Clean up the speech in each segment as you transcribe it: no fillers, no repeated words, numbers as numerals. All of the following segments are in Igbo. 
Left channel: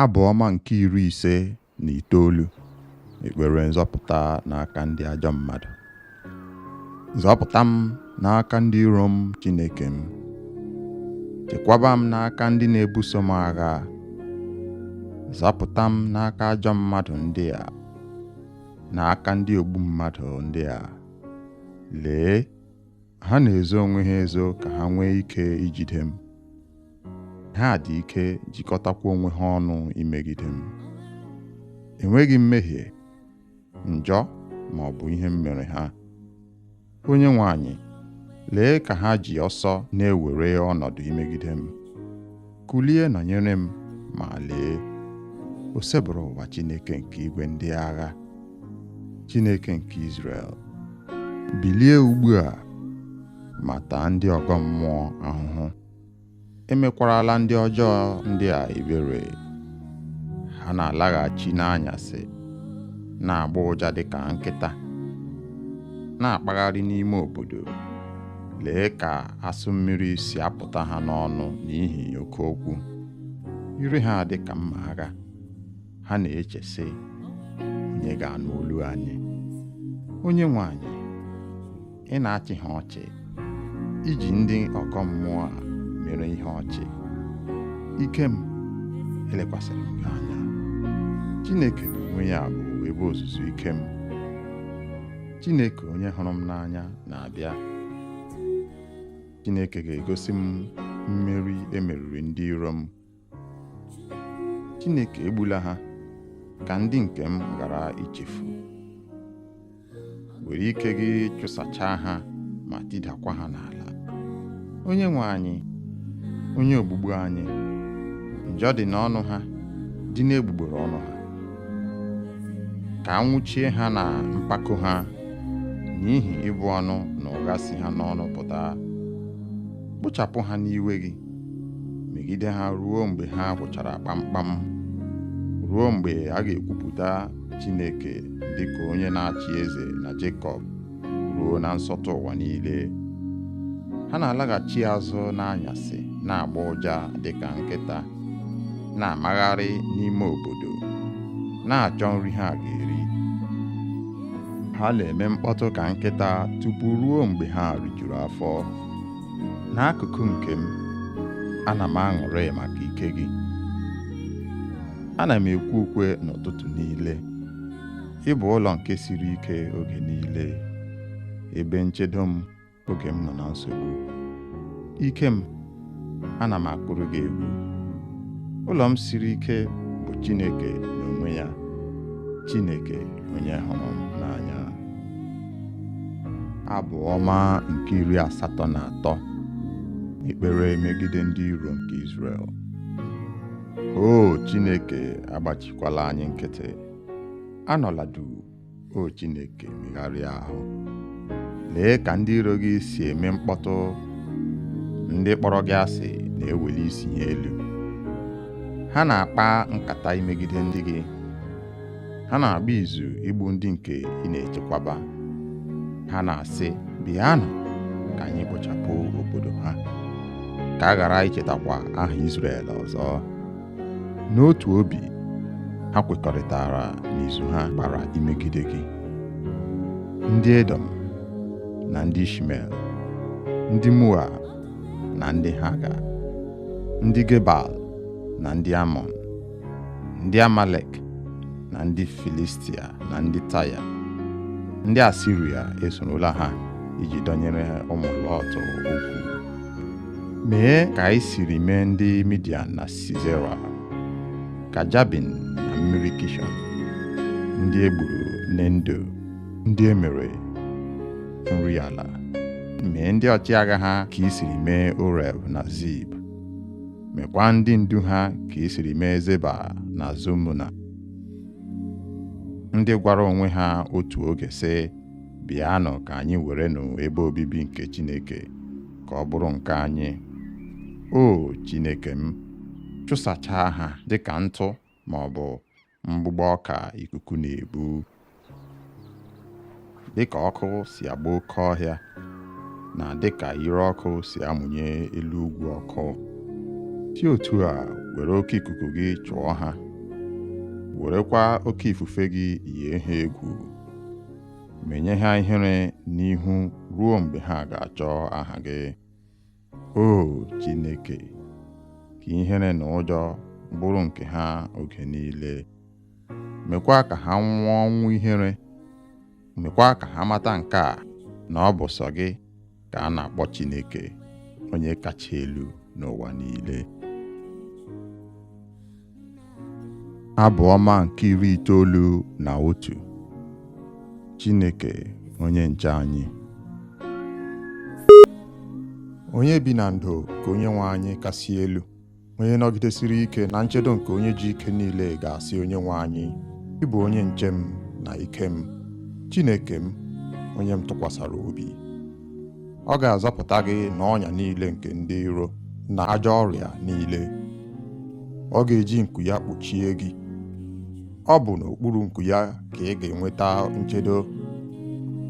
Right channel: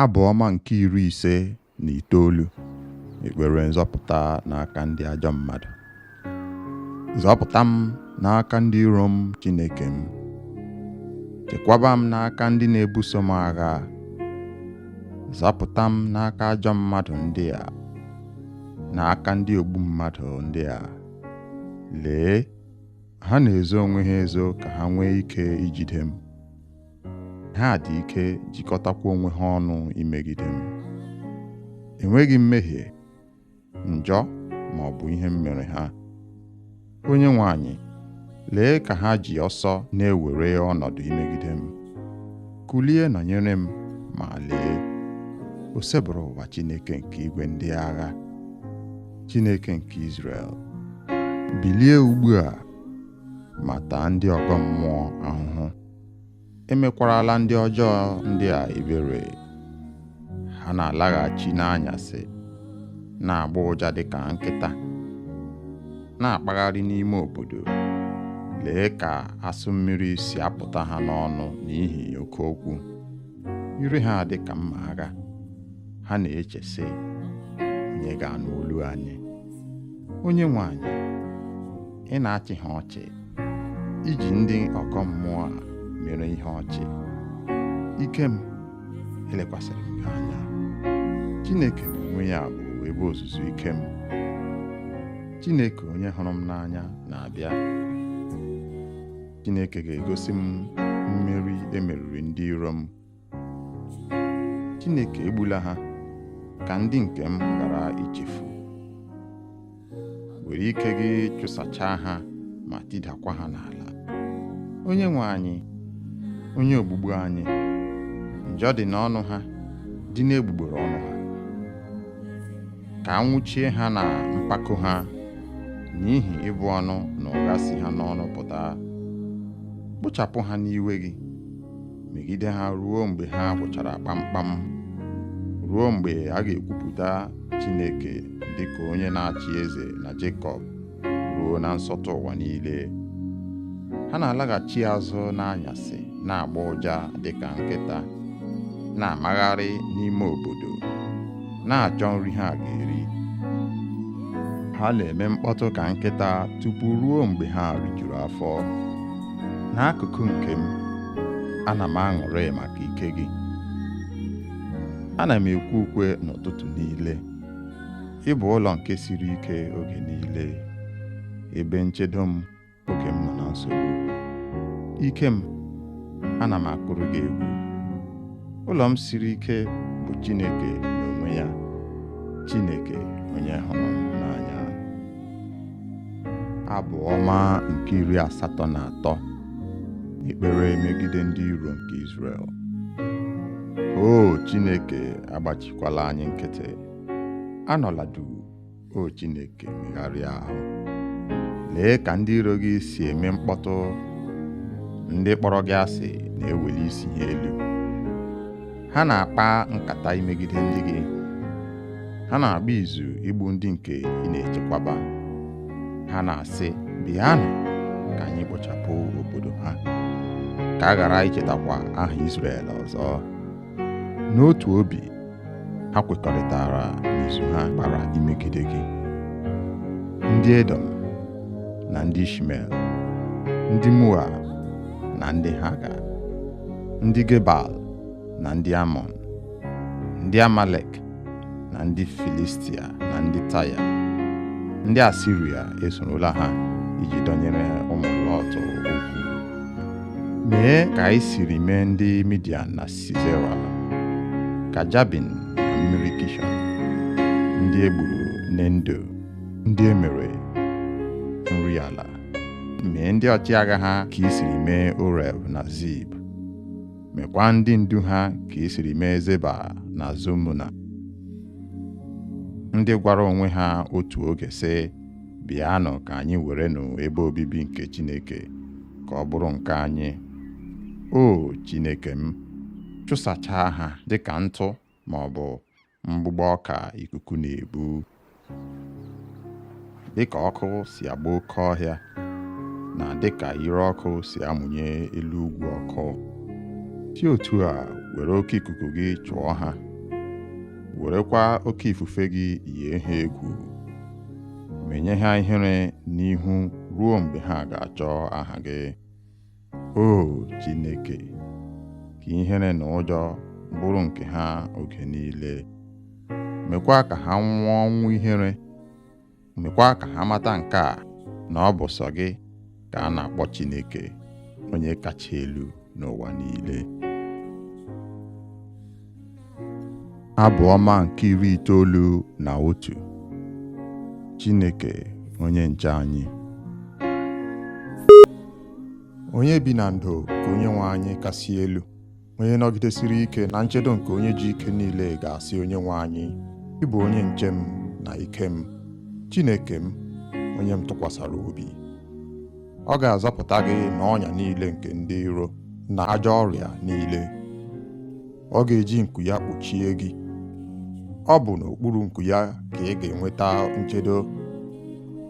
Abụ ọma nke 59. Ekpere nzọpụta n'aka ndị ajọ mmadụ. Zọpụta m n'aka ndị iro m, Chineke m. Chekwaba m n'aka ndị na-ebuso m agha. Zọpụta m n'aka ajọ mmadụ ndị a, n'aka ndị ogbu mmadụ ndị a. Lee, ha na-ezo onwe ha ezo ka ha nwee ike ijide m. Ha dị ike jikọtakwa onwe ha ọnụ imegide m. Enweghị mmehie, njọ ma ọ bụ ihe m mere ha. Onyenwe anyị, lee ka ha ji ọsọ na-ewere ọnọdụ imegide m. Kulie nọnyere m, ma lee, o sebụrụ ụwa Chineke nke igwe ndị agha, Chineke nke Izrel. Bilie ugbu a, ma taa ndị ọgọ mmụọ ahụhụ. Emekwarala ndị ọjọọ ndị a ebere. Ha na-alaghachi n'anyasị, na-agba ụja dịka nkịta, na-akpagharị n'ime obodo. Lee ka asụ mmiri si apụta ha n'ọnụ n'ihi oke okwu. Ire ha dị ka mma agha. Ha na-eche sị, onye ga-anụ olu anyị? Onyenwe anyị, ị na-achị ha ọchị, iji ndị ọgọ mmụọ a mere ihe ọchị. Ike m, elekwasịrị m gị anya. Chineke n'onwe ya bụ ebe ozuzu ike m. Chineke onye hụrụ m n'anya na-abịa. Chineke ga-egosi m mmeri emeriri ndị iro m. Chineke egbula ha ka ndị nke m ghara ichefu. Were ike gị chụsachaa ha ma tidakwa ha n'ala. Onyenwe anyị, onye ogbugbu anyị, njọ dị n'ọnụ ha, dị n'egbugbere ọnụ ha. Ka anwụchie ha na mpako ha, n'ihi ịbụ ọnụ na ụgha si ha n'ọnụ pụta. Kpochapụ ha n'iwe gị, megide ha ruo mgbe ha gwụchara kpamkpam, ruo mgbe a ga-ekwupụta Chineke dịka onye na-achị eze na Jekọb, ruo na nsọtụ ụwa niile. Ha na-alaghachi azụ n'anyasị, na-agba ụja dịka nkịta, na-amagharị n'ime obodo, na-achọ nri ha ga-eri. Ha na-eme mkpọtụ ka nkịta tupu ruo mgbe ha rijuru afọ. N'akụkụ nke m, ana m aṅụrị maka ike gị. Ana m ekwe ukwe n'ụtụtụ niile. Ị bụ ụlọ nke siri ike oge niile, ebe nchedo m oge m nọ na nsogbu. Ike m, ana m akụrụ gị egwu. Ụlọ m siri ike bụ Chineke n'onwe ya, Chineke onye hụrụ m n'anya. Abụ ọma nke 83. Ekpere megide ndị iro nke Izrel. O Chineke, agbachikwala anyị nkịtị. Anọla duu, o Chineke, megharịa ahụ. Lee ka ndị iro gị si eme mkpọtụ. Ndị kpọrọ gị asị na-eweli isi ha elu. Ha na-akpa nkata imegide ndị gị. Ha na-agba izu igbu ndị nke ị na-echekwaba. Ha na-asị, bịanụ ka anyị kpochapụ obodo ha, ka a ghara ichetakwa aha Izrel ọzọ. N'otu obi, ha kwekọrịtara n'izu ha gbara imegide gị. Ndị Edom na ndị Ishmel, ndị Moab na ndị Haga, ndị Gebal na ndị Amọn, ndị Amalek na ndị Filistia na ndị Taya, ndị Asiria esorola ha iji dọnyere ụmụ Lọt okwu. Mee ka anyị siri mee ndị Midian na Sisera, ka Jabin na mmiri Kishọn, ndị egburu n'Endo, ndị emere nri ala. Mee ndị ọchịagha ha ka i siri mee Oreb na Zib. Mekwa ndị ndu ha ka i siri mee Zeba na Zumuna, ndị gwara onwe ha otu oge sị, bịanụ ka anyị werenụ ebe obibi nke Chineke ka ọ bụrụ nke anyị. O Chineke m, chụsachaa ha dịka ntụ ma ọ bụ mgbụgbọ ọka ikuku na-ebu. Dịka ọkụ si agba oke ọhịa, na dịka ire ọkụ si amụnye elu ugwu ọkụ. si otu a were oke ikuku gị chụọ ha, werekwa oke ifufe gị yie ha egwu, menye ha ihere n'ihu ruo mgbe ha ga-achọ aha gị. O Chineke, ka ihere na ụjọ bụrụ nke ha oge niile. Mekwa ka ha nwụọ ọnwụ ihere. Mekwa ka ha mata nke a, na ọ bụ sọ gị ka a na-akpọ Chineke, onye kacha elu n'ụwa niile. Abụ ọma nke 91. Chineke onye nche anyị. Onye bi na ndo ka Onyenwe anyị kasị elu, onye nọgidesiri ike na nchedo nke onye ji ike niile ga-asị Onyenwe anyị, ị bụ onye nche m na ike m, Chineke m, onye m tụkwasara obi. Ọ ga-azọpụta gị n'ọnya niile nke ndị iro na ajọ ọrịa niile. Ọ ga-eji nku ya kpuchie gị. Ọ bụ n'okpuru nku ya ka ị ga-enweta nchedo.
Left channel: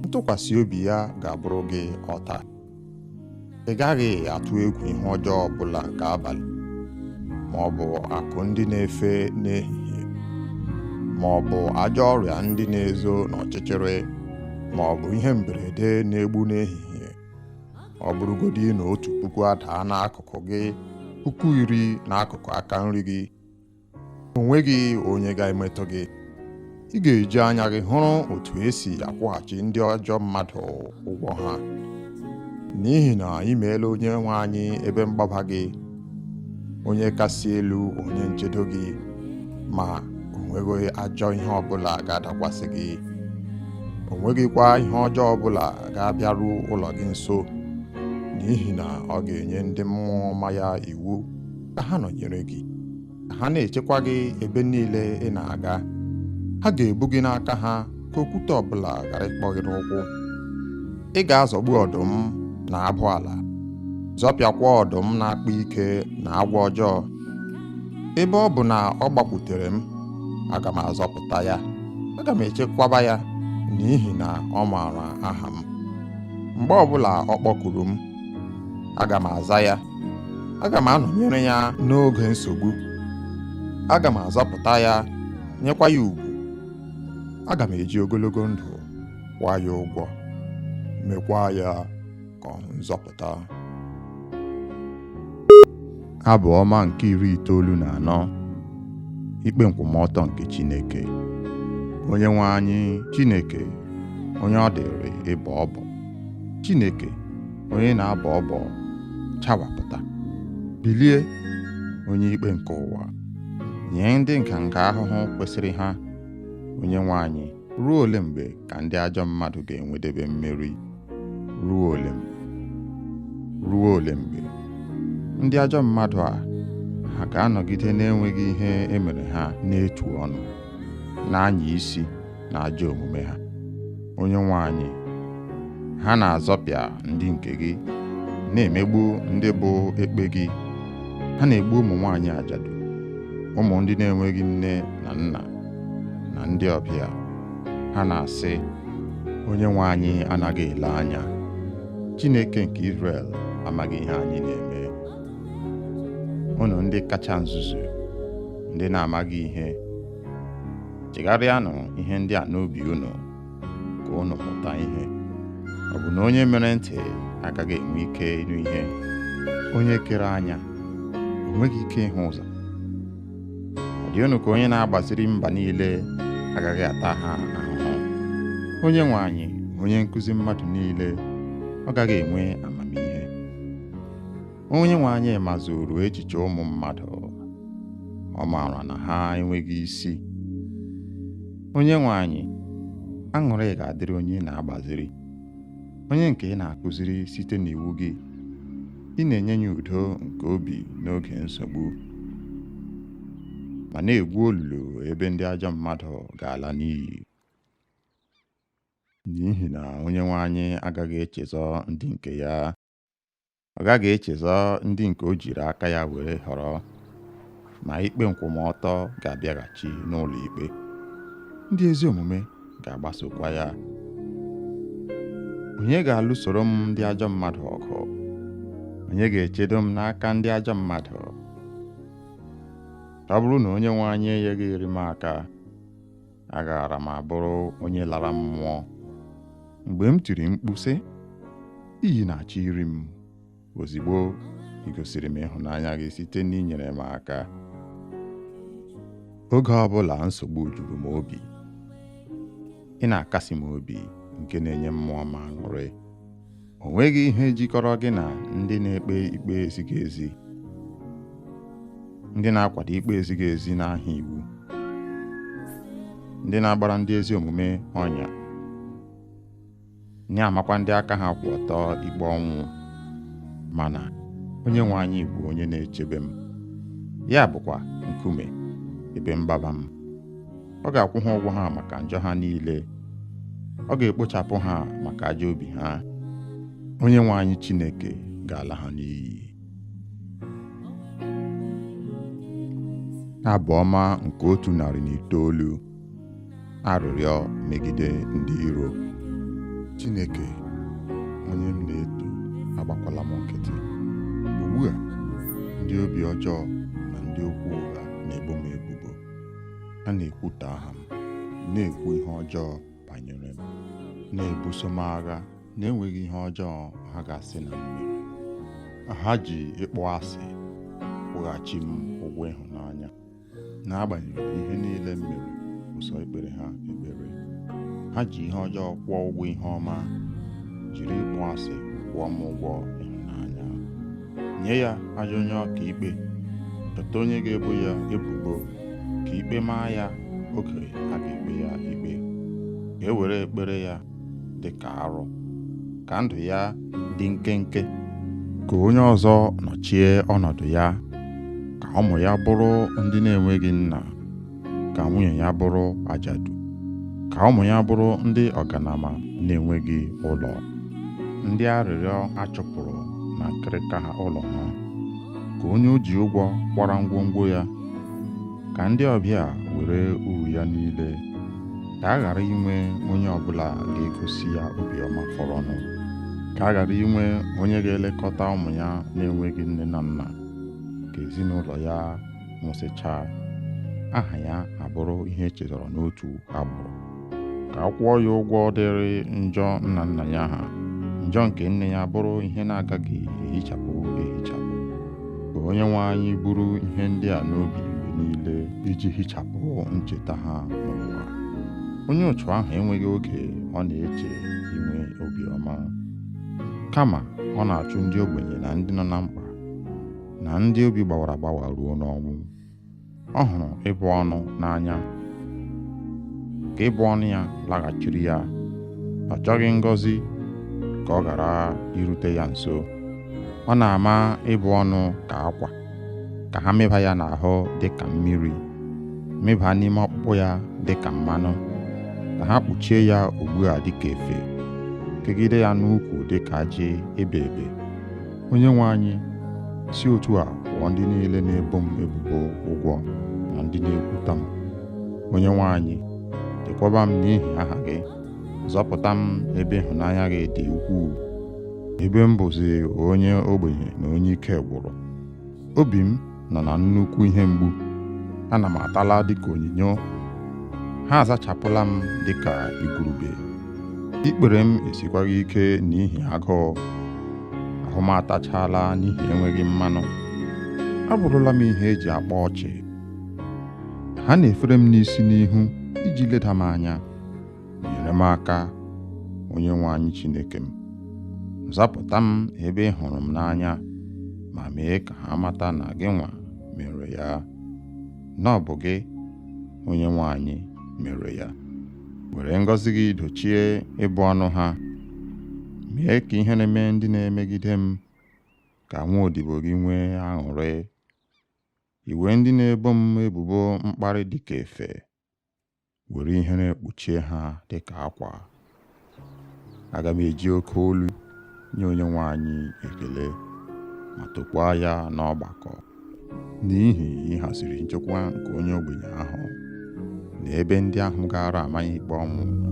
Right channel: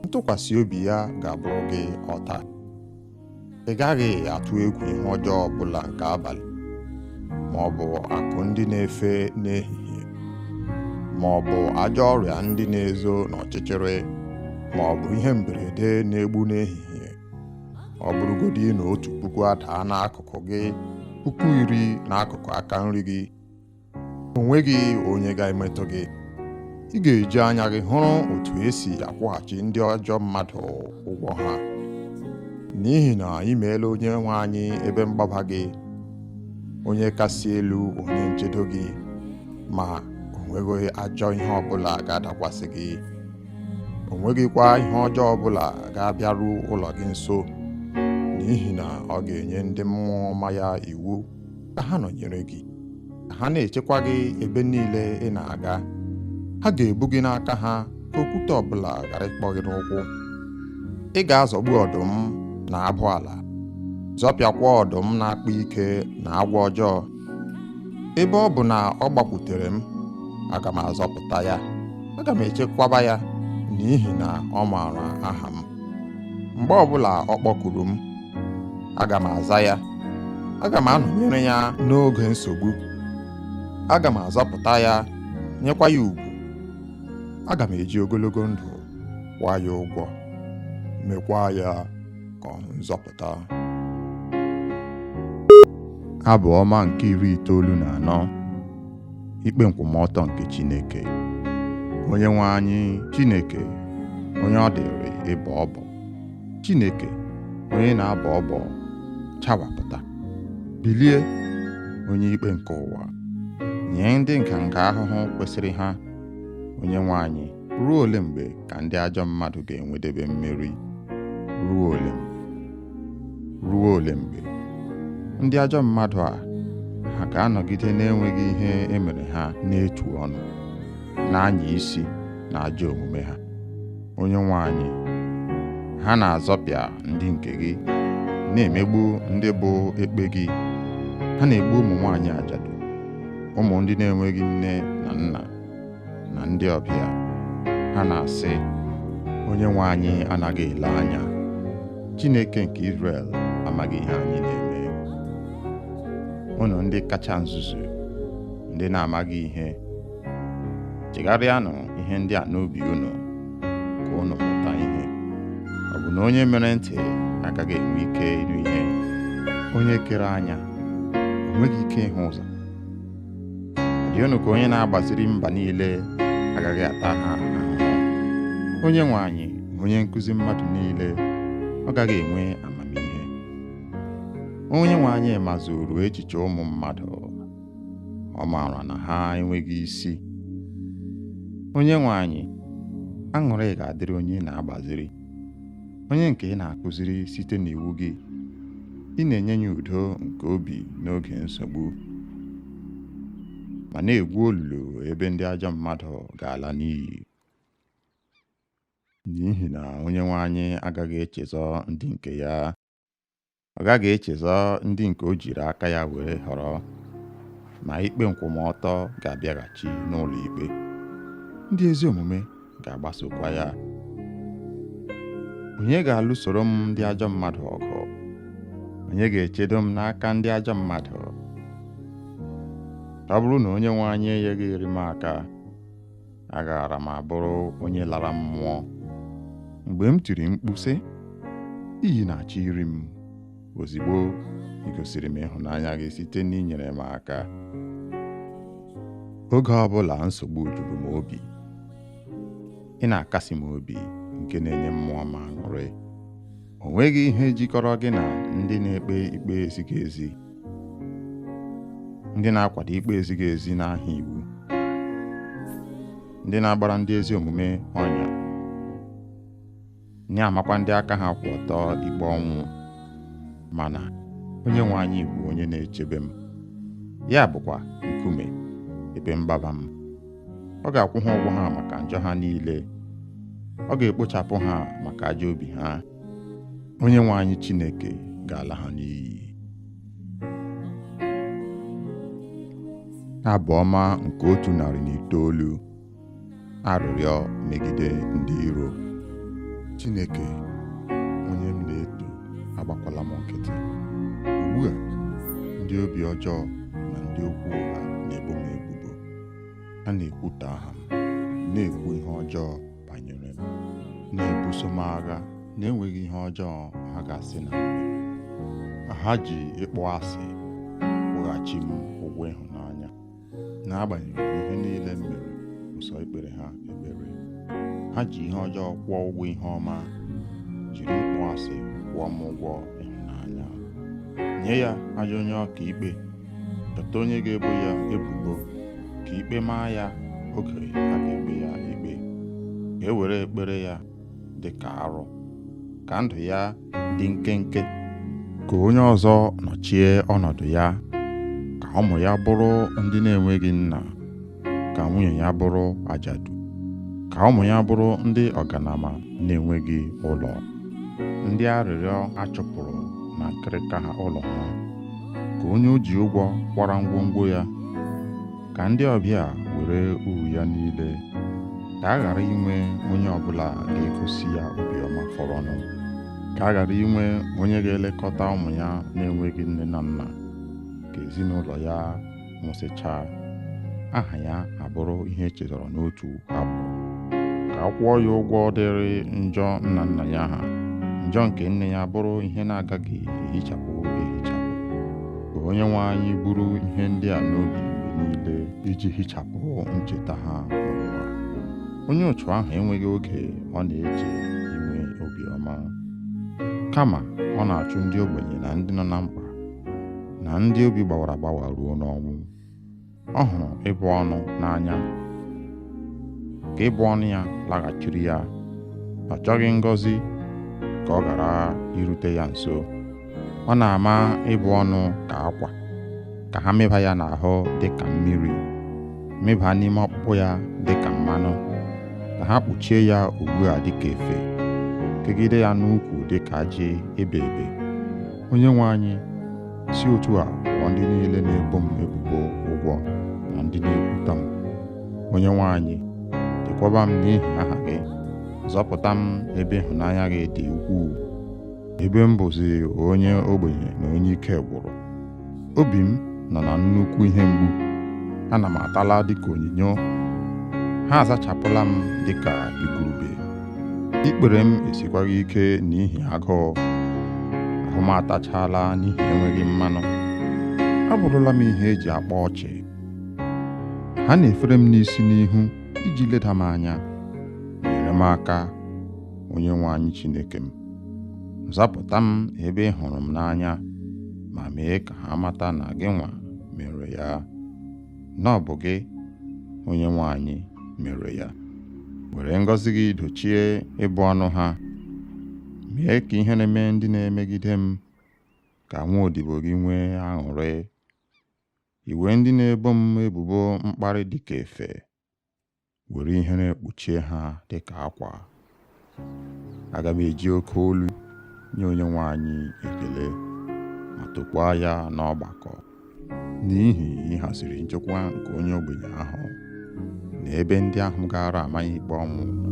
Ntụkwasị obi ya ga-abụrụ gị ọta. Ị gaghị atụ egwu ihe ọjọọ ọbụla nke abalị, ma ọ bụ akụ ndị na-efe n'ehihie, ma ọ bụ ajọ ọrịa ndị na-ezo n'ọchịchịrị, ma ọ bụ ihe mberede na-egbu n'ehihie. Ọ bụrụgodị na 1,000 adaa n'akụkụ gị, 10,000 n'akụkụ aka nri gị, o nweghị onye ga-emetụ gị. Ị ga-eji anya gị hụrụ otu esi akwụghachi ndị ajọ mmadụ ụgwọ ha, n'ihi na ị meela Onyenwe anyị ebe mgbaba gị, onye kasị elu, onye nchedo gị, ma o nweghị ajọ ihe ọbụla ga-adakwasị gị. O nweghịkwa ihe ọjọọ ọbụla ga-abịaru ụlọ gị nso, n'ihi na ọ ga-enye ndị mmụọ ọma ya iwu ka ha nọnyere gị, ka ha na-echekwa gị ebe niile ị na-aga. Ha ga-ebu gị n'aka ha ka okwute ọbụla ghara ịkpọ gị n'ụkwụ. Ị ga-azọgbu ọdụm na abụ ala, zọpịakwa ọdụm na-akpa ike na agwọ ọjọọ. Ebe ọ bụ na ọ gbakwutere m, aga m azọpụta ya, aga m echekwaba ya, n'ihi na ọ maara aha m. Mgbe ọbụla ọ kpọkuru m, aga m aza ya. Aga m anọnyere ya n'oge nsogbu. Aga m azọpụta ya, nyekwa ya ugwu. Aga m eji ogologo ndụ kwụọ ya ụgwọ, mekwa ya ka ọ nzọpụta. Abụ ọma nke 94. Ikpe nkwụmọtọ nke Chineke. Onyenwe anyị Chineke, onye ọ dịrị ịbọ ọbọ, Chineke onye na-abọ ọbọ, chawapụta. Bilie, onye ikpe nke ụwa, nye ndị nganga ahụhụ kwesịrị ha. Onyenwe anyị, ruo ole mgbe ka ndị ajọ mmadụ ga-enwedebe mmeri? Ruo ole mgbe? Ruo ole mgbe? Ndị ajọ mmadụ a, ha ga-anọgide na-enweghị ihe emere ha n'etu ọnụ, na-anya isi na ajọ omume ha. Onyenwe anyị, ha na-azọpịa ndị nke gị, na-emegbu ndị bụ ekpe gị. Ha na-egbu ụmụ nwaanyị ajadu, ụmụ ndị na-enweghị nne na nna, na ndị ọbịa. Ha na-asị, Onyenwe anyị anaghị ele anya. Chineke nke Izrel amaghị ihe anyị na-eme. Unu ndị kacha nzuzu, ndị na-amaghị ihe, chegharịanụ ihe ndị a n'obi unu, ka unu mụta ihe. Ọ bụ na onye mere ntị agaghị enwe ike ịnụ ihe? Onye kere anya o nweghị ike ịhụ ụzọ? Ọ dị unu ka onye na-agbaziri mba niile agaghị ata ha ahụhụ? Onyenwe anyị, onye nkụzi mmadụ niile, ọ gaghị enwe amamihe? Onyenwe anyị mazuru echiche ụmụ mmadụ, ọ maara na ha enweghị isi. Onyenwe anyị, aṅụrị ga-adịrị onye na-agbaziri, onye nke ị na-akụziri site n'iwu gị. Ị na-enye ya udo nke obi n'oge nsogbu, ma na-egwu olulu ebe ndị ajọ mmadụ ga-ala n'iyi. N'ihi na Onyenwe anyị agaghị echezọ ndị nke ya. Ọ gaghị echezọ ndị nke o jiri aka ya were họrọ, ma ikpe nkwụmọtọ ga-abịaghachi n'ụlọ ikpe. Ndị ezi omume ga-agbasokwa ya. Onye ga-alụsoro m ndị ajọ mmadụ ọgụ? Onye ga-echedo m n'aka ndị ajọ mmadụ? ọ bụrụ na onye nwe anyị enyeghịrị m aka, agaara m abụrụ onye lara mmụọ. Mgbe m tiri mkpu sị, iyi na-achọ iri m, ozigbo ị gosiri m ịhụnanya gị site n'inyere m aka. Oge ọbụla nsogbu juru m obi, ị na-akasi m obi nke na-enye mmụọ m aṅụrị. O nweghị ihe jikọrọ gị na ndị na-ekpe ikpe ezighị ezi, ndị na-akwado ikpe ezighị ezi n'aha iwu, ndị na-agbara ndị ezi omume ọnya, na-amakwa ndị aka ha kwụ ọtọ ikpe ọnwụ. Mana onye nwe anyị bụ onye na-echebe m, ya bụkwa nkume ebe mgbaba m. Ọ ga-akwụ ha ụgwọ ha maka njọ ha niile, ọ ga-ekpochapụ ha maka ajọ obi ha. Onye nwe anyị Chineke ga-ala ha n'iyi. Abụ ọma nke 109. Arịrịọ megide ndị iro. Chineke, onye m na-eto, agbakwala m nkịtị. Ugbu a, ndị obi ọjọọ na ndị okwu ụgha na-ebo m ebubo. Ha na-ekwutọ aha m, na-ekwu ihe ọjọọ banyere m, na-ebuso m agha na-enweghị ihe ọjọọ ha ga-asị na m mere. Ha ji ịkpọ asị kwụghachi m ụgwọ ịhụnanya, n'agbanyeghị ihe niile m mere ụsọ ikpere ha ekpere. Ha ji ihe ọjọọ kwụọ ụgwọ ihe ọma, jiri ịkpọ asị kwụọ m ụgwọ ịhụnanya. Nye ya ajọ onye ọka ikpe, chọta onye ga-ebo ya ebubo, ka ikpe maa ya oge a ga-ekpe ya ikpe. Ka e were ekpere ya dị ka arụ, ka ndụ ya dị nkenke, ka onye ọzọ nọchie ọnọdụ ya, ka ụmụ ya bụrụ ndị na-enweghị nna, ka nwunye ya bụrụ ajadu, ka ụmụ ya bụrụ ndị ọganama na-enweghị ụlọ, ndị arịrịọ achụpụrụ na nkịrịka ha ụlọ ha, ka onye o ji ụgwọ kwara ngwongwo ya, ka ndị ọbịa were uru ya niile, ka a ghara inwe onye ọbụla ga-egosi ya obiọma fọrọnụ, ka a ghara inwe onye ga-elekọta ụmụ ya na-enweghị nne na nna, ka ezinụlọ ya nwụsịchaa, aha ya abụrụ ihe echetara n'otu agbụrụ, ka a kwụọ ya ụgwọ dịrị njọ nna nna ya ha, njọ nke nne ya bụrụ ihe na-agaghị ehichapụ ehichapụ. Ka onye nwe anyị buru ihe ndị a n'obi mgbe niile iji hichapụ ncheta ha n'ụwa. Onye otu ahụ enweghị oge ọ na-eche inwe obiọma, kama ọ na-achụ ndị ogbenye na ndị nọ na mkpa na ndị obi gbawara agbawa ruo n'ọnwụ. Ọ hụrụ ịbụ ọnụ n'anya, ka ịbụ ọnụ ya laghachiri ya. Ọ chọghị ngọzi ka ọ ghara irute ya nso. Ọ na-ama ịbụ ọnụ ka akwa, ka ha mịba ya n'ahụ dị ka mmiri, mịba n'ime ọkpụkpụ ya dị ka mmanụ, ka ha kpuchie ya ugbu a dị ka efe, kegide ya n'ukwu dị ka ajị ebe ebe. Onye nwe anyị, si otu a kwụọ ndị niile na-ebo m ebubo ụgwọ na ndị na-ekwuta m. Onye nwe anyị, chekwaba m n'ihi aha gị, zọpụta m ebe ịhụnanya gị dị ukwuu, ebe m bụzi onye ogbenye na onye ike gwụrụ. Obi m nọ na nnukwu ihe mgbu, ana m atala dịka onyinyo, ha azachapụla m dịka igurube. Ikpere m esikwaghị ike n'ihi agụụ, ahụ m atachala n'ihi enweghị mmanụ. Abụrụla m ihe eji akpa ọchị. Ha na-efere m n'isi n'ihu iji leda m anya. Nyere m aka, onye nwe anyị Chineke m. Zapụta m ebe ị hụrụ m n'anya, ma mee ka ha mata na gị nwa mere ya, na ọ bụ gị, onye nwe anyị, mere ya. Were ngọzi gị dochie ịbụ ọnụ ha. Mee ka ihe na-eme ndị na-emegide m, ka nwa odibo gị nwee aṅụrị. Iwe ndị na-ebo m ebubo mkparị dịka efe, were ihere kpuchie ha dịka akwa. Aga m eji oke olu nye onye nwe anyị ekele, ma tokwaa ya n'ọgbakọ, n'ihi ịhaziri nchekwa nke onye ogbenye ahụ na ebe ndị ahụ gara amaghị ikpe ọnwụ nọ.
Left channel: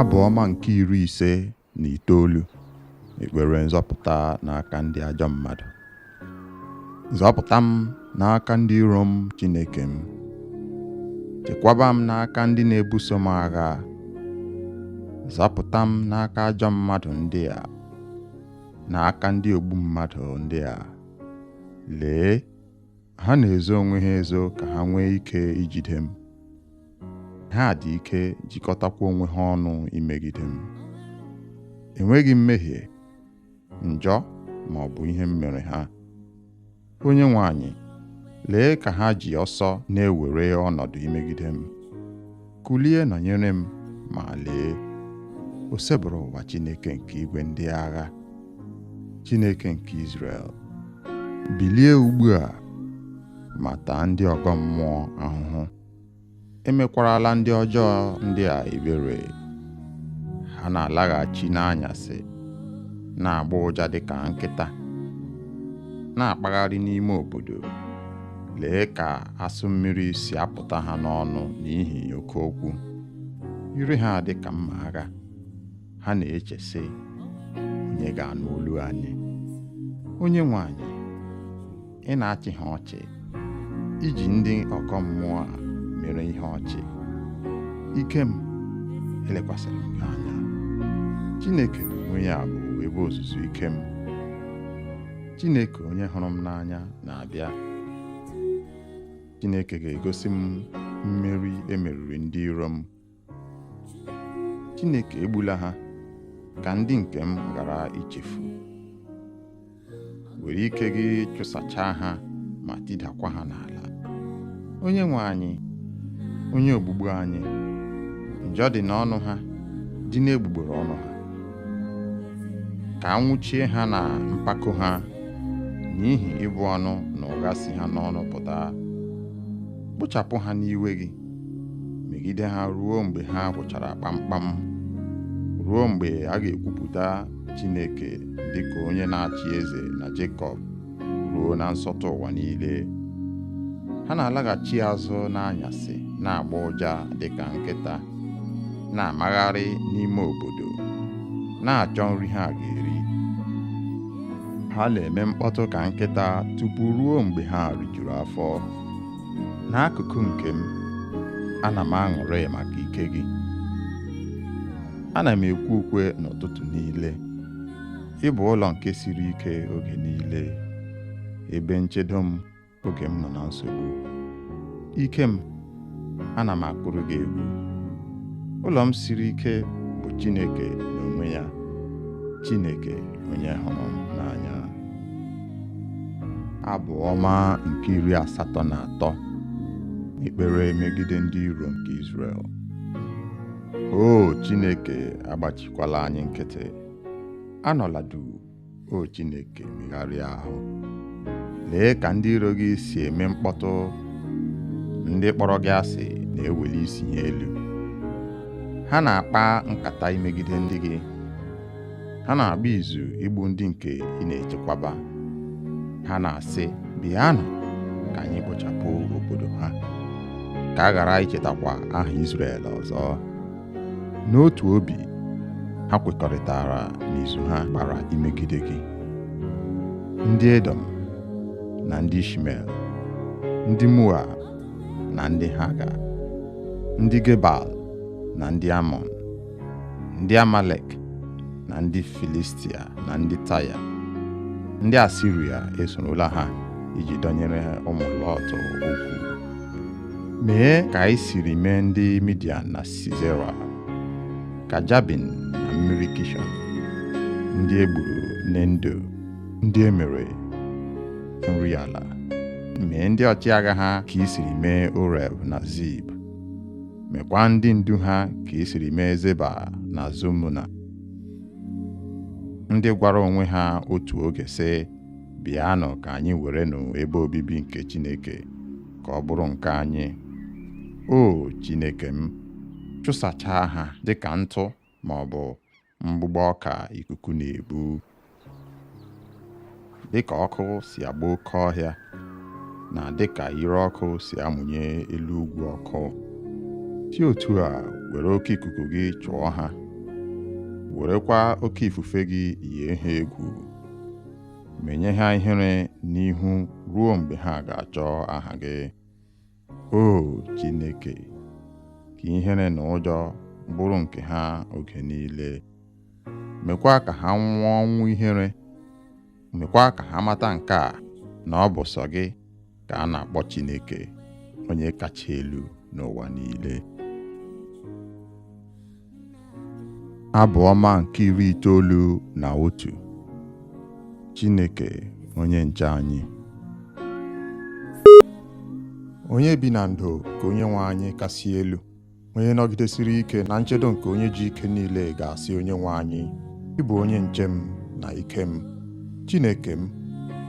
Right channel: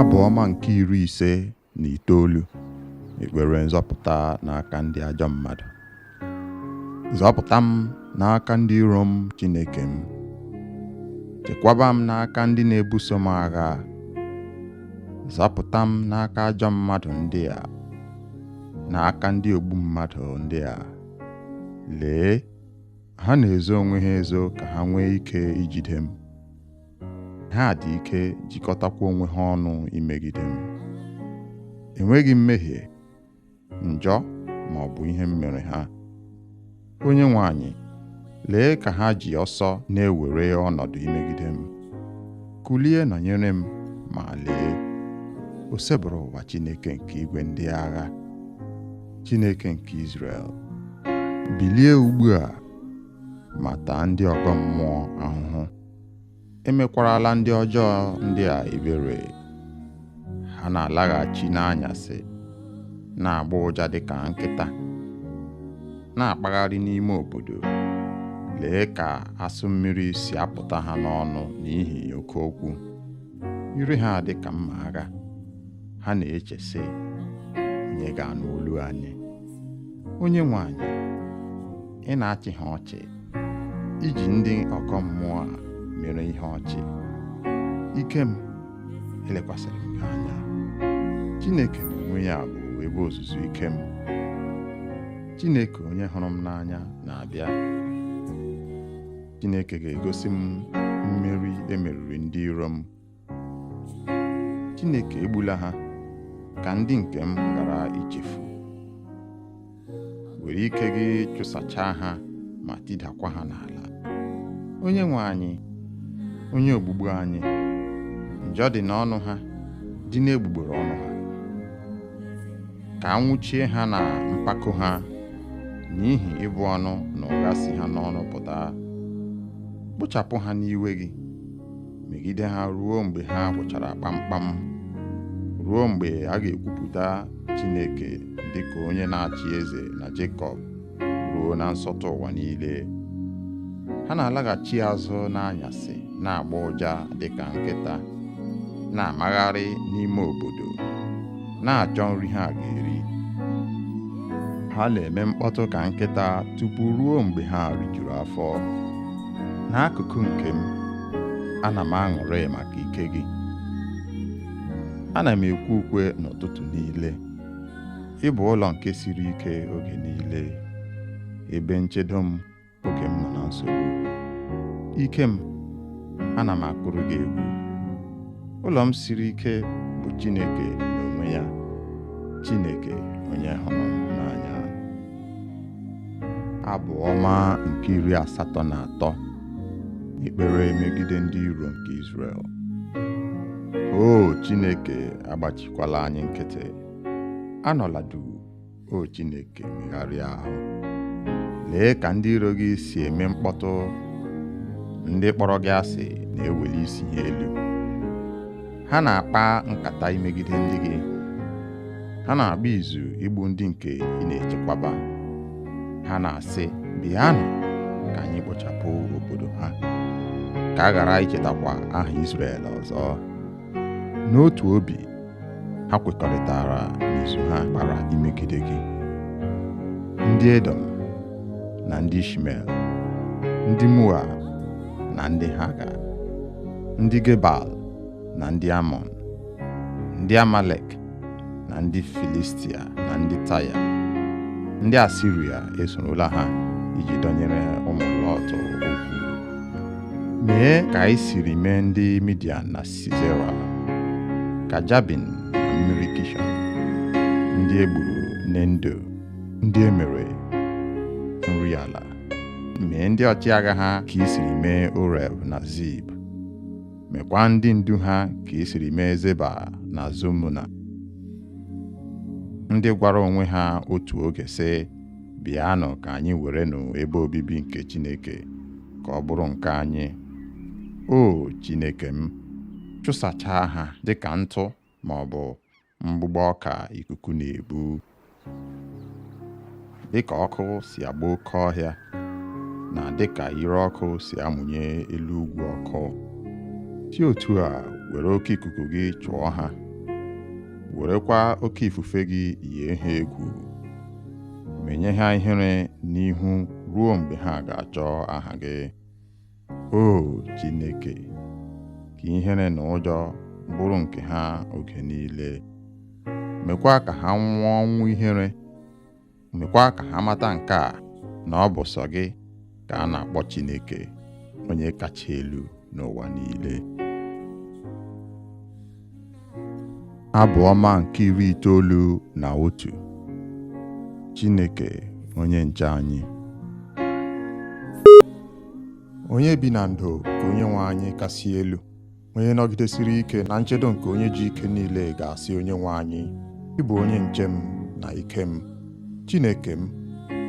Abụ ọma nke 59. Ekpere nzọpụta n'aka ndị ajọ mmadụ. Zọpụta m n'aka ndị iro m, Chineke m. Chekwaba m n'aka ndị na-ebuso m agha. Zọpụta m n'aka ajọ mmadụ ndị a, n'aka ndị ogbu mmadụ ndị a. Lee, ha na-ezo onwe ha ezo ka ha nwee ike ijide m. Ha dị ike jikọtakwa onwe ha ọnụ imegide m. Enweghị mmehie, njọ ma ọ bụ ihe m mere ha. Onyenwe anyị, lee ka ha ji ọsọ na-ewere ọnọdụ imegide m. Kulie nọnyere m, ma lee, o sebụrụ ụwa Chineke nke igwe ndị agha, Chineke nke Izrel. Bilie ugbu a, ma taa ndị ọgọ mmụọ ahụhụ. Emekwarala ndị ọjọọ ndị a ebere. Ha na-alaghachi n'anyasị, na-agba ụja dịka nkịta, na-akpagharị n'ime obodo. Lee ka asụ mmiri si apụta ha n'ọnụ n'ihi oke okwu. Ire ha dị ka mma agha. Ha na-eche sị, onye ga-anụ olu anyị? Onyenwe anyị, ị na-achị ha ọchị, iji ndị ọgọ mmụọ a mere ihe ọchị. Ike m, elekwasịrị m gị anya. Chineke n'onwe ya bụ ebe ozuzu ike m. Chineke onye hụrụ m n'anya na-abịa. Chineke ga-egosi m mmeri emeriri ndị iro m. Chineke egbula ha, ka ndị nke m ghara ichefu. Were ike gị chụsachaa ha ma tidakwa ha n'ala. Onyenwe anyị, onye ogbugbu anyị, njọ dị n'ọnụ ha, dị n'egbugbere ọnụ ha. Ka anwụchie ha na mpako ha, n'ihi ịbụ ọnụ na ụgha si ha n'ọnụ pụta. Kpochapụ ha n'iwe gị, megide ha ruo mgbe ha gwụchara kpamkpam, ruo mgbe a ga-ekwupụta Chineke dịka onye na-achị eze na Jekọb, ruo na nsọtụ ụwa niile. Ha na-alaghachi azụ n'anyasị, na-agba ụja dịka nkịta, na-amagharị n'ime obodo, na-achọ nri ha ga-eri. Ha na-eme mkpọtụ ka nkịta tupu ruo mgbe ha rijuru afọ. N'akụkụ nke m, ana m aṅụrị maka ike gị. Ana m ekwe ukwe n'ụtụtụ niile. Ị bụ ụlọ nke siri ike oge niile, ebe nchedo m oge m nọ na nsogbu. Ike m, ana m akụrụ gị egwu. Ụlọ m siri ike bụ Chineke n'onwe ya, Chineke onye hụrụ m n'anya. Abụ ọma nke 83. Ekpere megide ndị iro nke Izrel. O Chineke, agbachikwala anyị nkịtị. Anọla duu, o Chineke, megharịa ahụ. Lee ka ndị iro gị si eme mkpọtụ. Ndị kpọrọ gị asị na-eweli isi ha elu. Ha na-akpa nkata imegide ndị gị. Ha na-agba izu igbu ndị nke ị na-echekwaba. Ha na-asị, bịanụ ka anyị kpochapụ obodo ha, ka a ghara ichetakwa aha Izrel ọzọ. N'otu obi, ha kwekọrịtara n'izu ha gbara imegide gị. Ndị Edom na ndị Ishmel, ndị Moab na ndị Haga, ndị Gebal na ndị Amọn, ndị Amalek na ndị Filistia na ndị Taya. Ndị Asiria esorola ha iji dọnyere ụmụ Lọt okwu. Mee ka anyị siri mee ndị Midian na Sisera, ka Jabin na mmiri Kishọn, ndị egburu n'Endo, ndị emere nri ala. Mee ndị ọchịagha ha ka i siri mee Oreb na Zib. Mekwa ndị ndu ha ka i siri mee Zeba na Zumuna. Ndị gwara onwe ha otu oge sị, bịanụ ka anyị werenụ ebe obibi nke Chineke, ka ọ bụrụ nke anyị. O Chineke m, chụsachaa ha dịka ntụ ma ọ bụ mgbụgbọ ọka ikuku na-ebu. Dịka ọkụ si agba oke ọhịa, na dịka ire ọkụ si amụnye elu ugwu ọkụ, si otu a were oke ikuku gị chụọ ha werekwa oke ifufe gị yie ha egwu, menye ha ihere n'ihu ruo mgbe ha ga-achọ aha gị. O Chineke, ka ihere na ụjọ bụrụ nke ha oge niile. Mekwa ka ha nwụọ ọnwụ ihere. Mekwa ka ha mata nke a, na ọ bụ sọ gị ka a na-akpọ Chineke, onye kacha elu n'ụwa niile. Abụ ọma nke 91. Chineke onye nche anyị. Onye bi na ndo nke Onyenwe anyị kasị elu, onye nọgidesiri ike na nchedo nke onye ji ike niile, ga-asị Onyenwe anyị, ị bụ onye nche m na ike m, Chineke m,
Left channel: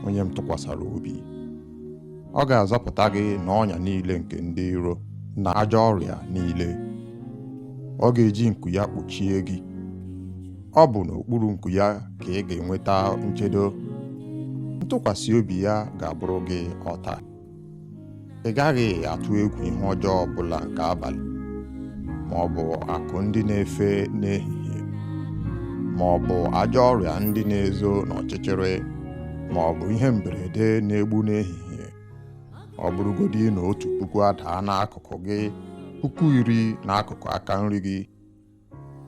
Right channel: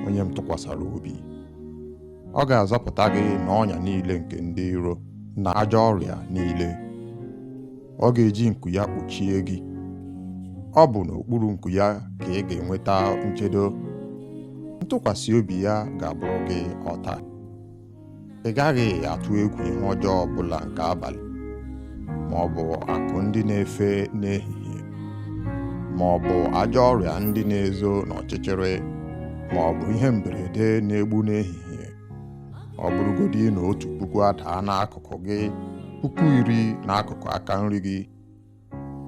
onye m tụkwasara obi. Ọ ga-azọpụta gị n'ọnya niile nke ndị iro na ajọ ọrịa niile. Ọ ga-eji nku ya kpuchie gị. Ọ bụ n'okpuru nku ya ka ị ga-enweta nchedo. Ntụkwasị obi ya ga-abụrụ gị ọta. Ị gaghị atụ egwu ihe ọjọọ ọbụla nke abalị, ma ọ bụ akụ ndị na-efe n'ehihie, ma ọ bụ ajọ ọrịa ndị na-ezo n'ọchịchịrị, ma ọ bụ ihe mberede na-egbu n'ehihie. Ọ bụrụgodị na 1,000 adaa n'akụkụ gị, 10,000 n'akụkụ aka nri gị,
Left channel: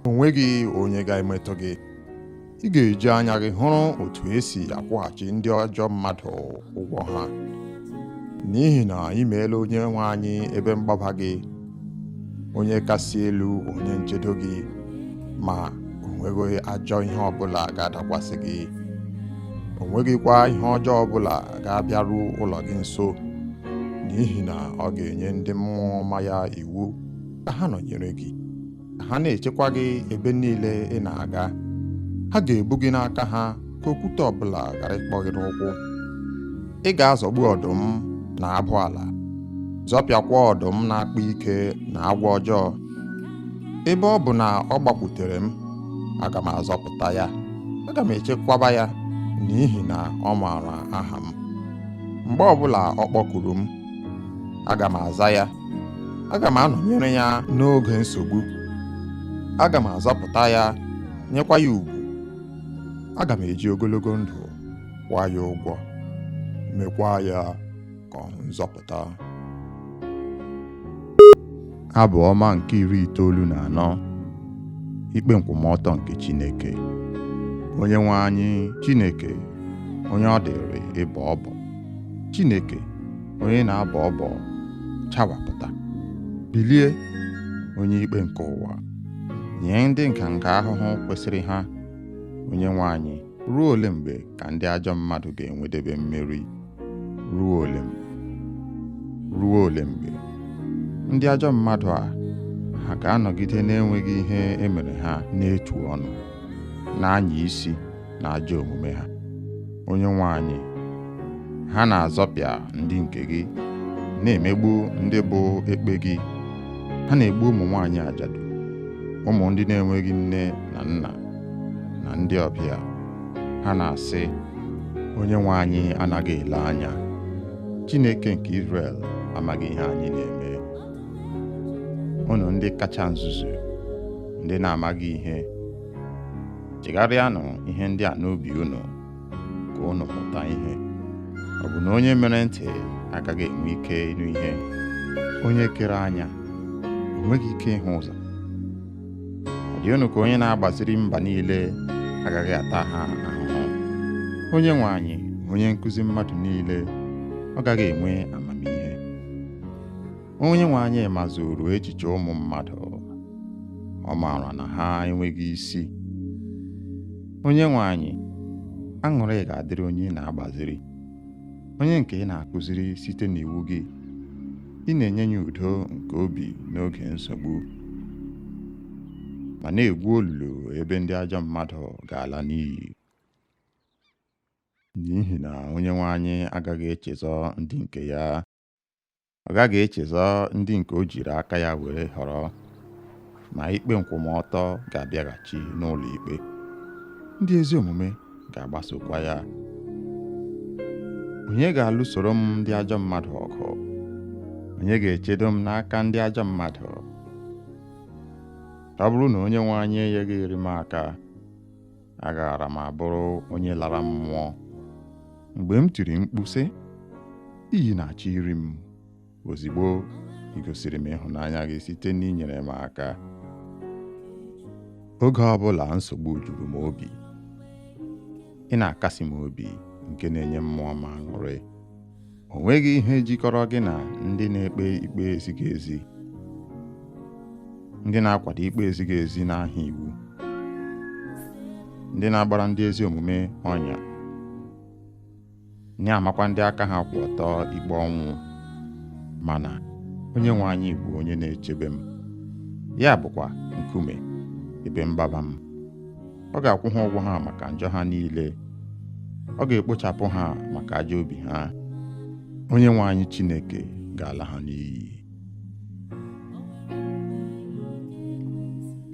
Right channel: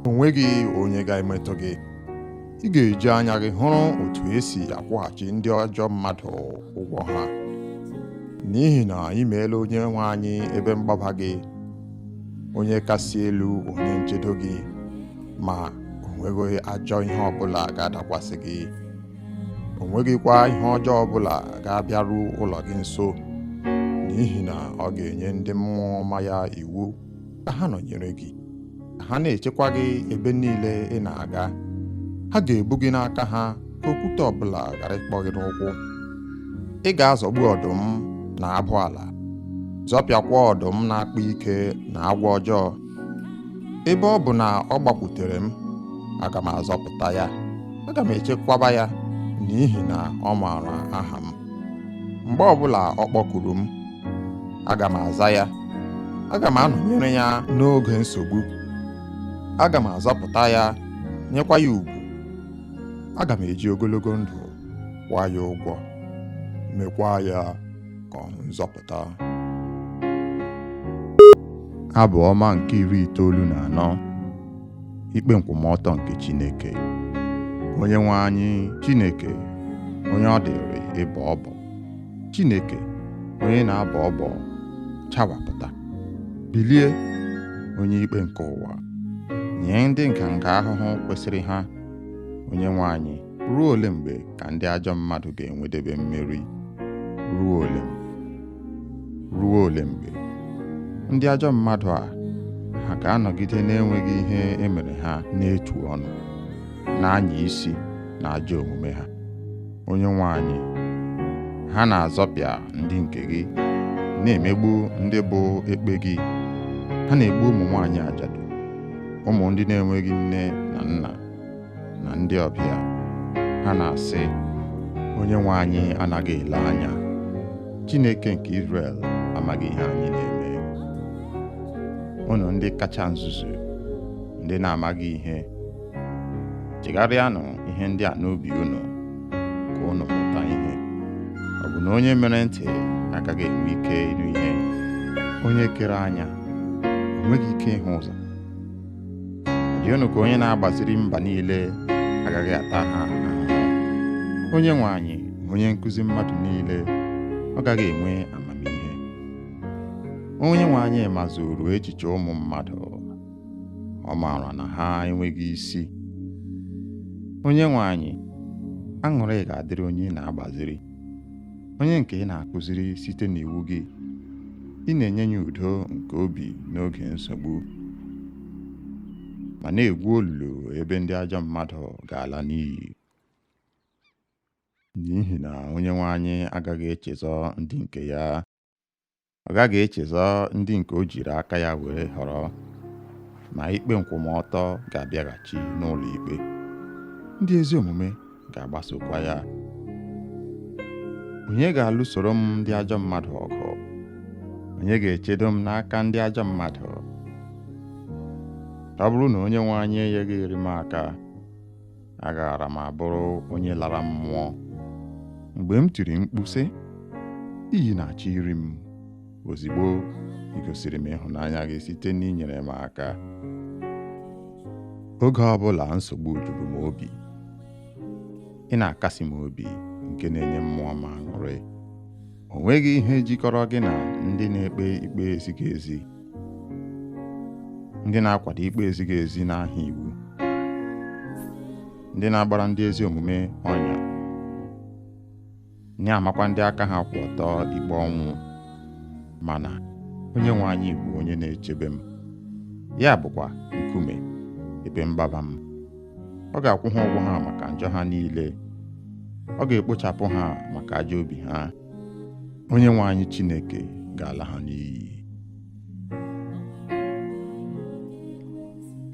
o nweghị onye ga-emetụ gị. Ị ga-eji anya gị hụrụ otu esi akwụghachi ndị ajọ mmadụ ụgwọ ha, n'ihi na ị meela Onyenwe anyị ebe mgbaba gị, onye kasị elu, onye nchedo gị, ma o nweghị ajọ ihe ọbụla ga-adakwasị gị. O nweghịkwa ihe ọjọọ ọbụla ga-abịaru ụlọ gị nso, n'ihi na ọ ga-enye ndị mmụọ ọma ya iwu ka ha nọnyere gị, ka ha na-echekwa gị ebe niile ị na-aga. Ha ga-ebu gị n'aka ha, ka okwute ọbụla ghara ịkpọ gị n'ụkwụ. Ị ga-azọgbu ọdụm na abụ ala, zọpịakwa ọdụm na-akpa ike na agwọ ọjọọ. Ebe ọ bụ na ọ gbakwutere m, aga m azọpụta ya. Aga m echekwaba ya, n'ihi na ọ maara aha m. Mgbe ọbụla ọ kpọkuru m, aga m aza ya. Aga m anọnyere ya n'oge nsogbu. Aga m azọpụta ya, nyekwa ya ugwu. Aga m eji ogologo ndụ kwụọ ya ụgwọ, mekwa ya ka ọ hụ nzọpụta. Abụ ọma nke 94. Ikpe nkwụmọtọ nke Chineke. Onyenwe anyị, Chineke, onye ọ dịrị ịbọ ọbọ. Chineke, onye na-abọ ọbọ, chawapụta. Bilie, onye ikpe nke ụwa, nye ndị nganga ahụhụ kwesịrị ha. Onyenwe anyị, ruo ole mgbe ka ndị ajọ mmadụ ga-enwedebe mmeri? Ruo ole mgbe? Ruo ole mgbe? Ndị ajọ mmadụ a, ha ga-anọgide na-enweghị ihe emere ha n'etu ọnụ, na-anya isi na ajọ omume ha. Onyenwe anyị, ha na-azọpịa ndị nke gị, na-emegbu ndị bụ ekpe gị. Ha na-egbu ụmụ nwaanyị ajadu, ụmụ ndị na-enweghị nne na nna, na ndị ọbịa. Ha na-asị, Onyenwe anyị anaghị ele anya. Chineke nke Izrel amaghị ihe anyị na-eme. Unu ndị kacha nzuzu, ndị na-amaghị ihe, chegharịanụ ihe ndị a n'obi unu, ka unu mụta ihe. Ọ bụ na onye mere ntị agaghị enwe ike ịnụ ihe? Onye kere anya o nweghị ike ịhụ ụzọ? Ọ dị unu ka onye na-agbaziri mba niile agaghị ata ha ahụhụ? Onyenwe anyị, onye nkụzi mmadụ niile, ọ gaghị enwe amamihe? Onyenwe anyị mazuru echiche ụmụ mmadụ, ọ maara na ha enweghị isi. Onyenwe anyị, aṅụrị ga-adịrị onye ị na-agbaziri, onye nke ị na-akụziri site n'iwu gị. Ị na-enye ya udo nke obi n'oge nsogbu, ma na-egwu olulu ebe ndị ajọ mmadụ ga-ala n'iyi. N'ihi na Onyenwe anyị agaghị echezọ ndị nke ya. Ọ gaghị echezọ ndị nke o jiri aka ya were họrọ, ma ikpe nkwụmọtọ ga-abịaghachi n'ụlọ ikpe. Ndị ezi omume ga-agbasokwa ya. Onye ga-alụsoro m ndị ajọ mmadụ ọgụ? Onye ga-echedo m n'aka ndị ajọ mmadụ? ọ bụrụ na onye nwe anyị enyeghịrị m aka, agaara m abụrụ onye lara mmụọ. Mgbe m tiri mkpu sị, iyi na-achọ iri m, ozigbo ị gosiri m ịhụnanya gị site n'inyere m aka. Oge ọbụla nsogbu juru m obi, ị na-akasi m obi nke na-enye mmụọ m aṅụrị. O nweghị ihe jikọrọ gị na ndị na-ekpe ikpe ezighị ezi, ndị na-akwado ikpe ezighị ezi n'aha iwu, ndị na-agbara ndị ezi omume ọnya, na-amakwa ndị aka ha kwụ ọtọ ikpe ọnwụ. Mana onye nwe anyị bụ onye na-echebe m, ya bụkwa nkume ebe mgbaba m. Ọ ga-akwụ ha ụgwọ ha maka njọ ha niile, ọ ga-ekpochapụ ha maka ajọ obi ha. Onye nwe anyị Chineke ga-ala ha n'iyi.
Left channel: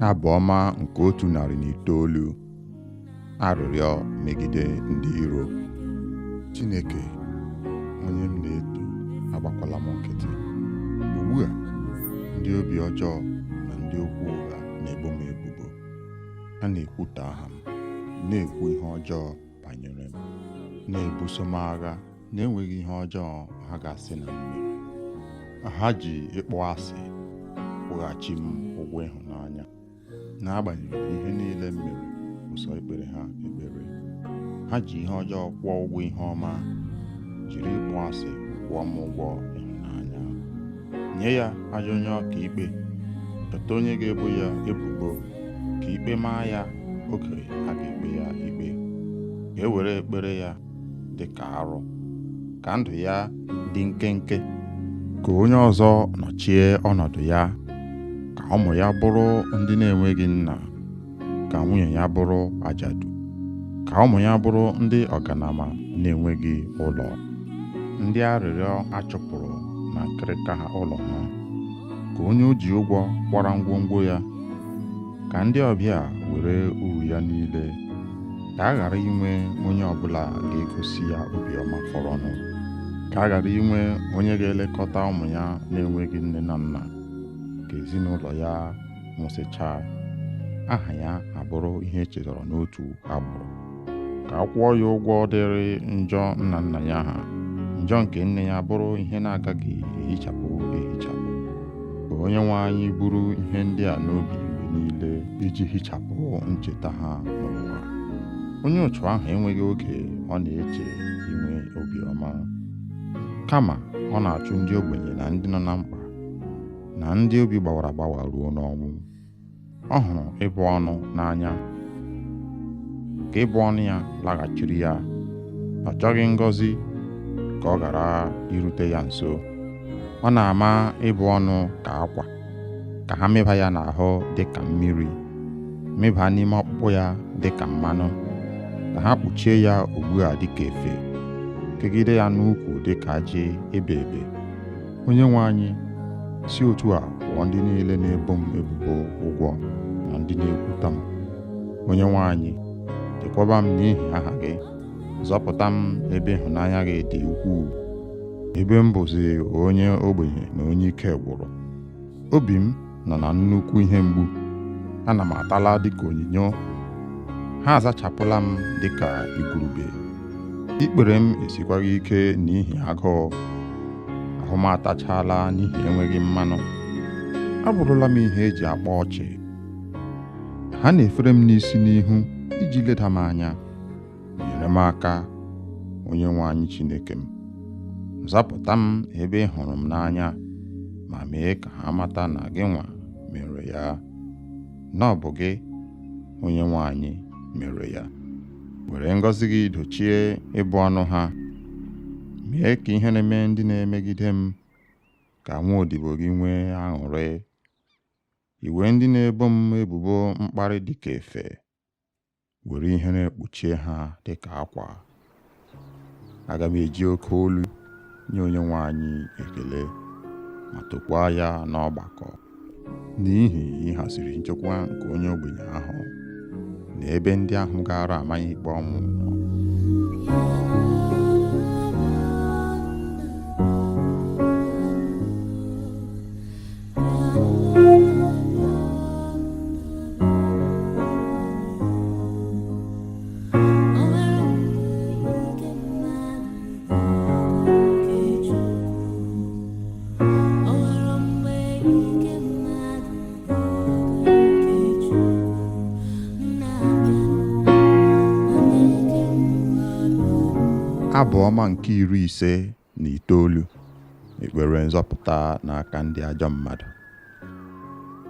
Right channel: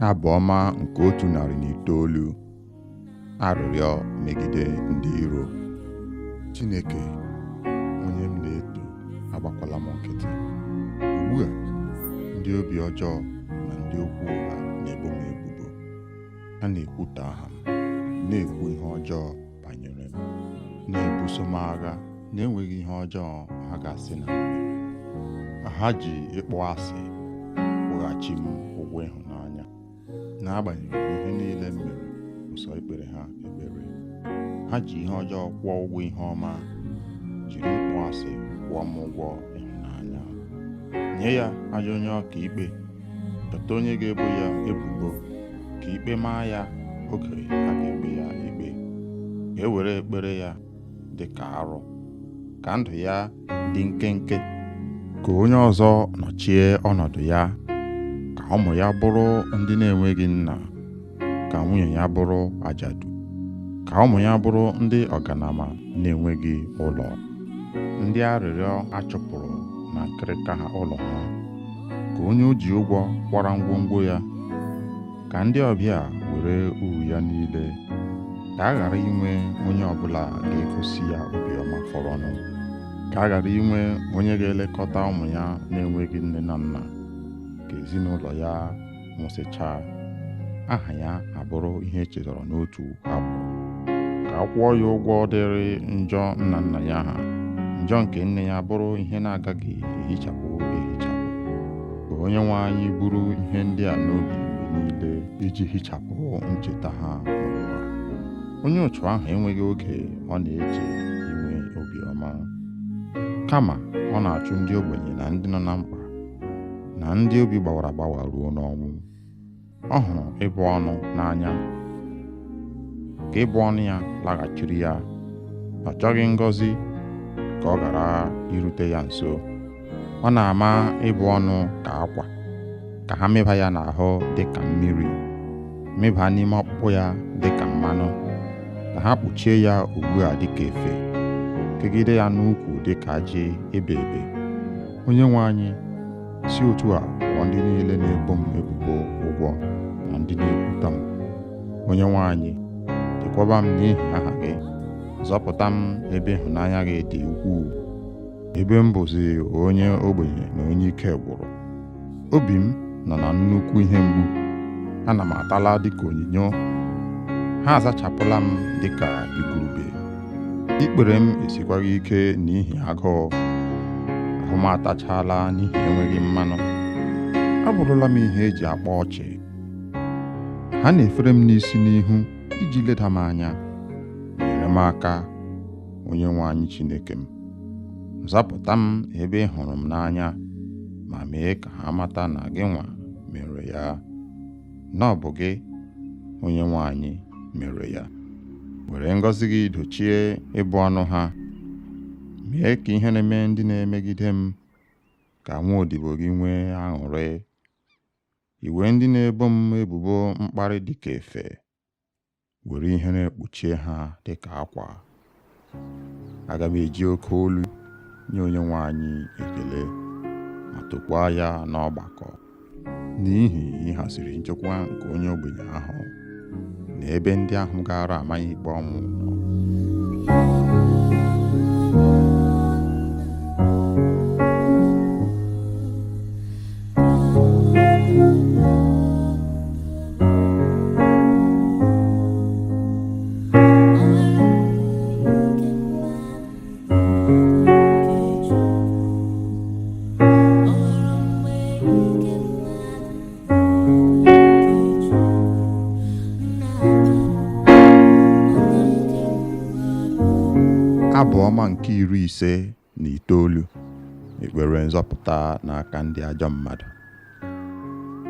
Abụ ọma nke 109. Arịrịọ megide ndị iro. Chineke, onye m na-eto, agbakwala m nkịtị. Ugbu a, ndị obi ọjọọ na ndị okwu ụgha na-ebo m ebubo. Ha na-ekwutọ aha m, na-ekwu ihe ọjọọ banyere m, na-ebuso m agha na-enweghị ihe ọjọọ ha ga-asị na m mere. Ha ji ịkpọ asị kwụghachi m ụgwọ ịhụnanya, n'agbanyeghị ihe niile m mere ụsọ ikpere ha ekpere. Ha ji ihe ọjọọ kwụọ ụgwọ ihe ọma, jiri ịkpọ asị kwụọ m ụgwọ ịhụnanya. Nye ya ajọ onye ọka ikpe, chọta onye ga-ebo ya ebubo, ka ikpe maa ya oge a ga-ekpe ya ikpe. Ka e were ekpere ya dị ka arụ, ka ndụ ya dị nkenke. Ka onye ọzọ nọchie ọnọdụ ya, ka ụmụ ya bụrụ ndị na-enweghị nna, ka nwunye ya bụrụ ajadu, ka ụmụ ya bụrụ ndị ọganama na-enweghị ụlọ, ndị arịrịọ achụpụrụ na nkịrịka ha ụlọ ha. Ka onye o ji ụgwọ kwara ngwongwo ya, ka ndị ọbịa were uru ya niile. Ka a ghara inwe onye ọbụla ga-egosi ya obiọma fọrọnụ. Ka a ghara inwe onye ga-elekọta ụmụ ya na-enweghị nne na nna. Ka ezinụlọ ya nwụsịchaa, aha ya abụrụ ihe echetara n'otu agbụrụ. Ka a kwụọ ya ụgwọ dịrị njọ nna nna ya ha, njọ nke nne ya bụrụ ihe na-agaghị ehichapụ ehichapụ. Ka onye nwe anyị buru ihe ndị a n'obi mgbe niile, iji hichapụ ncheta ha n'ụwa. Onye otu ahụ enweghị oge ọ na-eche inwe obiọma, kama ọ na-achụ ndị ogbenye na ndị nọ na mkpa, na ndị obi gbawara agbawa ruo n'ọnwụ. Ọ hụrụ ịbụ ọnụ n'anya, ka ịbụ ọnụ ya laghachiri ya. Ọ chọghị ngọzi ka ọ ghara irute ya nso. Ọ na-ama ịbụ ọnụ ka akwa, ka ha mịba ya n'ahụ dị ka mmiri, mịba n'ime ọkpụkpụ ya dị ka mmanụ, ka ha kpuchie ya ugbu a dị ka efe, kegide ya n'ukwu dị ka ajị ebe ebe. Onye nwe anyị, si otu a kwụọ ndị niile na-ebo m ebubo ụgwọ na ndị na-ekwuta m. Onye nwe anyị, chekwaba m n'ihi aha gị, zọpụta m ebe ịhụnanya gị dị ukwuu, ebe m bụzi onye ogbenye na onye ike gwụrụ. Obi m nọ na nnukwu ihe mgbu, ana m atala dịka onyinyo. Ha azachapụla m dịka igurube. Ikpere m esikwaghị ike n'ihi agụụ, ahụ m atachala n'ihi enweghị mmanụ. Abụrụla m ihe eji akpa ọchị. Ha na-efere m n'isi n'ihu iji leda m anya. Nyere m aka, onye nwe anyị Chineke m. Zapụta m ebe ị hụrụ m n'anya, ma mee ka ha mata na gị nwa mere ya, na ọ bụ gị, onye nwe anyị, mere ya. Were ngọzi gị dochie ịbụ ọnụ ha. Mee ka ihe na-eme ndị na-emegide m, ka nwa odibo gị nwee aṅụrị. Iwe ndị na-ebo m ebubo mkparị dị ka efe, were ihe na-ekpuchie ha dị ka akwa. Aga m eji oke olu nye onye nwe anyị ekele, ma tokwaa ya n'ọgbakọ, n'ihi ịhaziri nchekwa nke onye ogbenye ahụ, na ebe ndị ahụ gara amaghị ikpe ọnwụ nọ. Abụ ọma nke 59. Ekpere nzọpụta n'aka ndị ajọ mmadụ.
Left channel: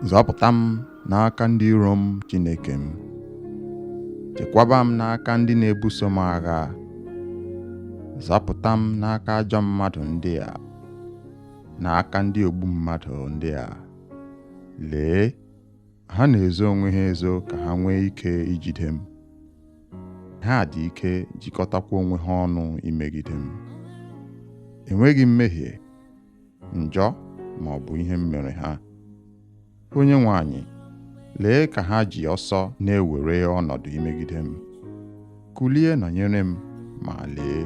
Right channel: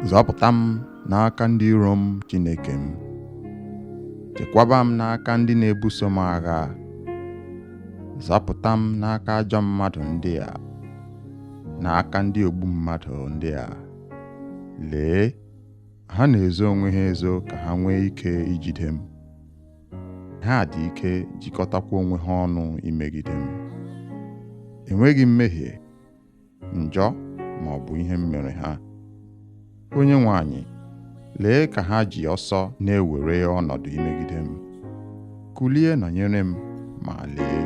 Zọpụta m n'aka ndị iro m, Chineke m. Chekwaba m n'aka ndị na-ebuso m agha. Zọpụta m n'aka ajọ mmadụ ndị a, n'aka ndị ogbu mmadụ ndị a. Lee, ha na-ezo onwe ha ezo ka ha nwee ike ijide m. Ha dị ike jikọtakwa onwe ha ọnụ imegide m. Enweghị mmehie, njọ ma ọ bụ ihe m mere ha. Onyenwe anyị, lee ka ha ji ọsọ na-ewere ọnọdụ imegide m. Kulie nọnyere m, ma lee,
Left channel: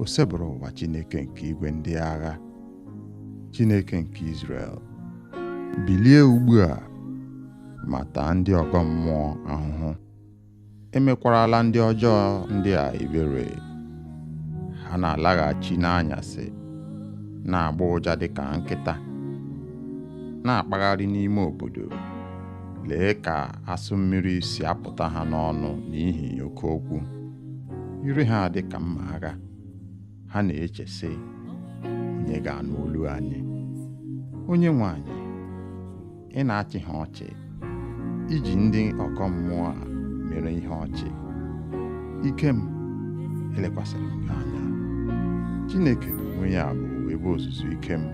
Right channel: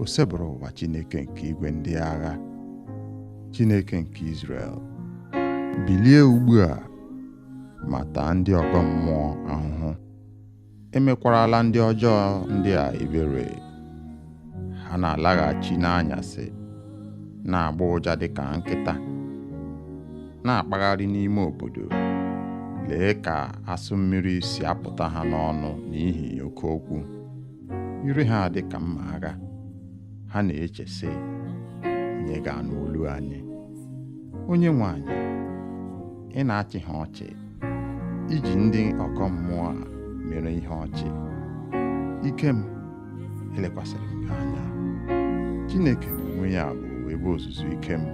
o sebụrụ ụwa Chineke nke igwe ndị agha, Chineke nke Izrel. Bilie ugbu a ma taa ndị ọgọ mmụọ ahụhụ. Emekwarala ndị ọjọọ ndị a ebere. Ha na-alaghachi n'anyasị, na-agba ụja dịka nkịta, na-akpagharị n'ime obodo. Lee ka asụ mmiri si apụta ha n'ọnụ n'ihi oke okwu. Ire ha dị ka mma agha. Ha na-eche sị, onye ga-anụ olu anyị? Onyenwe anyị, ị na-achị ha ọchị, iji ndị ọgọ mmụọ a mere ihe ọchị. Ike m, elekwasịrị m gị anya. Chineke n'onwe ya bụ ebe ozuzu ike m.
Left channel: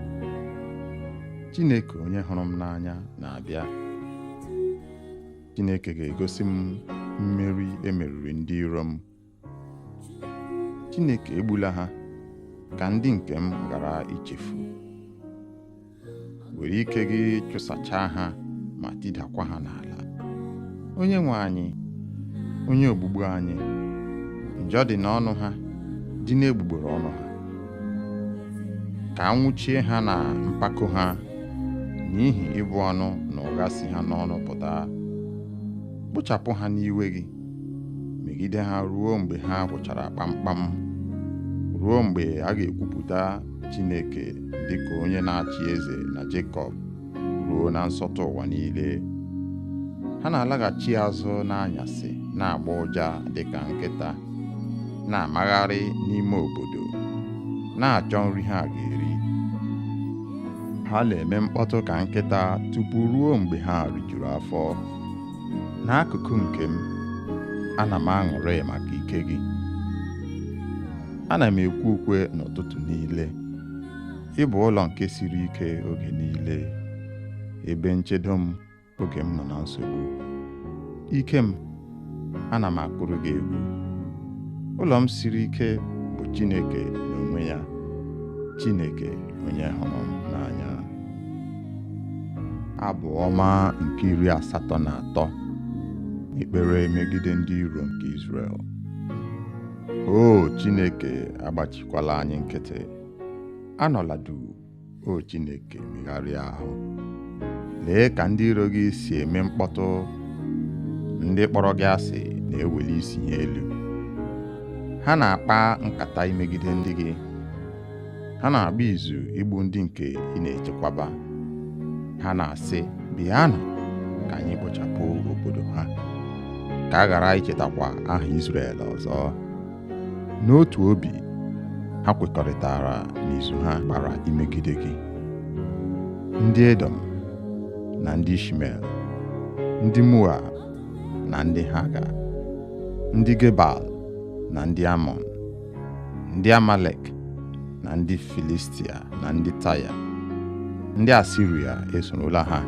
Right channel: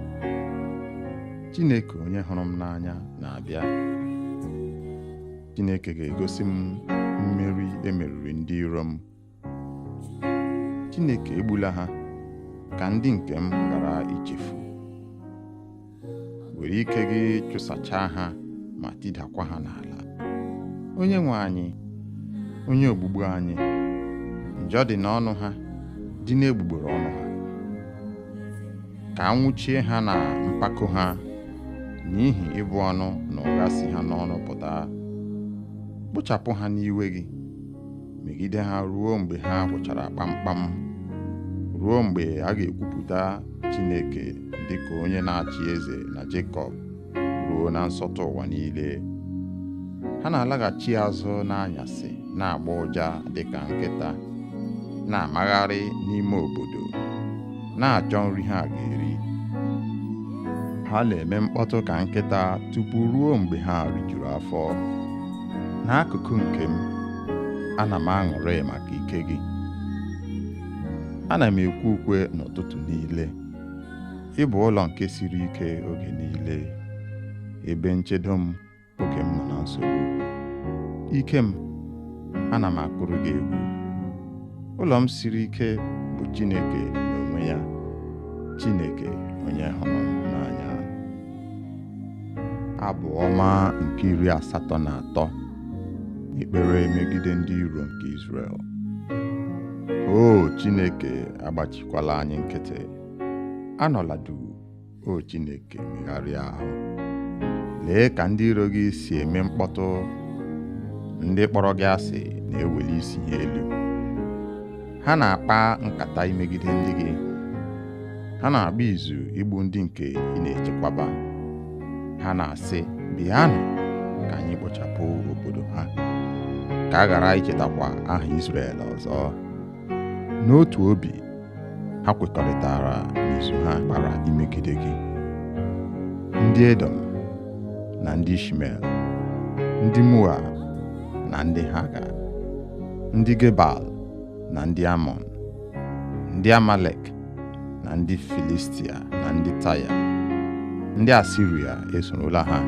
Chineke onye hụrụ m n'anya na-abịa. Chineke ga-egosi m mmeri emeriri ndị iro m. Chineke egbula ha ka ndị nke m ghara ichefu. Were ike gị chụsachaa ha ma tidakwa ha n'ala. Onyenwe anyị, onye ogbugbu anyị, njọ dị n'ọnụ ha, dị n'egbugbere ọnụ ha. Ka anwụchie ha na mpako ha, n'ihi ịbụ ọnụ na ụgha si ha n'ọnụ pụta. Kpochapụ ha n'iwe gị, megide ha ruo mgbe ha gwụchara kpamkpam, ruo mgbe a ga-ekwupụta Chineke dịka onye na-achị eze na Jekọb, ruo na nsọtụ ụwa niile. Ha na-alaghachi azụ n'anyasị, na-agba ụja dịka nkịta, na-amagharị n'ime obodo, na-achọ nri ha ga-eri. Ha na-eme mkpọtụ ka nkịta tupu ruo mgbe ha rijuru afọ. N'akụkụ nke m, ana m aṅụrị maka ike gị. Ana m ekwe ukwe n'ụtụtụ niile. Ị bụ ụlọ nke siri ike oge niile, ebe nchedo m oge m nọ na nsogbu. Ike m, ana m akụrụ gị egwu. Ụlọ m siri ike bụ Chineke n'onwe ya, Chineke onye hụrụ m n'anya. Abụ ọma nke 83. Ekpere megide ndị iro nke Izrel. O Chineke, agbachikwala anyị nkịtị. Anọla duu, o Chineke, megharịa ahụ. Lee ka ndị iro gị si eme mkpọtụ. Ndị kpọrọ gị asị na-eweli isi ha elu. Ha na-akpa nkata imegide ndị gị. Ha na-agba izu igbu ndị nke ị na-echekwaba. Ha na-asị, bịanụ ka anyị kpochapụ obodo ha, ka a ghara ichetakwa aha Izrel ọzọ. N'otu obi, ha kwekọrịtara n'izu ha kpara imegide gị. Ndị Edom na ndị Ishmel, ndị Moab na ndị Haga, ndị Gebal na ndị Amọn, ndị Amalek na ndị Filistia na ndị Taya, ndị Asiria esorola ha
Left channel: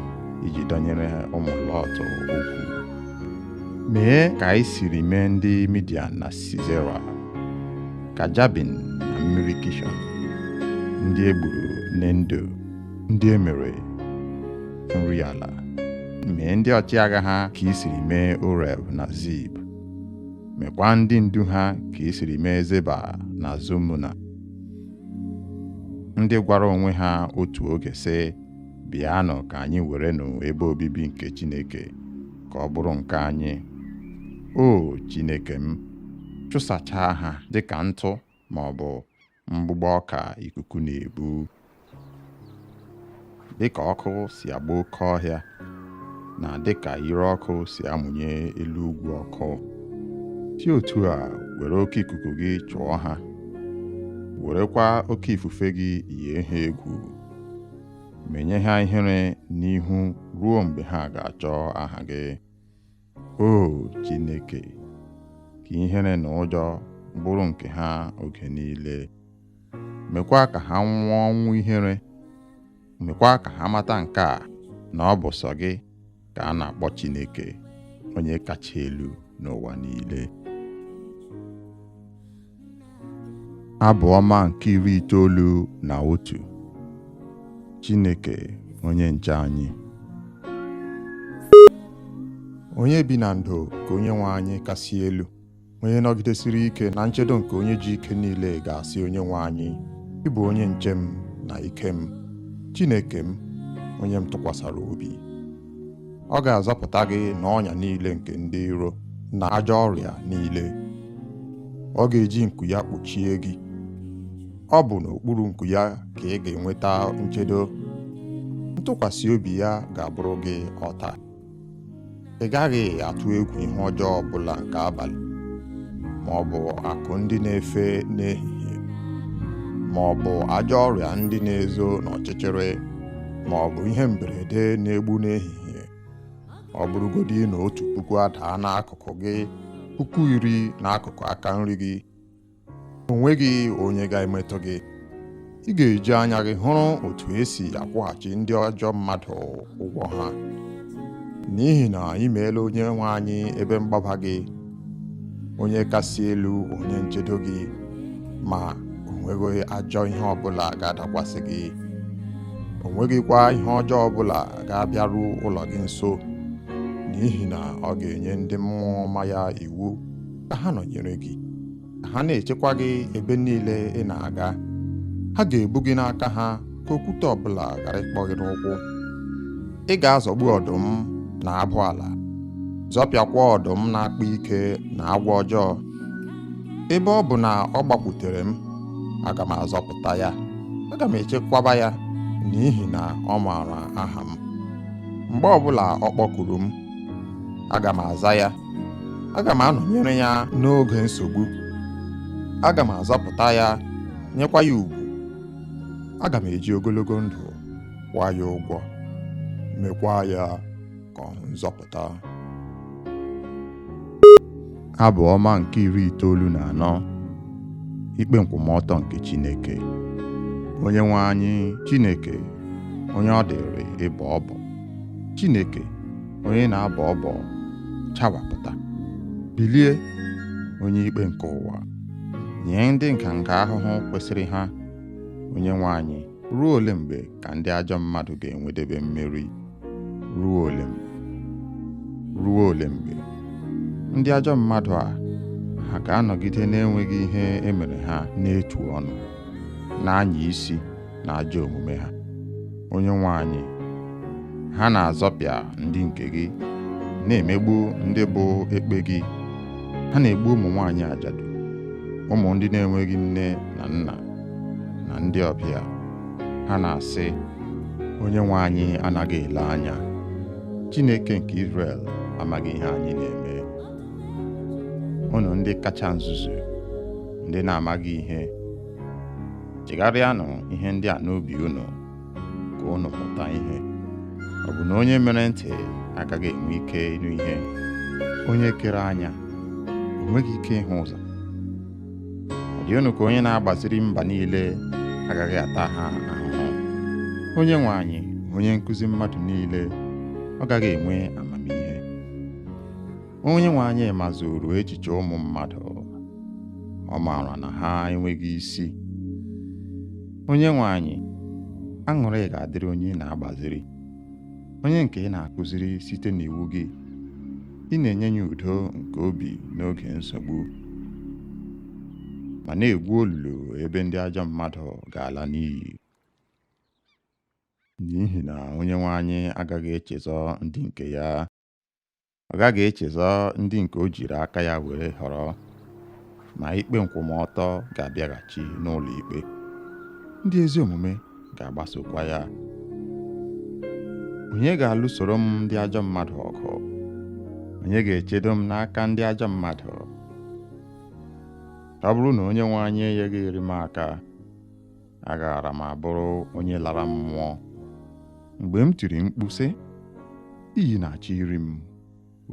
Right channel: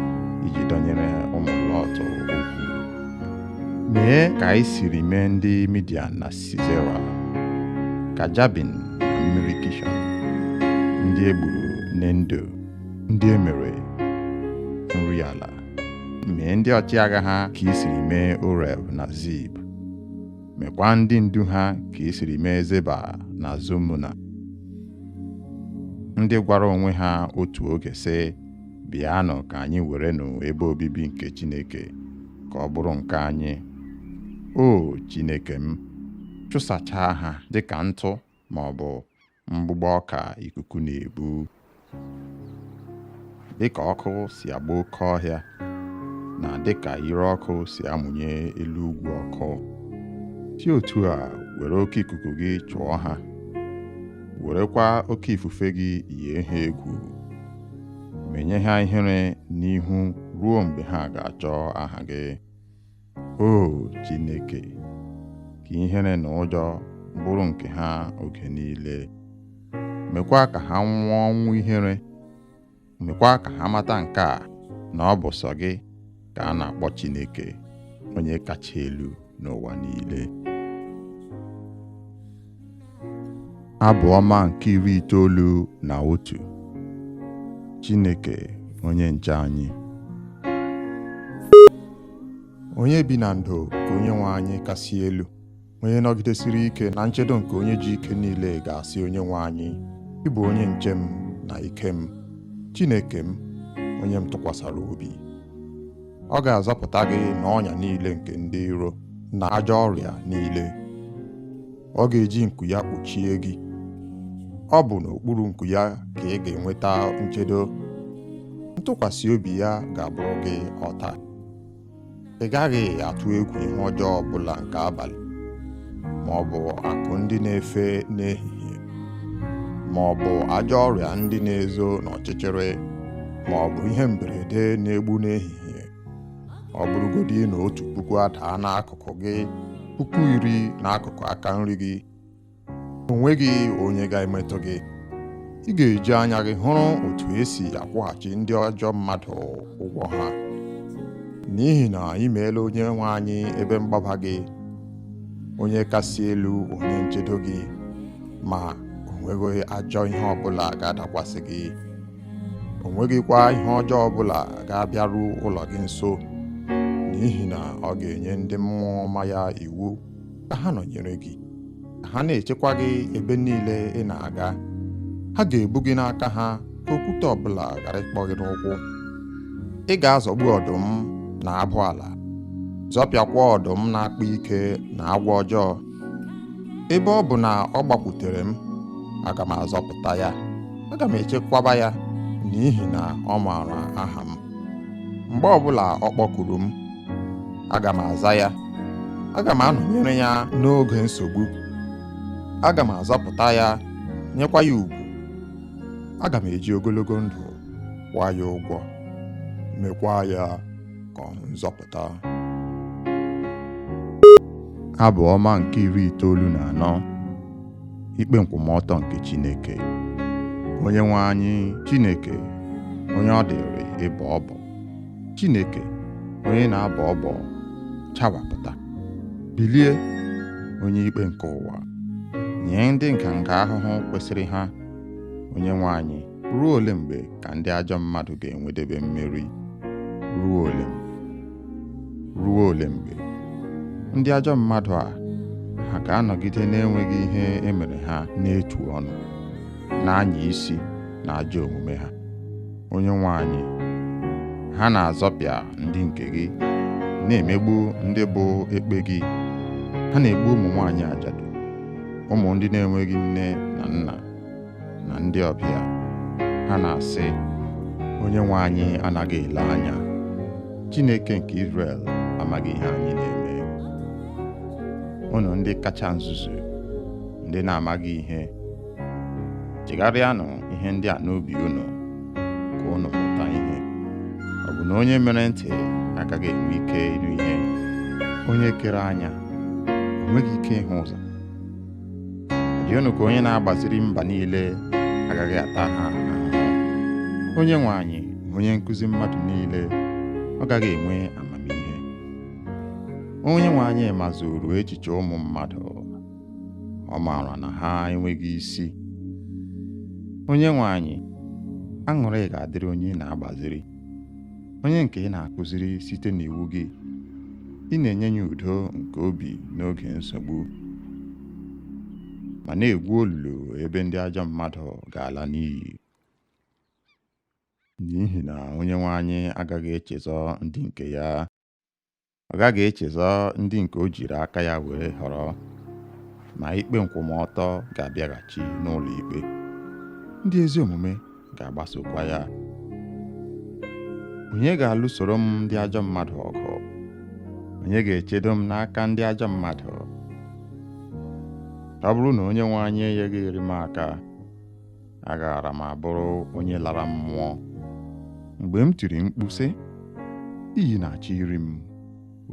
iji dọnyere ụmụ Lọt okwu. Mee ka anyị siri mee ndị Midian na Sisera, ka Jabin na mmiri Kishọn, ndị egburu n'Endo, ndị emere nri ala. Mee ndị ọchịagha ha ka i siri mee Oreb na Zib. Mekwa ndị ndu ha ka i siri mee Zeba na Zumuna, ndị gwara onwe ha otu oge sị, bịanụ ka anyị werenụ ebe obibi nke Chineke ka ọ bụrụ nke anyị. O Chineke m, chụsachaa ha dịka ntụ ma ọ bụ mgbụgbọ ọka ikuku na-ebu. Dịka ọkụ si agba oke ọhịa, na dịka ire ọkụ si amụnye elu ugwu ọkụ, si otu a were oke ikuku gị chụọ ha werekwa oke ifufe gị yie ha egwu, menye ha ihere n'ihu ruo mgbe ha ga-achọ aha gị. O Chineke, ka ihere na ụjọ bụrụ nke ha oge niile. Mekwa ka ha nwụọ ọnwụ ihere. Mekwa ka ha mata nke a, na ọ bụ sọ gị ka a na-akpọ Chineke, onye kacha elu n'ụwa niile. Abụ ọma nke 91. Chineke onye nche anyị. Onye bi na ndo ka Onyenwe anyị kasị elu, onye nọgidesiri ike na nchedo nke onye ji ike niile ga-asị Onyenwe anyị, ị bụ onye nche m na ike m, Chineke m, onye m tụkwasara obi. Ọ ga-azọpụta gị n'ọnya niile nke ndị iro na ajọ ọrịa niile. Ọ ga-eji nku ya kpuchie gị. Ọ bụ n'okpuru nku ya ka ị ga-enweta nchedo. Ntụkwasị obi ya ga-abụrụ gị ọta. Ị gaghị atụ egwu ihe ọjọọ ọbụla nke abalị, ma ọ bụ akụ ndị na-efe n'ehihie, ma ọ bụ ajọ ọrịa ndị na-ezo n'ọchịchịrị, ma ọ bụ ihe mberede na-egbu n'ehihie. Ọ bụrụgodị na 1,000 adaa n'akụkụ gị, 10,000 n'akụkụ aka nri gị, o nweghị onye ga-emetụ gị. Ị ga-eji anya gị hụrụ otu esi akwụghachi ndị ajọ mmadụ ụgwọ ha, n'ihi na ị meela Onyenwe anyị ebe mgbaba gị, onye kasị elu, onye nchedo gị, ma o nweghị ajọ ihe ọbụla ga-adakwasị gị. O nweghịkwa ihe ọjọọ ọbụla ga-abịaru ụlọ gị nso, n'ihi na ọ ga-enye ndị mmụọ ọma ya iwu ka ha nọnyere gị, ka ha na-echekwa gị ebe niile ị na-aga. Ha ga-ebu gị n'aka ha ka okwute ọbụla ghara ịkpọ gị n'ụkwụ. Ị ga-azọgbu ọdụm na abụ ala, zọpịakwa ọdụm na-akpa ike na agwọ ọjọọ. Ebe ọ bụ na ọ gbakwutere m, aga m azọpụta ya, aga m echekwaba ya, n'ihi na ọ maara aha m. Mgbe ọbụla ọ kpọkuru m, aga m aza ya. Aga m anọnyere ya n'oge nsogbu. Aga m azọpụta ya, nyekwa ya ugwu. Aga m eji ogologo ndụ kwụọ ya ụgwọ, mekwa ya ka ọ hụ nzọpụta. Abụ ọma nke 94. Ikpe nkwụmọtọ nke Chineke. Onyenwe anyị, Chineke, onye ọ dịrị ịbọ ọbọ. Chineke, onye na-abọ ọbọ, chawapụta. Bilie, onye ikpe nke ụwa, nye ndị nganga ahụhụ kwesịrị ha. Onyenwe anyị, ruo ole mgbe ka ndị ajọ mmadụ ga-enwedebe mmeri? Ruo ole mgbe? Ruo ole mgbe? Ndị ajọ mmadụ a, ha ga-anọgide na-enweghị ihe emere ha n'etu ọnụ, na-anya isi na ajọ omume ha. Onyenwe anyị, ha na-azọpịa ndị nke gị, na-emegbu ndị bụ ekpe gị. Ha na-egbu ụmụ nwaanyị ajadu, ụmụ ndị na-enweghị nne na nna, na ndị ọbịa. Ha na-asị, Onyenwe anyị anaghị ele anya. Chineke nke Izrel amaghị ihe anyị na-eme. Unu ndị kacha nzuzu, ndị na-amaghị ihe, chegharịanụ ihe ndị a n'obi unu, ka unu mụta ihe. Ọ bụ na onye mere ntị agaghị enwe ike ịnụ ihe? Onye kere anya o nweghị ike ịhụ ụzọ? Ọ dị unu ka onye na-agbaziri mba niile agaghị ata ha ahụhụ? Onyenwe anyị, onye nkụzi mmadụ niile, ọ gaghị enwe amamihe? Onyenwe anyị mazuru echiche ụmụ mmadụ, ọ maara na ha enweghị isi. Onyenwe anyị, aṅụrị ga-adịrị onye na-agbaziri, onye nke ị na-akụziri site n'iwu gị. Ị na-enye ya udo nke obi n'oge nsogbu, ma na-egwu olulu ebe ndị ajọ mmadụ ga-ala n'iyi. N'ihi na Onyenwe anyị agaghị echezọ ndị nke ya. Ọ gaghị echezọ ndị nke o jiri aka ya were họrọ, ma ikpe nkwụmọtọ ga-abịaghachi n'ụlọ ikpe. Ndị ezi omume ga-agbasokwa ya. Onye ga-alụsoro m ndị ajọ mmadụ ọgụ? Onye ga-echedo m n'aka ndị ajọ mmadụ? Ọ bụrụ na Onyenwe anyị enyeghị m aka, agaara m abụrụ onye lara mmụọ. Mgbe m tiri mkpu sị, iyi na-achọ iri m,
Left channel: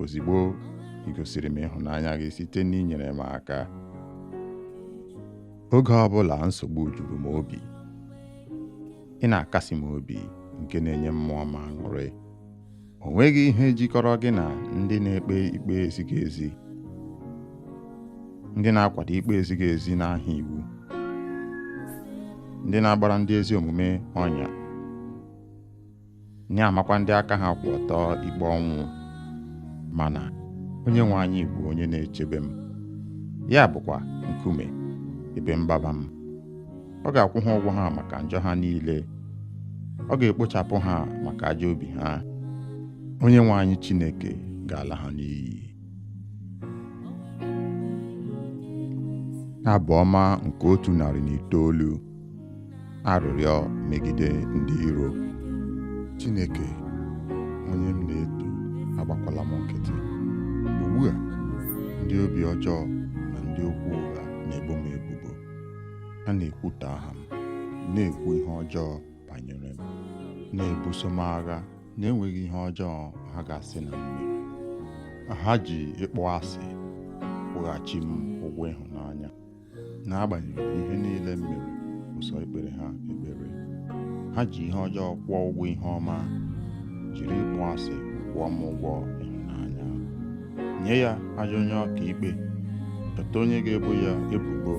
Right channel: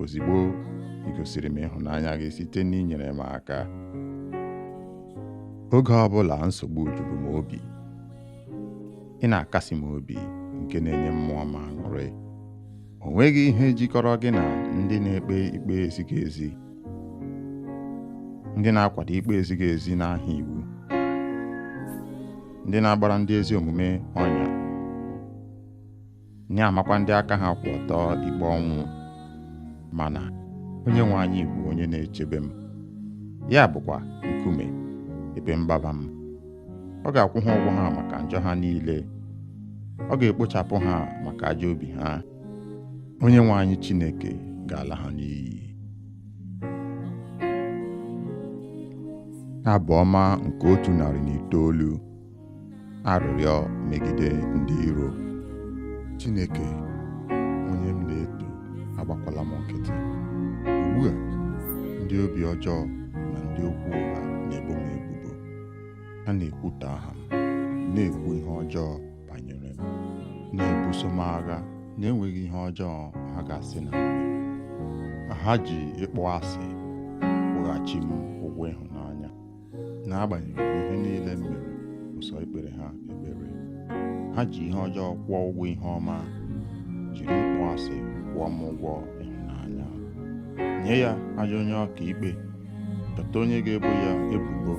ozigbo ị gosiri m ịhụnanya gị site n'inyere m aka. Oge ọbụla nsogbu juru m obi, ị na-akasi m obi nke na-enye mmụọ m aṅụrị. O nweghị ihe jikọrọ gị na ndị na-ekpe ikpe ezighị ezi, ndị na-akwado ikpe ezighị ezi n'aha iwu, ndị na-agbara ndị ezi omume ọnya, na-amakwa ndị aka ha kwụ ọtọ ikpe ọnwụ. Mana onye nwe anyị bụ onye na-echebe m, ya bụkwa nkume ebe mgbaba m. Ọ ga-akwụ ha ụgwọ ha maka njọ ha niile, ọ ga-ekpochapụ ha maka ajọ obi ha. Onye nwe anyị Chineke ga-ala ha n'iyi. Abụ ọma nke 109. Arịrịọ megide ndị iro. Chineke, onye m na-eto, agbakwala m nkịtị. Ugbu a, ndị obi ọjọọ na ndị okwu ụgha na-ebo m ebubo. Ha na-ekwutọ aha m, na-ekwu ihe ọjọọ banyere m, na-ebuso m agha na-enweghị ihe ọjọọ ha ga-asị na m mere. Ha ji ịkpọ asị kwụghachi m ụgwọ ịhụnanya. N'agbanyeghị ihe niile m mere ụsọ ikpere ha ekpere, ha ji ihe ọjọọ kwụọ ụgwọ ihe ọma, jiri ịkpọ asị kwụọ m ụgwọ ịhụnanya. Nye ya ajọ onye ọka ikpe, chọta onye ga-ebo ya ebubo,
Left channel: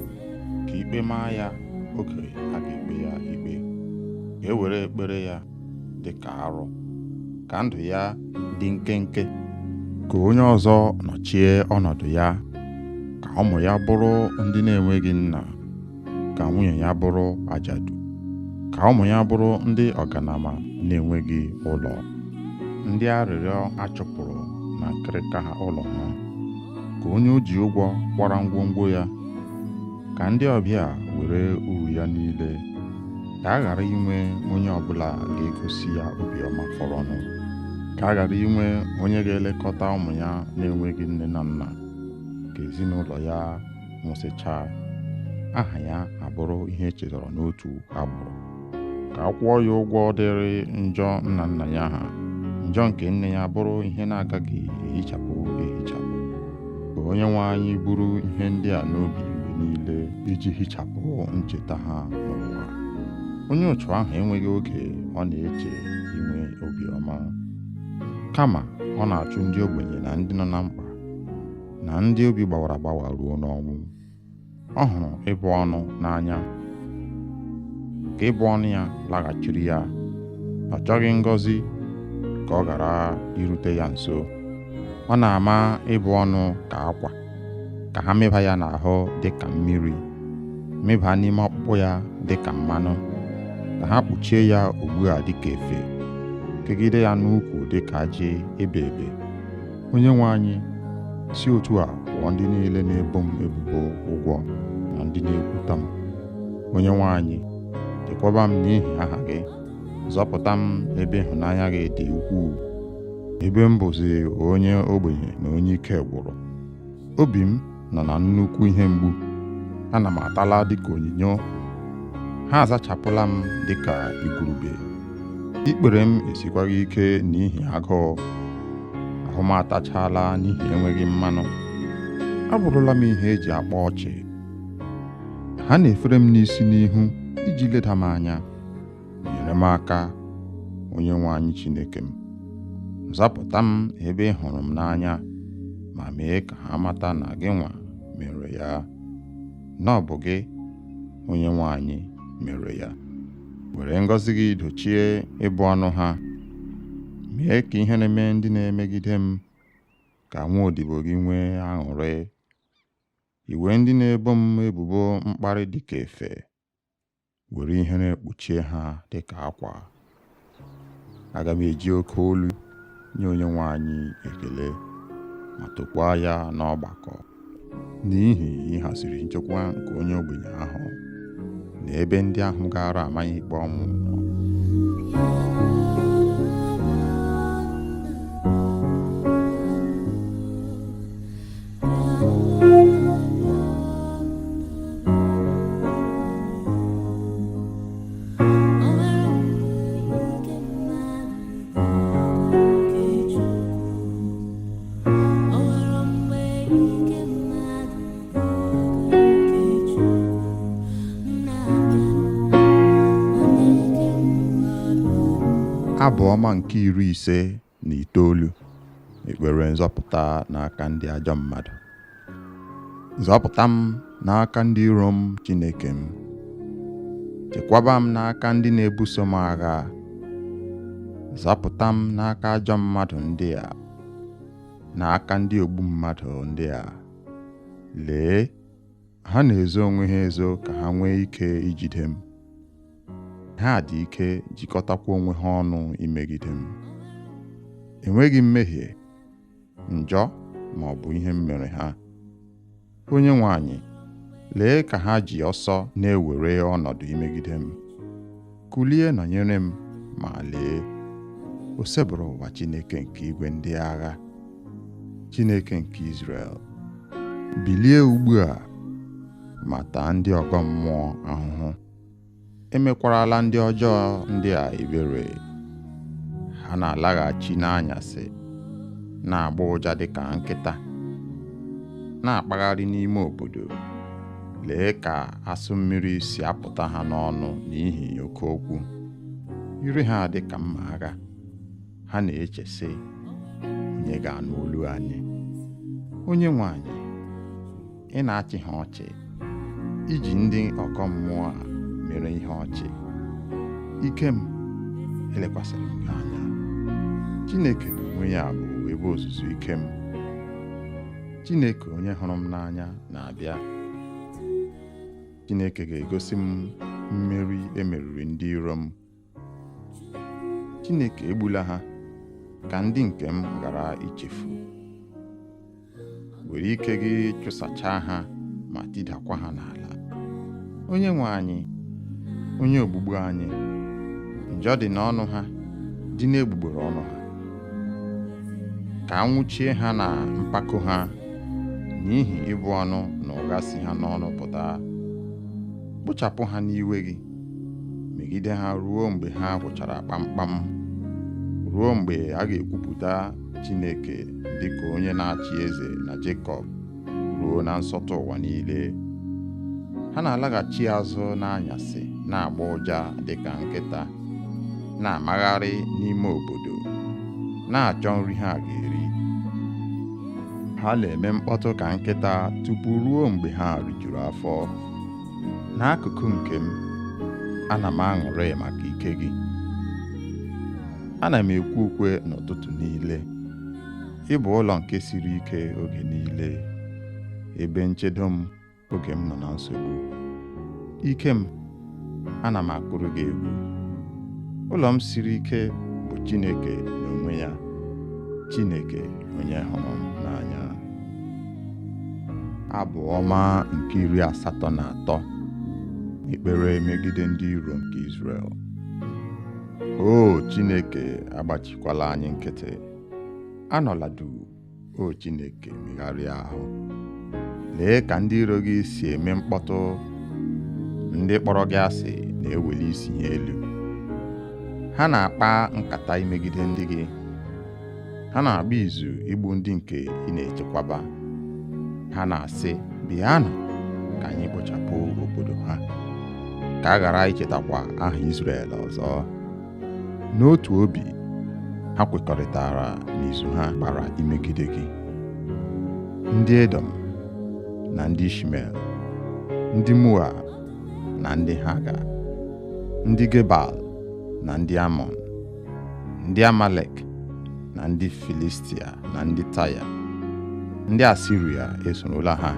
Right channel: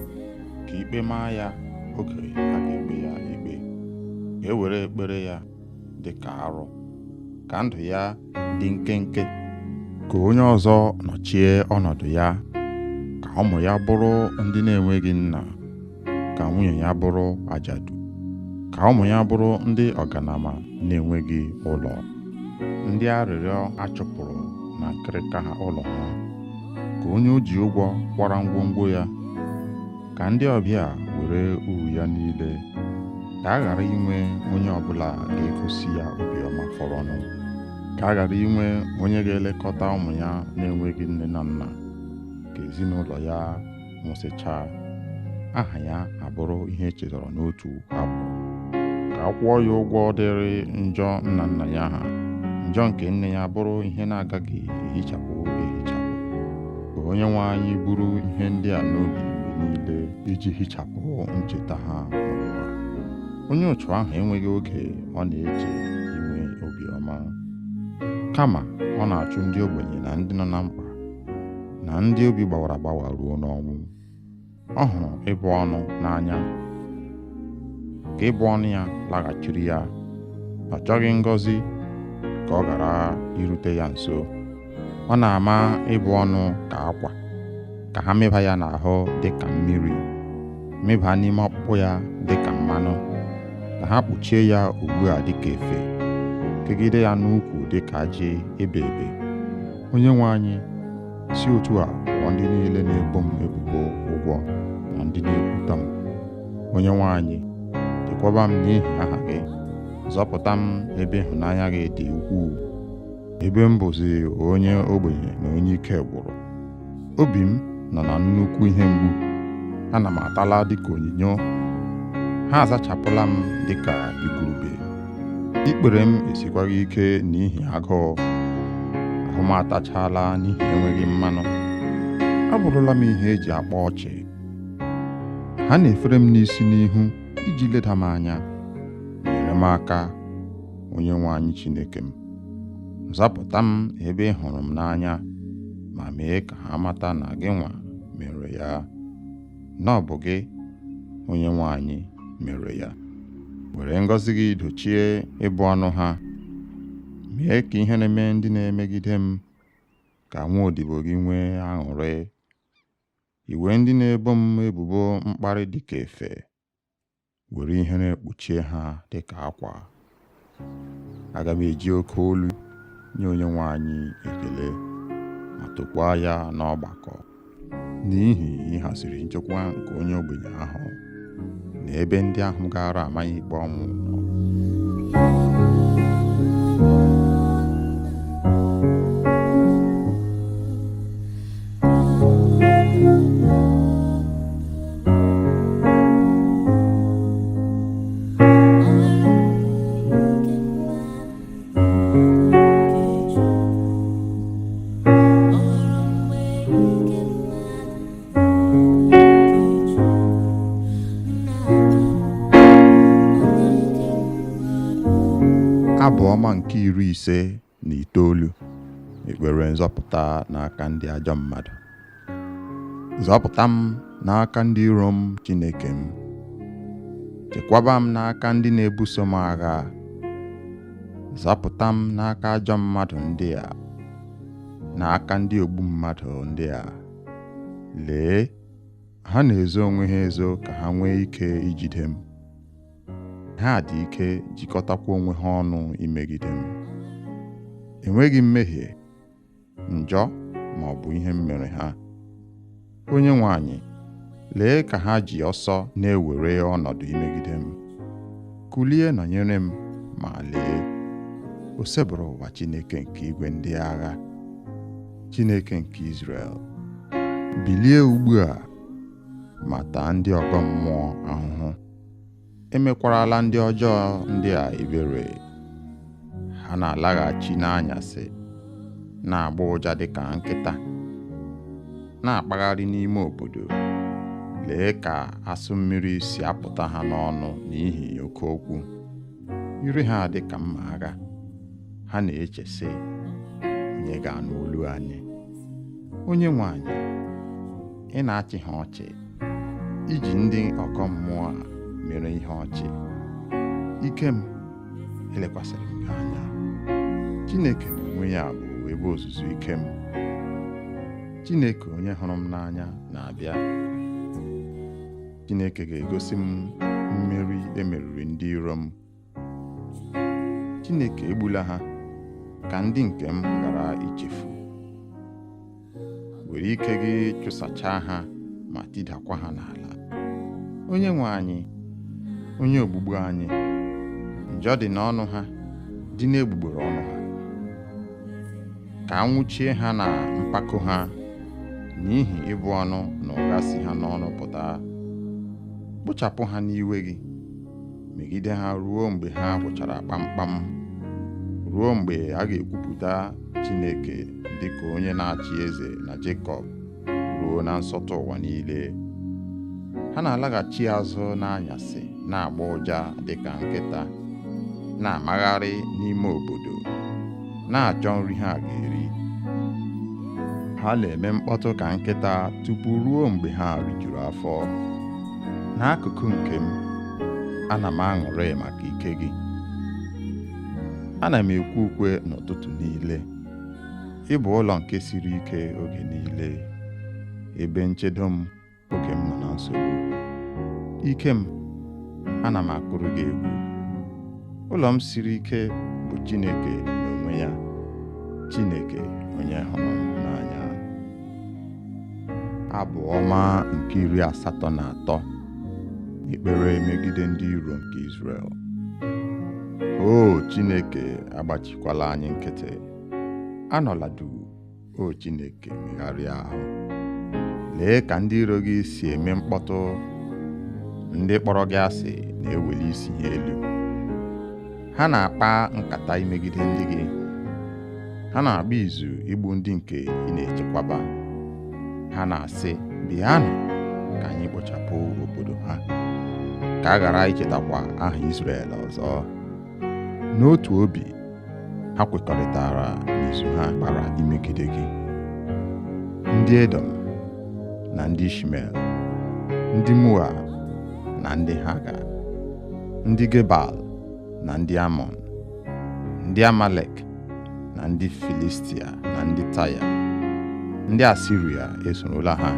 ka ikpe maa ya oge a ga-ekpe ya ikpe. Ka e were ekpere ya dị ka arụ, ka ndụ ya dị nkenke, ka onye ọzọ nọchie ọnọdụ ya, ka ụmụ ya bụrụ ndị na-enweghị nna, ka nwunye ya bụrụ ajadu, ka ụmụ ya bụrụ ndị ọganama na-enweghị ụlọ, ndị arịrịọ achụpụrụ na nkịrịka ha ụlọ ha, ka onye o ji ụgwọ kwara ngwongwo ya, ka ndị ọbịa were uru ya niile, ka a ghara inwe onye ọbụla ga-egosi ya obiọma fọrọnụ, ka a ghara inwe onye ga-elekọta ụmụ ya na-enweghị nne na nna, ka ezinụlọ ya nwụsịchaa, aha ya abụrụ ihe echetara n'otu abụ, ka a kwụọ ya ụgwọ dịrị njọ nna nna ya ha, njọ nke nne ya bụrụ ihe na-agaghị ehichapụ. Ka onye nwe anyị buru ihe ndị a n'obi mgbe niile iji hichapụ ncheta ha n'ụwa. Onye otu ahụ enweghị oge ọ na-eche inwe obiọma, kama ọ na-achụ ndị ogbenye na ndị nọ na mkpa na ndị obi gbawara agbawa ruo n'ọnwụ. Ọ hụrụ ịbụ ọnụ n'anya, ka ịbụ ọnụ ya laghachiri ya. Ọ chọghị ngọzi ka ọ ghara irute ya nso. Ọ na-ama ịbụ ọnụ ka akwa, ka ha mịba ya n'ahụ dị ka mmiri, mịba n'ime ọkpụkpụ ya dị ka mmanụ, ka ha kpuchie ya ugbu a dị ka efe, kegide ya n'ukwu dị ka ajị ebe ebe. Onye nwe anyị, si otu a kwụọ ndị niile na-ebo m ebubo ụgwọ na ndị na-ekwuta m. Onye nwe anyị, chekwaba m n'ihi aha gị, zọpụta m ebe ịhụnanya gị dị ukwuu, ebe m bụzi onye ogbenye na onye ike gwụrụ. Obi m nọ na nnukwu ihe mgbu, ana m atala dịka onyinyo, ha azachapụla m dịka igurube. Ikpere m esikwaghị ike n'ihi agụụ, ahụ m atachala n'ihi enweghị mmanụ. Abụrụla m ihe eji akpa ọchị. Ha na-efere m n'isi n'ihu iji leda m anya. Nyere m aka, onye nwe anyị Chineke m. Zapụta m ebe ị hụrụ m n'anya, ma mee ka ha mata na gị nwa mere ya, na ọ bụ gị, onye nwe anyị, mere ya. Were ngọzi gị dochie ịbụ ọnụ ha, mee ka ihe na-eme ndị na-emegide m, ka nwa odibo gị nwee aṅụrị. Iwe ndị na-ebo m ebubo mkparị dịka efe, were ihe na-ekpuchie ha dịka akwa. Aga m eji oke olu nye onye nwe anyị ekele, ma tokwaa ya n'ọgbakọ, n'ihi ịhaziri nchekwa nke onye ogbenye ahụ na ebe ndị ahụ gara amaghị ikpe ọnwụ nọ. Abụ ọma nke 59, ekpere nzọpụta n'aka ndị ajọ mmadụ. Zọpụta m n'aka ndị iro m, Chineke m. Chekwaba m n'aka ndị na-ebuso m agha. Zọpụta m n'aka ajọ mmadụ ndị a, n'aka ndị ogbu mmadụ ndị a. Lee, ha na-ezo onwe ha ezo ka ha nwee ike ijide m. Ha dị ike jikọtakwa onwe ha ọnụ imegide m. Enweghị mmehie, njọ ma ọ bụ ihe m mere ha. Onyenwe anyị, lee ka ha ji ọsọ na-ewere ọnọdụ imegide m. Kulie nọnyere m, ma lee, o sebụrụ ụwa Chineke nke igwe ndị agha, Chineke nke Izrel. Bilie ugbu a ma taa ndị ọgọ mmụọ ahụhụ. Emekwarala ndị ọjọọ ndị a ebere. Ha na-alaghachi n'anyasị, na-agba ụja dịka nkịta, na-akpagharị n'ime obodo. Lee ka asụ mmiri si apụta ha n'ọnụ n'ihi oke okwu. Ire ha dị ka mma agha. Ha na-eche sị, onye ga-anụ olu anyị? Onyenwe anyị, ị na-achị ha ọchị, iji ndị ọgọ mmụọ a mere ihe ọchị. Ike m elekwasịrị m gị anya. Chineke n'onwe ya bụ ebe ozuzu ike m. Chineke onye hụrụ m n'anya na-abịa. Chineke ga-egosi m mmeri emeriri ndị iro m. Chineke egbula ha ka ndị nke m ghara ichefu. Were ike gị chụsachaa ha ma tidakwa ha n'ala. Onyenwe anyị, onye ogbugbu anyị, njọ dị n'ọnụ ha, dị n'egbugbere ọnụ ha. Ka anwụchie ha na mpako ha, n'ihi ịbụ ọnụ na ụgha si ha n'ọnụ pụta. Kpochapụ ha n'iwe gị, megide ha ruo mgbe ha gwụchara kpamkpam, ruo mgbe a ga-ekwupụta Chineke dịka onye na-achị eze na Jekọb, ruo na nsọtụ ụwa niile. Ha na-alaghachi azụ n'anyasị, na-agba ụja dịka nkịta, na-amagharị n'ime obodo, na-achọ nri ha ga-eri. Ha na-eme mkpọtụ ka nkịta tupu ruo mgbe ha rijuru afọ. N'akụkụ nke m, ana m aṅụrị maka ike gị. Ana m ekwe ukwe n'ụtụtụ niile. Ị bụ ụlọ nke siri ike oge niile, ebe nchedo m oge m nọ na nsogbu. Ike m, ana m akụrụ gị egwu. Ụlọ m siri ike bụ Chineke n'onwe ya, Chineke onye hụrụ m n'anya. Abụ ọma nke 83, ekpere megide ndị iro nke Izrel. O Chineke, agbachikwala anyị nkịtị. Anọla duu, o Chineke, megharịa ahụ. Lee ka ndị iro gị si eme mkpọtụ. Ndị kpọrọ gị asị na-eweli isi ha elu. Ha na-akpa nkata imegide ndị gị. Ha na-agba izu igbu ndị nke ị na-echekwaba. Ha na-asị, bịanụ ka anyị kpochapụ obodo ha, ka a ghara ichetakwa aha Izrel ọzọ. N'otu obi, ha kwekọrịtara n'izu ha gbara imegide gị. Ndị Edom na ndị Ishmel, ndị Moab na ndị Haga, ndị Gebal na ndị Amọn, ndị Amalek na ndị Filistia na ndị Taya. Ndị Asiria esorola ha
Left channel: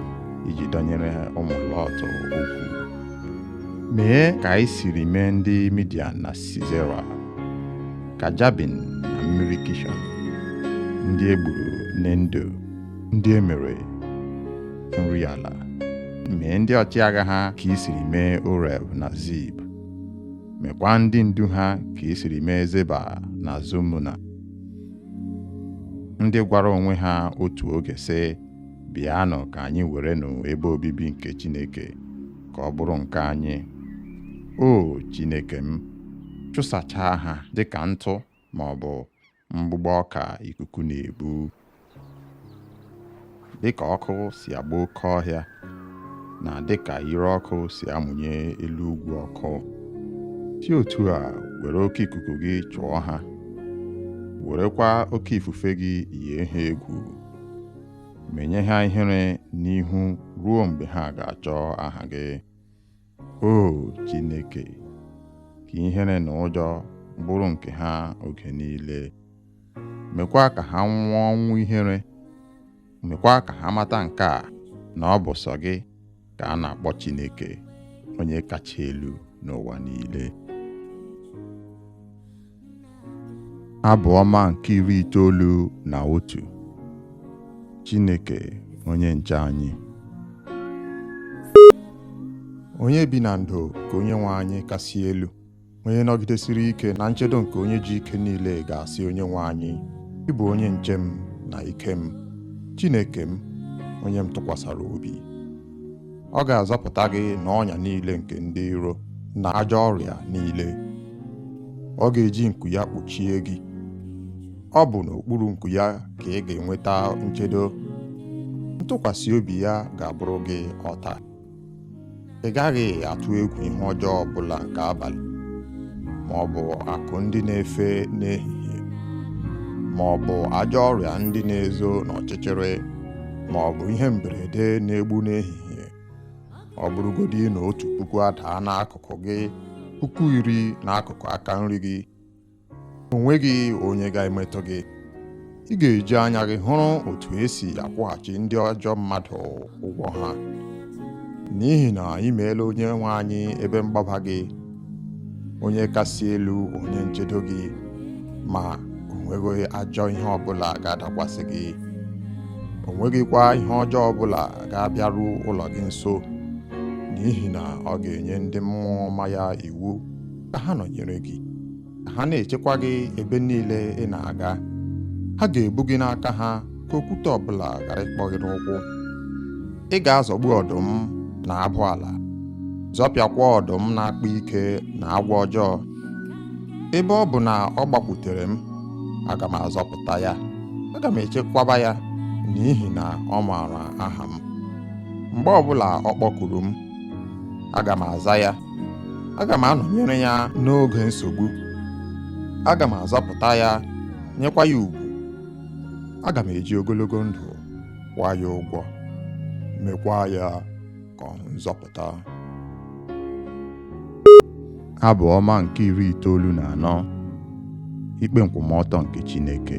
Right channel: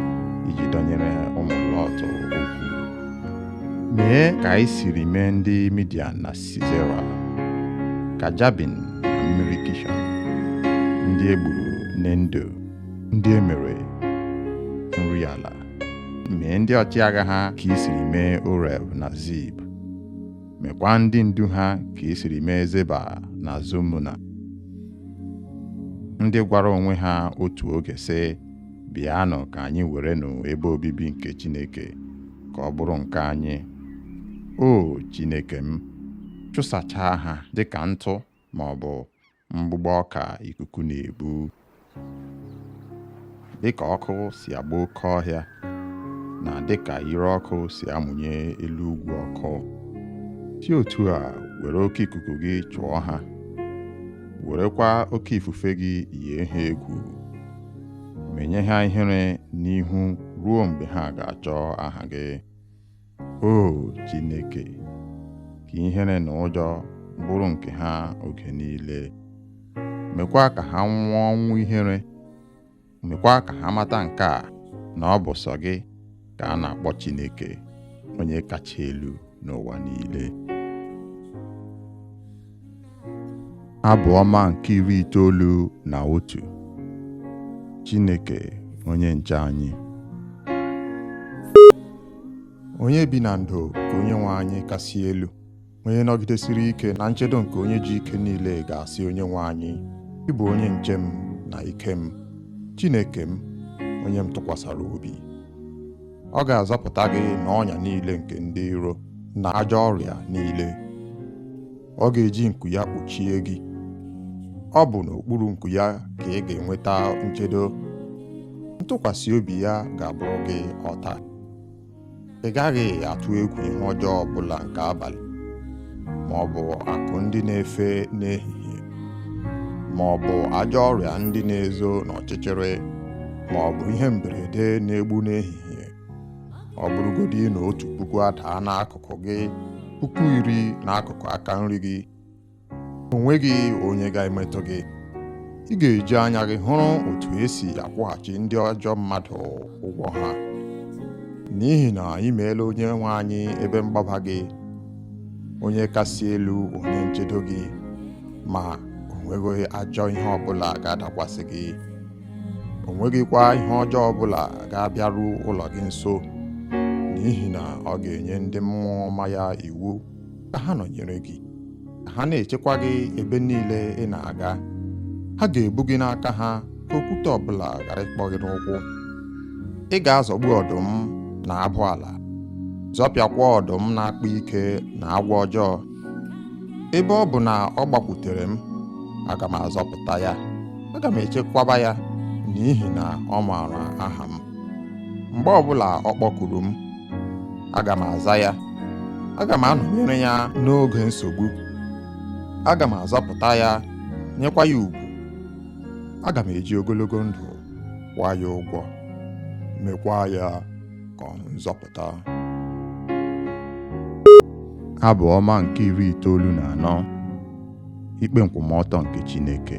iji dọnyere ụmụ Lọt okwu. Mee ka anyị siri mee ndị Midian na Sisera, ka Jabin na mmiri Kishọn, ndị egburu n'Endo, ndị emere nri ala. Mee ndị ọchịagha ha ka i siri mee Oreb na Zib. Mekwa ndị ndu ha ka i siri mee Zeba na Zumuna. Ndị gwara onwe ha otu oge sị, bịanụ ka anyị werenụ ebe obibi nke Chineke ka ọ bụrụ nke anyị. O Chineke m, chụsachaa ha dịka ntụ ma ọ bụ mgbụgbọ ọka ikuku na-ebu. Dịka ọkụ si agba oke ọhịa, na dịka ire ọkụ si amụnye elu ugwu ọkụ, si otu a were oke ikuku gị chụọ ha werekwa oke ifufe gị yie ha egwu, menye ha ihere n'ihu ruo mgbe ha ga-achọ aha gị. O Chineke, ka ihere na ụjọ bụrụ nke ha oge niile. Mekwa ka ha nwụọ ọnwụ ihere. Mekwa ka ha mata nke a, na ọ bụ sọ gị ka a na-akpọ Chineke, onye kacha elu n'ụwa niile. Abụ ọma nke 91. Chineke onye nche anyị. Onye bi na ndo ka onye nwe anyị kasị elu, onye nọgidesiri ike na nchedo nke onye ji ike niile ga-asị onye nwe anyị, ị bụ onye nche m na ike m, Chineke m, onye m tụkwasara obi. Ọ ga-azọpụta gị n'ọnya niile nke ndị iro na ajọ ọrịa niile. Ọ ga-eji nku ya kpuchie gị. Ọ bụ n'okpuru nku ya ka ị ga-enweta nchedo. Ntụkwasị obi ya ga-abụrụ gị ọta. Ị gaghị atụ egwu ihe ọjọọ ọbụla nke abalị, ma ọ bụ akụ ndị na-efe n'ehihie, ma ọ bụ ajọ ọrịa ndị na-ezo n'ọchịchịrị, ma ọ bụ ihe mberede na-egbu n'ehihie. Ọ bụrụgodị na 1,000 adaa n'akụkụ gị, 10,000 n'akụkụ aka nri gị, o nweghị onye ga-emetụ gị. Ị ga-eji anya gị hụrụ otu esi akwụghachi ndị ajọ mmadụ ụgwọ ha, n'ihi na ị meela onye nwe anyị ebe mgbaba gị, onye kasị elu, onye nchedo gị, ma o nweghị ajọ ihe ọbụla ga-adakwasị gị. O nweghịkwa ihe ọjọọ ọbụla ga-abịaru ụlọ gị nso, n'ihi na ọ ga-enye ndị mmụọ ọma ya iwu ka ha nọnyere gị, ka ha na-echekwa gị ebe niile ị na-aga. Ha ga-ebu gị n'aka ha ka okwute ọbụla ghara ịkpọ gị n'ụkwụ. Ị ga-azọgbu ọdụm na abụ ala, zọpịakwa ọdụm na-akpa ike na agwọ ọjọọ. Ebe ọ bụ na ọ gbakwutere m, aga m azọpụta ya, aga m echekwaba ya, n'ihi na ọ maara aha m. Mgbe ọbụla ọ kpọkuru m, aga m aza ya. Aga m anọnyere ya n'oge nsogbu. Aga m azọpụta ya, nyekwa ya ugwu. Aga m eji ogologo ndụ kwụọ ya ụgwọ, mekwa ya ka ọ hụ nzọpụta. Abụ ọma nke 94. Ikpe nkwụmọtọ nke Chineke.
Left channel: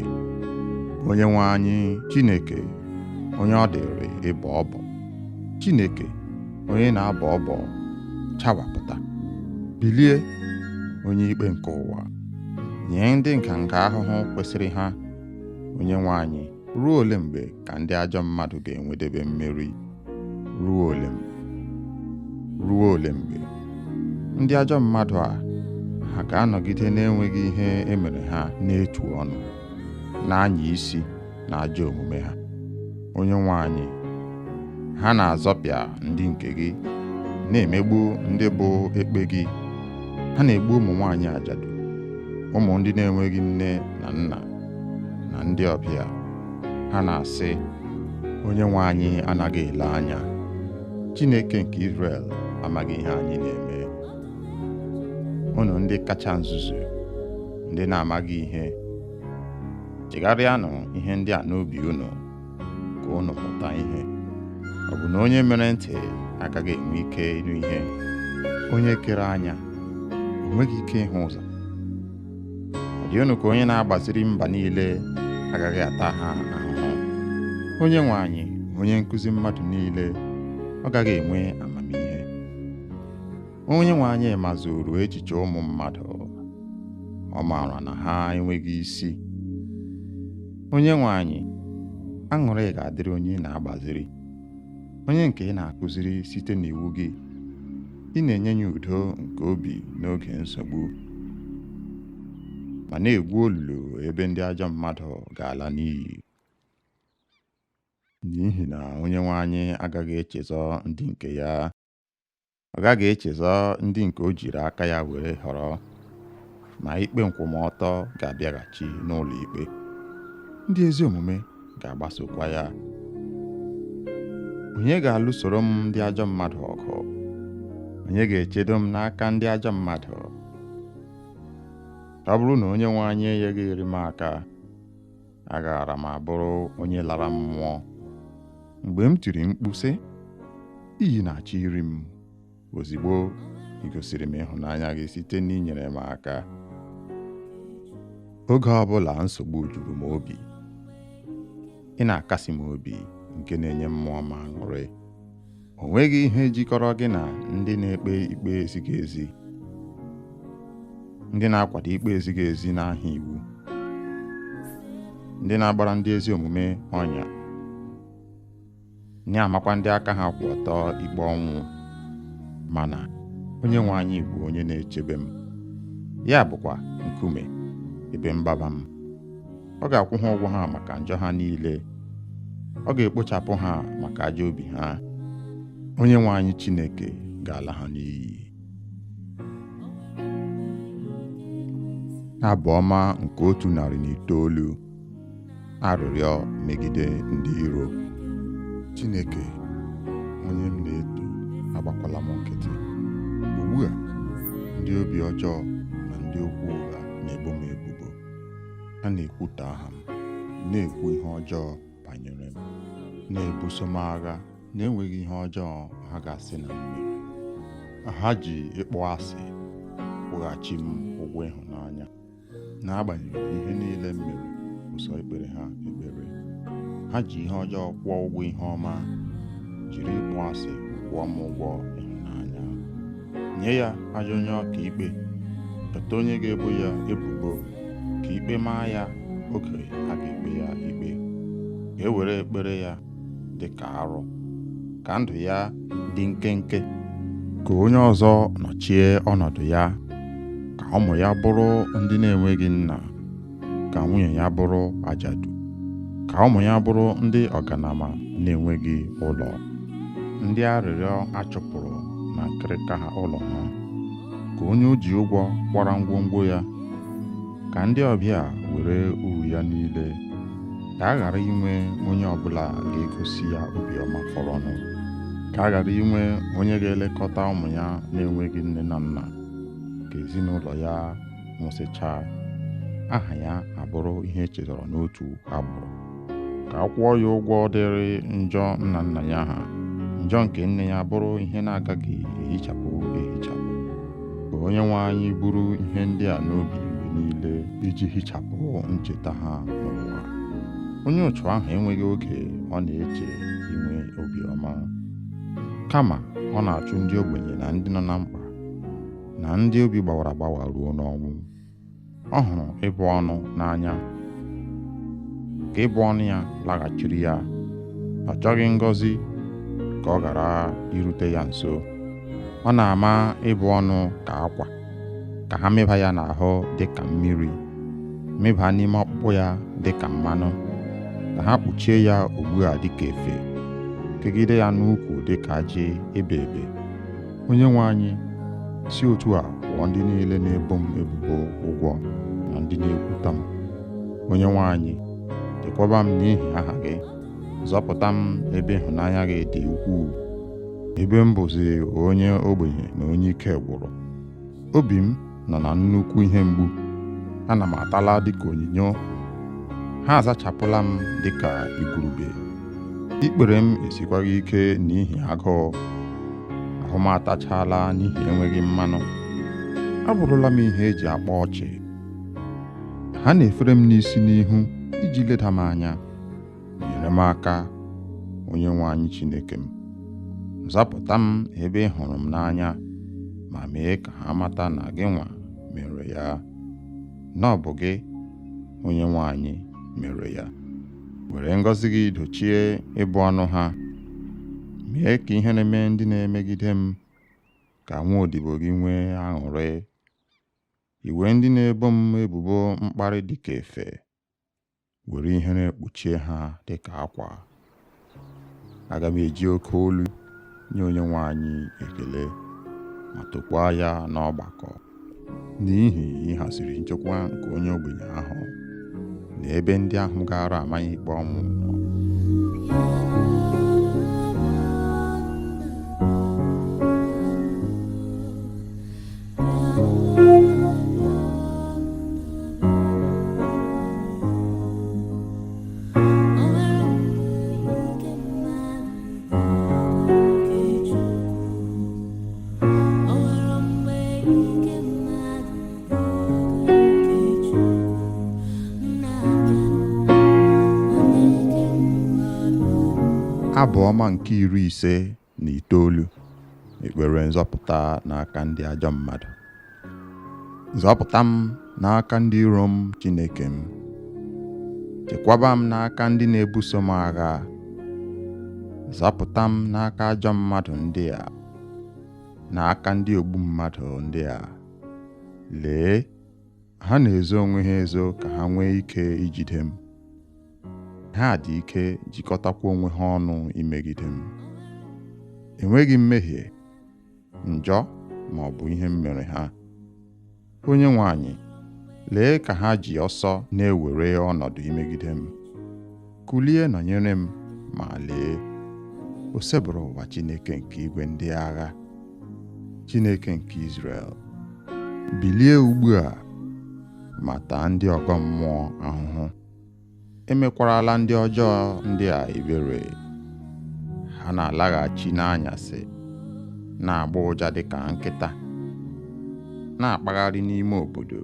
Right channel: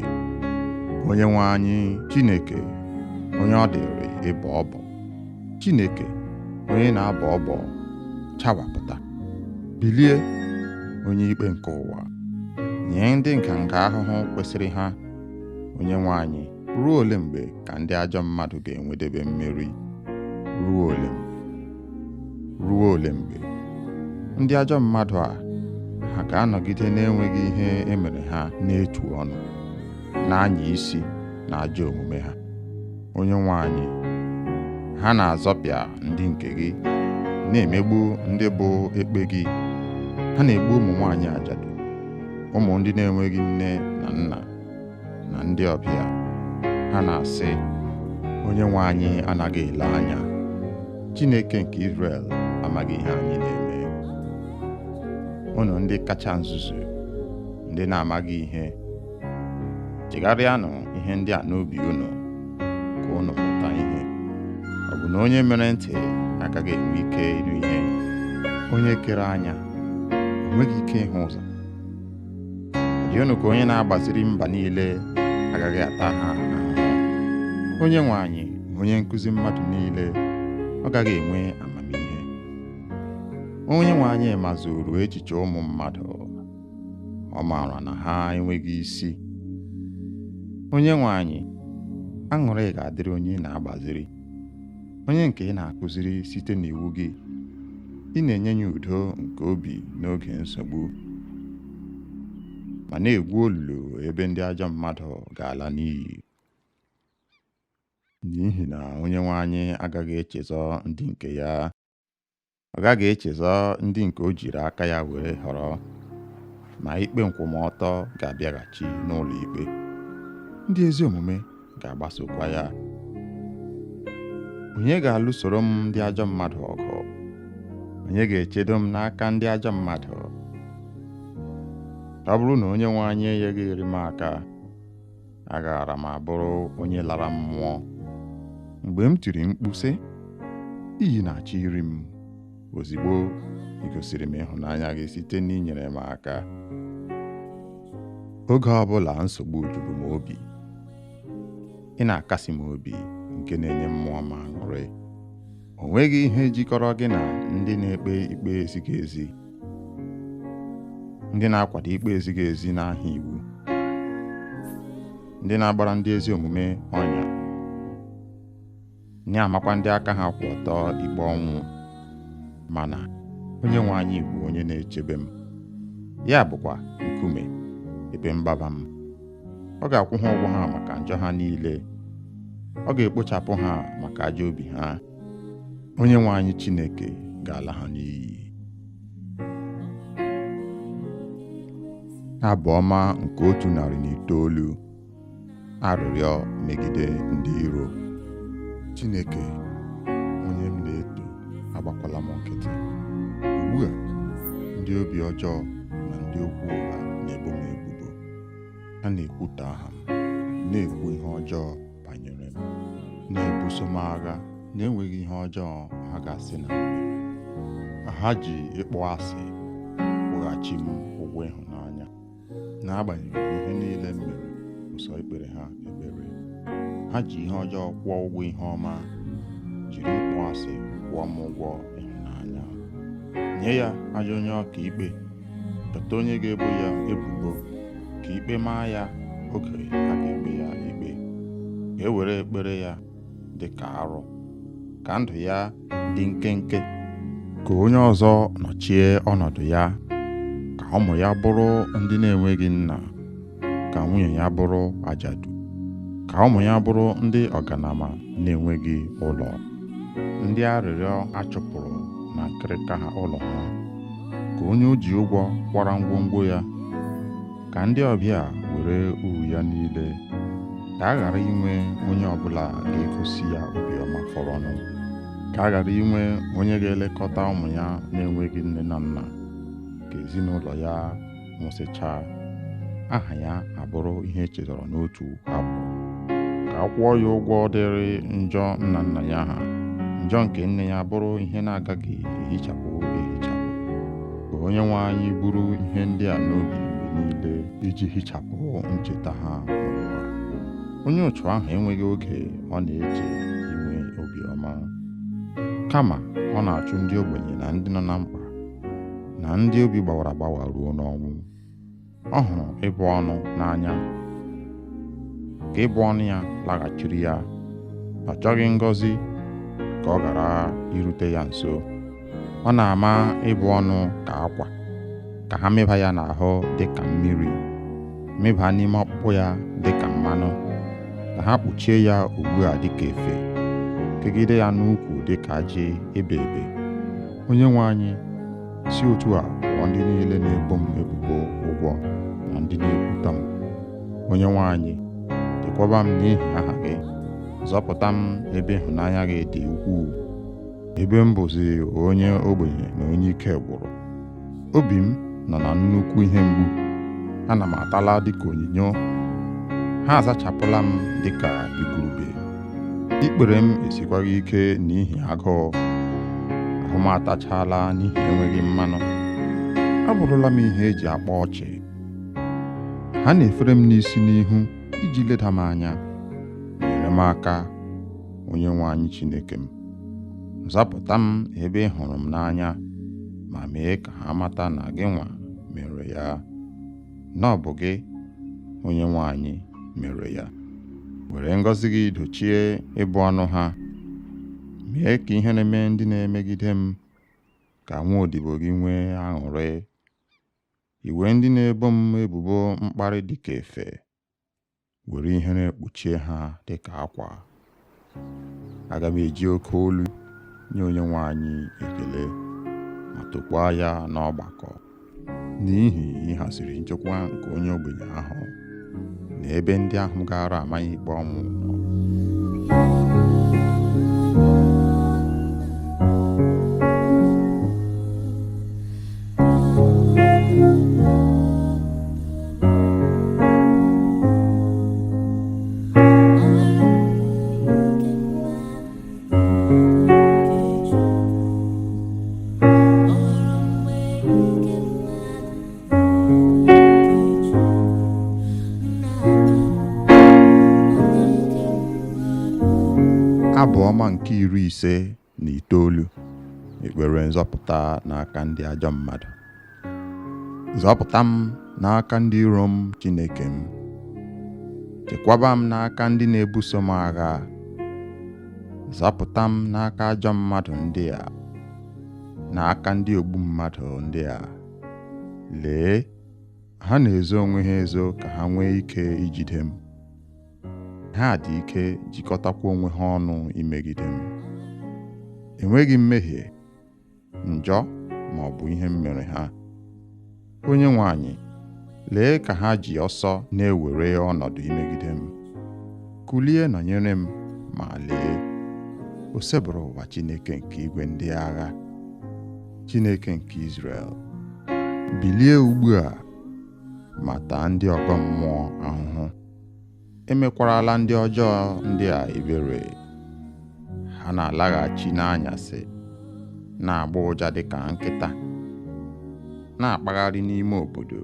Onye nwe anyị, Chineke, onye ọ dịrị ịbọ ọbọ. Chineke, onye na-abọ ọbọ, chawapụta. Bilie, onye ikpe nke ụwa, nye ndị nganga ahụhụ kwesịrị ha. Onye nwe anyị, ruo ole mgbe ka ndị ajọ mmadụ ga-enwedebe mmeri? Ruo ole mgbe? Ruo ole mgbe? Ndị ajọ mmadụ a, ha ga-anọgide na-enweghị ihe emere ha n'etu ọnụ, na-anya isi na ajọ omume ha. Onye nwe anyị, ha na-azọpịa ndị nke gị, na-emegbu ndị bụ ekpe gị. Ha na-egbu ụmụ nwaanyị ajadu, ụmụ ndị na-enweghị nne na nna, na ndị ọbịa. Ha na-asị, onye nwe anyị anaghị ele anya. Chineke nke Izrel amaghị ihe anyị na-eme. Unu ndị kacha nzuzu, ndị na-amaghị ihe, chegharịanụ ihe ndị a n'obi unu, ka unu mụta ihe. Ọ bụ na onye mere ntị agaghị enwe ike ịnụ ihe? Onye kere anya o nweghị ike ịhụ ụzọ? Ọ dị unu ka onye na-agbaziri mba niile agaghị ata ha ahụhụ? Onye nwe anyị, onye nkụzi mmadụ niile, ọ gaghị enwe amamihe? Onye nwe anyị mazuru echiche ụmụ mmadụ, ọ maara na ha enweghị isi. Onye nwe anyị, aṅụrị ga-adịrị onye na-agbaziri, onye nke ị na-akụziri site n'iwu gị. Ị na-enye ya udo nke obi n'oge nsogbu, ma na-egwu olulu ebe ndị ajọ mmadụ ga-ala n'iyi. N'ihi na onye nwe anyị agaghị echezọ ndị nke ya. Ọ gaghị echezọ ndị nke o jiri aka ya were họrọ, ma ikpe nkwụmọtọ ga-abịaghachi n'ụlọ ikpe. Ndị ezi omume ga-agbasokwa ya. Onye ga-alụsoro m ndị ajọ mmadụ ọgụ? Onye ga-echedo m n'aka ndị ajọ mmadụ? ọ bụrụ na onye nwe anyị enyeghịrị m aka, agaara m abụrụ onye lara mmụọ. Mgbe m tiri mkpu sị, iyi na-achọ iri m, ozigbo ị gosiri m ịhụnanya gị site n'inyere m aka. Oge ọbụla nsogbu juru m obi, ị na-akasi m obi nke na-enye mmụọ m aṅụrị. O nweghị ihe jikọrọ gị na ndị na-ekpe ikpe ezighị ezi, ndị na-akwado ikpe ezighị ezi n'aha iwu, ndị na-agbara ndị ezi omume ọnya, na-amakwa ndị aka ha kwụ ọtọ ikpe ọnwụ. Mana onye nwe anyị bụ onye na-echebe m, ya bụkwa nkume ebe mgbaba m. Ọ ga-akwụ ha ụgwọ ha maka njọ ha niile, ọ ga-ekpochapụ ha maka ajọ obi ha. Onye nwe anyị Chineke ga-ala ha n'iyi. Abụ ọma nke 109. Arịrịọ megide ndị iro. Chineke, onye m na-eto, agbakwala m nkịtị. Ugbu a, ndị obi ọjọọ na ndị okwu ụgha na-ebo m ebubo. Ha na-ekwutọ aha m, na-ekwu ihe ọjọọ banyere m, na-ebuso m agha na-enweghị ihe ọjọọ ha ga-asị na m mere. Ha ji ịkpọ asị kwụghachi m ụgwọ ịhụnanya, n'agbanyeghị ihe niile m mere ụsọ ikpere ha ekpere. Ha ji ihe ọjọọ kwụọ ụgwọ ihe ọma, jiri ịkpọ asị kwụọ m ụgwọ ịhụnanya. Nye ya ajọ onye ọka ikpe, chọta onye ga-ebo ya ebubo, ka ikpe maa ya oge a ga-ekpe ya ikpe. Ka e were ekpere ya dị ka arụ, ka ndụ ya dị nkenke, ka onye ọzọ nọchie ọnọdụ ya, ka ụmụ ya bụrụ ndị na-enweghị nna, ka nwunye ya bụrụ ajadu, ka ụmụ ya bụrụ ndị ọganama na-enweghị ụlọ, ndị arịrịọ achụpụrụ na nkịrịka ha ụlọ ha, ka onye o ji ụgwọ kwara ngwongwo ya, ka ndị ọbịa were uru ya niile, ka a ghara inwe onye ọbụla ga-egosi ya obiọma fọrọnụ, ka a ghara inwe onye ga-elekọta ụmụ ya na-enweghị nne na nna, ka ezinụlọ ya nwụsịchaa, aha ya abụrụ ihe echetara n'otu agbụrụ, ka a kwụọ ya ụgwọ dịrị njọ nna nna ya ha, njọ nke nne ya bụrụ ihe na-agaghị ehichapụ ehichapụ. Ka onye nwe anyị buru ihe ndị a n'obi mgbe niile iji hichapụ ncheta ha n'ụwa. Onye ụchụ ahụ enweghị oge ọ na-eche inwe obiọma, kama ọ na-achụ ndị ogbenye na ndị nọ na mkpa na ndị obi gbawara agbawa ruo n'ọnwụ. Ọ hụrụ ịbụ ọnụ n'anya, ka ịbụ ọnụ ya laghachiri ya. Ọ chọghị ngọzi ka ọ ghara irute ya nso. Ọ na-ama ịbụ ọnụ ka akwa, ka ha meba ya n'ahụ dị ka mmiri, meba n'ime ọkpụkpụ ya dị ka mmanụ, ka ha kpuchie ya ugbu a dị ka efe, kegide ya n'ukwu dị ka ajị ebe ebe. Onye nwe anyị, si otu a kwụọ ndị niile na-ebo m ebubo ụgwọ na ndị na-ekwutọ m. Onye nwe anyị, chekwaba m n'ihi aha gị, zọpụta m ebe ịhụnanya gị dị ukwuu, ebe m bụzi onye ogbenye na onye ike gwụrụ. Obi m nọ na nnukwu ihe mgbu, ana m atala dịka onyinyo, ha azachapụla m dịka igurube. Ikpere m esikwaghị ike n'ihi agụụ, ahụ m atachala n'ihi enweghị mmanụ. Abụrụla m ihe eji akpa ọchị. Ha na-efere m n'isi n'ihu iji leda m anya. Nyere m aka, onye nwe anyị Chineke m. Zapụta m ebe ị hụrụ m n'anya, ma mee ka ha mata na gị nwa mere ya, na ọ bụ gị, onye nwe anyị, mere ya. Were ngọzi gị dochie ịbụ ọnụ ha. Mee ka ihe na-eme ndị na-emegide m ka nwa odibo gị nwee aṅụrị. Iwe ndị na-ebo m ebubo mkparị dịka efe, were ihe na-ekpuchie ha dịka akwa. Aga m eji oke olu nye onye nwe anyị ekele, ma tokwaa ya n'ọgbakọ, n'ihi ịhaziri nchekwa nke onye ogbenye ahụ na ebe ndị ahụ gara amaghị ikpe ọnwụ nọ. Abụ ọma nke 59, ekpere nzọpụta n'aka ndị ajọ mmadụ. Zọpụta m n'aka ndị iro m, Chineke m. Chekwaba m n'aka ndị na-ebuso m agha. Zọpụta m n'aka ajọ mmadụ ndị a, n'aka ndị ogbu mmadụ ndị a. Lee, ha na-ezo onwe ha ezo ka ha nwee ike ijide m. Ha dị ike jikọtakwa onwe ha ọnụ imegide m. Enweghị mmehie, njọ ma ọ bụ ihe m mere ha. Onye nwe anyị, lee ka ha ji ọsọ na-ewere ọnọdụ imegide m. Kulie nọnyere m, ma lee, o sebụrụ ụwa Chineke nke igwe ndị agha, Chineke nke Izrel. Bilie ugbu a ma taa ndị ọgọ mmụọ ahụhụ. Emekwarala ndị ọjọọ ndị a ebere. Ha na-alaghachi n'anyasị, na-agba ụja dịka nkịta, na-akpagharị n'ime obodo.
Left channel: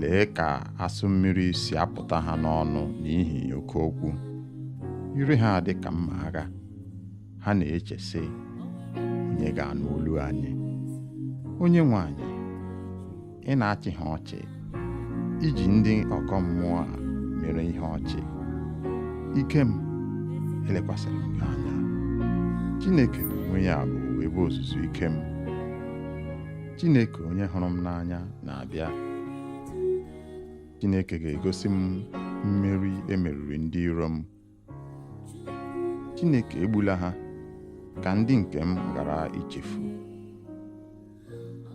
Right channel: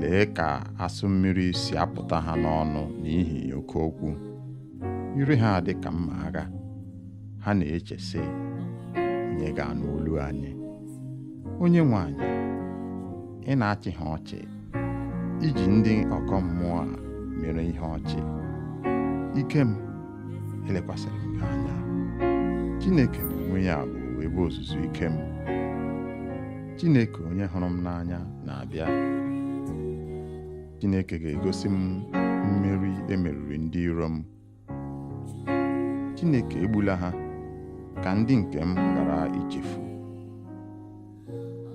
Lee ka asụ mmiri si apụta ha n'ọnụ n'ihi oke okwu. Ire ha dị ka mma agha. Ha na-eche sị, onye ga-anụ olu anyị? Onye nwe anyị, ị na-achị ha ọchị, iji ndị ọgọ mmụọ a mere ihe ọchị. Ike m, elekwasịrị m gị anya. Chineke n'onwe ya bụ ebe ozuzu ike m. Chineke onye hụrụ m n'anya na-abịa. Chineke ga-egosi m mmeri emeriri ndị iro m. Chineke egbula ha ka ndị nke m ghara ichefu.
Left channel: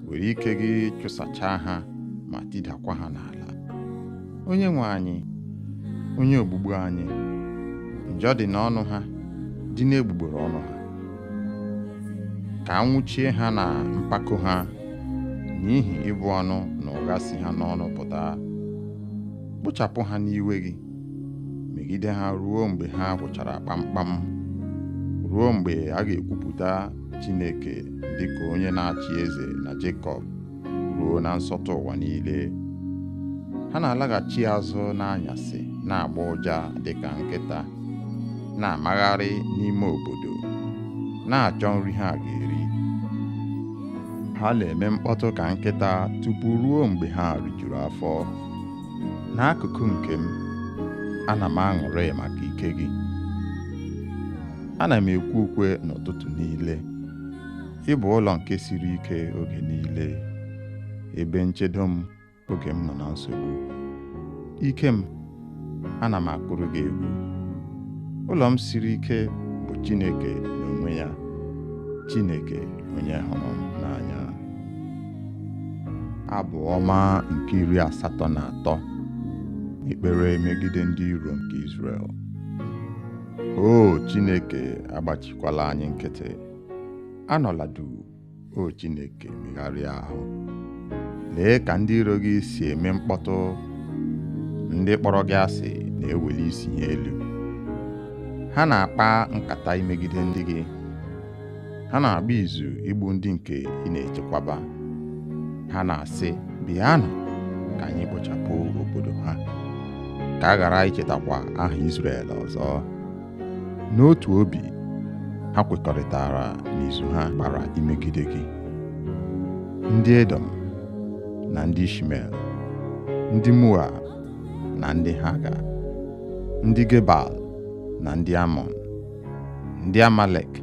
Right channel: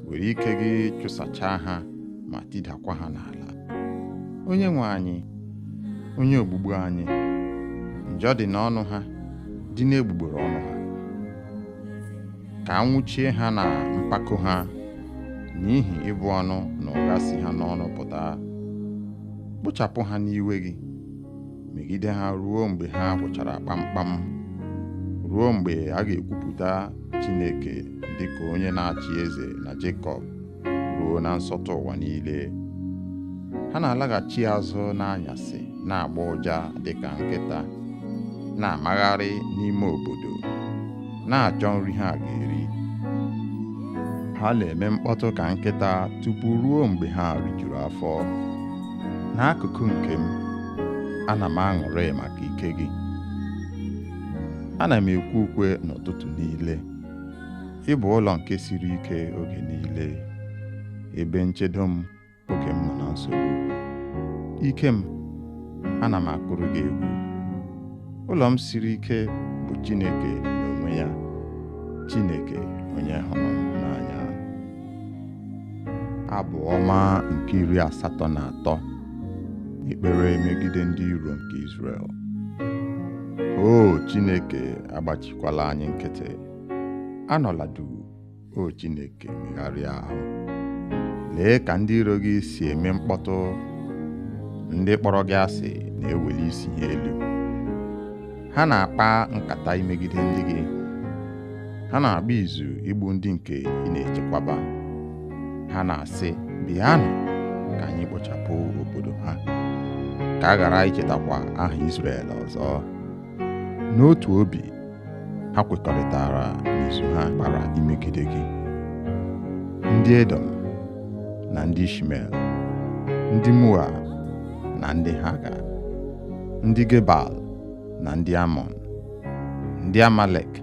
Were ike gị chụsachaa ha ma tidakwa ha n'ala. Onye nwe anyị, onye ogbugbu anyị, njọ dị n'ọnụ ha, dị n'egbugbere ọnụ ha. Ka anwụchie ha na mpako ha, n'ihi ịbụ ọnụ na ụgha si ha n'ọnụ pụta. Kpochapụ ha n'iwe gị, megide ha ruo mgbe ha gwụchara kpamkpam, ruo mgbe a ga-ekwupụta Chineke dịka onye na-achị eze na Jekọb, ruo na nsọtụ ụwa niile. Ha na-alaghachi azụ n'anyasị, na-agba ụja dịka nkịta, na-amagharị n'ime obodo, na-achọ nri ha ga-eri. Ha na-eme mkpọtụ ka nkịta tupu ruo mgbe ha rijuru afọ. N'akụkụ nke m, ana m aṅụrị maka ike gị. Ana m ekwe ukwe n'ụtụtụ niile. Ị bụ ụlọ nke siri ike oge niile, ebe nchedo m oge m nọ na nsogbu. Ike m, ana m akụrụ gị egwu. Ụlọ m siri ike bụ Chineke n'onwe ya, Chineke onye hụrụ m n'anya. Abụ ọma nke 83, ekpere megide ndị iro nke Izrel. O Chineke, agbachikwala anyị nkịtị. Anọla duu, o Chineke, megharịa ahụ. Lee ka ndị iro gị si eme mkpọtụ. Ndị kpọrọ gị asị na-eweli isi ha elu. Ha na-akpa nkata imegide ndị gị. Ha na-agba izu igbu ndị nke ị na-echekwaba. Ha na-asị, bịanụ ka anyị kpochapụ obodo ha, ka a ghara ichetakwa aha Izrel ọzọ. N'otu obi, ha kwekọrịtara n'izu ha gbara imegide gị. Ndị Edom na ndị Ishmel, ndị Moab na ndị Haga, ndị Gebal na ndị Amọn, ndị Amalek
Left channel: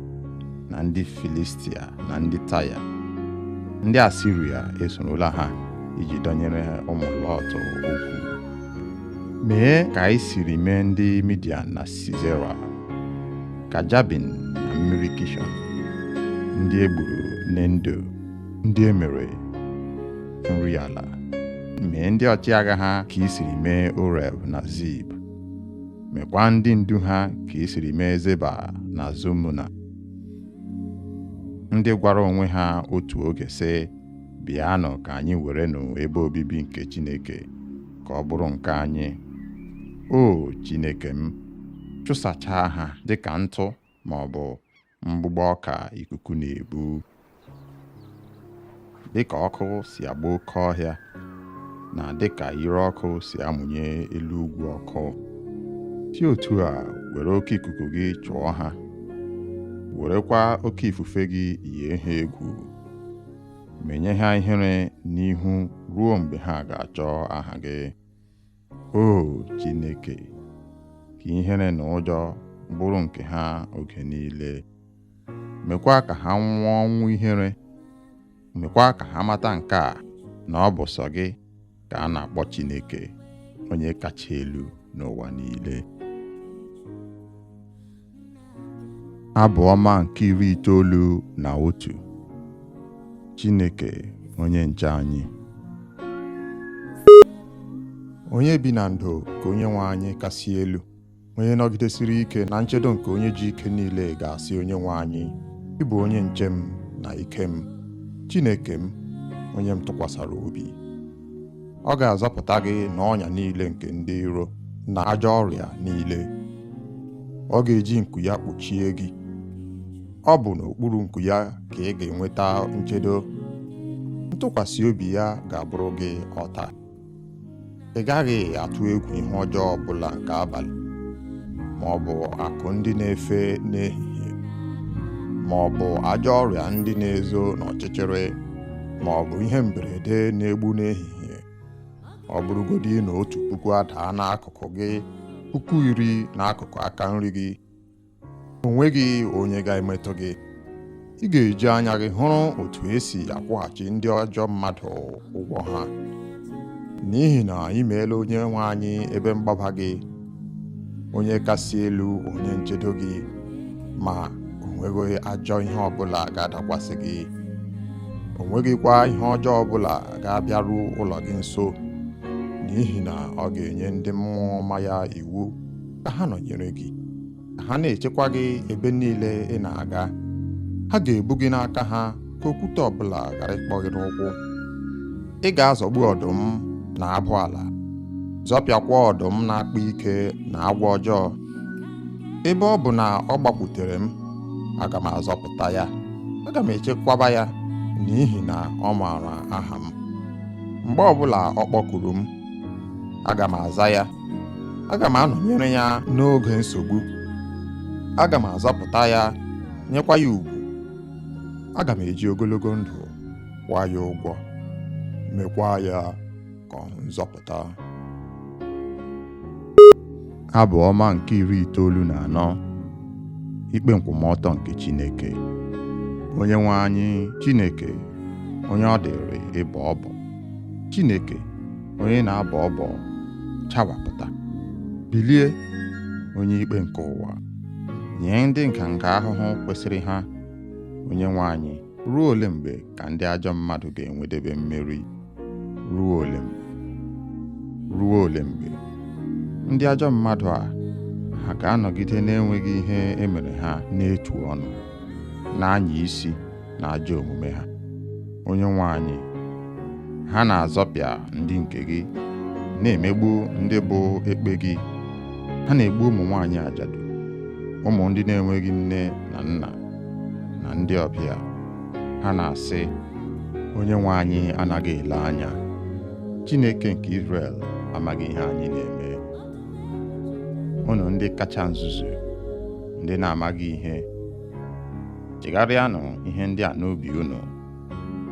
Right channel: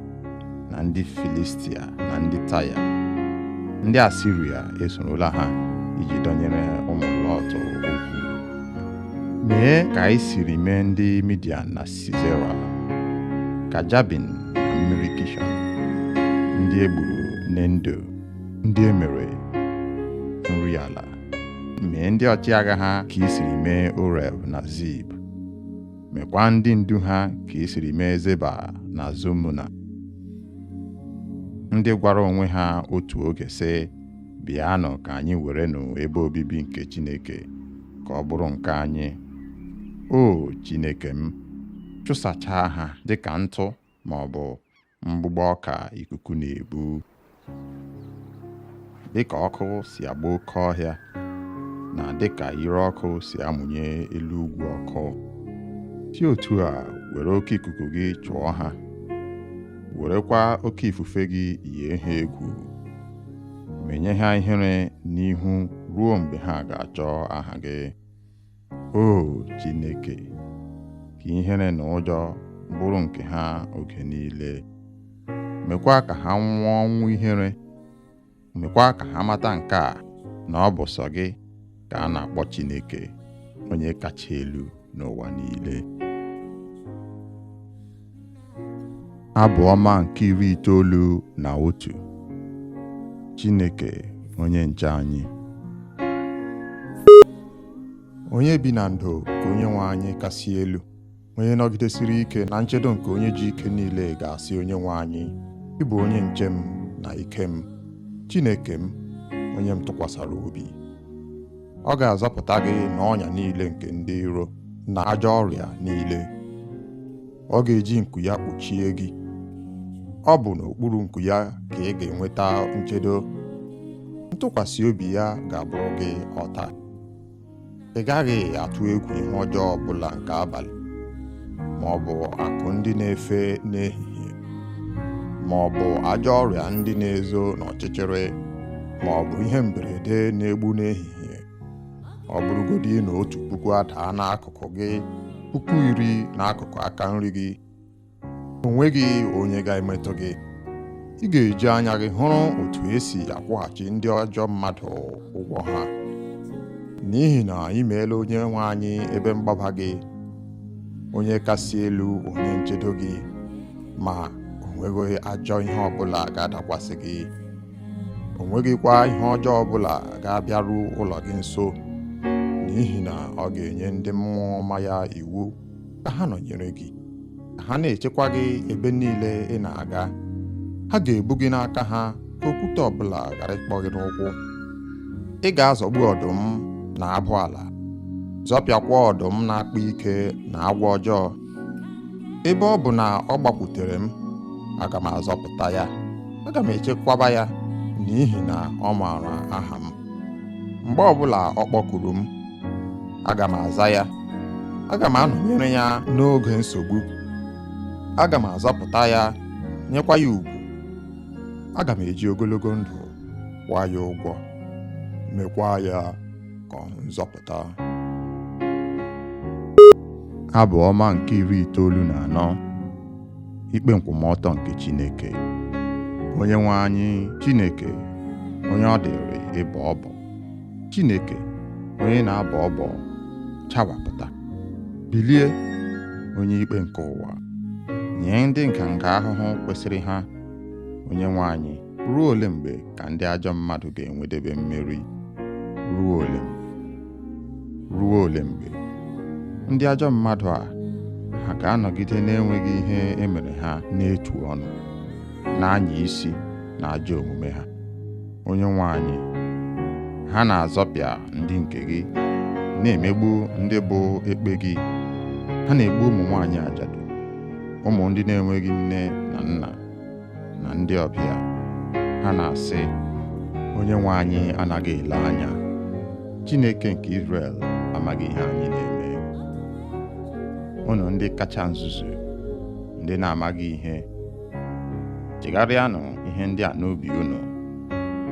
na ndị Filistia na ndị Taya, ndị Asiria esorola ha iji dọnyere ụmụ Lọt okwu. Mee ka anyị siri mee ndị Midian na Sisera, ka Jabin na mmiri Kishọn, ndị egburu n'Endo, ndị emere nri ala. Mee ndị ọchịagha ha ka i siri mee Oreb na Zib. Mekwa ndị ndu ha ka i siri mee Zeba na Zomuna, ndị gwara onwe ha otu oge sị, bịanụ ka anyị werenụ ebe obibi nke Chineke ka ọ bụrụ nke anyị. O Chineke m, chụsachaa ha dịka ntụ ma ọ bụ mgbụgbọ ọka ikuku na-ebu. Dịka ọkụ si agba oke ọhịa, na dịka ire ọkụ si amụnye elu ugwu ọkụ, si otu a were oke ikuku gị chụọ ha werekwa oke ifufe gị yie ha egwu, menye ha ihere n'ihu ruo mgbe ha ga-achọ aha gị. O Chineke, ka ihere na ụjọ bụrụ nke ha oge niile. Mekwa ka ha nwụọ ọnwụ ihere. Mekwa ka ha mata nke a, na ọ bụ sọ gị ka a na-akpọ Chineke, onye kacha elu n'ụwa niile. Abụ ọma nke 91. Chineke onye nche anyị. Onye bi na ndo ka Onyenwe anyị kasị elu, onye nọgidesiri ike na nchedo nke onye ji ike niile ga-asị Onyenwe anyị, ị bụ onye nche m na ike m, Chineke m, onye m tụkwasara obi. Ọ ga-azọpụta gị n'ọnya niile nke ndị iro na ajọ ọrịa niile. Ọ ga-eji nku ya kpuchie gị. Ọ bụ n'okpuru nku ya ka ị ga-enweta nchedo. Ntụkwasị obi ya ga-abụrụ gị ọta. Ị gaghị atụ egwu ihe ọjọọ ọbụla nke abalị, ma ọ bụ akụ ndị na-efe n'ehihie, ma ọ bụ ajọ ọrịa ndị na-ezo n'ọchịchịrị, ma ọ bụ ihe mberede na-egbu n'ehihie. Ọ bụrụgodị na 1,000 adaa n'akụkụ gị, 10,000 n'akụkụ aka nri gị, o nweghị onye ga-emetụ gị. Ị ga-eji anya gị hụrụ otu esi akwụghachi ndị ajọ mmadụ ụgwọ ha. N'ihi na ị meela Onyenwe anyị ebe mgbaba gị, onye kasị elu, onye nchedo gị, ma o nweghị ajọ ihe ọbụla ga-adakwasị gị. O nweghịkwa ihe ọjọọ ọbụla ga-abịaru ụlọ gị nso, n'ihi na ọ ga-enye ndị mmụọ ọma ya iwu ka ha nọnyere gị, ka ha na-echekwa gị ebe niile ị na-aga. Ha ga-ebu gị n'aka ha ka okwute ọbụla ghara ịkpọ gị n'ụkwụ. Ị ga-azọgbu ọdụm na abụ ala, zọpịakwa ọdụm na-akpa ike na agwọ ọjọọ. Ebe ọ bụ na ọ gbakwutere m, aga m azọpụta ya. Aga m echekwaba ya, n'ihi na ọ maara aha m. Mgbe ọbụla ọ kpọkuru m, aga m aza ya. Aga m anọnyere ya n'oge nsogbu. Aga m azọpụta ya, nyekwa ya ugwu. Aga m eji ogologo ndụ kwụọ ya ụgwọ, mekwa ya ka ọ hụ nzọpụta. Abụ ọma nke 94. Ikpe nkwụmọtọ nke Chineke. Onyenwe anyị Chineke, onye ọ dịrị ịbọ ọbọ. Chineke, onye na-abọ ọbọ, chawapụta. Bilie, onye ikpe nke ụwa, nye ndị nganga ahụhụ kwesịrị ha. Onyenwe anyị, ruo ole mgbe ka ndị ajọ mmadụ ga-enwedebe mmeri? Ruo ole mgbe? Ruo ole mgbe? Ndị ajọ mmadụ a, ha ga-anọgide na-enweghị ihe emere ha n'etu ọnụ, na-anya isi na ajọ omume ha. Onyenwe anyị, ha na-azọpịa ndị nke gị, na-emegbu ndị bụ ekpe gị. Ha na-egbu ụmụ nwaanyị ajadu, ụmụ ndị na-enweghị nne na nna, na ndị ọbịa. Ha na-asị, Onyenwe anyị anaghị ele anya. Chineke nke Izrel amaghị ihe anyị na-eme. Unu ndị kacha nzuzu, ndị na-amaghị ihe, chegharịanụ ihe ndị a n'obi unu,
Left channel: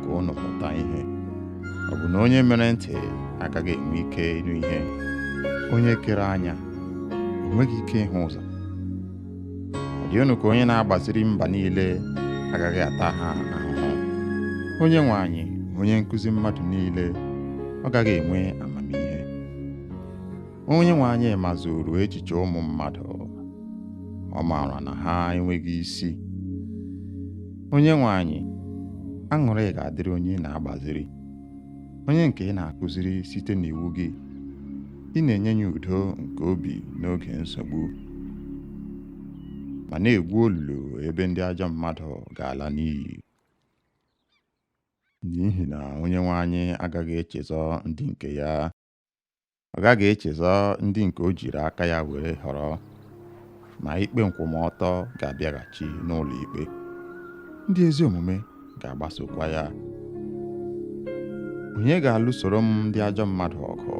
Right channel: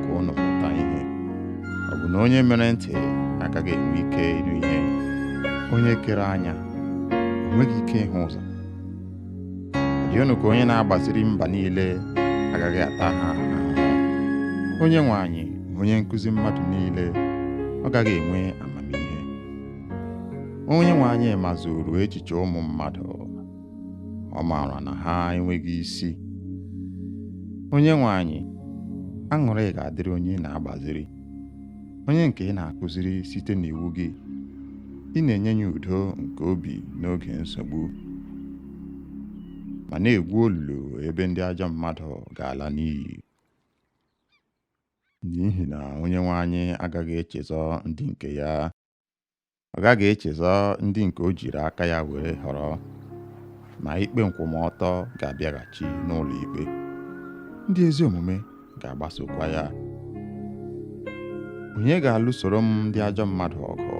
ka unu mụta ihe. Ọ bụ na onye mere ntị agaghị enwe ike ịnụ ihe? Onye kere anya o nweghị ike ịhụ ụzọ? Ọ dị unu ka onye na-agbaziri mba niile agaghị ata ha ahụhụ? Onyenwe anyị, onye nkụzi mmadụ niile, ọ gaghị enwe amamihe? Onyenwe anyị mazuru echiche ụmụ mmadụ, ọ maara na ha enweghị isi. Onyenwe anyị, aṅụrị ga-adịrị onye na-agbaziri, onye nke ị na-akụziri site n'iwu gị. Ị na-enye ya udo nke obi n'oge nsogbu, ma na-egwu olulu ebe ndị ajọ mmadụ ga-ala n'iyi. N'ihi na Onyenwe anyị agaghị echezọ ndị nke ya. Ọ gaghị echezọ ndị nke o jiri aka ya were họrọ, ma ikpe nkwụmọtọ ga-abịaghachi n'ụlọ ikpe. Ndị ezi omume ga-agbasokwa ya. Onye ga-alụsoro m ndị ajọ mmadụ ọgụ?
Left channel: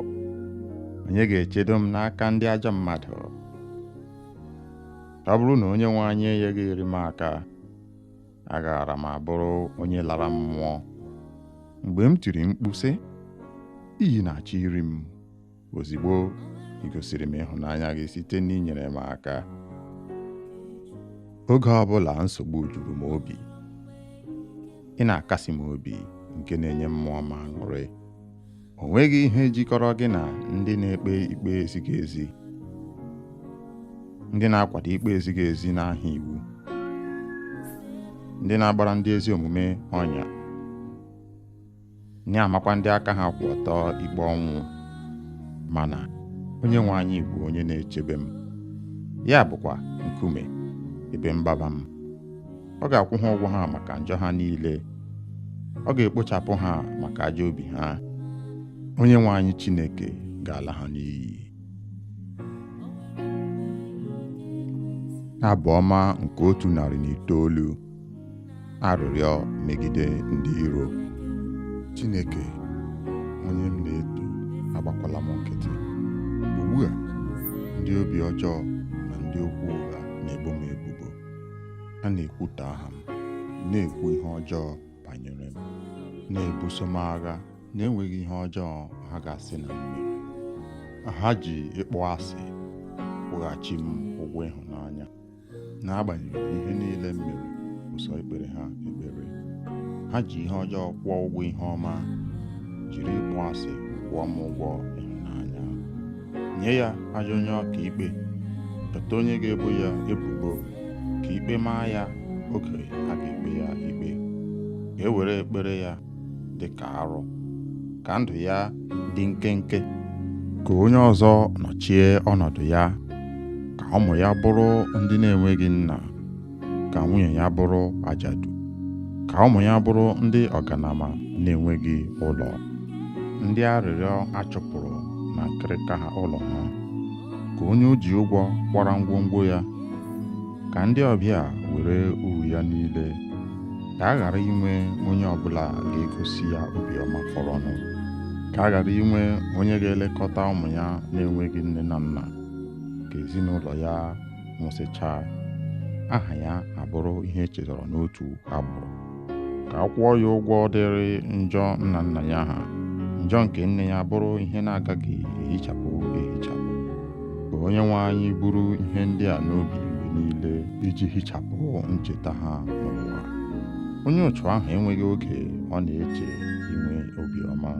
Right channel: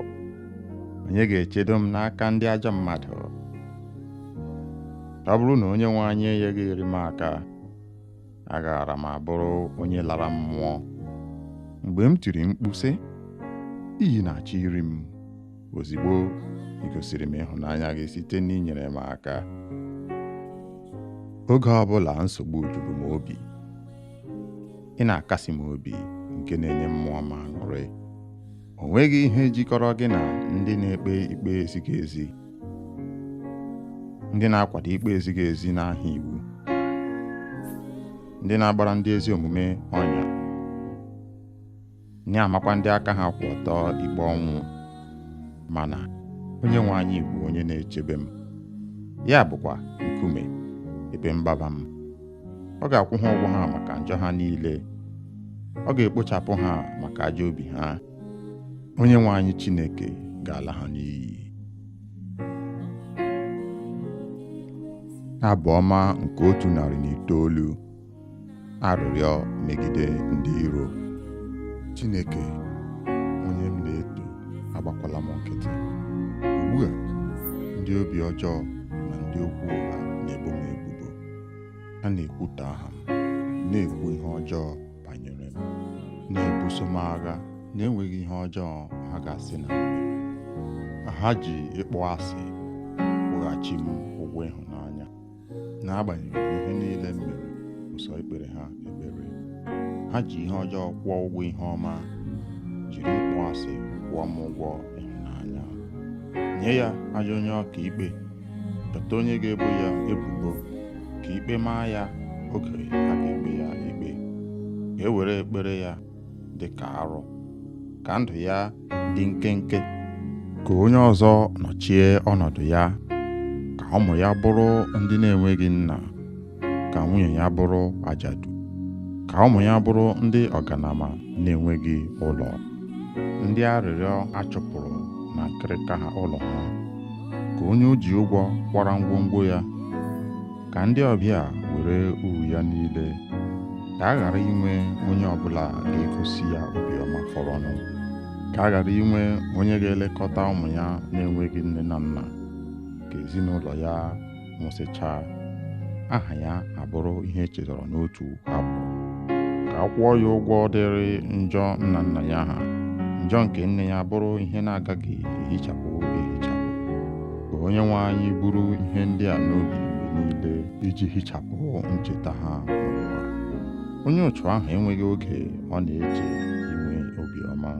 Onye ga-echedo m n'aka ndị ajọ mmadụ? Ọ bụrụ na Onyenwe anyị enyeghị m aka, agaara m abụrụ onye lara mmụọ. Mgbe m tiri mkpu sị, iyi na-achọ iri m, ozigbo ị gosiri m ịhụnanya gị site n'inyere m aka. Oge ọbụla nsogbu juru m obi, ị na-akasi m obi nke na-enye mmụọ m aṅụrị. O nweghị ihe jikọrọ gị na ndị na-ekpe ikpe ezighị ezi, ndị na-akwado ikpe ezighị ezi n'aha iwu, ndị na-agbara ndị ezi omume ọnya, na-amakwa ndị aka ha kwụ ọtọ ikpe ọnwụ. Mana onye nwe anyị bụ onye na-echebe m, ya bụkwa nkume ebe mgbaba m. Ọ ga-akwụ ha ụgwọ ha maka njọ ha niile, ọ ga-ekpochapụ ha maka ajọ obi ha. Onye nwe anyị Chineke ga-ala ha n'iyi. Abụ ọma nke 109. Arịrịọ megide ndị iro. Chineke, onye m na-eto, agbakwala m nkịtị. Ugbu a, ndị obi ọjọọ na ndị okwu ụgha na-ebo m ebubo. Ha na-ekwutọ aha m, na-ekwu ihe ọjọọ banyere m, na-ebuso m agha na-enweghị ihe ọjọọ ha ga-asị na m mere. Ha ji ịkpọ asị kwụghachi m ụgwọ ịhụnanya. N'agbanyeghị ihe niile m mere, ụsọ ikpere ha ekpere. Ha ji ihe ọjọọ kwụọ ụgwọ ihe ọma, jiri ịkpọ asị kwụọ m ụgwọ ịhụnanya. Nye ya ajọ onye ọka ikpe, chọta onye ga-ebo ya ebubo, ka ikpe maa ya oge a ga-ekpe ya ikpe. Ka e were ekpere ya dị ka arụ, ka ndụ ya dị nkenke. Ka onye ọzọ nọchie ọnọdụ ya, ka ụmụ ya bụrụ ndị na-enweghị nna, ka nwunye ya bụrụ ajadu, ka ụmụ ya bụrụ ndị ọganama na-enweghị ụlọ, ndị arịrịọ achụpụrụ na nkịrịka ha ụlọ ha. Ka onye o ji ụgwọ kwara ngwongwo ya, ka ndị ọbịa were uru ya niile. Ka a ghara inwe onye ọbụla ga-egosi ya obiọma fọrọnụ. Ka a ghara inwe onye ga-elekọta ụmụ ya na-enweghị nne na nna. Ka ezinụlọ ya nwụsịchaa, aha ya abụrụ ihe echetara n'otu abụ. Ka a kwụọ ya ụgwọ dịrị njọ nna nna ya ha, njọ nke nne ya bụrụ ihe na-agaghị ehichapụ ehichapụ. Ka onye nwe anyị buru ihe ndị a n'obi mgbe niile, iji hichapụ ncheta ha n'ụwa. Onye otu ahụ enweghị oge ọ na-eche inwe obiọma,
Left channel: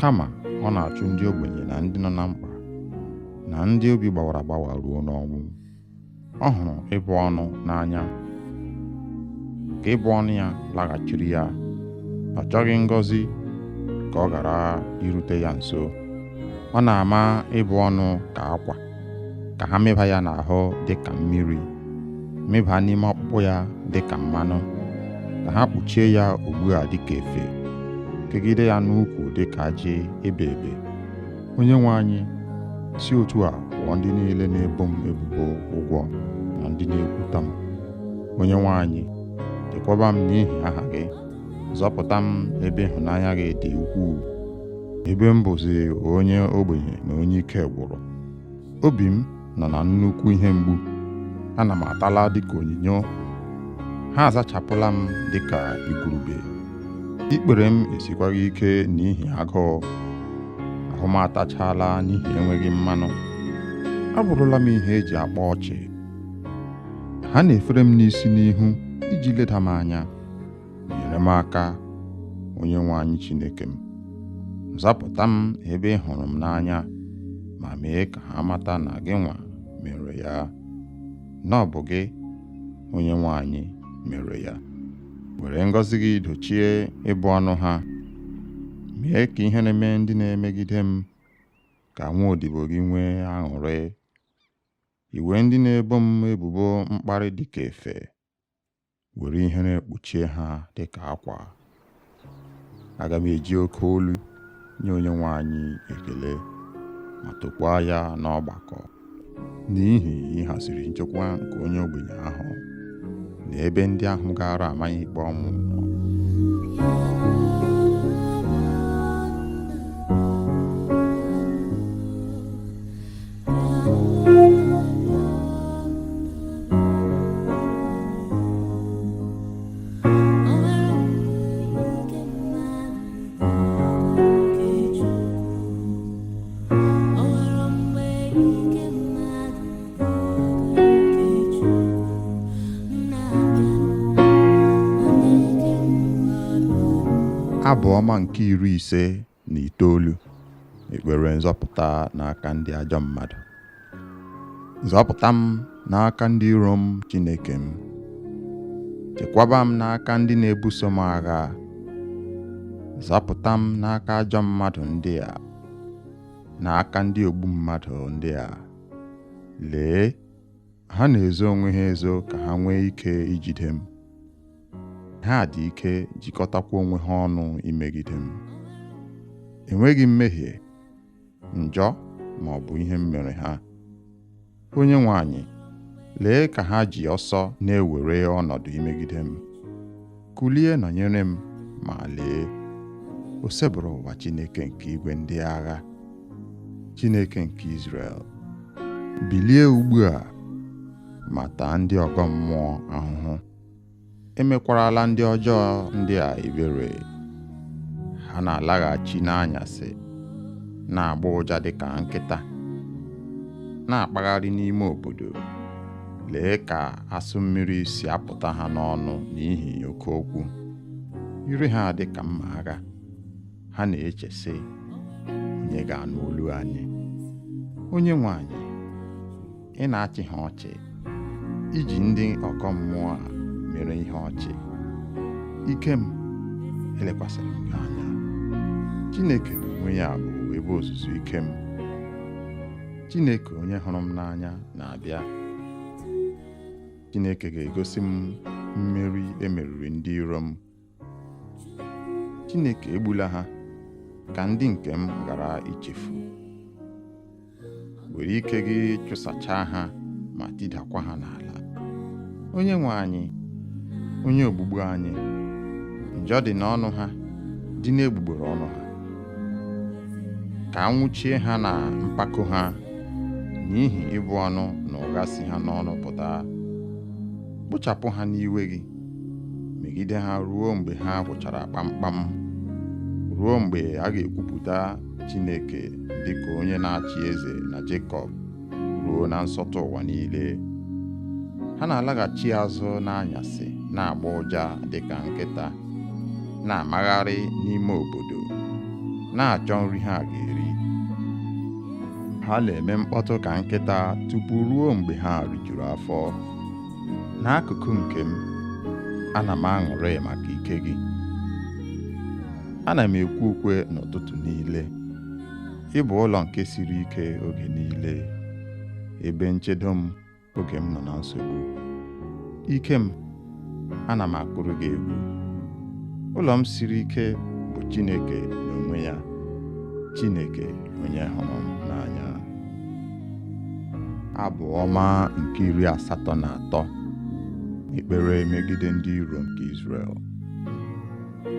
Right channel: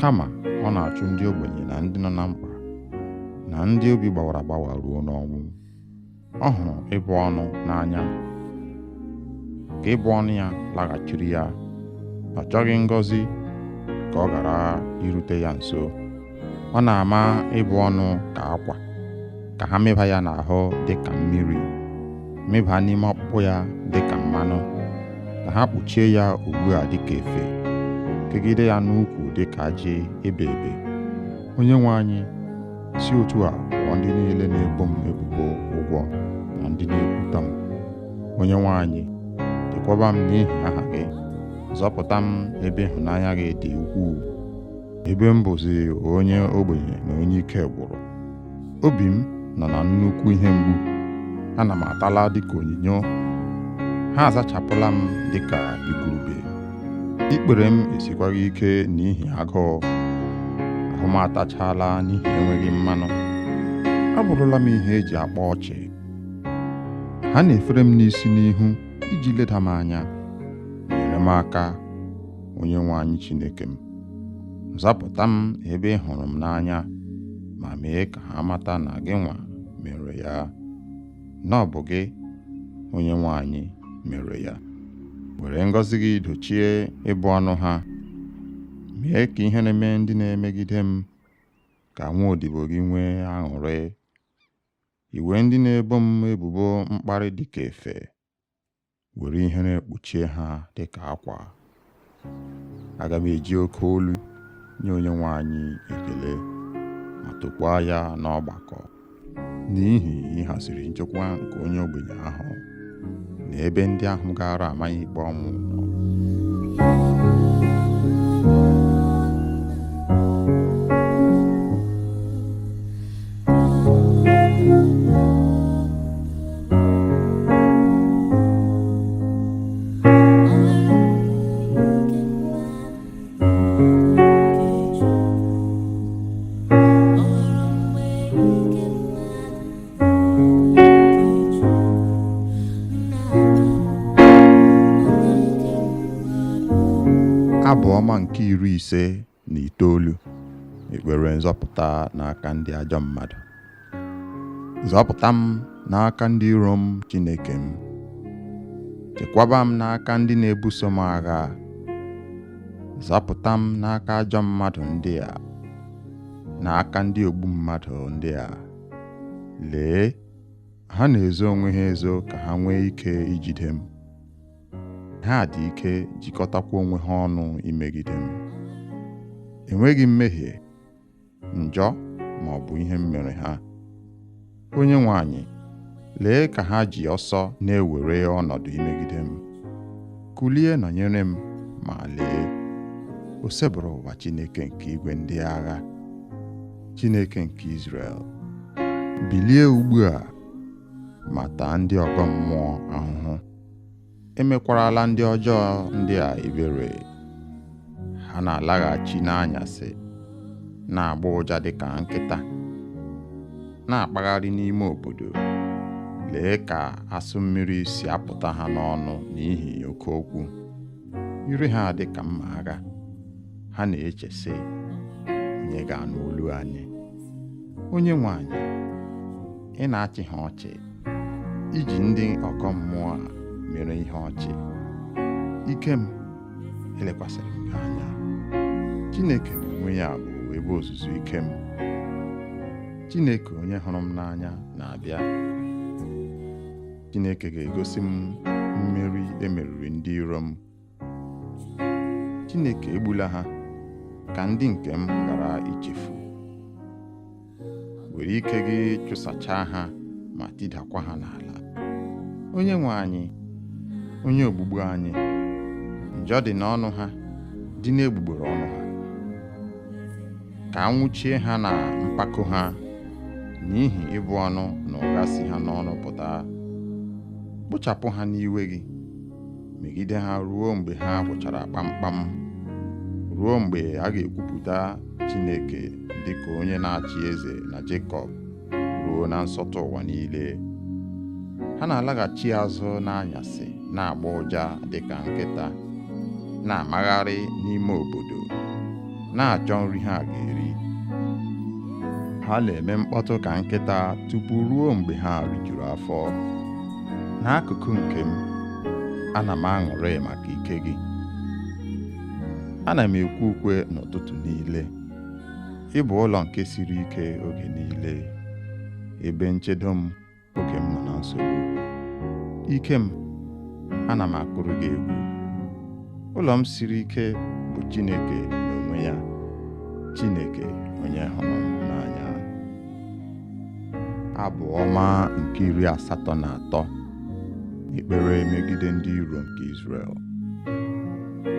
kama ọ na-achụ ndị ogbenye na ndị nọ na mkpa, na ndị obi gbawara agbawa ruo n'ọnwụ. Ọ hụrụ ịbụ ọnụ n'anya, ka ịbụ ọnụ ya laghachiri ya. Ọ chọghị ngọzi ka ọ ghara irute ya nso. Ọ na-ama ịbụ ọnụ ka akwa, ka ha mịba ya n'ahụ dị ka mmiri, mịba n'ime ọkpụkpụ ya dị ka mmanụ, ka ha kpuchie ya ugbu a dị ka efe, kegide ya n'ukwu dị ka ajị ebe ebe. Onye nwe anyị, si otu a kwụọ ndị niile na-ebo m ebubo ụgwọ na ndị na-ekwuta m. Onye nwe anyị, chekwaba m n'ihi aha gị, zọpụta m ebe ịhụnanya gị dị ukwuu, ebe m bụzi onye ogbenye na onye ike gwụrụ. Obi m nọ na nnukwu ihe mgbu, ana m atala dịka onyinyo. Ha azachapụla m dịka igurube. Ikpere m esikwaghị ike n'ihi agụụ, ahụ m atachala n'ihi enweghị mmanụ. Abụrụla m ihe eji akpa ọchị. Ha na-efere m n'isi n'ihu iji leda m anya. Nyere m aka, onye nwe anyị Chineke m. Zapụta m ebe ị hụrụ m n'anya, ma mee ka ha mata na gị nwa mere ya, na ọ bụ gị, onye nwe anyị, mere ya. Were ngọzi gị dochie ịbụ ọnụ ha. Mee ka ihe na-eme ndị na-emegide m, ka nwa odibo gị nwee aṅụrị. Iwe ndị na-ebo m ebubo mkparị dị ka efe, were ihere kpuchie ha dị ka akwa. Aga m eji oke olu nye onye nwe anyị ekele, ma tokwaa ya n'ọgbakọ, n'ihi ịhaziri nchekwa nke onye ogbenye ahụ, na ebe ndị ahụ gara amaghị ikpe ọnwụ nọ. Abụ ọma nke 59, ekpere nzọpụta n'aka ndị ajọ mmadụ. Zọpụta m n'aka ndị iro m, Chineke m. Chekwaba m n'aka ndị na-ebuso m agha. Zọpụta m n'aka ajọ mmadụ ndị a, n'aka ndị ogbu mmadụ ndị a. Lee, ha na-ezo onwe ha ezo ka ha nwee ike ijide m. Ha dị ike jikọtakwa onwe ha ọnụ imegide m. Enweghị mmehie, njọ ma ọ bụ ihe m mere ha. Onyenwe anyị, lee ka ha ji ọsọ na-ewere ọnọdụ imegide m. Kulie nọnyere m, ma lee, o sebụrụ ụwa Chineke nke igwe ndị agha, Chineke nke Izrel. Bilie ugbu a ma taa ndị ọgọ mmụọ ahụhụ. Emekwarala ndị ọjọọ ndị a ebere. Ha na-alaghachi n'anyasị, na-agba ụja dịka nkịta, na-akpagharị n'ime obodo. Lee ka asụ mmiri si apụta ha n'ọnụ n'ihi oke okwu. Ire ha dị ka mma agha. Ha na-eche sị, onye ga-anụ olu anyị? Onyenwe anyị, ị na-achị ha ọchị, iji ndị ọgọ mmụọ a mere ihe ọchị. Ike m, elekwasịrị m gị anya. Chineke n'onwe ya bụ ebe ozuzu ike m. Chineke onye hụrụ m n'anya na-abịa. Chineke ga-egosi m mmeri emeriri ndị iro m. Chineke egbula ha ka ndị nke m ghara ichefu. Were ike gị chụsachaa ha ma tidakwa ha n'ala. Onyenwe anyị, onye ogbugbu anyị, njọ dị n'ọnụ ha, dị n'egbugbere ọnụ ha. Ka anwụchie ha na mpako ha, n'ihi ịbụ ọnụ na ụgha si ha n'ọnụ pụta. Kpochapụ ha n'iwe gị, megide ha ruo mgbe ha gwụchara kpamkpam, ruo mgbe a ga-ekwupụta Chineke dịka onye na-achị eze na Jekọb, ruo na nsọtụ ụwa niile. Ha na-alaghachi azụ n'anyasị, na-agba ụja dịka nkịta, na-amagharị n'ime obodo, na-achọ nri ha ga-eri. Ha na-eme mkpọtụ ka nkịta tupu ruo mgbe ha rijuru afọ. N'akụkụ nke m, ana m aṅụrị maka ike gị. Ana m ekwe ukwe n'ụtụtụ niile. Ị bụ ụlọ nke siri ike oge niile, ebe nchedo m oge m nọ na nsogbu. Ike m, ana m akụrụ gị egwu. Ụlọ m siri ike bụ Chineke n'onwe ya, Chineke onye hụrụ m n'anya. Abụ ọma nke 83, ekpere megide ndị iro nke Izrel.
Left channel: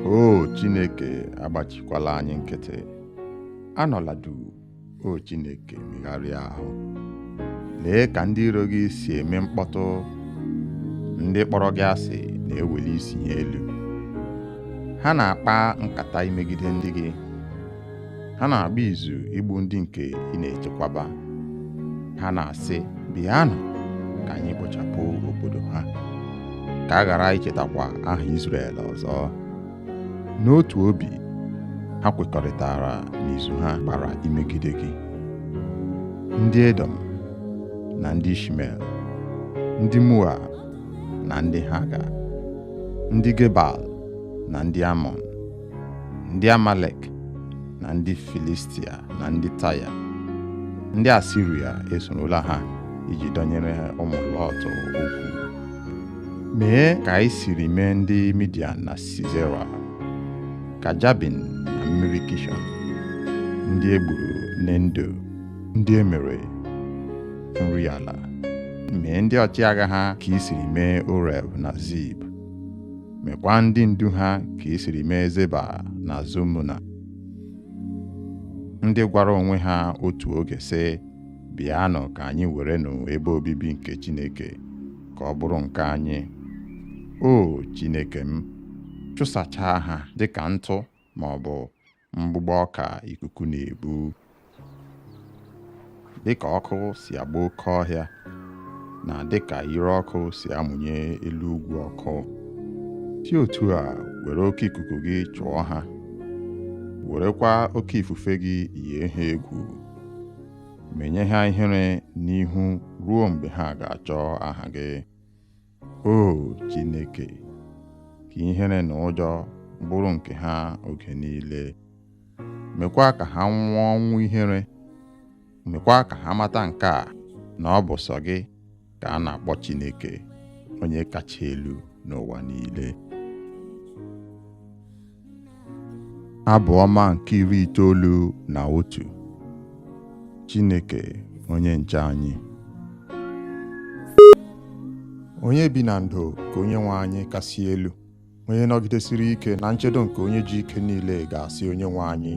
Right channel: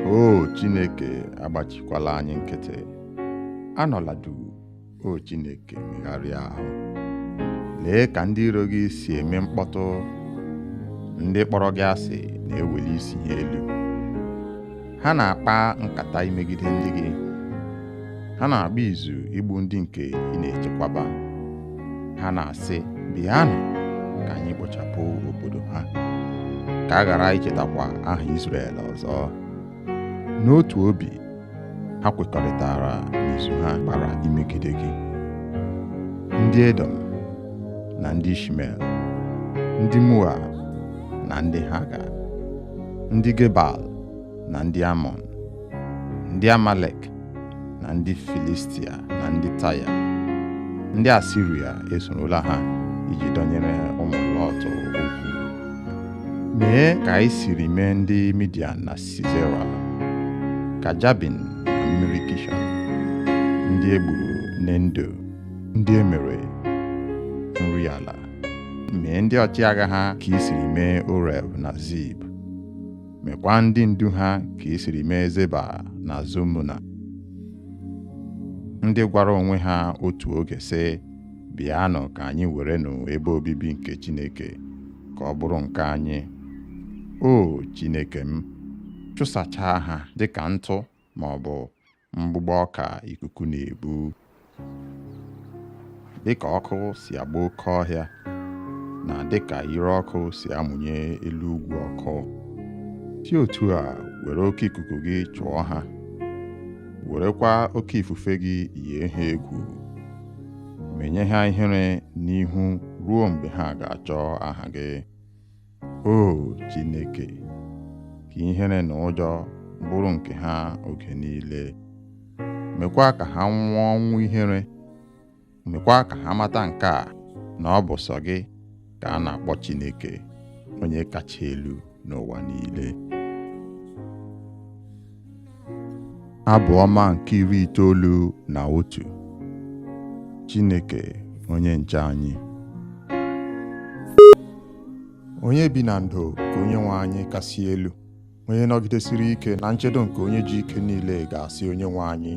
O Chineke, agbachikwala anyị nkịtị. Anọla duu, o Chineke, megharịa ahụ. Lee ka ndị iro gị si eme mkpọtụ. Ndị kpọrọ gị asị na-eweli isi ha elu. Ha na-akpa nkata imegide ndị gị. Ha na-agba izu igbu ndị nke ị na-echekwaba. Ha na-asị, bịanụ ka anyị kpochapụ obodo ha, ka a ghara ichetakwa aha Izrel ọzọ. N'otu obi, ha kwekọrịtara n'izu ha kpara imegide gị. Ndị Edom na ndị Ishmel, ndị Moab na ndị Haga, ndị Gebal na ndị Amọn, ndị Amalek na ndị Filistia na ndị Taya, ndị Asiria esorola ha iji dọnyere ụmụ Lọt okwu. Mee ka anyị siri mee ndị Midian na Sisera, ka Jabin na mmiri Kishọn, ndị egburu n'Endo, ndị emere nri ala. Mee ndị ọchịagha ha ka i siri mee Oreb na Zib. Mekwa ndị ndu ha ka i siri mee Zeba na Zumuna, ndị gwara onwe ha otu oge sị, bịanụ ka anyị werenụ ebe obibi nke Chineke ka ọ bụrụ nke anyị. O Chineke m, chụsachaa ha dịka ntụ ma ọ bụ mgbụgbọ ọka ikuku na-ebu. Dịka ọkụ si agba oke ọhịa, na dịka ire ọkụ si amụnye elu ugwu ọkụ, si otu a were oke ikuku gị chụọ ha werekwa oke ifufe gị yie ha egwu, menye ha ihere n'ihu ruo mgbe ha ga-achọ aha gị. O Chineke, ka ihere na ụjọ bụrụ nke ha oge niile. Mekwa ka ha nwụọ ọnwụ ihere. Mekwa ka ha mata nke a, na ọ bụ sọ gị ka a na-akpọ Chineke, onye kacha elu n'ụwa niile. Abụ ọma nke 91. Chineke onye nche anyị. Onye bi na ndo ka Onyenwe anyị kasị elu, onye nọgidesiri ike na nchedo nke onye ji ike niile ga-asị Onyenwe anyị,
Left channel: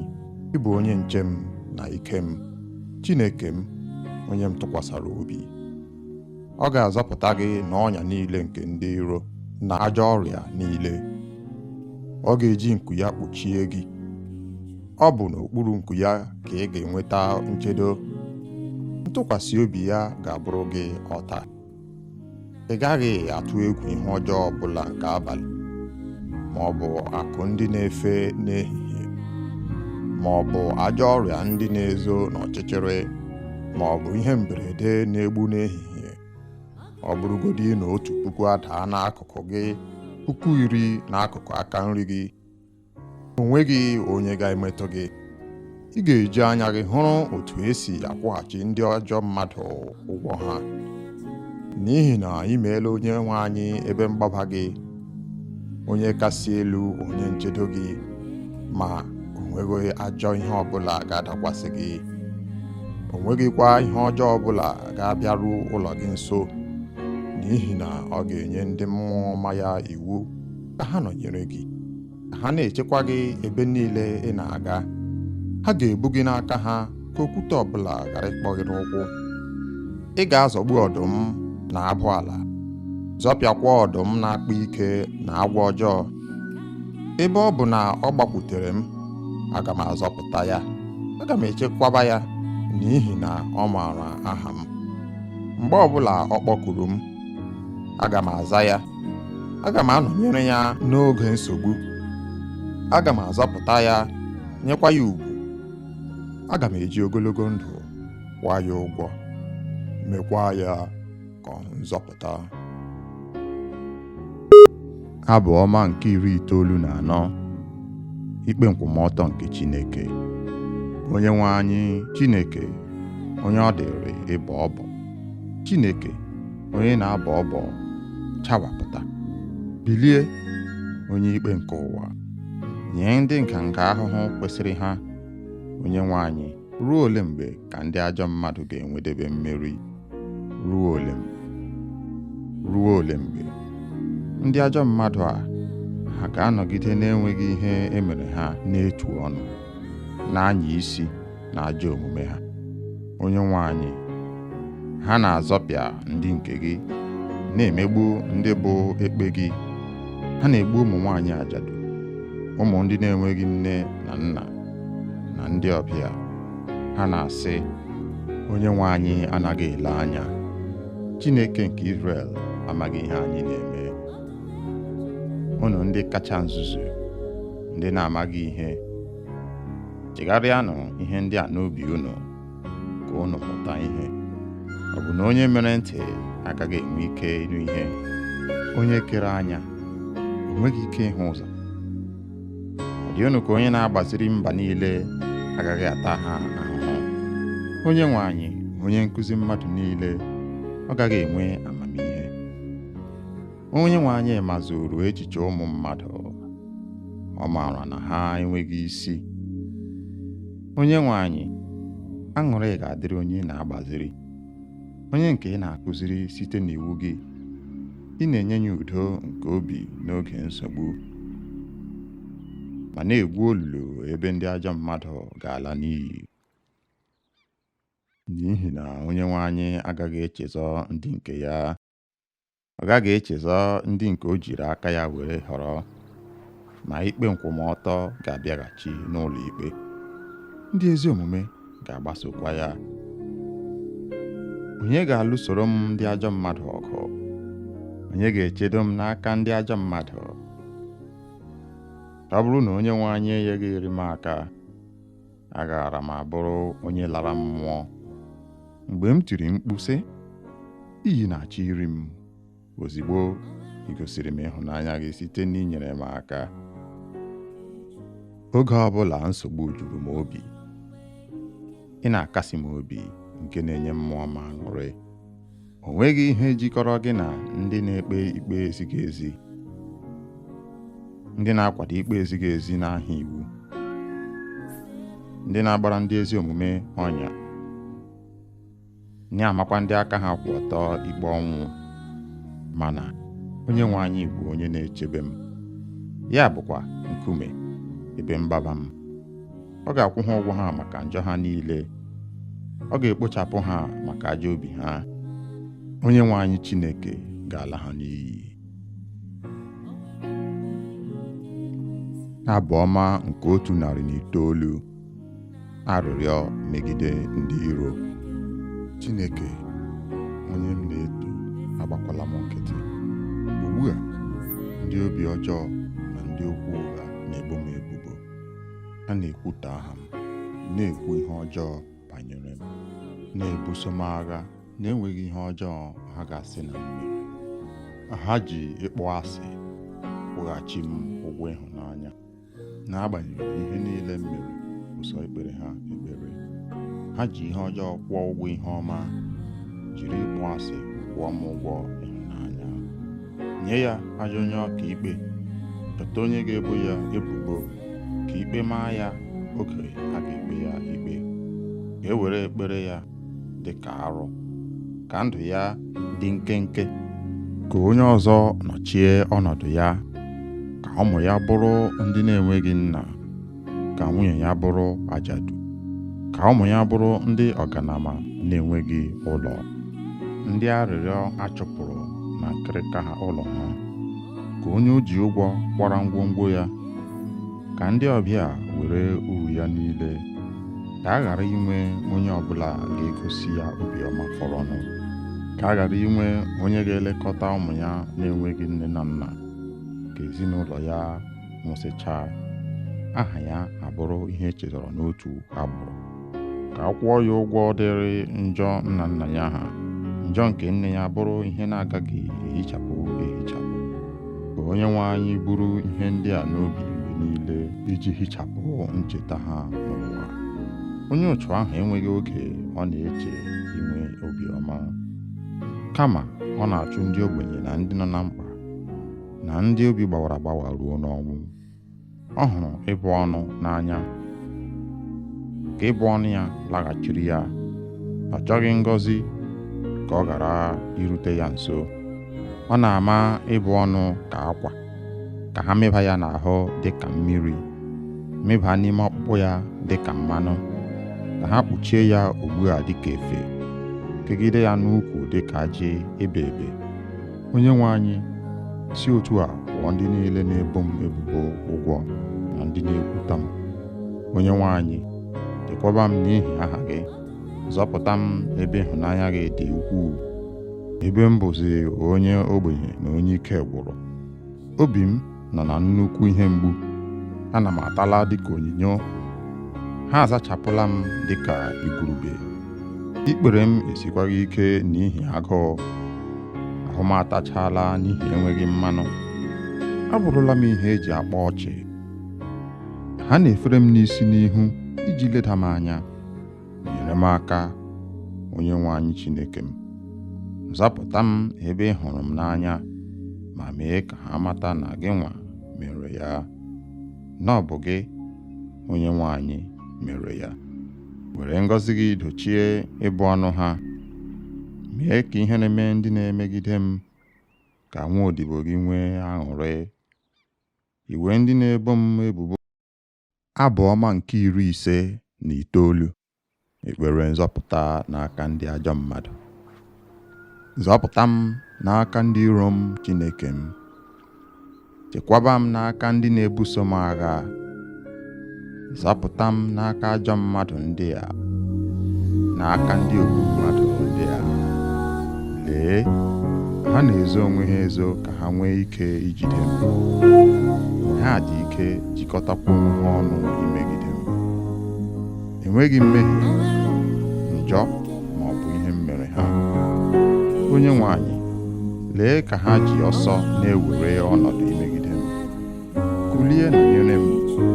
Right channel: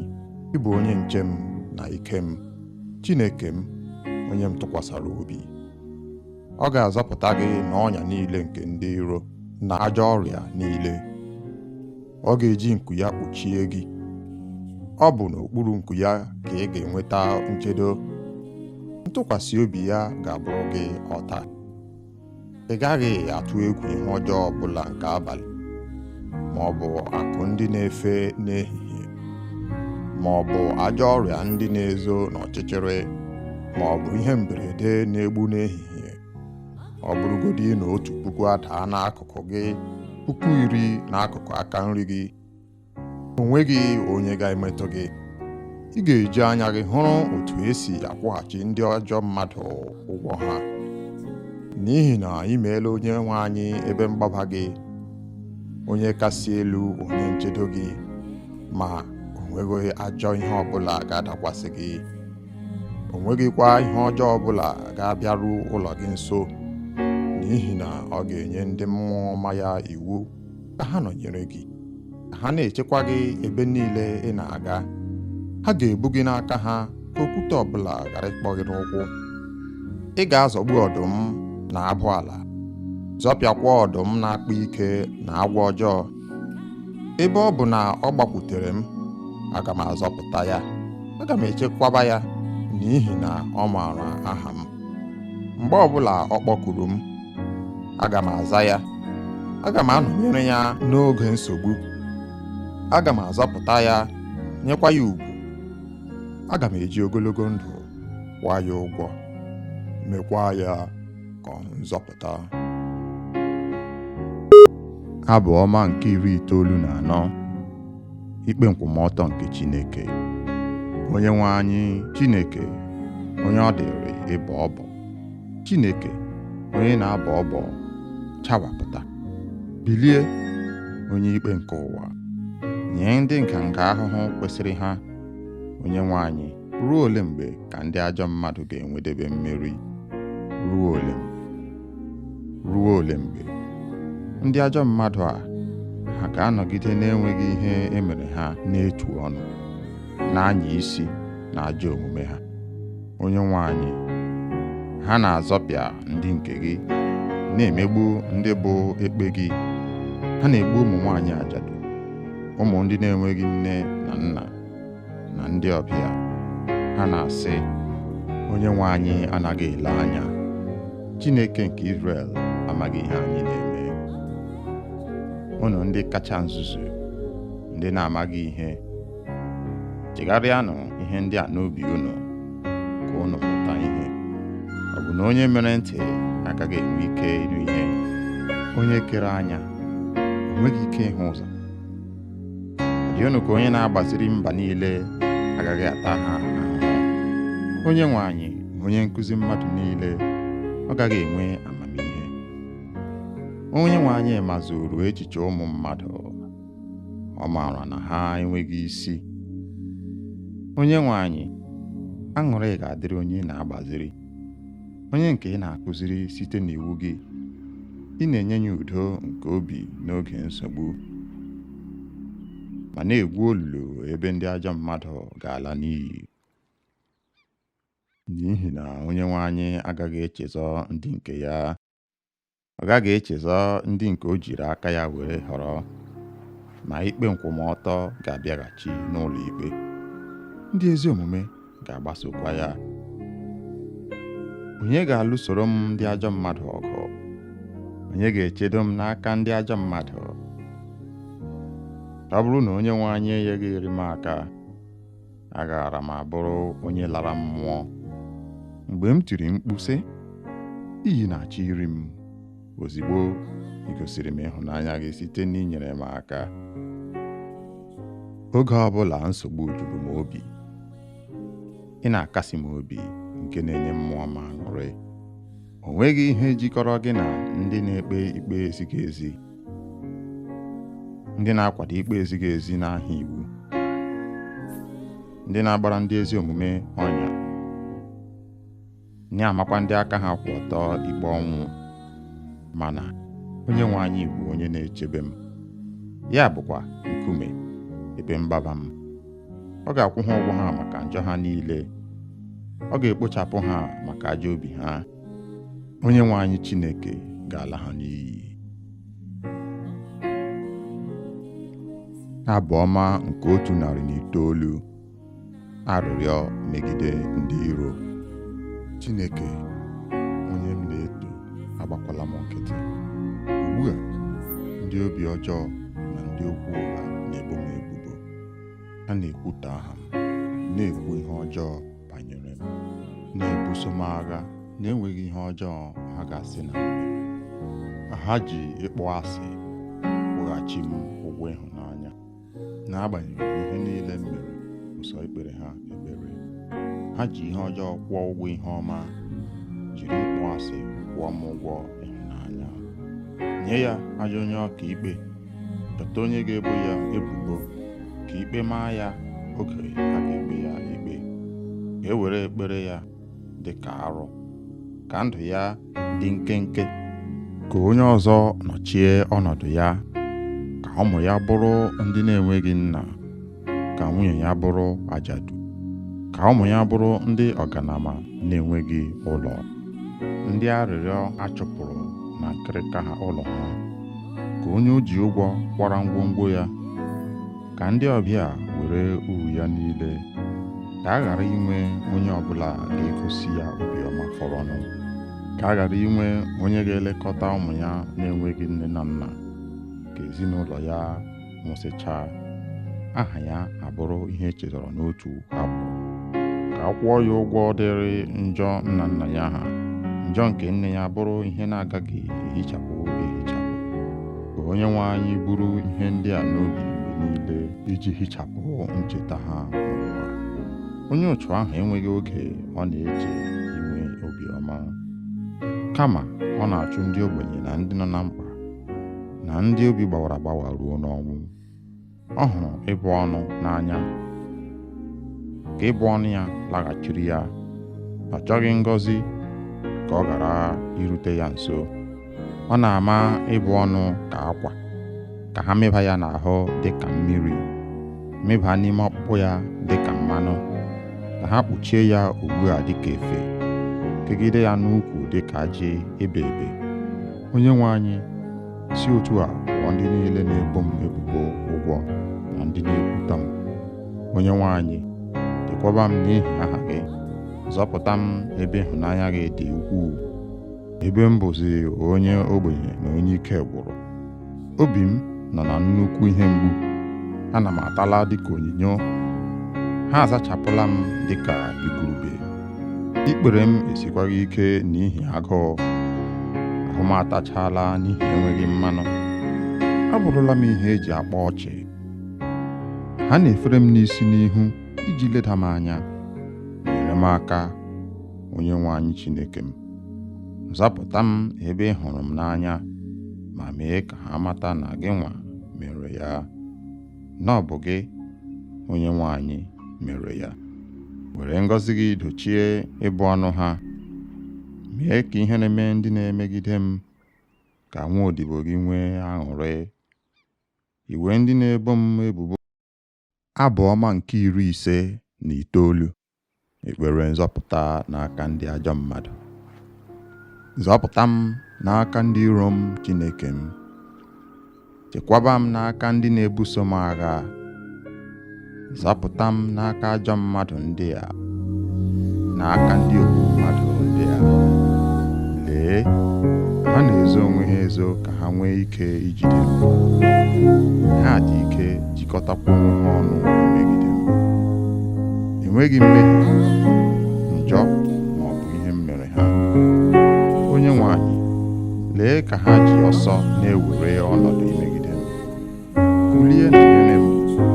ị bụ onye nche m na ike m, Chineke m, onye m tụkwasara obi. Ọ ga-azọpụta gị n'ọnya niile nke ndị iro na ajọ ọrịa niile. Ọ ga-eji nku ya kpuchie gị. Ọ bụ n'okpuru nku ya ka ị ga-enweta nchedo. Ntụkwasị obi ya ga-abụrụ gị ọta. Ị gaghị atụ egwu ihe ọjọọ ọbụla nke abalị, ma ọ bụ akụ ndị na-efe n'ehihie, ma ọ bụ ajọ ọrịa ndị na-ezo n'ọchịchịrị, ma ọ bụ ihe mberede na-egbu n'ehihie. Ọ bụrụgodị na 1,000 adaa n'akụkụ gị, 10,000 n'akụkụ aka nri gị, o nweghị onye ga-emetụ gị. Ị ga-eji anya gị hụrụ otu esi akwụghachi ndị ajọ mmadụ ụgwọ ha, n'ihi na ị meela Onyenwe anyị ebe mgbaba gị, onye kasị elu, onye nchedo gị, ma o nweghị ajọ ihe ọbụla ga-adakwasị gị. O nweghịkwa ihe ọjọọ ọbụla ga-abịaru ụlọ gị nso, n'ihi na ọ ga-enye ndị mmụọ ọma ya iwu ka ha nọnyere gị, ka ha na-echekwa gị ebe niile ị na-aga. Ha ga-ebu gị n'aka ha ka okwute ọbụla ghara ịkpọ gị n'ụkwụ. Ị ga-azọgbu ọdụm na abụ ala, zọpịakwa ọdụm na-akpa ike na agwọ ọjọọ. Ebe ọ bụ na ọ gbakwutere m, aga m azọpụta ya. Aga m echekwaba ya, n'ihi na ọ maara aha m. Mgbe ọbụla ọ kpọkuru m, aga m aza ya. Aga m anọnyere ya n'oge nsogbu. Aga m azọpụta ya, nyekwa ya ugwu. Aga m eji ogologo ndụ kwụọ ya ụgwọ, mekwa ya ka nzọpụta. Abụ ọma nke 94. Ikpe nkwụmọtọ nke Chineke. Onyenwe anyị Chineke, onye ọ dịrị ịbọ ọbọ. Chineke, onye na-abọ ọbọ, chawapụta. Bilie, onye ikpe nke ụwa, nye ndị nganga ahụhụ kwesịrị ha. Onyenwe anyị, ruo ole mgbe ka ndị ajọ mmadụ ga-enwedebe mmeri? Ruo ole mgbe? Ruo ole mgbe? Ndị ajọ mmadụ a, ha ga-anọgide na-enweghị ihe emere ha n'etu ọnụ, na-anya isi na ajọ omume ha. Onyenwe anyị, ha na-azọpịa ndị nke gị, na-emegbu ndị bụ ekpe gị. Ha na-egbu ụmụ nwaanyị ajadu, ụmụ ndị na-enweghị nne na nna, na ndị ọbịa. Ha na-asị, Onyenwe anyị anaghị ele anya. Chineke nke Izrel amaghị ihe anyị na-eme. Unu ndị kacha nzuzu, ndị na-amaghị ihe, chegharịanụ ihe ndị a n'obi unu, ka unu mụta ihe. Ọ bụ na onye mere ntị agaghị enwe ike ịnụ ihe? Onye kere anya o nweghị ike ịhụ ụzọ? Ọ dị unu ka onye na-agbaziri mba niile agaghị ata ha ahụhụ? Onyenwe anyị, onye nkụzi mmadụ niile, ọ gaghị enwe amamihe? Onyenwe anyị mazuru echiche ụmụ mmadụ, ọ maara na ha enweghị isi. Onyenwe anyị, aṅụrị ga-adịrị onye na-agbaziri, onye nke ị na-akụziri site n'iwu gị. Ị na-enye ya udo nke obi n'oge nsogbu, ma na-egwu olulu ebe ndị ajọ mmadụ ga-ala n'iyi. N'ihi na Onyenwe anyị agaghị echezọ ndị nke ya. Ọ gaghị echezọ ndị nke o jiri aka ya were họrọ, ma ikpe nkwụmọtọ ga-abịaghachi n'ụlọ ikpe. Ndị ezi omume ga-agbasokwa ya. Onye ga-alụsoro m ndị ajọ mmadụ ọgụ? Onye ga-echedo m n'aka ndị ajọ mmadụ? Ọ bụrụ na Onyenwe anyị enyeghị m aka, agaara m abụrụ onye lara mmụọ. Mgbe m tiri mkpu sị, iyi na-achọ iri m, ozigbo ị gosiri m ịhụnanya gị site n'inyere m aka. Oge ọbụla nsogbu juru m obi, ị na-akasi m obi nke na-enye mmụọ m aṅụrị. O nweghị ihe jikọrọ gị na ndị na-ekpe ikpe ezighị ezi, ndị na-akwado ikpe ezighị ezi n'aha iwu, ndị na-agbara ndị ezi omume ọnya, na-amakwa ndị aka ha kwụ ọtọ ikpe ọnwụ. Mana Onyenwe anyị bụ onye na-echebe m, ya bụkwa nkume ebe mgbaba m. Ọ ga-akwụ ha ụgwọ ha maka njọ ha niile, ọ ga-ekpochapụ ha maka ajọ obi ha. Onyenwe anyị Chineke ga-ala ha n'iyi. Abụ ọma nke 109. Arịrịọ megide ndị iro. Chineke, onye m na-eto, agbakwala m nkịtị. Ugbu a, ndị obi ọjọọ na ndị okwu ụgha na-ebo m ebubo. Ha na-ekwutọ aha m, na-ekwu ihe ọjọọ banyere m, na-ebuso m agha na-enweghị ihe ọjọọ ha ga-asị na m mere. Ha ji ịkpọ asị kwụghachi m ụgwọ ịhụnanya. N'agbanyeghị ihe niile m mere ụsọ ikpere ha ekpere, ha ji ihe ọjọọ kwụọ ụgwọ ihe ọma, jiri ịkpọ asị kwụọ m ụgwọ ịhụnanya. Nye ya ajọ onye ọka ikpe, chọta onye ga-ebo ya ebubo, ka ikpe maa ya oge a ga-ekpe ya ikpe. Ka e were ekpere ya dị ka arụ, ka ndụ ya dị nkenke, ka onye ọzọ nọchie ọnọdụ ya, ka ụmụ ya bụrụ ndị na-enweghị nna, ka nwunye ya bụrụ ajadu, ka ụmụ ya bụrụ ndị ọganama na-enweghị ụlọ, ndị arịrịọ achụpụrụ na nkịrịka ha ụlọ ha, ka onye o ji ụgwọ kwara ngwongwo ya, ka ndị ọbịa were uru ya niile, ka a ghara inwe onye ọbụla ga-egosi ya obiọma fọrọnụ, ka a ghara inwe onye ga-elekọta ụmụ ya na-enweghị nne na nna, ka ezinụlọ ya nwụsịchaa, aha ya abụrụ ihe echetara n'otu agbụrụ, ka a kwụọ ya ụgwọ dịrị njọ nna nna ya ha, njọ nke nne ya bụrụ ihe na-agaghị ehichapụ. Ka Onyenwe anyị buru ihe ndị a n'obi mgbe niile iji hichapụ ncheta ha n'ụwa. Onye otu ahụ enweghị oge ọ na-eche inwe obiọma, kama ọ na-achụ ndị ogbenye na ndị nọ na mkpa na ndị obi gbawara agbawa ruo n'ọnwụ. Ọ hụrụ ịbụ ọnụ n'anya, ka ịbụ ọnụ ya laghachiri ya. Ọ chọghị ngọzi ka ọ ghara irute ya nso. Ọ na-ama ịbụ ọnụ ka akwa, ka ha meba ya n'ahụ dị ka mmiri, meba n'ime ọkpụkpụ ya dị ka mmanụ, ka ha kpuchie ya ugbu a dị ka efe, kegide ya n'ukwu dị ka ajị ebe ebe. Onyenwe anyị, si otu a kwụọ ndị niile na-ebo m ebubo ụgwọ na ndị na-ekwuta m. Onyenwe anyị, chekwaba m n'ihi aha gị, zọpụta m ebe ịhụnanya gị dị ukwuu, ebe m bụzi onye ogbenye na onye ike gwụrụ. Obi m nọ na nnukwu ihe mgbu, ana m atala dịka onyinyo, ha azachapụla m dịka igurube. Ikpere m esikwaghị ike n'ihi agụụ, ahụ m atachala n'ihi enweghị mmanụ. Abụrụla m ihe eji akpa ọchị. Ha na-efere m n'isi n'ihu iji leda m anya. Nyere m aka, Onyenwe anyị Chineke m. Zapụta m ebe ị hụrụ m n'anya, ma mee ka ha mata na gị nwa mere ya, na ọ bụ gị, Onyenwe anyị, mere ya. Were ngọzi gị dochie ịbụ ọnụ ha. Mee ka ihe na-eme ndị na-emegide m, ka nwa odibo gị nwee aṅụrị. Iwe ndị na-ebo m ebubo. Abụ ọma nke 59. Ekpere nzọpụta n'aka ndị ajọ mmadụ. Zọpụta m n'aka ndị iro m, Chineke m. Chekwaba m n'aka ndị na-ebuso m agha. Zọpụta m n'aka ajọ mmadụ ndị a, n'aka ndị ogbu mmadụ ndị a. Lee, ha na-ezo onwe ha ezo ka ha nwee ike ijide m. Ha dị ike jikọtakwa onwe ha ọnụ imegide m. enweghị mmehie, njọ ma ọ bụ ihe m mere ha. Onye nwe anyị, lee ka ha ji ọsọ na-ewere ọnọdụ imegide m. Kulie nọnyere m,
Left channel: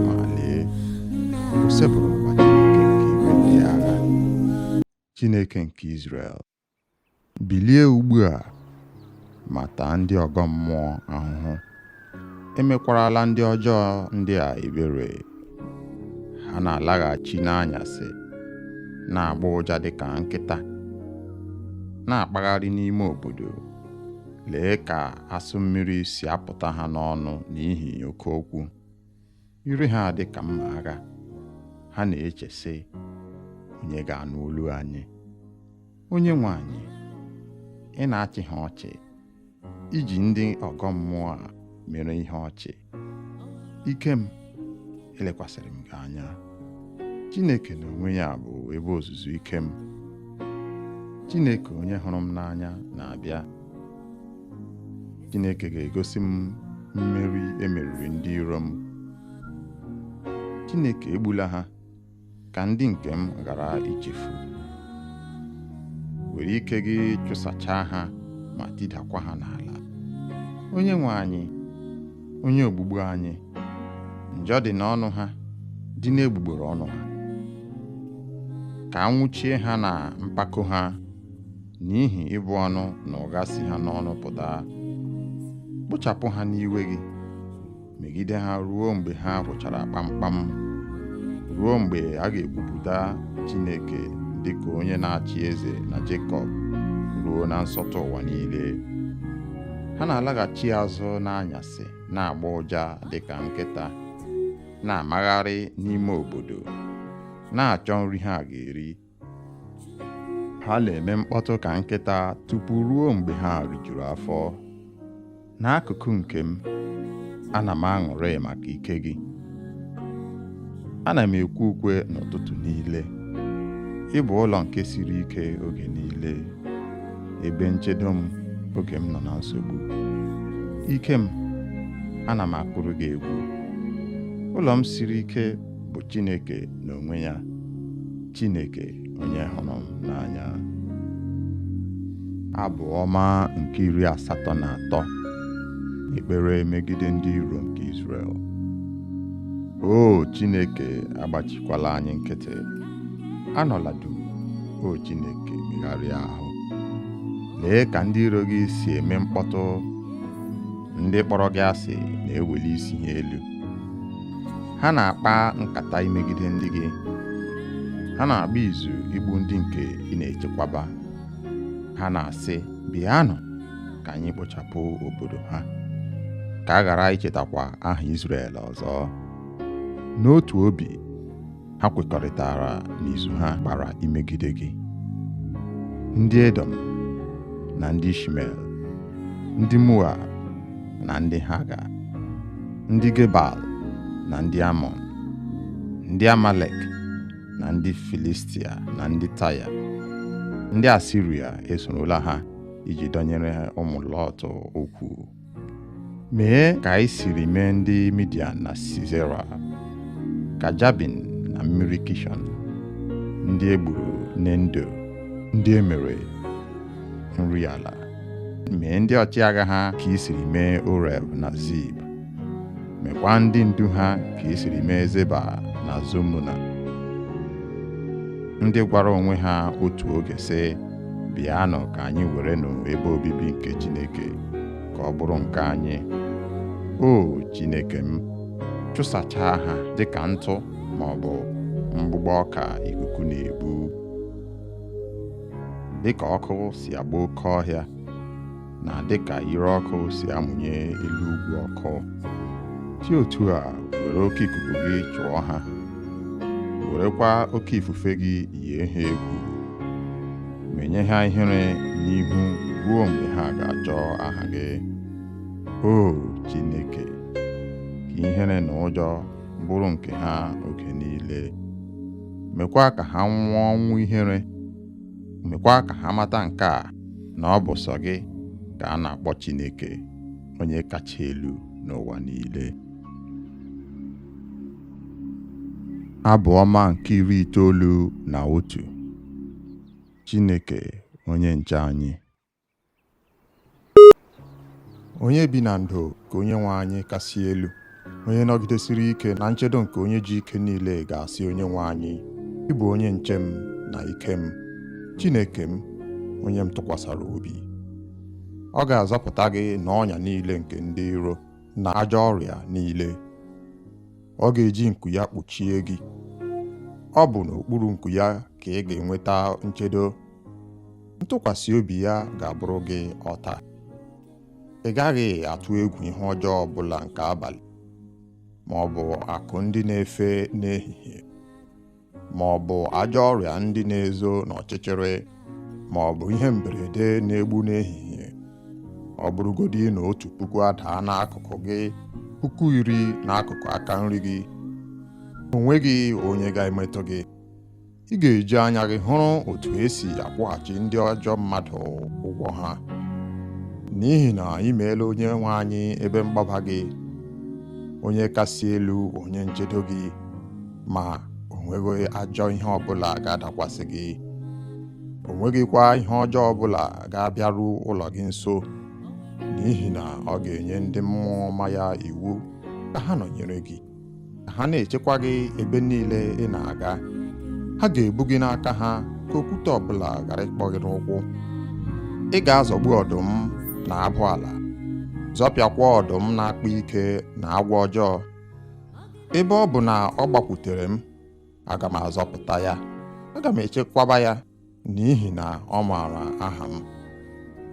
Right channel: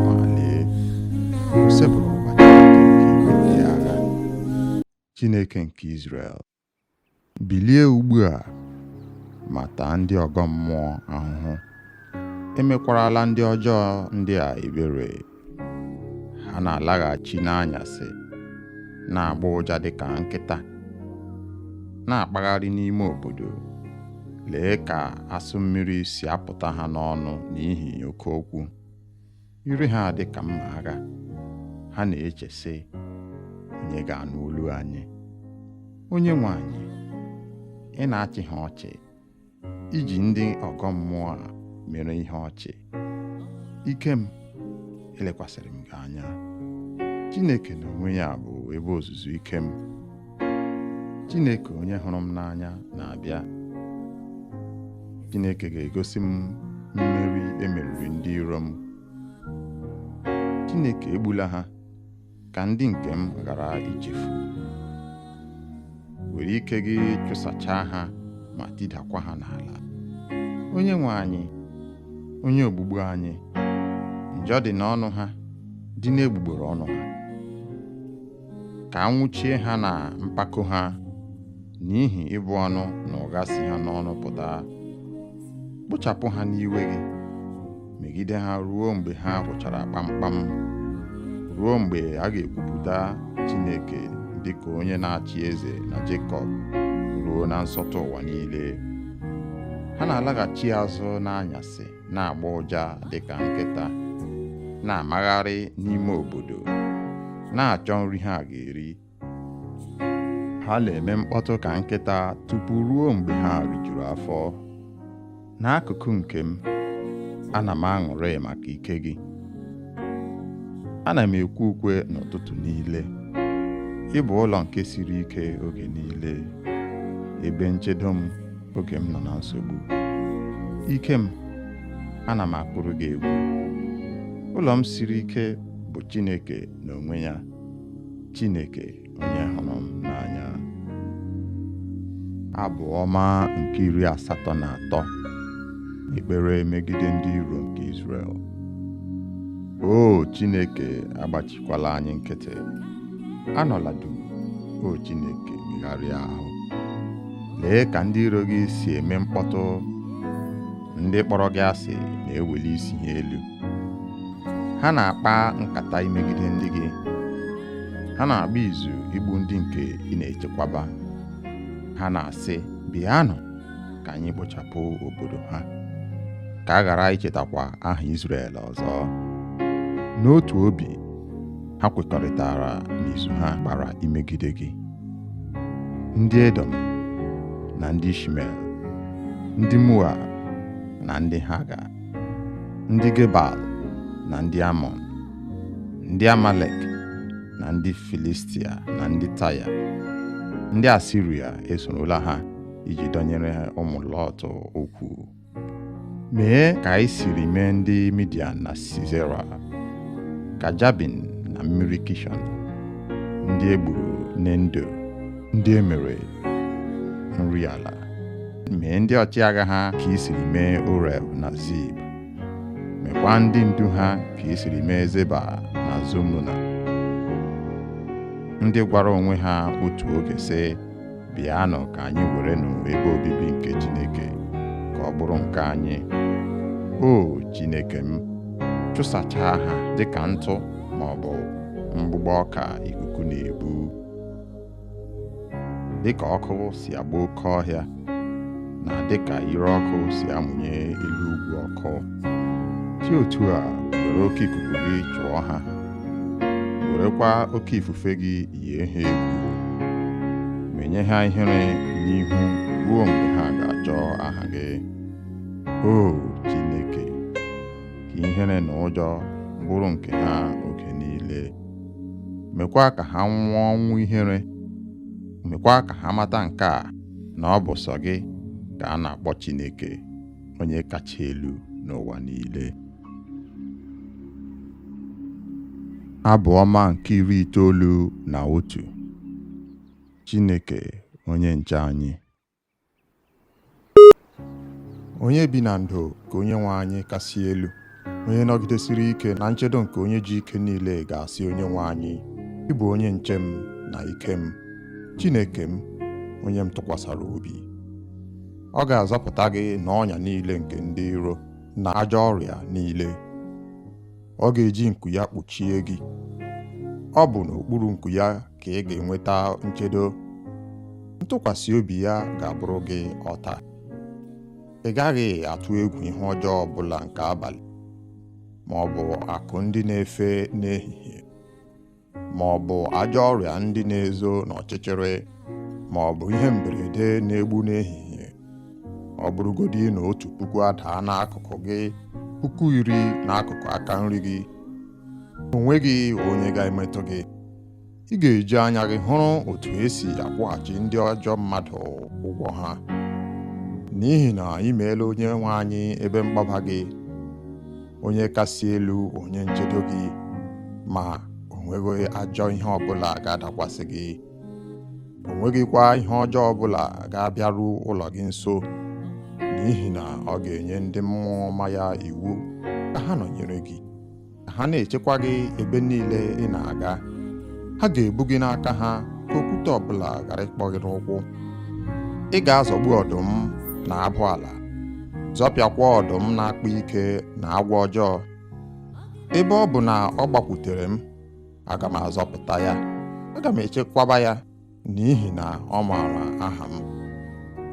ma lee, o sebụrụ ụwa Chineke nke igwe ndị agha. Chineke nke Izrel, bilie ugbu a ma taa ndị ọgọ mmụọ ahụhụ. Emekwarala ndị ọjọọ ndị a ebere. Ha na-alaghachi n'anyasị, na-agba ụja dịka nkịta, na-akpagharị n'ime obodo. Lee ka asụ mmiri si apụta ha n'ọnụ n'ihi oke okwu. Ire ha dị ka mma agha. Ha na-eche sị, onye ga-anụ olu anyị? Onye nwe anyị, ị na-achị ha ọchị, iji ndị ọgọ mmụọ a mere ihe ọchị. Ike m, elekwasịrị m gị anya. Chineke n'onwe ya bụ ebe ozuzu ike m. Chineke onye hụrụ m n'anya na-abịa. Chineke ga-egosi m mmeri emeriri ndị iro m. Chineke egbula ha, ka ndị nke m ghara ichefu. Were ike gị chụsachaa ha ma tidakwa ha n'ala. Onye nwe anyị, onye ogbugbu anyị, njọ dị n'ọnụ ha, dị n'egbugbere ọnụ ha. Ka anwụchie ha na mpako ha, n'ihi ịbụ ọnụ na ụgha si ha n'ọnụ pụta. Kpochapụ ha n'iwe gị, megide ha ruo mgbe ha gwụchara kpamkpam, ruo mgbe a ga-ekwupụta Chineke dịka onye na-achị eze na Jekọb ruo na nsọtụ ụwa niile. Ha na-alaghachi azụ n'anyasị, na-agba ụja dịka nkịta, na-amagharị n'ime obodo, na-achọ nri ha ga-eri. Ha na-eme mkpọtụ ka nkịta tupu ruo mgbe ha rijuru afọ. N'akụkụ nke m, ana m aṅụrị maka ike gị. Ana m ekwe ukwe n'ụtụtụ niile. Ị bụ ụlọ nke siri ike oge niile, ebe nchedo m oge m nọ na nsogbu. Ike m, ana m akụrụ gị egwu. Ụlọ m siri ike bụ Chineke n'onwe ya, Chineke onye hụrụ m n'anya. Abụ ọma nke 83. Ekpere megide ndị iro nke Izrel. O Chineke, agbachikwala anyị nkịtị. Anọla duu, o Chineke, megharịa ahụ. Lee ka ndị iro gị si eme mkpọtụ. Ndị kpọrọ gị asị na-eweli isi ha elu. Ha na-akpa nkata imegide ndị gị. Ha na-agba izu igbu ndị nke ị na-echekwaba. Ha na-asị, bịanụ ka anyị kpochapụ obodo ha, ka a ghara ichetakwa aha Izrel ọzọ. N'otu obi, ha kwekọrịtara n'izu ha gbara imegide gị. Ndị Edom na ndị Ishmel, ndị Moab na ndị Haga, ndị Gebal na ndị Amọn, ndị Amalek na ndị Filistia na ndị Taya. Ndị Asiria esorola ha iji dọnyere ụmụ Lọt okwu. Mee ka anyị siri mee ndị Midian na Sisera, ka Jabin na mmiri Kishọn, ndị egburu n'Endo, ndị emere nri ala. Mee ndị ọchịagha ha ka i siri mee Oreb na Zib. Mekwa ndị ndu ha ka i siri mee Zeba na Zomuna. Ndị gwara onwe ha otu oge sị, bịanụ ka anyị werenụ ebe obibi nke Chineke, ka ọ bụrụ nke anyị. O Chineke m, chụsachaa ha dịka ntụ ma ọ bụ mgbụgbọ ọka ikuku na-ebu. Dịka ọkụ si agba oke ọhịa, na dịka ire ọkụ si amụnye elu ugwu ọkụ, si otu a were oke ikuku gị chụọ ha, werekwa oke ifufe gị yie ha egwu. Menye ha ihere n'ihu ruo mgbe ha ga-achọ aha gị. O Chineke, ka ihere na ụjọ bụrụ nke ha oge niile. Mekwa ka ha nwụọ ọnwụ ihere. Mekwa ka ha mata nke a, na ọ bụ sọ gị ka a na-akpọ Chineke, onye kacha elu n'ụwa niile. Abụ ọma nke 91. Chineke onye nche anyị. Onye bi na ndo ka onye nwe anyị kasị elu, onye nọgidesiri ike na nchedo nke onye ji ike niile ga-asị onye nwe anyị, ị bụ onye nche m na ike m, Chineke m, onye m tụkwasara obi. Ọ ga-azọpụta gị n'ọnya niile nke ndị iro na ajọ ọrịa niile. Ọ ga-eji nku ya kpuchie gị. Ọ bụ n'okpuru nku ya ka ị ga-enweta nchedo. Ntụkwasị obi ya ga-abụrụ gị ọta. Ị gaghị atụ egwu ihe ọjọọ ọbụla nke abalị, ma ọ bụ akụ ndị na-efe n'ehihie, ma ọ bụ ajọ ọrịa ndị na-ezo n'ọchịchịrị, ma ọ bụ ihe mberede na-egbu n'ehihie. Ọ bụrụgodị na 1,000 adaa n'akụkụ gị, 10,000 n'akụkụ aka nri gị, o nweghị onye ga-emetụ gị. Ị ga-eji anya gị hụrụ otu esi akwụghachi ndị ajọ mmadụ ụgwọ ha, n'ihi na ị meela onye nwe anyị ebe mgbaba gị, onye kasị elu, onye nchedo gị, ma o nweghị ajọ ihe ọbụla ga-adakwasị gị. O nweghịkwa ihe ọjọọ ọbụla ga-abịaru ụlọ gị nso, n'ihi na ọ ga-enye ndị mmụọ ọma ya iwu ka ha nọnyere gị, ka ha na-echekwa gị ebe niile ị na-aga. Ha ga-ebu gị n'aka ha ka okwute ọbụla ghara ịkpọ gị n'ụkwụ. Ị ga-azọgbu ọdụm na abụ ala, zọpịakwa ọdụm na-akpa ike na agwọ ọjọọ. Ebe ọ bụ na ọ gbakwutere m, aga m azọpụta ya, aga m echekwaba ya, n'ihi na ọ maara aha m.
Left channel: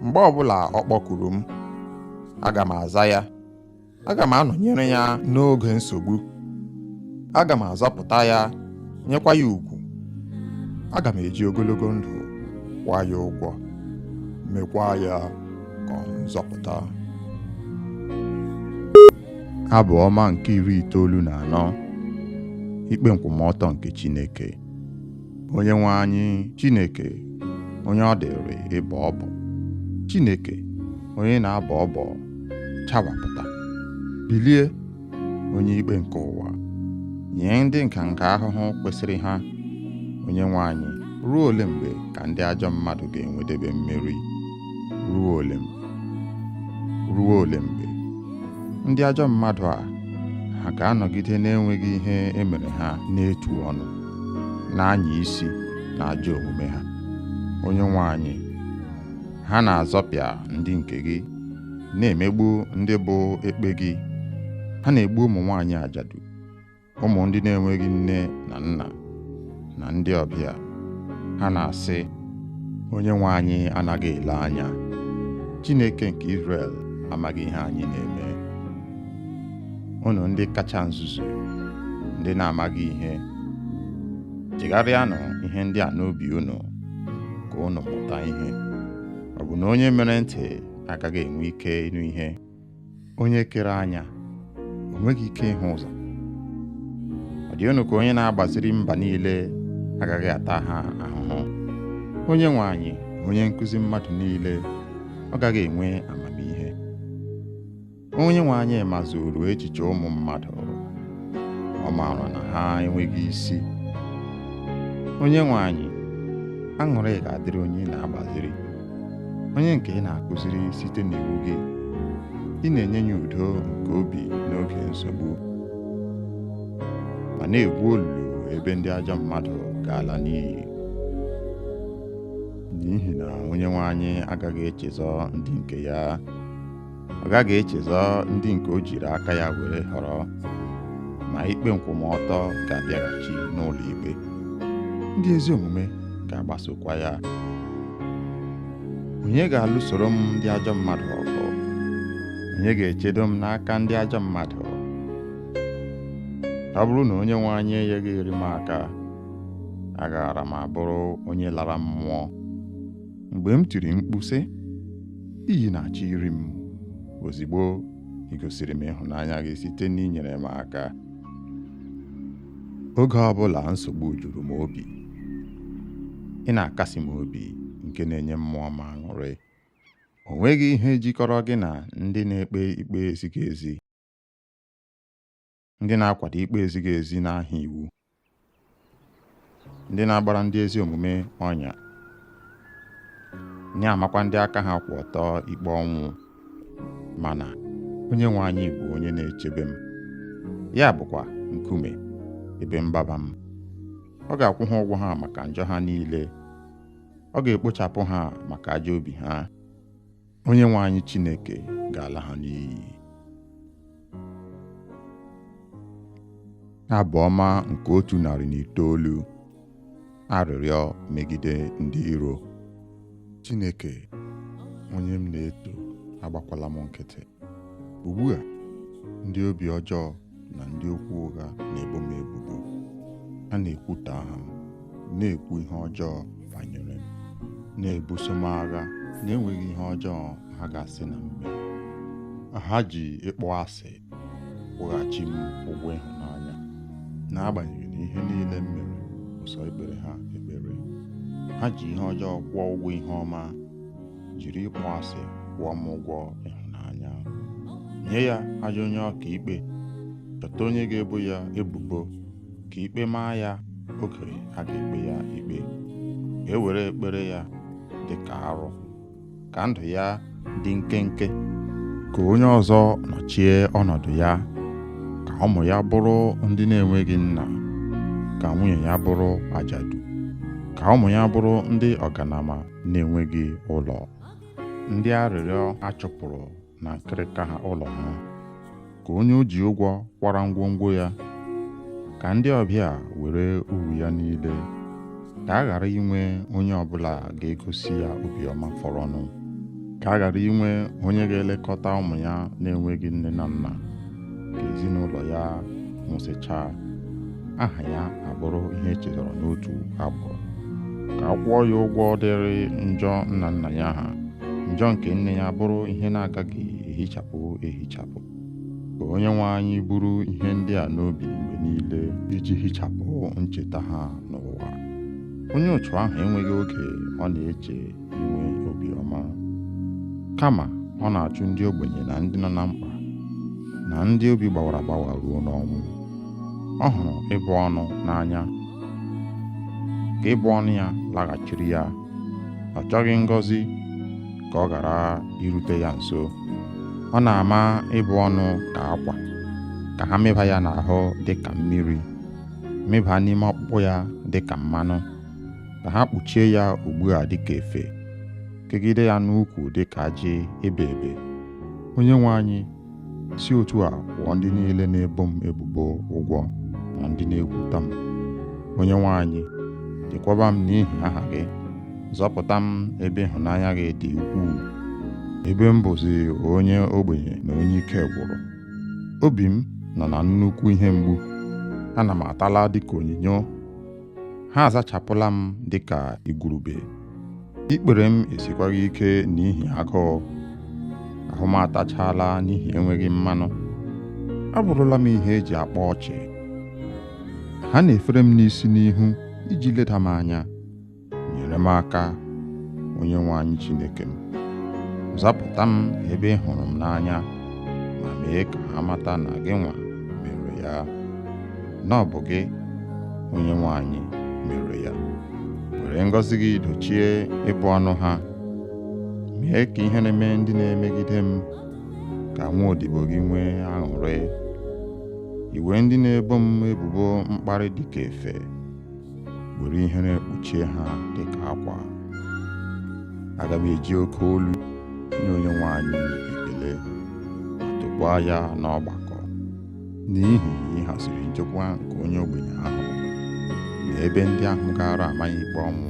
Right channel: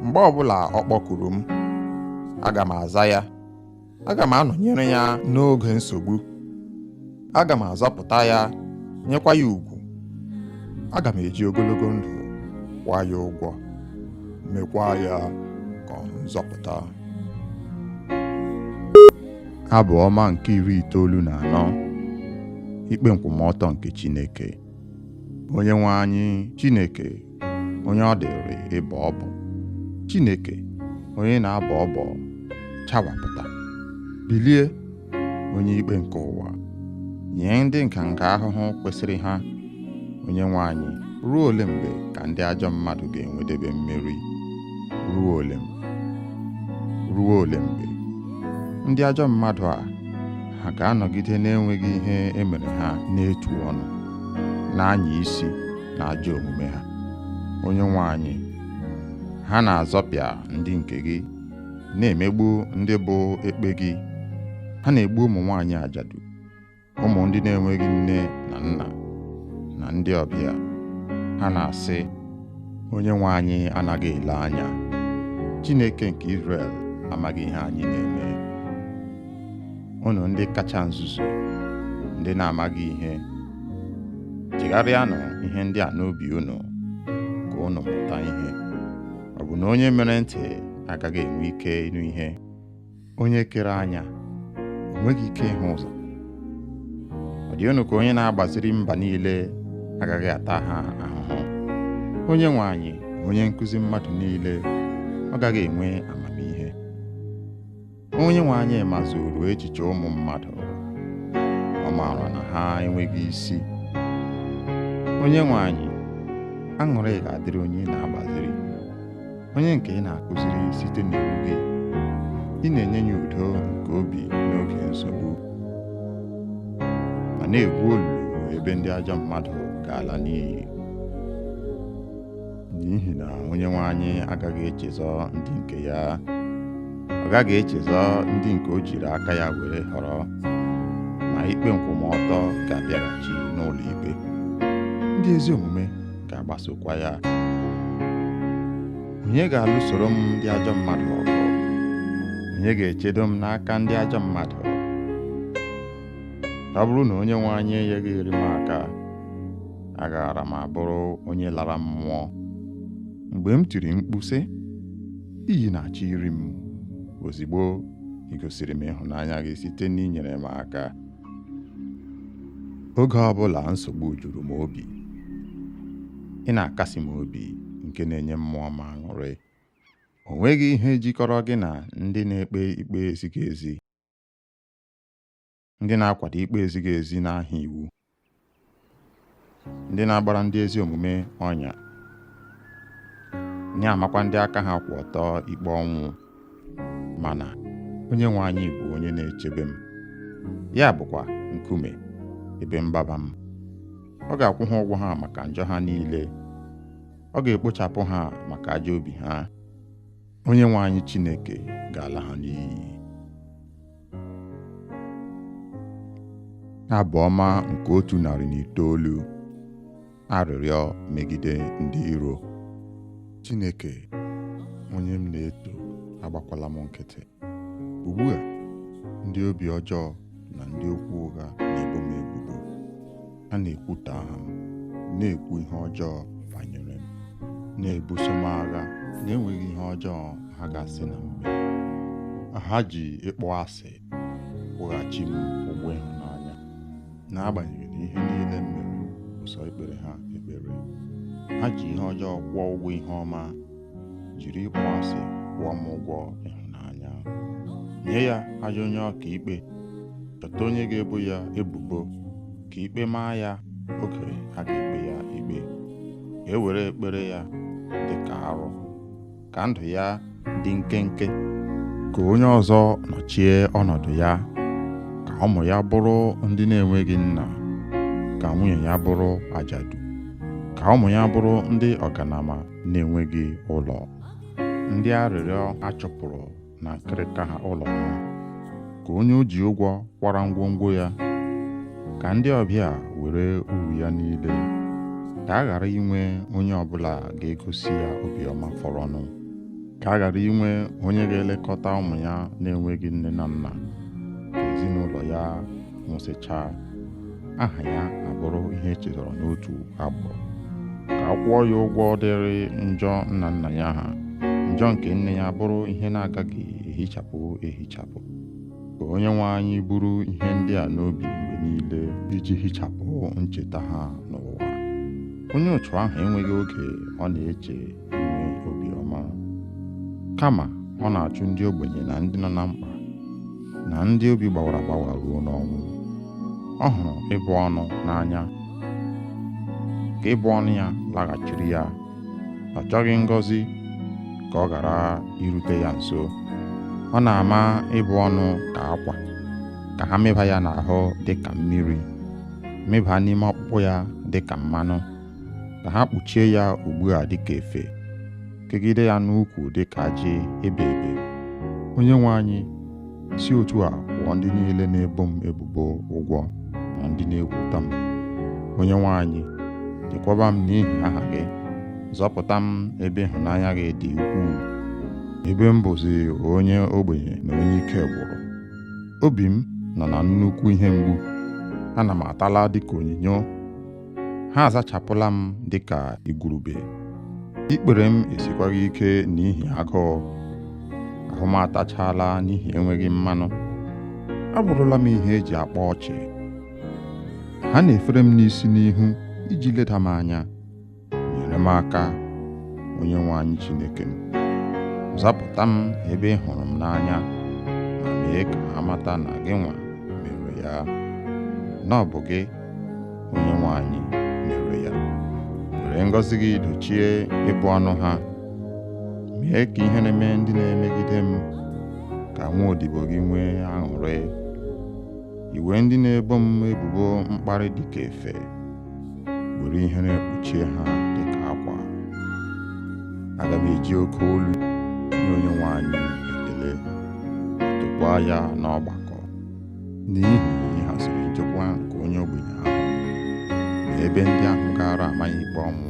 Mgbe ọbụla ọ kpọkuru m, aga m aza ya, aga m anọnyere ya n'oge nsogbu. Aga m azọpụta ya, nyekwa ya ugwu. Aga m eji ogologo ndụ kwụọ ya ụgwọ, mekwa ya ka nzọpụta. Abụ ọma nke 94. Ikpe nkwụmọtọ nke Chineke. Onye nwe anyị, Chineke, onye ọ dịrị ịbọ ọbọ, Chineke, onye na-abọ ọbọ, chawapụta, bilie, onye ikpe nke ụwa, nye ndị nka ahụhụ kwesịrị ha. Onye nwe anyị, ruo ole mgbe ka ndị ajọ mmadụ ga-enwedebe mmeri? Ruo ole mgbe ndị ajọ mmadụ a ha ga-anọgide na-enweghị ihe emere ha n'etu ọnụ, na-anya isi na ajọ omume ha? Onye nwe anyị, ha na-azọpịa ndị nke gị, na-emegbu ndị bụ ekpe gị. Ha na-egbu ụmụ nwaanyị ajadu, ụmụ ndị na-enweghị nne na nna, na ndị ọbịa. Ha na-asị, onye nwe anyị anaghị ele anya, Chineke nke Izrel amaghị ihe anyị na-eme. Unu ndị kacha nzuzu, ndị na-amaghị ihe, chegharịanụ ihe ndị a n'obi unu, ka unu mụta ihe. Ọ bụ na onye mere ntị agaghị enwe ike ịnụ ihe? Onye kere anya o nweghị ike ịhụ ụzọ? Ọ dị unu ka onye na-agbaziri mba niile agaghị ata ha ahụhụ? Onye nwe anyị, onye nkụzi mmadụ niile, ọ gaghị enwe amamihe? Onye nwe anyị mazuru echiche ụmụ mmadụ, ọ maara na ha enweghị isi. Onye nwe anyị, aṅụrị ga-adịrị onye na-agbaziri, onye nke ị na-akụziri site n'iwu gị. Ị na-enye ya udo nke obi n'oge nsogbu, ma na-egwu olulu ebe ndị ajọ mmadụ ga-ala n'iyi. N'ihi na onye nwe anyị agaghị echezọ ndị nke ya, ọ gaghị echezọ ndị nke o jiri aka ya were họrọ, ma ikpe nkwụmọtọ ga-abịaghachi n'ụlọ ikpe. Ndị ezi omume ga-agbasokwa ya. Onye ga-alụsoro m ndị ajọ mmadụ ọgụ? Onye ga-echedo m n'aka ndị ajọ mmadụ? Ọ bụrụ na onye nwe anyị enyeghị iri m aka, agaara m abụrụ onye lara mmụọ. Mgbe m tiri mkpu sị, iyi na-achọ iri m, ozigbo ị gosiri m ịhụnanya gị site n'inyere m aka. Oge ọbụla nsogbu juru m obi, ị na-akasi m obi, nke na-enye mmụọ m aṅụrị. O nweghị ihe jikọrọ gị na ndị na-ekpe ikpe ezighị ezi, ndị na-akwado ikpe ezighị ezi n'aha iwu. ndị na-agbara ndị ezi omume ọnya, na-amakwa ndị aka ha kwụ ọtọ ikpe ọnwụ. Mana Onyenwe anyị bụ onye na-echebe m, ya bụkwa nkume ebe mgbaba m. Ọ ga-akwụ ha ụgwọ ha maka njọ ha niile, ọ ga-ekpochapụ ha maka ajọ obi ha. Onyenwe anyị Chineke ga-ala ha n'iyi. Abụ ọma nke 109. Arịrịọ megide ndị iro. Chineke, onye m na-eto, agbakwala m nkịtị. Ugbu a, ndị obi ọjọọ na ndị okwu ụgha na-ebo m ebubo. Ha na-ekwutọ aha m, na-ekwu ihe ọjọọ banyere m, na-ebuso m agha na-enweghị ihe ọjọọ ha ga-asị na mme. Ha ji ịkpọ asị kwụghachi m ụgwọ ịhụnanya, n'agbanyeghị na ihe niile m mere bụ sọ ikpere ha ekpere. Ha ji ihe ọjọọ kwụọ ụgwọ ihe ọma, jiri ịkpọ asị kwụọ m ụgwọ ịhụnanya. Nye ya ajọ onye ọka ikpe, chọta onye ga-ebo ya ebubo, ka ikpe maa ya oge a ga-ekpe ya ikpe. Ka e were ekpere ya dị ka arụ, ka ndụ ya dị nkenke. Ka onye ọzọ nọchie ọnọdụ ya, ka ụmụ ya bụrụ ndị na-enweghị nna, ka nwunye ya bụrụ ajadu, ka ụmụ ya bụrụ ndị ọganama na-enweghị ụlọ, ndị arịrịọ achụpụrụ na nkịrịka ha ụlọ ha. Ka onye o ji ụgwọ kwara ngwongwo ya, ka ndị ọbịa were uru ya niile. Ka a ghara inwe onye ọbụla ga-egosi ya obiọma fọrọnụ. Ka a ghara inwe onye ga-elekọta ụmụ ya na-enweghị nne na nna. Ka ezinụlọ ya nwụsịchaa, aha ya abụrụ ihe echetara n'otu agbụrụ. Ka a kwụọ ya ụgwọ dịrị njọ nna nna ya ha, njọ nke nne ya bụrụ ihe na-agaghị ehichapụ. Ka Onyenwe anyị buru ihe ndị a n'obi mgbe niile, iji hichapụ ncheta ha n'ụwa. Onye otu ahụ enweghị oge ọ na-eche inwe obiọma, kama ọ na-achụ ndị ogbenye na ndị nọ na mkpa, na ndị obi gbawara agbawa ruo n'ọnwụ. Ọ hụrụ ịbụ ọnụ n'anya, ka ịbụ ọnụ ya laghachiri ya. Ọ chọghị ngọzi ka ọ ghara irute ya nso. Ọ na-ama ịbụ ọnụ ka akwa, ka ha mịba ya n'ahụ dị ka mmiri, mịba n'ime ọkpụkpụ ya dị ka mmanụ, ka ha kpuchie ya ugbu a dị ka efe, kegide ya n'ukwu dị ka ajị ebe ebe. Onyenwe anyị, si otu a kwụọ ndị niile na-ebo m ebubo ụgwọ na ndị na-ekwutọ m. Onyenwe anyị, chekwaba m n'ihi aha gị, zọpụta m ebe ịhụnanya gị dị ukwuu. Ebe m bụzi onye ogbenye na onye ike gwụrụ, obi m nọ na nnukwu ihe mgbu. Ana m atala dịka onyinyo, ha azachapụla m dịka igurube. Ikpere m esikwaghị ike n'ihi agụụ, ahụ m atachaala n'ihi enweghị mmanụ. Abụrụla m ihe eji akpa ọchị. Ha na-efere m n'isi n'ihu iji leda m anya. Nyere m aka, Onyenwe anyị Chineke m. Zapụta m ebe ị hụrụ m n'anya, ma mee ka ha mata na gị nwa mere ya, na ọ bụ gị, Onyenwe anyị, mere ya. Were ngọzi gị dochie ịbụ ọnụ ha. Mee ka ihe na-eme ndị na-emegide m, ka nwa odibo gị nwee aṅụrị. Iwe ndị na-ebo m ebubo mkparị dị ka efe, were ihere kpuchie ha dị ka akwa. Aga m eji oke olu nye Onyenwe anyị ekele, ma tokwaa ya n'ọgbakọ, n'ihi ịhaziri nchekwa nke onye ogbenye ahụ, na ebe ndị ahụ gaara ama ya ikpe ọnwụ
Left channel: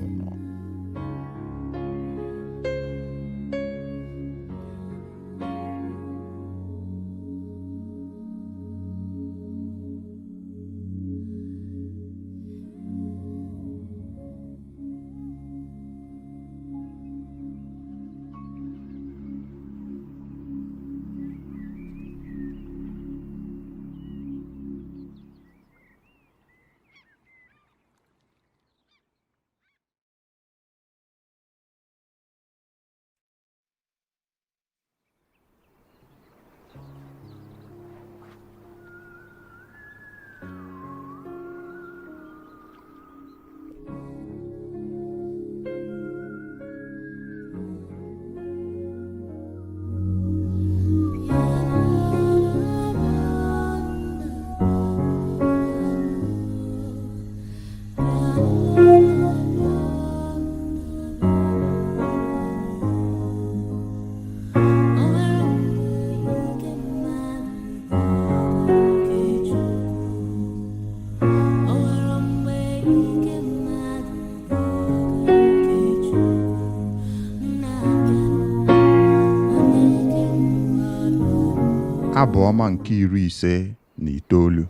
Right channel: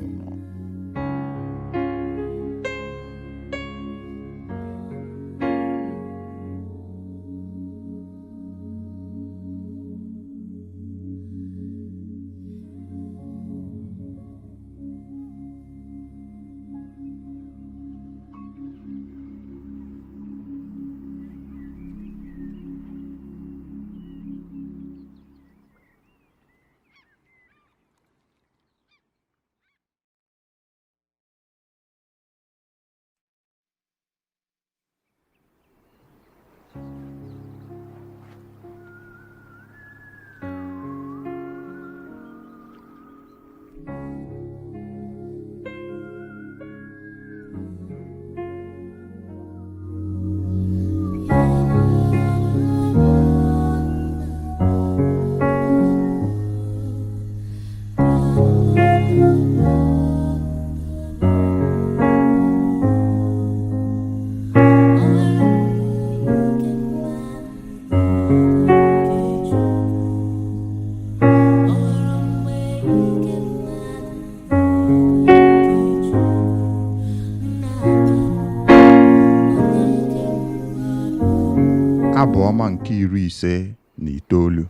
Abụ ọma nke 59.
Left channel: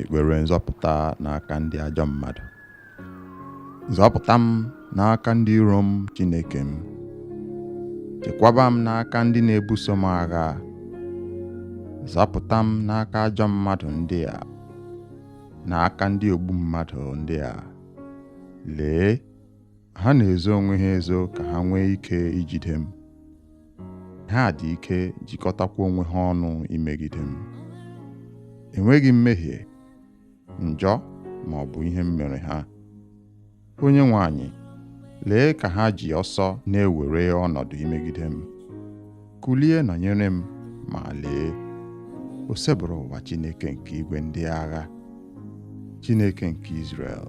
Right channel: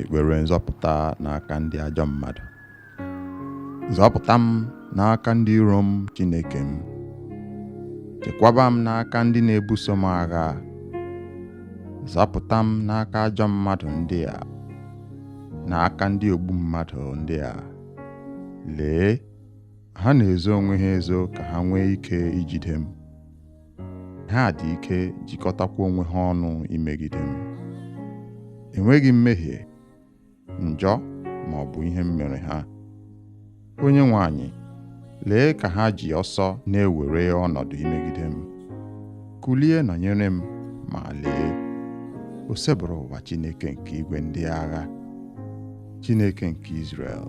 Ekpere nzọpụta n'aka ndị ajọ mmadụ. Zọpụta m n'aka ndị iro m, Chineke m. Chekwaba m n'aka ndị na-ebuso m agha. Zọpụta m n'aka ajọ mmadụ ndị a, n'aka ndị ogbu mmadụ ndị a. Lee, ha na-ezo onwe ha ezo ka ha nwee ike ijide m. Ha dị ike jikọtakwa onwe ha ọnụ imegide m. Enweghị mmehie, njọ ma ọ bụ ihe m mere ha. Onyenwe anyị, lee ka ha ji ọsọ na-ewere ọnọdụ imegide m. Kulie nọnyere m, ma lee, o sebụrụ ụwa Chineke nke igwe ndị agha, Chineke nke Izrel.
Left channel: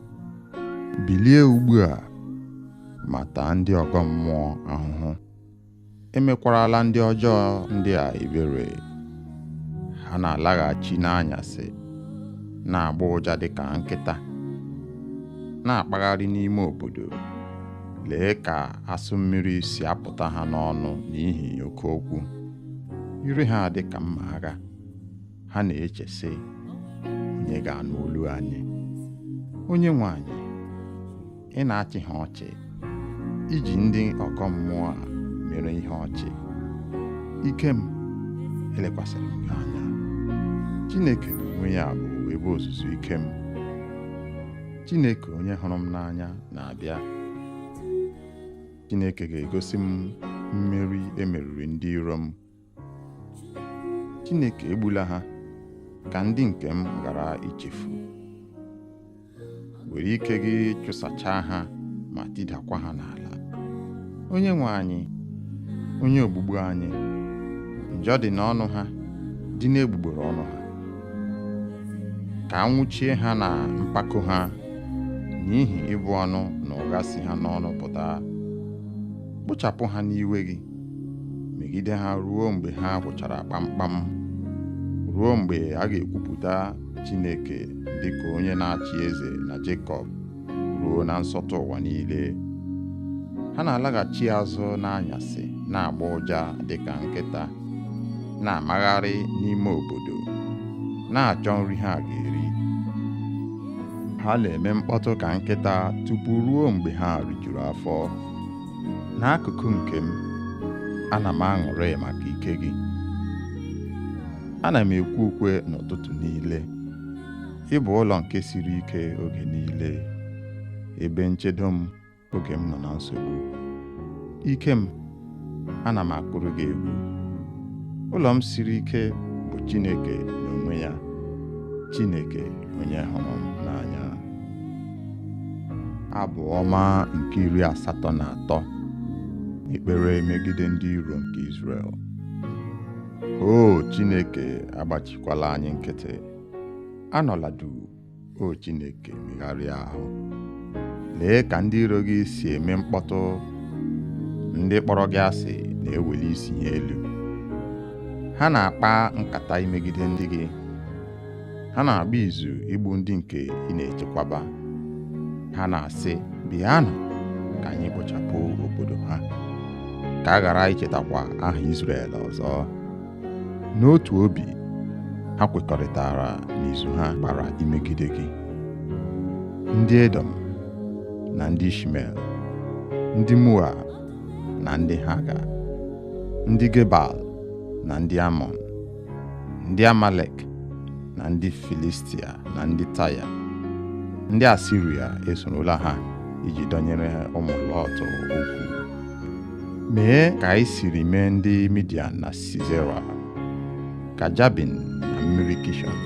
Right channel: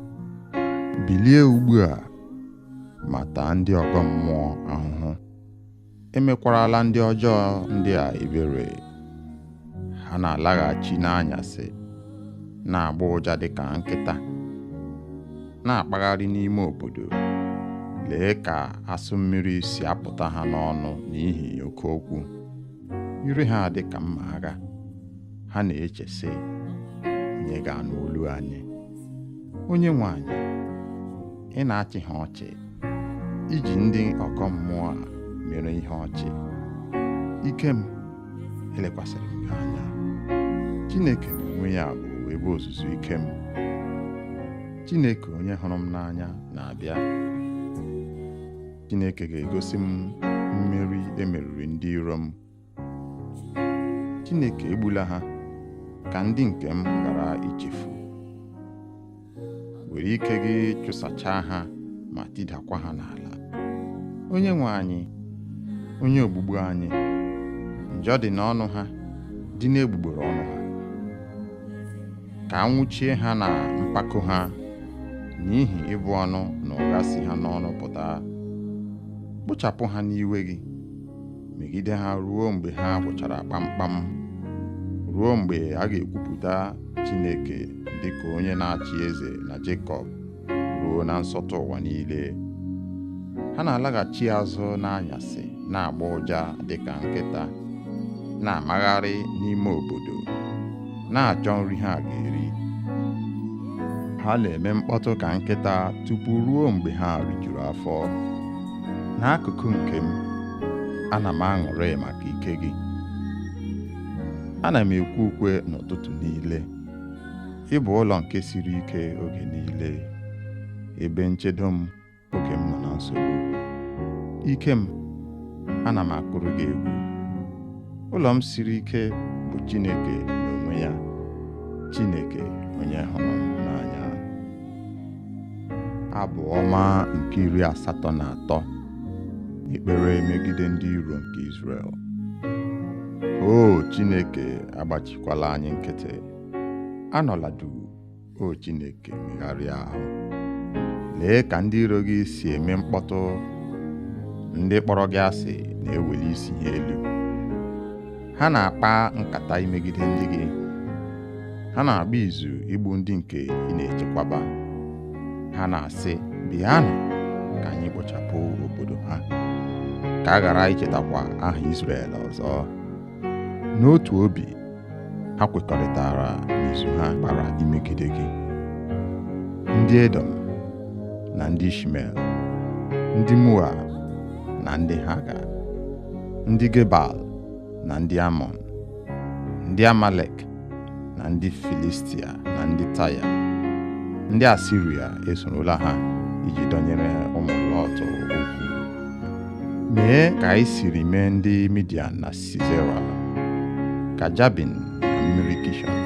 Bilie ugbu a, ma taa ndị ọgọ mmụọ ahụhụ. Emekwarala ndị ọjọọ ndị a ebere. Ha na-alaghachi n'anyasị, na-agba ụja dịka nkịta, na-akpagharị n'ime obodo. Lee ka asụ mmiri si apụta ha n'ọnụ n'ihi oke okwu. Ire ha dị ka mma agha. Ha na-eche sị, onye ga-anụ olu anyị? Onyenwe anyị, ị na-achị ha ọchị, iji ndị ọgọ mmụọ a mere ihe ọchị. Ike m, elekwasịrị m gị anya. Chineke n'onwe ya bụ ebe ozuzu ike m. Chineke onye hụrụ m n'anya na-abịa. Chineke ga-egosi m mmeri emeriri ndị iro m. Chineke egbula ha, ka ndị nke m ghara ichefu. Were ike gị chụsachaa ha ma tidakwa ha n'ala. Onyenwe anyị, onye ogbugbu anyị, njọ dị n'ọnụ ha, dị n'egbugbere ọnụ ha. Ka anwụchie ha na mpako ha, n'ihi ịbụ ọnụ na ụgha si ha n'ọnụ pụta. Kpochapụ ha n'iwe gị, megide ha ruo mgbe ha gwụchara kpamkpam, ruo mgbe a ga-ekwupụta Chineke dịka onye na-achị eze na Jekọb, ruo na nsọtụ ụwa niile. Ha na-alaghachi azụ n'anyasị, na-agba ụja dịka nkịta, na-amagharị n'ime obodo, na-achọ nri ha ga-eri. Ha na-eme mkpọtụ ka nkịta tupu ruo mgbe ha rijuru afọ. N'akụkụ nke m, ana m aṅụrị maka ike gị. Ana m ekwe ukwe n'ụtụtụ niile. Ị bụ ụlọ nke siri ike oge niile, ebe nchedo m oge m nọ na nsogbu. Ike m, ana m akụrụ gị egwu. Ụlọ m siri ike bụ Chineke n'onwe ya, Chineke onye hụrụ m n'anya. Abụ ọma nke 83. Ekpere megide ndị iro nke Izrel. O Chineke, agbachikwala anyị nkịtị. Anọla duu, o Chineke, megharịa ahụ. Lee ka ndị iro gị si eme mkpọtụ. Ndị kpọrọ gị asị na-eweli isi ha elu. Ha na-akpa nkata imegide ndị gị. Ha na-agba izu igbu ndị nke ị na-echekwaba. Ha na-asị, bịanụ ka anyị kpochapụ obodo ha, ka a ghara ichetakwa aha Izrel ọzọ. N'otu obi, ha kwekọrịtara n'izu ha gbara imegide gị. Ndị Edom na ndị Ishmel, ndị Moab na ndị Haga, ndị Gebal na ndị Amọn, ndị Amalek na ndị Filistia na ndị Taya, ndị Asiria esorola ha iji dọnyere ụmụ Lọt okwu. Mee ka anyị siri mee ndị Midian na Sisera, ka Jabin na mmiri Kishọn,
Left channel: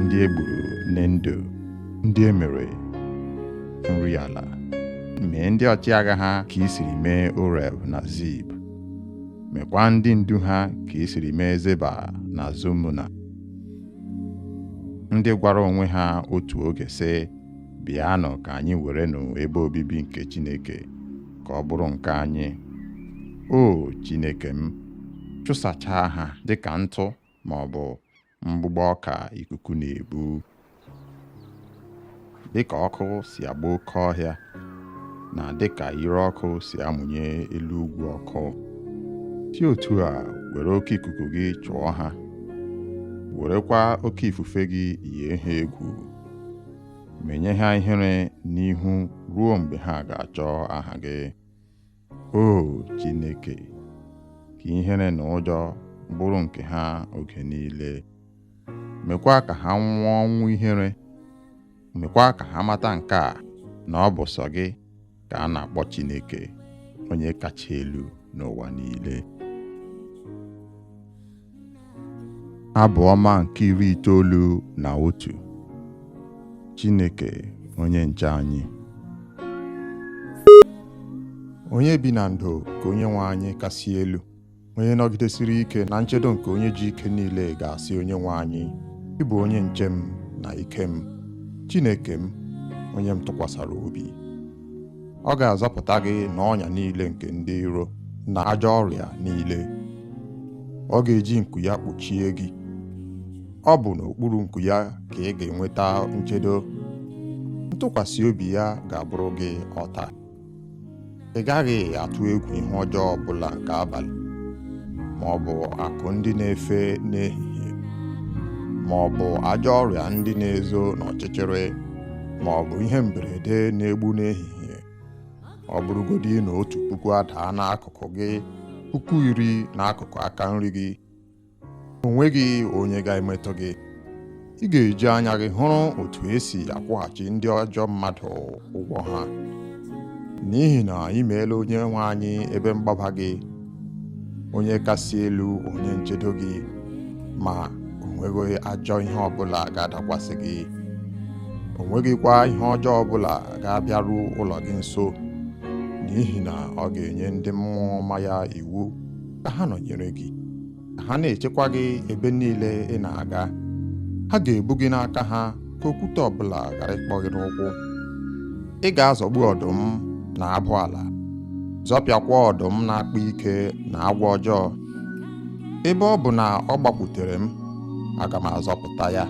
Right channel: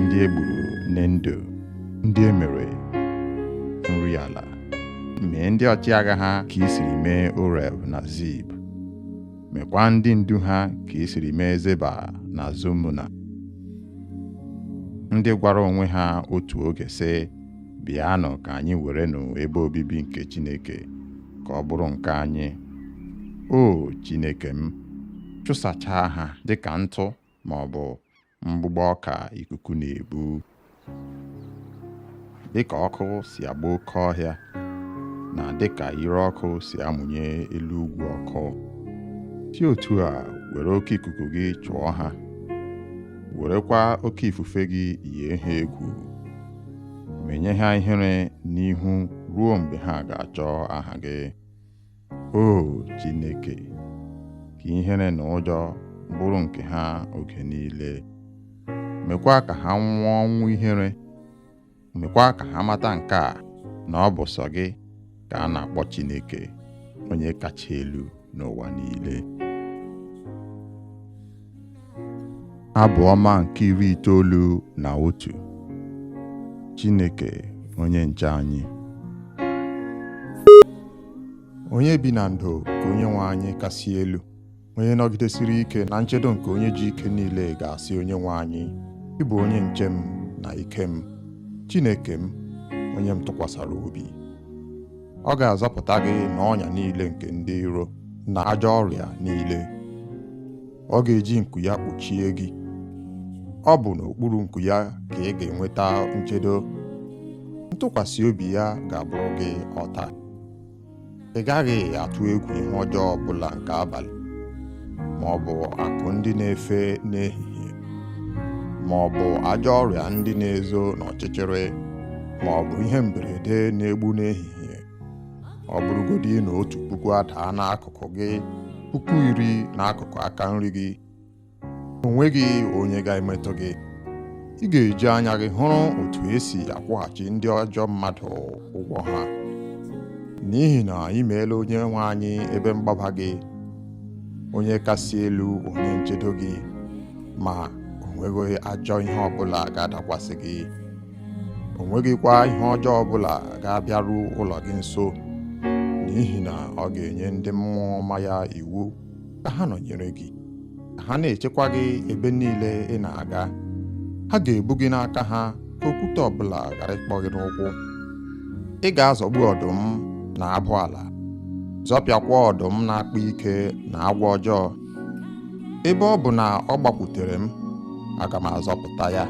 ndị egburu n'Endo, ndị emere nri ala. Mee ndị ọchịagha ha ka i siri mee Oreb na Zib. Mekwa ndị ndu ha ka i siri mee Zeba na Zumuna, ndị gwara onwe ha otu oge sị, bịanụ ka anyị werenụ ebe obibi nke Chineke ka ọ bụrụ nke anyị. O Chineke m, chụsachaa ha dịka ntụ ma ọ bụ mgbụgbọ ọka ikuku na-ebu. Dịka ọkụ si agba oke ọhịa, na dịka ire ọkụ si amụnye elu ugwu ọkụ, si otu a were oke ikuku gị chụọ ha werekwa oke ifufe gị yie ha egwu, menye ha ihere n'ihu ruo mgbe ha ga-achọ aha gị. O Chineke, ka ihere na ụjọ bụrụ nke ha oge niile. Mekwa ka ha nwụọ ọnwụ ihere. Mekwa ka ha mata nke a, na ọ bụ sọ gị ka a na-akpọ Chineke, onye kacha elu n'ụwa niile. Abụ ọma nke 91. Chineke onye nche anyị. Onye bi na ndo ka Onyenwe anyị kasị elu, onye nọgidesiri ike na nchedo nke onye ji ike niile ga-asị Onyenwe anyị, ị bụ onye nche m na ike m, Chineke m, onye m tụkwasara obi. Ọ ga-azọpụta gị n'ọnya niile nke ndị iro na ajọ ọrịa niile. Ọ ga-eji nku ya kpuchie gị. Ọ bụ n'okpuru nku ya ka ị ga-enweta nchedo. Ntụkwasị obi ya ga-abụrụ gị ọta. Ị gaghị atụ egwu ihe ọjọọ ọbụla nke abalị, ma ọ bụ akụ ndị na-efe n'ehihie, ma ọ bụ ajọ ọrịa ndị na-ezo n'ọchịchịrị, ma ọ bụ ihe mberede na-egbu n'ehihie. Ọ bụrụgodị na 1,000 adaa n'akụkụ gị, 10,000 n'akụkụ aka nri gị, o nweghị onye ga-emetụ gị. Ị ga-eji anya gị hụrụ otu esi akwụghachi ndị ajọ mmadụ ụgwọ ha, n'ihi na ị meela Onyenwe anyị ebe mgbaba gị, onye kasị elu, onye nchedo gị, ma o nweghị ajọ ihe ọbụla ga-adakwasị gị. O nweghịkwa ihe ọjọọ ọbụla ga-abịaru ụlọ gị nso, n'ihi na ọ ga-enye ndị mmụọ ọma ya iwu ka ha nọnyere gị, ka ha na-echekwa gị ebe niile ị na-aga. Ha ga-ebu gị n'aka ha ka okwute ọbụla ghara ịkpọ gị n'ụkwụ. Ị ga-azọgbu ọdụm na abụ ala, zọpịakwa ọdụm na-akpa ike na agwọ ọjọọ. Ebe ọ bụ na ọ gbakwutere m, aga m azọpụta ya,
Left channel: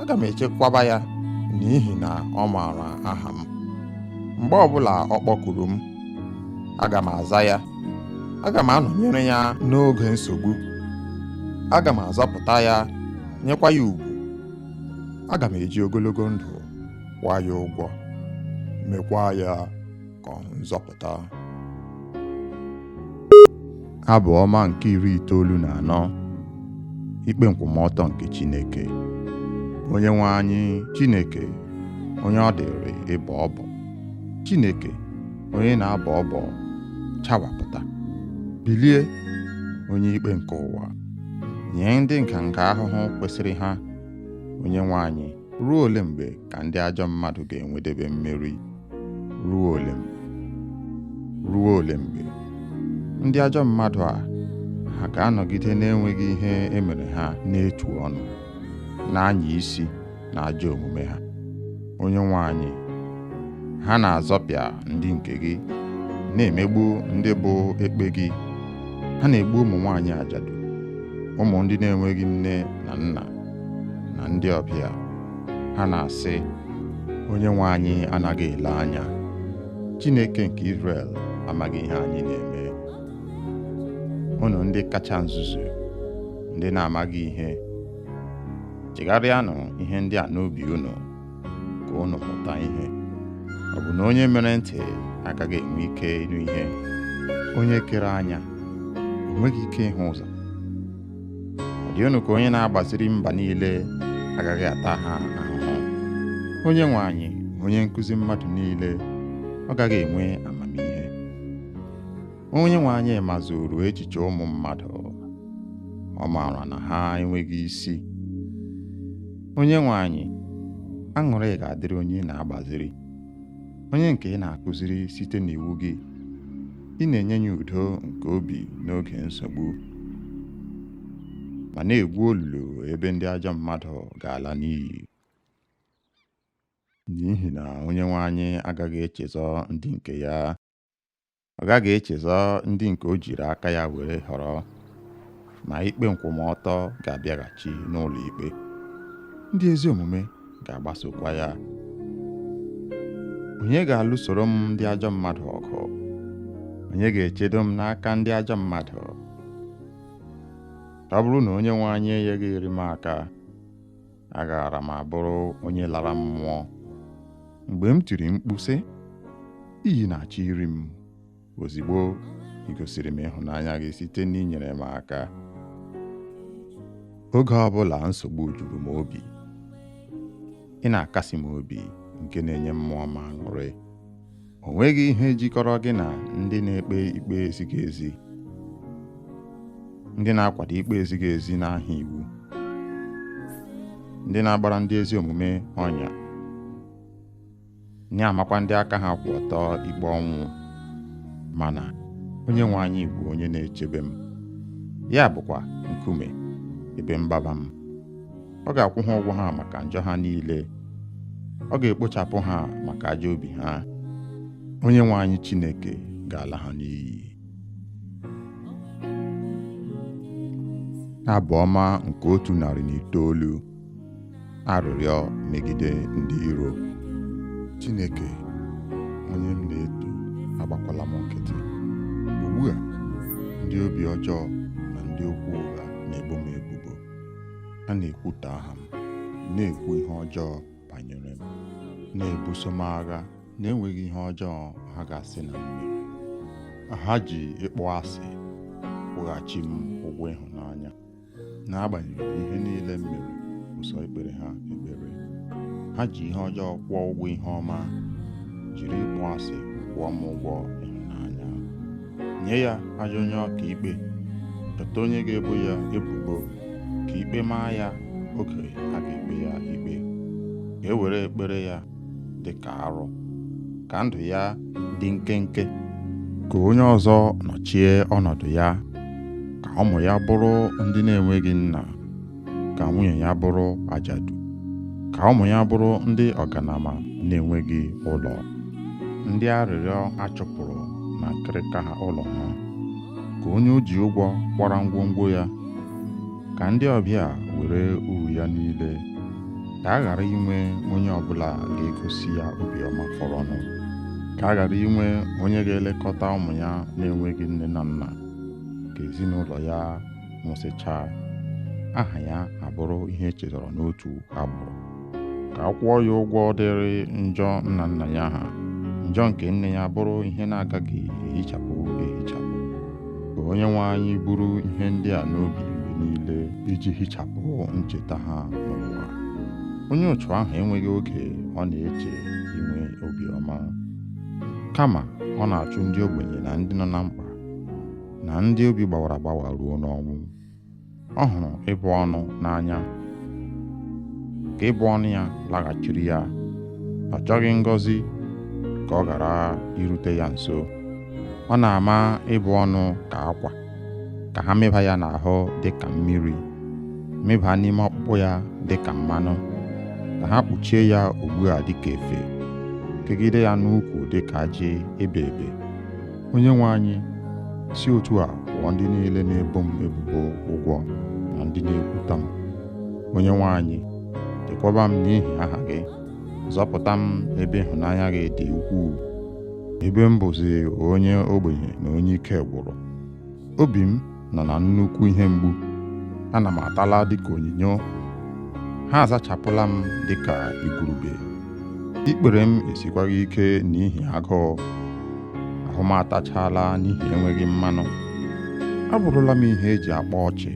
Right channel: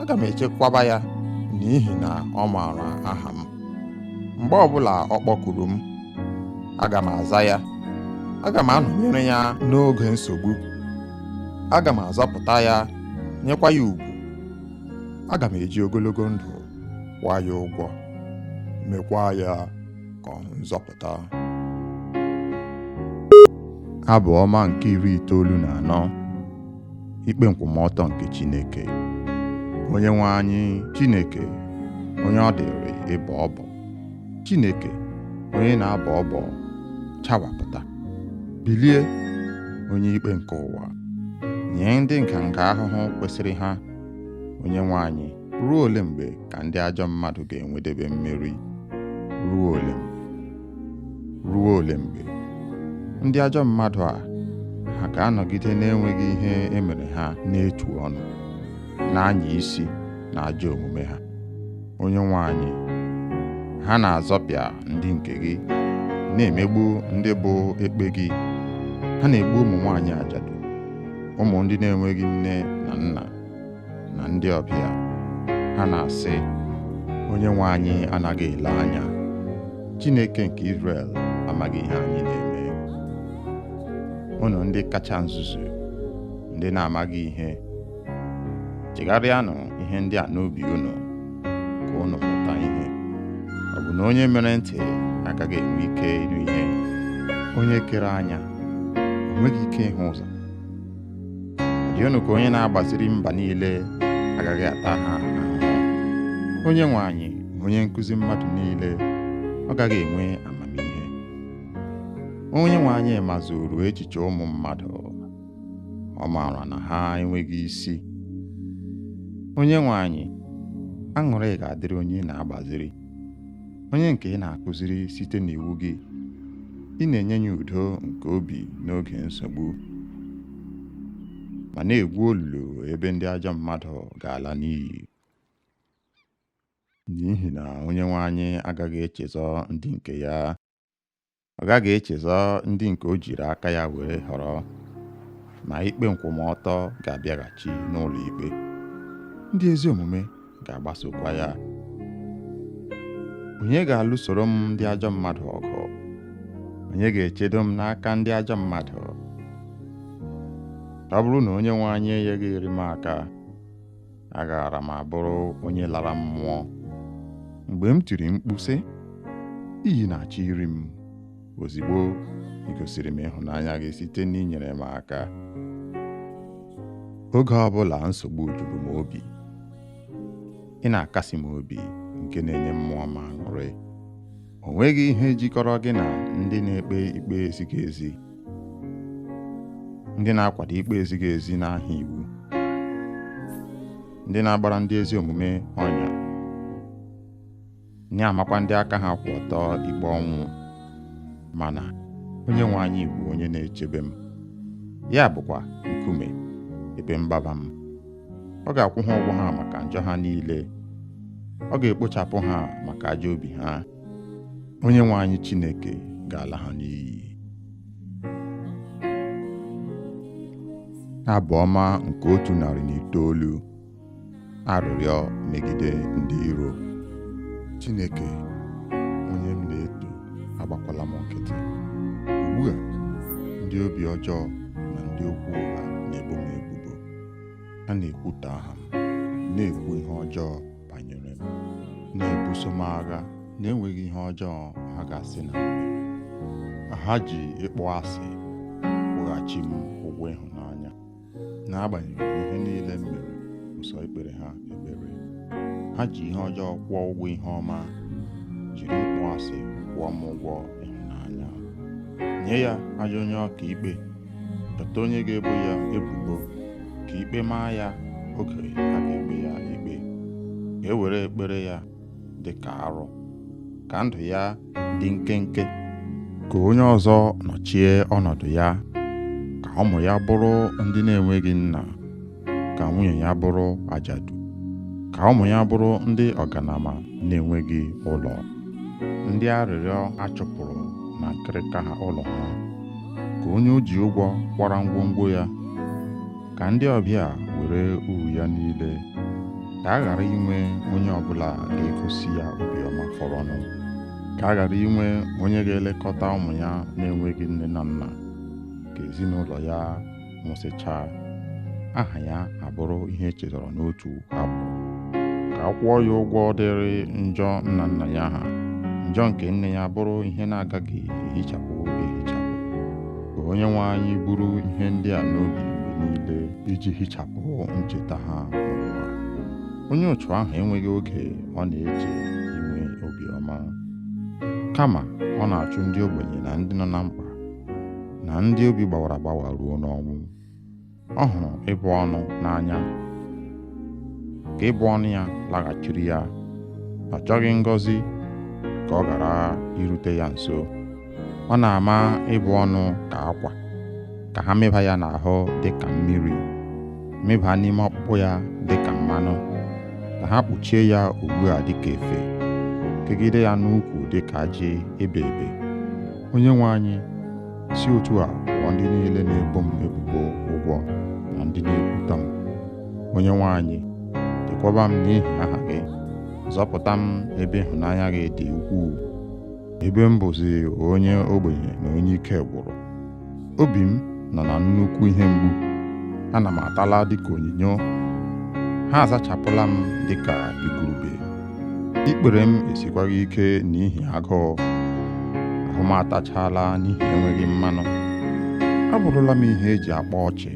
aga m echekwaba ya, n'ihi na ọ maara aha m. Mgbe ọbụla ọ kpọkuru m, aga m aza ya. Aga m anọnyere ya n'oge nsogbu. Aga m azọpụta ya, nyekwa ya ugwu. Aga m eji ogologo ndụ kwụọ ya ụgwọ, mekwa ya ka ọ nzọpụta. Abụ ọma nke 94. Ikpe nkwụmọtọ nke Chineke. Onyenwe anyị Chineke, onye ọ dịrị ịbọ ọbọ. Chineke, onye na-abọ ọbọ, chawapụta. Bilie, onye ikpe nke ụwa, nye ndị nganga ahụhụ kwesịrị ha. Onyenwe anyị, ruo ole mgbe ka ndị ajọ mmadụ ga-enwedebe mmeri? Ruo ole mgbe? Ruo ole mgbe? Ndị ajọ mmadụ a, ha ga-anọgide na-enweghị ihe emere ha n'etu ọnụ, na-anya isi na ajọ omume ha. Onyenwe anyị, ha na-azọpịa ndị nke gị, na-emegbu ndị bụ ekpe gị. Ha na-egbu ụmụ nwaanyị ajadu, ụmụ ndị na-enweghị nne na nna, na ndị ọbịa. Ha na-asị, Onyenwe anyị anaghị ele anya. Chineke nke Izrel amaghị ihe anyị na-eme. Unu ndị kacha nzuzu, ndị na-amaghị ihe, chegharịanụ ihe ndị a n'obi unu, ka unu mụta ihe. Ọ bụ na onye mere ntị agaghị enwe ike ịnụ ihe? Onye kere anya o nweghị ike ịhụ ụzọ? Ọ dị unu ka onye na-agbaziri mba niile agaghị ata ha ahụhụ? Onyenwe anyị, onye nkụzi mmadụ niile, ọ gaghị enwe amamihe? Onyenwe anyị mazuru echiche ụmụ mmadụ, ọ maara na ha enweghị isi. Onyenwe anyị, aṅụrị ga-adịrị onye na-agbaziri, onye nke ị na-akụziri site n'iwu gị. Ị na-enye ya udo nke obi n'oge nsogbu, ma na-egwu olulu ebe ndị ajọ mmadụ ga-ala n'iyi. N'ihi na Onyenwe anyị agaghị echezọ ndị nke ya. Ọ gaghị echezọ ndị nke o jiri aka ya were họrọ, ma ikpe nkwụmọtọ ga-abịaghachi n'ụlọ ikpe. Ndị ezi omume ga-agbasokwa ya. Onye ga-alụsoro m ndị ajọ mmadụ ọgụ? Onye ga-echedo m n'aka ndị ajọ mmadụ? ọ bụrụ na onye nwe anyị enyeghịrị m aka, agaara m abụrụ onye lara mmụọ. Mgbe m tiri mkpu sị, iyi na-achọ iri m, ozigbo ị gosiri m ịhụnanya gị site n'inyere m aka. Oge ọbụla nsogbu juru m obi, ị na-akasi m obi nke na-enye mmụọ m aṅụrị. O nweghị ihe jikọrọ gị na ndị na-ekpe ikpe ezighị ezi, ndị na-akwado ikpe ezighị ezi n'aha iwu, ndị na-agbara ndị ezi omume ọnya, na-amakwa ndị aka ha kwụ ọtọ ikpe ọnwụ. Mana onye nwe anyị bụ onye na-echebe m, ya bụkwa nkume ebe mgbaba m. Ọ ga-akwụ ha ụgwọ ha maka njọ ha niile, ọ ga-ekpochapụ ha maka ajọ obi ha. Onye nwe anyị Chineke ga-ala ha n'iyi. Abụ ọma nke 109. Arịrịọ megide ndị iro. Chineke, onye m na-eto, agbakwala m nkịtị. Ugbu a, ndị obi ọjọọ na ndị okwu ụgha na-ebo m ebubo. Ha na-ekwutọ aha m, na-ekwu ihe ọjọọ banyere m, na-ebuso m agha na-enweghị ihe ọjọọ ha ga-asị na m mere. Ha ji ịkpọ asị kwụghachi m ụgwọ ịhụnanya. N'agbanyeghị ihe niile m mere, ụsọ ikpere ha ekpere. Ha ji ihe ọjọọ kwụọ ụgwọ ihe ọma, jiri ịkpọ asị kwụọ m ụgwọ ịhụnanya. Nye ya ajọ onye ọka ikpe, chọta onye ga-ebo ya ebubo, ka ikpe maa ya oge a ga-ekpe ya ikpe. Ka e were ekpere ya dị ka arụ, ka ndụ ya dị nkenke, ka onye ọzọ nọchie ọnọdụ ya, ka ụmụ ya bụrụ ndị na-enweghị nna, ka nwunye ya bụrụ ajadu, ka ụmụ ya bụrụ ndị ọganama na-enweghị ụlọ, ndị arịrịọ achụpụrụ na nkịrịka ha ụlọ ha, ka onye o ji ụgwọ kwara ngwongwo ya, ka ndị ọbịa were uru ya niile, ka a ghara inwe onye ọbụla ga-egosi ya obiọma fọrọnụ, ka a ghara inwe onye ga-elekọta ụmụ ya na-enweghị nne na nna, ka ezinụlọ ya nwụsịchaa, aha ya abụrụ ihe echetara n'otu agbụrụ, ka a kwụọ ya ụgwọ dịrị njọ nna nna ya ha, njọ nke nne ya bụrụ ihe na-agaghị ehichapụ ehichapụ. Ka onye nwe anyị buru ihe ndị a n'obi mgbe niile iji hichapụ ncheta ha n'ụwa. Onye otu ahụ enweghị oge ọ na-eche inwe obiọma, kama ọ na-achụ ndị ogbenye na ndị nọ na mkpa na ndị obi gbawara agbawa ruo n'ọnwụ. Ọ hụrụ ịbụ ọnụ n'anya, ka ịbụ ọnụ ya laghachiri ya. Ọ chọghị ngọzi ka ọ ghara irute ya nso. Ọ na-ama ịbụ ọnụ ka akwa, ka ha mịba ya n'ahụ dị ka mmiri, mịba n'ime ọkpụkpụ ya dị ka mmanụ, ka ha kpuchie ya ugbu a dị ka efe, kegide ya n'ukwu dị ka ajị ebe ebe. Onye nwe anyị, si otu a kwụọ ndị niile na-ebo m ebubo ụgwọ na ndị na-ekwuta m. Onye nwe anyị, chekwaba m n'ihi aha gị, zọpụta m ebe ịhụnanya gị dị ukwuu, ebe m bụzi onye ogbenye na onye ike gwụrụ. Obi m nọ na nnukwu ihe mgbu, ana m atala dịka onyinyo, ha azachapụla m dịka igurube. Ikpere m esikwaghị ike n'ihi agụụ, ahụ m atachala n'ihi enweghị mmanụ. Abụrụla m ihe eji akpa ọchị.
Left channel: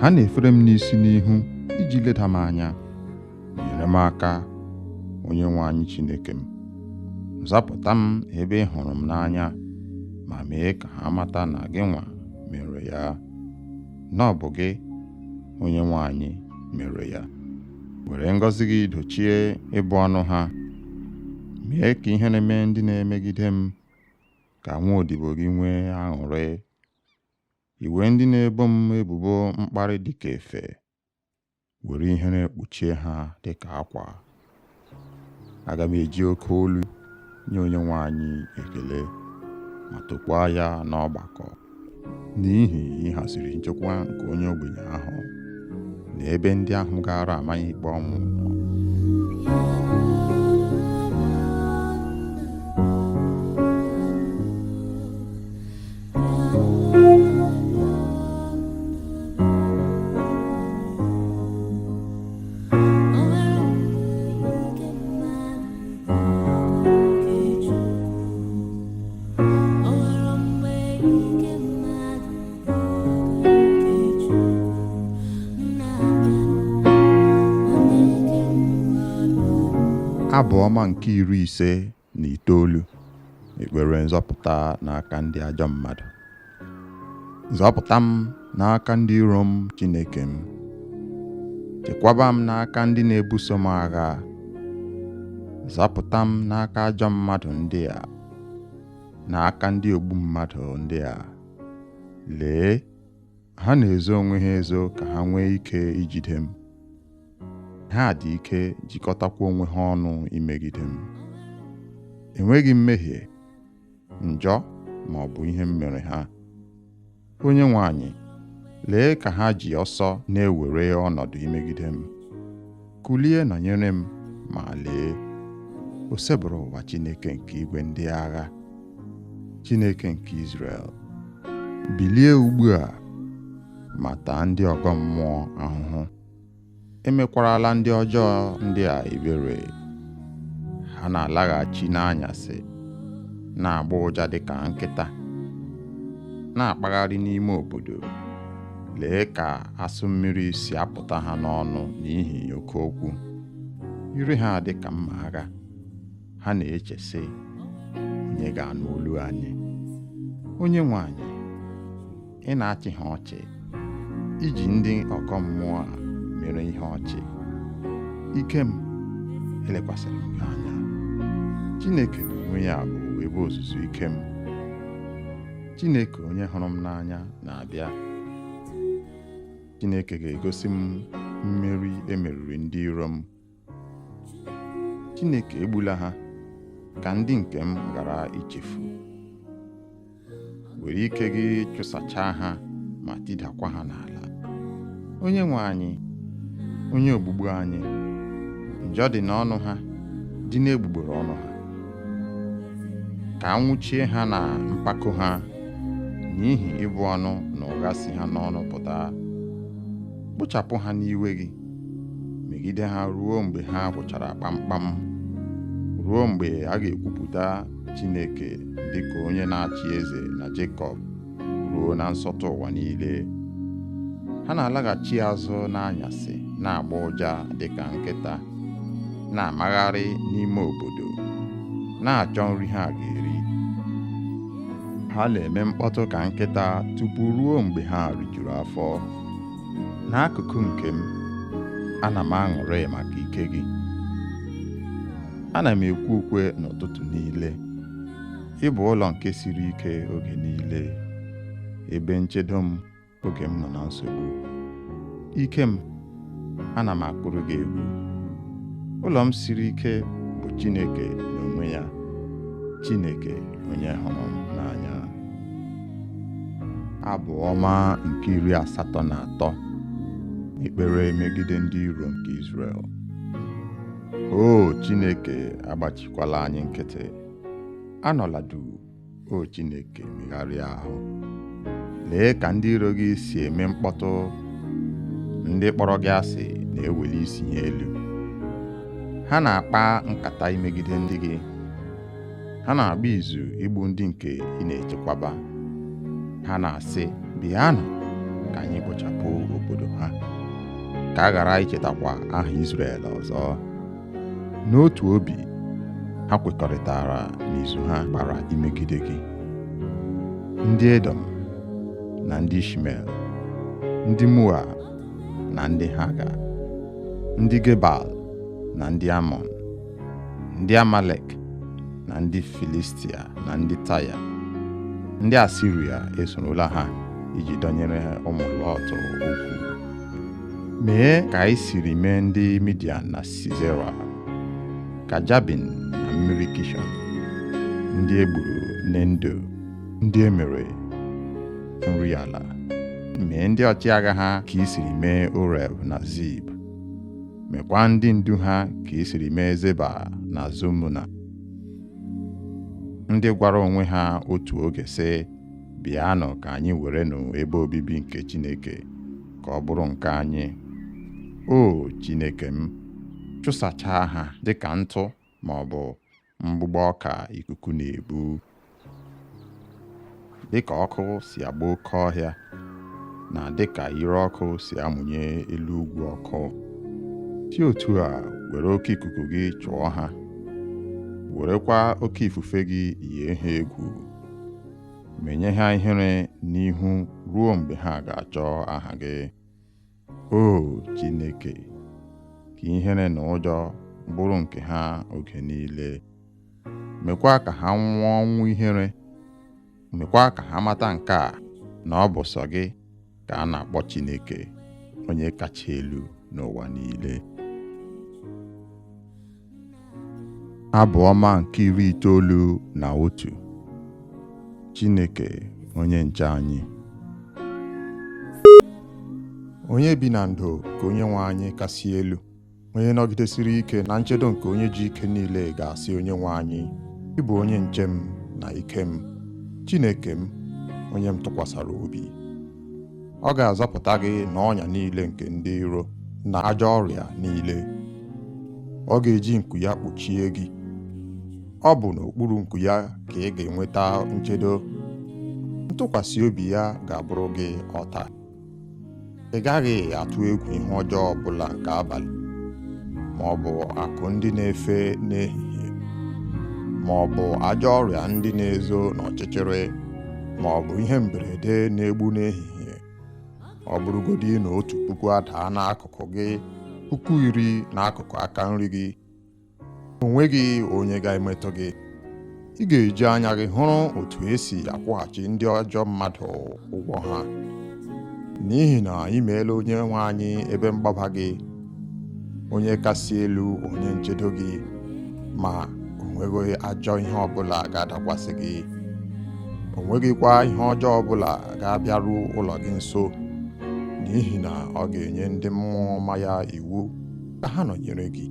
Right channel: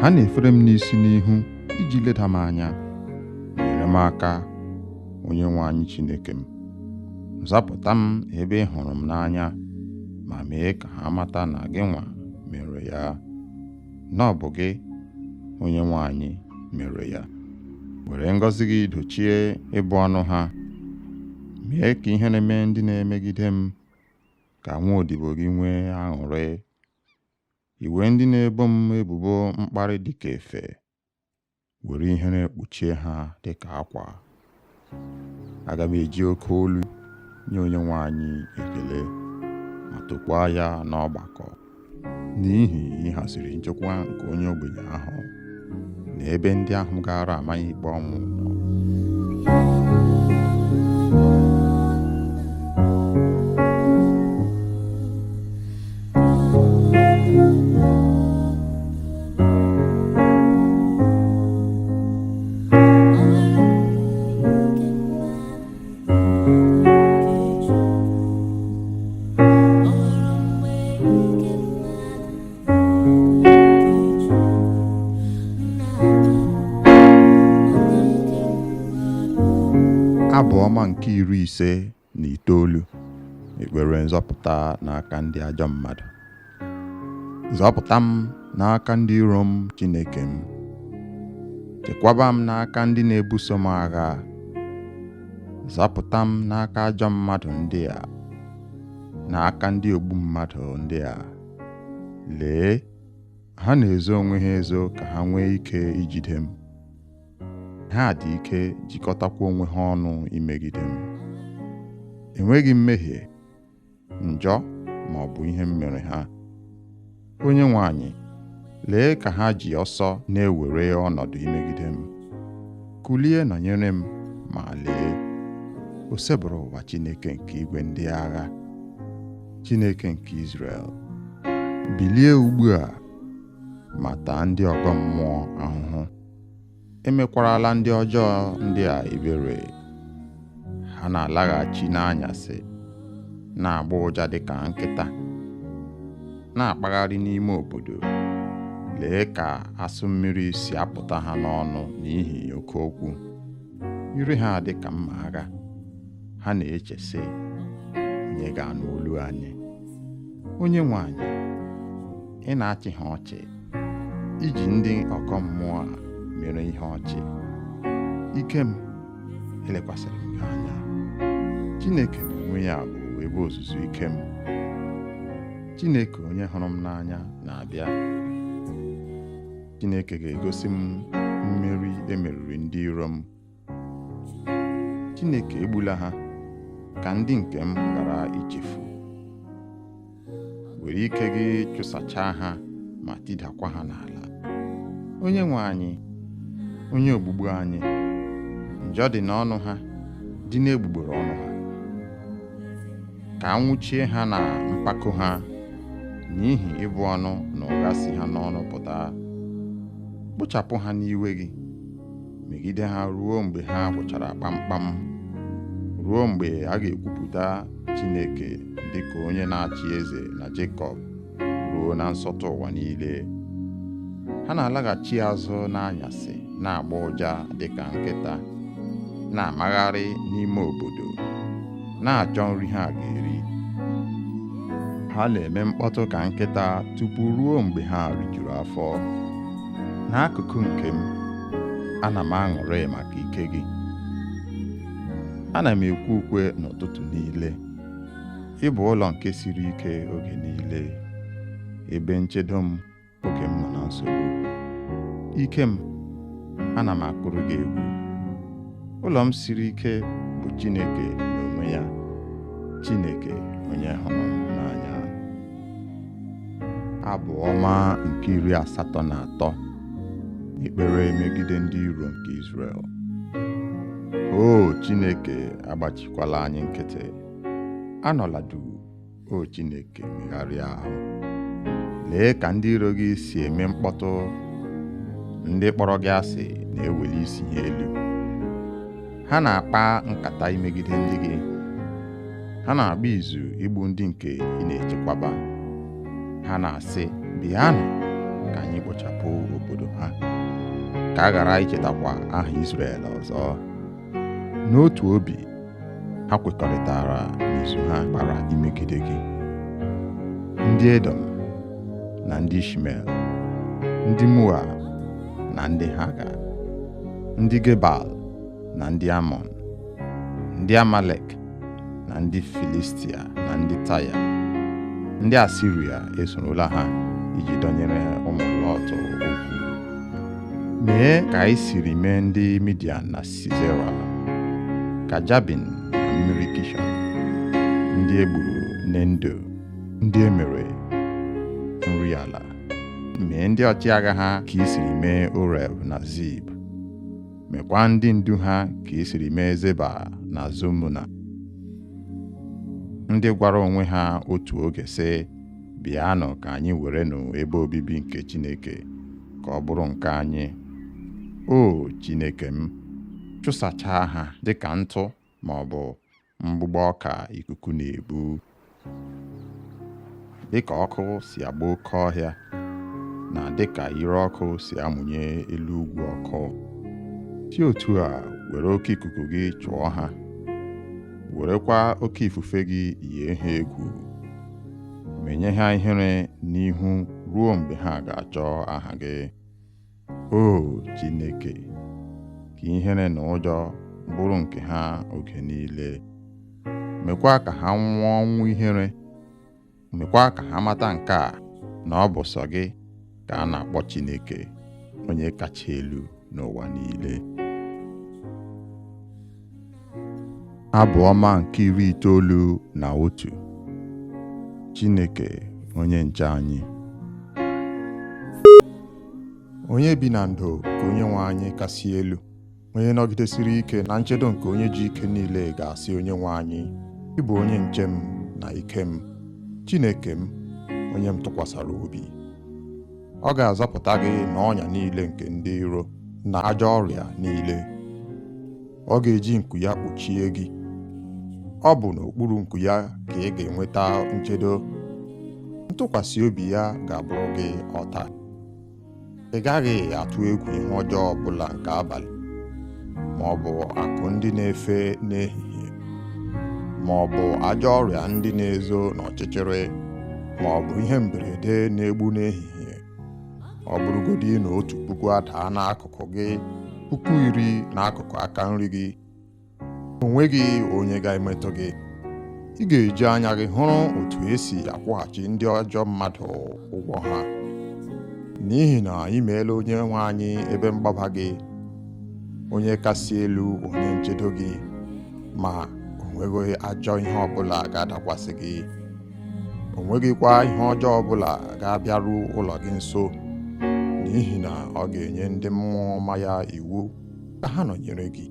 Ha na-efere m n'isi n'ihu iji leda m anya. Nyere m aka, onye nwe anyị Chineke m. Zapụta m ebe ị hụrụ m n'anya, ma mee ka ha mata na gị nwa mere ya, na ọ bụ gị, onye nwe anyị, mere ya. Were ngọzi gị dochie ịbụ ọnụ ha. Mee ka ihe na-eme ndị na-emegide m, ka nwa odibo gị nwee aṅụrị. Iwe ndị na-ebo m ebubo mkparị dịka efe, were ihe na-ekpuchie ha dịka akwa. Aga m eji oke olu nye onye nwe anyị ekele, ma tokwaa ya n'ọgbakọ, n'ihi ịhaziri nchekwa nke onye ogbenye ahụ na ebe ndị ahụ gara amaghị ikpe ọnwụ nọ. Abụ ọma nke 59, ekpere nzọpụta n'aka ndị ajọ mmadụ. Zọpụta m n'aka ndị iro m, Chineke m. Chekwaba m n'aka ndị na-ebuso m agha. Zọpụta m n'aka ajọ mmadụ ndị a, n'aka ndị ogbu mmadụ ndị a. Lee, ha na-ezo onwe ha ezo ka ha nwee ike ijide m. Ha dị ike jikọtakwa onwe ha ọnụ imegide m. Enweghị mmehie, njọ ma ọ bụ ihe m mere ha. Onyenwe anyị, lee ka ha ji ọsọ na-ewere ọnọdụ imegide m. Kulie nọnyere m, ma lee, o sebụrụ ụwa Chineke nke igwe ndị agha, Chineke nke Izrel. Bilie ugbu a ma taa ndị ọgọ mmụọ ahụhụ. Emekwarala ndị ọjọọ ndị a ebere. Ha na-alaghachi n'anyasị, na-agba ụja dịka nkịta, na-akpagharị n'ime obodo. Lee ka asụ mmiri si apụta ha n'ọnụ n'ihi oke okwu. Ire ha dị ka mma agha. Ha na-eche sị, onye ga-anụ olu anyị? Onyenwe anyị, ị na-achị ha ọchị, iji ndị ọgọ mmụọ a mere ihe ọchị. Ike m, elekwasịrị m gị anya. Chineke n'onwe ya bụ ebe ozuzu ike m. Chineke onye hụrụ m n'anya na-abịa. Chineke ga-egosi m mmeri emeriri ndị iro m. Chineke egbula ha, ka ndị nke m ghara ichefu. Were ike gị chụsachaa ha ma tidakwa ha n'ala. Onyenwe anyị, onye ogbugbu anyị, njọ dị n'ọnụ ha, dị n'egbugbere ọnụ ha. Ka anwụchie ha na mpako ha, n'ihi ịbụ ọnụ na ụgha si ha n'ọnụ pụta. Kpochapụ ha n'iwe gị, megide ha ruo mgbe ha gwụchara kpamkpam, ruo mgbe a ga-ekwupụta Chineke dịka onye na-achị eze na Jekọb, ruo na nsọtụ ụwa niile. Ha na-alaghachi azụ n'anyasị, na-agba ụja dịka nkịta, na-amagharị n'ime obodo, na-achọ nri ha ga-eri. Ha na-eme mkpọtụ ka nkịta tupu ruo mgbe ha rijuru afọ. N'akụkụ nke m, ana m aṅụrị maka ike gị. Ana m ekwe ukwe n'ụtụtụ niile. Ị bụ ụlọ nke siri ike oge niile, ebe nchedo m oge m nọ na nsogbu. Ike m, ana m akụrụ gị egwu. Ụlọ m siri ike bụ Chineke n'onwe ya, Chineke onye hụrụ m n'anya. Abụ ọma nke 83, ekpere megide ndị iro nke Izrel. O Chineke, agbachikwala anyị nkịtị. Anọla duu, o Chineke, megharịa ahụ. Lee ka ndị iro gị si eme mkpọtụ. Ndị kpọrọ gị asị na-eweli isi ha elu. Ha na-akpa nkata imegide ndị gị. Ha na-agba izu igbu ndị nke ị na-echekwaba. Ha na-asị, bịanụ ka anyị kpochapụ obodo ha, ka a ghara ichetakwa aha Izrel ọzọ. N'otu obi, ha kwekọrịtara n'izu ha gbara imegide gị. Ndị Edom na ndị Ishmel, ndị Moab na ndị Haga, ndị Gebal na ndị Amọn, ndị Amalek na ndị Filistia na ndị Taya, ndị Asiria esorola ha iji dọnyere ụmụ Lọt okwu. Mee ka anyị siri mee ndị Midian na Sisera, ka Jabin na mmiri Kishọn, ndị egburu Nendo, ndị emere nri ala. Mee ndị ọchịagha ha ka i siri mee Oreb na Zib. Mekwa ndị ndu ha ka i siri mee Zeba na Zumuna, ndị gwara onwe ha otu oge sị, bịanụ ka anyị werenụ ebe obibi nke Chineke ka ọ bụrụ nke anyị. O Chineke m, chụsachaa ha dịka ntụ ma ọ bụ mgbụgbọ ọka ikuku na-ebu. Dịka ọkụ si agba oke ọhịa, na dịka ire ọkụ si amụnye elu ugwu ọkụ, si otu a were oke ikuku gị chụọ ha werekwa oke ifufe gị yie ha egwu, menye ha ihere n'ihu ruo mgbe ha ga-achọ aha gị. O Chineke, ka ihere na ụjọ bụrụ nke ha oge niile. Mekwa ka ha nwụọ ọnwụ ihere. Mekwa ka ha mata nke a, na ọ bụ sọ gị ka a na-akpọ Chineke, onye kacha elu n'ụwa niile. Abụ ọma nke 91. Chineke onye nche anyị. Onye bi na ndo ka Onyenwe anyị kasị elu, onye nọgidesiri ike na nchedo nke onye ji ike niile ga-asị Onyenwe anyị, ị bụ onye nche m na ike m, Chineke m, onye m tụkwasara obi. Ọ ga-azọpụta gị n'ọnya niile nke ndị iro na ajọ ọrịa niile. Ọ ga-eji nku ya kpuchie gị. Ọ bụ n'okpuru nku ya ka ị ga-enweta nchedo. Ntụkwasị obi ya ga-abụrụ gị ọta. Ị gaghị atụ egwu ihe ọjọọ ọbụla nke abalị, ma ọ bụ akụ ndị na-efe n'ehihie, ma ọ bụ ajọ ọrịa ndị na-ezo n'ọchịchịrị, ma ọ bụ ihe mberede na-egbu n'ehihie. Ọ bụrụgodị na 1,000 adaa n'akụkụ gị, 10,000 n'akụkụ aka nri gị, o nweghị onye ga-emetụ gị. Ị ga-eji anya gị hụrụ otu esi akwụghachi ndị ajọ mmadụ ụgwọ ha, n'ihi na ị meela Onyenwe anyị ebe mgbaba gị, onye kasị elu onye nchedo gị, ma o nweghị ajọ ihe ọbụla ga-adakwasị gị. O nweghịkwa ihe ọjọọ ọbụla ga-abịaru ụlọ gị nso, n'ihi na ọ ga-enye ndị mmụọ ọma ya iwu ka ha nọnyere gị,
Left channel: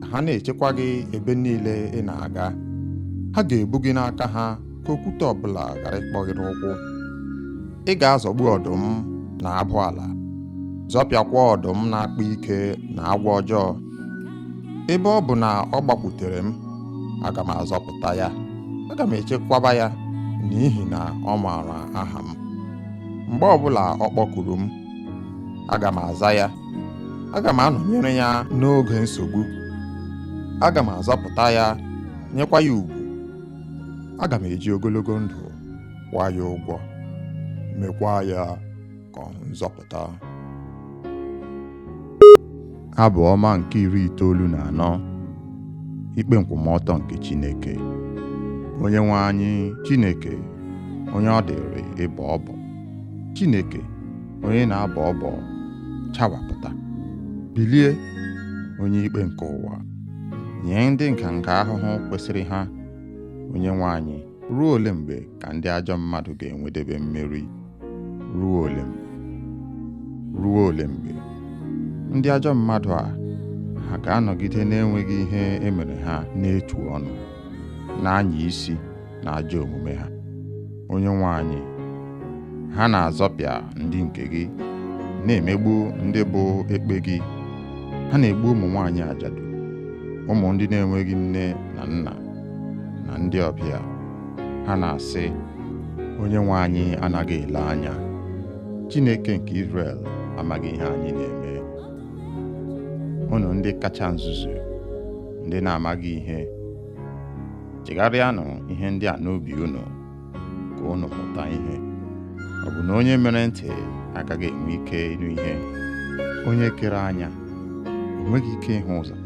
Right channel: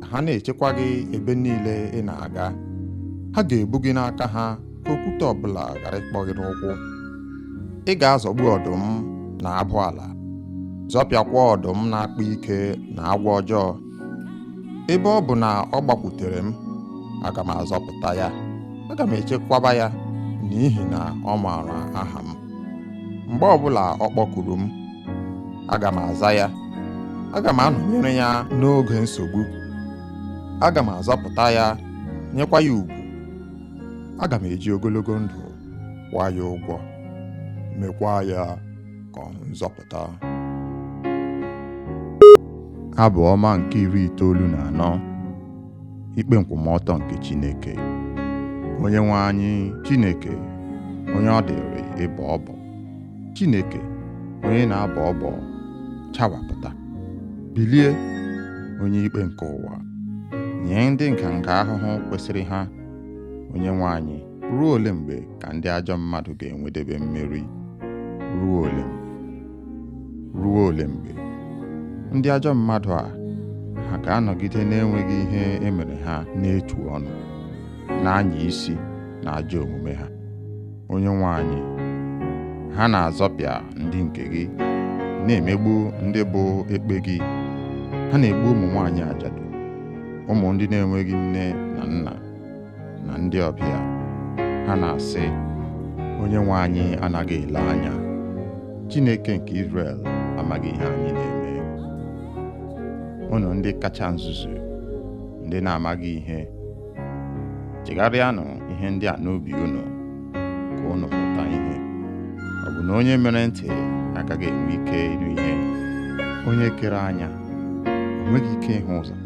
ka ha na-echekwa gị ebe niile ị na-aga. Ha ga-ebu gị n'aka ha ka okwute ọbụla ghara ịkpọ gị n'ụkwụ. Ị ga-azọgbu ọdụm na abụ ala, zọpịakwa ọdụm na-akpa ike na agwọ ọjọọ. Ebe ọ bụ na ọ gbakwutere m, aga m azọpụta ya, aga m echekwaba ya, n'ihi na ọ maara aha m. Mgbe ọbụla ọ kpọkuru m, aga m aza ya. Aga m anọnyere ya n'oge nsogbu. Aga m azọpụta ya, nyekwa ya ugwu. Aga m eji ogologo ndụ kwụọ ya ụgwọ, mekwa ya ka ọ hụ nzọpụta. Abụ ọma nke 94. Ikpe nkwụmọtọ nke Chineke. Onyenwe anyị Chineke, onye ọ dịrị ịbọ ọbọ. Chineke, onye na-abọ ọbọ, chawapụta. Bilie, onye ikpe nke ụwa, nye ndị nganga ahụhụ kwesịrị ha. Onyenwe anyị, ruo ole mgbe ka ndị ajọ mmadụ ga-enwedebe mmeri? Ruo ole mgbe? Ruo ole mgbe? Ndị ajọ mmadụ a, ha ga-anọgide na-enweghị ihe emere ha n'etu ọnụ, na-anya isi na ajọ omume ha. Onyenwe anyị, ha na-azọpịa ndị nke gị, na-emegbu ndị bụ ekpe gị. Ha na-egbu ụmụ nwaanyị ajadu, ụmụ ndị na-enweghị nne na nna, na ndị ọbịa. Ha na-asị, Onyenwe anyị anaghị ele anya. Chineke nke Izrel amaghị ihe anyị na-eme. Unu ndị kacha nzuzu, ndị na-amaghị ihe, chegharịanụ ihe ndị a n'obi unu, ka unu mụta ihe. Ọ bụ na onye mere ntị agaghị enwe ike ịnụ ihe? Onye kere anya o nweghị ike ịhụ ụzọ?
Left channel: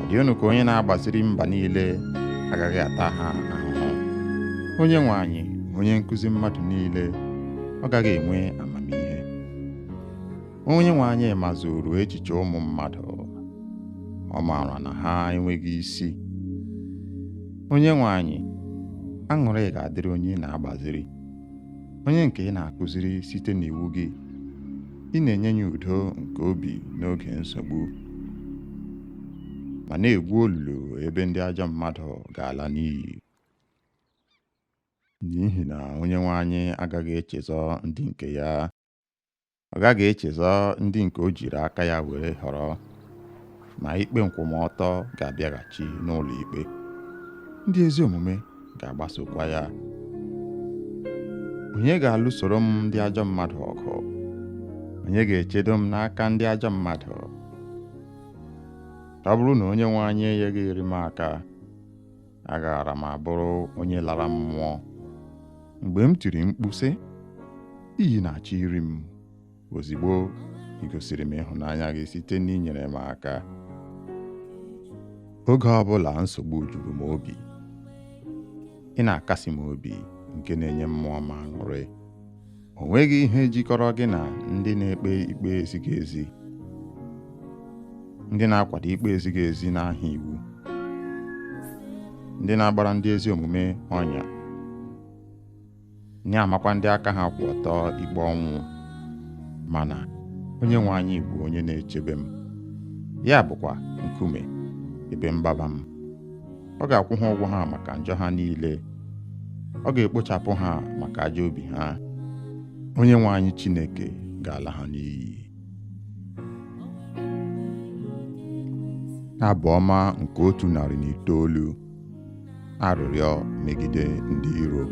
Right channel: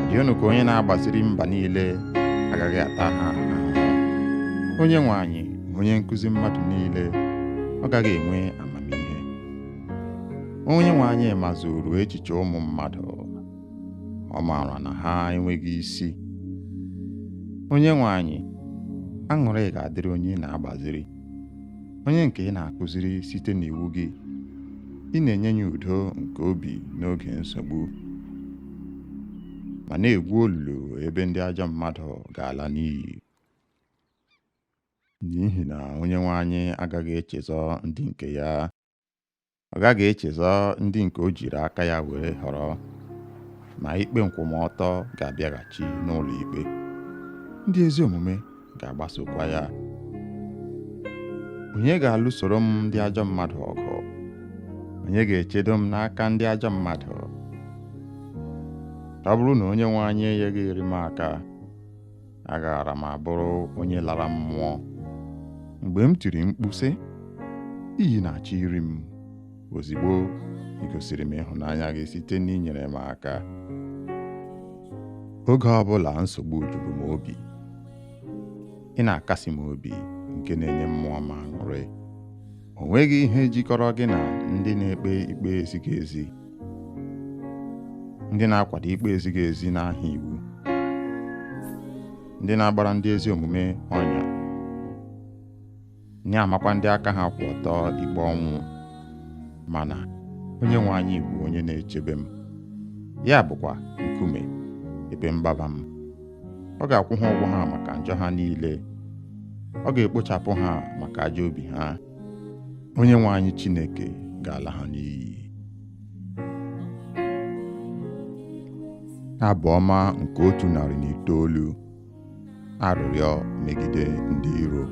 Ọ dị unu ka onye na-agbaziri mba niile agaghị ata ha ahụhụ? Onyenwe anyị, onye nkụzi mmadụ niile, ọ gaghị enwe amamihe? Onyenwe anyị mazuru echiche ụmụ mmadụ, ọ maara na ha enweghị isi. Onyenwe anyị, aṅụrị ga-adịrị onye na-agbaziri, onye nke ị na-akụziri site n'iwu gị. Ị na-enye ya udo nke obi n'oge nsogbu, ma na-egwu olulu ebe ndị ajọ mmadụ ga-ala n'iyi. N'ihi na Onyenwe anyị agaghị echezọ ndị nke ya. Ọ gaghị echezọ ndị nke o jiri aka ya were họrọ, ma ikpe nkwụmọtọ ga-abịaghachi n'ụlọ ikpe. Ndị ezi omume ga-agbasokwa ya. Onye ga-alụsoro m ndị ajọ mmadụ ọgụ? Onye ga-echedo m n'aka ndị ajọ mmadụ? Ọ bụrụ na Onyenwe anyị enyeghị m aka, agaara m abụrụ onye lara mmụọ. Mgbe m tiri mkpu sị, iyi na-achọ iri m, ozigbo ị gosiri m ịhụnanya gị site n'inyere m aka. Oge ọbụla nsogbu juru m obi, ị na-akasi m obi nke na-enye mmụọ m aṅụrị. O nweghị ihe jikọrọ gị na ndị na-ekpe ikpe ezighị ezi, ndị na-akwado ikpe ezighị ezi n'aha iwu, ndị na-agbara ndị ezi omume ọnya, na-amakwa ndị aka ha kwụ ọtọ ikpe ọnwụ. Mana onye nwe anyị bụ onye na-echebe m, ya bụkwa nkume ebe mgbaba m. Ọ ga-akwụ ha ụgwọ ha maka njọ ha niile, ọ ga-ekpochapụ ha maka ajọ obi ha. Onye nwe anyị Chineke ga-ala ha n'iyi. Abụ ọma nke 109. Arịrịọ megide ndị iro.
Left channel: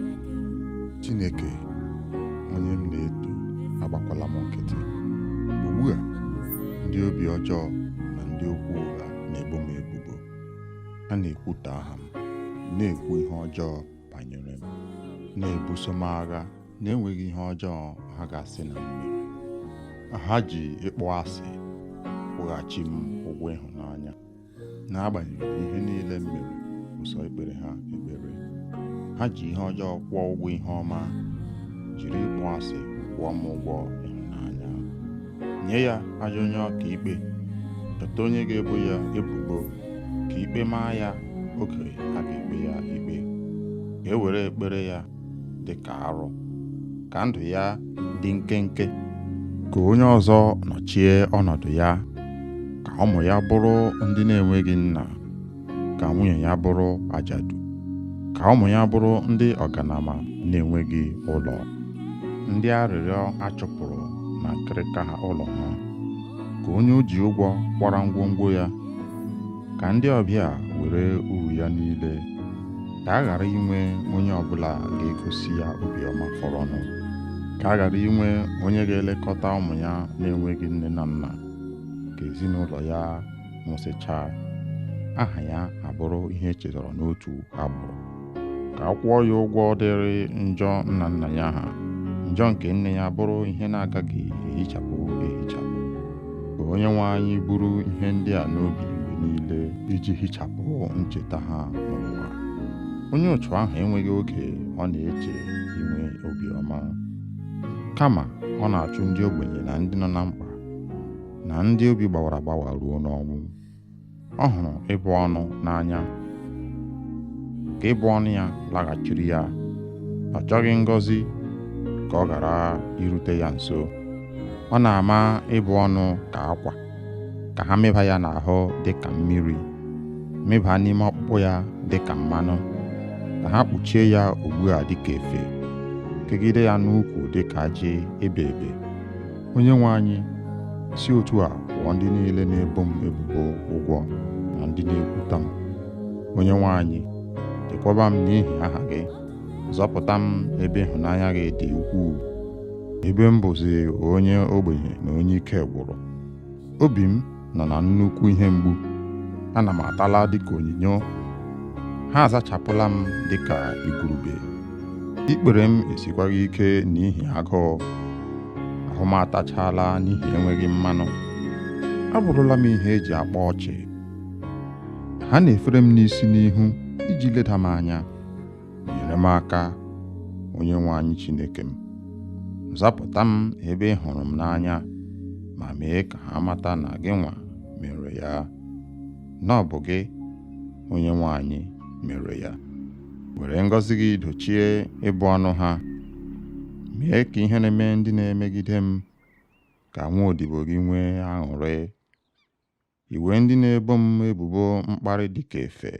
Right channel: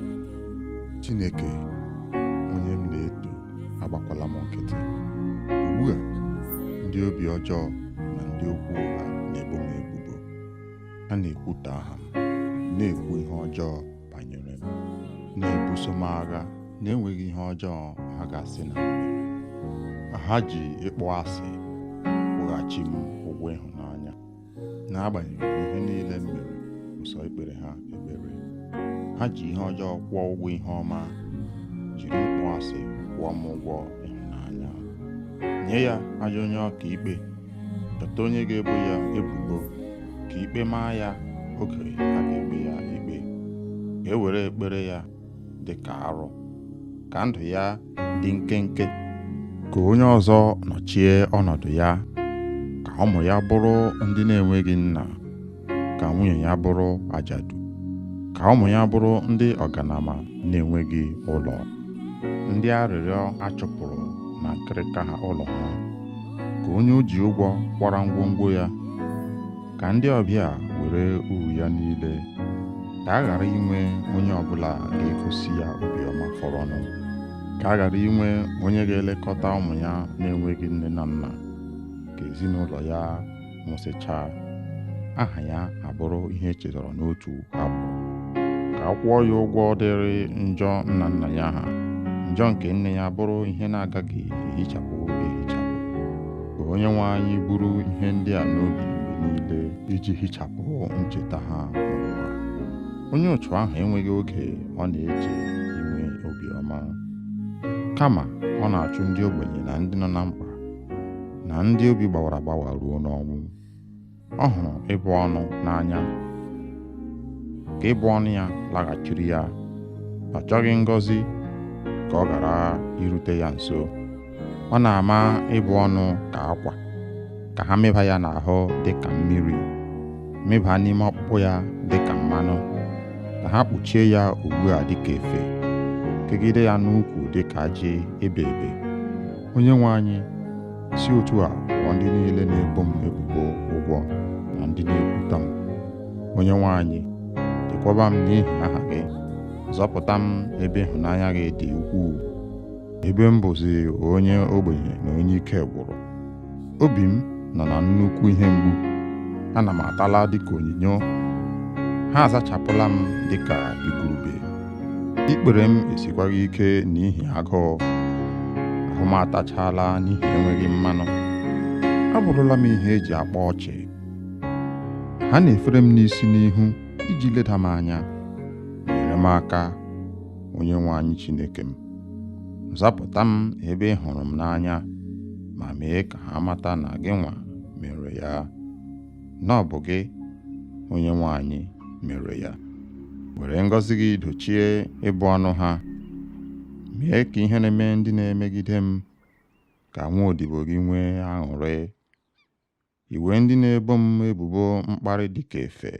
Chineke, onye m na-eto, agbakwala m nkịtị. Ugbu a, ndị obi ọjọọ na ndị okwu ụgha na-ebo m ebubo. Ha na-ekwutọ aha m, na-ekwu ihe ọjọọ banyere m, na-ebuso m agha na-enweghị ihe ọjọọ ha ga-asị na m mere. Ha ji ịkpọ asị kwụghachi m ụgwọ ịhụnanya, n'agbanyeghị ihe niile m mere ụsọ ikpere ha ekpere. Ha ji ihe ọjọọ kwụọ ụgwọ ihe ọma, jiri ịkpọ asị kwụọ m ụgwọ ịhụnanya. Nye ya ajọ onye ọka ikpe, chọta onye ga-ebo ya ebubo, ka ikpe maa ya oge a ga-ekpe ya ikpe. Ka e were ekpere ya dị ka arụ, ka ndụ ya dị nkenke, ka onye ọzọ nọchie ọnọdụ ya, ka ụmụ ya bụrụ ndị na-enweghị nna, ka nwunye ya bụrụ ajadu, ka ụmụ ya bụrụ ndị ọganama na-enweghị ụlọ, ndị arịrịọ achụpụrụ na nkịrịka ha ụlọ ha, ka onye o ji ụgwọ kwara ngwongwo ya, ka ndị ọbịa were uru ya niile, ka a ghara inwe onye ọbụla ga-egosi ya obiọma fọrọnụ, ka a ghara inwe onye ga-elekọta ụmụ ya na-enweghị nne na nna, ka ezinụlọ ya nwụsịchaa, aha ya abụrụ ihe echetara n'otu agbụrụ, ka a kwụọ ya ụgwọ dịrị njọ nna nna ya ha, njọ nke nne ya bụrụ ihe na-agaghị ehichapụ ehichapụ. Ka onye nwe anyị buru ihe ndị a n'obi mgbe niile iji hichapụ ncheta ha n'ụwa. Onye otu ahụ enweghị oge ọ na-eche inwe obiọma, kama ọ na-achụ ndị ogbenye na ndị nọ na mkpa, na ndị obi gbawara agbawa ruo n'ọnwụ. Ọ hụrụ ịbụ ọnụ n'anya, ka ịbụ ọnụ ya laghachiri ya. Ọ chọghị ngọzi ka ọ ghara irute ya nso. Ọ na-ama ịbụ ọnụ ka akwa, ka ha meba ya n'ahụ dị ka mmiri, meba n'ime ọkpụkpụ ya dị ka mmanụ, ka ha kpuchie ya ugbu a dị ka efe, kegide ya n'ukwu dị ka ajị ebe ebe. Onye nwe anyị, si otu a kwụọ ndị niile na-ebo m ebubo ụgwọ na ndị na-ekwuta m. Onye nwe anyị, chekwaba m n'ihi aha gị, zọpụta m ebe ịhụnanya gị dị ukwuu, ebe m bụzi onye ogbenye na onye ike gwụrụ. Obi m nọ na nnukwu ihe mgbu, ana m atala dịka onyinyo, ha azachapụla m dịka igurube. Ikpere m esikwaghị ike n'ihi agụụ, ahụ m atachala n'ihi enweghị mmanụ. Abụrụla m ihe eji akpa ọchị. Ha na-efere m n'isi n'ihu iji leda m anya. Nyere m aka, onye nwe anyị Chineke m. Zapụta m ebe ị hụrụ m n'anya, ma mee ka ha mata na gị nwa mere ya, na ọ bụ gị, onye nwe anyị, mere ya. Were ngọzi gị dochie ịbụ ọnụ ha, mee ka ihe na-eme ndị na-emegide m ka nwa odibo gị nwee aṅụrị. Iwe ndị na-ebo m ebubo mkparị dịka efe,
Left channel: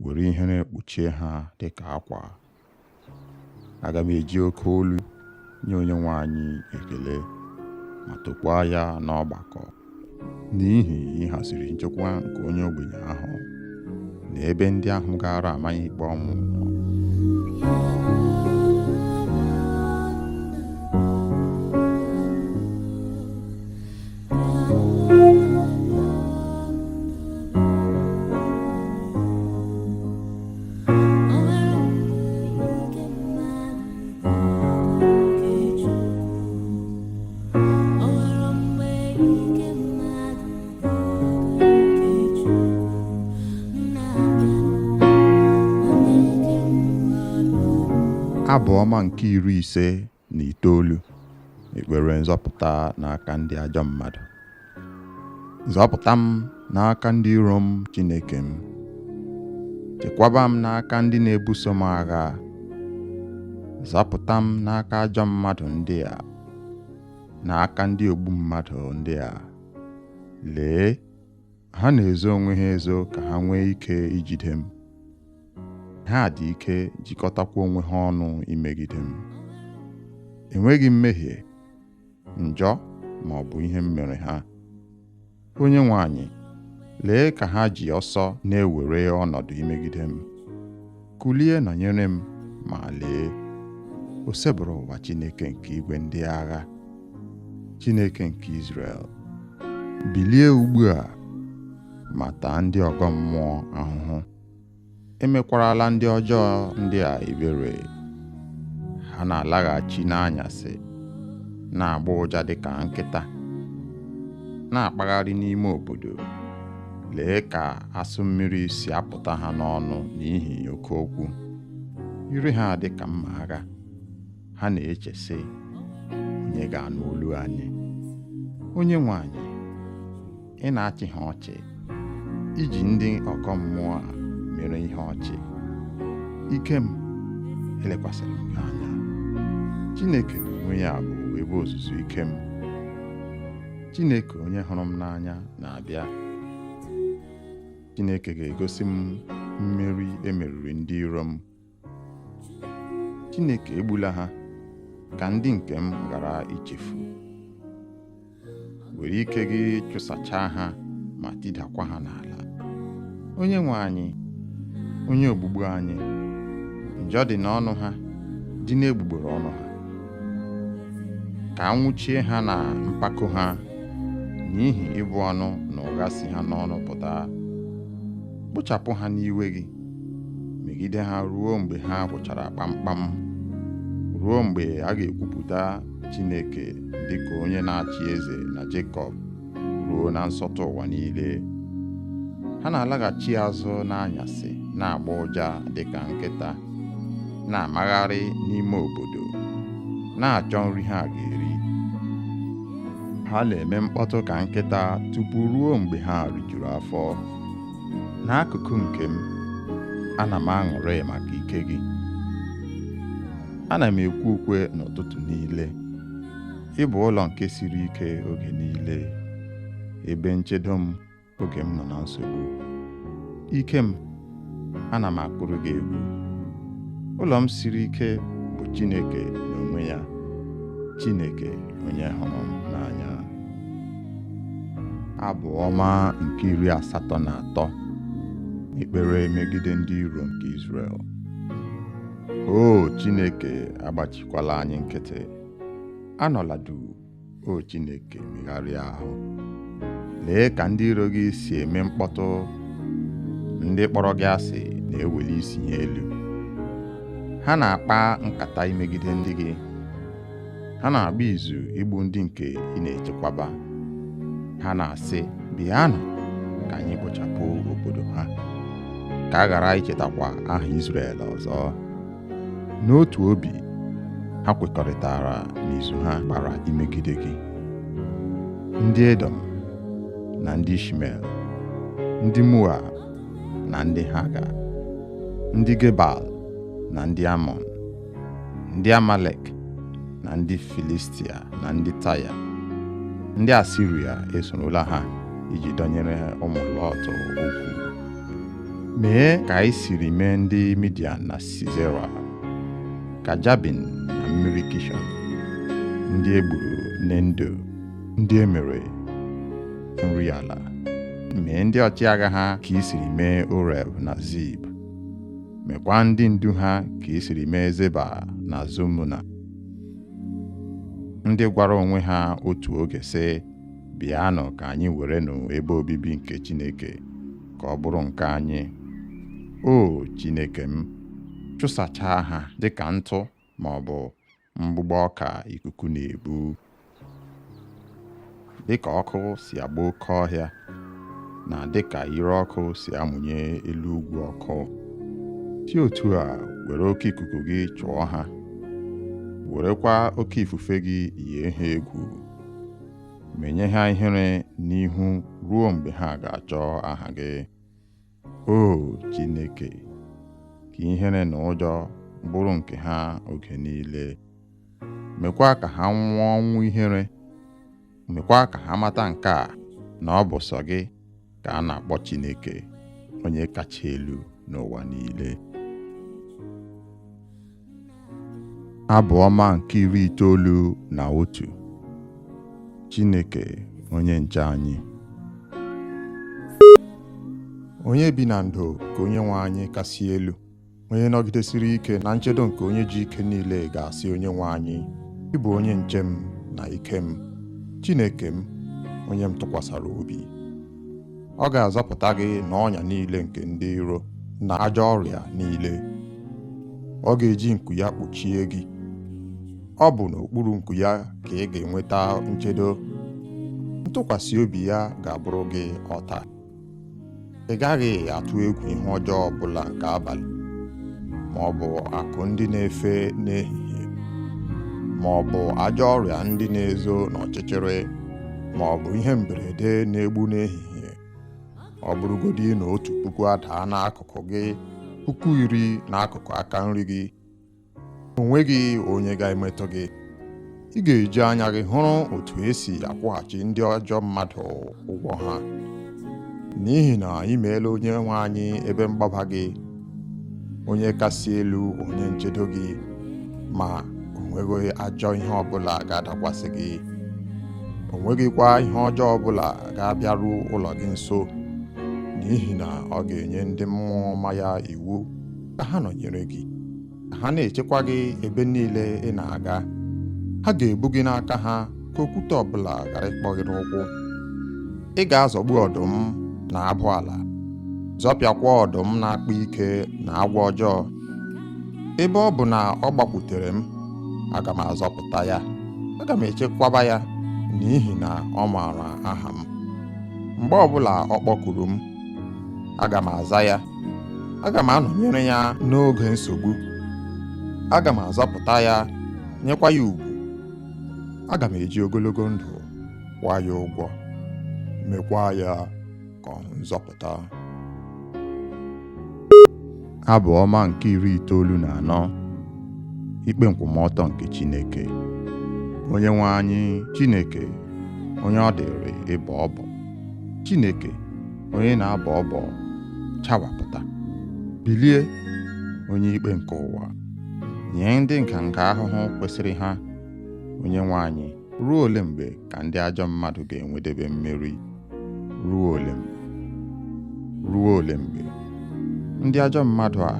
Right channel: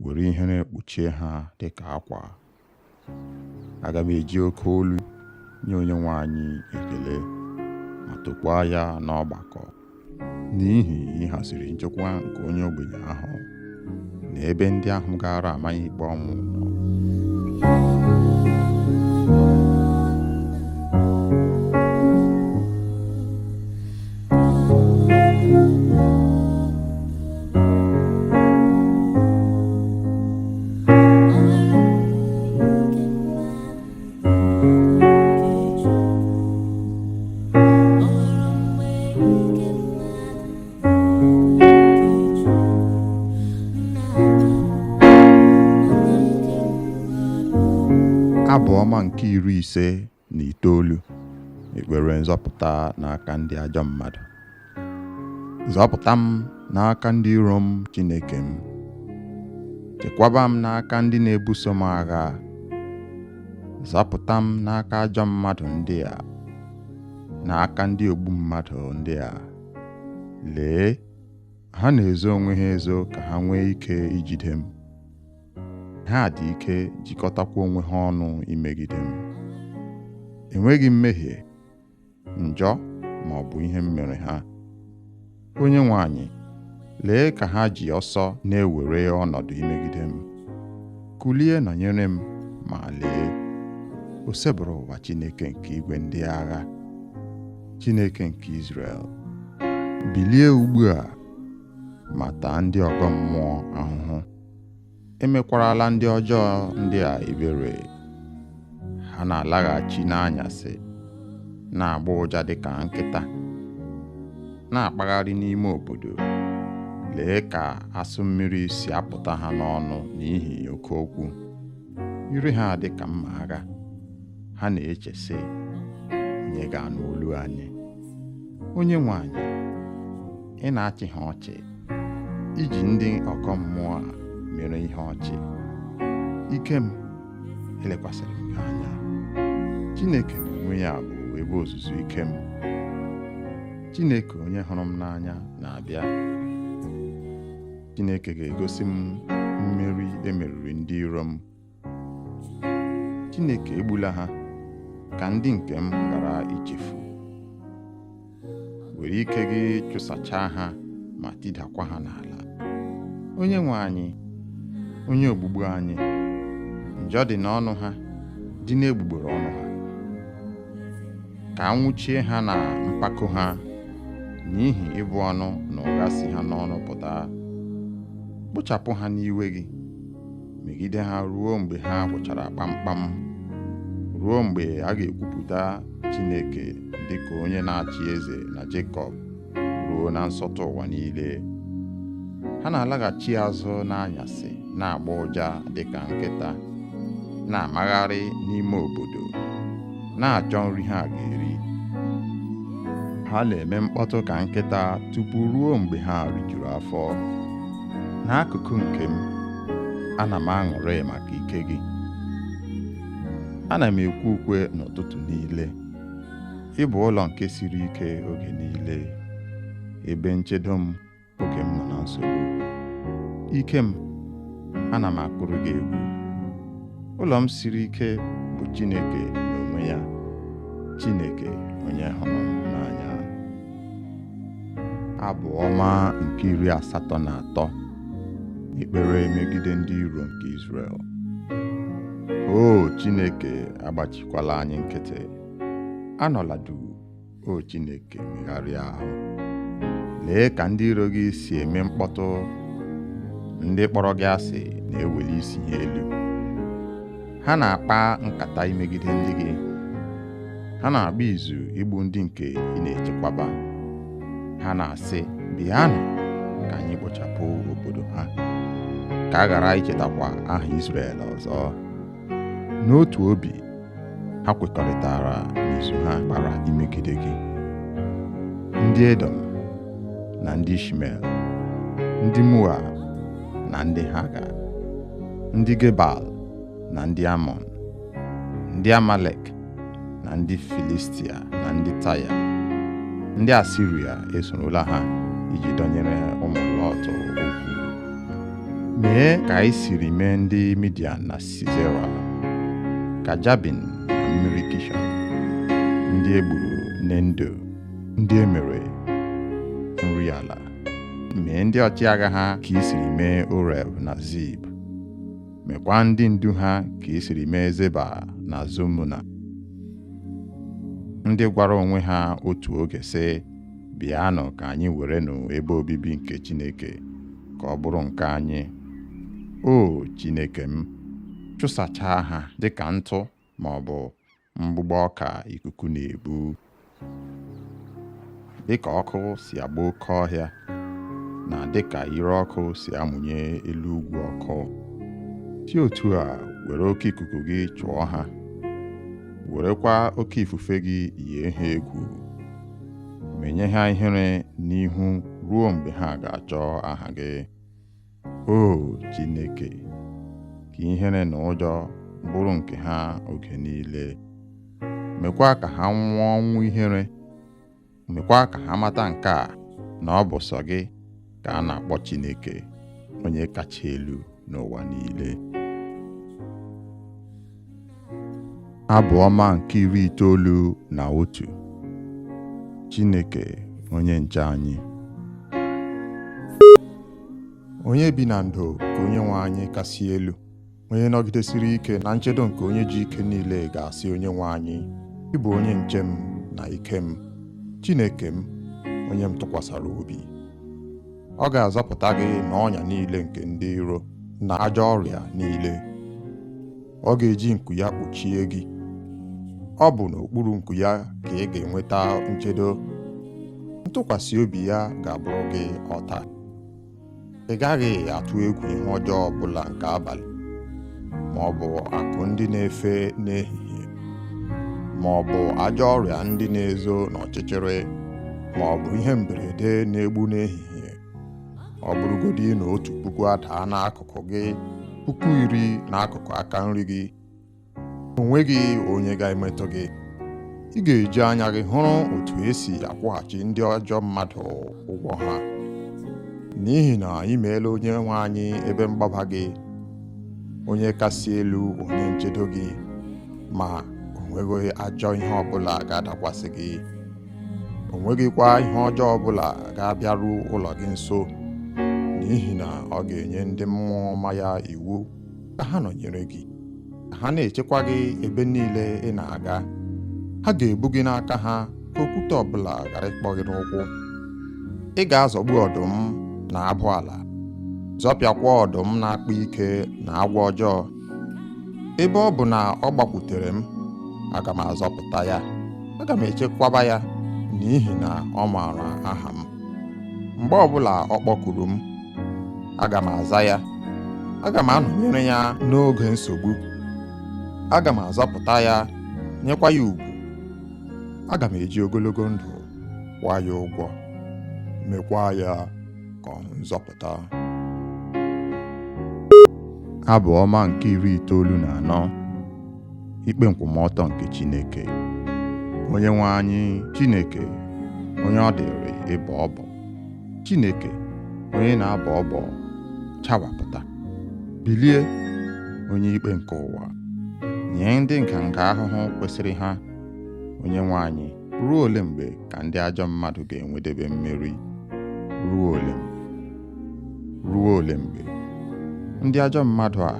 were ihe na-ekpuchie ha dịka akwa. Aga m eji oke olu nye onye nwe anyị ekele, ma tokwaa ya n'ọgbakọ, n'ihi ịhaziri nchekwa nke onye ogbenye ahụ na ebe ndị ahụ gara amanye ikpe ọnwụ nọ. Abụ ọma nke 59, ekpere nzọpụta n'aka ndị ajọ mmadụ. Zọpụta m n'aka ndị iro m, Chineke m. Chekwaba m n'aka ndị na-ebuso m agha. Zọpụta m n'aka ajọ mmadụ ndị a, n'aka ndị ogbu mmadụ ndị a. Lee, ha na-ezo onwe ha ezo ka ha nwee ike ijide m. Ha dị ike jikọtakwa onwe ha ọnụ imegide m. Enweghị mmehie, njọ ma ọ bụ ihe m mere ha. Onye nwe anyị, lee ka ha ji ọsọ na-ewere ọnọdụ imegide m. Kulie nọnyere m, ma lee, o sebụrụ ụwa Chineke nke igwe ndị agha, Chineke nke Izrel. Bilie ugbu a ma taa ndị ọgọ mmụọ ahụhụ. Emekwarala ndị ọjọọ ndị a ebere. Ha na-alaghachi n'anyasị, na-agba ụja dịka nkịta, na-akpagharị n'ime obodo. Lee ka asụ mmiri si apụta ha n'ọnụ n'ihi oke okwu. Ire ha dị ka mma agha. Ha na-eche sị, onye ga-anụ olu anyị? Onye nwe anyị, ị na-achị ha ọchị, iji ndị ọkọ mmụọ a mere ihe ọchị. Ike m, elekwasịrị m gị anya. Chineke n'onwe ya bụ ebe ozuzu ike m. Chineke onye hụrụ m n'anya na-abịa. Chineke ga-egosi m mmeri emeriri ndị iro m. Chineke egbula ha ka ndị nke m ghara ichefu. Were ike gị chụsachaa ha ma tidakwa ha n'ala. Onye nwe anyị, onye ogbugbu anyị, njọ dị n'ọnụ ha, dị n'egbugbere ọnụ ha. Ka anwụchie ha na mpako ha, n'ihi ịbụ ọnụ na ụgha si ha n'ọnụ pụta. Kpochapụ ha n'iwe gị, megide ha ruo mgbe ha gwụchara kpamkpam, ruo mgbe a ga-ekwupụta Chineke dịka onye na-achị eze na Jekọb, ruo na nsọtụ ụwa niile. Ha na-alaghachi azụ n'anyasị, na-agba ụja dịka nkịta, na-amagharị n'ime obodo, na-achọ nri ha ga-eri. Ha na-eme mkpọtụ ka nkịta tupu ruo mgbe ha rijuru afọ. N'akụkụ nke m, ana m aṅụrị maka ike gị. Ana m ekwe ukwe n'ụtụtụ niile. Ị bụ ụlọ nke siri ike oge niile, ebe nchedo m oge m nọ na nsogbu. Ike m, ana m akpụrụ gị egwu. Ụlọ m siri ike bụ Chineke n'onwe ya, Chineke onye hụrụ m n'anya. Abụ ọma nke 83, ekpere megide ndị iro nke Izrel. O Chineke, agbachikwala anyị nkịtị. Anọla duu, o Chineke, megharịa ahụ. Lee ka ndị iro gị si eme mkpọtụ. Ndị kpọrọ gị asị na-eweli isi ha elu. Ha na-akpa nkata imegide ndị gị. Ha na-agba izu igbu ndị nke ị na-echekwaba. Ha na-asị, bịanụ ka anyị kpochapụ obodo ha, ka a ghara ichetakwa aha Izrel ọzọ. N'otu obi, ha kwekọrịtara n'izu ha gbara imegide gị. Ndị Edom na ndị Ishmel, ndị Moab na ndị Haga, ndị Gebal na ndị Amọn, ndị Amalek na ndị Filistia na ndị Taya. Ndị Asiria esorola ha iji dọnyere ụmụ Lọt okwu. Mee ka anyị siri mee ndị Midian na Sisera, ka Jabin na mmiri Kishọn, ndị egburu Nendo, ndị emere nri ala. Mee ndị ọchịagha ha ka i siri mee Oreb na Zib. Mekwa ndị ndu ha ka i siri mee Zeba na Zomuna. Ndị gwara onwe ha otu oge sị, bịanụ ka anyị werenụ ebe obibi nke Chineke ka ọ bụrụ nke anyị. O Chineke m, chụsachaa ha dịka ntụ ma ọ bụ mgbụgbọ ọka ikuku na-ebu. Dịka ọkụ si agba oke ọhịa, na dịka ire ọkụ si amụnye elu ugwu ọkụ, si otu a were oke ikuku gị chụọ ha werekwa oke ifufe gị yie ha egwu, menye ha ihere n'ihu ruo mgbe ha ga-achọ aha gị. O Chineke, ka ihere na ụjọ bụrụ nke ha oge niile. Mekwa ka ha nwụọ ọnwụ ihere. Mekwa ka ha mata nke a, na ọ bụ sọ gị ka a na-akpọ Chineke, onye kacha elu n'ụwa niile. Abụ ọma nke 91. Chineke onye nche anyị. Onye bi na ndo ka Onyenwe anyị kasị elu, onye nọgidesiri ike na nchedo nke onye ji ike niile ga-asị Onyenwe anyị, ị bụ onye nche m na ike m, Chineke m, onye m tụkwasara obi. Ọ ga-azọpụta gị n'ọnya niile nke ndị iro na ajọ ọrịa niile. Ọ ga-eji nku ya kpuchie gị. Ọ bụ n'okpuru nku ya ka ị ga-enweta nchedo. Ntụkwasị obi ya ga-abụrụ gị ọta. Ị gaghị atụ egwu ihe ọjọọ ọbụla nke abalị, ma ọ bụ akụ ndị na-efe n'ehihie, ma ọ bụ ajọ ọrịa ndị na-ezo n'ọchịchịrị, ma ọ bụ ihe mberede na-egbu n'ehihie. Ọ bụrụgodị na 1,000 adaa n'akụkụ gị, 10,000 n'akụkụ aka nri gị, o nweghị onye ga-emetụ gị. Ị ga-eji anya gị hụrụ otu esi akwụghachi ndị ajọ mmadụ ụgwọ ha. N'ihi na ị meela Onyenwe anyị ebe mgbaba gị, onye kasị elu, onye nchedo gị, ma o nweghị ajọ ihe ọbụla ga-adakwasị gị. O nweghịkwa ihe ọjọọ ọbụla ga-abịaru ụlọ gị nso, n'ihi na ọ ga-enye ndị mmụọ ọma ya iwu ka ha nọnyere gị, ka ha na-echekwa gị ebe niile ị na-aga. Ha ga-ebu gị n'aka ha ka okwute ọbụla ghara ịkpọ gị n'ụkwụ. Ị ga-azọgbu ọdụm na abụ ala, zọpịakwa ọdụm na-akpa ike na agwọ ọjọọ. Ebe ọ bụ na ọ gbakwutere m, aga m azọpụta ya. Aga m echekwaba ya, n'ihi na ọ maara aha m. Mgbe ọbụla ọ kpọkuru m, aga m aza ya. Aga m anọnyere ya n'oge nsogbu. Aga m azọpụta ya, nyekwa ya ugwu. Aga m eji ogologo ndụ kwụọ ya ụgwọ, mekwa ya ka ọ hụ nzọpụta. Abụ ọma nke 94. Ikpe nkwụmọtọ nke Chineke. Onyenwe anyị Chineke, onye ọ dịrị ịbọ ọbọ. Chineke, onye na-abọ ọbọ, chawapụta. Bilie, onye ikpe nke ụwa, nye ndị nganga ahụhụ kwesịrị ha. Onyenwe anyị, ruo ole mgbe ka ndị ajọ mmadụ ga-enwedebe mmeri? Ruo ole mgbe? Ruo ole mgbe? Ndị ajọ mmadụ a,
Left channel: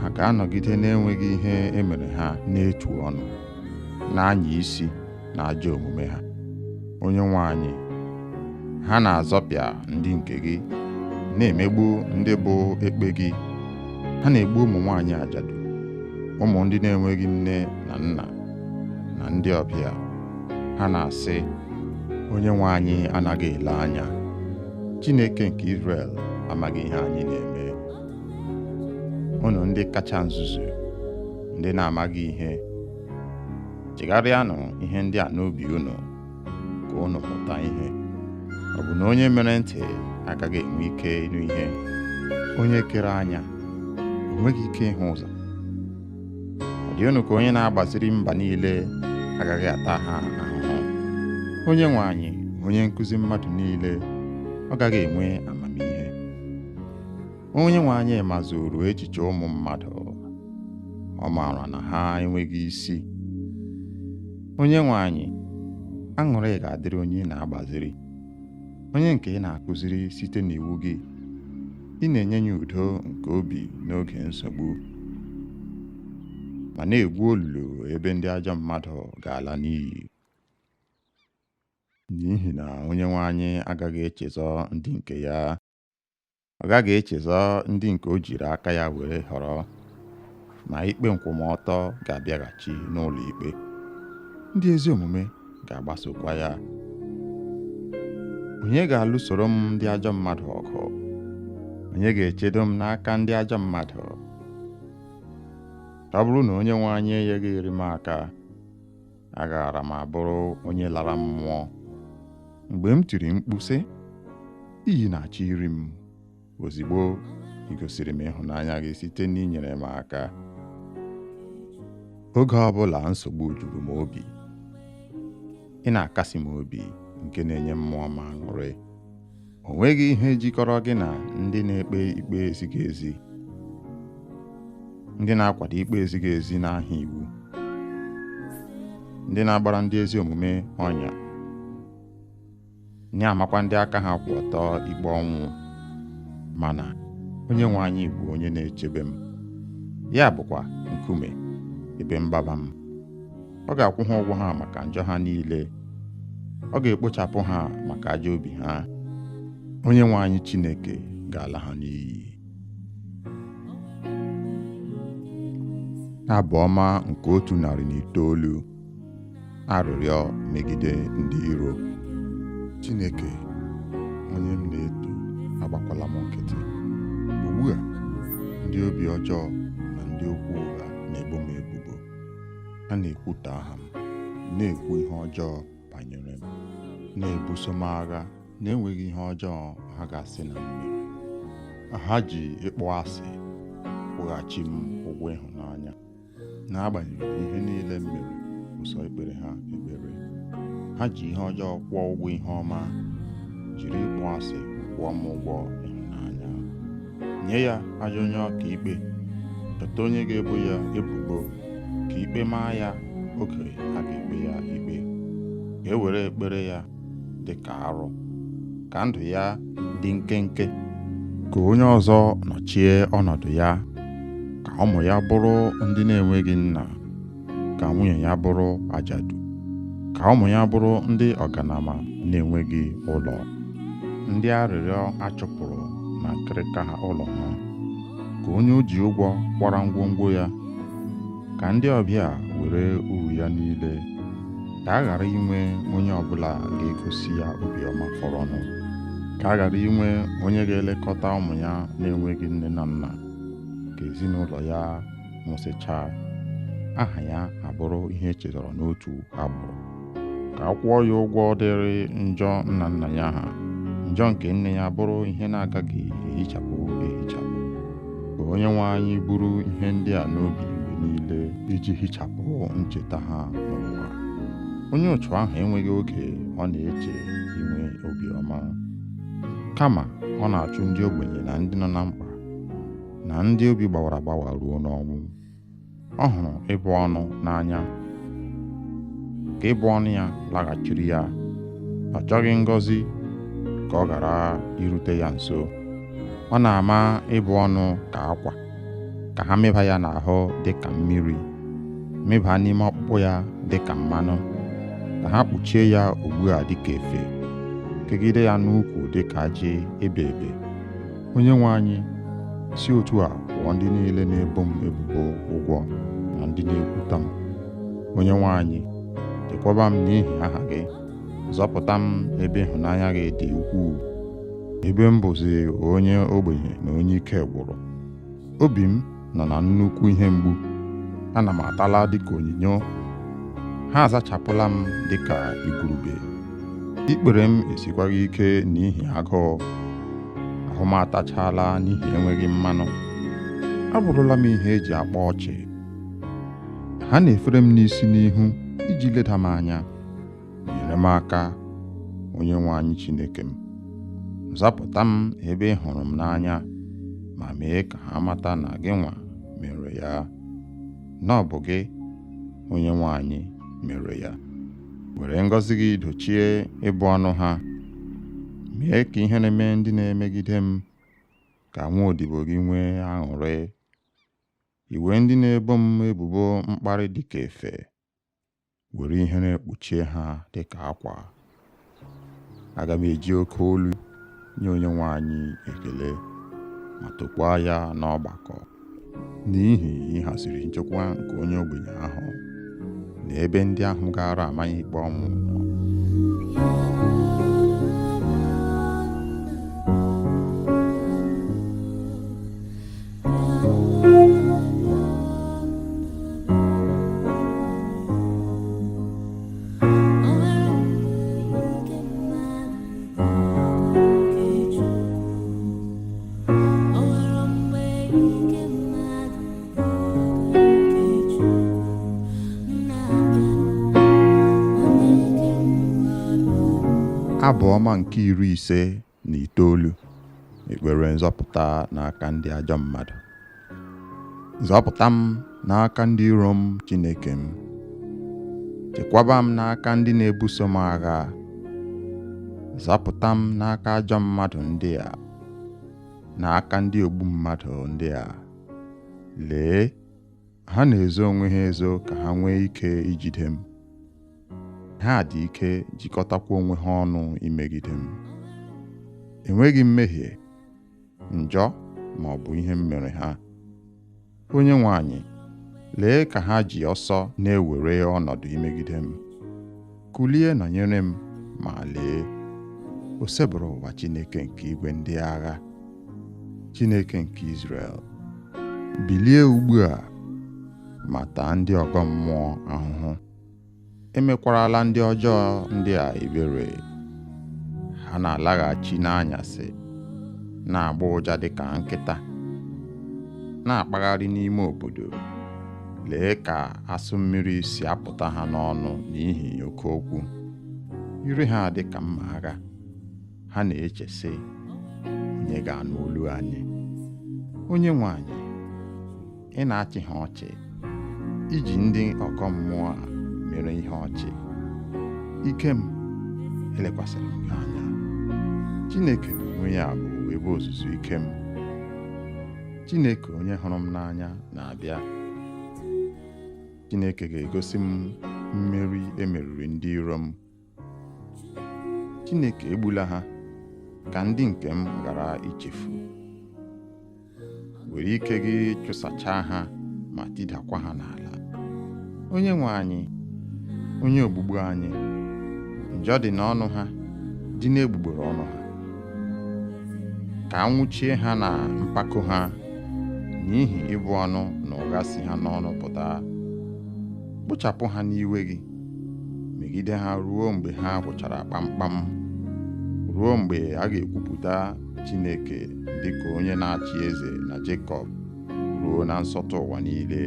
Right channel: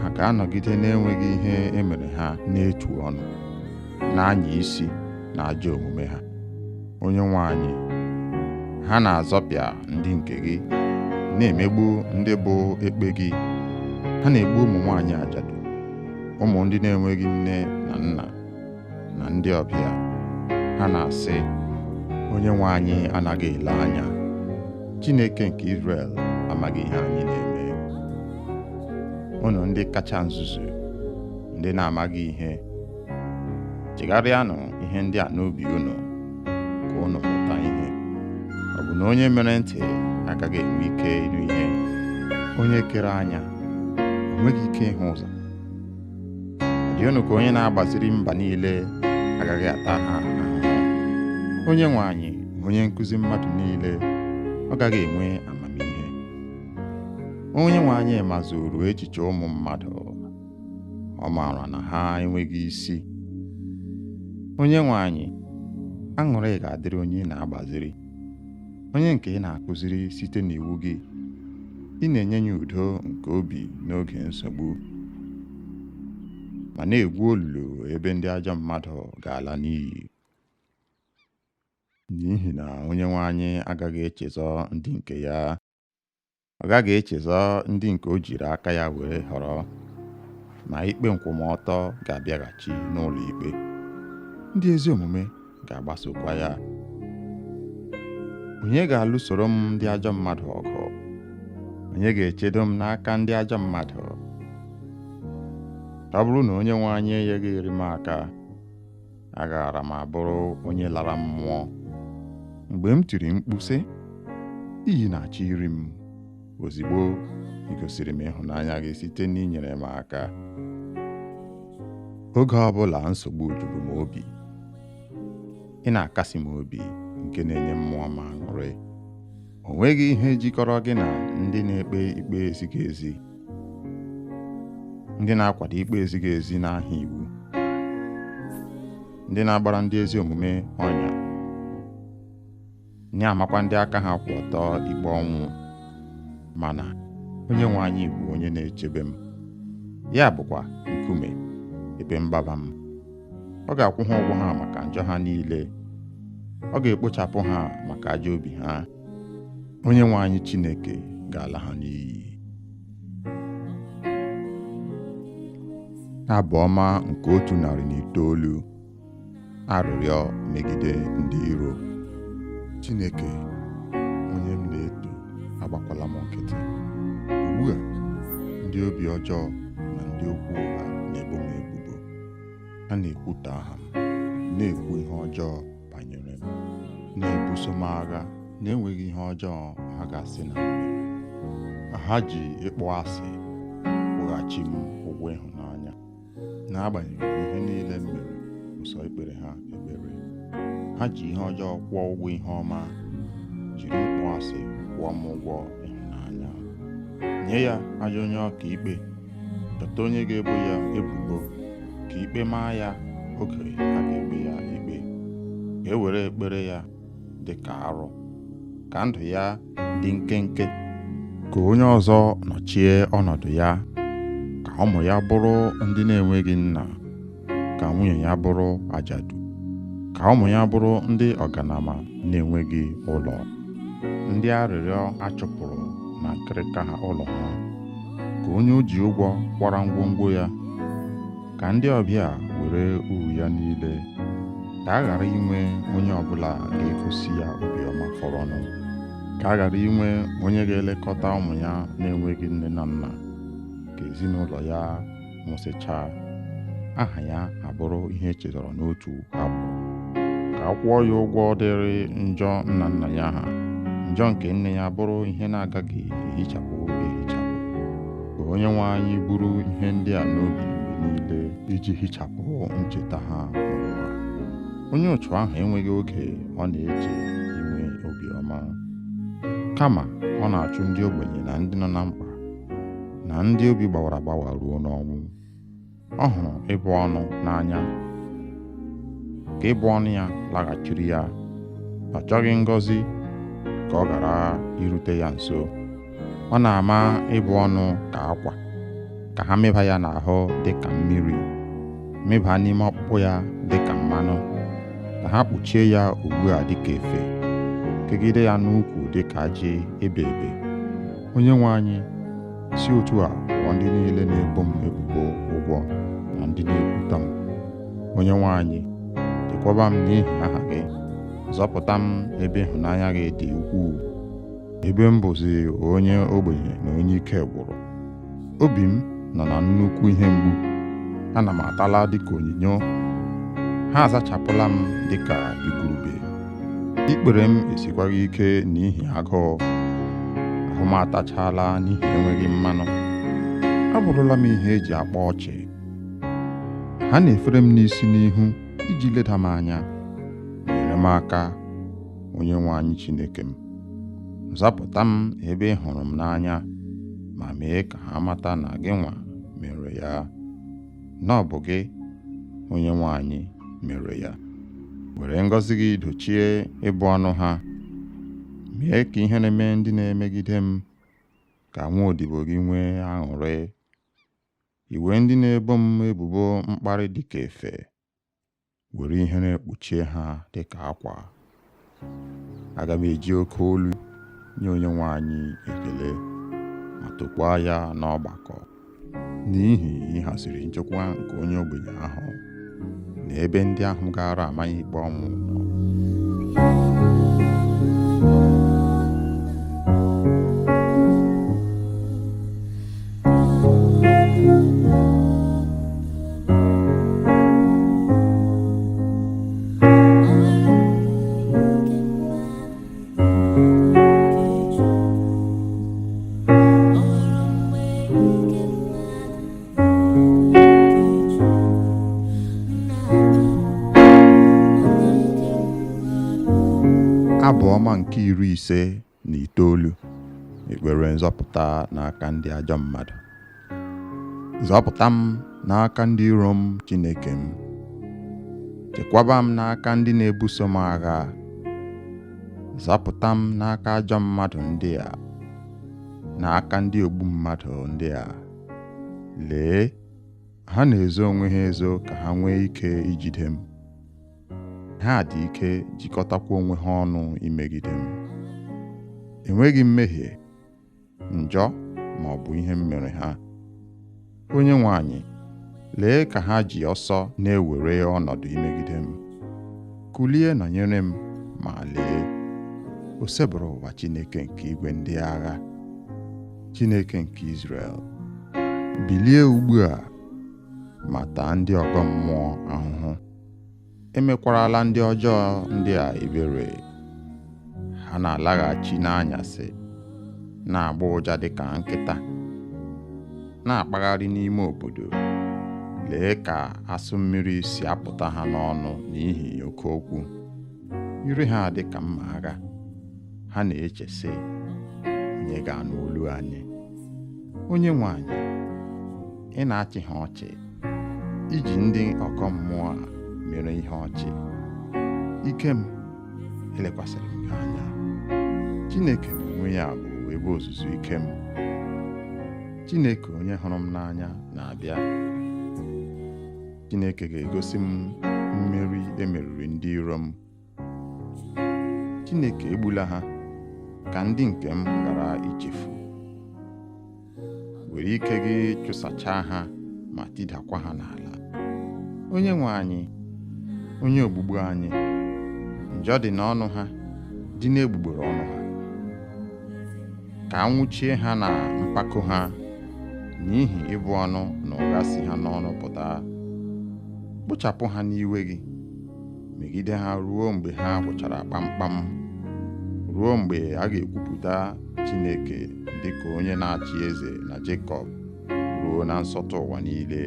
ha ga-anọgide na-enweghị ihe emere ha n'etu ọnụ, na-anya isi na ajọ omume ha. Onyenwe anyị, ha na-azọpịa ndị nke gị, na-emegbu ndị bụ ekpe gị. Ha na-egbu ụmụ nwaanyị ajadu, ụmụ ndị na-enweghị nne na nna, na ndị ọbịa. Ha na-asị, Onyenwe anyị anaghị ele anya. Chineke nke Izrel amaghị ihe anyị na-eme. Unu ndị kacha nzuzu, ndị na-amaghị ihe, chegharịanụ ihe ndị a n'obi unu, ka unu mụta ihe. Ọ bụ na onye mere ntị agaghị enwe ike ịnụ ihe? Onye kere anya o nweghị ike ịhụ ụzọ? Ọ dị unu ka onye na-agbaziri mba niile agaghị ata ha ahụhụ? Onyenwe anyị, onye nkụzi mmadụ niile, ọ gaghị enwe amamihe? Onyenwe anyị mazuru echiche ụmụ mmadụ, ọ maara na ha enweghị isi. Onyenwe anyị, aṅụrị ga-adịrị onye ị na-agbaziri, onye nke ị na-akụziri site n'iwu gị. Ị na-enye ya udo nke obi n'oge nsogbu, ma na-egwu olulu ebe ndị ajọ mmadụ ga-ala n'iyi. N'ihi na Onyenwe anyị agaghị echezọ ndị nke ya. Ọ gaghị echezọ ndị nke o jiri aka ya were họrọ, ma ikpe nkwụmọtọ ga-abịaghachi n'ụlọ ikpe. Ndị ezi omume ga-agbasokwa ya. Onye ga-alụsoro m ndị ajọ mmadụ ọgụ? Onye ga-echedo m n'aka ndị ajọ mmadụ? ọ bụrụ na onye nwe anyị enyeghịrị m aka, agaara m abụrụ onye lara mmụọ. Mgbe m tiri mkpu sị, iyi na-achọ iri m, ozigbo ị gosiri m ịhụnanya gị site n'inyere m aka. Oge ọbụla nsogbu juru m obi, ị na-akasi m obi nke na-enye mmụọ m aṅụrị. O nweghị ihe jikọrọ gị na ndị na-ekpe ikpe ezighị ezi, ndị na-akwado ikpe ezighị ezi n'aha iwu, ndị na-agbara ndị ezi omume ọnya, nye amakwa ndị aka ha kwụ ọtọ ikpe ọnwụ. Mana onye nwe anyị bụ onye na-echebe m, ya bụkwa nkume ebe mgbaba m. Ọ ga-akwụ ha ụgwọ ha maka njọ ha niile, ọ ga-ekpochapụ ha maka ajọ obi ha. Onye nwe anyị Chineke ga-ala ha n'iyi. Abụ ọma nke 109. Arịrịọ megide ndị iro. Chineke, onye m na-eto, agbakwala m nkịtị. Ugbu a, ndị obi ọjọọ na ndị okwu ụgha na-ebo m ebubo. Ha na-ekwutọ aha m, na-ekwu ihe ọjọọ banyere m, na-ebuso m agha na-enweghị ihe ọjọọ ha ga-asị na m mere. Ha ji ịkpọ asị kwụghachi m ụgwọ ịhụnanya, n'agbanyeghị ihe niile m mere ụsọ ikpere ha ekpere. Ha ji ihe ọjọọ kwụọ ụgwọ ihe ọma, jiri ịkpọ asị kwụọ m ụgwọ ịhụnanya. Nye ya ajọ onye ọka ikpe, dọta onye ga-ebo ya ebubo, ka ikpe maa ya oge a ga-ekpe ya ikpe. Ka e were ekpere ya dị ka arụ, ka ndụ ya dị nkenke. Ka onye ọzọ nọchie ọnọdụ ya, ka ụmụ ya bụrụ ndị na-enweghị nna, ka nwunye ya bụrụ ajadu, ka ụmụ ya bụrụ ndị ọganama na-enweghị ụlọ, ndị arịrịọ achụpụrụ na nkịrịka ha ụlọ ha. Ka onye o ji ụgwọ kwara ngwongwo ya, ka ndị ọbịa were uru ya niile. Ka a ghara inwe onye ọbụla ga-egosi ya obiọma fọrọnụ. Ka a ghara inwe onye ga-elekọta ụmụ ya na-enweghị nne na nna. Ka ezinụlọ ya nwụsịchaa, aha ya abụrụ ihe echetara n'otu agbụrụ. Ka a kwụọ ya ụgwọ dịrị njọ nna nna ya ha, njọ nke nne ya bụrụ ihe na-agaghị ehichapụ ehichapụ. Ka onye nwe anyị buru ihe ndị a n'obi mgbe niile, iji hichapụ ncheta ha n'ụwa. Onye otu ahụ enweghị oge ọ na-eche inwe obiọma, kama ọ na-achụ ndị ogbenye na ndị nọ na mkpa, na ndị obi gbawara agbawa ruo n'ọnwụ. Ọ hụrụ ịbụ ọnụ n'anya, ka ịbụ ọnụ ya laghachiri ya. Ọ chọghị ngọzi ka ọ ghara irute ya nso. Ọ na-ama ịbụ ọnụ ka akwa, ka ha mịba ya n'ahụ dị ka mmiri, mịba n'ime ọkpụkpụ ya dị ka mmanụ, ka ha kpuchie ya ugbu a dị ka efe, kegide ya n'ukwu dị ka ajị ebe ebe. Onye nwe anyị, si otu a kwụọ ndị niile na-ebo m ebubo ụgwọ na ndị na-ekwuta m. Onye nwe anyị, chekwaba m n'ihi aha gị, zọpụta m ebe ịhụnanya gị dị ukwuu. Ebe m bụzi onye ogbenye na onye ike gwụrụ, obi m nọ na nnukwu ihe mgbu. Ana m atala dịka onyinyo, ha azachapụla m dịka igurube. Ikpere m esikwaghị ike n'ihi agụụ, ahụ m atachala n'ihi enweghị mmanụ. Abụrụla m ihe eji akpa ọchị. Ha na-efere m n'isi n'ihu iji leda m anya. Nyere m aka, onye nwe anyị Chineke m. Zapụta m ebe ị hụrụ m n'anya, ma mee ka ha mata na gị nwa mere ya, na ọ bụ gị, onye nwe anyị, mere ya. Were ngọzi gị dochie ịbụ ọnụ ha. Mee ka ihe na-eme ndị na-emegide m, ka nwa odibo gị nwee aṅụrị. Iwe ndị na-ebo m ebubo mkparị dị ka efe, were ihere kpuchie ha dị ka akwa. Aga m eji oke olu nye onye nwe anyị ekele, ma tokwaa ya n'ọgbakọ, n'ihi ịhaziri nchekwa nke onye ogbenye ahụ na ebe ndị ahụ gara amaghị ikpe ọnwụ nọ. Abụ ọma nke 59, ekpere nzọpụta n'aka ndị ajọ mmadụ. Zọpụta m n'aka ndị iro m, Chineke m. Chekwaba m n'aka ndị na-ebuso m agha. Zọpụta m n'aka ajọ mmadụ ndị a, n'aka ndị ogbu mmadụ ndị a. Lee, ha na-ezo onwe ha ezo ka ha nwee ike ijide m. Ha dị ike jikọtakwa onwe ha ọnụ imegide m. Enweghị mmehie, njọ ma ọ bụ ihe m mere ha. Onyenwe anyị, lee ka ha ji ọsọ na-ewere ọnọdụ imegide m. Kulie nọnyere m, ma lee, o sebụrụ ụwa Chineke nke igwe ndị agha, Chineke nke Izrel. Bilie ugbu a ma taa ndị ọgọ mmụọ ahụhụ. Emekwarala ndị ọjọọ ndị a ebere. Ha na-alaghachi n'anyasị, na-agba ụja dịka nkịta, na-akpagharị n'ime obodo. Lee ka asụ mmiri si apụta ha n'ọnụ n'ihi oke okwu. Ire ha dị ka mma agha. Ha na-eche sị, onye ga-anụ olu anyị? Onyenwe anyị, ị na-achị ha ọchị, iji ndị ọkọ mmụọ a mere ihe ọchị. Ike m, elekwasịrị m gị anya. Chineke n'onwe ya bụ ebe ozuzu ike m. Chineke onye hụrụ m n'anya na-abịa. Chineke ga-egosi m mmeri emeriri ndị iro m. Chineke egbula ha ka ndị nke m ghara ichefu. Were ike gị chụsachaa ha ma tidakwa ha n'ala. Onyenwe anyị, onye ogbugbu anyị, njọ dị n'ọnụ ha, dị n'egbugbere ọnụ ha. Ka a nwụchie ha na mpako ha, n'ihi ịbụ ọnụ na ụgha si ha n'ọnụ pụta. Kpochapụ ha n'iwe gị, megide ha ruo mgbe ha gwụchara kpamkpam, ruo mgbe a ga-ekwupụta Chineke dịka onye na-achị eze na Jekọb, ruo na nsọtụ ụwa niile.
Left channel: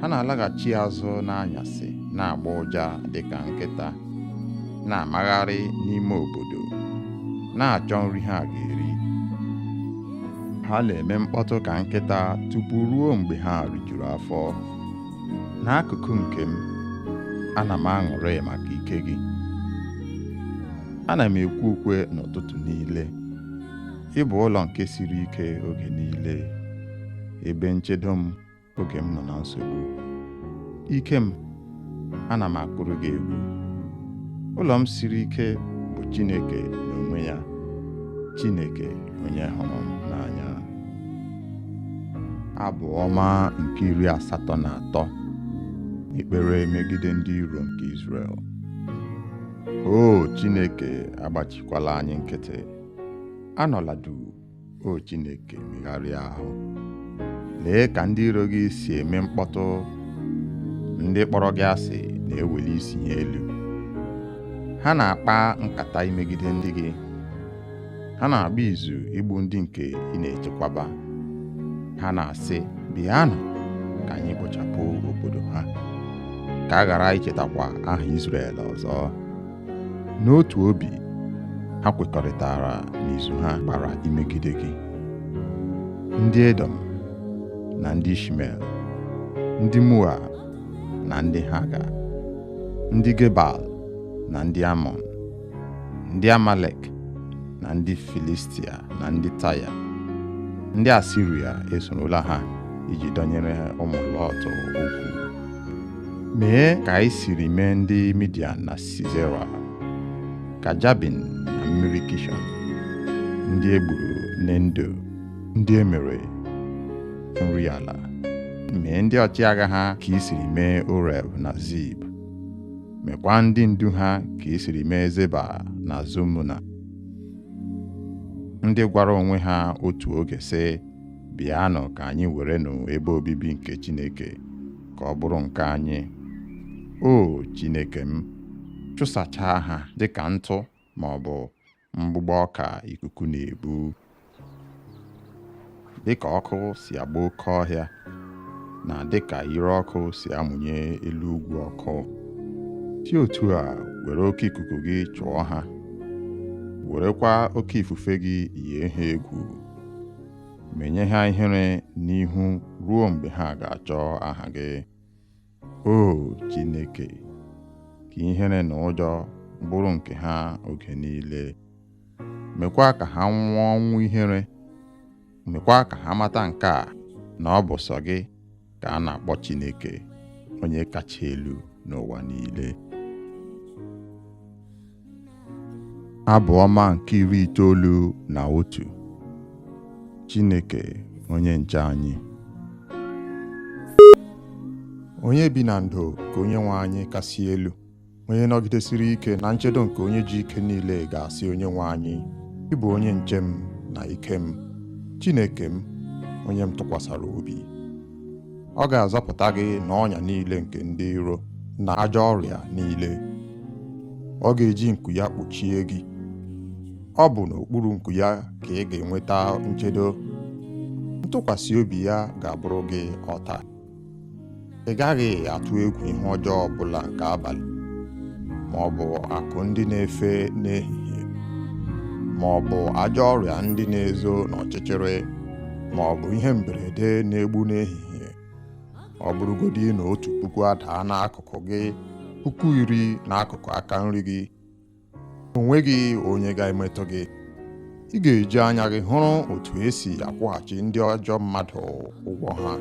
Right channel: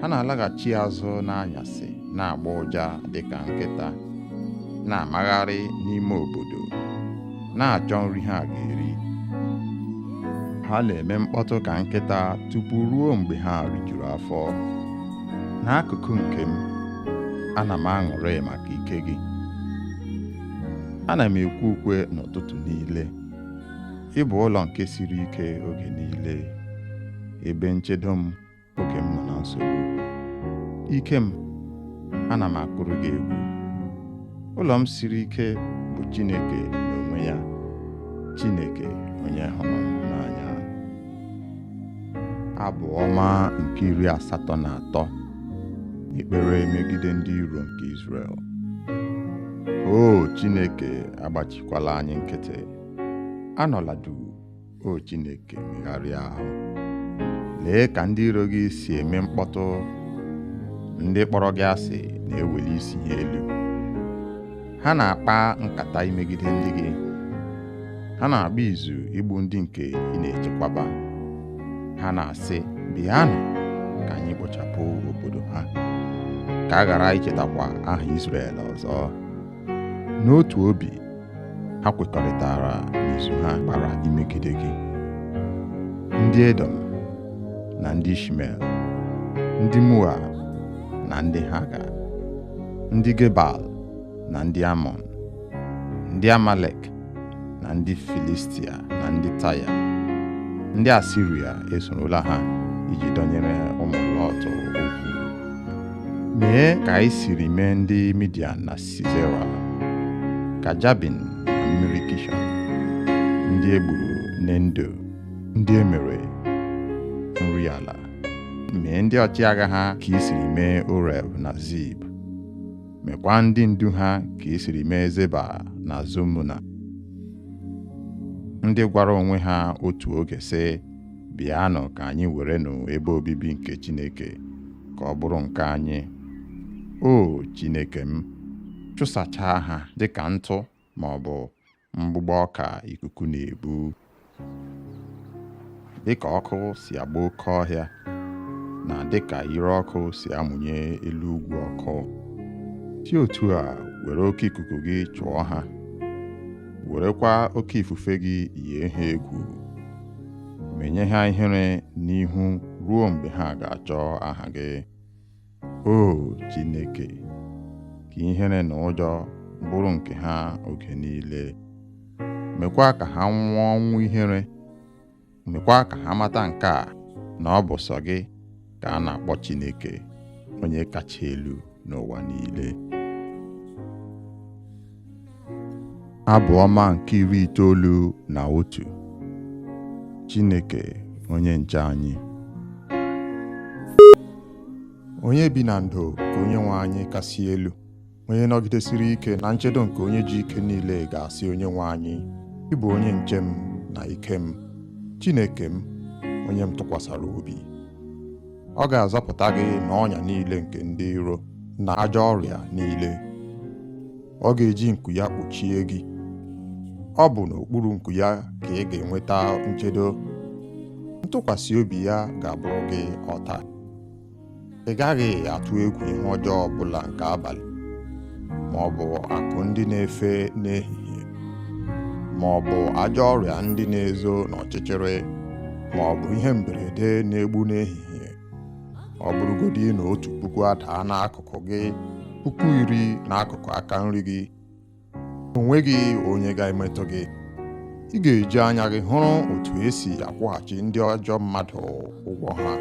Ha na-alaghachi azụ n'anyasị, na-agba ụja dịka nkịta, na-amagharị n'ime obodo, na-achọ nri ha ga-eri. Ha na-eme mkpọtụ ka nkịta tupu ruo mgbe ha rijuru afọ. N'akụkụ nke m, ana m aṅụrị maka ike gị. Ana m ekwe ukwe n'ụtụtụ niile. Ị bụ ụlọ nke siri ike oge niile, ebe nchedo m oge m nọ na nsogbu. Ike m, ana m akụrụ gị egwu. Ụlọ m siri ike bụ Chineke n'onwe ya, Chineke onye hụrụ m n'anya. Abụ ọma nke 83, ekpere megide ndị iro nke Izrel. O Chineke, agbachikwala anyị nkịtị. Anọla duu, o Chineke, megharịa ahụ. Lee ka ndị iro gị si eme mkpọtụ. Ndị kpọrọ gị asị na-eweli isi ha elu. Ha na-akpa nkata imegide ndị gị. Ha na-agba izu igbu ndị nke ị na-echekwaba. Ha na-asị, bịanụ ka anyị kpochapụ obodo ha, ka a ghara ichetakwa aha Izrel ọzọ. N'otu obi, ha kwekọrịtara n'izu ha gbara imegide gị. Ndị Edom na ndị Ishmel, ndị Moab na ndị Haga, ndị Gebal na ndị Amọn, ndị Amalek na ndị Filistia na ndị Taya, ndị Asiria esorola ha iji dọnyere ụmụ Lọt okwu. Mee ka anyị siri mee ndị Midian na Sisera, ka Jabin na mmiri Kishọn, ndị egburu n'Endo, ndị emere nri ala. Mee ndị ọchịagha ha ka i siri mee Oreb na Zib. Mekwa ndị ndu ha ka i siri mee Zeba na Zumuna, ndị gwara onwe ha otu oge sị, bịanụ ka anyị werenụ ebe obibi nke Chineke ka ọ bụrụ nke anyị. O Chineke m, chụsachaa ha dịka ntụ ma ọ bụ mgbụgbọ ọka ikuku na-ebu. Dịka ọkụ si agba oke ọhịa, na dịka ire ọkụ si amụnye elu ugwu ọkụ, si otu a were oke ikuku gị chụọ ha werekwa oke ifufe gị yie ha egwu, menye ha ihere n'ihu ruo mgbe ha ga-achọ aha gị. O Chineke, ka ihere na ụjọ bụrụ nke ha oge niile. Mekwa ka ha nwụọ ọnwụ ihere. Mekwa ka ha mata nke a, na ọ bụ sọ gị ka a na-akpọ Chineke, onye kacha elu n'ụwa niile. Abụ ọma nke 91. Chineke onye nche anyị. Onye bi na ndo ka Onyenwe anyị kasị elu, onye nọgidesiri ike na nchedo nke onye ji ike niile ga-asị Onyenwe anyị, ị bụ onye nche m na ike m, Chineke m, onye m tụkwasara obi. Ọ ga-azọpụta gị n'ọnya niile nke ndị iro na ajọ ọrịa niile. Ọ ga-eji nku ya kpuchie gị. Ọ bụ n'okpuru nku ya ka ị ga-enweta nchedo. Ntụkwasị obi ya ga-abụrụ gị ọta. Ị gaghị atụ egwu ihe ọjọọ ọbụla nke abalị, ma ọ bụ akụ ndị na-efe n'ehihie, ma ọ bụ ajọ ọrịa ndị na-ezo n'ọchịchịrị, ma ọ bụ ihe mberede na-egbu n'ehihie. Ọ bụrụgodị na 1,000 adaa n'akụkụ gị, 10,000 n'akụkụ aka nri gị, o nweghị onye ga-emetụ gị. Ị ga-eji anya gị hụrụ otu esi akwụghachi ndị ajọ mmadụ ụgwọ ha.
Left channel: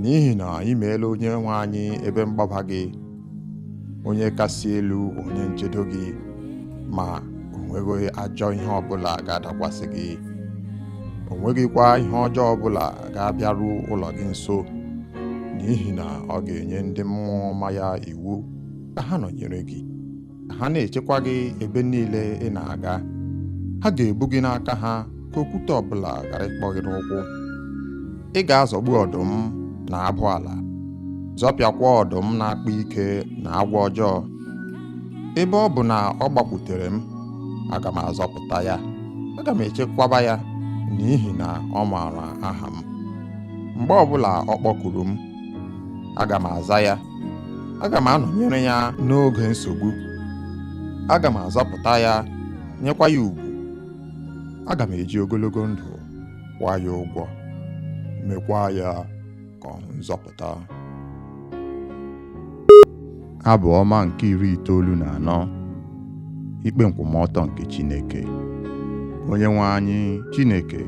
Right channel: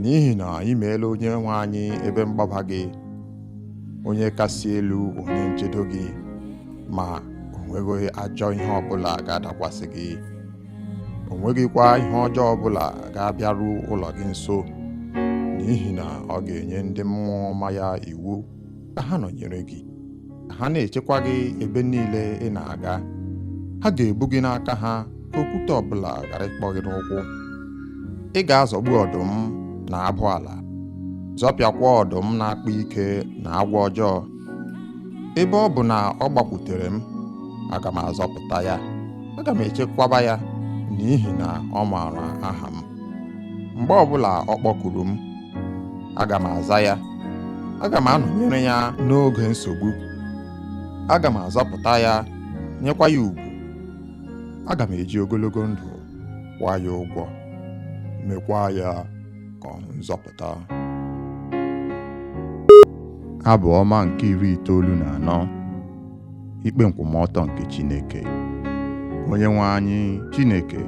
N'ihi na ị meela Onyenwe anyị ebe mgbaba gị, onye kasị elu onye nchedo gị, ma o nweghị ajọ ihe ọbụla ga-adakwasị gị. O nweghịkwa ihe ọjọọ ọbụla ga-abịaru ụlọ gị nso, n'ihi na ọ ga-enye ndị mmụọ ọma ya iwu ka ha nọnyere gị, ka ha na-echekwa gị ebe niile ị na-aga. Ha ga-ebu gị n'aka ha ka okwute ọbụla ghara ịkpọ gị n'ụkwụ. Ị ga-azọgbu ọdụm na abụ ala, zọpịakwa ọdụm na-akpa ike na agwọ ọjọọ. Ebe ọ bụ na ọ gbakwutere m, aga m azọpụta ya. Aga m echekwaba ya, n'ihi na ọ maara aha m. Mgbe ọbụla ọ kpọkuru m, aga m aza ya. Aga m anọnyere ya n'oge nsogbu. Aga m azọpụta ya, nyekwa ya ugwu. Aga m eji ogologo ndụ kwụọ ya ụgwọ, mekwa ya ka ọ hụ nzọpụta. Abụ ọma nke 94. Ikpe nkwụmọtọ nke Chineke. Onyenwe anyị Chineke,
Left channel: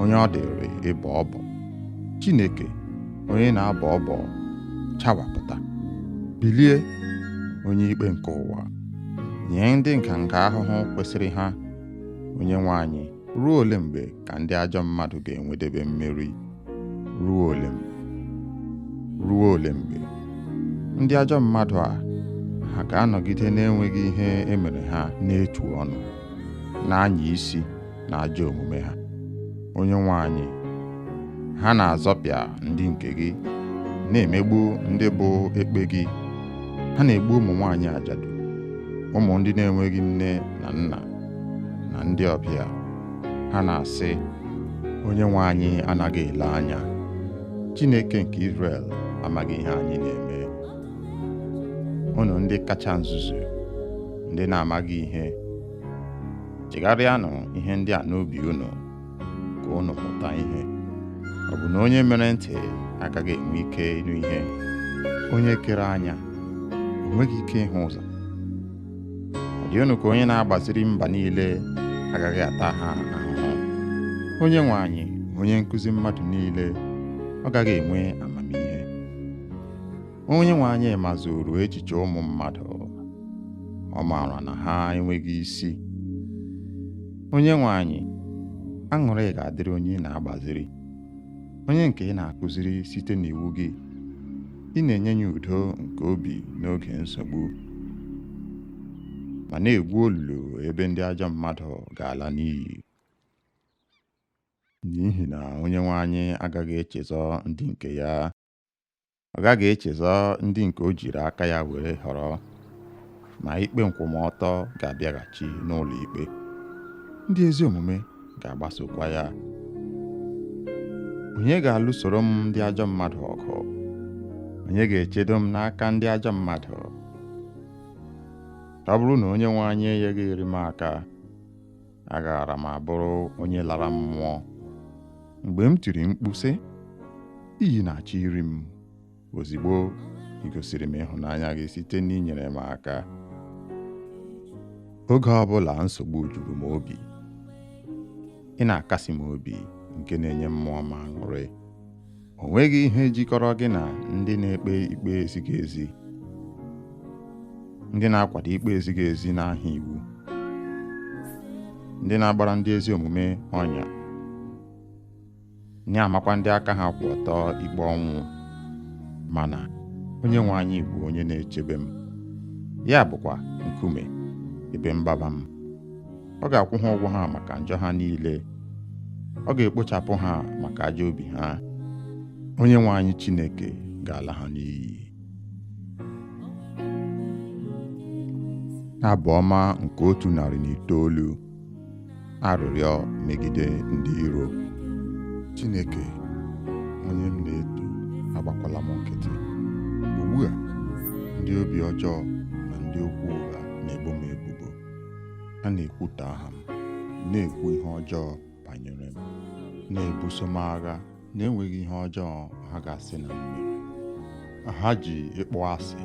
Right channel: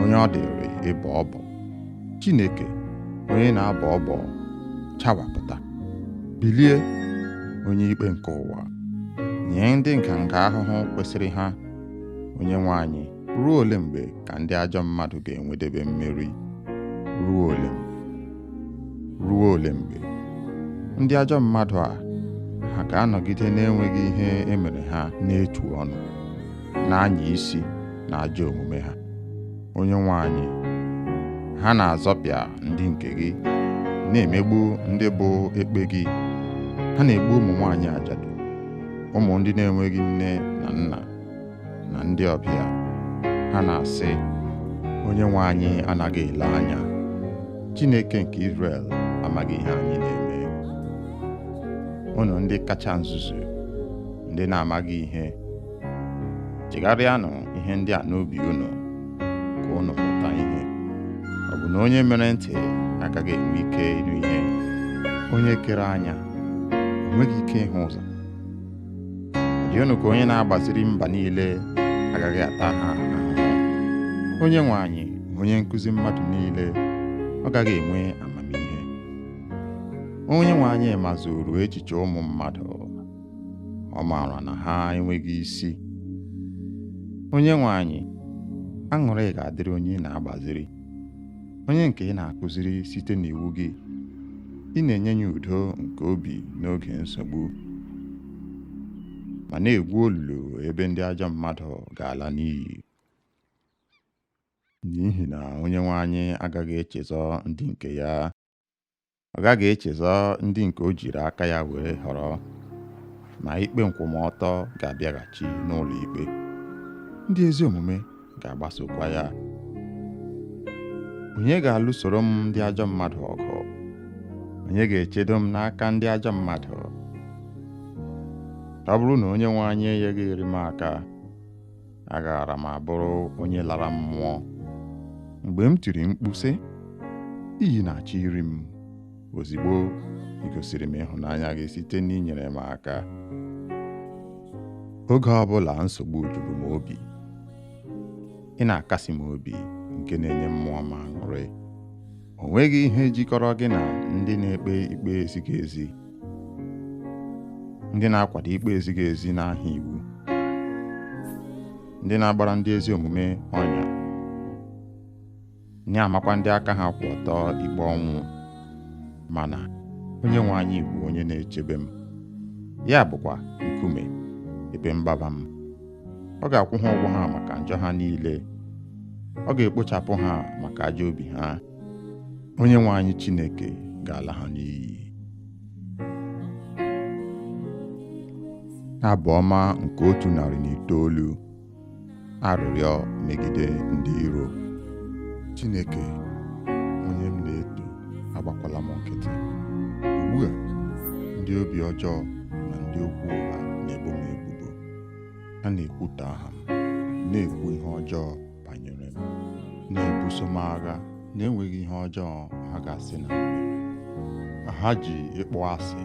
onye ọ dịrị ịbọ ọbọ. Chineke, onye na-abọ ọbọ, chawapụta. Bilie, onye ikpe nke ụwa, nye ndị nganga ahụhụ kwesịrị ha. Onyenwe anyị, ruo ole mgbe ka ndị ajọ mmadụ ga-enwedebe mmeri? Ruo ole mgbe? Ruo ole mgbe? Ndị ajọ mmadụ a, ha ga-anọgide na-enweghị ihe emere ha n'etu ọnụ, na-anya isi na ajọ omume ha. Onyenwe anyị, ha na-azọpịa ndị nke gị, na-emegbu ndị bụ ekpe gị. Ha na-egbu ụmụ nwaanyị ajadu, ụmụ ndị na-enweghị nne na nna, na ndị ọbịa. Ha na-asị, Onyenwe anyị anaghị ele anya. Chineke nke Izrel amaghị ihe anyị na-eme. Unu ndị kacha nzuzu, ndị na-amaghị ihe, chegharịanụ ihe ndị a n'obi unu, ka unu mụta ihe. Ọ bụ na onye mere ntị agaghị enwe ike ịnụ ihe? Onye kere anya o nweghị ike ịhụ ụzọ? Ọ dị unu ka onye na-agbaziri mba niile agaghị ata ha ahụhụ? Onyenwe anyị, onye nkụzi mmadụ niile, ọ gaghị enwe amamihe? Onyenwe anyị mazuru echiche ụmụ mmadụ, ọ maara na ha enweghị isi. Onyenwe anyị, aṅụrị ga-adịrị onye na-agbaziri, onye nke ị na-akụziri site n'iwu gị. Ị na-enye ya udo nke obi n'oge nsogbu, ma na-egwu olulu ebe ndị ajọ mmadụ ga-ala n'iyi. N'ihi na Onyenwe anyị agaghị echezọ ndị nke ya. Ọ gaghị echezọ ndị nke o jiri aka ya were họrọ, ma ikpe nkwụmọtọ ga-abịaghachi n'ụlọ ikpe. Ndị ezi omume ga-agbasokwa ya. Onye ga-alụsoro m ndị ajọ mmadụ ọgụ? Onye ga-echedo m n'aka ndị ajọ mmadụ? Ọ bụrụ na Onyenwe anyị enyeghị m aka, agaara m abụrụ onye lara mmụọ. Mgbe m tiri mkpu sị, iyi na-achọ iri m, ozigbo ị gosiri m ịhụnanya gị site n'inyere m aka. Oge ọbụla nsogbu juru m obi, ị na-akasi m obi nke na-enye mmụọ m aṅụrị. O nweghị ihe jikọrọ gị na ndị na-ekpe ikpe ezighị ezi, ndị na-akwado ikpe ezighị ezi n'aha iwu, ndị na-agbara ndị ezi omume ọnya, na-amakwa ndị aka ha kwụ ọtọ ikpe ọnwụ. Mana Onyenwe anyị bụ onye na-echebe m, ya bụkwa nkume ebe mgbaba m. Ọ ga-akwụ ha ụgwọ ha maka njọ ha niile, ọ ga-ekpochapụ ha maka ajọ obi ha. Onyenwe anyị Chineke ga-ala ha n'iyi. Abụ ọma nke 109. Arịrịọ megide ndị iro. Chineke, onye m na-eto, agbakwala m nkịtị. Ugbu a, ndị obi ọjọọ na ndị okwu ụgha na-ebo m ebubo. Ha na-ekwutọ aha m, na-ekwu ihe ọjọọ banyere m, na-ebuso m agha na-enweghị ihe ọjọọ ha ga-asị na m mere. Ha ji ịkpọ asị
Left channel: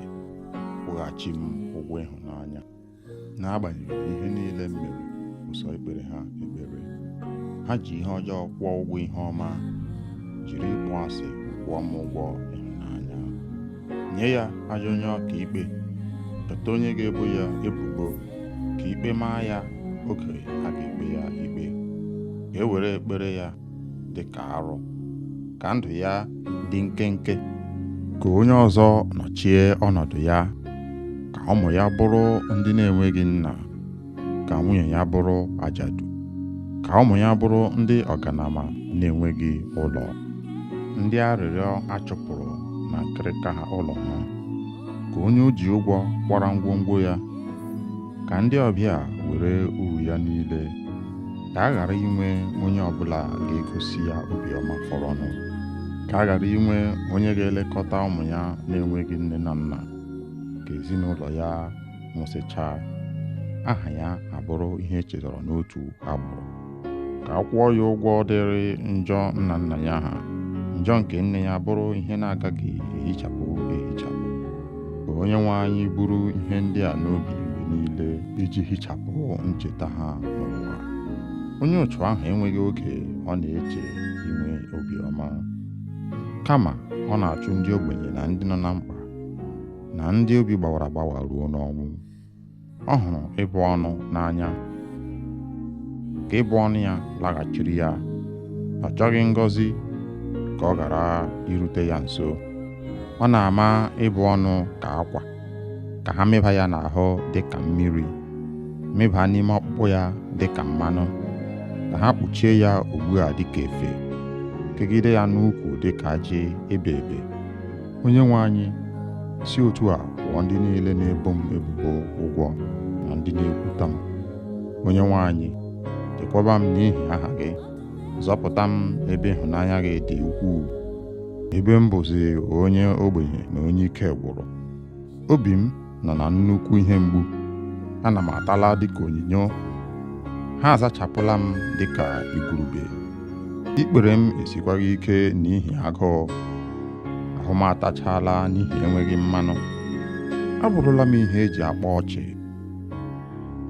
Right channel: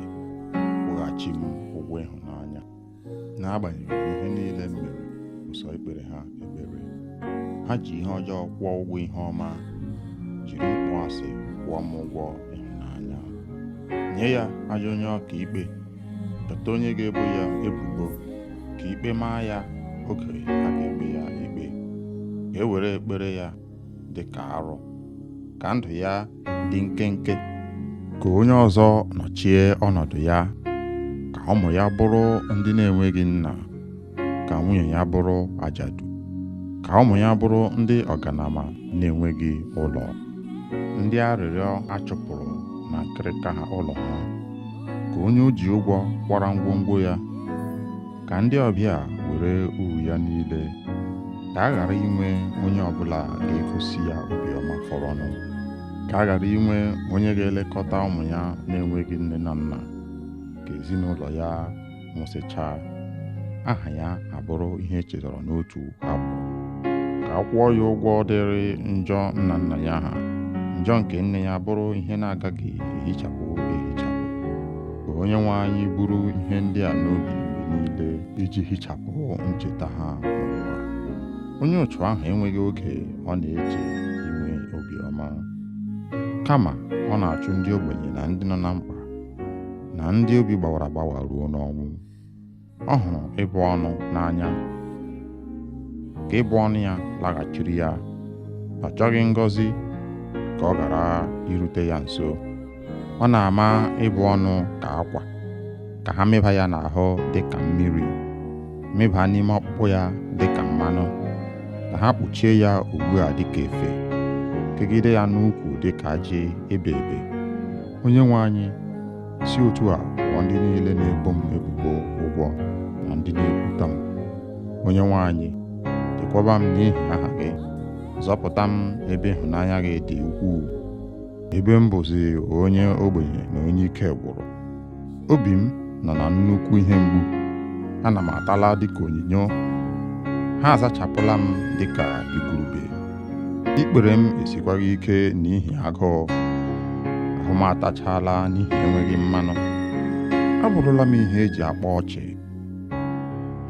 kwụghachi m ụgwọ ịhụnanya. N'agbanyeghị ihe niile m mere ụsọ ikpere ha ekpere, ha ji ihe ọjọọ kwụọ ụgwọ ihe ọma, jiri ịkpọ asị kwụọ m ụgwọ ịhụnanya. Nye ya ajọ onye ọka ikpe, chọta onye ga-ebo ya ebubo, ka ikpe maa ya oge a ga-ekpe ya ikpe. Ka e were ekpere ya dị ka arụ, ka ndụ ya dị nkenke, ka onye ọzọ nọchie ọnọdụ ya, ka ụmụ ya bụrụ ndị na-enweghị nna, ka nwunye ya bụrụ ajadu, ka ụmụ ya bụrụ ndị ọganama na-enweghị ụlọ, ndị arịrịọ achụpụrụ na nkịrịka ha ụlọ ha, ka onye o ji ụgwọ kwara ngwongwo ya, ka ndị ọbịa were uru ya niile, ka a ghara inwe onye ọbụla ga-egosi ya obiọma fọrọnụ, ka a ghara inwe onye ga-elekọta ụmụ ya na-enweghị nne na nna, ka ezinụlọ ya nwụsịchaa, aha ya abụrụ ihe echetara n'otu agbụrụ, ka a kwụọ ya ụgwọ dịrị njọ nna nna ya ha, njọ nke nne ya bụrụ ihe na-agaghị ehichapụ ehichapụ. Ka Onyenwe anyị buru ihe ndị a n'obi mgbe niile iji hichapụ ncheta ha n'ụwa. Onye otu ahụ enweghị oge ọ na-eche inwe obiọma, kama ọ na-achụ ndị ogbenye na ndị nọ na mkpa na ndị obi gbawara agbawa ruo n'ọnwụ. Ọ hụrụ ịbụ ọnụ n'anya, ka ịbụ ọnụ ya laghachiri ya. Ọ chọghị ngọzi ka ọ ghara irute ya nso. Ọ na-ama ịbụ ọnụ ka akwa, ka ha mịba ya n'ahụ dị ka mmiri, mịba n'ime ọkpụkpụ ya dị ka mmanụ, ka ha kpuchie ya ugbu a dị ka efe, kegide ya n'ukwu dị ka ajị ebe ebe. Onyenwe anyị, si otu a kwụọ ndị niile na-ebo m ebubo ụgwọ na ndị na-ekwuta m. Onyenwe anyị, chekwaba m n'ihi aha gị, zọpụta m ebe ịhụnanya gị dị ukwuu, ebe m bụzi onye ogbenye na onye ike gwụrụ. Obi m nọ na nnukwu ihe mgbu, ana m atala dịka onyinyo, ha azachapụla m dịka igurube. Ikpere m esikwaghị ike n'ihi agụụ, ahụ m atachala n'ihi enweghị mmanụ. Abụrụla m ihe eji akpa ọchị.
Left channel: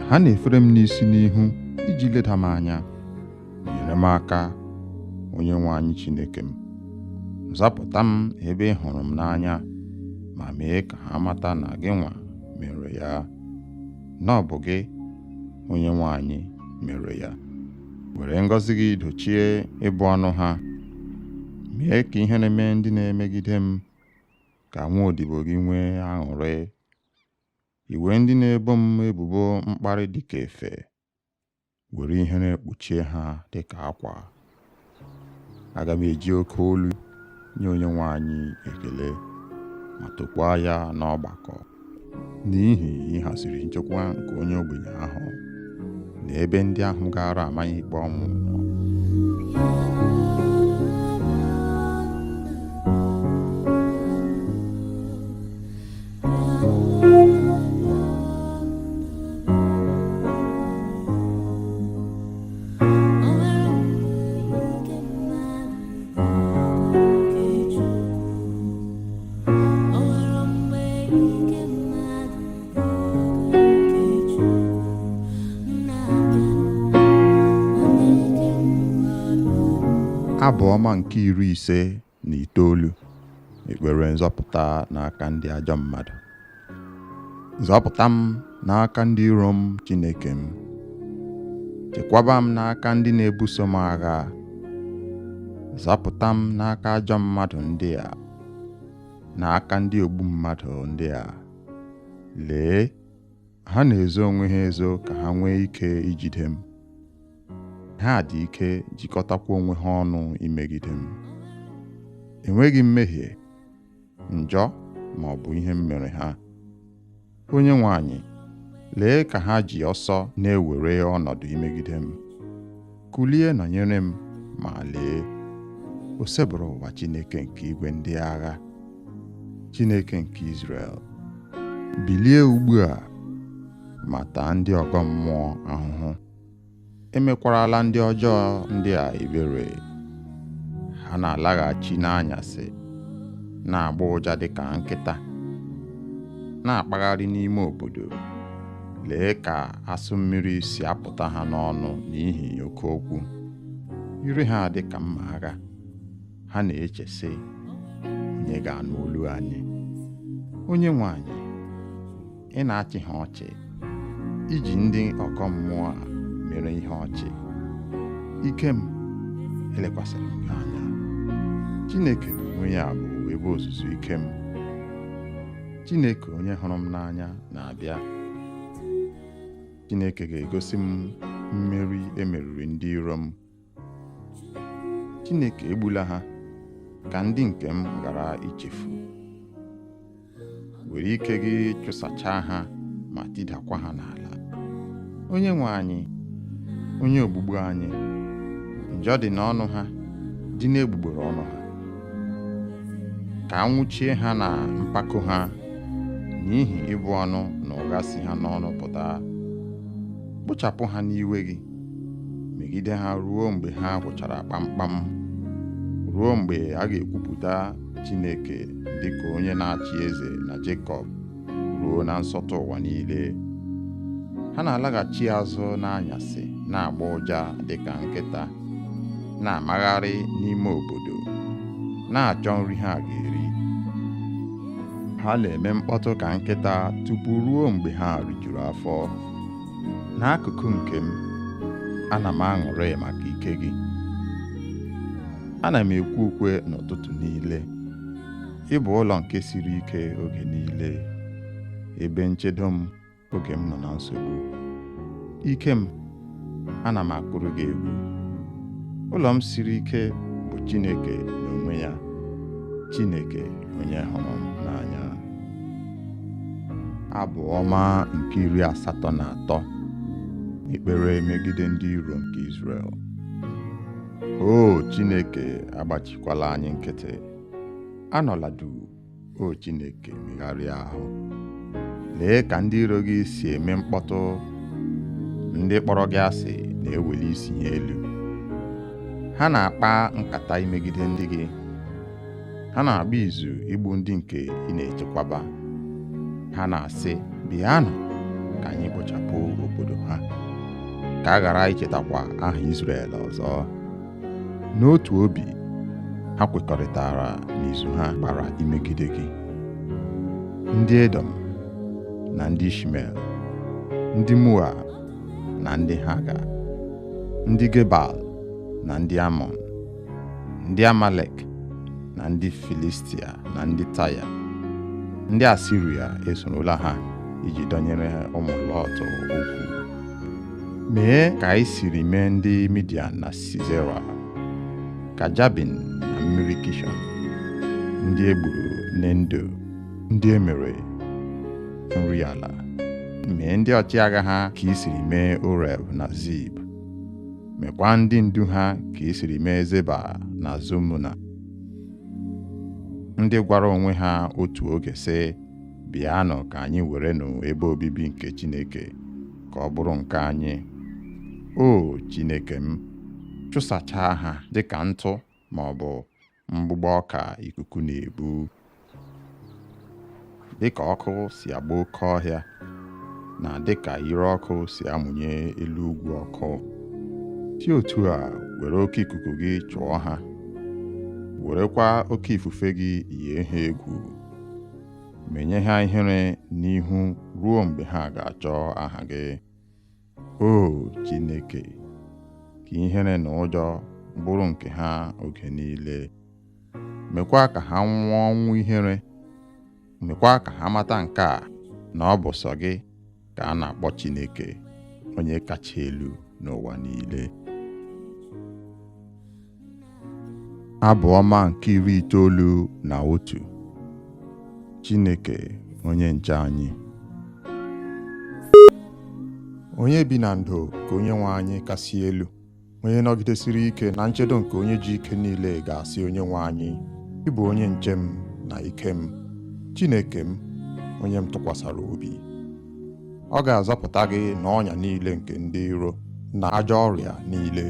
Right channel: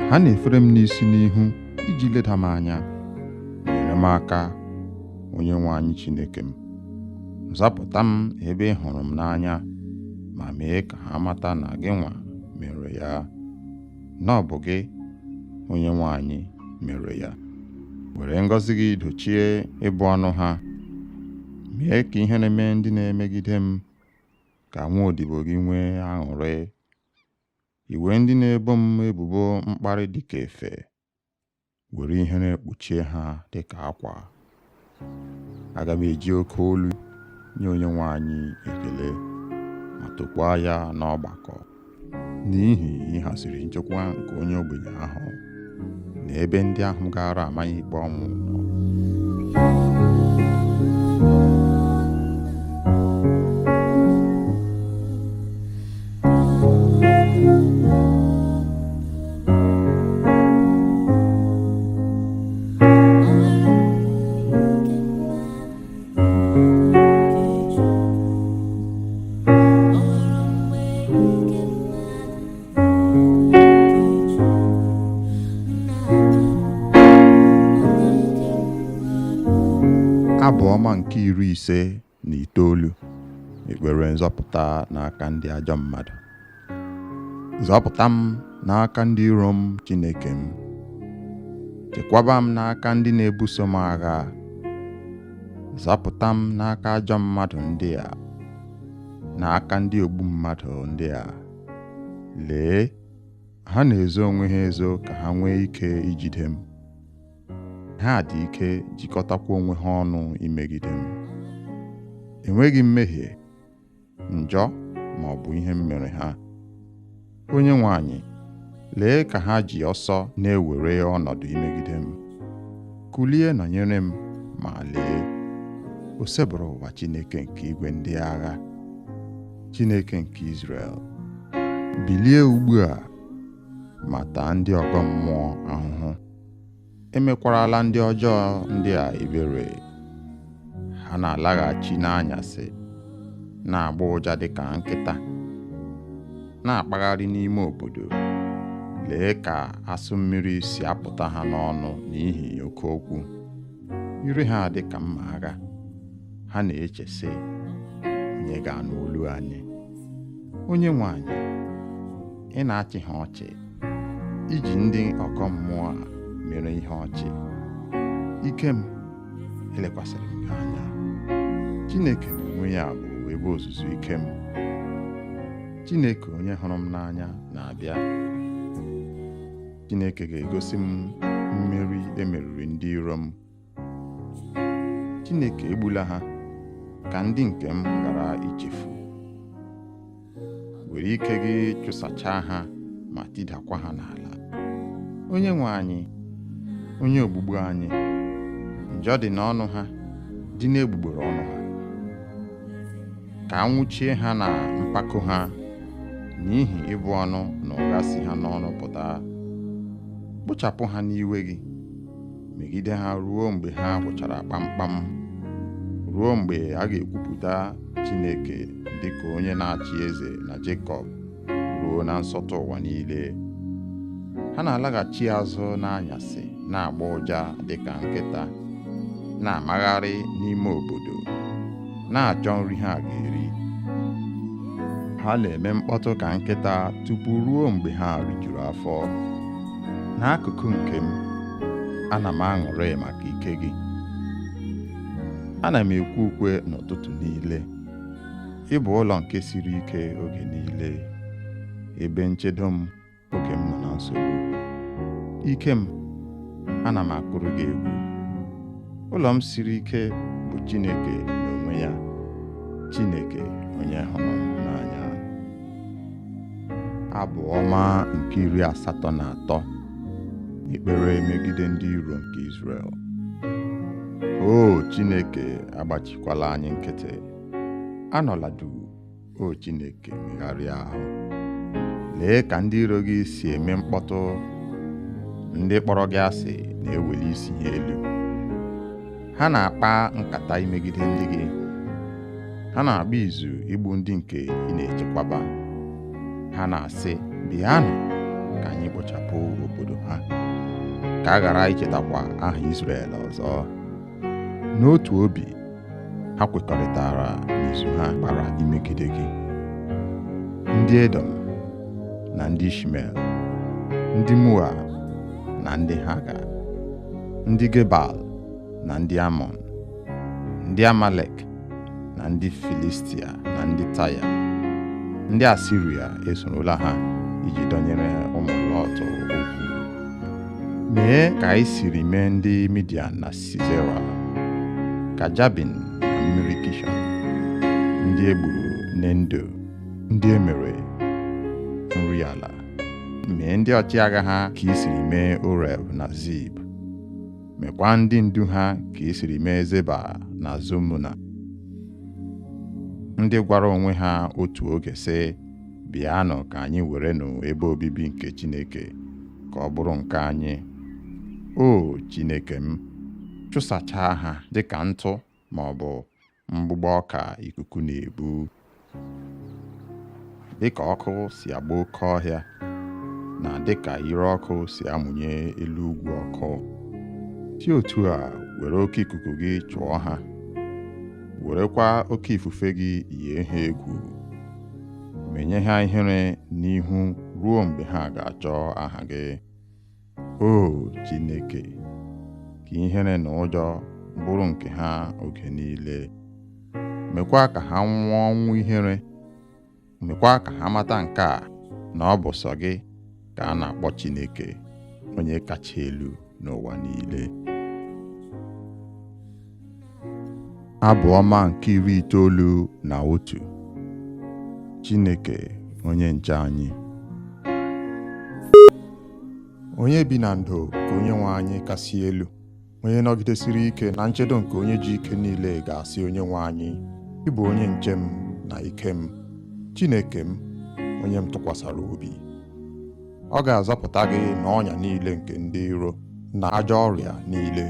Ha na-efere m n'isi n'ihu iji leda m anya. Nyere m aka, Onyenwe anyị Chineke m. Zapụta m ebe ị hụrụ m n'anya, ma mee ka ha mata na gị nwa mere ya, na ọ bụ gị, Onyenwe anyị, mere ya. Were ngọzi gị dochie ịbụ ọnụ ha. Mee ka ihe na-eme ndị na-emegide m, ka nwa odibo gị nwee aṅụrị. Iwe ndị na-ebo m ebubo mkparị dịka efe, were ihere kpuchie ha dịka akwa. Aga m eji oke olu nye Onyenwe anyị ekele, ma tokwaa ya n'ọgbakọ, n'ihi ịhaziri nchekwa nke onye ogbenye ahụ na ebe ndị ahụ gara amanye ikpe ọnwụ nọ. ọma nke 59, ekpere nzọpụta n'aka ndị ajọ mmadụ. Zọpụta m n'aka ndị iro m, Chineke m. Chekwaba m n'aka ndị na-ebuso m agha. Zọpụta m n'aka ajọ mmadụ ndị a, n'aka ndị ogbu mmadụ ndị a. Lee, ha na-ezo onwe ha ezo ka ha nwee ike ijide m. Ha dị ike jikọtakwa onwe ha ọnụ imegide m. Enweghị mmehie, njọ ma ọ bụ ihe m mere ha. Onyenwe anyị, lee ka ha ji ọsọ na-ewere ọnọdụ imegide m. Kulie nọnyere m, ma lee, o sebụrụ ụwa Chineke nke igwe ndị agha, Chineke nke Izrel. Bilie ugbu a ma taa ndị ọgọ mmụọ ahụhụ. Emekwarala ndị ọjọọ ndị a ebere. Ha na-alaghachi n'anyasị, na-agba ụja dịka nkịta, na-akpagharị n'ime obodo. Lee ka asụ mmiri si apụta ha n'ọnụ n'ihi oke okwu. Ire ha dị ka mma agha. Ha na-eche sị, onye ga-anụ olu anyị? Onyenwe anyị, ị na-achị ha ọchị, iji ndị ọkọ mmụọ a mere ihe ọchị. Ike m, elekwasịrị m gị anya. Chineke n'onwe ya bụ ebe ozuzu ike m. Chineke onye hụrụ m n'anya na-abịa. Chineke ga-egosi m mmeri emeriri ndị iro m. Chineke egbula ha, ka ndị nke m ghara ichefu. Were ike gị chụsachaa ha ma tidakwa ha n'ala. Onyenwe anyị, onye ogbugbu anyị, njọ dị n'ọnụ ha, dị n'egbugbere ọnụ ha. Ka anwụchie ha na mpako ha, n'ihi ịbụ ọnụ na ụgha si ha n'ọnụ pụta. Kpochapụ ha n'iwe gị, megide ha ruo mgbe ha gwụchara kpamkpam, ruo mgbe a ga-ekwupụta Chineke dịka onye na-achị eze na Jekọb, ruo na nsọtụ ụwa niile. Ha na-alaghachi azụ n'anyasị, na-agba ụja dịka nkịta, na-amagharị n'ime obodo, na-achọ nri ha ga-eri. Ha na-eme mkpọtụ ka nkịta tupu ruo mgbe ha rijuru afọ. N'akụkụ nke m, ana m aṅụrị maka ike gị. Ana m ekwe ukwe n'ụtụtụ niile. Ị bụ ụlọ nke siri ike oge niile, ebe nchedo m oge m nọ na nsogbu. Ike m, ana m akụrụ gị egwu. Ụlọ m siri ike bụ Chineke n'onwe ya, Chineke onye hụrụ m n'anya. Abụ ọma nke 83, ekpere megide ndị iro nke Izrel. O Chineke, agbachikwala anyị nkịtị. Anọla duu, o Chineke, megharịa ahụ. Lee ka ndị iro gị si eme mkpọtụ. Ndị kpọrọ gị asị na-eweli isi ha elu. Ha na-akpa nkata imegide ndị gị. Ha na-agba izu igbu ndị nke ị na-echekwaba. Ha na-asị, bịanụ ka anyị kpochapụ obodo ha, ka a ghara ichetakwa aha Izrel ọzọ. N'otu obi, ha kwekọrịtara n'izu ha kpara imegide gị. Ndị Edom na ndị Ishmel, ndị Moab na ndị Haga, ndị Gebal na ndị Amọn, ndị Amalek na ndị Filistia na ndị Taya. Ndị Asiria esorola ha iji dọnyere ụmụ Lọt okwu. Mee ka anyị siri mee ndị Midian na Sisera, ka Jabin na mmiri Kishọn, ndị egburu n'Endo, ndị emere nri ala. Mee ndị ọchịagha ha ka i siri mee Oreb na Zib. Mekwa ndị ndu ha ka i siri mee Zeba na Zumuna, ndị gwara onwe ha otu oge sị, bịanụ ka anyị werenụ ebe obibi nke Chineke, ka ọ bụrụ nke anyị. O Chineke m, chụsachaa ha dịka ntụ ma ọ bụ mgbụgbọ ọka ikuku na-ebu. Dịka ọkụ si agba oke ọhịa, na dịka ire ọkụ si amụnye elu ugwu ọkụ, si otu a were oke ikuku gị chụọ ha, werekwa oke ifufe gị yie ha egwu, menye ha ihere n'ihu ruo mgbe ha ga-achọ aha gị. O Chineke, ka ihere na ụjọ bụrụ nke ha oge niile. Mekwa ka ha nwụọ ọnwụ ihere. Mekwa ka ha mata nke a, na ọ bụ sọ gị ka a na-akpọ Chineke, onye kacha elu n'ụwa niile. Abụ ọma nke 91. Chineke onye nche anyị. Onye bi na ndo ka Onyenwe anyị kasị elu, onye nọgidesiri ike na nchedo nke onye ji ike niile ga-asị Onyenwe anyị, ị bụ onye nche m na ike m, Chineke m, onye m tụkwasara obi. Ọ ga-azọpụta gị n'ọnya niile nke ndị iro na ajọ ọrịa niile.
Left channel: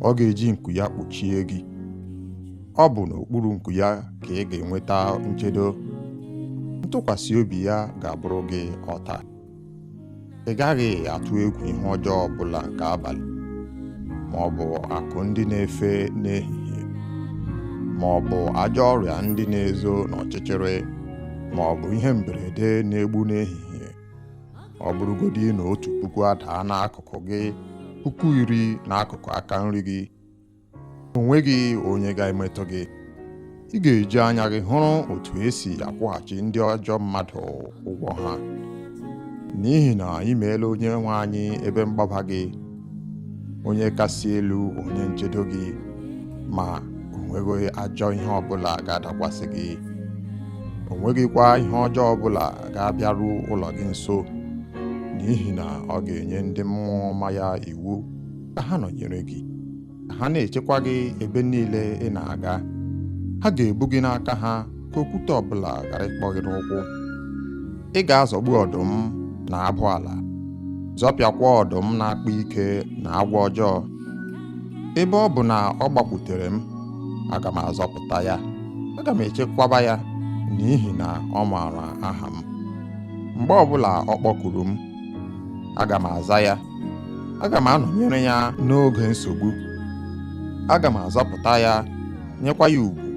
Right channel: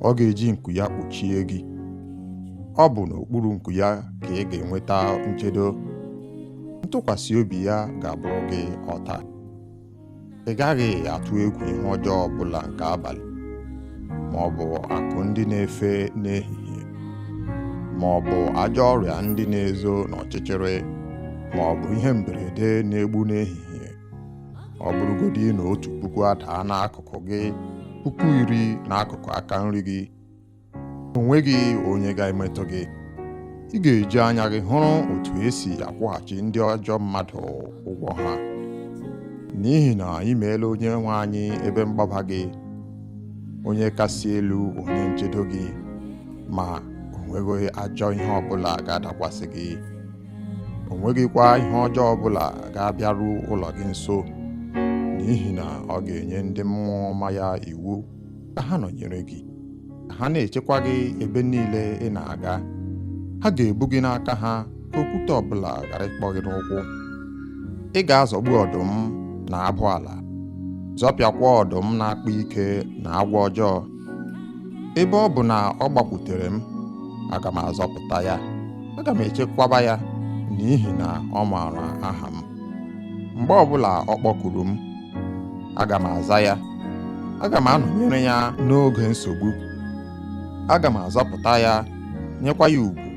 Ọ ga-eji nku ya kpuchie gị. Ọ bụ n'okpuru nku ya ka ị ga-enweta nchedo. Ntụkwasị obi ya ga-abụrụ gị ọta. Ị gaghị atụ egwu ihe ọjọọ ọbụla nke abalị, ma ọ bụ akụ ndị na-efe n'ehihie, ma ọ bụ ajọ ọrịa ndị na-ezo n'ọchịchịrị, ma ọ bụ ihe mberede na-egbu n'ehihie. Ọ bụrụgodị na 1,000 adaa n'akụkụ gị, 10,000 n'akụkụ aka nri gị, o nweghị onye ga-emetụ gị. Ị ga-eji anya gị hụrụ otu esi akwụghachi ndị ajọ mmadụ ụgwọ ha, n'ihi na ị meela Onyenwe anyị ebe mgbaba gị, onye kasị elu, onye nchedo gị, ma o nweghị ajọ ihe ọbụla ga-adakwasị gị. O nweghịkwa ihe ọjọọ ọbụla ga-abịaru ụlọ gị nso, n'ihi na ọ ga-enye ndị mmụọ ọma ya iwu ka ha nọnyere gị, ka ha na-echekwa gị ebe niile ị na-aga. Ha ga-ebu gị n'aka ha ka okwute ọbụla ghara ịkpọ gị n'ụkwụ. Ị ga-azọgbu ọdụm na abụ ala, zọpịakwa ọdụm na-akpa ike na agwọ ọjọọ. Ebe ọ bụ na ọ gbakwutere m, aga m azọpụta ya. Aga m echekwaba ya, n'ihi na ọ maara aha m. Mgbe ọbụla ọ kpọkuru m, aga m aza ya. Aga m anọnyere ya n'oge nsogbu. Aga m azọpụta ya, nyekwa ya ugwu.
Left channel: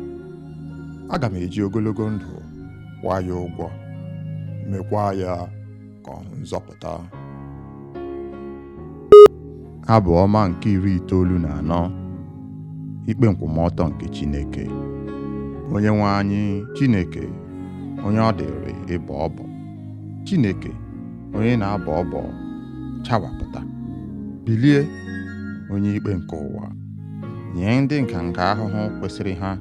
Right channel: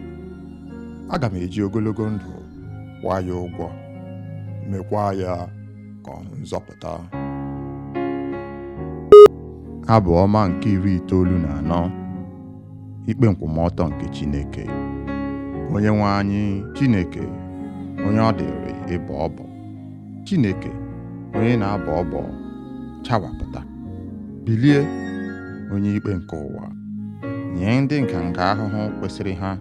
Aga m eji ogologo ndụ kwụọ ya ụgwọ, mekwa ya ka ọ hụ nzọpụta. Abụ ọma nke 94. Ikpe nkwụmọtọ nke Chineke. Onyenwe anyị Chineke, onye ọ dịrị ịbọ ọbọ. Chineke, onye na-abọ ọbọ, chawapụta. Bilie, onye ikpe nke ụwa. Nye ndị nganga ahụhụ kwesịrị ha.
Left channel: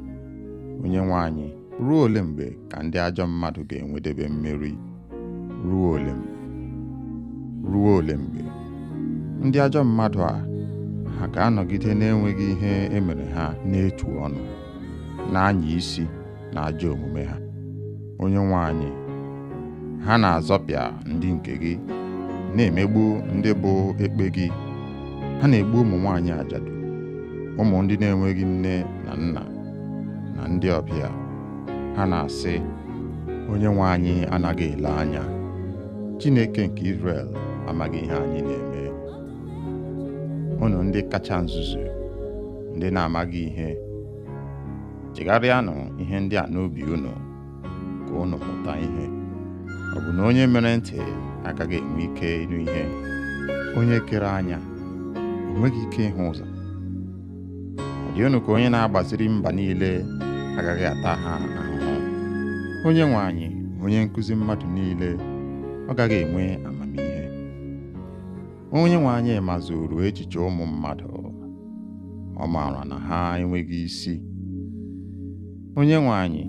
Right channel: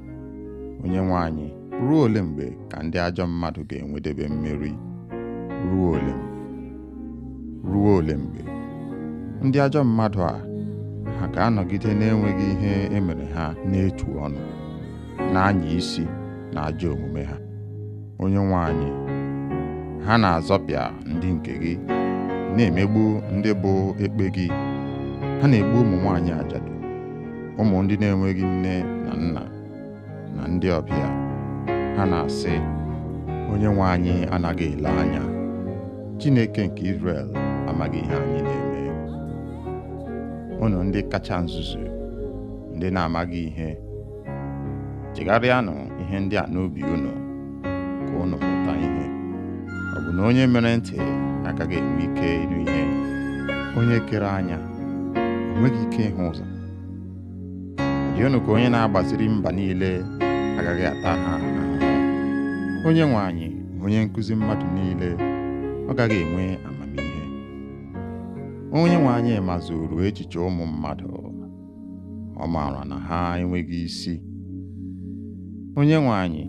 Onyenwe anyị, ruo ole mgbe ka ndị ajọ mmadụ ga-enwedebe mmeri? Ruo ole mgbe? Ruo ole mgbe? Ndị ajọ mmadụ a, ha ga-anọgide na-enweghị ihe emere ha n'etu ọnụ, na-anya isi na ajọ omume ha. Onyenwe anyị, ha na-azọpịa ndị nke gị, na-emegbu ndị bụ ekpe gị. Ha na-egbu ụmụ nwaanyị ajadu, ụmụ ndị na-enweghị nne na nna, na ndị ọbịa. Ha na-asị, Onyenwe anyị anaghị ele anya. Chineke nke Izrel amaghị ihe anyị na-eme. Unu ndị kacha nzuzu, ndị na-amaghị ihe, chegharịanụ ihe ndị a n'obi unu, ka unu mụta ihe. Ọ bụ na onye mere ntị agaghị enwe ike ịnụ ihe? Onye kere anya o nweghị ike ịhụ ụzọ? Ọ dị unu ka onye na-agbaziri mba niile agaghị ata ha ahụhụ? Onyenwe anyị, onye nkụzi mmadụ niile, ọ gaghị enwe amamihe? Onyenwe anyị mazuru echiche ụmụ mmadụ, ọ maara na ha enweghị isi. Onyenwe anyị,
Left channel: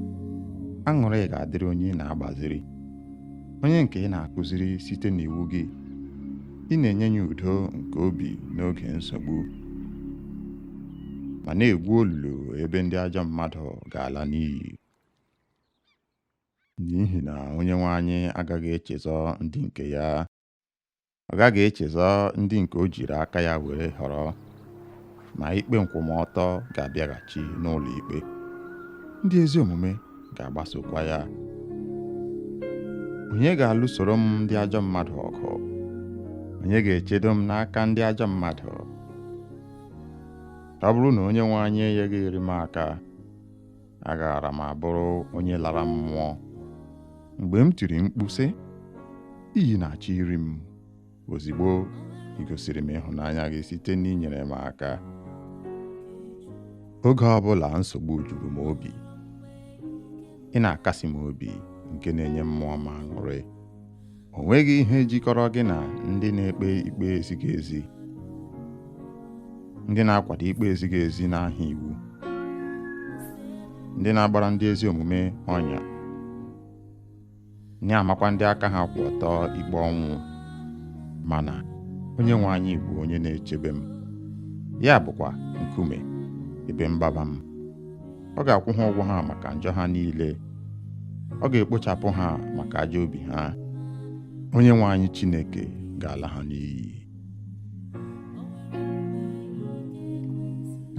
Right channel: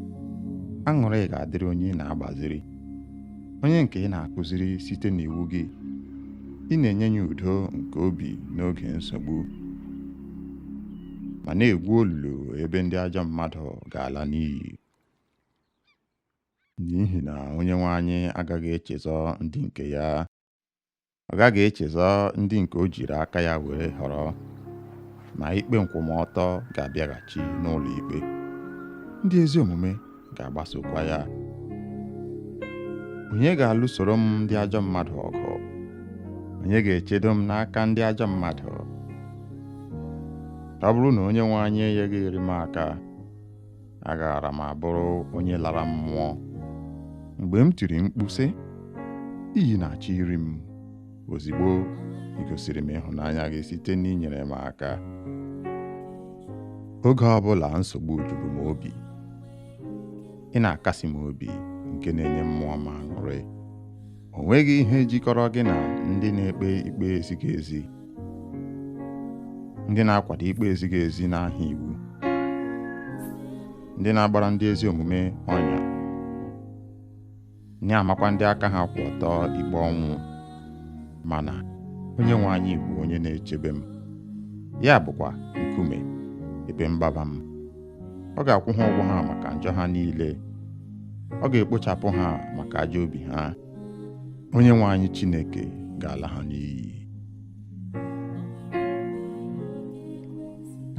aṅụrị ga-adịrị onye na-agbaziri, onye nke ị na-akụziri site n'iwu gị. Ị na-enye ya udo nke obi n'oge nsogbu, ma na-egwu olulu ebe ndị ajọ mmadụ ga-ala n'iyi. N'ihi na Onyenwe anyị agaghị echezọ ndị nke ya. Ọ gaghị echezọ ndị nke o jiri aka ya were họrọ, ma ikpe nkwụmọtọ ga-abịaghachi n'ụlọ ikpe. Ndị ezi omume ga-agbasokwa ya. Onye ga-alụsoro m ndị ajọ mmadụ ọgụ? Onye ga-echedo m n'aka ndị ajọ mmadụ? Ọ bụrụ na Onyenwe anyị enyeghị m aka, agaara m abụrụ onye lara mmụọ. Mgbe m tiri mkpu sị, iyi na-achọ iri m, ozigbo ị gosiri m ịhụnanya gị site n'inyere m aka. Oge ọbụla nsogbu juru m obi, ị na-akasi m obi nke na-enye mmụọ m aṅụrị. O nweghị ihe jikọrọ gị na ndị na-ekpe ikpe ezighị ezi, ndị na-akwado ikpe ezighị ezi n'aha iwu, ndị na-agbara ndị ezi omume ọnya, na-amakwa ndị aka ha kwụ ọtọ ikpe ọnwụ. Mana Onyenwe anyị bụ onye na-echebe m, ya bụkwa nkume ebe mgbaba m. Ọ ga-akwụ ha ụgwọ ha maka njọ ha niile, ọ ga-ekpochapụ ha maka ajọ obi ha. Onyenwe anyị Chineke ga-ala ha n'iyi.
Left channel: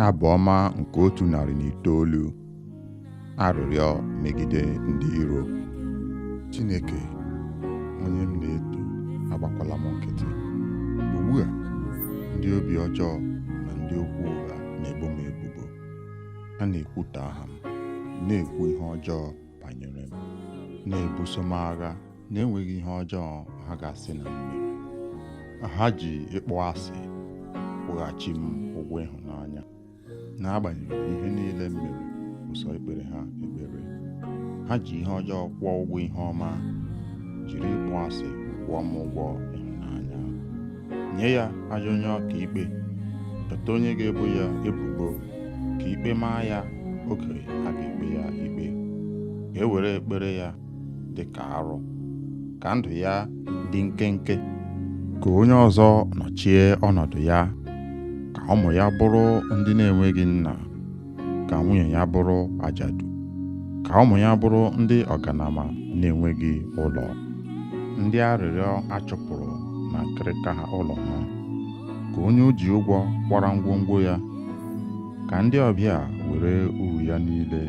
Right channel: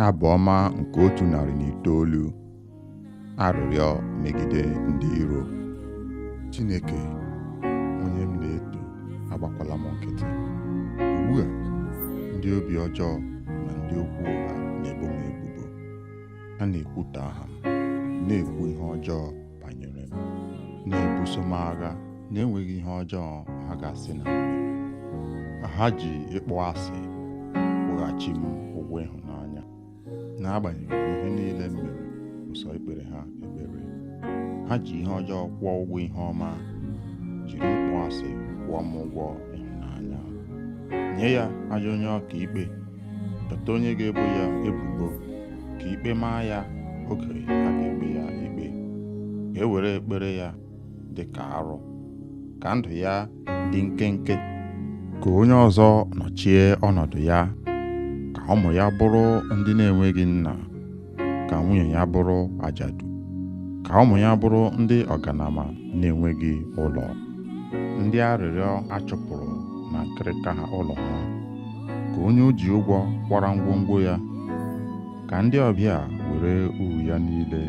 Abụ ọma nke 109. Arịrịọ megide ndị iro. Chineke, onye m na-eto, agbakwala m nkịtị. Ugbu a, ndị obi ọjọọ na ndị okwu ụgha na-ebo m ebubo. Ha na-ekwutọ aha m, na-ekwu ihe ọjọọ banyere m, na-ebuso m agha na-enweghị ihe ọjọọ ha ga-asị na m mere. Ha ji ịkpọ asị kwụghachi m ụgwọ ịhụnanya. N'agbanyeghị ihe niile m mere ụsọ ikpere ha ekpere, ha ji ihe ọjọọ kwụọ ụgwọ ihe ọma, jiri ịkpọ asị kwụọ m ụgwọ ịhụnanya. Nye ya ajọ onye ọka ikpe, dọta onye ga-ebo ya ebubo, ka ikpe maa ya oge a ga-ekpe ya ikpe. Ka e were ekpere ya dị ka arụ, ka ndụ ya dị nkenke. Ka onye ọzọ nọchie ọnọdụ ya, ka ụmụ ya bụrụ ndị na-enweghị nna, ka nwunye ya bụrụ ajadu, ka ụmụ ya bụrụ ndị ọganama na-enweghị ụlọ, ndị arịrịọ achụpụrụ na nkịrịka ụlọ ha. Ka onye o ji ụgwọ kwara ngwongwo ya, ka ndị ọbịa were uru ya niile.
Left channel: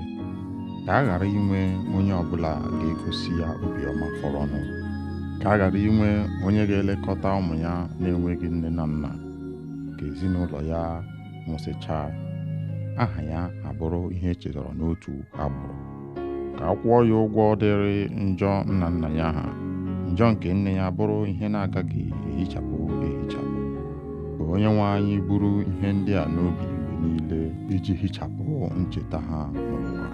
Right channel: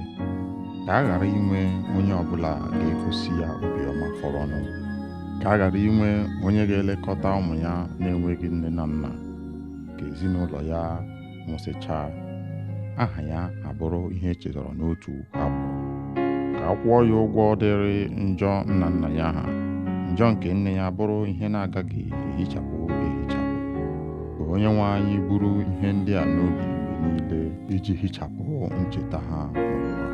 Ka a ghara inwe onye ọbụla ga-egosi ya obiọma fọrọnụ. Ka a ghara inwe onye ga-elekọta ụmụ ya na-enweghị nne na nna. Ka ezinụlọ ya nwụsịchaa, aha ya abụrụ ihe echetara n'otu agbụrụ. Ka a kwụọ ya ụgwọ dịrị njọ nna nna ya ha, njọ nke nne ya bụrụ ihe na-agaghị ehichapụ ehichapụ. Ka Onyenwe anyị buru ihe ndị a n'obi mgbe niile iji hichapụ ncheta ha n'ụwa.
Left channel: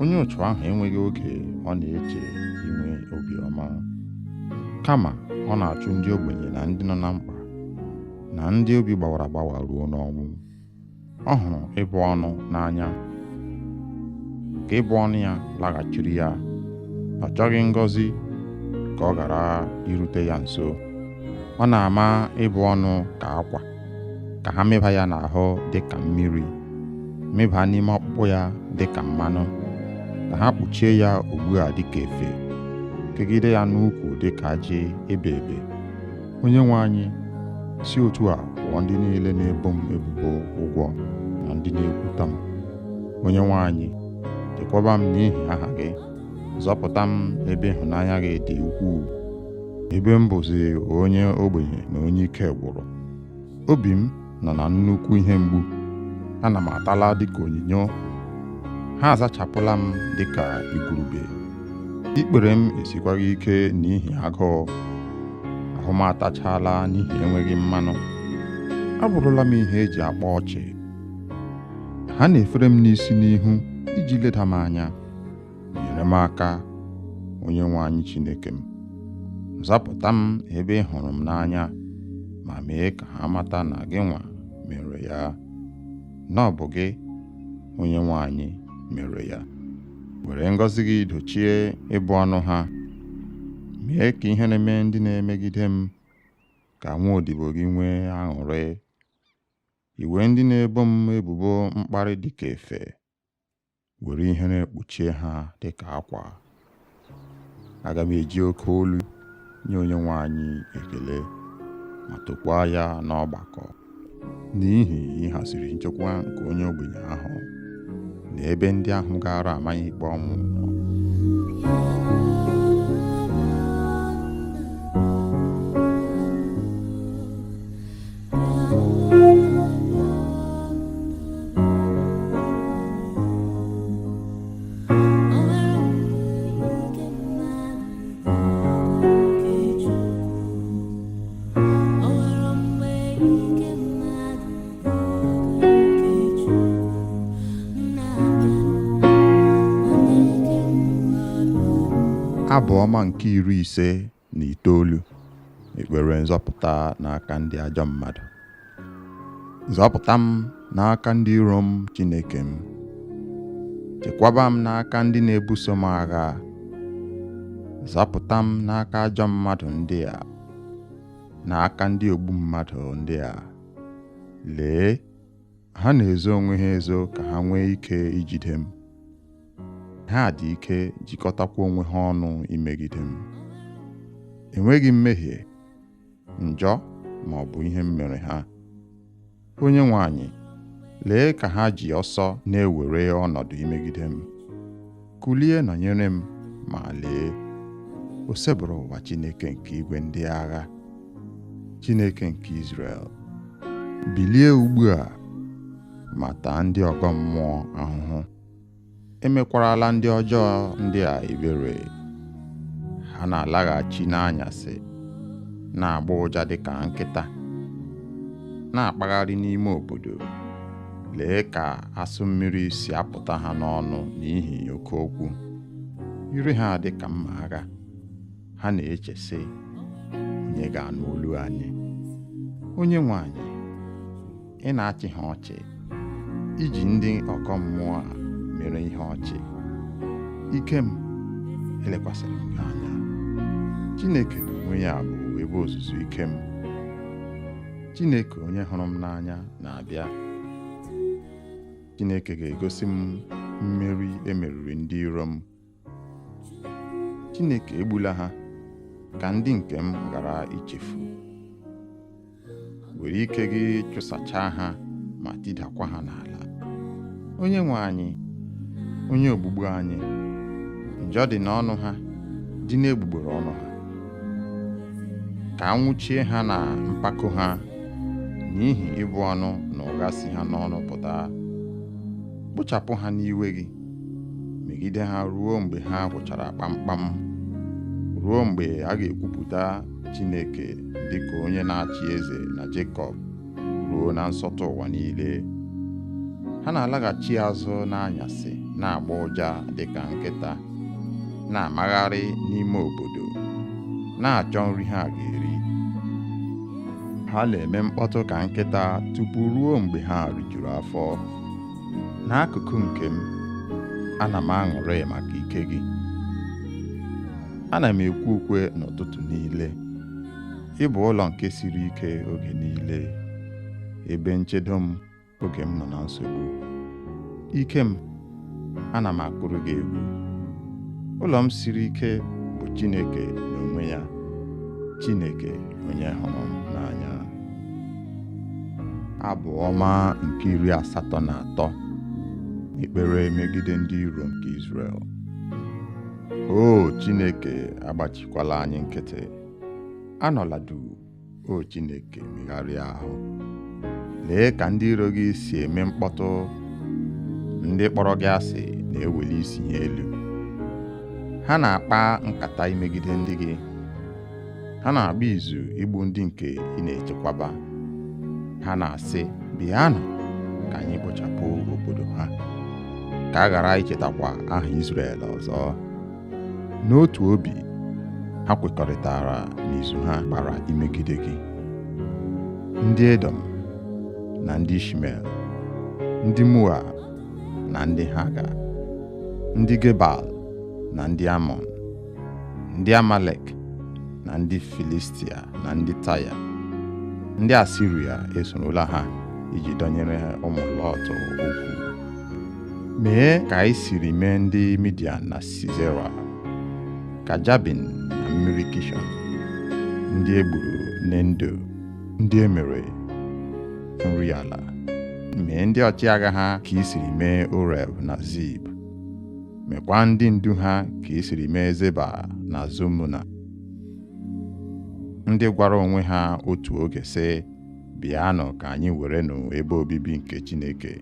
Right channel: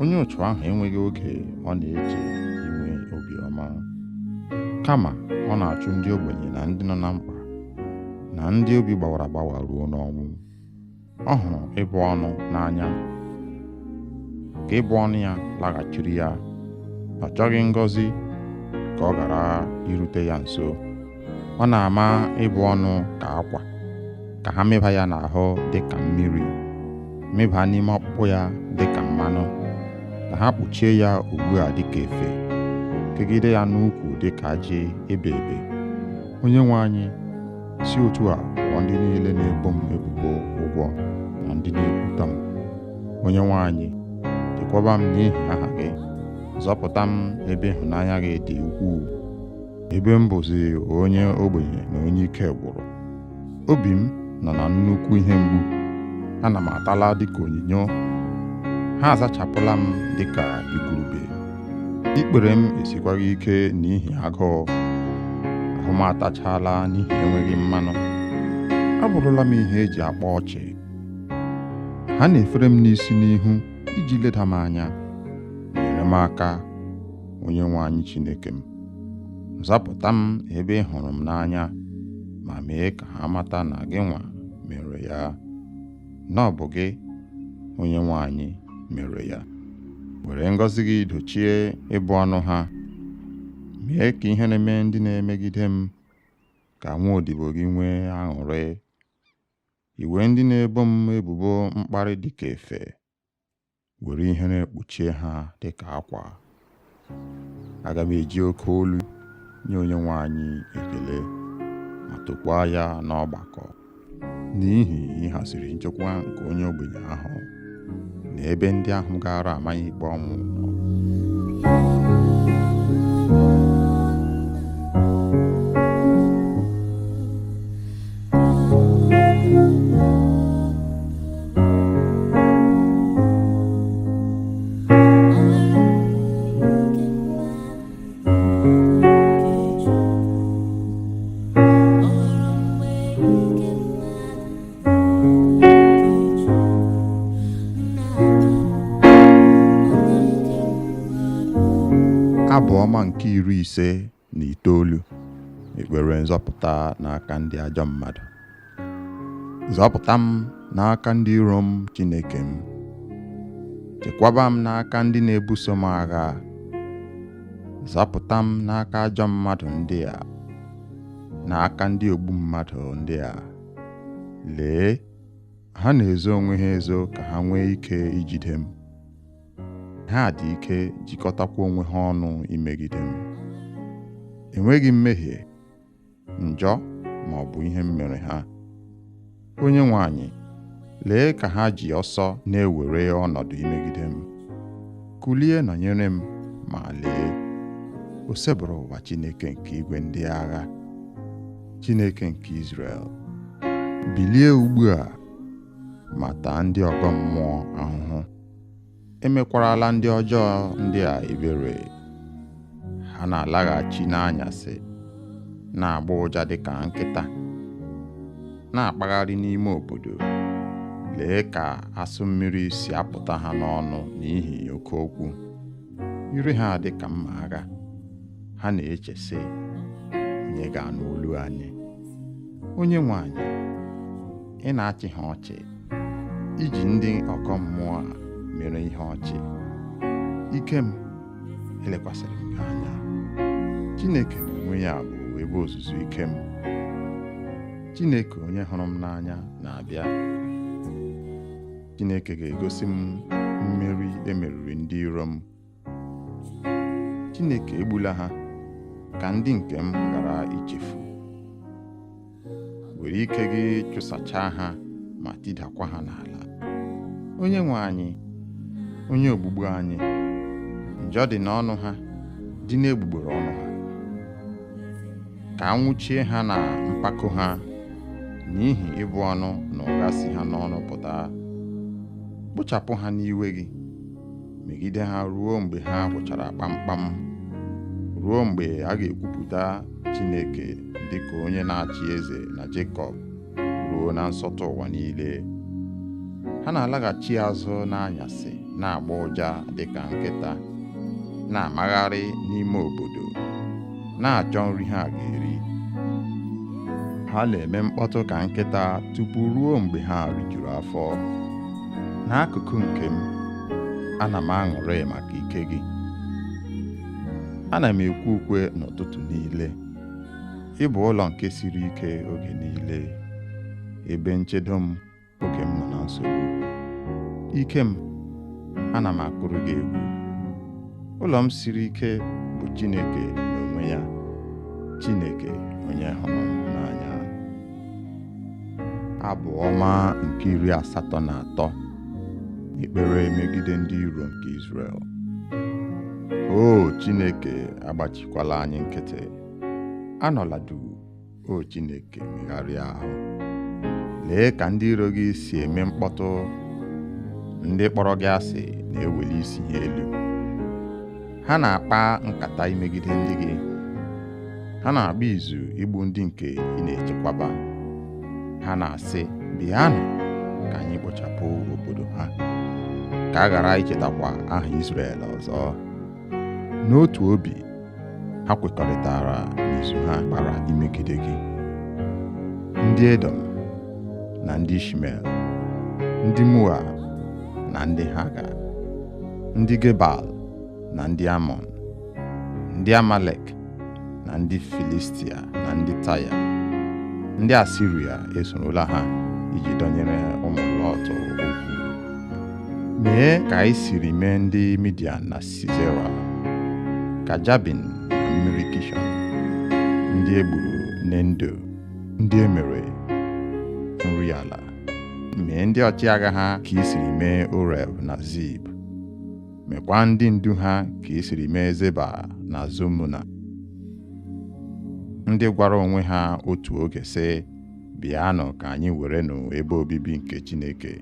Onye otu ahụ enweghị oge ọ na-eche inwe obiọma, kama ọ na-achụ ndị ogbenye na ndị nọ na mkpa, na ndị obi gbawara agbawa ruo n'ọnwụ. Ọ hụrụ ịbụ ọnụ n'anya, ka ịbụ ọnụ ya laghachiri ya. Ọ chọghị ngọzi ka ọ ghara irute ya nso. Ọ na-ama ịbụ ọnụ ka akwa, ka ha mịba ya n'ahụ dị ka mmiri, mịba n'ime ọkpụkpụ ya dị ka mmanụ, ka ha kpuchie ya ugbu a dị ka efe, kegide ya n'ukwu dị ka ajị ebe ebe. Onyenwe anyị, si otu a kwụọ ndị niile na-ebo m ebubo ụgwọ na ndị na-ekwutọ m. Onyenwe anyị, chekwaba m n'ihi aha gị, zọpụta m ebe ịhụnanya gị dị ukwuu, ebe m bụzi onye ogbenye na onye ike gwụrụ. Obi m nọ na nnukwu ihe mgbu, ana m atala dịka onyinyo. Ha azachapụla m dịka igurube. Ikpere m esikwaghị ike n'ihi agụụ, ahụ m atachala n'ihi enweghị mmanụ. Abụrụla m ihe eji akpa ọchị. Ha na-efere m n'isi n'ihu iji leda m anya. Nyere m aka, Onyenwe anyị Chineke m. Zapụta m ebe ị hụrụ m n'anya, ma mee ka ha mata na gị nwa mere ya, na ọ bụ gị, Onyenwe anyị, mere ya. Were ngọzi gị dochie ịbụ ọnụ ha. Mee ka ihere mee ndị na-emegide m, ka nwa odibo gị nwee aṅụrị. Iwe ndị na-ebo m ebubo mkparị dịka efe, were ihere kpuchie ha dịka akwa. Aga m eji oke olu nye Onyenwe anyị ekele, ma tokwaa ya n'ọgbakọ, n'ihi ịhaziri nchekwa nke onye ogbenye ahụ na ebe ndị ahụ gara amaghị ikpe ọnwụ nọ. Abụ ọma nke 59. Ekpere nzọpụta n'aka ndị ajọ mmadụ. Zọpụta m n'aka ndị iro m, Chineke m. Chekwaba m n'aka ndị na-ebuso m agha. Zọpụta m n'aka ajọ mmadụ ndị a, n'aka ndị ogbu mmadụ ndị a. Lee, ha na-ezo onwe ha ezo ka ha nwee ike ijide m. Ha dị ike jikọtakwa onwe ha ọnụ imegide m. Enweghị mmehie, njọ ma ọ bụ ihe m mere ha. Onyenwe anyị, lee ka ha ji ọsọ na-ewere ọnọdụ imegide m. Kulie nọnyere m, ma lee, o sebụrụ ụwa Chineke nke igwe ndị agha, Chineke nke Izrel. Bilie ugbu a ma taa ndị ọgọ mmụọ ahụhụ. Emekwarala ndị ọjọọ ndị a ebere. Ha na-alaghachi n'anyasị, na-agba ụja dịka nkịta, na-akpagharị n'ime obodo. Lee ka asụ mmiri si apụta ha n'ọnụ n'ihi oke okwu. Ire ha dị ka mma agha. Ha na-eche sị, onye ga-anụ olu anyị? Onyenwe anyị, ị na-achị ha ọchị, iji ndị ọgọ mmụọ a mere ihe ọchị. Ike m, elekwasịrị m gị anya. Chineke n'onwe ya bụ ebe ozuzu ike m. Chineke onye hụrụ m n'anya na-abịa. Chineke ga-egosi m mmeri emeriri ndị iro m. Chineke egbula ha ka ndị nke m ghara ichefu. Were ike gị chụsachaa ha ma tidakwa ha n'ala. Onyenwe anyị, onye ogbugbu anyị, njọ dị n'ọnụ ha, dị n'egbugbere ọnụ ha. Ka anwụchie ha na mpako ha, n'ihi ịbụ ọnụ na ụgha si ha n'ọnụ pụta. Kpochapụ ha n'iwe gị, megide ha ruo mgbe ha gwụchara kpamkpam, ruo mgbe a ga-ekwupụta Chineke dịka onye na-achị eze na Jekọb, ruo na nsọtụ ụwa niile. Ha na-alaghachi azụ n'anyasị, na-agba ụja dịka nkịta, na-amagharị n'ime obodo, na-achọ nri ha ga-eri. Ha na-eme mkpọtụ ka nkịta tupu ruo mgbe ha rijuru afọ. N'akụkụ nke m, ana m aṅụrị maka ike gị. Ana m ekwe ukwe n'ụtụtụ niile. Ị bụ ụlọ nke siri ike oge niile, ebe nchedo m oge m nọ na nsogbu. Ike m, ana m akụrụ gị egwu. Ụlọ m siri ike bụ Chineke n'onwe ya, Chineke onye hụrụ m n'anya. Abụ ọma nke 83. Ekpere megide ndị iro nke Izrel. O Chineke, agbachikwala anyị nkịtị. Anọla duu, o Chineke, megharịa ahụ. Lee ka ndị iro gị si eme mkpọtụ. Ndị kpọrọ gị asị na-eweli isi ha elu. Ha na-akpa nkata imegide ndị gị. Ha na-agba izu igbu ndị nke ị na-echekwaba. Ha na-asị, bịanụ ka anyị kpochapụ obodo ha, ka a ghara ichetakwa aha Izrel ọzọ. N'otu obi, ha kwekọrịtara n'izu ha gbara imegide gị. Ndị Edom na ndị Ishmel, ndị Moab na ndị Haga, ndị Gebal na ndị Amọn, ndị Amalek na ndị Filistia na ndị Taya, ndị Asiria esorola ha iji dọnyere ụmụ Lọt okwu. Mee ka anyị siri mee ndị Midian na Sisera, ka Jabin na mmiri Kishọn, ndị egburu n'Endo, ndị emere nri ala. Mee ndị ọchịagha ha ka i siri mee Oreb na Zib. Mekwa ndị ndu ha ka i siri mee Zeba na Zumuna, ndị gwara onwe ha otu oge sị, bịanụ ka anyị werenụ ebe obibi nke Chineke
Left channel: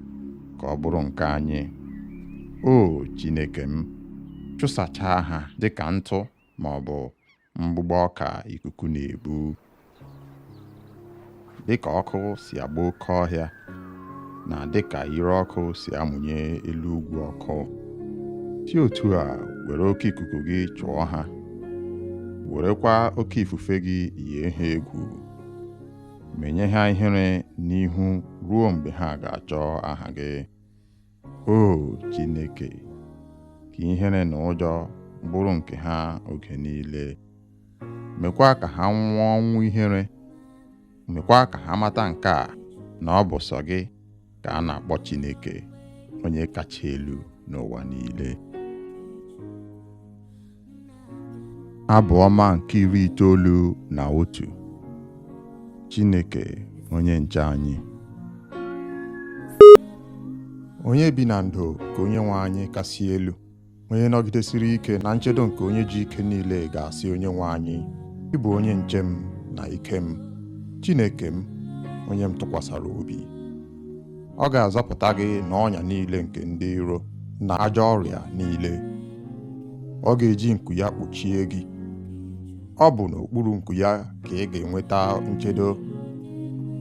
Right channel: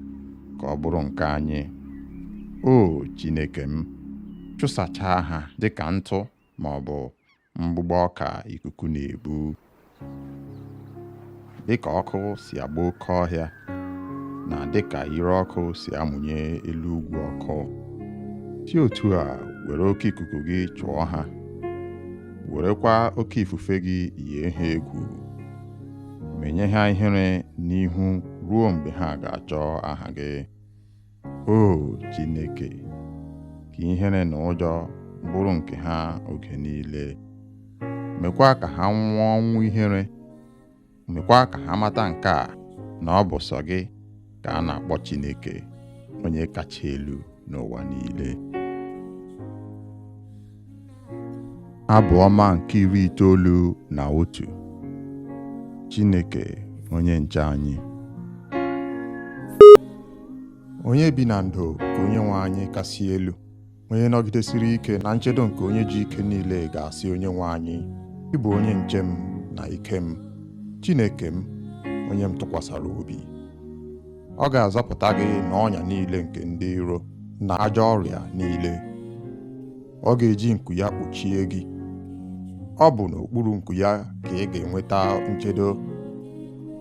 ka ọ bụrụ nke anyị. O Chineke m, chụsachaa ha dịka ntụ ma ọ bụ mgbụgbọ ọka ikuku na-ebu. Dịka ọkụ si agba oke ọhịa, na dịka ire ọkụ si amụnye elu ugwu ọkụ. si otu a were oke ikuku gị chụọ ha, werekwa oke ifufe gị yie ha egwu, menye ha ihere n'ihu ruo mgbe ha ga-achọ aha gị. O Chineke, ka ihere na ụjọ bụrụ nke ha oge niile. Mekwa ka ha nwụọ ọnwụ ihere. Mekwa ka ha mata nke a, na ọ bụ sọ gị ka a na-akpọ Chineke, onye kacha elu n'ụwa niile. Abụ ọma nke 91. Chineke onye nche anyị. Onye bi na ndo ka onye nwe anyị kasị elu, onye nọgidesiri ike na nchedo nke onye ji ike niile ga-asị onye nwe anyị, ị bụ onye nche m na ike m, Chineke m, onye m tụkwasara obi. Ọ ga-azọpụta gị n'ọnya niile nke ndị iro na ajọ ọrịa niile. Ọ ga-eji nku ya kpuchie gị. Ọ bụ n'okpuru nku ya ka ị ga-enweta nchedo.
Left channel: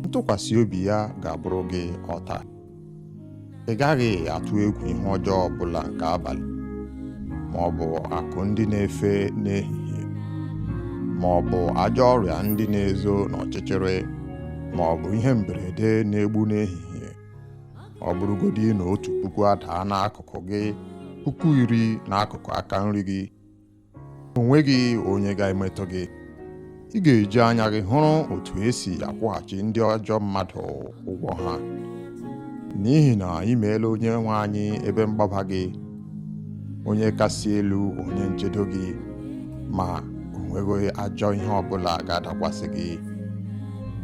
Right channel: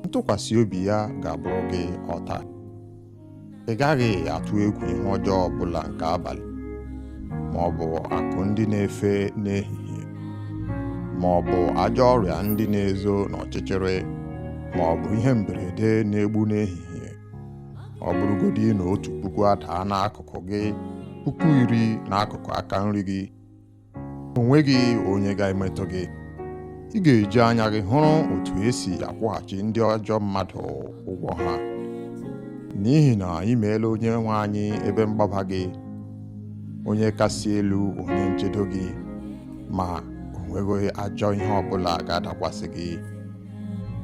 Ntụkwasị obi ya ga-abụrụ gị ọta. Ị gaghị atụ egwu ihe ọjọọ ọbụla nke abalị, ma ọ bụ akụ ndị na-efe n'ehihie, ma ọ bụ ajọ ọrịa ndị na-ezo n'ọchịchịrị, ma ọ bụ ihe mberede na-egbu n'ehihie. Ọ bụrụgodị na 1,000 adaa n'akụkụ gị, 10,000 n'akụkụ aka nri gị, o nweghị onye ga-emetụ gị. Ị ga-eji anya gị hụrụ otu esi akwụghachi ndị ajọ mmadụ ụgwọ ha, n'ihi na ị meela onye nwe anyị ebe mgbaba gị, onye kasị elu, onye nchedo gị, ma o nweghị ajọ ihe ọbụla ga-adakwasị gị.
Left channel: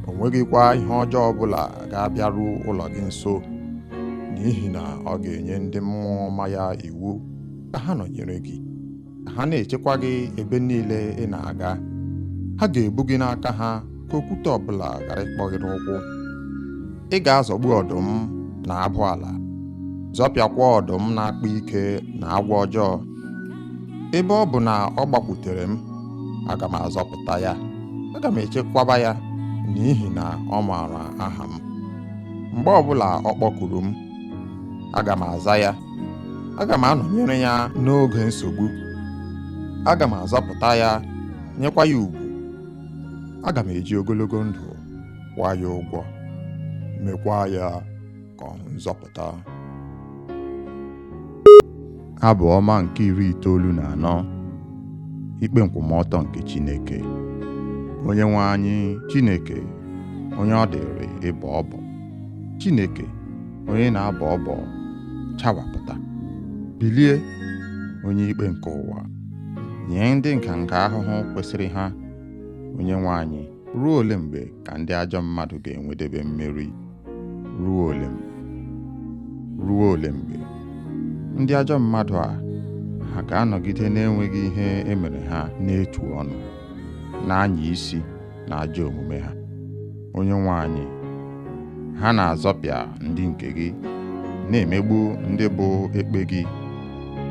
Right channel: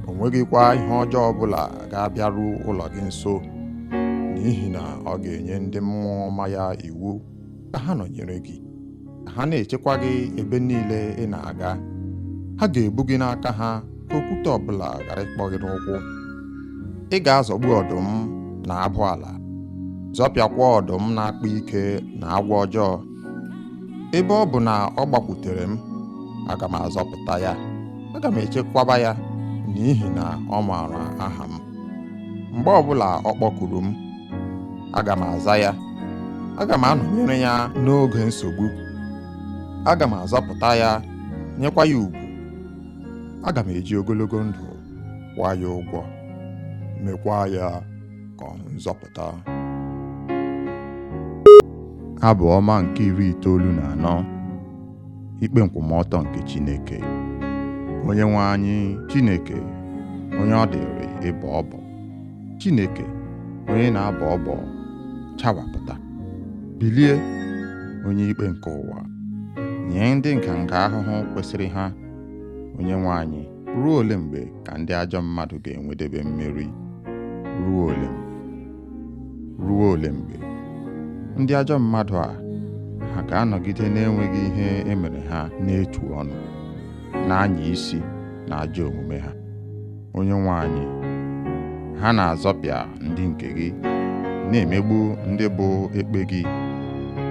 O nweghịkwa ihe ọjọọ ọbụla ga-abịaru ụlọ gị nso, n'ihi na ọ ga-enye ndị mmụọ ọma ya iwu ka ha nọnyere gị, ka ha na-echekwa gị ebe niile ị na-aga. Ha ga-ebu gị n'aka ha ka okwute ọbụla ghara ịkpọ gị n'ụkwụ. Ị ga-azọgbu ọdụm na abụ ala, zọpịakwa ọdụm na-akpa ike na agwọ ọjọọ. Ebe ọ bụ na ọ gbakwutere m, aga m azọpụta ya, aga m echekwaba ya, n'ihi na ọ maara aha m. Mgbe ọbụla ọ kpọkuru m, aga m aza ya. Aga m anọnyere ya n'oge nsogbu. Aga m azọpụta ya, nyekwa ya ugwu. Aga m eji ogologo ndụ kwụọ ya ụgwọ, mekwa ya ka ọ nzọpụta. Abụ ọma nke 94. Ikpe nkwụmọtọ nke Chineke. Onye nwe anyị, Chineke, onye ọ dịrị ịbọ ọbọ. Chineke, onye na-abọ ọbọ, chawapụta. Bilie, onye ikpe nke ụwa, nye ndị nganga ahụhụ kwesịrị ha. Onye nwe anyị, ruo ole mgbe ka ndị ajọ mmadụ ga-enwedebe mmeri? Ruo ole mgbe? Ruo ole mgbe? Ndị ajọ mmadụ a, ha ga-anọgide na-enweghị ihe emere ha n'etu ọnụ, na-anya isi na ajọ omume ha. Onye nwe anyị, ha na-azọpịa ndị nke gị, na-emegbu ndị bụ ekpe gị.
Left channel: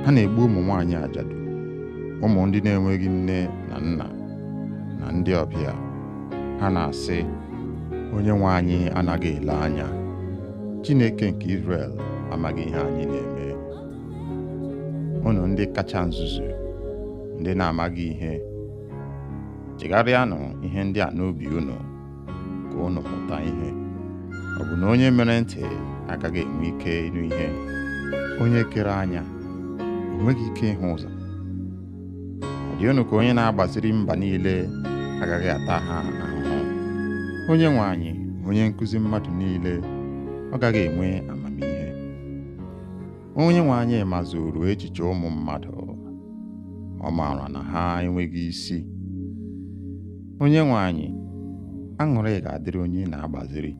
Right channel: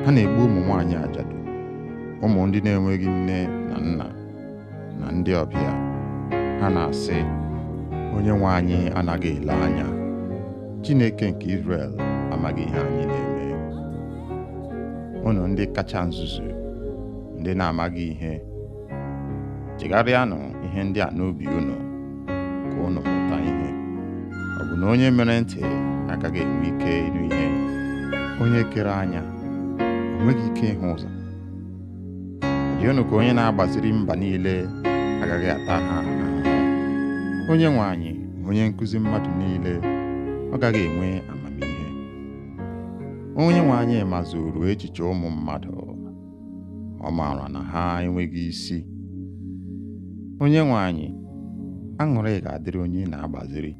Ha na-egbu ụmụ nwaanyị ajadu, ụmụ ndị na-enweghị nne na nna, na ndị ọbịa. Ha na-asị, onye nwe anyị anaghị ele anya. Chineke nke Izrel amaghị ihe anyị na-eme. Unu ndị kacha nzuzu, ndị na-amaghị ihe, chegharịanụ ihe ndị a n'obi unu, ka unu mụta ihe. Ọ bụ na onye mere ntị agaghị enwe ike ịnụ ihe? Onye kere anya o nweghị ike ịhụ ụzọ? Ọ dị unu ka onye na-agbaziri mba niile agaghị ata ha ahụhụ? Onye nwe anyị, onye nkụzi mmadụ niile, ọ gaghị enwe amamihe? Onye nwe anyị mazuru echiche ụmụ mmadụ, ọ maara na ha enweghị isi. Onye nwe anyị, aṅụrị ga-adịrị onye na-agbaziri,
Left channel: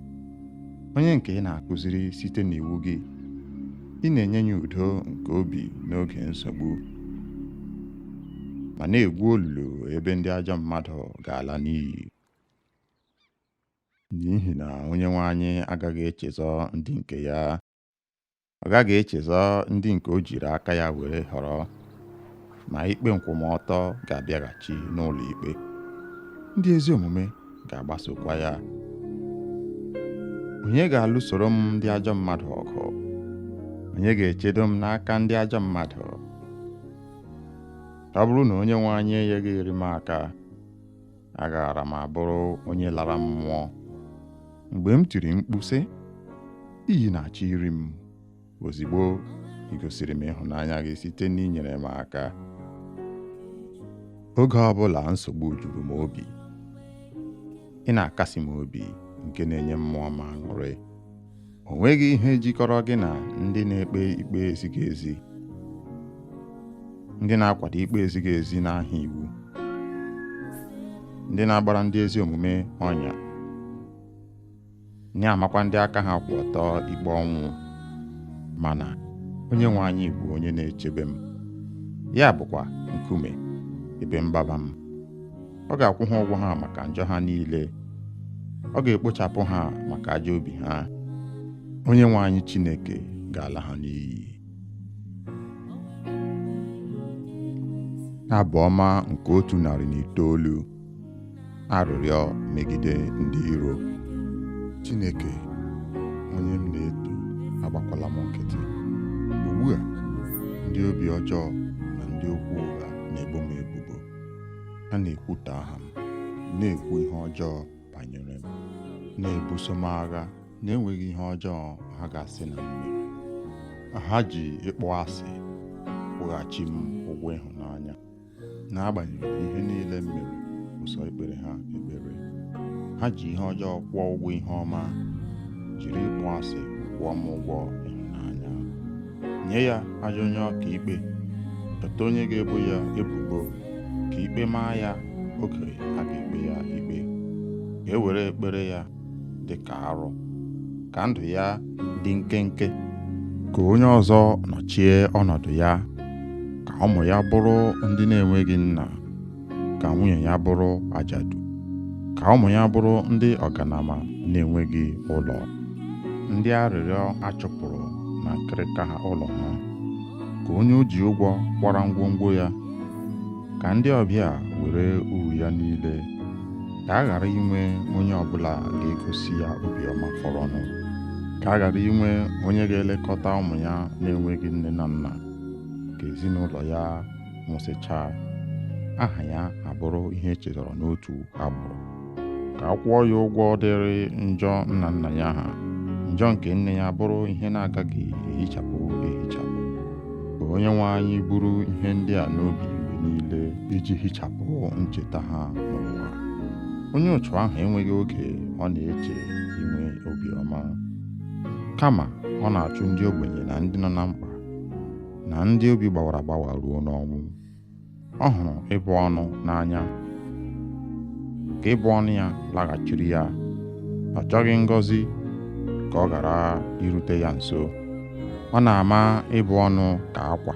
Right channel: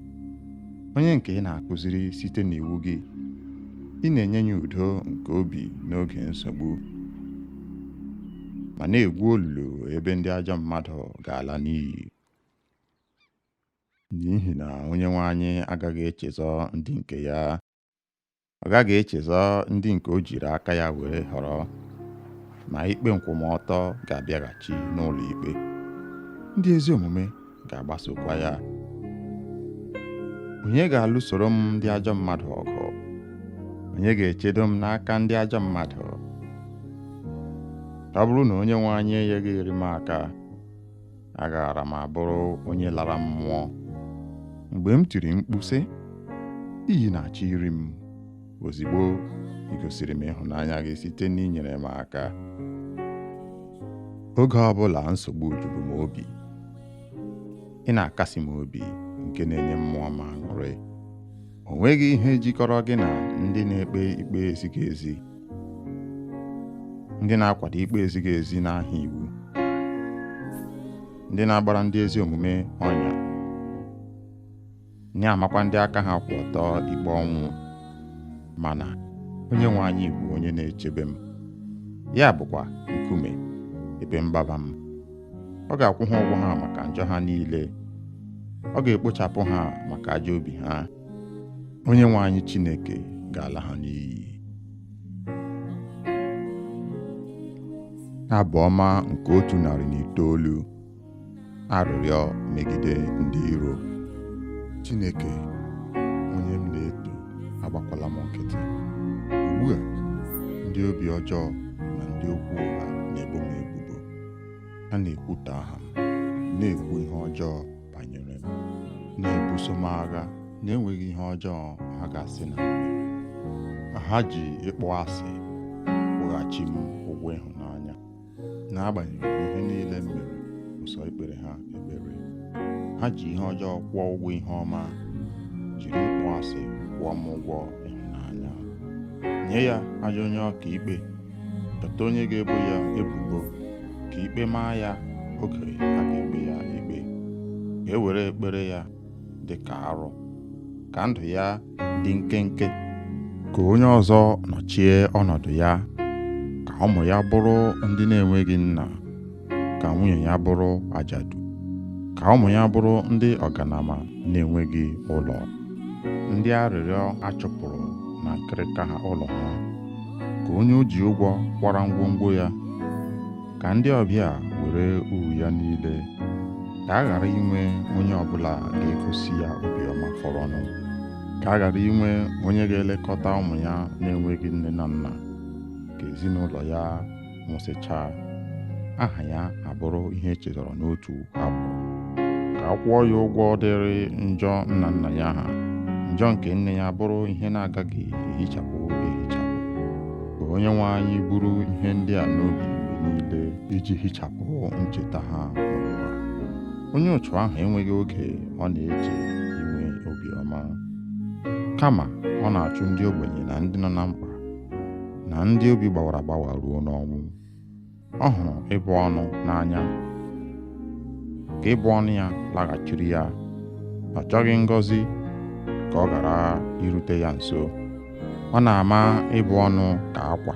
onye nke ị na-akụziri site n'iwu gị. Ị na-enye ya udo nke obi n'oge nsogbu, ma na-egwu olulu ebe ndị ajọ mmadụ ga-ala n'iyi. N'ihi na onye nwe anyị agaghị echezọ ndị nke ya. Ọ gaghị echezọ ndị nke o jiri aka ya were họrọ, ma ikpe nkwụmọtọ ga-abịaghachi n'ụlọ ikpe. Ndị ezi omume ga-agbasokwa ya. Onye ga-alụsoro m ndị ajọ mmadụ ọgụ? Onye ga-echedo m n'aka ndị ajọ mmadụ? ọ bụrụ na onye nwe anyị enyeghịrị m aka, agaara m abụrụ onye lara mmụọ. Mgbe m tiri mkpu sị, iyi na-achọ iri m, ozigbo ị gosiri m ịhụnanya gị site n'inyere m aka. Oge ọbụla nsogbu juru m obi, ị na-akasi m obi nke na-enye mmụọ m aṅụrị. O nweghị ihe jikọrọ gị na ndị na-ekpe ikpe ezighị ezi, ndị na-akwado ikpe ezighị ezi n'aha iwu, ndị na-agbara ndị ezi omume ọnya, na-amakwa ndị aka ha kwụ ọtọ ikpe ọnwụ. Mana onye nwe anyị bụ onye na-echebe m, ya bụkwa nkume ebe mgbaba m. Ọ ga-akwụ ha ụgwọ ha maka njọ ha niile, ọ ga-ekpochapụ ha maka ajọ obi ha. Onye nwe anyị Chineke ga-ala ha n'iyi. Abụ ọma nke 109. Arịrịọ megide ndị iro. Chineke, onye m na-eto, agbakwala m nkịtị. Ugbu a, ndị obi ọjọọ na ndị okwu ụgha na-ebo m ebubo. Ha na-ekwutọ aha m, na-ekwu ihe ọjọọ banyere m, na-ebuso m agha na-enweghị ihe ọjọọ ha ga-asị na m mere. Ha ji ịkpọ asị kwụghachi m ụgwọ ịhụnanya. N'agbanyeghị ihe niile m mere, ụsọ ikpere ha ekpere. Ha ji ihe ọjọọ kwụọ ụgwọ ihe ọma, jiri ịkpọ asị kwụọ m ụgwọ ịhụnanya. Nye ya ajọ onye ọka ikpe, chọta onye ga-ebo ya ebubo, ka ikpe maa ya oge a ga-ekpe ya ikpe. Ka e were ekpere ya dị ka arụ, ka ndụ ya dị nkenke. Ka onye ọzọ nọchie ọnọdụ ya, ka ụmụ ya bụrụ ndị na-enweghị nna, ka nwunye ya bụrụ ajadu, ka ụmụ ya bụrụ ndị ọganama na-enweghị ụlọ, ndị arịrịọ achụpụrụ na nkịrịka ha ụlọ ha. Ka onye o ji ụgwọ kwara ngwongwo ya, ka ndị ọbịa were uru ya niile. Ka a ghara inwe onye ọbụla ga-egosi ya obiọma fọrọnụ. Ka a ghara inwe onye ga-elekọta ụmụ ya na-enweghị nne na nna. Ka ezinụlọ ya nwụsịchaa, aha ya abụrụ ihe echetara n'otu agbụrụ. Ka a kwụọ ya ụgwọ dịrị njọ nna nna ya ha, njọ nke nne ya bụrụ ihe na-agaghị ehichapụ ehichapụ. Ka onye nwe anyị buru ihe ndị a n'obi mgbe niile, iji hichapụ ncheta ha n'ụwa. Onye otu ahụ enweghị oge ọ na-eche inwe obiọma, kama ọ na-achụ ndị ogbenye na ndị nọ na mkpa, na ndị obi gbawara agbawa ruo n'ọnwụ. Ọ hụrụ ịbụ ọnụ n'anya, ka ịbụ ọnụ ya laghachiri ya. Ọ chọghị ngọzi ka ọ ghara irute ya nso. Ọ na-ama ịbụ ọnụ ka akwa,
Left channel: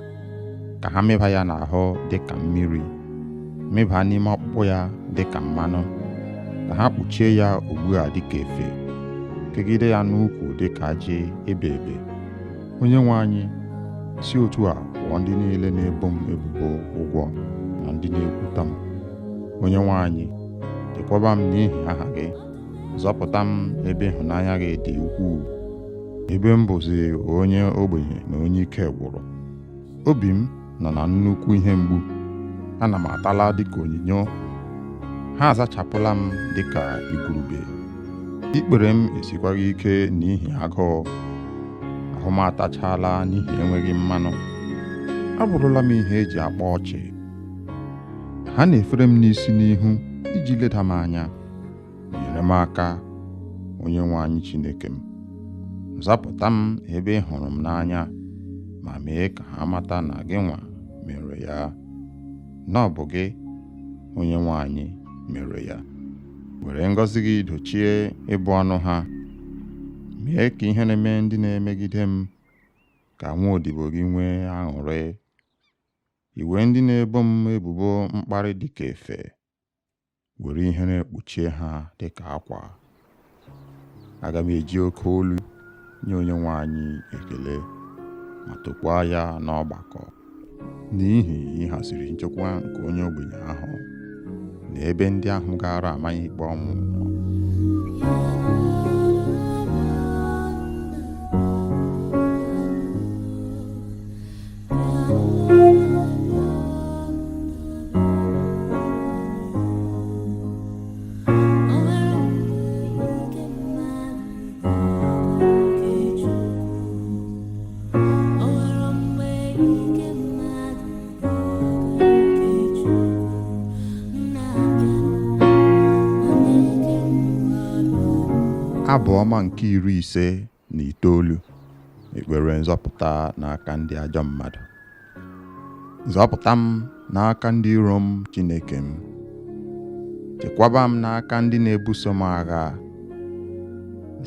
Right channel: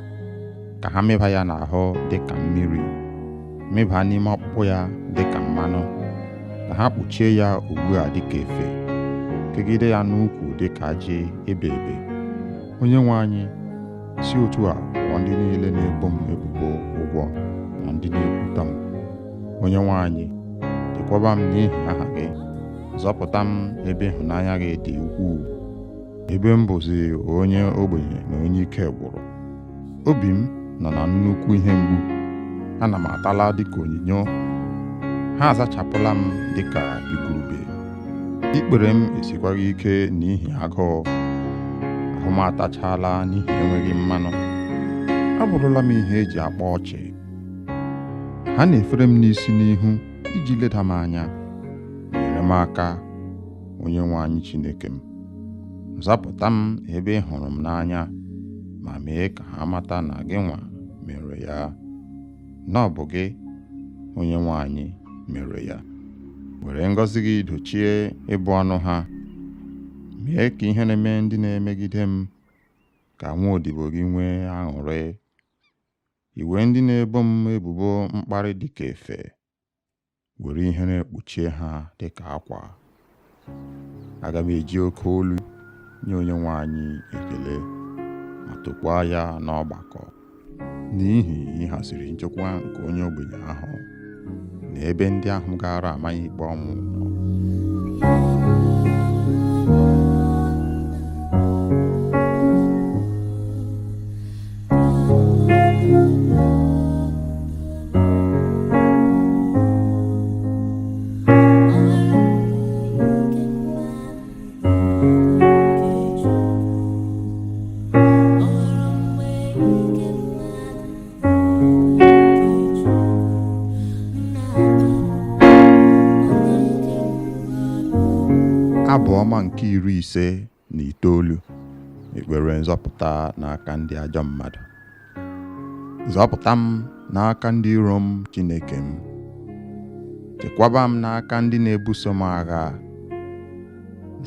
ka ha mịba ya n'ahụ dị ka mmiri, mịba n'ime ọkpụkpụ ya dị ka mmanụ, ka ha kpuchie ya ugbu a dị ka efe, kegide ya n'ukwu dị ka ajị ebe ebe. Onye nwe anyị, si otu a kwụọ ndị niile na-ebo m ebubo ụgwọ na ndị na-ekwuta m. Onye nwe anyị, chekwaba m n'ihi aha gị, zọpụta m ebe ịhụnanya gị dị ukwuu, ebe m bụzi onye ogbenye na onye ike gwụrụ. Obi m nọ na nnukwu ihe mgbu, ana m atala dịka onyinyo. Ha azachapụla m dịka igurube. Ikpere m esikwaghị ike n'ihi agụụ, ahụ m atachala n'ihi enweghị mmanụ. Abụrụla m ihe eji akpa ọchị. Ha na-efere m n'isi n'ihu iji leda m anya. Nyere m aka, onye nwe anyị Chineke m. Zapụta m ebe ị hụrụ m n'anya, ma mee ka ha mata na gị nwa mere ya, na ọ bụ gị, onye nwe anyị, mere ya. Were ngọzi gị dochie ịbụ ọnụ ha. Mee ka ihe na-eme ndị na-emegide m, ka nwaodibo gị nwee aṅụrị. Iwe ndị na-ebo m ebubo mkparị dịka efe, were ihe na-ekpuchie ha dịka akwa. Aga m eji oke olu nye onye nwe anyị ekele, ma tokwaa ya n'ọgbakọ, n'ihi ịhaziri nchekwa nke onye ogbenye ahụ, na ebe ndị ahụ gara amaghị ikpe ọnwụ nọ. Abụ ọma nke 59 ekpere nzọpụta n'aka ndị ajọ mmadụ. Zọpụta m n'aka ndị iro m, Chineke m. Chekwaba m n'aka ndị na-ebuso m agha.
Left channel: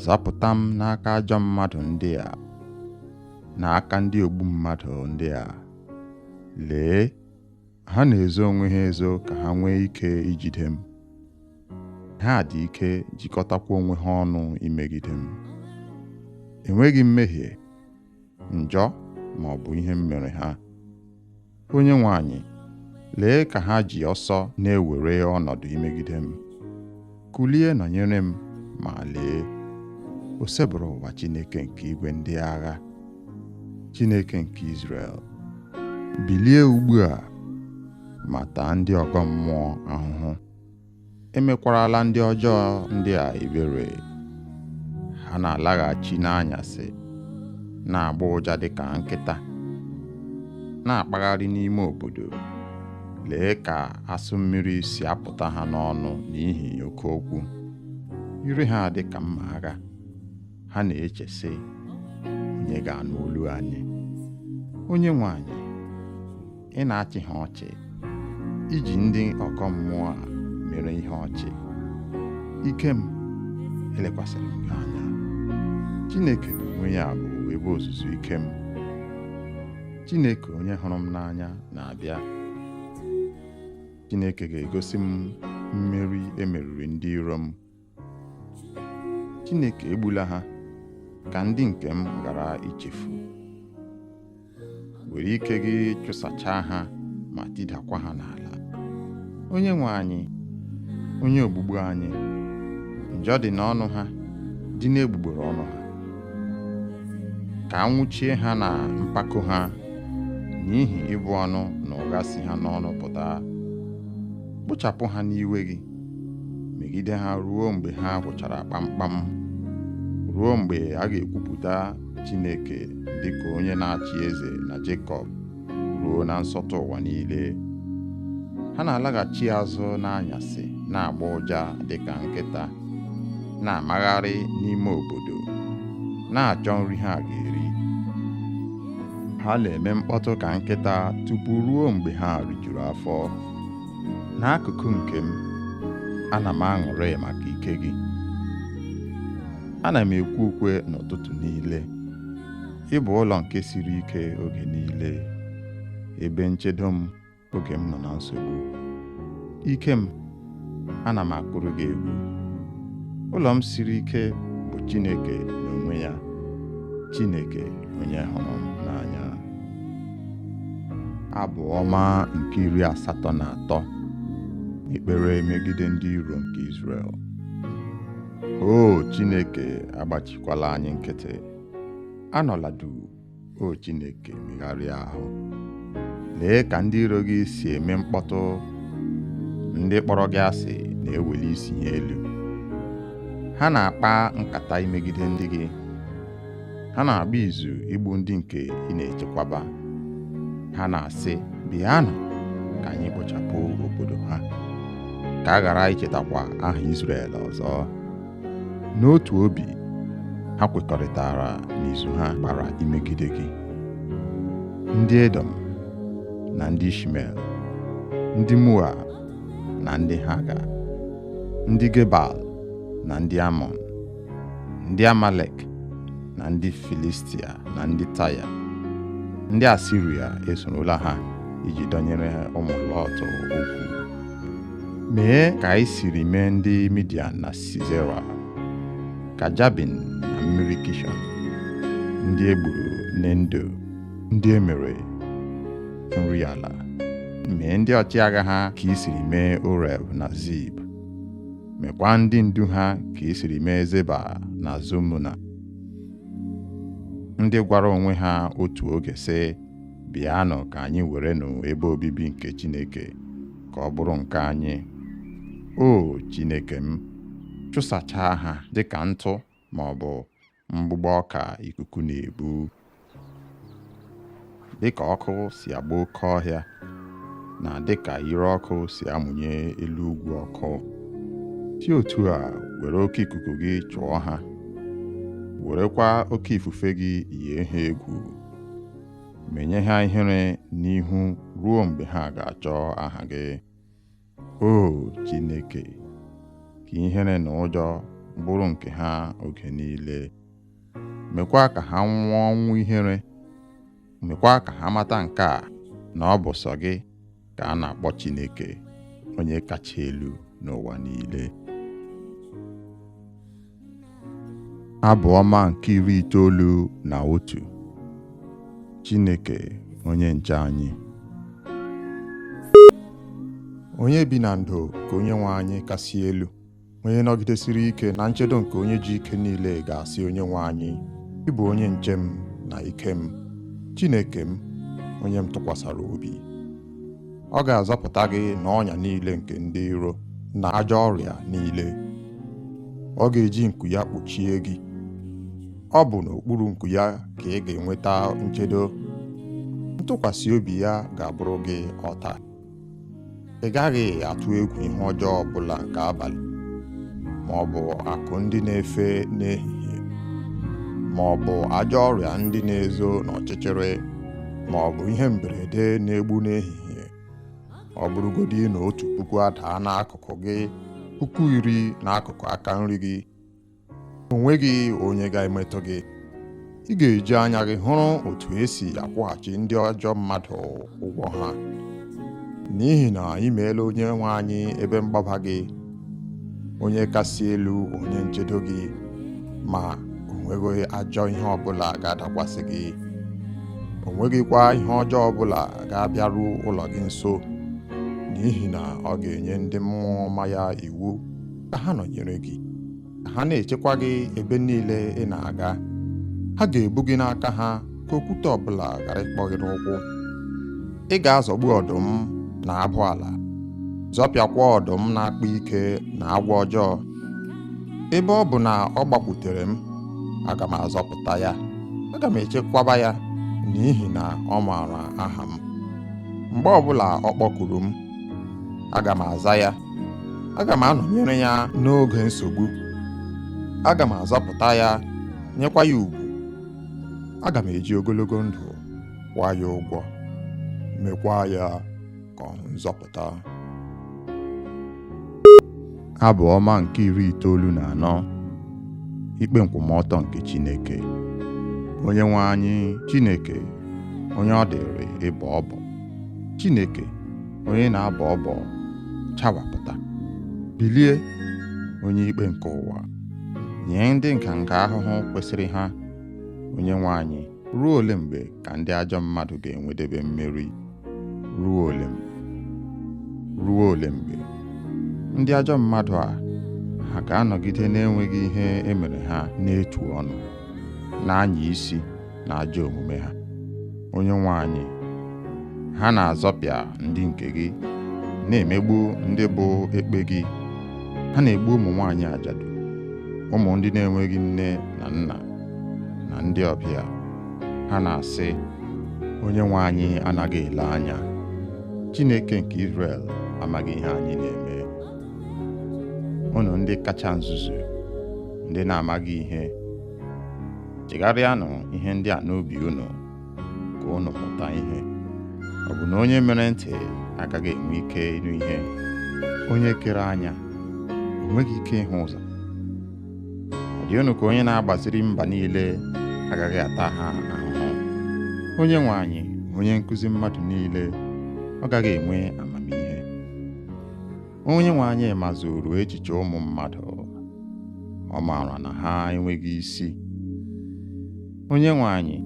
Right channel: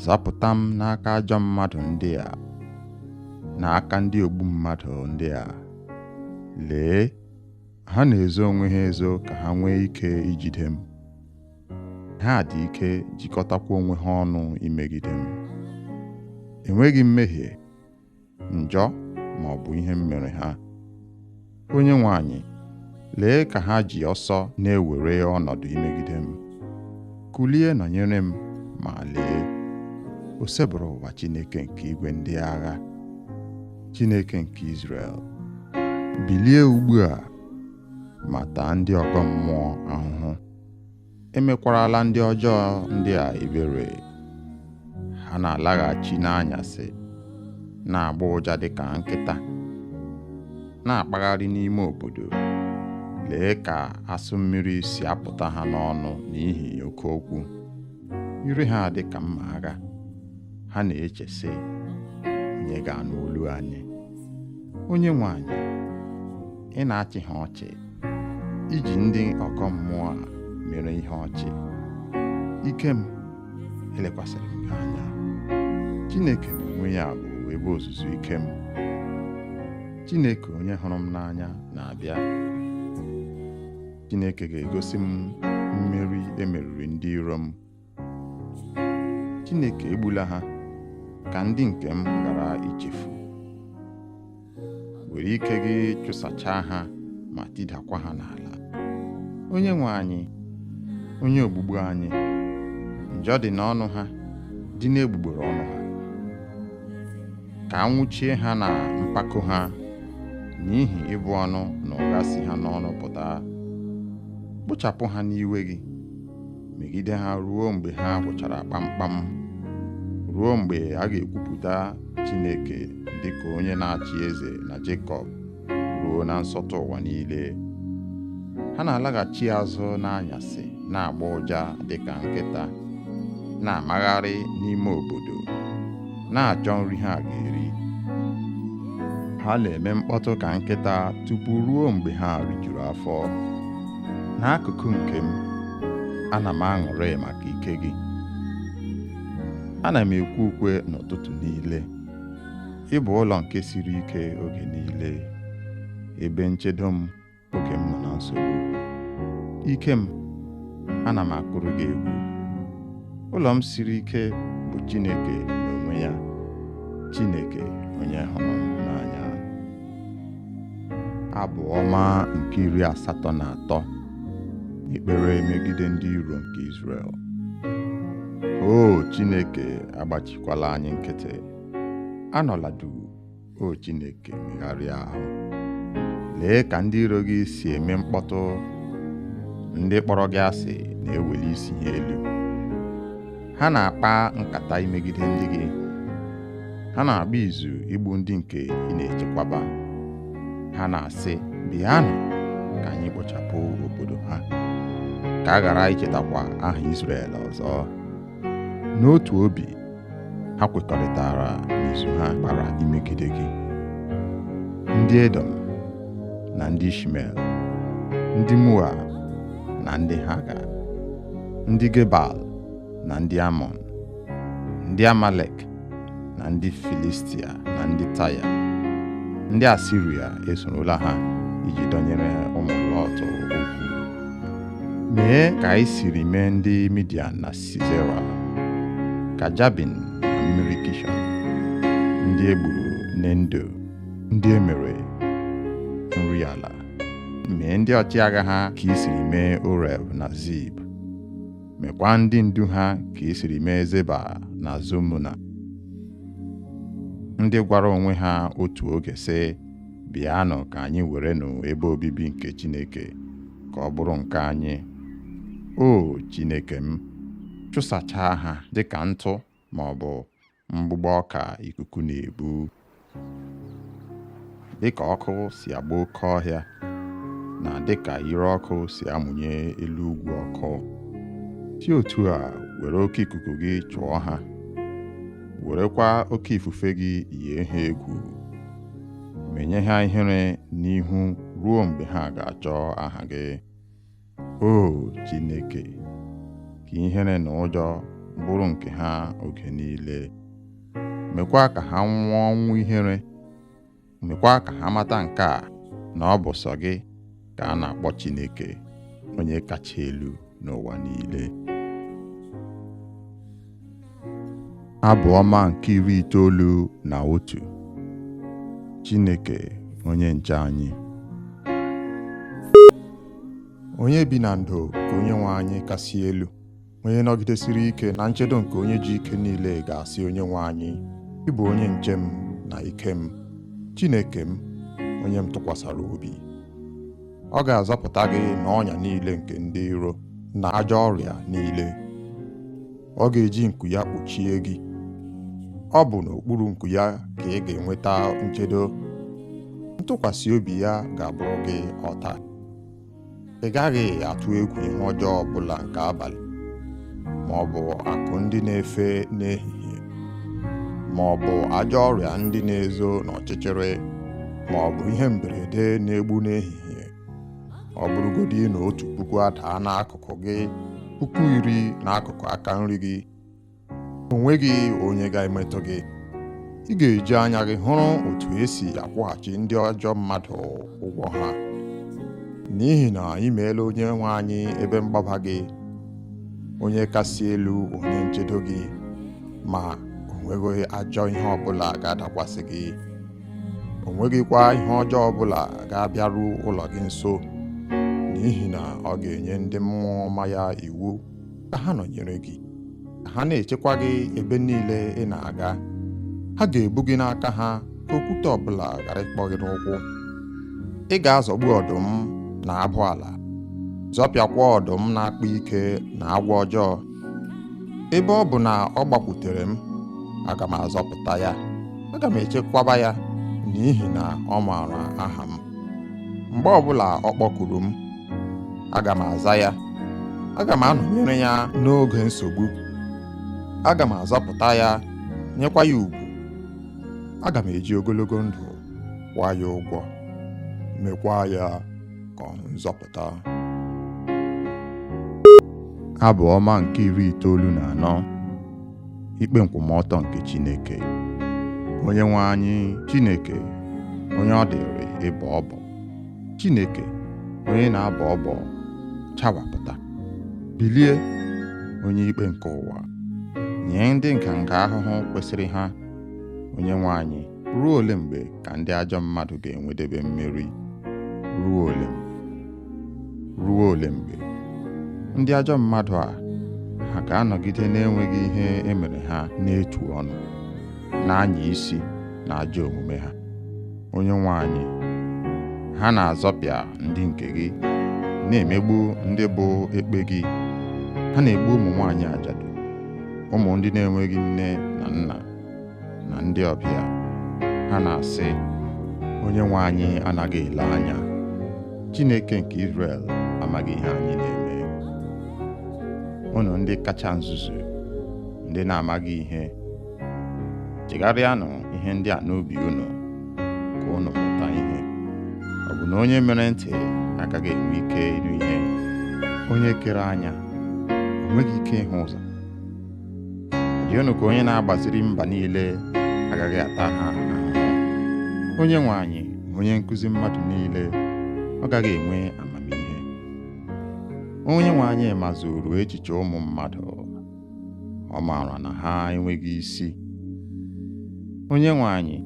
Zọpụta m n'aka ajọ mmadụ ndị a, n'aka ndị ogbu mmadụ ndị a. Lee, ha na-ezo onwe ha ezo ka ha nwee ike ijide m. Ha dị ike jikọtakwa onwe ha ọnụ imegide m. Enweghị mmehie, njọ ma ọ bụ ihe m mere ha. Onyenwe anyị, lee ka ha ji ọsọ na-ewere ọnọdụ imegide m. Kulie nọnyere m, ma lee, o sebụrụ ụwa Chineke nke igwe ndị agha, Chineke nke Izrel. Bilie ugbu a ma taa ndị ọgọ mmụọ ahụhụ. Emekwarala ndị ọjọọ ndị a ebere. Ha na-alaghachi n'anyasị, na-agba ụja dịka nkịta, na-akpagharị n'ime obodo. Lee ka asụ mmiri si apụta ha n'ọnụ n'ihi oke okwu. Ire ha dị ka mma agha. Ha na-eche sị, onye ga-anụ olu anyị? Onyenwe anyị, ị na-achị ha ọchị, iji ndị ọgọ mmụọ a mere ihe ọchị. Ike m, elekwasịrị m gị anya. Chineke n'onwe ya bụ ebe ozuzu ike m. Chineke onye hụrụ m n'anya na-abịa. Chineke ga-egosi m mmeri emeriri ndị iro m. Chineke egbula ha ka ndị nke m ghara ichefu. Were ike gị chụsachaa ha ma tidakwa ha n'ala. Onyenwe anyị, onye ogbugbu anyị, njọ dị n'ọnụ ha, dị n'egbugbere ọnụ ha. Ka anwụchie ha na mpako ha, n'ihi ịbụ ọnụ na ụgha si ha n'ọnụ pụta. Kpochapụ ha n'iwe gị, megide ha ruo mgbe ha gwụchara kpamkpam, ruo mgbe a ga-ekwupụta Chineke dịka onye na-achị eze na Jekọb, ruo na nsọtụ ụwa niile. Ha na-alaghachi azụ n'anyasị, na-agba ụja dịka nkịta, na-amagharị n'ime obodo, na-achọ nri ha ga-eri. Ha na-eme mkpọtụ ka nkịta tupu ruo mgbe ha rijuru afọ. N'akụkụ nke m, ana m aṅụrị maka ike gị. Ana m ekwe ukwe n'ụtụtụ niile. Ị bụ ụlọ nke siri ike oge niile, ebe nchedo m oge m nọ na nsogbu. Ike m, ana m akụrụ gị egwu. Ụlọ m siri ike bụ Chineke n'onwe ya, Chineke onye hụrụ m n'anya. Abụ ọma nke 83 ekpere megide ndị iro nke Izrel. O Chineke, agbachikwala anyị nkịtị. Anọla duu, o Chineke, megharịa ahụ. Lee ka ndị iro gị si eme mkpọtụ. Ndị kpọrọ gị asị na-eweli isi ha elu. Ha na-akpa nkata imegide ndị gị. Ha na-agba izu igbu ndị nke ị na-echekwaba. Ha na-asị, bịanụ ka anyị kpochapụ obodo ha, ka a ghara ichetakwa aha Izrel ọzọ. N'otu obi, ha kwekọrịtara n'izu ha gbara imegide gị. Ndị Edom na ndị Ishmel, ndị Moab na ndị Haga, ndị Gebal na ndị Amọn, ndị Amalek na ndị Filistia na ndị Taya, ndị Asiria esorola ha iji dọnyere ụmụ Lọt okwu. Mee ka anyị siri mee ndị Midian na Sisera, ka Jabin na mmiri Kishọn, ndị egburu n'Endo, ndị emere nri ala. Mee ndị ọchịagha ha ka i siri mee Oreb na Zib. Mekwa ndị ndu ha ka i siri mee Zeba na Zumuna, ndị gwara onwe ha otu oge sị, bịanụ ka anyị werenụ ebe obibi nke Chineke ka ọ bụrụ nke anyị. O Chineke m, chụsachaa ha dịka ntụ ma ọ bụ mgbụgbọ ọka ikuku na-ebu. Dịka ọkụ si agba oke ọhịa, na dịka ire ọkụ si amụnye elu ugwu ọkụ, si otu a were oke ikuku gị chụọ ha werekwa oke ifufe gị yie ha egwu, menye ha ihere n'ihu ruo mgbe ha ga-achọ aha gị. O Chineke, ka ihere na ụjọ bụrụ nke ha oge niile. Mekwa ka ha nwụọ ọnwụ ihere. Mekwa ka ha mata nke a, na ọ bụ sọ gị ka a na-akpọ Chineke, onye kacha elu n'ụwa niile. Abụ ọma nke 91. Chineke onye nche anyị. Onye bi na ndo ka onye nwe anyị kasị elu, onye nọgidesiri ike na nchedo nke onye ji ike niile ga-asị onye nwe anyị, ị bụ onye nche m na ike m, Chineke m, onye m tụkwasara obi. Ọ ga-azọpụta gị n'ọnya niile nke ndị iro na ajọ ọrịa niile. Ọ ga-eji nku ya kpuchie gị. Ọ bụ n'okpuru nku ya ka ị ga-enweta nchedo. Ntụkwasị obi ya ga-abụrụ gị ọta. Ị gaghị atụ egwu ihe ọjọọ ọbụla nke abalị, ma ọ bụ akụ ndị na-efe n'ehihie, ma ọ bụ ajọ ọrịa ndị na-ezo n'ọchịchịrị, ma ọ bụ ihe mberede na-egbu n'ehihie. Ọ bụrụgodị na 1,000 adaa n'akụkụ gị, 10,000 n'akụkụ aka nri gị, o nweghị onye ga-emetụ gị. Ị ga-eji anya gị hụrụ otu esi akwụghachi ndị ajọ mmadụ ụgwọ ha, n'ihi na ị meela onye nwe anyị ebe mgbaba gị, onye kasị elu onye nchedo gị, ma o nweghị ajọ ihe ọbụla ga-adakwasị gị. O nweghịkwa ihe ọjọọ ọbụla ga-abịaru ụlọ gị nso, n'ihi na ọ ga-enye ndị mmụọ ọma ya iwu ka ha nọnyere gị, ka ha na-echekwa gị ebe niile ị na-aga. Ha ga-ebu gị n'aka ha ka okwute ọbụla ghara ịkpọ gị n'ụkwụ. Ị ga-azọgbu ọdụm na abụ ala, zọpịakwa ọdụm na-akpa ike na agwọ ọjọọ. Ebe ọ bụ na ọ gbakwutere m, aga m azọpụta ya, aga m echekwaba ya, n'ihi na ọ maara aha m. Mgbe ọbụla ọ kpọkuru m, aga m aza ya. Aga m anọnyere ya n'oge nsogbu. Aga m azọpụta ya, nyekwa ya ugwu. Aga m eji ogologo ndụ kwụọ ya ụgwọ, mekwa ya ka ọ hụ nzọpụta. Abụ ọma nke 94. Ikpe nkwụmọtọ nke Chineke. Onye nwe anyị, Chineke, onye ọ dịrị ịbọ ọbọ. Chineke, onye na-abọ ọbọ, chawapụta. Bilie, onye ikpe nke ụwa, nye ndị nganga ahụhụ kwesịrị ha. Onye nwe anyị, ruo ole mgbe ka ndị ajọ mmadụ ga-enwedebe mmeri? Ruo ole mgbe? Ruo ole mgbe? Ndị ajọ mmadụ a, ha ga-anọgide na-enweghị ihe emere ha n'etu ọnụ, na-anya isi na ajọ omume ha. Onye nwe anyị, ha na-azọpịa ndị nke gị, na-emegbu ndị bụ ekpe gị. Ha na-egbu ụmụ nwaanyị ajadu, ụmụ ndị na-enweghị nne na nna, na ndị ọbịa. Ha na-asị, onye nwe anyị anaghị ele anya. Chineke nke Izrel amaghị ihe anyị na-eme. Unu ndị kacha nzuzu, ndị na-amaghị ihe, chegharịanụ ihe ndị a n'obi unu, ka unu mụta ihe. Ọ bụ na onye mere ntị agaghị enwe ike ịnụ ihe? Onye kere anya o nweghị ike ịhụ ụzọ? Ọ dị unu ka onye na-agbaziri mba niile agaghị ata ha ahụhụ? Onye nwe anyị, onye nkụzi mmadụ niile, ọ gaghị enwe amamihe? Onye nwe anyị mazuru echiche ụmụ mmadụ, ọ maara na ha enweghị isi. Onye nwe anyị,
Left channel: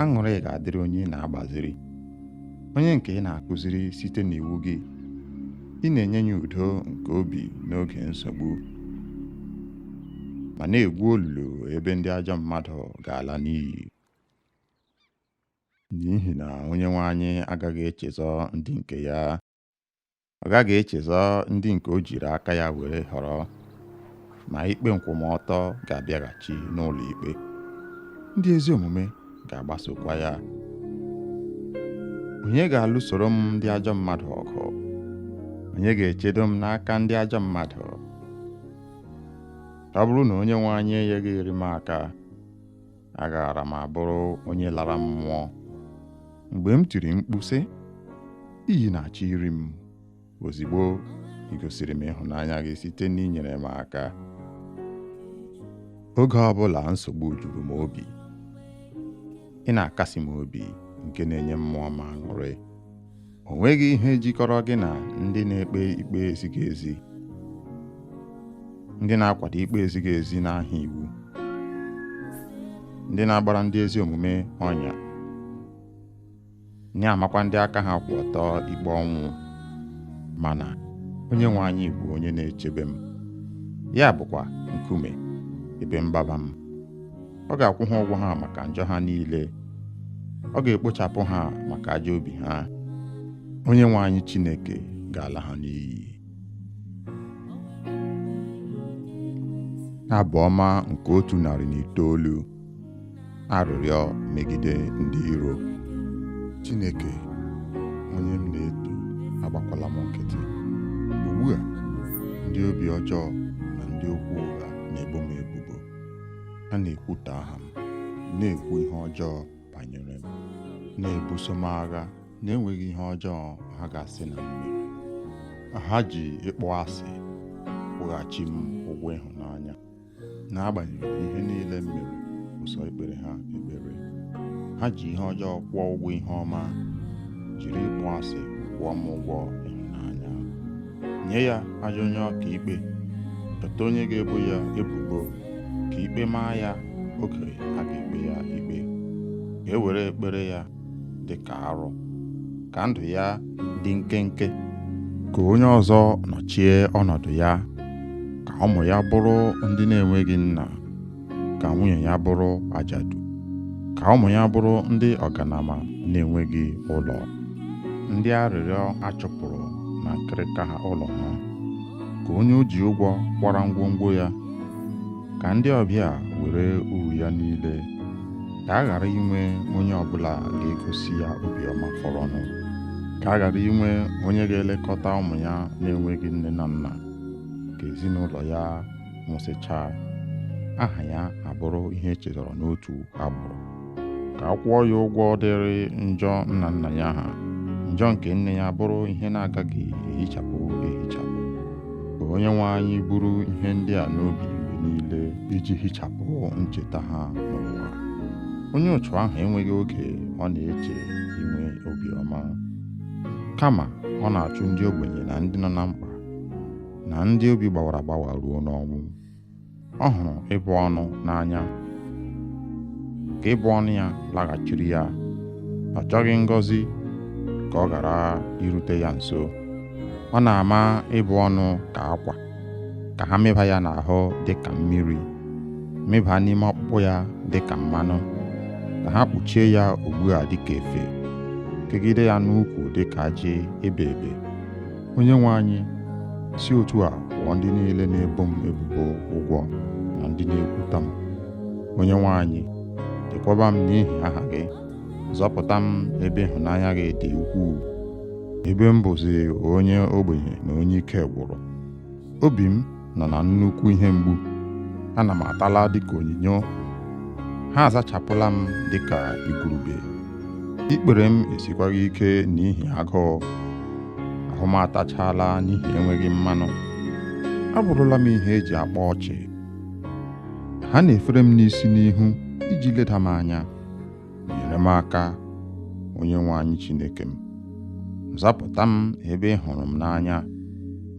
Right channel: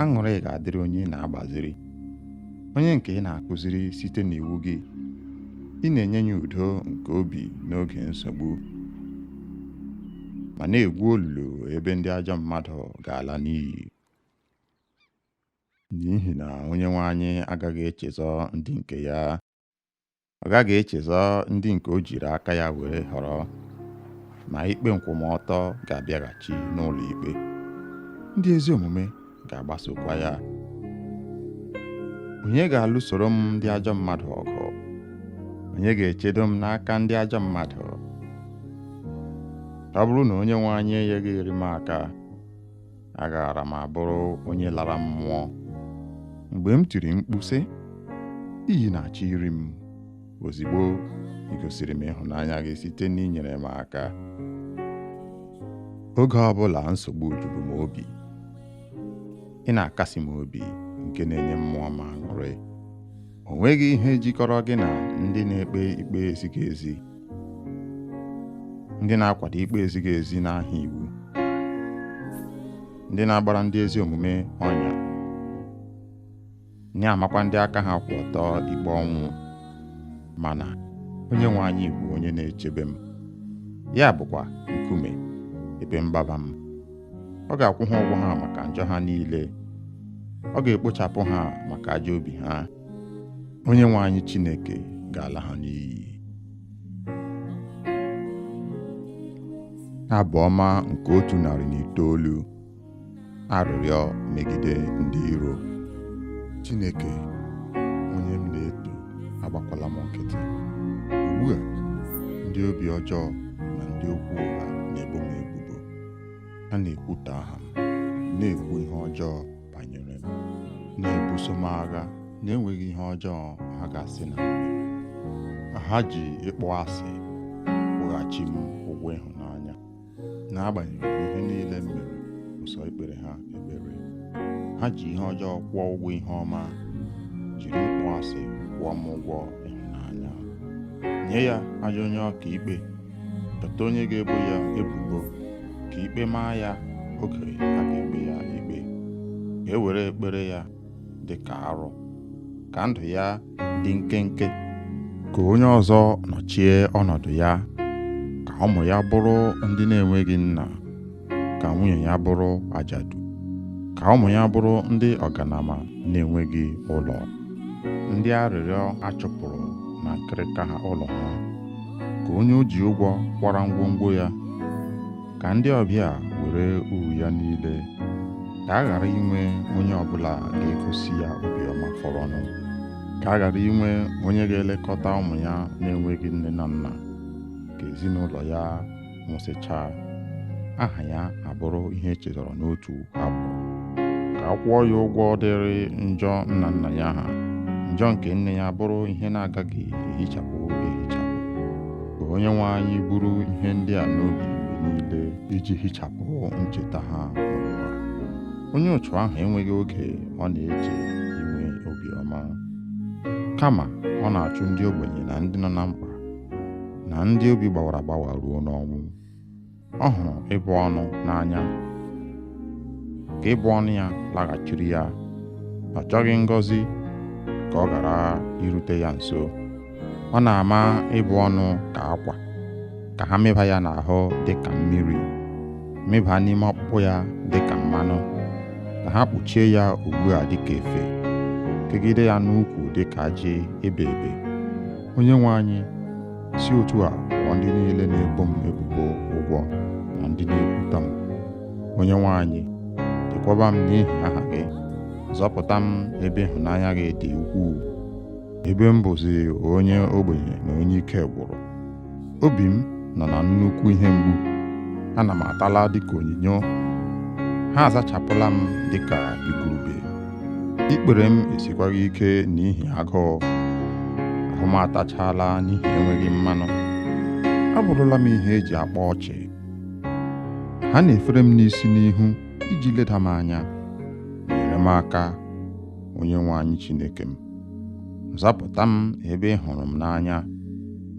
aṅụrị ga-adịrị onye na-agbaziri, onye nke ị na-akụziri site n'iwu gị. Ị na-enye ya udo nke obi n'oge nsogbu, ma na-egwu olulu ebe ndị ajọ mmadụ ga-ala n'iyi. N'ihi na onye nwe anyị agaghị echezọ ndị nke ya. Ọ gaghị echezọ ndị nke o jiri aka ya were họrọ, ma ikpe nkwụmọtọ ga-abịaghachi n'ụlọ ikpe. Ndị ezi omume ga-agbasokwa ya. Onye ga-alụsoro m ndị ajọ mmadụ ọgụ? Onye ga-echedo m n'aka ndị ajọ mmadụ? ọ bụrụ na onye nwe anyị enyeghịrị m aka, agaara m abụrụ onye lara mmụọ. Mgbe m tiri mkpu sị, iyi na-achọ iri m, ozigbo ị gosiri m ịhụnanya gị site n'inyere m aka. Oge ọbụla nsogbu juru m obi, ị na-akasi m obi nke na-enye mmụọ m aṅụrị. O nweghị ihe jikọrọ gị na ndị na-ekpe ikpe ezighị ezi, ndị na-akwado ikpe ezighị ezi n'aha iwu, ndị na-agbara ndị ezi omume ọnya, na-amakwa ndị aka ha kwụ ọtọ ikpe ọnwụ. Mana onye nwe anyị bụ onye na-echebe m, ya bụkwa nkume ebe mgbaba m. Ọ ga-akwụ ha ụgwọ ha maka njọ ha niile, ọ ga-ekpochapụ ha maka ajọ obi ha. Onye nwe anyị Chineke ga-ala ha n'iyi. Abụ ọma nke 109. Arịrịọ megide ndị iro. Chineke, onye m na-eto, agbakwala m nkịtị. Ugbu a, ndị obi ọjọọ na ndị okwu ụgha na-ebo m ebubo. Ha na-ekwutọ aha m, na-ekwu ihe ọjọọ banyere m, na-ebuso m agha na-enweghị ihe ọjọọ ha ga-asị na m mere. Ha ji ịkpọ asị kwụghachi m ụgwọ ịhụnanya, n'agbanyeghị ihe niile m mere ụsọ ikpere ha ekpere. Ha ji ihe ọjọọ kwụọ ụgwọ ihe ọma, jiri ịkpọ asị kwụọ m ụgwọ ịhụnanya. Nye ya ajọ onye ọka ikpe, chọta onye ga-ebo ya ebubo, ka ikpe maa ya oge a ga-ekpe ya ikpe. Ka e were ekpere ya dị ka arụ, ka ndụ ya dị nkenke. Ka onye ọzọ nọchie ọnọdụ ya, ka ụmụ ya bụrụ ndị na-enweghị nna, ka nwunye ya bụrụ ajadu, ka ụmụ ya bụrụ ndị ọganama na-enweghị ụlọ, ndị arịrịọ achụpụrụ na nkịrịka ha ụlọ ha. Ka onye o ji ụgwọ kwara ngwongwo ya, ka ndị ọbịa were uru ya niile. Ka a ghara inwe onye ọbụla ga-egosi ya obiọma fọrọnụ. Ka a ghara inwe onye ga-elekọta ụmụ ya na-enweghị nne na nna. Ka ezinụlọ ya nwụsịchaa, aha ya abụrụ ihe echetara n'otu abụ. Ka a kwụọ ya ụgwọ dịrị njọ nna nna ya ha, njọ nke nne ya bụrụ ihe na-agaghị ehichapụ ehichapụ. Ka onye nwe anyị buru ihe ndị a n'obi mgbe niile, iji hichapụ ncheta ha n'ụwa. Onye ụchụ ahụ enweghị oge ọ na-eche inwe obiọma, kama ọ na-achụ ndị ogbenye na ndị nọ na mkpa, na ndị obi gbawara agbawa ruo n'ọnwụ. Ọ hụrụ ịbụ ọnụ n'anya, ka ịbụ ọnụ ya laghachiri ya. Ọ chọghị ngọzi ka ọ ghara irute ya nso. Ọ na-ama ịbụ ọnụ ka akwa, ka ha mịba ya n'ahụ dị ka mmiri, mịba n'ime ọkpụkpụ ya dị ka mmanụ, ka ha kpuchie ya ugbu a dị ka efe, kegide ya n'ukwu dị ka ajị ebe ebe. Onye nwe anyị, si otu a kwụọ ndị niile na-ebo m ebubo ụgwọ na ndị na-ekwuta m. Onye nwe anyị, chekwaba m n'ihi aha gị, zọpụta m ebe ịhụnanya gị dị ukwuu, ebe m bụzi onye ogbenye na onye ike gwụrụ. Obi m nọ na nnukwu ihe mgbu, ana m atala dịka onyinyo. Ha azachapụla m dịka igurube. Ikpere m esikwaghị ike n'ihi agụụ, ahụ m atachala n'ihi enweghị mmanụ. Abụrụla m ihe eji akpa ọchị. Ha na-efere m n'isi n'ihu iji leda m anya. Nyere m aka, onye nwe anyị Chineke m. Zapụta m ebe ị hụrụ m n'anya,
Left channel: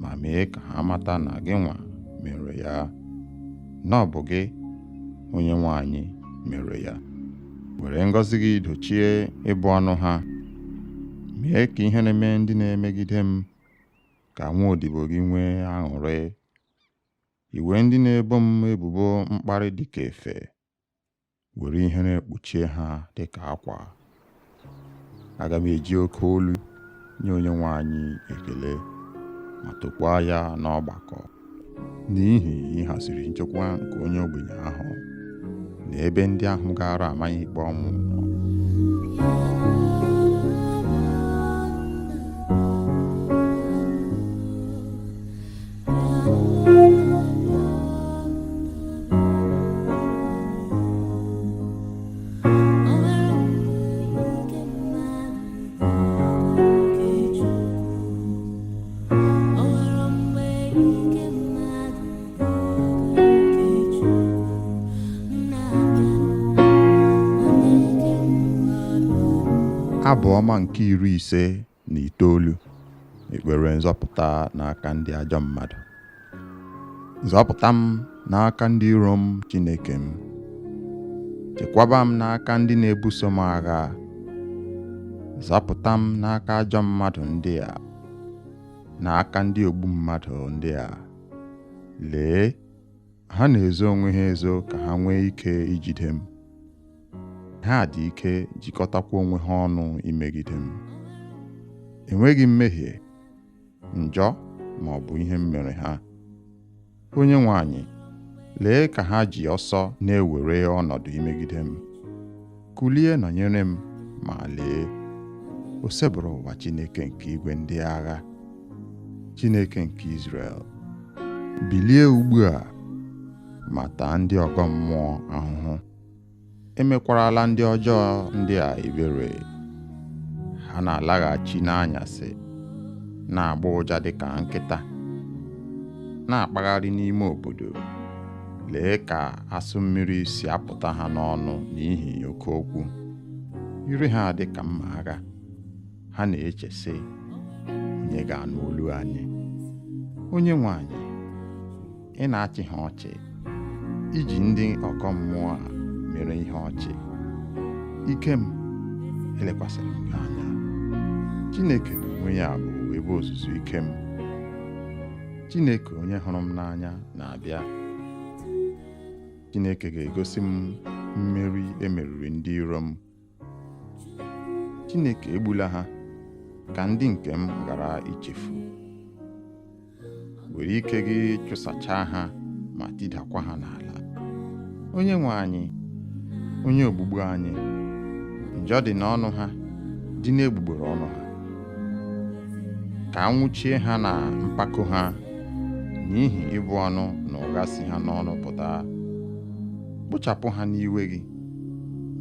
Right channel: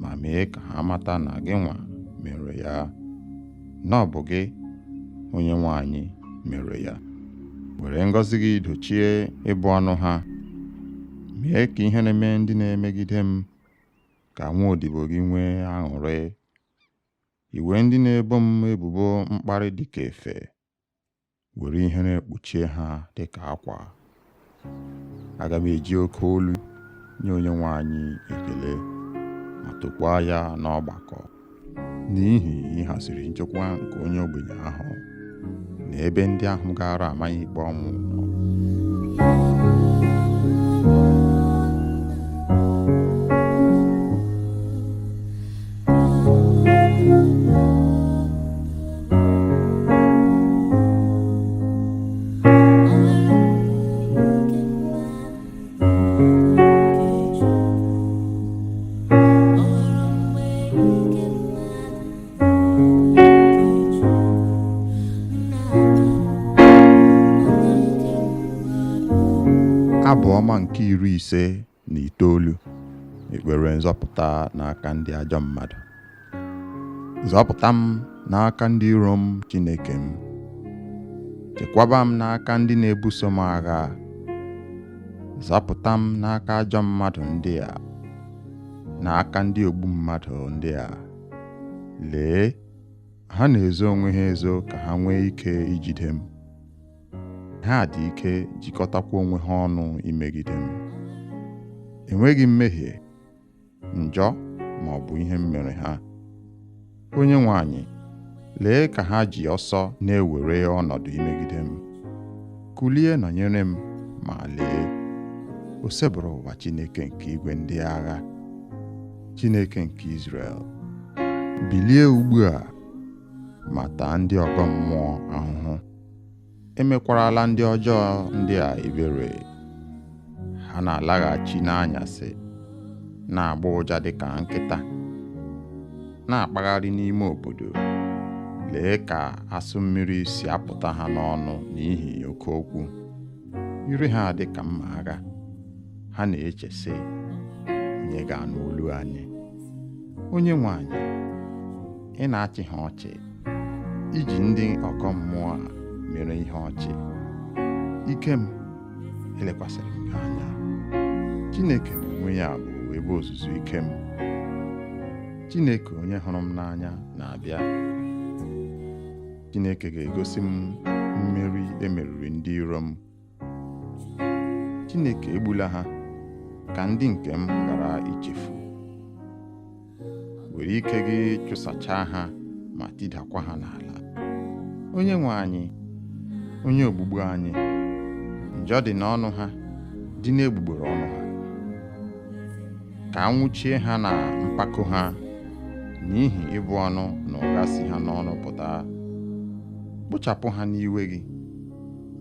ma mee ka ha mata na gị nwa mere ya, na ọ bụ gị, onye nwe anyị, mere ya. Were ngọzi gị dochie ịbụ ọnụ ha. Mee ka ihe na-eme ndị na-emegide m, ka nwa odibo gị nwee aṅụrị. Iwe ndị na-ebo m ebubo mkparị dị ka efe, were ihe na-ekpuchie ha dị ka akwa. Aga m eji oke olu nye onye nwe anyị ekele, ma tokwaa ya n'ọgbakọ, n'ihi ịhaziri nchekwa nke onye ogbenye ahụ na ebe ndị ahụ gara amaghị ikpe ọnwụ nọ. Abụ ọma nke 59, ekpere nzọpụta n'aka ndị ajọ mmadụ. Zọpụta m n'aka ndị iro m, Chineke m. Chekwaba m n'aka ndị na-ebuso m agha. Zọpụta m n'aka ajọ mmadụ ndị a, n'aka ndị ogbu mmadụ ndị a. Lee, ha na-ezo onwe ha ezo ka ha nwee ike ijide m. Ha dị ike jikọtakwa onwe ha ọnụ imegide m. Enweghị mmehie, njọ ma ọ bụ ihe m mere ha. Onyenwe anyị, lee ka ha ji ọsọ na-ewere ọnọdụ imegide m. Kulie nọnyere m, ma lee, o sebụrụ ụwa Chineke nke igwe ndị agha, Chineke nke Izrel. Bilie ugbu a ma taa ndị ọgọ mmụọ ahụhụ. Emekwarala ndị ọjọọ ndị a ebere. Ha na-alaghachi n'anyasị, na-agba ụja dịka nkịta, na-akpagharị n'ime obodo. Lee ka asụ mmiri si apụta ha n'ọnụ n'ihi oke okwu. Ire ha dị ka mma agha. Ha na-eche sị, onye ga-anụ olu anyị? Onyenwe anyị, ị na-achị ha ọchị, iji ndị ọkọ mmụọ a mere ihe ọchị. Ike m elekwasịrị m gị anya. Chineke n'onwe ya bụ ebe ozuzu ike m. Chineke onye hụrụ m n'anya na-abịa. Chineke ga-egosi m mmeri emeriri ndị iro m. Chineke egbula ha ka ndị nke m ghara ichefu. Were ike gị chụsachaa ha ma tidakwa ha n'ala. Onyenwe anyị, onye ogbugbu anyị, njọ dị n'ọnụ ha, dị n'egbugbere ọnụ ha. Ka a nwụchie ha na mpako ha, n'ihi ịbụ ọnụ na ụgha si ha n'ọnụ pụta. Kpochapụ ha n'iwe gị,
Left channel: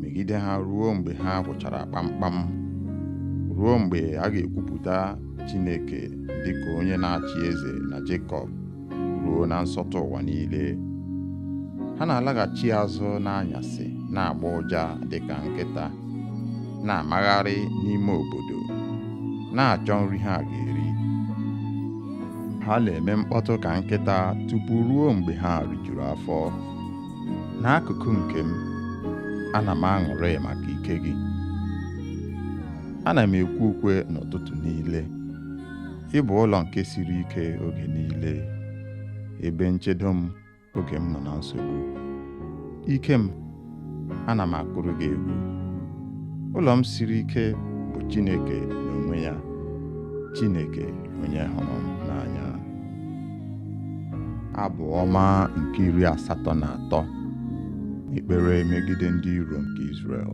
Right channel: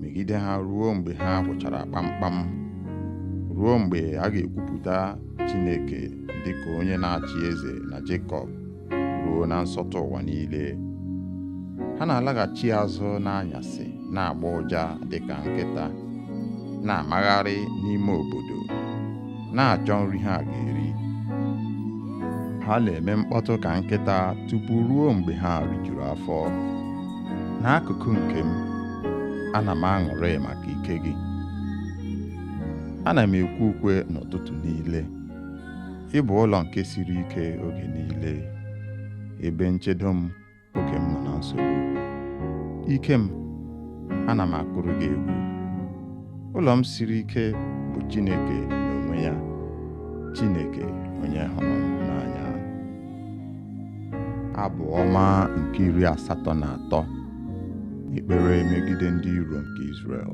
megide ha ruo mgbe ha gwụchara kpamkpam, ruo mgbe a ga-ekwupụta Chineke dịka onye na-achị eze na Jekọb, ruo na nsọtụ ụwa niile. Ha na-alaghachi azụ n'anyasị, na-agba ụja dịka nkịta, na-amagharị n'ime obodo, na-achọ nri ha ga-eri. Ha na-eme mkpọtụ ka nkịta tupu ruo mgbe ha rijuru afọ. N'akụkụ nke m, ana m aṅụrị maka ike gị. Ana m ekwe ukwe n'ụtụtụ niile. Ị bụ ụlọ nke siri ike oge niile, ebe nchedo m oge m nọ na nsogbu. Ike m, ana m akụrụ gị egwu. Ụlọ m siri ike bụ Chineke n'onwe ya, Chineke onye hụrụ m n'anya. Abụ ọma nke 83, ekpere megide ndị iro nke Izrel.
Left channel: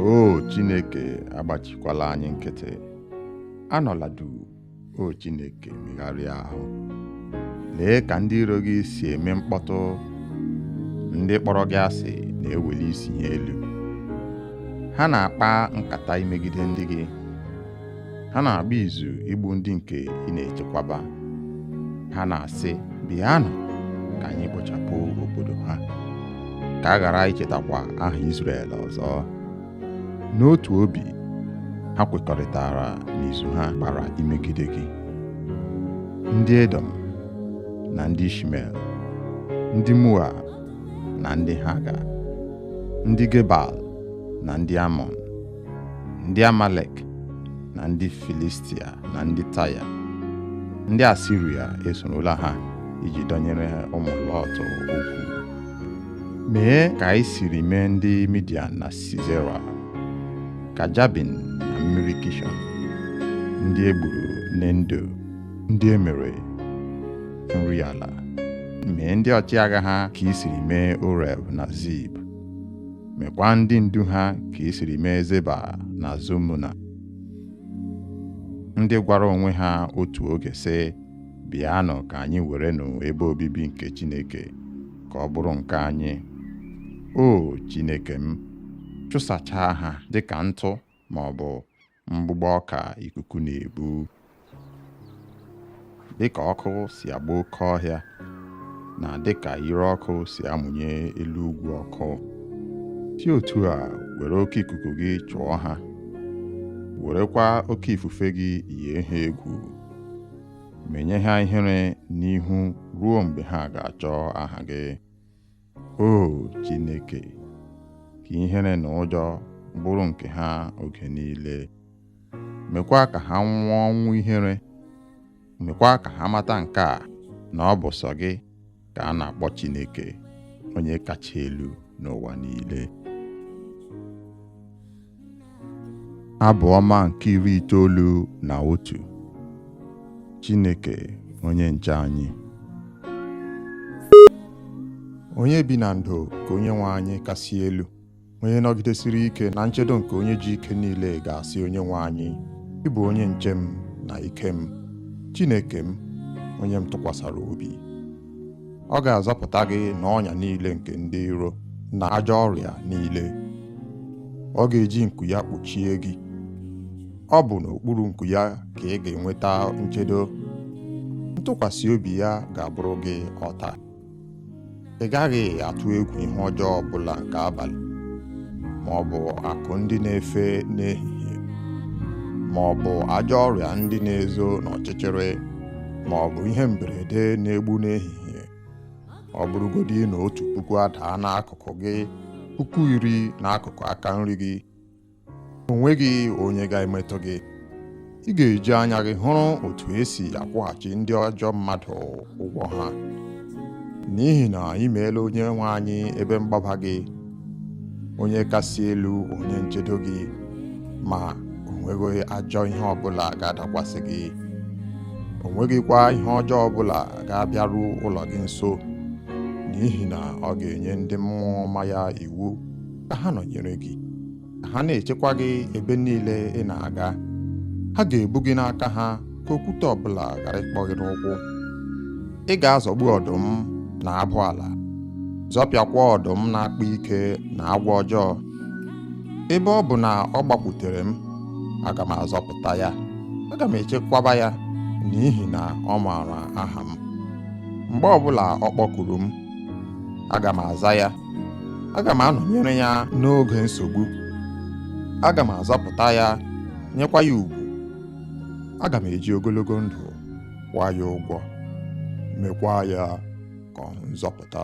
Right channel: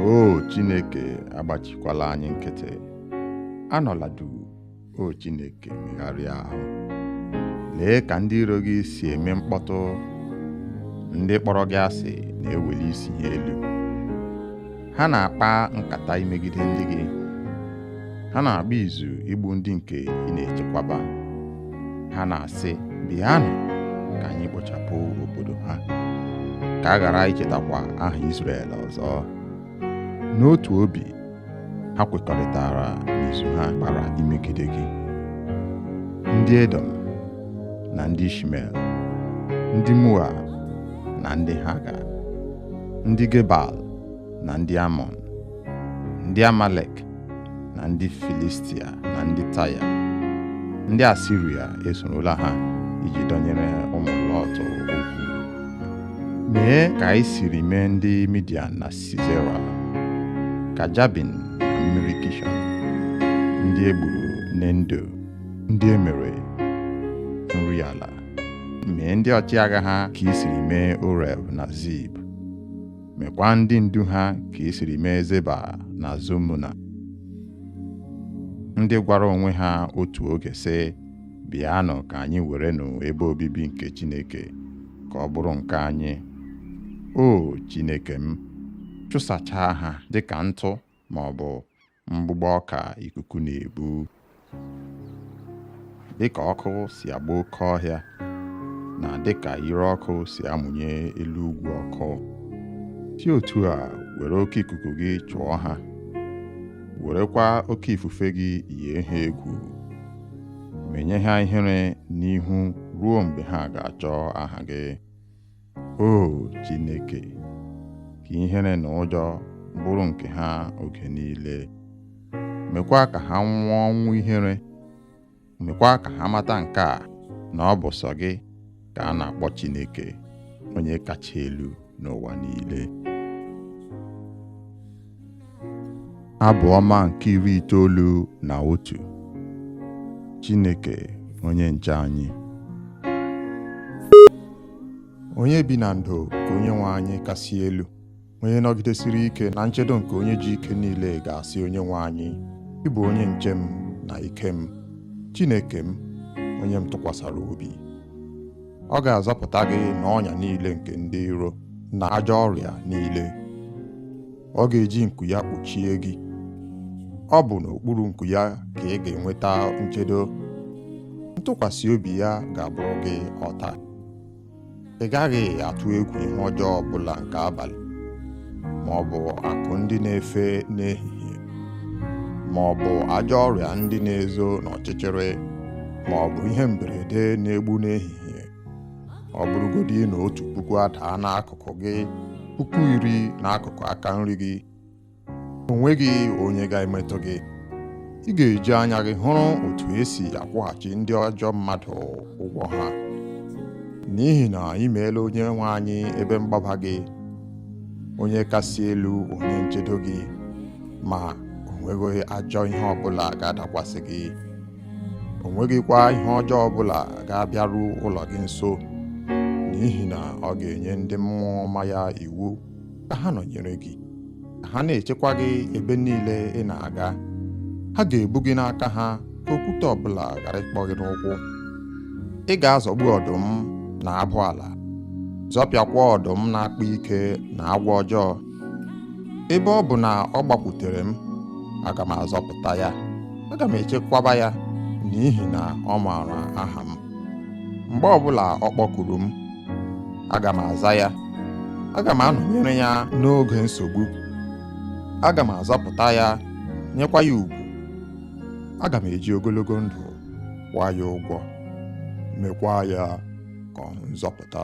O Chineke, agbachikwala anyị nkịtị. Anọla duu, o Chineke, megharịa ahụ. Lee ka ndị iro gị si eme mkpọtụ. Ndị kpọrọ gị asị na-eweli isi ha elu. Ha na-akpa nkata imegide ndị gị. Ha na-agba izu igbu ndị nke ị na-echekwaba. Ha na-asị, bịanụ ka anyị kpochapụ obodo ha, ka a ghara ichetakwa aha Izrel ọzọ. N'otu obi, ha kwekọrịtara n'izu ha gbara imegide gị. Ndị Edom na ndị Ishmel, ndị Moab na ndị Haga, ndị Gebal na ndị Amọn, ndị Amalek na ndị Filistia na ndị Taya, ndị Asiria esorola ha iji dọnyere ụmụ Lọt okwu. Mee ka anyị siri mee ndị Midian na Sisera, ka Jabin na mmiri Kishọn, ndị egburu n'Endo, ndị emere nri ala. Mee ndị ọchịagha ha ka i siri mee Oreb na Zib. Mekwa ndị ndu ha ka i siri mee Zeba na Zomuna, ndị gwara onwe ha otu oge sị, bịanụ ka anyị werenụ ebe obibi nke Chineke ka ọ bụrụ nke anyị. O Chineke m, chụsachaa ha dịka ntụ ma ọ bụ mgbụgbọ ọka ikuku na-ebu. Dịka ọkụ si agba oke ọhịa, na dịka ire ọkụ si amụnye elu ugwu ọkụ, si otu a were oke ikuku gị chụọ ha werekwa oke ifufe gị yie ha egwu, menye ha ihere n'ihu ruo mgbe ha ga-achọ aha gị. O Chineke, ka ihere na ụjọ bụrụ nke ha oge niile. Mekwa ka ha nwụọ ọnwụ ihere. Mekwa ka ha mata nke a, na ọ bụ sọ gị ka a na-akpọ Chineke, onye kacha elu n'ụwa niile. Abụ ọma nke 91. Chineke onye nche anyị. Onye bi na ndo ka onye nwe anyị kasị elu, onye nọgidesiri ike na nchedo nke onye ji ike niile ga-asị onye nwe anyị, ị bụ onye nche m na ike m, Chineke m, onye m tụkwasara obi. Ọ ga-azọpụta gị n'ọnya niile nke ndị iro na ajọ ọrịa niile. Ọ ga-eji nku ya kpuchie gị. Ọ bụ n'okpuru nku ya ka ị ga-enweta nchedo. Ntụkwasị obi ya ga-abụrụ gị ọta. Ị gaghị atụ egwu ihe ọjọọ ọbụla nke abalị, ma ọ bụ akụ ndị na-efe n'ehihie, ma ọ bụ ajọ ọrịa ndị na-ezo n'ọchịchịrị, ma ọ bụ ihe mberede na-egbu n'ehihie. Ọ bụrụgodị na 1,000 adaa n'akụkụ gị, 10,000 n'akụkụ aka nri gị, o nweghị onye ga-emetụ gị. Ị ga-eji anya gị hụrụ otu esi akwụghachi ndị ajọ mmadụ ụgwọ ha, n'ihi na ị meela onye nwe anyị ebe mgbaba gị, onye kasị elu, onye nchedo gị, ma o nweghị ajọ ihe ọbụla ga-adakwasị gị. O nweghịkwa ihe ọjọọ ọbụla ga-abịaru ụlọ gị nso, n'ihi na ọ ga-enye ndị mmụọ ọma ya iwu ka ha nọnyere gị, ka ha na-echekwa gị ebe niile ị na-aga. Ha ga-ebu gị n'aka ha, ka okwute ọbụla ghara ịkpọ gị n'ụkwụ. Ị ga-azọgbu ọdụm na abụ ala, zọpịakwa ọdụm na-akpa ike na agwọ ọjọọ. Ebe ọ bụ na ọ gbakwutere m, aga m azọpụta ya, aga m echekwaba ya, n'ihi na ọ maara aha m. Mgbe ọbụla ọ kpọkuru m, aga m aza ya. Aga m anọnyere ya n'oge nsogbu. Aga m azọpụta ya, nyekwa ya ugwu. Aga m eji ogologo ndụ kwụọ ya ụgwọ, mekwa ya ka ọ hụ nzọpụta.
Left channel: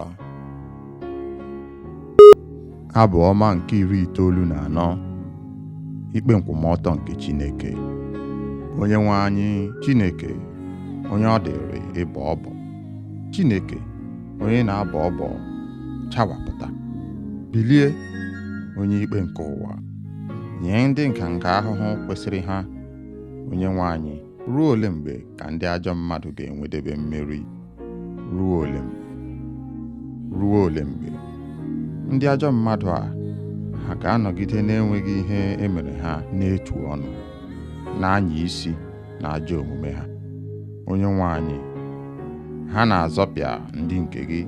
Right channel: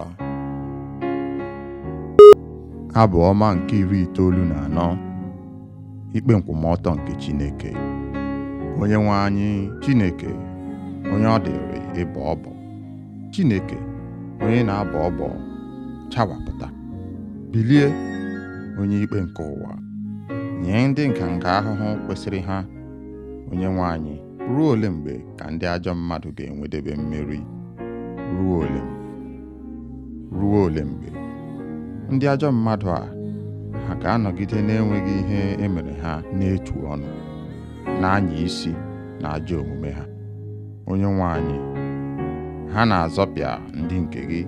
Abụ ọma nke 94. Ikpe nkwụmọtọ nke Chineke. Onye nwe anyị Chineke, onye ọ dịrị ịbọ ọbọ. Chineke, onye na-abọ ọbọ, chawapụta. Bilie, onye ikpe nke ụwa, nye ndị nganga ahụhụ kwesịrị ha. Onye nwe anyị, ruo ole mgbe ka ndị ajọ mmadụ ga-enwedebe mmeri? Ruo ole mgbe? Ruo ole mgbe? Ndị ajọ mmadụ a, ha ga-anọgide na-enweghị ihe emere ha n'etu ọnụ, na-anya isi na ajọ omume ha. Onye nwe anyị, ha na-azọpịa ndị nke gị,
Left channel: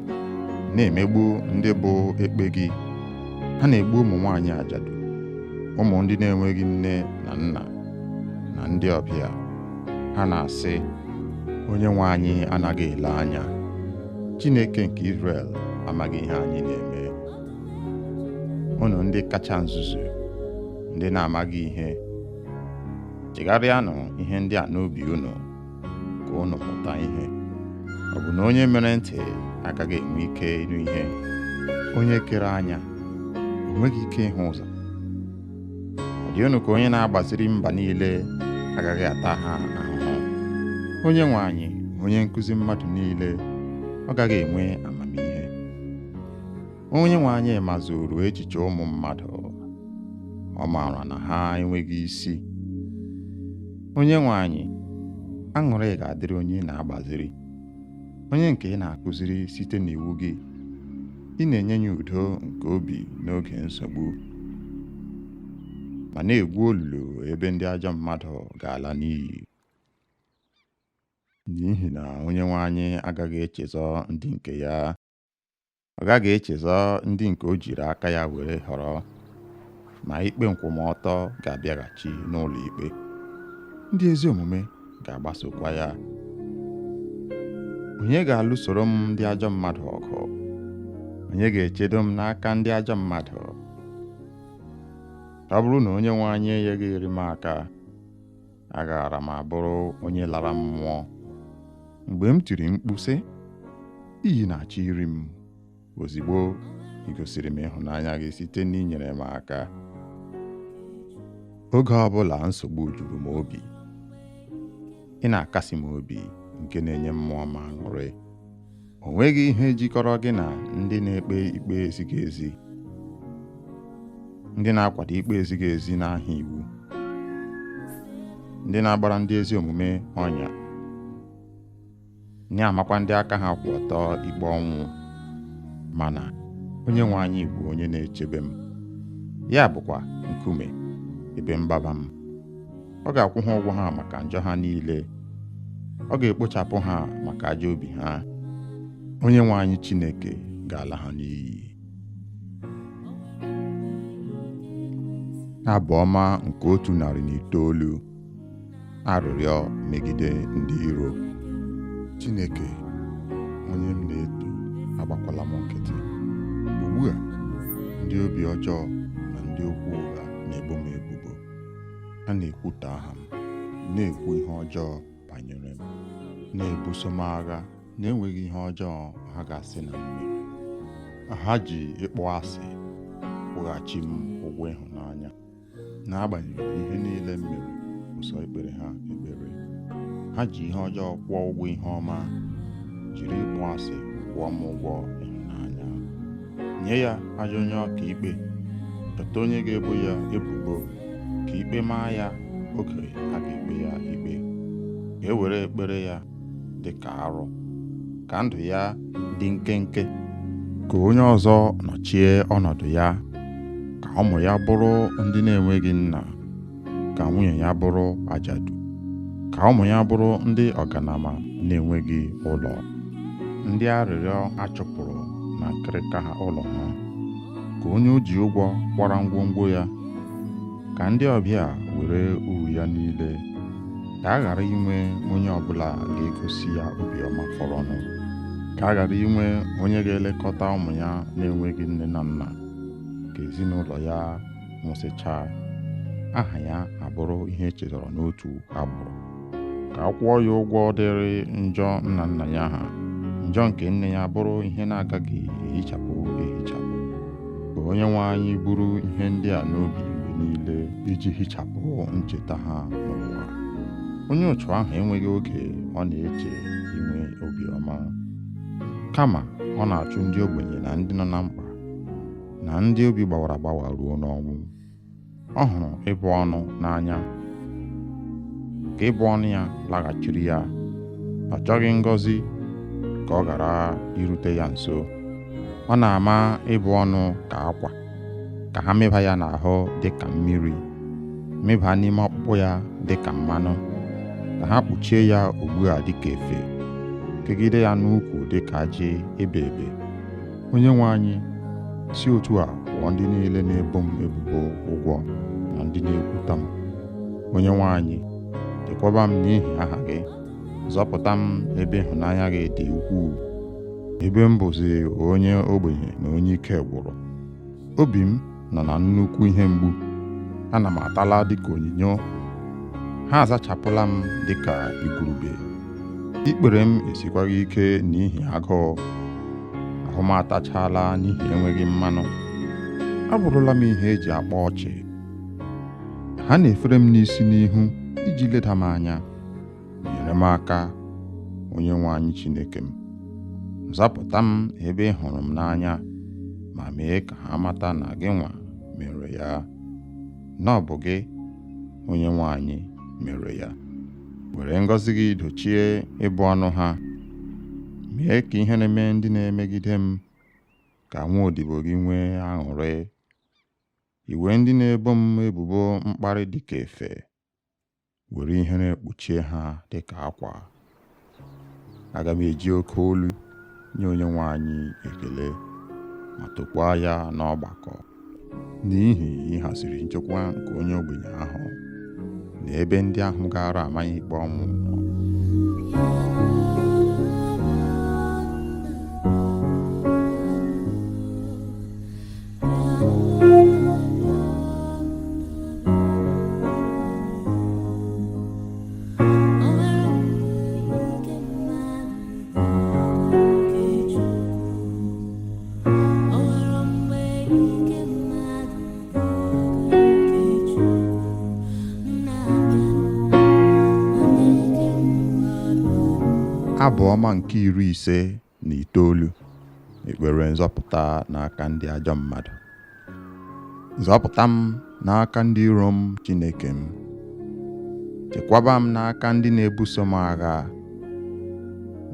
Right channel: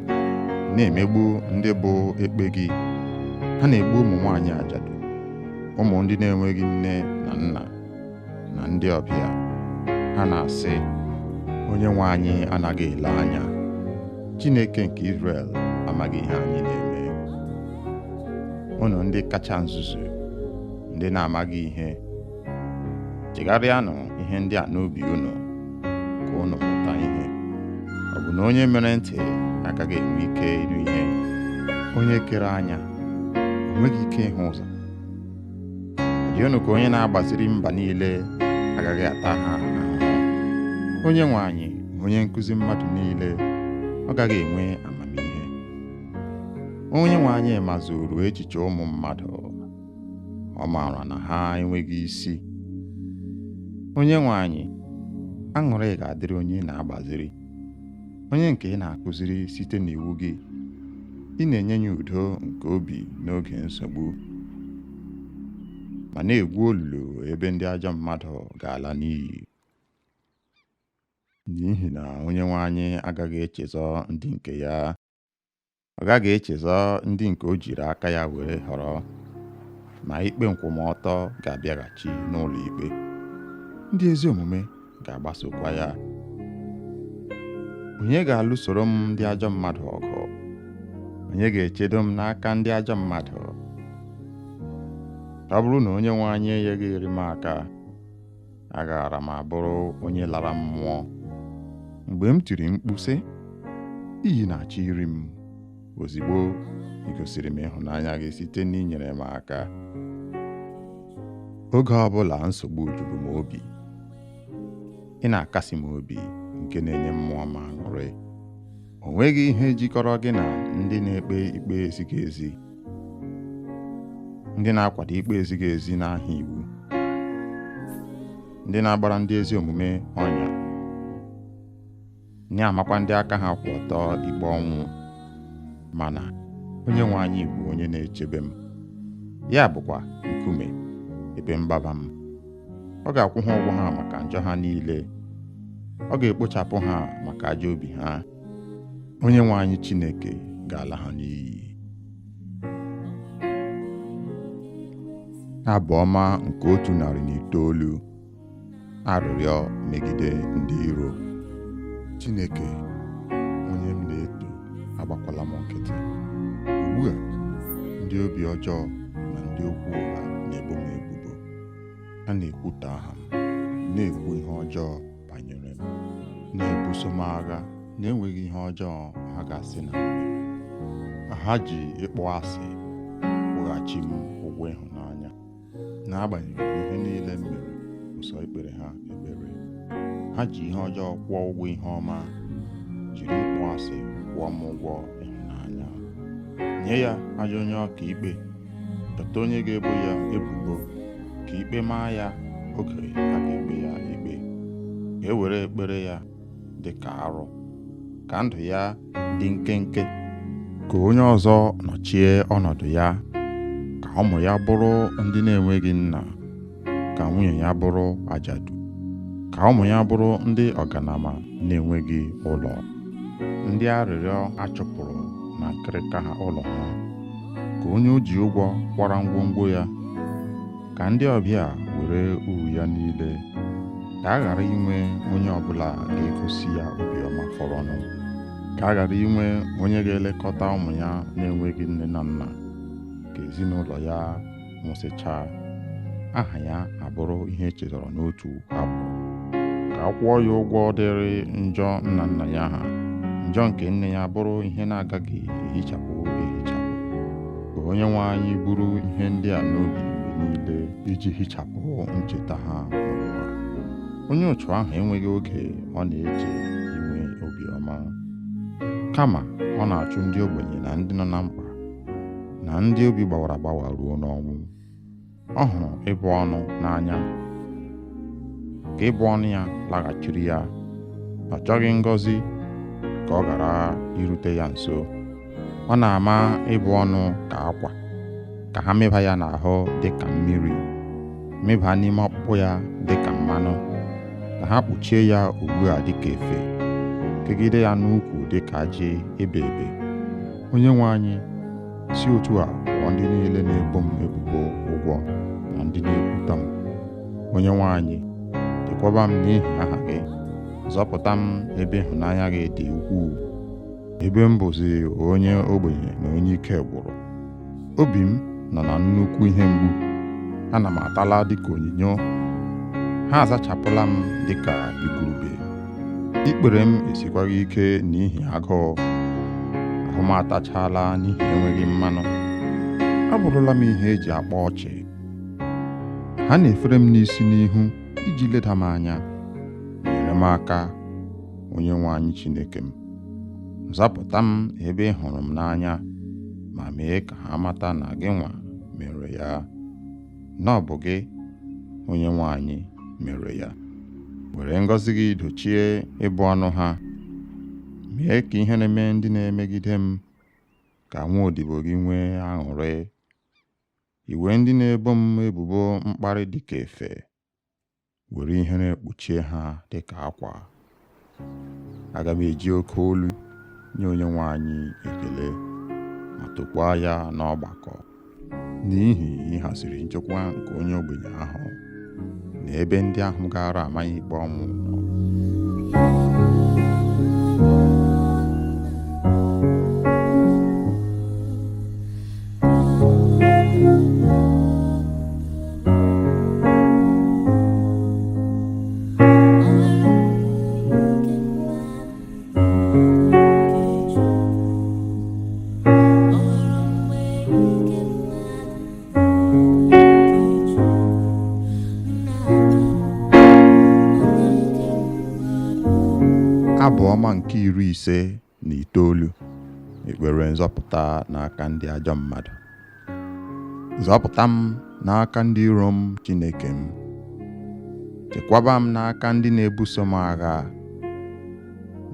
na-emegbu ndị bụ ekpe gị. Ha na-egbu ụmụ nwaanyị ajadu, ụmụ ndị na-enweghị nne na nna, na ndị ọbịa. Ha na-asị, onye nwe anyị anaghị ele anya. Chineke nke Izrel amaghị ihe anyị na-eme. Unu ndị kacha nzuzu, ndị na-amaghị ihe, chegharịanụ ihe ndị a n'obi unu, ka unu mụta ihe. Ọ bụ na onye mere ntị agaghị enwe ike ịnụ ihe? Onye kere anya o nweghị ike ịhụ ụzọ? Ọ dị unu ka onye na-agbaziri mba niile agaghị ata ha ahụhụ? Onye nwe anyị, onye nkụzi mmadụ niile, ọ gaghị enwe amamihe? Onye nwe anyị mazuru echiche ụmụ mmadụ, ọ maara na ha enweghị isi. Onye nwe anyị, aṅụrị ga-adịrị onye na-agbaziri, onye nke ị na-akụziri site n'iwu gị. Ị na-enye ya udo nke obi n'oge nsogbu, ma na-egwu olulu ebe ndị ajọ mmadụ ga-ala n'iyi. N'ihi na onye nwe anyị agaghị echezọ ndị nke ya. Ọ gaghị echezọ ndị nke o jiri aka ya were họrọ, ma ikpe nkwụmọtọ ga-abịaghachi n'ụlọ ikpe. Ndị ezi omume ga-agbasokwa ya. Onye ga-alụsoro m ndị ajọ mmadụ ọgụ? Onye ga-echedo m n'aka ndị ajọ mmadụ? Ọ bụrụ na onye nwe anyị enyeghị m aka, agaara m abụrụ onye lara mmụọ. Mgbe m tiri mkpu sị, iyi na-achọ iri m, ozigbo ị gosiri m ịhụnanya gị site n'inyere m aka. Oge ọbụla nsogbu juru m obi, ị na-akasi m obi nke na-enye mmụọ m aṅụrị. O nweghị ihe jikọrọ gị na ndị na-ekpe ikpe ezighị ezi, ndị na-akwado ikpe ezighị ezi n'aha iwu, ndị na-agbara ndị ezi omume ọnya, na-amakwa ndị aka ha kwụ ọtọ ikpe ọnwụ. Mana onye nwe anyị bụ onye na-echebe m, ya bụkwa nkume ebe mgbaba m. Ọ ga-akwụ ha ụgwọ ha maka njọ ha niile, ọ ga-ekpochapụ ha maka ajọ obi ha. Onye nwe anyị Chineke ga-ala ha n'iyi. Abụ ọma nke 109. Arịrịọ megide ndị iro. Chineke, onye m na-eto, agbakwala m nkịtị. Ugbu a, ndị obi ọjọọ na ndị okwu ụgha na-ebo m ebubo. Ha na-ekwutọ aha m, na-ekwu ihe ọjọọ banyere m, na-ebuso m agha na-enweghị ihe ọjọọ ha ga-asị na m mere. Ha ji ịkpọ asị kwụghachi m ụgwọ ịhụnanya, n'agbanyeghị ihe niile m mere ụsọ ikpere ha ekpere. Ha ji ihe ọjọọ kwụọ ụgwọ ihe ọma, jiri ịkpọ asị kwụọ m ụgwọ ịhụnanya. Nye ya ajọ onye ọka ikpe, chọta onye ga-ebo ya ebubo, ka ikpe maa ya oge a ga-ekpe ya ikpe. Ka e were ekpere ya dị ka arụ, ka ndụ ya dị nkenke, ka onye ọzọ nọchie ọnọdụ ya, ka ụmụ ya bụrụ ndị na-enweghị nna, ka nwunye ya bụrụ ajadu, ka ụmụ ya bụrụ ndị ọganama na-enweghị ụlọ, ndị arịrịọ achụpụrụ na nkịrịka ha ụlọ ha, ka onye o ji ụgwọ kwara ngwongwo ya, ka ndị ọbịa were uru ya niile, ka a ghara inwe onye ọbụla ga-egosi ya obiọma fọrọnụ, ka a ghara inwe onye ga-elekọta ụmụ ya na-enweghị nne na nna, ka ezinụlọ ya nwụsịchaa, aha ya abụrụ ihe echetara n'otu agbụrụ, ka a kwụọ ya ụgwọ dịrị njọ nna nna ya ha, njọ nke nne ya bụrụ ihe na-agaghị ehichapụ ehichapụ. Ka onye nwe anyị buru ihe ndị a n'obi mgbe niile iji hichapụ ncheta ha n'ụwa. Onye ụchụ ahụ enweghị oge ọ na-eche inwe obiọma, kama ọ na-achụ ndị ogbenye na ndị nọ na mkpa na ndị obi gbawara agbawa ruo n'ọnwụ. Ọ hụrụ ịbụ ọnụ n'anya, ka ịbụ ọnụ ya laghachiri ya. Ọ chọghị ngọzi ka ọ ghara irute ya nso. Ọ na-ama ịbụ ọnụ ka akwa, ka ha mịba ya n'ahụ dị ka mmiri, mịba n'ime ọkpụkpụ ya dị ka mmanụ, ka ha kpuchie ya ugbu a dị ka efe, kegide ya n'ukwu dị ka ajị ebe ebe. Onye nwe anyị, si otu a kwụọ ndị niile na-ebo m ebubo ụgwọ na ndị na-ekwuta m. Onye nwe anyị, chekwaba m n'ihi aha gị, zọpụta m ebe ịhụnanya gị dị ukwuu, ebe m bụzi onye ogbenye na onye ike gwụrụ. Obi m nọ na nnukwu ihe mgbu, ana m atala dịka onyinyo, ha azachapụla m dịka igurube. Ikpere m esikwaghị ike n'ihi agụụ, ahụ m atachala n'ihi enweghị mmanụ. Abụrụla m ihe eji akpa ọchị. Ha na-efere m n'isi n'ihu iji leda m anya. Nyere m aka, onye nwe anyị Chineke m. Zapụta m ebe ị hụrụ m n'anya, ma mee ka ha mata na gị nwa mere ya, na ọ bụ gị, onye nwe anyị, mere ya. Were ngọzi gị dochie ịbụ ọnụ ha, mee ka ihe na-eme ndị na-emegide m ka nwa odibo gị nwee aṅụrị. Iwe ndị na-ebo m ebubo mkparị dịka efe, were ihere kpuchie ha dịka akwa. Aga m eji oke olu nye onye nwe anyị ekele, ma tokwaa ya n'ọgbakọ, n'ihi ịhaziri nchekwa nke onye ogbenye ahụ na ebe ndị ahụ gara amaghị ikpe ọnwụ nọ. Abụ ọma nke 59, ekpere nzọpụta n'aka ndị ajọ mmadụ. Zọpụta m n'aka ndị iro m, Chineke m. Chekwaba m n'aka ndị na-ebuso m agha.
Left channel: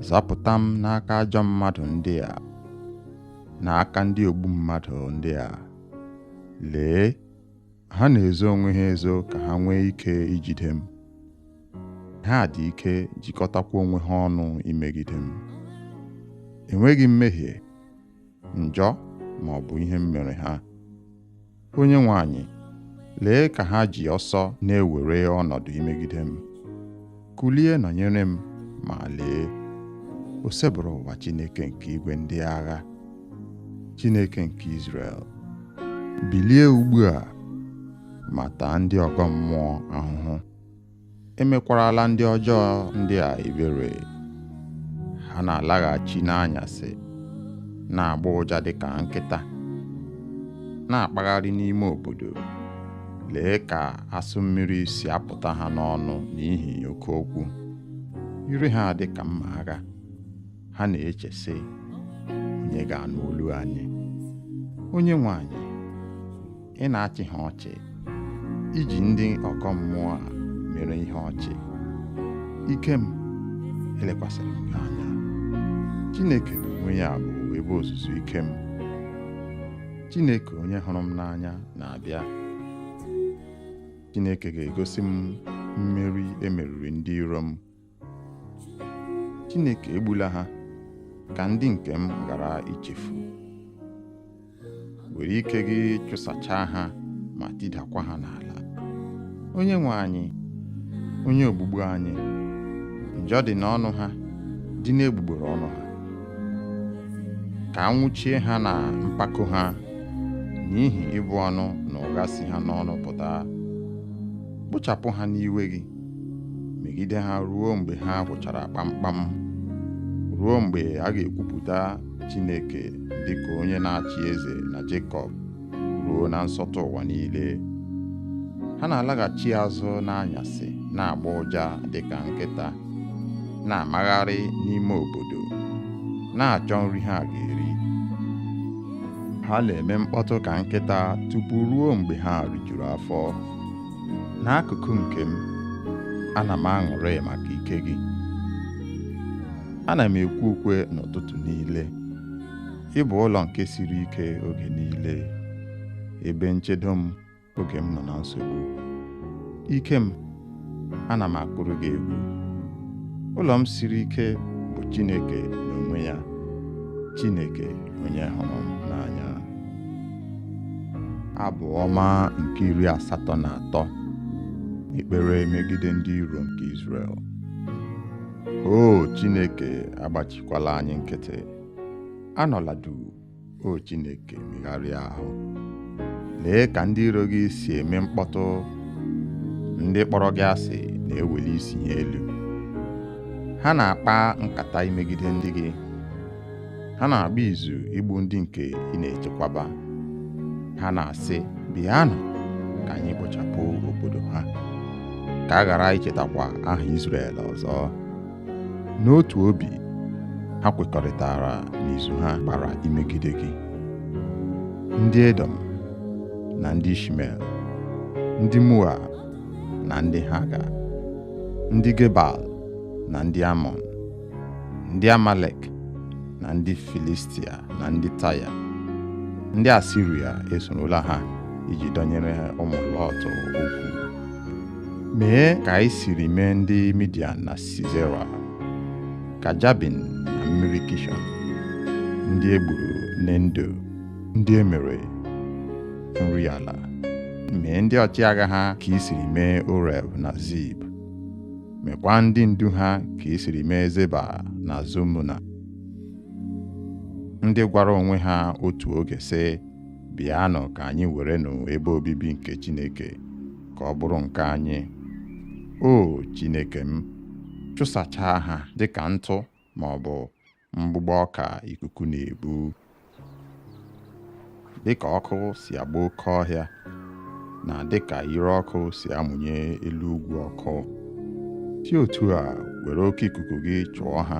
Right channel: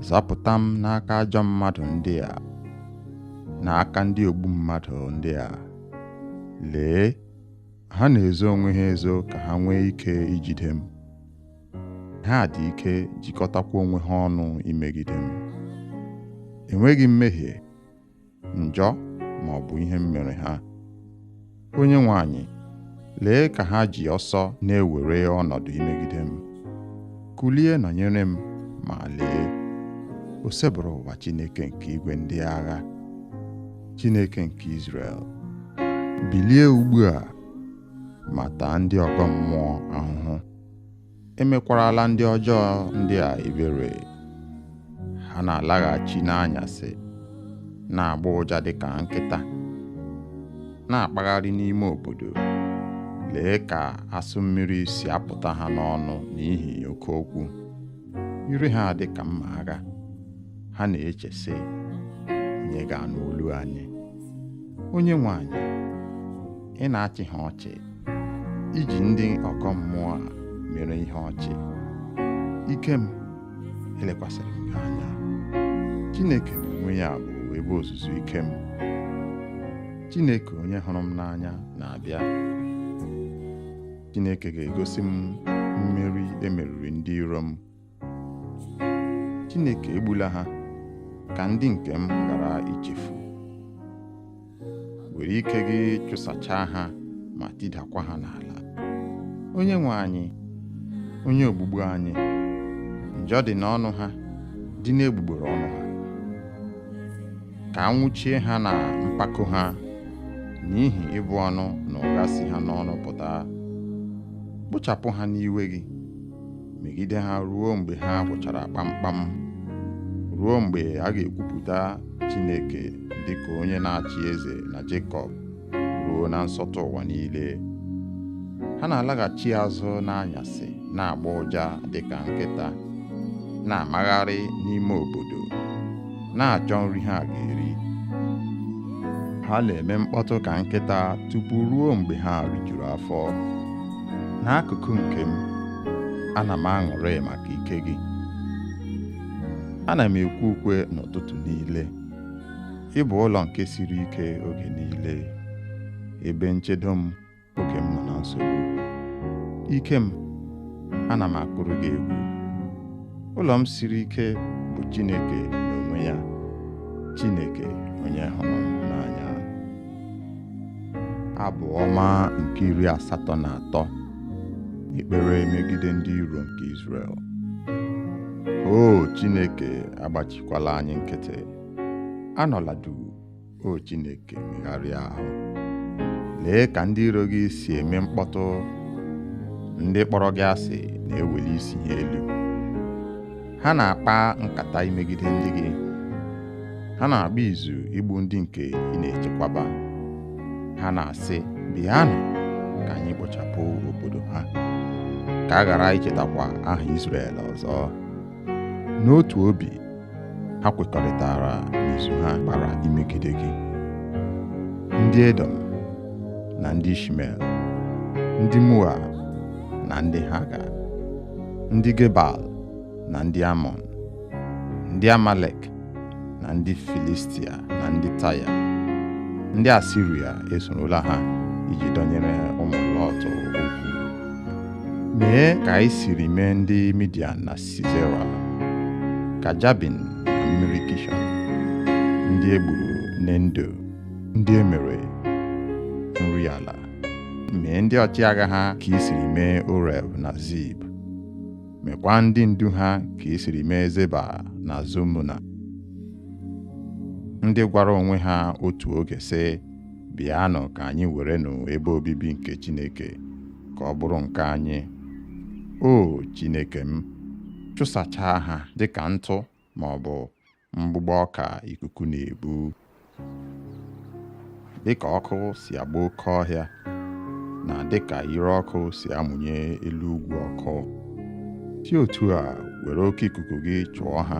Zọpụta m n'aka ajọ mmadụ ndị a, n'aka ndị ogbu mmadụ ndị a. Lee, ha na-ezo onwe ha ezo ka ha nwee ike ijide m. Ha dị ike jikọtakwa onwe ha ọnụ imegide m. Enweghị mmehie, njọ ma ọ bụ ihe m mere ha. Onyenwe anyị, lee ka ha ji ọsọ na-ewere ọnọdụ imegide m. Kulie nọnyere m, ma lee, o sebụrụ ụwa Chineke nke igwe ndị agha, Chineke nke Izrel. Bilie ugbu a ma taa ndị ọgọ mmụọ ahụhụ. Emekwarala ndị ọjọọ ndị a ebere. Ha na-alaghachi n'anyasị, na-agba ụja dịka nkịta, na-akpagharị n'ime obodo. Lee ka asụ mmiri si apụta ha n'ọnụ n'ihi oke okwu. Ire ha dị ka mma agha. Ha na-eche sị, onye ga-anụ olu anyị? Onyenwe anyị, ị na-achị ha ọchị, iji ndị ọkọ mmụọ a mere ihe ọchị. Ike m, elekwasịrị m gị anya. Chineke n'onwe ya bụ ebe ozuzu ike m. Chineke onye hụrụ m n'anya na-abịa. Chineke ga-egosi m mmeri emeriri ndị iro m. Chineke egbula ha ka ndị nke m ghara ichefu. Were ike gị chụsachaa ha ma tidakwa ha n'ala. Onyenwe anyị, onye ogbugbu anyị, njọ dị n'ọnụ ha, dị n'egbugbere ọnụ ha. Ka a nwụchie ha na mpako ha, n'ihi ịbụ ọnụ na ụgha si ha n'ọnụ pụta. Kpochapụ ha n'iwe gị, megide ha ruo mgbe ha gwụchara kpamkpam, ruo mgbe a ga-ekwupụta Chineke dịka onye na-achị eze na Jekọb, ruo na nsọtụ ụwa niile. Ha na-alaghachi azụ n'anyasị, na-agba ụja dịka nkịta, na-amagharị n'ime obodo, na-achọ nri ha ga-eri. Ha na-eme mkpọtụ ka nkịta tupu ruo mgbe ha rijuru afọ. N'akụkụ nke m, ana m aṅụrị maka ike gị. Ana m ekwe ukwe n'ụtụtụ niile. Ị bụ ụlọ nke siri ike oge niile, ebe nchedo m oge m nọ na nsogbu. Ike m, ana m akụrụ gị egwu. Ụlọ m siri ike bụ Chineke n'onwe ya, Chineke onye hụrụ m n'anya. Abụ ọma nke 83, ekpere megide ndị iro nke Izrel. O Chineke, agbachikwala anyị nkịtị. Anọla duu, o Chineke, megharịa ahụ. Lee ka ndị iro gị si eme mkpọtụ. Ndị kpọrọ gị asị na-eweli isi ha elu. Ha na-akpa nkata imegide ndị gị. Ha na-agba izu igbu ndị nke ị na-echekwaba. Ha na-asị, bịanụ ka anyị kpochapụ obodo ha, ka a ghara ichetakwa aha Izrel ọzọ. N'otu obi, ha kwekọrịtara n'izu ha gbara imegide gị. Ndị Edom na ndị Ishmel, ndị Moab na ndị Haga, ndị Gebal na ndị Amọn, ndị Amalek na ndị Filistia na ndị Taya, ndị Asiria esorola ha iji dọnyere ụmụ Lọt okwu. Mee ka anyị siri mee ndị Midian na Sisera, ka Jabin na mmiri Kishọn, ndị egburu n'Endo, ndị emere nri ala. Mee ndị ọchịagha ha ka i siri mee Oreb na Zib. Mekwa ndị ndu ha ka i siri mee Zeba na Zumuna, ndị gwara onwe ha otu oge sị, bịanụ ka anyị werenụ ebe obibi nke Chineke ka ọ bụrụ nke anyị. O Chineke m, chụsachaa ha dịka ntụ ma ọ bụ mgbụgbọ ọka ikuku na-ebu. Dịka ọkụ si agba oke ọhịa, na dịka ire ọkụ si amụnye elu ugwu ọkụ, si otu a were oke ikuku gị chụọ ha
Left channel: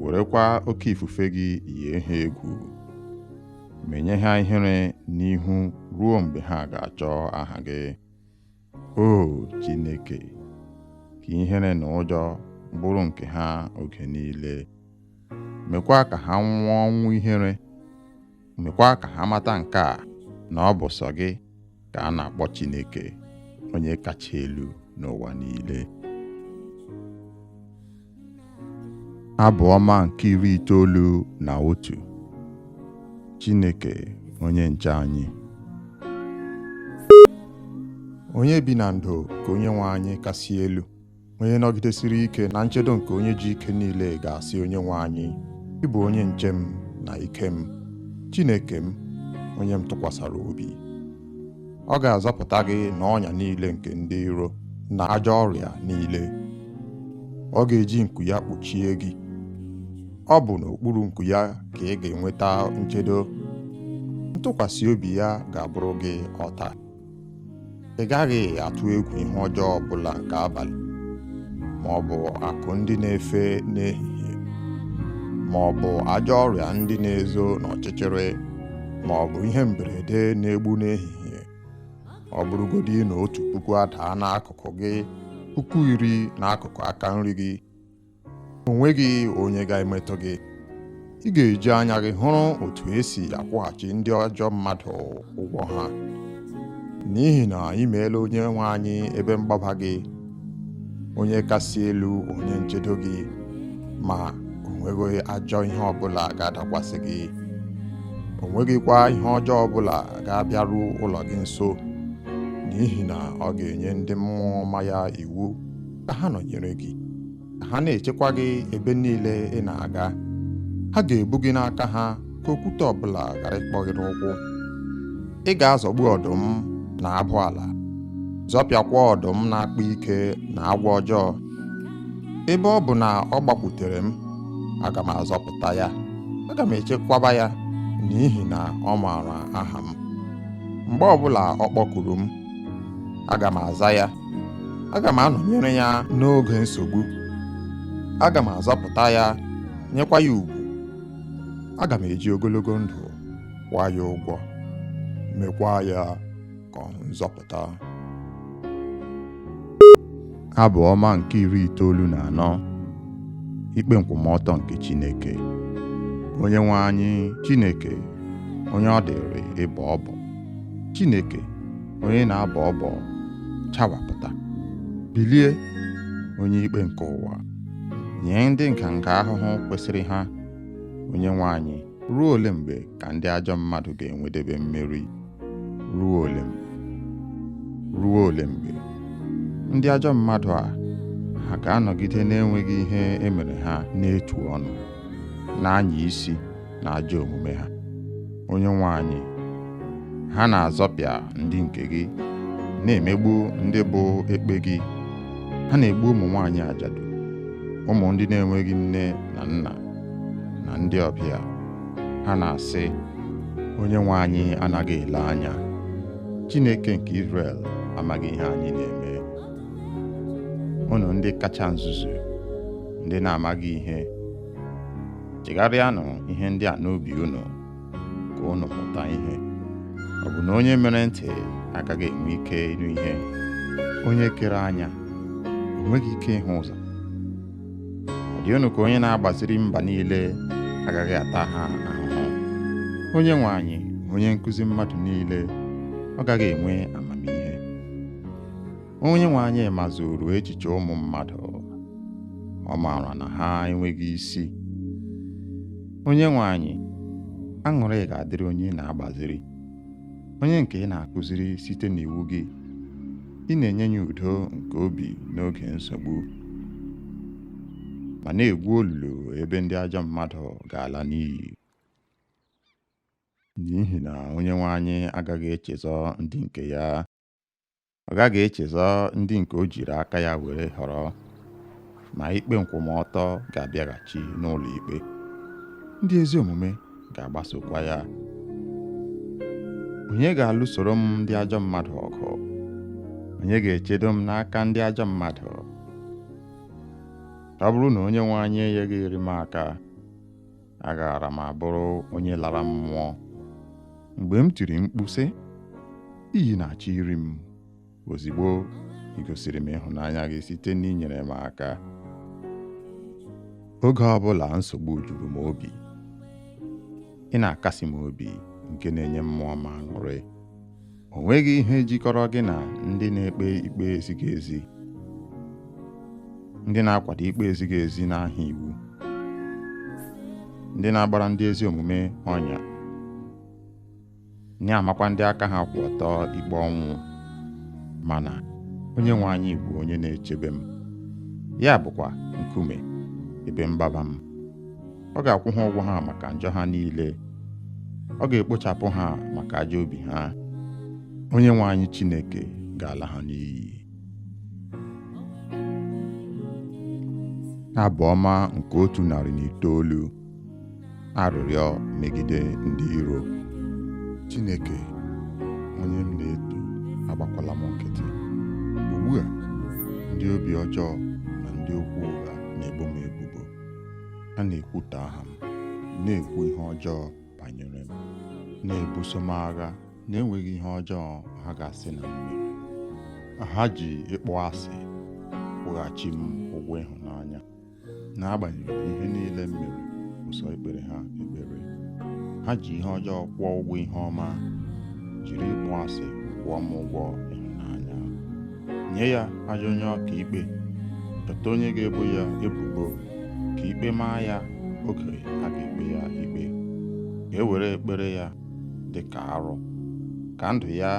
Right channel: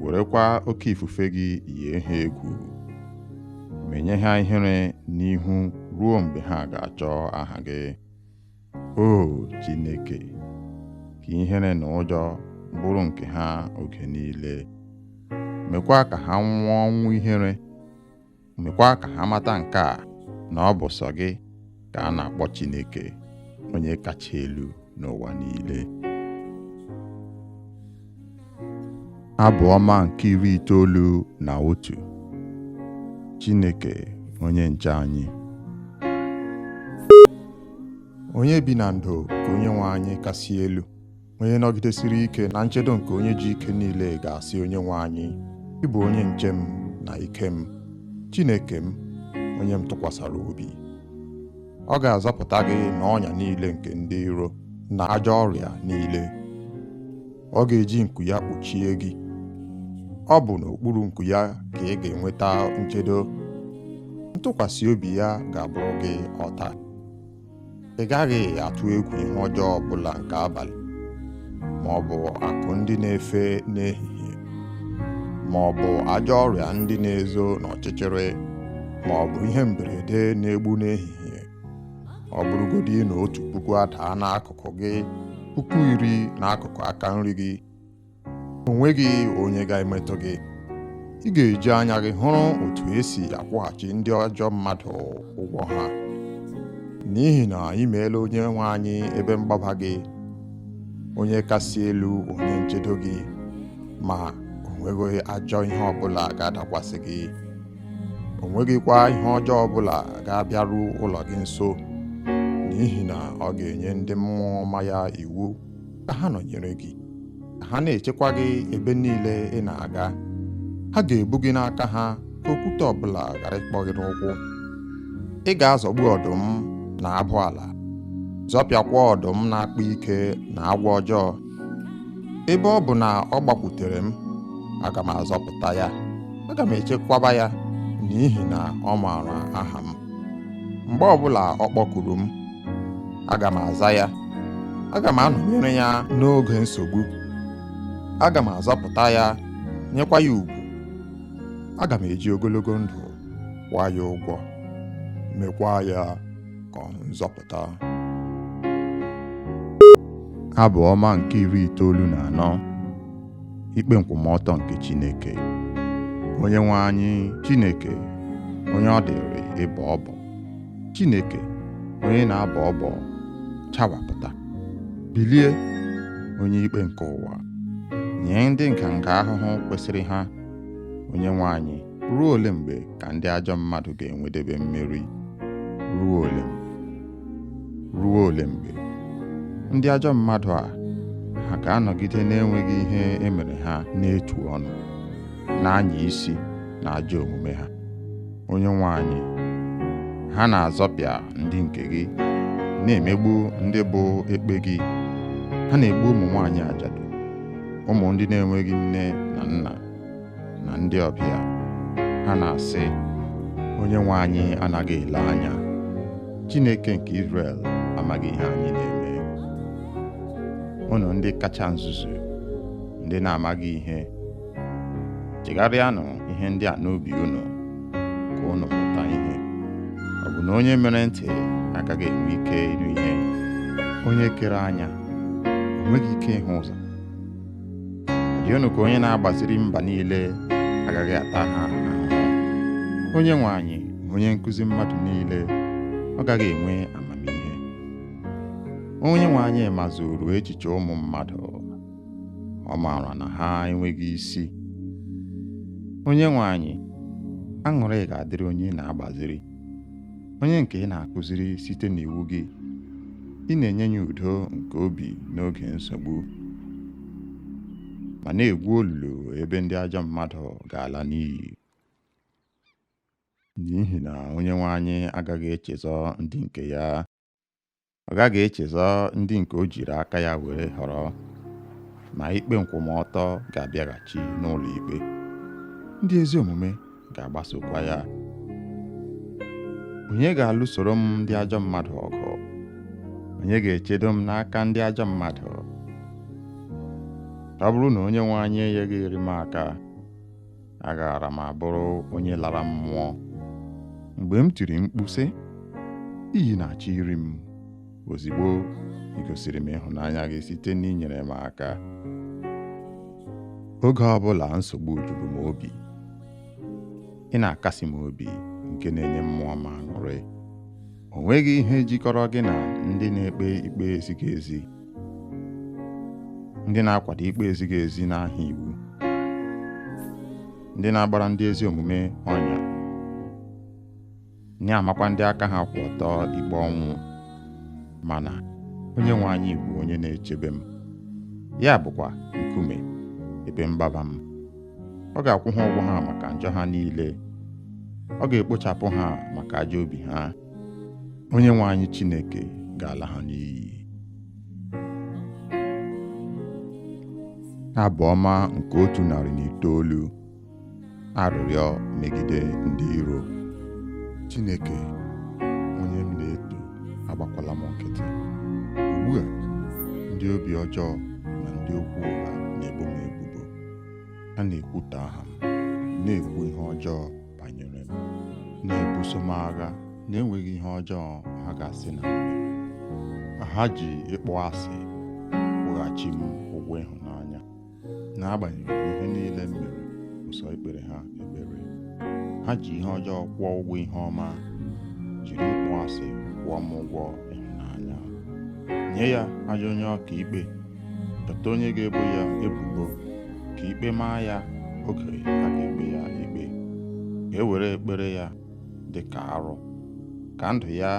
werekwa oke ifufe gị yie ha egwu, menye ha ihere n'ihu ruo mgbe ha ga-achọ aha gị. O Chineke, ka ihere na ụjọ bụrụ nke ha oge niile. Mekwa ka ha nwụọ ọnwụ ihere. Mekwa ka ha mata nke a, na ọ bụ sọ gị ka a na-akpọ Chineke, onye kacha elu n'ụwa niile. Abụ ọma nke 91. Chineke onye nche anyị. Onye bi na ndo ka Onyenwe anyị kasị elu, onye nọgidesiri ike na nchedo nke onye ji ike niile ga-asị Onyenwe anyị, ị bụ onye nche m na ike m, Chineke m, onye m tụkwasara obi. Ọ ga-azọpụta gị n'ọnya niile nke ndị iro na ajọ ọrịa niile. Ọ ga-eji nku ya kpuchie gị. Ọ bụ n'okpuru nku ya ka ị ga-enweta nchedo. Ntụkwasị obi ya ga-abụrụ gị ọta. Ị gaghị atụ egwu ihe ọjọọ ọbụla nke abalị, ma ọ bụ akụ ndị na-efe n'ehihie, ma ọ bụ ajọ ọrịa ndị na-ezo n'ọchịchịrị, ma ọ bụ ihe mberede na-egbu n'ehihie. Ọ bụrụgodị na 1,000 adaa n'akụkụ gị, 10,000 n'akụkụ aka nri gị, o nweghị onye ga-emetụ gị. Ị ga-eji anya gị hụrụ otu esi akwụghachi ndị ajọ mmadụ ụgwọ ha. N'ihi na ị meela Onyenwe anyị ebe mgbaba gị, onye kasị elu onye nchedo gị, ma o nweghị ajọ ihe ọbụla ga-adakwasị gị. O nweghịkwa ihe ọjọọ ọbụla ga-abịaru ụlọ gị nso, n'ihi na ọ ga-enye ndị mmụọ ọma ya iwu ka ha nọnyere gị, ka ha na-echekwa gị ebe niile ị na-aga. Ha ga-ebu gị n'aka ha ka okwute ọbụla ghara ịkpọ gị n'ụkwụ. Ị ga-azọgbu ọdụm na abụ ala, zọpịakwa ọdụm na-akpa ike na agwọ ọjọọ. Ebe ọ bụ na ọ gbakwutere m, aga m azọpụta ya. Aga m echekwaba ya, n'ihi na ọ maara aha m. Mgbe ọbụla ọ kpọkuru m, aga m aza ya. Aga m anọnyere ya n'oge nsogbu. Aga m azọpụta ya, nyekwa ya ugwu. Aga m eji ogologo ndụ kwụọ ya ụgwọ, mekwa ya ka ọ hụ nzọpụta. Abụ ọma nke 94. Ikpe nkwụmọtọ nke Chineke. Onyenwe anyị Chineke, onye ọ dịrị ịbọ ọbọ. Chineke, onye na-abọ ọbọ, chawapụta. Bilie, onye ikpe nke ụwa, nye ndị nganga ahụhụ kwesịrị ha. Onyenwe anyị, ruo ole mgbe ka ndị ajọ mmadụ ga-enwedebe mmeri? Ruo ole mgbe? Ruo ole mgbe? Ndị ajọ mmadụ a, ha ga-anọgide na-enweghị ihe emere ha n'etu ọnụ, na-anya isi na ajọ omume ha. Onyenwe anyị, ha na-azọpịa ndị nke gị, na-emegbu ndị bụ ekpe gị. Ha na-egbu ụmụ nwaanyị ajadu, ụmụ ndị na-enweghị nne na nna, na ndị ọbịa. Ha na-asị, Onyenwe anyị anaghị ele anya. Chineke nke Izrel amaghị ihe anyị na-eme. Unu ndị kacha nzuzu, ndị na-amaghị ihe, chegharịanụ ihe ndị a n'obi unu, ka unu mụta ihe. Ọ bụ na onye mere ntị agaghị enwe ike ịnụ ihe? Onye kere anya o nweghị ike ịhụ ụzọ? Ọ dị unu ka onye na-agbaziri mba niile agaghị ata ha ahụhụ? Onyenwe anyị, onye nkụzi mmadụ niile, ọ gaghị enwe amamihe? Onyenwe anyị mazuru echiche ụmụ mmadụ, ọ maara na ha enweghị isi. Onyenwe anyị, aṅụrị ga-adịrị onye na-agbaziri, onye nke ị na-akụziri site n'iwu gị. Ị na-enye ya udo nke obi n'oge nsogbu, ma na-egwu olulu ebe ndị ajọ mmadụ ga-ala n'iyi. N'ihi na Onyenwe anyị agaghị echezọ ndị nke ya. Ọ gaghị echezọ ndị nke o jiri aka ya were họrọ, ma ikpe nkwụmọtọ ga-abịaghachi n'ụlọ ikpe. Ndị ezi omume ga-agbasokwa ya. Onye ga-alụsoro m ndị ajọ mmadụ ọgụ? Onye ga-echedo m n'aka ndị ajọ mmadụ? Ọ bụrụ na Onyenwe anyị enyeghị m aka, agaara m abụrụ onye lara mmụọ. Mgbe m tiri mkpu sị, iyi na-achọ iri m, ozigbo ị gosiri m ịhụnanya gị site n'inyere m aka. Oge ọbụla nsogbu juru m obi, ị na-akasi m obi nke na-enye mmụọ m aṅụrị. O nweghị ihe jikọrọ gị na ndị na-ekpe ikpe ezighị ezi, ndị na-akwado ikpe ezighị ezi n'aha iwu, ndị na-agbara ndị ezi omume ọnya, na-amakwa ndị aka ha kwụ ọtọ ikpe ọnwụ. Mana Onyenwe anyị bụ onye na-echebe m, ya bụkwa nkume ebe mgbaba m. Ọ ga-akwụ ha ụgwọ ha maka njọ ha niile, ọ ga-ekpochapụ ha maka ajọ obi ha. Onyenwe anyị Chineke ga-ala ha n'iyi. Abụ ọma nke 109. Arịrịọ megide ndị iro. Chineke, onye m na-eto, agbakwala m nkịtị. Ugbu a, ndị obi ọjọọ na ndị okwu ụgha na-ebo m ebubo. Ha na-ekwutọ aha m, na-ekwu ihe ọjọọ banyere m, na-ebuso m agha na-enweghị ihe ọjọọ ha ga-asị na m mere. Ha ji ịkpọ asị kwụghachi m ụgwọ ịhụnanya. N'agbanyeghị ihe niile m mere, ụsọ ekpere ha ekpere. Ha ji ihe ọjọọ kwụọ ụgwọ ihe ọma, jiri ịkpọ asị kwụọ m ụgwọ ịhụnanya. Nye ya ajọ onye ọka ikpe, chọta onye ga-ebo ya ebubo, ka ikpe maa ya oge a ga-ekpe ya ikpe. Ka e were ekpere ya dị ka arụ, ka ndụ ya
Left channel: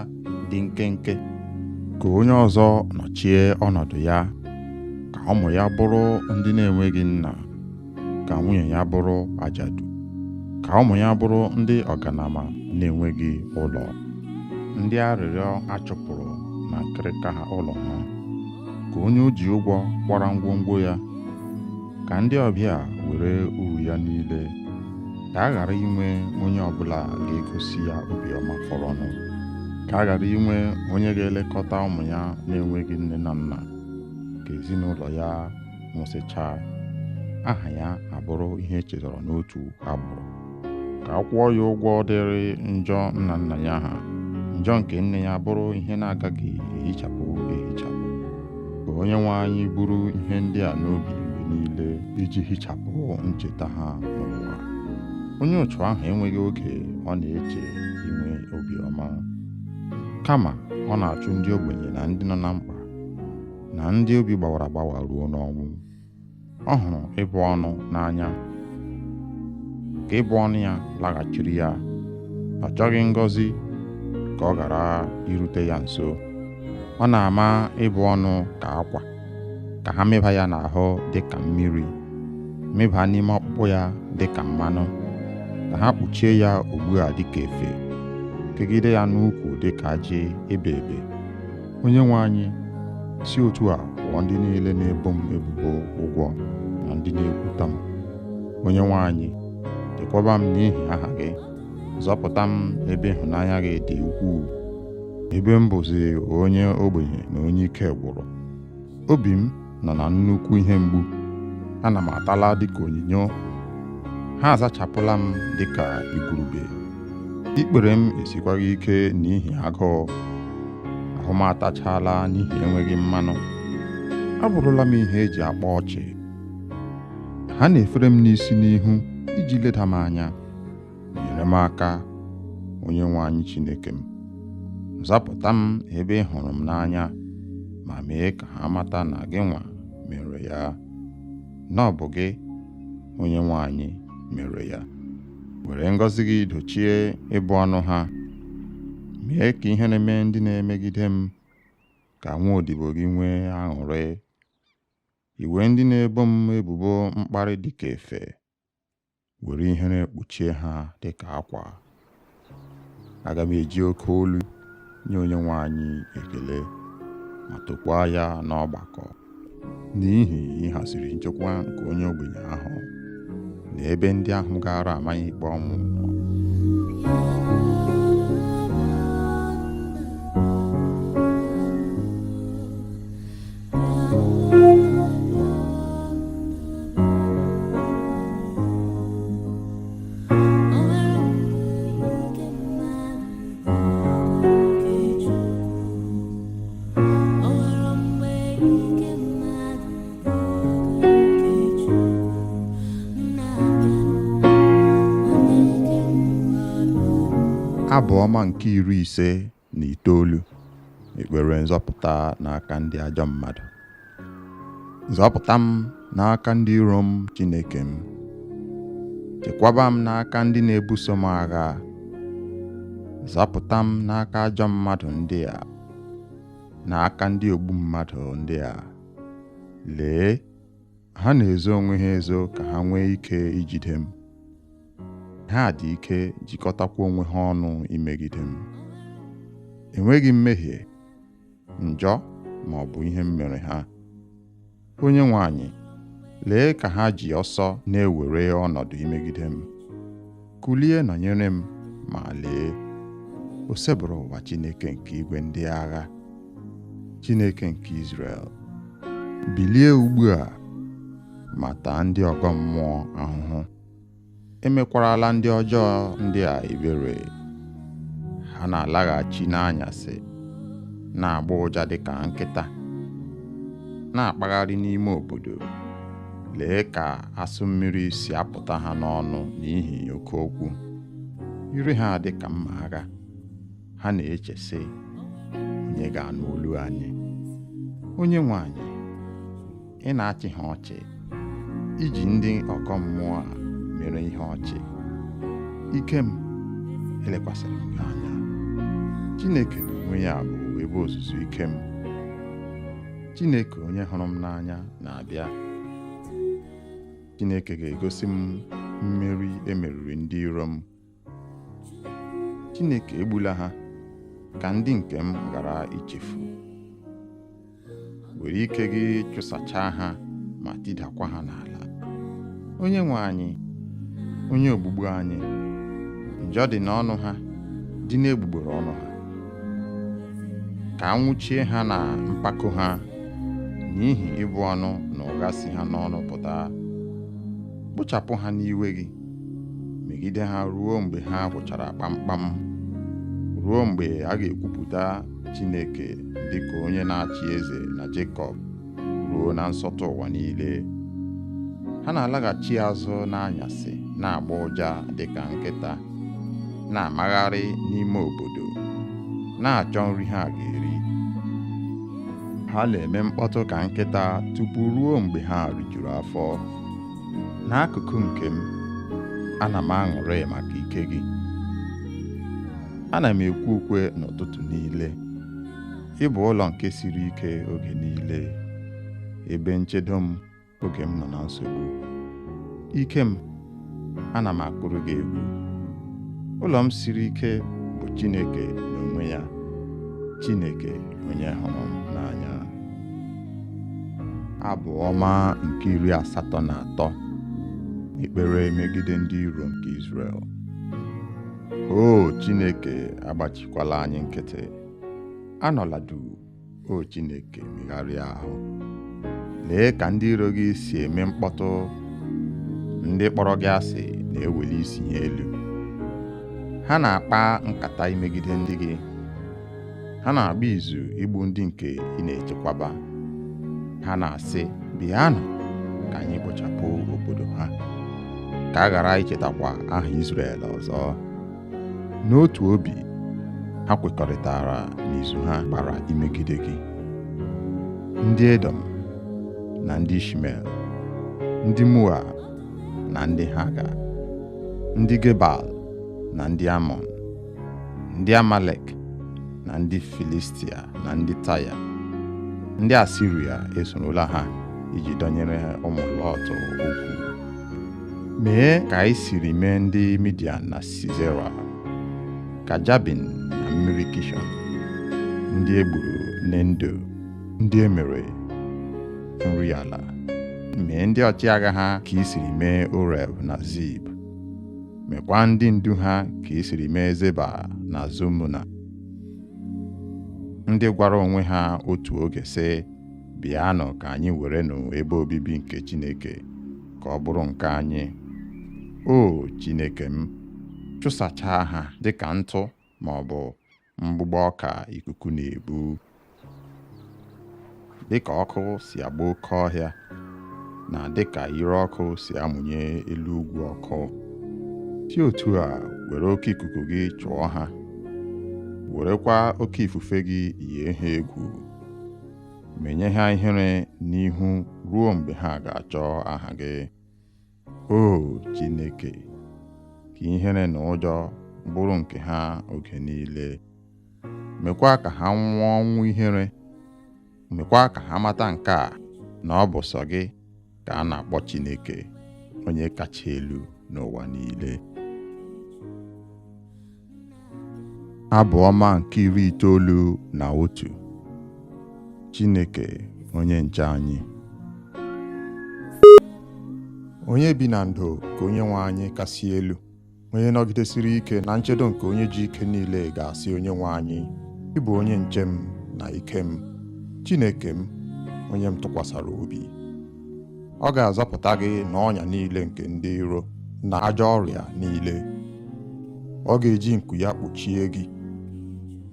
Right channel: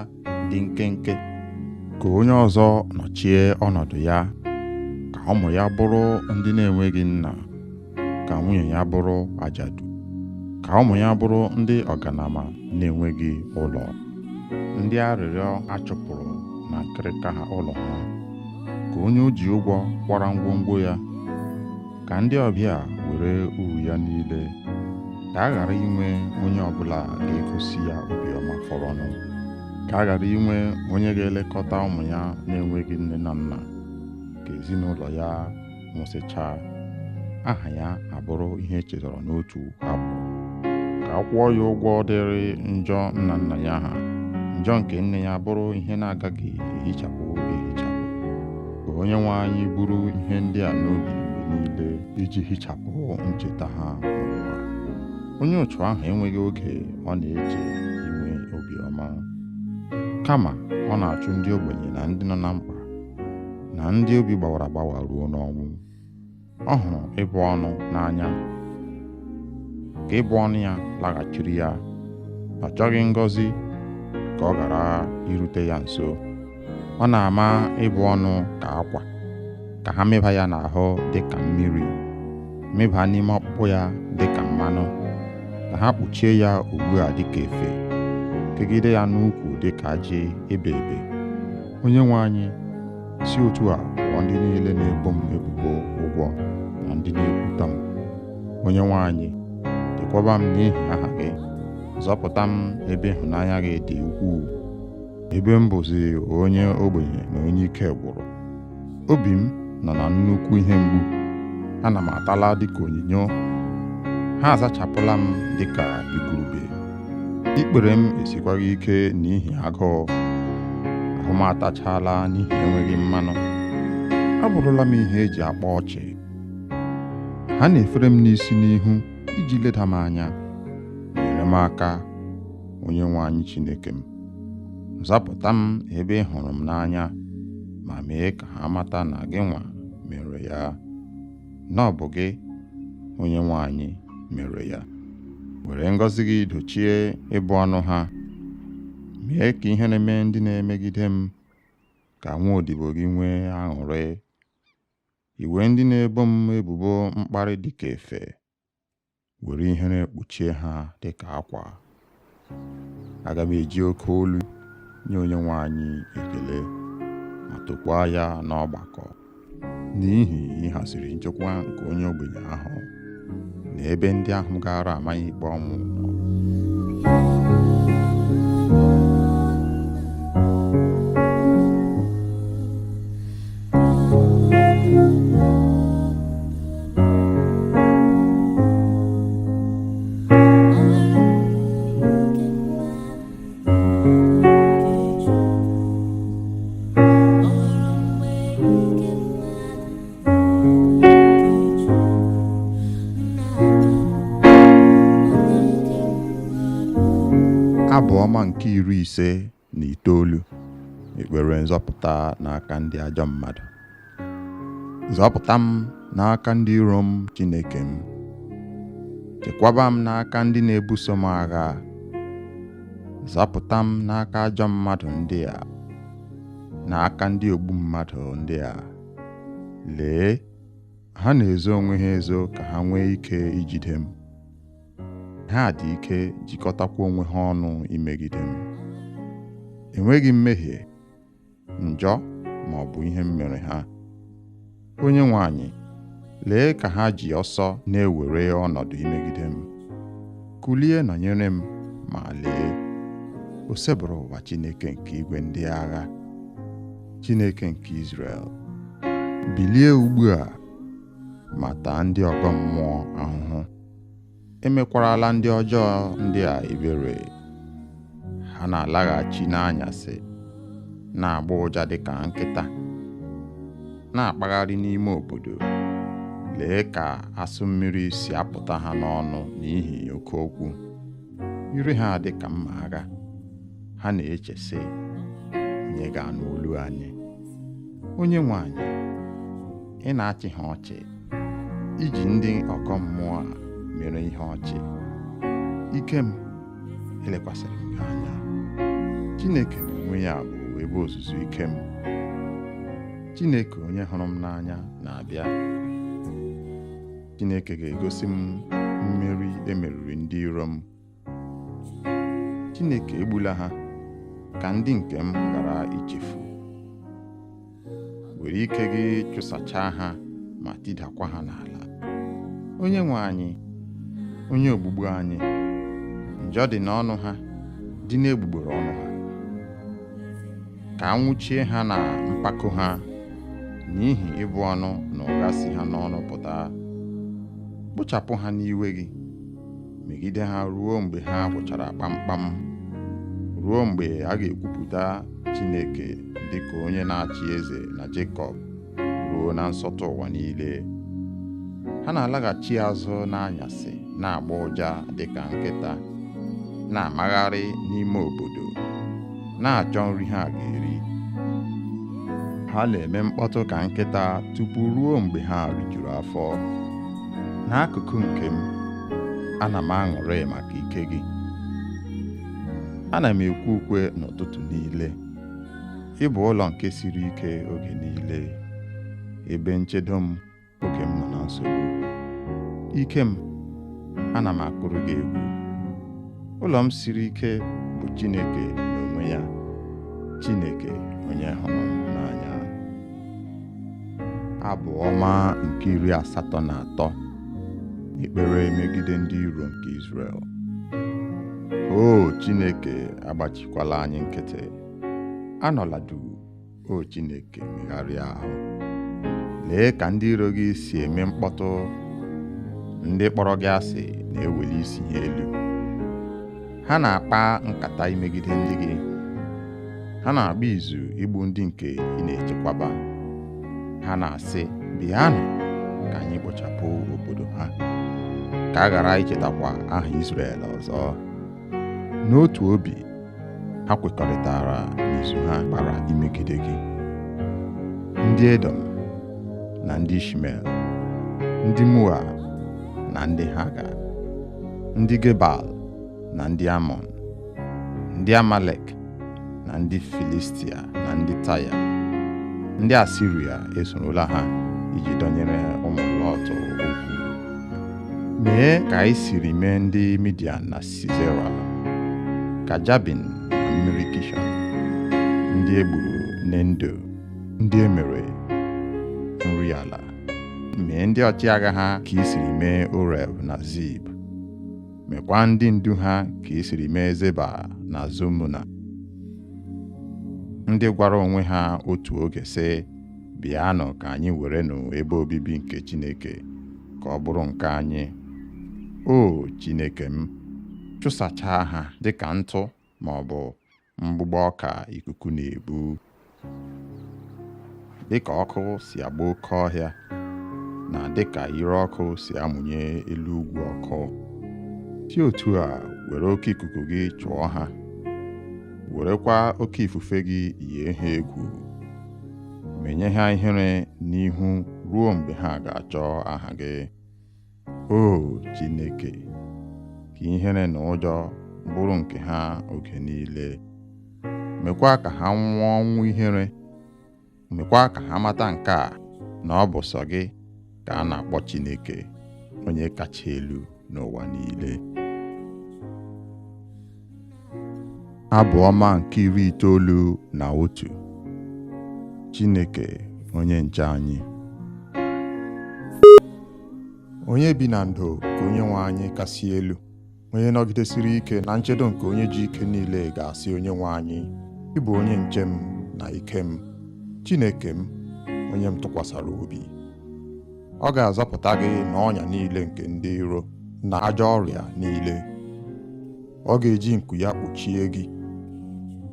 dị nkenke. Ka onye ọzọ nọchie ọnọdụ ya, ka ụmụ ya bụrụ ndị na-enweghị nna, ka nwunye ya bụrụ ajadu, ka ụmụ ya bụrụ ndị ọganama na-enweghị ụlọ, ndị arịrịọ achụpụrụ na nkịrịka ha ụlọ ha. Ka onye o ji ụgwọ kwara ngwongwo ya, ka ndị ọbịa were uru ya niile. Ka a ghara inwe onye ọbụla ga-egosi ya obiọma fọrọnụ. Ka a ghara inwe onye ga-elekọta ụmụ ya na-enweghị nne na nna. Ka ezinụlọ ya nwụsịchaa, aha ya abụrụ ihe echetara n'otu agbụrụ. Ka a kwụọ ya ụgwọ dịrị njọ nna nna ya ha, njọ nke nne ya bụrụ ihe na-agaghị ehichapụ ehichapụ. Ka Onyenwe anyị buru ihe ndị a n'obi mgbe niile, iji hichapụ ncheta ha n'ụwa. Onye otu ahụ enweghị oge ọ na-eche inwe obiọma, kama ọ na-achụ ndị ogbenye na ndị nọ na mkpa, na ndị obi gbawara agbawa ruo n'ọnwụ. Ọ hụrụ ịbụ ọnụ n'anya, ka ịbụ ọnụ ya laghachiri ya. Ọ chọghị ngọzi ka ọ ghara irute ya nso. Ọ na-ama ịbụ ọnụ ka akwa, ka ha mịba ya n'ahụ dị ka mmiri, mịba n'ime ọkpụkpụ ya dị ka mmanụ, ka ha kpuchie ya ugbu a dị ka efe, kegide ya n'ukwu dị ka ajị ebe ebe. Onyenwe anyị, si otu a kwụọ ndị niile na-ebo m ebubo ụgwọ na ndị na-ekwuta m. Onyenwe anyị, chekwaba m n'ihi aha gị, zọpụta m ebe ịhụnanya gị dị ukwuu. Ebe m bụzi onye ogbenye na onye ike gwụrụ, obi m nọ na nnukwu ihe mgbu. Ana m atala dịka onyinyo, ha azachapụla m dịka igurube. Ikpere m esikwaghị ike n'ihi agụụ, ahụ m atachala n'ihi enweghị mmanụ. Abụrụla m ihe eji akpa ọchị. Ha na-efere m n'isi n'ihu iji leda m anya. Nyere m aka, Onyenwe anyị Chineke m. Zapụta m ebe ị hụrụ m n'anya, ma mee ka ha mata na gị nwa mere ya, na ọ bụ gị, Onyenwe anyị, mere ya. Were ngọzi gị dochie ịbụ ọnụ ha. Mee ka ihe na-eme ndị na-emegide m, ka nwa odibo gị nwee aṅụrị. Iwe ndị na-ebo m ebubo mkparị dịka efe, were ihere kpuchie ha dịka akwa. Aga m eji oke olu nye Onyenwe anyị ekele, ma tokwaa ya n'ọgbakọ, n'ihi ịhaziri nchekwa nke onye ogbenye ahụ, na ebe ndị ahụ gara amaghị ikpe ọnwụ nọ. Abụ ọma nke 59. Ekpere nzọpụta n'aka ndị ajọ mmadụ. Zọpụta m n'aka ndị iro m, Chineke m. Chekwaba m n'aka ndị na-ebuso m agha. Zọpụta m n'aka ajọ mmadụ ndị a, n'aka ndị ogbu mmadụ ndị a. Lee, ha na-ezo onwe ha ezo ka ha nwee ike ijide m. Ha dị ike jikọtakwa onwe ha ọnụ imegide m. Enweghị mmehie, njọ ma ọ bụ ihe m mere ha. Onyenwe anyị, lee ka ha ji ọsọ na-ewere ọnọdụ imegide m. Kulie nọnyere m, ma lee, o sebụrụ ụwa Chineke nke igwe ndị agha, Chineke nke Izrel. Bilie ugbu a ma taa ndị ọgọ mmụọ ahụhụ. Emekwarala ndị ọjọọ ndị a ebere. Ha na-alaghachi n'anyasị, na-agba ụja dịka nkịta, na-akpagharị n'ime obodo. Lee ka asụ mmiri si apụta ha n'ọnụ n'ihi oke okwu. Ire ha dị ka mma agha. Ha na-eche sị, onye ga-anụ olu anyị? Onyenwe anyị, ị na-achị ha ọchị, iji ndị ọgọ mmụọ a mere ihe ọchị. Ike m, elekwasịrị m gị anya. Chineke n'onwe ya bụ ebe ozuzu ike m. Chineke onye hụrụ m n'anya na-abịa. Chineke ga-egosi m mmeri emeriri ndị iro m. Chineke egbula ha ka ndị nke m ghara ichefu. Were ike gị chụsachaa ha ma tidakwa ha n'ala. Onyenwe anyị, onye ogbugbu anyị, njọ dị n'ọnụ ha, dị n'egbugbere ọnụ ha. Ka anwụchie ha na mpako ha, n'ihi ịbụ ọnụ na ụgha si ha n'ọnụ pụta. Kpochapụ ha n'iwe gị, megide ha ruo mgbe ha gwụchara kpamkpam, ruo mgbe a ga-ekwupụta Chineke dịka onye na-achị eze na Jekọb, ruo na nsọtụ ụwa niile. Ha na-alaghachi azụ n'anyasị, na-agba ụja dịka nkịta, na-amagharị n'ime obodo, na-achọ nri ha ga-eri. Ha na-eme mkpọtụ ka nkịta tupu ruo mgbe ha rijuru afọ. N'akụkụ nke m, ana m aṅụrị maka ike gị. Ana m ekwe ukwe n'ụtụtụ niile. Ị bụ ụlọ nke siri ike oge niile, ebe nchedo m oge m nọ na nsogbu. Ike m, ana m akụrụ gị egwu. Ụlọ m siri ike bụ Chineke n'onwe ya, Chineke onye hụrụ m n'anya. Abụ ọma nke 83. Ekpere megide ndị iro nke Izrel. O Chineke, agbachikwala anyị nkịtị. Anọla duu, o Chineke, megharịa ahụ. Lee ka ndị iro gị si eme mkpọtụ. Ndị kpọrọ gị asị na-eweli isi ha elu. Ha na-akpa nkata imegide ndị gị. Ha na-agba izu igbu ndị nke ị na-echekwaba. Ha na-asị, bịanụ ka anyị kpochapụ obodo ha, ka a ghara ichetakwa aha Izrel ọzọ. N'otu obi, ha kwekọrịtara n'izu ha kpara imegide gị. Ndị Edom na ndị Ishmel, ndị Moab na ndị Haga, ndị Gebal na ndị Amọn, ndị Amalek na ndị Filistia na ndị Taya, ndị Asiria esorola ha iji dọnyere ụmụ Lọt okwu. Mee ka anyị siri mee ndị Midian na Sisera, ka Jabin na mmiri Kishọn, ndị egburu n'Endo, ndị emere nri ala. Mee ndị ọchịagha ha ka i siri mee Oreb na Zib. Mekwa ndị ndu ha ka i siri mee Zeba na Zumuna, ndị gwara onwe ha otu oge sị, bịanụ ka anyị werenụ ebe obibi nke Chineke ka ọ bụrụ nke anyị. O Chineke m, chụsachaa ha dịka ntụ ma ọ bụ mgbụgbọ ọka ikuku na-ebu. Dịka ọkụ si agba oke ọhịa, na dịka ire ọkụ si amụnye elu ugwu ọkụ, si otu a were oke ikuku gị chụọ ha werekwa oke ifufe gị yie ha egwu, menye ha ihere n'ihu ruo mgbe ha ga-achọ aha gị. O Chineke, ka ihere na ụjọ bụrụ nke ha oge niile. Mekwa ka ha nwụọ ọnwụ ihere. Mekwa ka ha mata nke a, na ọ bụ sọ gị ka a na-akpọ Chineke, onye kacha elu n'ụwa niile. Abụ ọma nke 91. Chineke onye nche anyị. Onye bi na ndo ka Onyenwe anyị kasị elu, onye nọgidesiri ike na nchedo nke onye ji ike niile ga-asị Onyenwe anyị, ị bụ onye nche m na ike m, Chineke m, onye m tụkwasara obi. Ọ ga-azọpụta gị n'ọnya niile nke ndị iro na ajọ ọrịa niile. Ọ ga-eji nku ya kpuchie gị.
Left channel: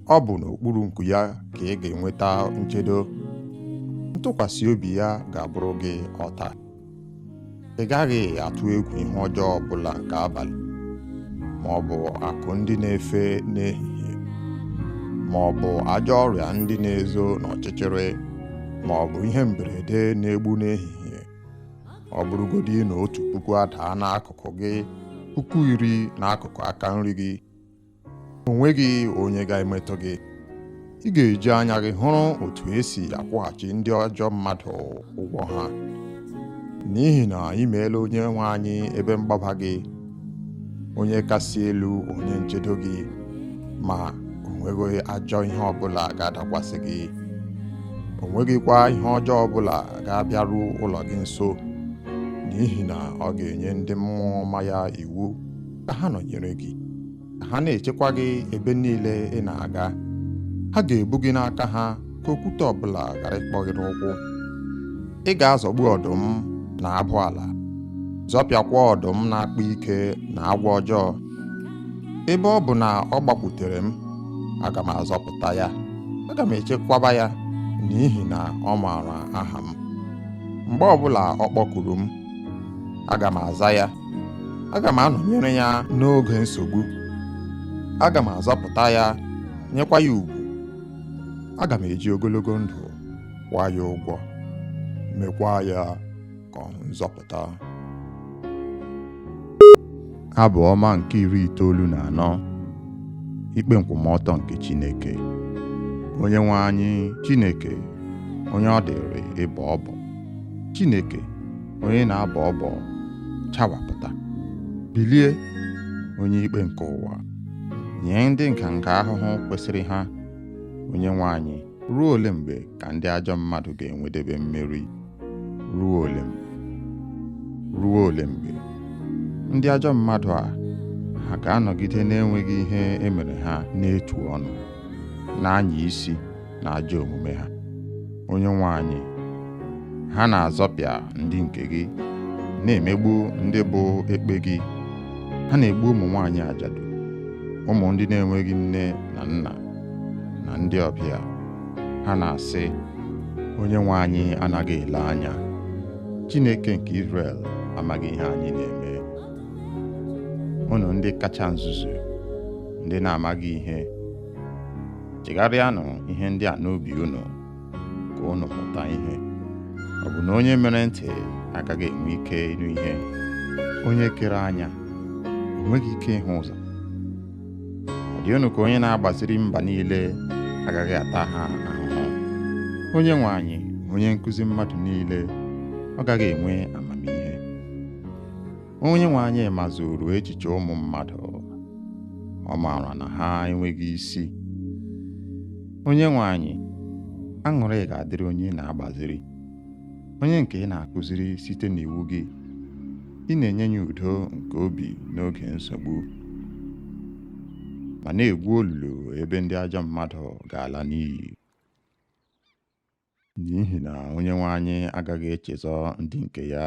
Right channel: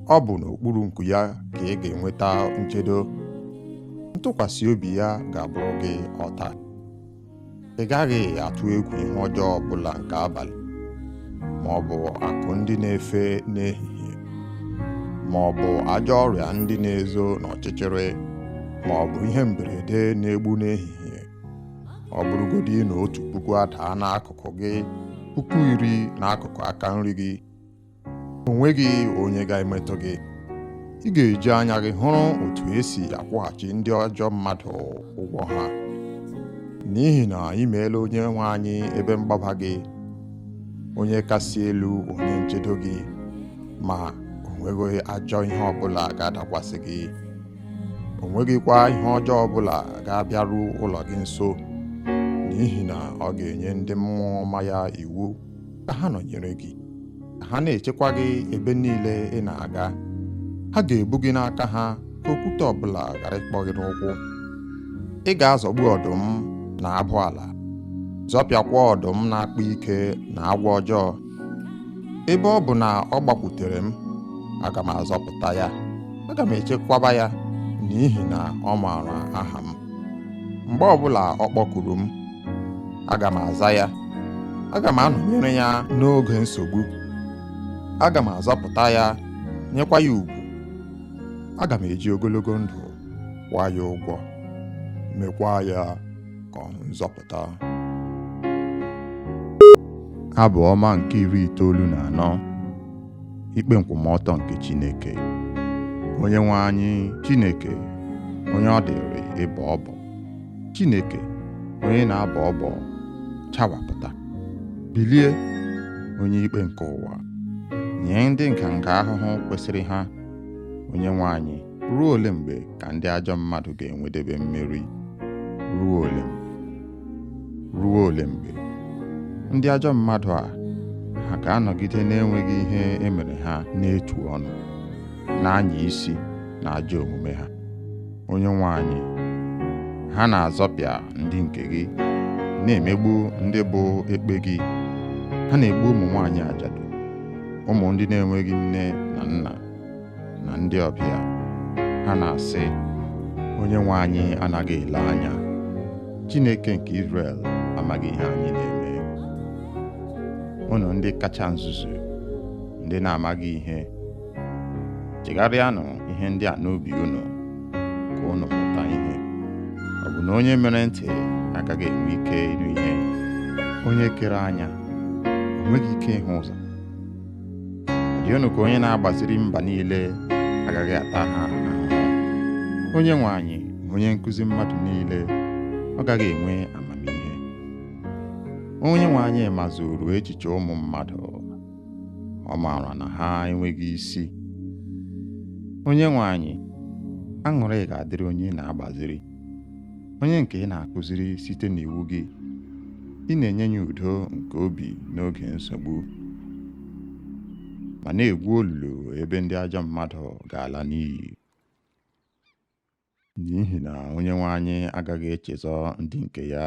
Ọ bụ n'okpuru nku ya ka ị ga-enweta nchedo. Ntụkwasị obi ya ga-abụrụ gị ọta. Ị gaghị atụ egwu ihe ọjọọ ọbụla nke abalị, ma ọ bụ akụ ndị na-efe n'ehihie, ma ọ bụ ajọ ọrịa ndị na-ezo n'ọchịchịrị, ma ọ bụ ihe mberede na-egbu n'ehihie. Ọ bụrụgodị na 1,000 adaa n'akụkụ gị, 10,000 n'akụkụ aka nri gị, o nweghị onye ga-emetụ gị. Ị ga-eji anya gị hụrụ otu esi akwụghachi ndị ajọ mmadụ ụgwọ ha, n'ihi na ị meela Onyenwe anyị ebe mgbaba gị, onye kasị elu, onye nchedo gị, ma o nweghị ajọ ihe ọbụla ga-adakwasị gị. O nweghịkwa ihe ọjọọ ọbụla ga-abịaru ụlọ gị nso, n'ihi na ọ ga-enye ndị mmụọ ọma ya iwu ka ha nọnyere gị, ka ha na-echekwa gị ebe niile ị na-aga. Ha ga-ebu gị n'aka ha ka okwute ọbụla ghara ịkpọ gị n'ụkwụ. Ị ga-azọgbu ọdụm na abụ ala, zọpịakwa ọdụm na-akpa ike na agwọ ọjọọ. Ebe ọ bụ na ọ gbakwutere m, aga m azọpụta ya. Aga m echekwaba ya, n'ihi na ọ maara aha m. Mgbe ọbụla ọ kpọkuru m, aga m aza ya. Aga m anọnyere ya n'oge nsogbu. Aga m azọpụta ya, nyekwa ya ugwu. Aga m eji ogologo ndụ kwụọ ya ụgwọ, mekwa ya ka ọ hụ nzọpụta. Abụ ọma nke 94. Ikpe nkwụmọtọ nke Chineke. Onyenwe anyị Chineke, onye ọ dịrị ịbọ ọbọ. Chineke, onye na-abọ ọbọ, chawapụta. Bilie, onye ikpe nke ụwa, nye ndị nganga ahụhụ kwesịrị ha. Onyenwe anyị, ruo ole mgbe ka ndị ajọ mmadụ ga-enwedebe mmeri? Ruo ole mgbe? Ruo ole mgbe? Ndị ajọ mmadụ a, ha ga-anọgide na-enweghị ihe emere ha n'etu ọnụ, na-anya isi na ajọ omume ha. Onyenwe anyị, ha na-azọpịa ndị nke gị, na-emegbu ndị bụ ekpe gị. Ha na-egbu ụmụ nwaanyị ajadu, ụmụ ndị na-enweghị nne na nna, na ndị ọbịa. Ha na-asị, Onyenwe anyị anaghị ele anya. Chineke nke Izrel amaghị ihe anyị na-eme. Unu ndị kacha nzuzu, ndị na-amaghị ihe, chegharịanụ ihe ndị a n'obi unu, ka unu mụta ihe. Ọ bụ na onye mere ntị agaghị enwe ike ịnụ ihe? Onye kere anya o nweghị ike ịhụ ụzọ? Ọ dị unu ka onye na-agbaziri mba niile agaghị ata ha ahụhụ? Onyenwe anyị, onye nkụzi mmadụ niile, ọ gaghị enwe amamihe? Onyenwe anyị mazuru echiche ụmụ mmadụ, ọ maara na ha enweghị isi. Onyenwe anyị, aṅụrị ga-adịrị onye na-agbaziri, onye nke ị na-akụziri site n'iwu gị. Ị na-enye ya udo nke obi n'oge nsogbu, ma na-egwu olulu ebe ndị ajọ mmadụ ga-ala n'iyi. N'ihi na Onyenwe anyị agaghị echezọ ndị nke ya.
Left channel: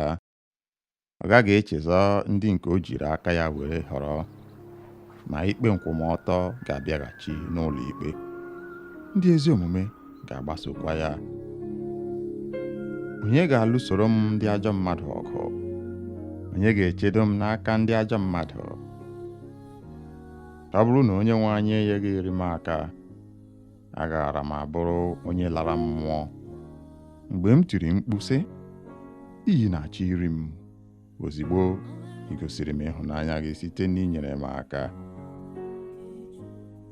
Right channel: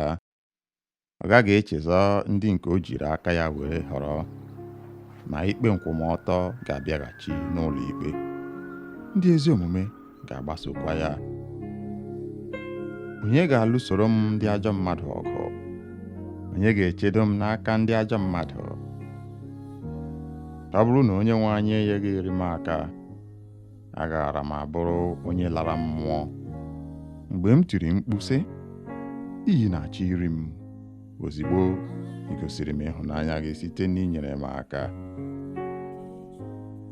Ọ gaghị echezọ ndị nke o jiri aka ya were họrọ, ma ikpe nkwụmọtọ ga-abịaghachi n'ụlọ ikpe. Ndị ezi omume ga-agbasokwa ya. Onye ga-alụsoro m ndị ajọ mmadụ ọgụ? Onye ga-echedo m n'aka ndị ajọ mmadụ? Ọ bụrụ na Onyenwe anyị enyeghị m aka, agaara m abụrụ onye lara mmụọ. Mgbe m tiri mkpu sị, iyi na-achọ iri m, ozigbo ị gosiri m ịhụnanya gị site n'inyere m aka.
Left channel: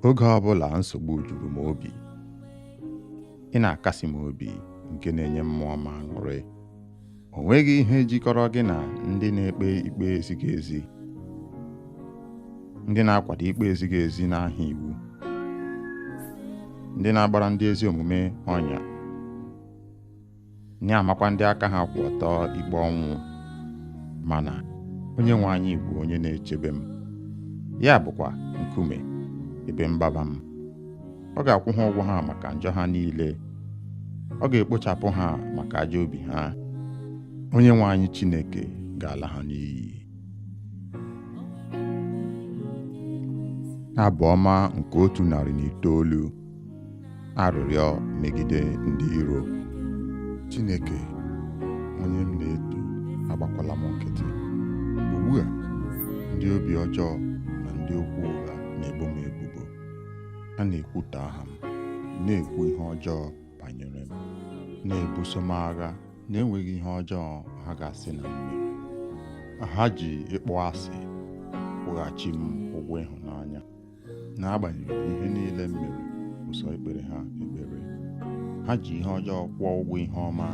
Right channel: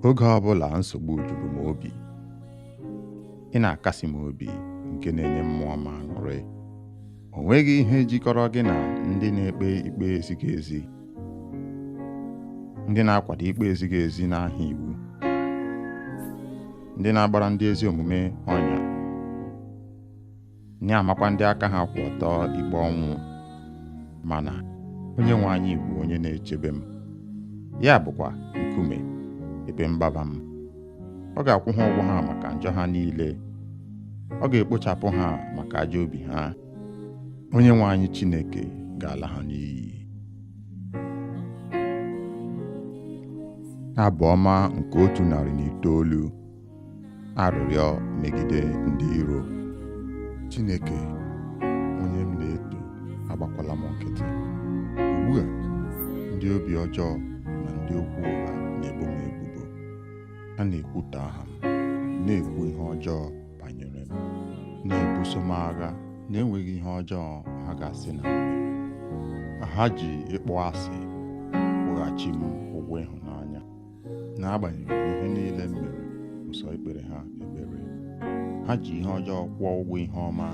Oge ọbụla nsogbu juru m obi, ị na-akasi m obi nke na-enye mmụọ m aṅụrị. O nweghị ihe jikọrọ gị na ndị na-ekpe ikpe ezighị ezi, ndị na-akwado ikpe ezighị ezi n'aha iwu, ndị na-agbara ndị ezi omume ọnya, na-amakwa ndị aka ha kwụ ọtọ ikpe ọnwụ. Mana Onyenwe anyị bụ onye na-echebe m, ya bụkwa nkume ebe mgbaba m. Ọ ga-akwụ ha ụgwọ ha maka njọ ha niile, ọ ga-ekpochapụ ha maka ajọ obi ha. Onyenwe anyị Chineke ga-ala ha n'iyi. Abụ ọma nke 109. Arịrịọ megide ndị iro. Chineke, onye m na-eto, agbakwala m nkịtị. Ugbu a, ndị obi ọjọọ na ndị okwu ụgha na-ebo m ebubo. Ha na-ekwutọ aha m, na-ekwu ihe ọjọọ banyere m, na-ebuso m agha na-enweghị ihe ọjọọ ha ga-asị na m mere. Ha ji ịkpọ asị kwụghachi m ụgwọ ịhụnanya, n'agbanyeghị ihe niile m mere ụsọ ikpere ha ekpere. Ha ji ihe ọjọọ kwụọ ụgwọ ihe ọma,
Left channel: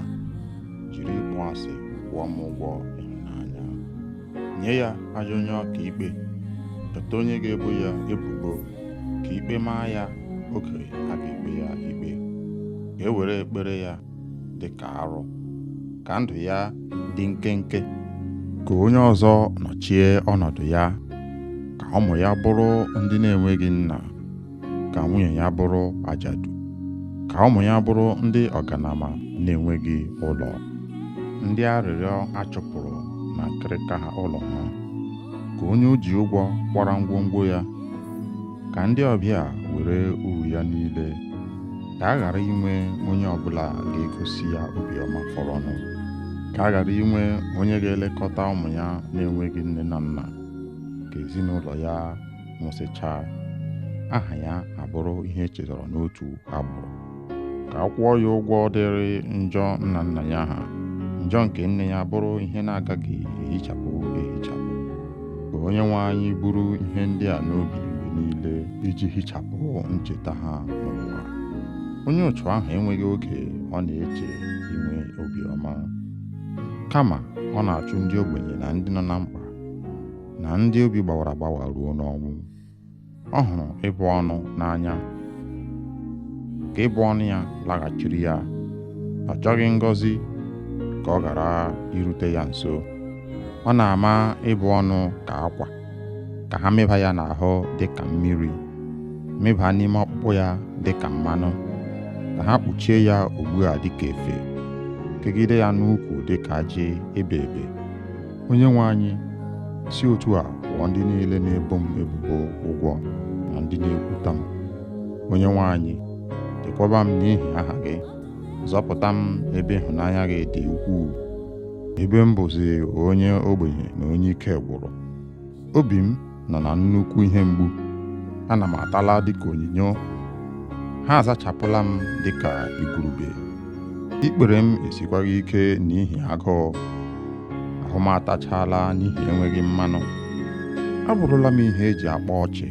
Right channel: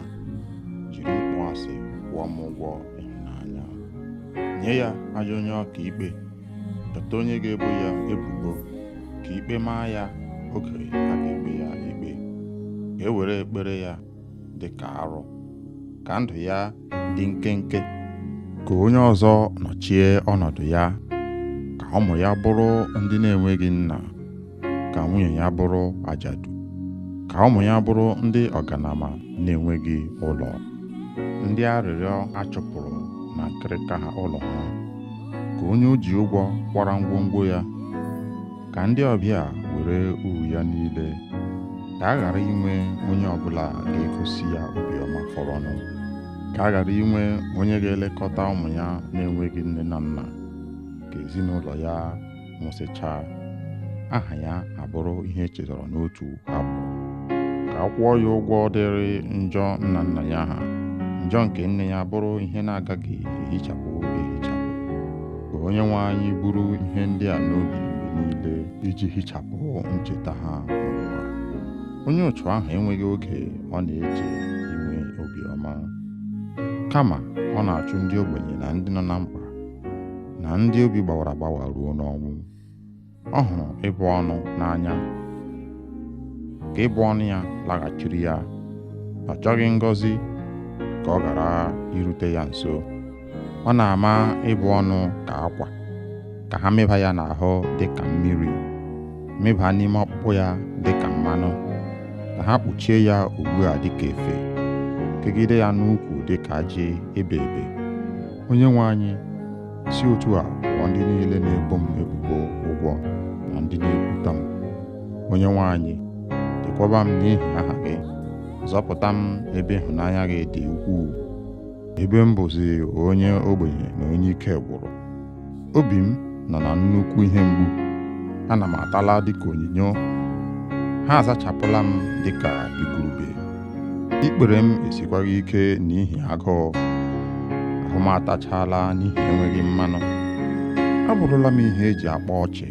jiri ịkpọ asị kwụọ m ụgwọ ịhụnanya. Nye ya ajọ onye ọka ikpe, chọta onye ga-ebo ya ebubo, ka ikpe maa ya oge a ga-ekpe ya ikpe. Ka e were ekpere ya dị ka arụ, ka ndụ ya dị nkenke. Ka onye ọzọ nọchie ọnọdụ ya, ka ụmụ ya bụrụ ndị na-enweghị nna, ka nwunye ya bụrụ ajadu, ka ụmụ ya bụrụ ndị ọganama na-enweghị ụlọ, ndị arịrịọ achụpụrụ na nkịrịka ha ụlọ ha. Ka onye o ji ụgwọ kwara ngwongwo ya, ka ndị ọbịa were uru ya niile. Ka a ghara inwe onye ọbụla ga-egosi ya obiọma fọrọnụ. Ka a ghara inwe onye ga-elekọta ụmụ ya na-enweghị nne na nna. Ka ezinụlọ ya nwụsịchaa, aha ya abụrụ ihe echetara n'otu agbụrụ. Ka a kwụọ ya ụgwọ dịrị njọ nna nna ya ha, njọ nke nne ya bụrụ ihe na-agaghị ehichapụ ehichapụ. Ka Onyenwe anyị buru ihe ndị a n'obi mgbe niile iji hichapụ ncheta ha n'ụwa. Onye otu ahụ enweghị oge ọ na-eche inwe obiọma, kama ọ na-achụ ndị ogbenye na ndị nọ na mkpa, na ndị obi gbawara agbawa ruo n'ọnwụ. Ọ hụrụ ịbụ ọnụ n'anya, ka ịbụ ọnụ ya laghachiri ya. Ọ chọghị ngọzi ka ọ ghara irute ya nso. Ọ na-ama ịbụ ọnụ ka akwa, ka ha mịba ya n'ahụ dị ka mmiri, mịba n'ime ọkpụkpụ ya dị ka mmanụ, ka ha kpuchie ya ugbu a dị ka efe, kegide ya n'ukwu dị ka ajị ebe ebe. Onyenwe anyị, si otu a kwụọ ndị niile na-ebo m ebubo ụgwọ na ndị na-ekwuta m. Onyenwe anyị, chekwaba m n'ihi aha gị, zọpụta m ebe ịhụnanya gị dị ukwuu, ebe m bụzi onye ogbenye na onye ike gwụrụ. Obi m nọ na nnukwu ihe mgbu, ana m atala dịka onyinyo. Ha azachapụla m dịka igurube. Ikpere m esikwaghị ike n'ihi agụụ, ahụ m atachala n'ihi enweghị mmanụ. Abụrụla m ihe eji akpa ọchị.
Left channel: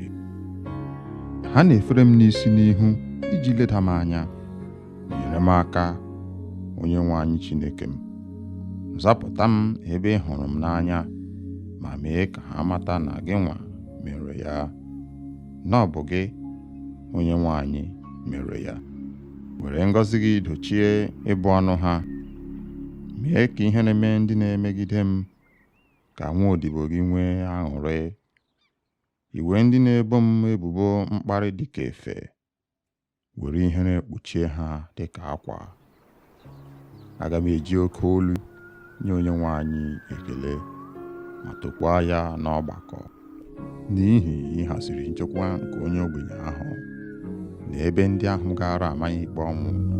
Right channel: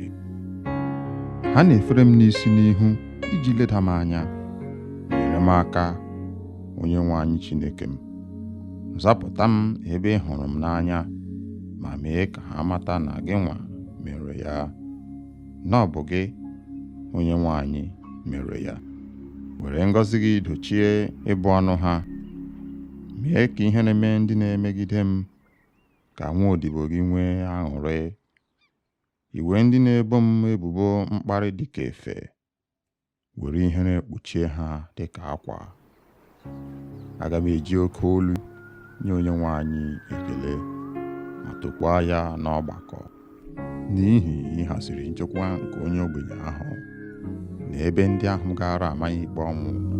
Ha na-efere m n'isi n'ihu iji leda m anya. Nyere m aka, Onyenwe anyị Chineke m. Zapụta m ebe ị hụrụ m n'anya, ma mee ka ha mata na gị nwa mere ya, na ọ bụ gị, Onyenwe anyị, mere ya. Were ngọzi gị dochie ịbụ ọnụ ha. Mee ka ihere mee ndị na-emegide m, ka nwa odibo gị nwee aṅụrị. Iwe ndị na-ebo m ebubo mkparị dịka efe, were ihere kpuchie ha dịka akwa. Aga m eji oke olu nye Onyenwe anyị ekele, ma tokwaa ya n'ọgbakọ, n'ihi ịhaziri nchekwa nke onye ogbenye ahụ na ebe ndị ahụ gara amaghị ikpe ọnwụ nọ.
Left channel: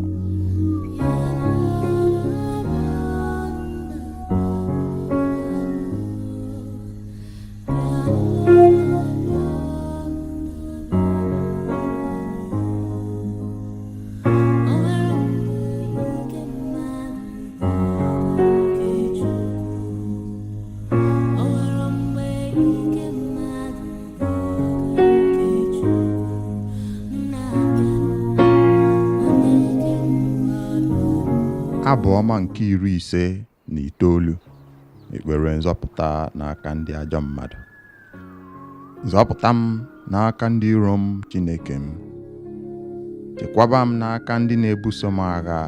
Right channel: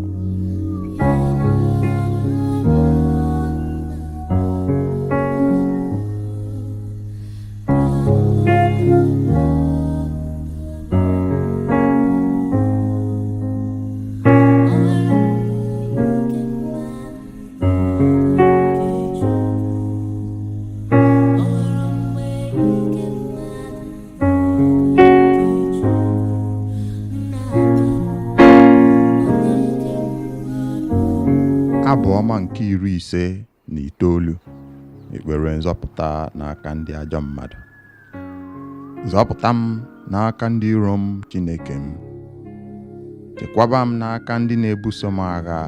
Abụ ọma nke 59. Ekpere nzọpụta n'aka ndị ajọ mmadụ. Zọpụta m n'aka ndị iro m, Chineke m. Chekwaba m n'aka ndị na-ebuso m agha.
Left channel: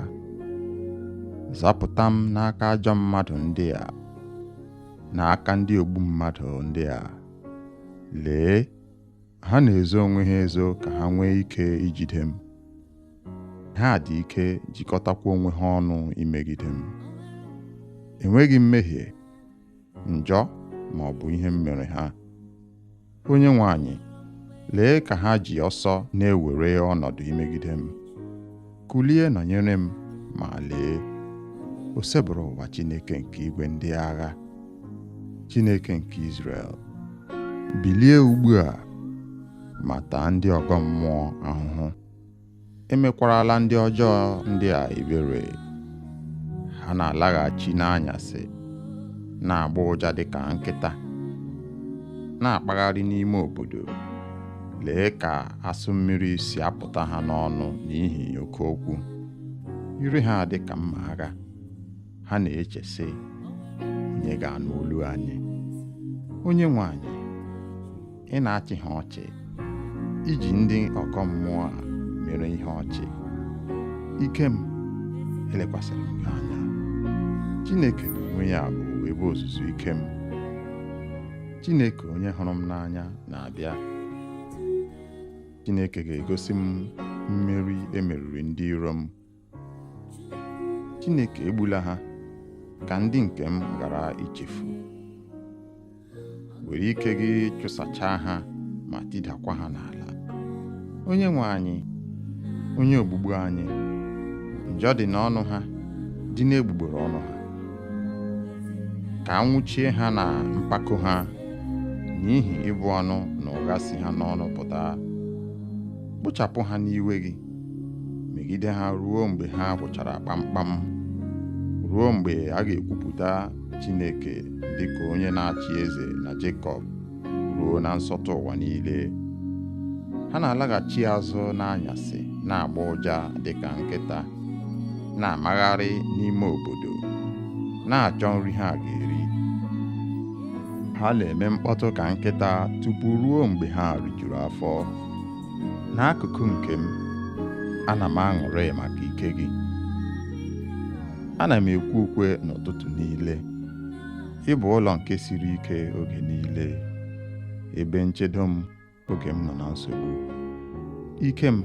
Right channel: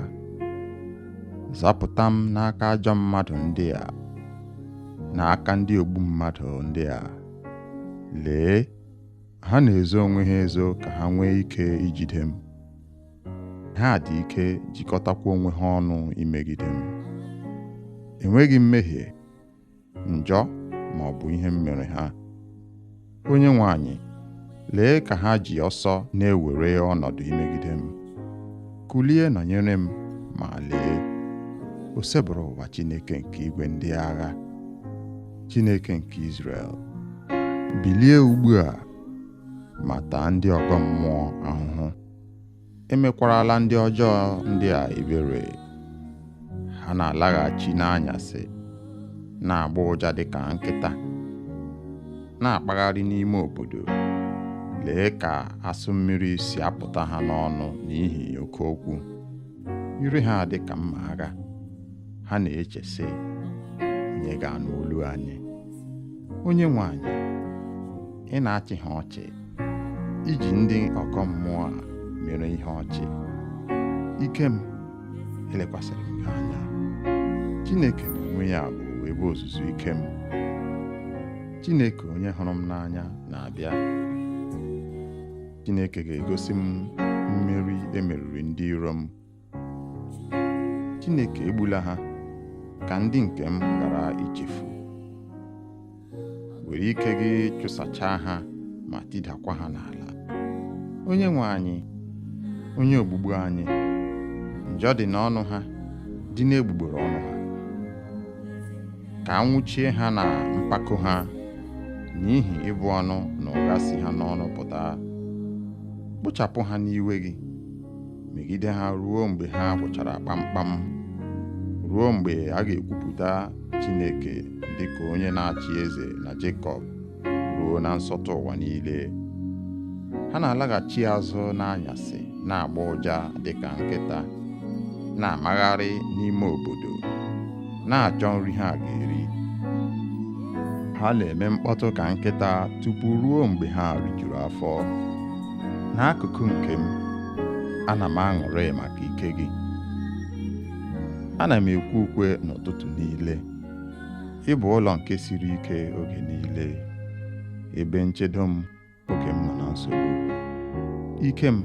Zọpụta m n'aka ajọ mmadụ ndị a, n'aka ndị ogbu mmadụ ndị a. Lee, ha na-ezo onwe ha ezo ka ha nwee ike ijide m. Ha dị ike jikọtakwa onwe ha ọnụ imegide m. Enweghị mmehie, njọ ma ọ bụ ihe m mere ha. Onyenwe anyị, lee ka ha ji ọsọ na-ewere ọnọdụ imegide m. Kulie nọnyere m, ma lee, o sebụrụ ụwa Chineke nke igwe ndị agha, Chineke nke Izrel. Bilie ugbu a ma taa ndị ọgọ mmụọ ahụhụ. Emekwarala ndị ọjọọ ndị a ebere. Ha na-alaghachi n'anyasị, na-agba ụja dịka nkịta, na-akpagharị n'ime obodo. Lee ka asụ mmiri si apụta ha n'ọnụ n'ihi oke okwu. Ire ha dị ka mma agha. Ha na-eche sị, onye ga-anụ olu anyị? Onyenwe anyị, ị na-achị ha ọchị, iji ndị ọgọ mmụọ a mere ihe ọchị. Ike m, elekwasịrị m gị anya. Chineke n'onwe ya bụ ebe ozuzu ike m. Chineke onye hụrụ m n'anya na-abịa. Chineke ga-egosi m mmeri emeriri ndị iro m. Chineke egbula ha ka ndị nke m ghara ichefu. Were ike gị chụsachaa ha ma tidakwa ha n'ala. Onyenwe anyị, onye ogbugbu anyị, njọ dị n'ọnụ ha, dị n'egbugbere ọnụ ha. Ka anwụchie ha na mpako ha, n'ihi ịbụ ọnụ na ụgha si ha n'ọnụ pụta. Kpochapụ ha n'iwe gị, megide ha ruo mgbe ha gwụchara kpamkpam, ruo mgbe a ga-ekwupụta Chineke dịka onye na-achị eze na Jekọb, ruo na nsọtụ ụwa niile. Ha na-alaghachi azụ n'anyasị, na-agba ụja dịka nkịta, na-amagharị n'ime obodo, na-achọ nri ha ga-eri. Ha na-eme mkpọtụ ka nkịta tupu ruo mgbe ha rijuru afọ. N'akụkụ nke m, ana m aṅụrị maka ike gị. Ana m ekwe ukwe n'ụtụtụ niile. Ị bụ ụlọ nke siri ike oge niile, ebe nchedo m oge m nọ na nsogbu. Ike m,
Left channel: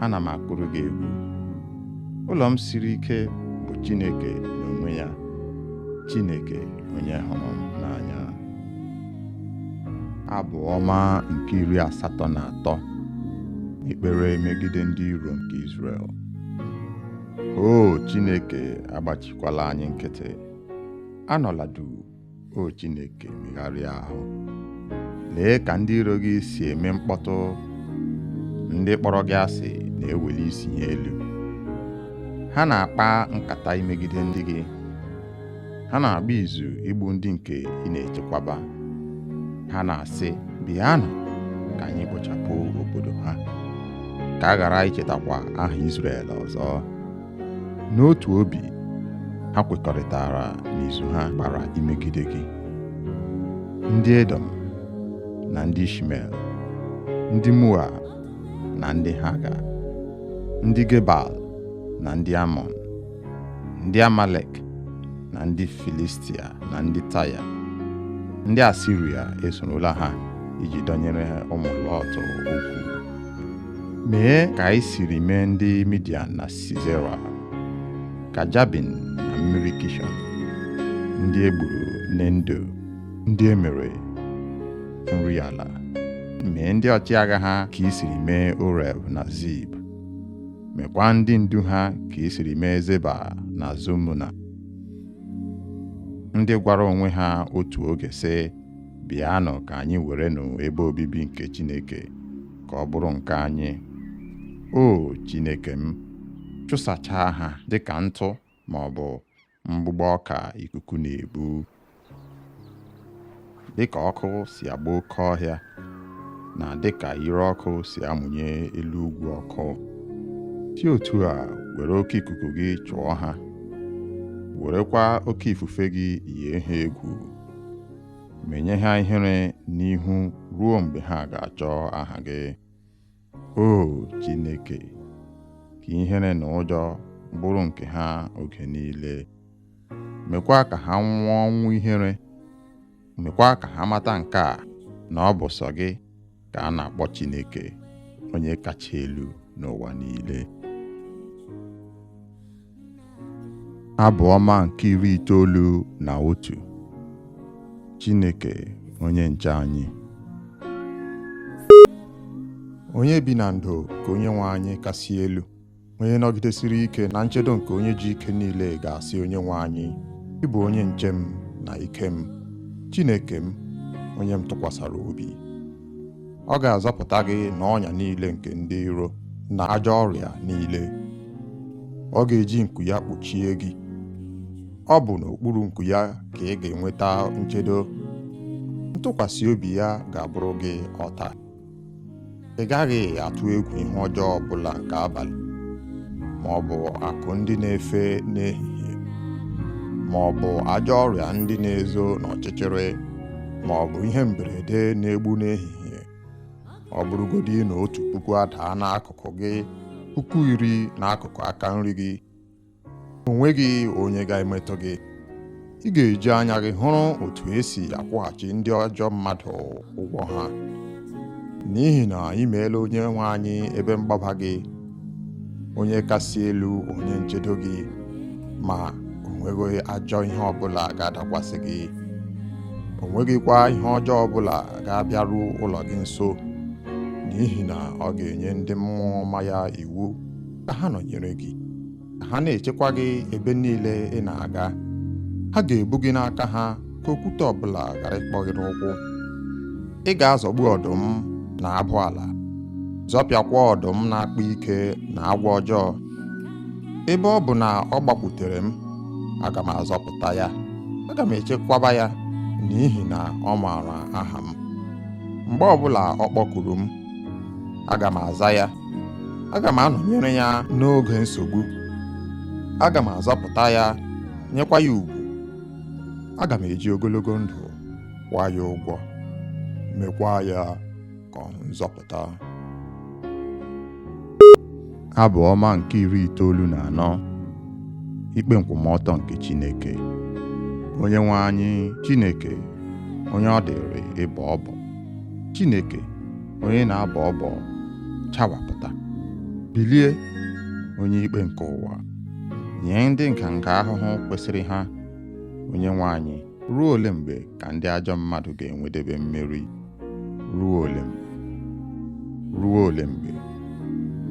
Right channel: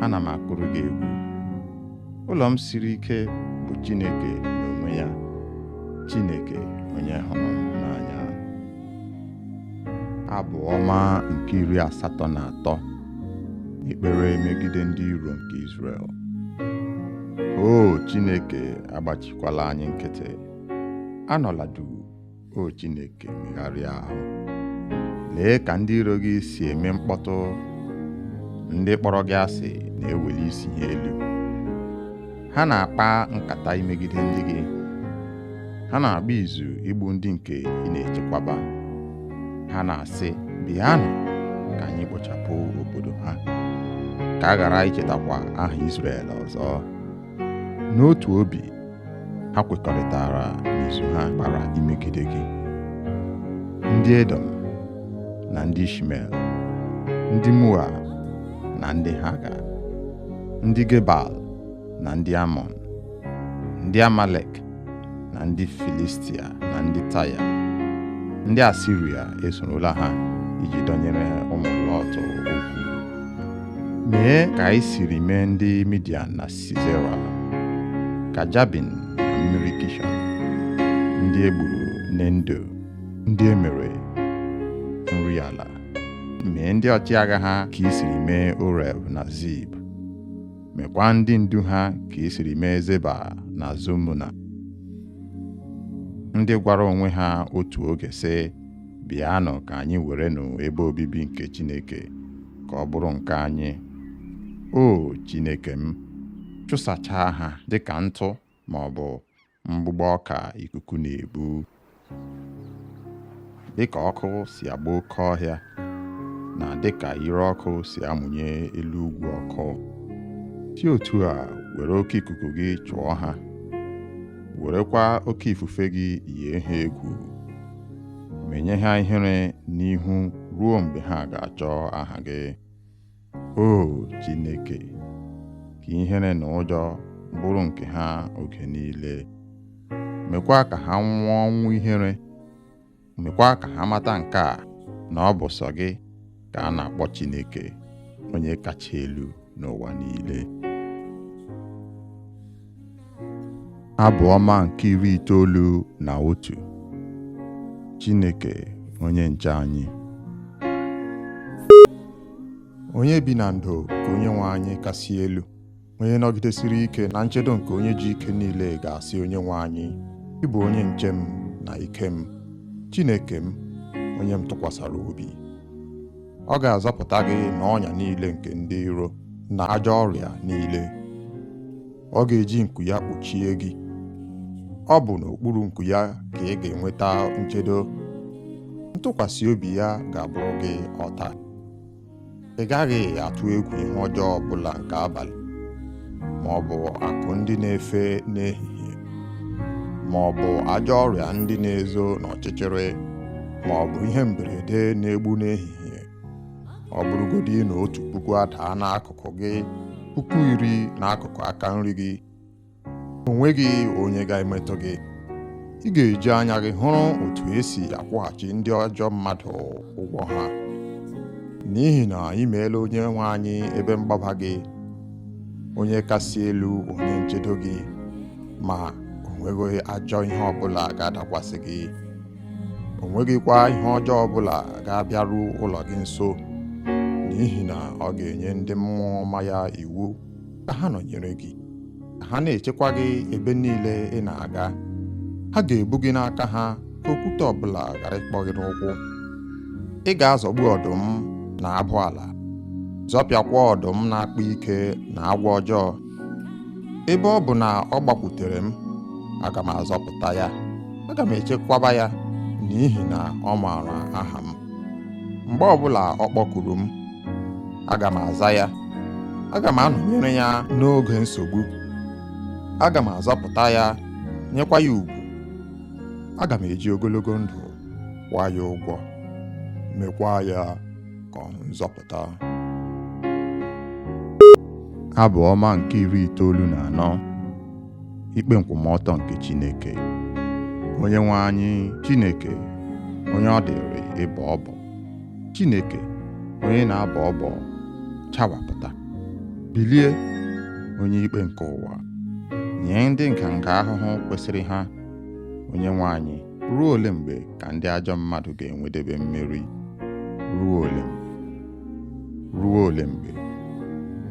ana m akụrụ gị egwu. Ụlọ m siri ike bụ Chineke n'onwe ya, Chineke onye hụrụ m n'anya. Abụ ọma nke 83. Ekpere megide ndị iro nke Izrel. O Chineke, agbachikwala anyị nkịtị. Anọla duu, o Chineke, megharịa ahụ. Lee ka ndị iro gị si eme mkpọtụ. Ndị kpọrọ gị asị na-eweli isi ha elu. Ha na-akpa nkata imegide ndị gị. Ha na-agba izu igbu ndị nke ị na-echekwaba. Ha na-asị, bịanụ ka anyị kpochapụ obodo ha, ka a ghara ichetakwa aha Izrel ọzọ. N'otu obi, ha kwekọrịtara n'izu ha gbara imegide gị. Ndị Edom na ndị Ishmel, ndị Moab na ndị Haga, ndị Gebal na ndị Amọn, ndị Amalek na ndị Filistia na ndị Taya, ndị Asiria esorola ha iji dọnyere ụmụ Lọt okwu. Mee ka anyị siri mee ndị Midian na Sisera, ka Jabin na mmiri Kishọn, ndị egburu n'Endo, ndị emere nri ala. Mee ndị ọchịagha ha ka i siri mee Oreb na Zib. Mekwa ndị ndu ha ka i siri mee Zeba na Zumuna, ndị gwara onwe ha otu oge sị, bịanụ ka anyị werenụ ebe obibi nke Chineke, ka ọ bụrụ nke anyị. O Chineke m, chụsachaa ha dịka ntụ ma ọ bụ mgbụgbọ ọka ikuku na-ebu. Dịka ọkụ si agba oke ọhịa, na dịka ire ọkụ si amụnye elu ugwu ọkụ, si otu a were oke ikuku gị chụọ ha werekwa oke ifufe gị yie ha egwu, menye ha ihere n'ihu ruo mgbe ha ga-achọ aha gị. O Chineke, ka ihere na ụjọ bụrụ nke ha oge niile. Mekwa ka ha nwụọ ọnwụ ihere. Mekwa ka ha mata nke a, na ọ bụ sọ gị ka a na-akpọ Chineke, onye kacha elu n'ụwa niile. Abụ ọma nke 91. Chineke onye nche anyị. Onye bi na ndo ka Onyenwe anyị kasị elu, onye nọgidesiri ike na nchedo nke onye ji ike niile ga-asị Onyenwe anyị, ị bụ onye nche m na ike m, Chineke m, onye m tụkwasara obi. Ọ ga-azọpụta gị n'ọnya niile nke ndị iro na ajọ ọrịa niile. Ọ ga-eji nku ya kpuchie gị. Ọ bụ n'okpuru nku ya ka ị ga-enweta nchedo. Ntụkwasị obi ya ga-abụrụ gị ọta. Ị gaghị atụ egwu ihe ọjọọ ọbụla nke abalị, ma ọ bụ akụ ndị na-efe n'ehihie, ma ọ bụ ajọ ọrịa ndị na-ezo n'ọchịchịrị, ma ọ bụ ihe mberede na-egbu n'ehihie. Ọ bụrụgodị na 1,000 adaa n'akụkụ gị, 10,000 n'akụkụ aka nri gị, o nweghị onye ga-emetụ gị. Ị ga-eji anya gị hụrụ otu esi akwụghachi ndị ajọ mmadụ ụgwọ ha. N'ihi na ị meela Onyenwe anyị ebe mgbaba gị, onye kasị elu onye nchedo gị, ma o nweghị ajọ ihe ọbụla ga-adakwasị gị. O nweghịkwa ihe ọjọọ ọbụla ga-abịaru ụlọ gị nso, n'ihi na ọ ga-enye ndị mmụọ ọma ya iwu ka ha nọnyere gị, ka ha na-echekwa gị ebe niile ị na-aga. Ha ga-ebu gị n'aka ha ka okwute ọbụla ghara ịkpọ gị n'ụkwụ. Ị ga-azọgbu ọdụm na abụ ala, zọpịakwa ọdụm na-akpa ike na agwọ ọjọọ. Ebe ọ bụ na ọ gbakwutere m, aga m azọpụta ya. Aga m echekwaba ya, n'ihi na ọ maara aha m. Mgbe ọbụla ọ kpọkuru m, aga m aza ya. Aga m anọnyere ya n'oge nsogbu. Aga m azọpụta ya, nyekwa ya ugwu. Aga m eji ogologo ndụ kwụọ ya ụgwọ, mekwa ya ka ọ hụ nzọpụta. Abụ ọma nke 94. Ikpe nkwụmọtọ nke Chineke. Onyenwe anyị Chineke, onye ọ dịrị ịbọ ọbọ. Chineke, onye na-abọ ọbọ, chawapụta. Bilie, onye ikpe nke ụwa, nye ndị nganga ahụhụ kwesịrị ha. Onyenwe anyị, ruo ole mgbe ka ndị ajọ mmadụ ga-enwedebe mmeri? Ruo ole mgbe? Ruo ole mgbe?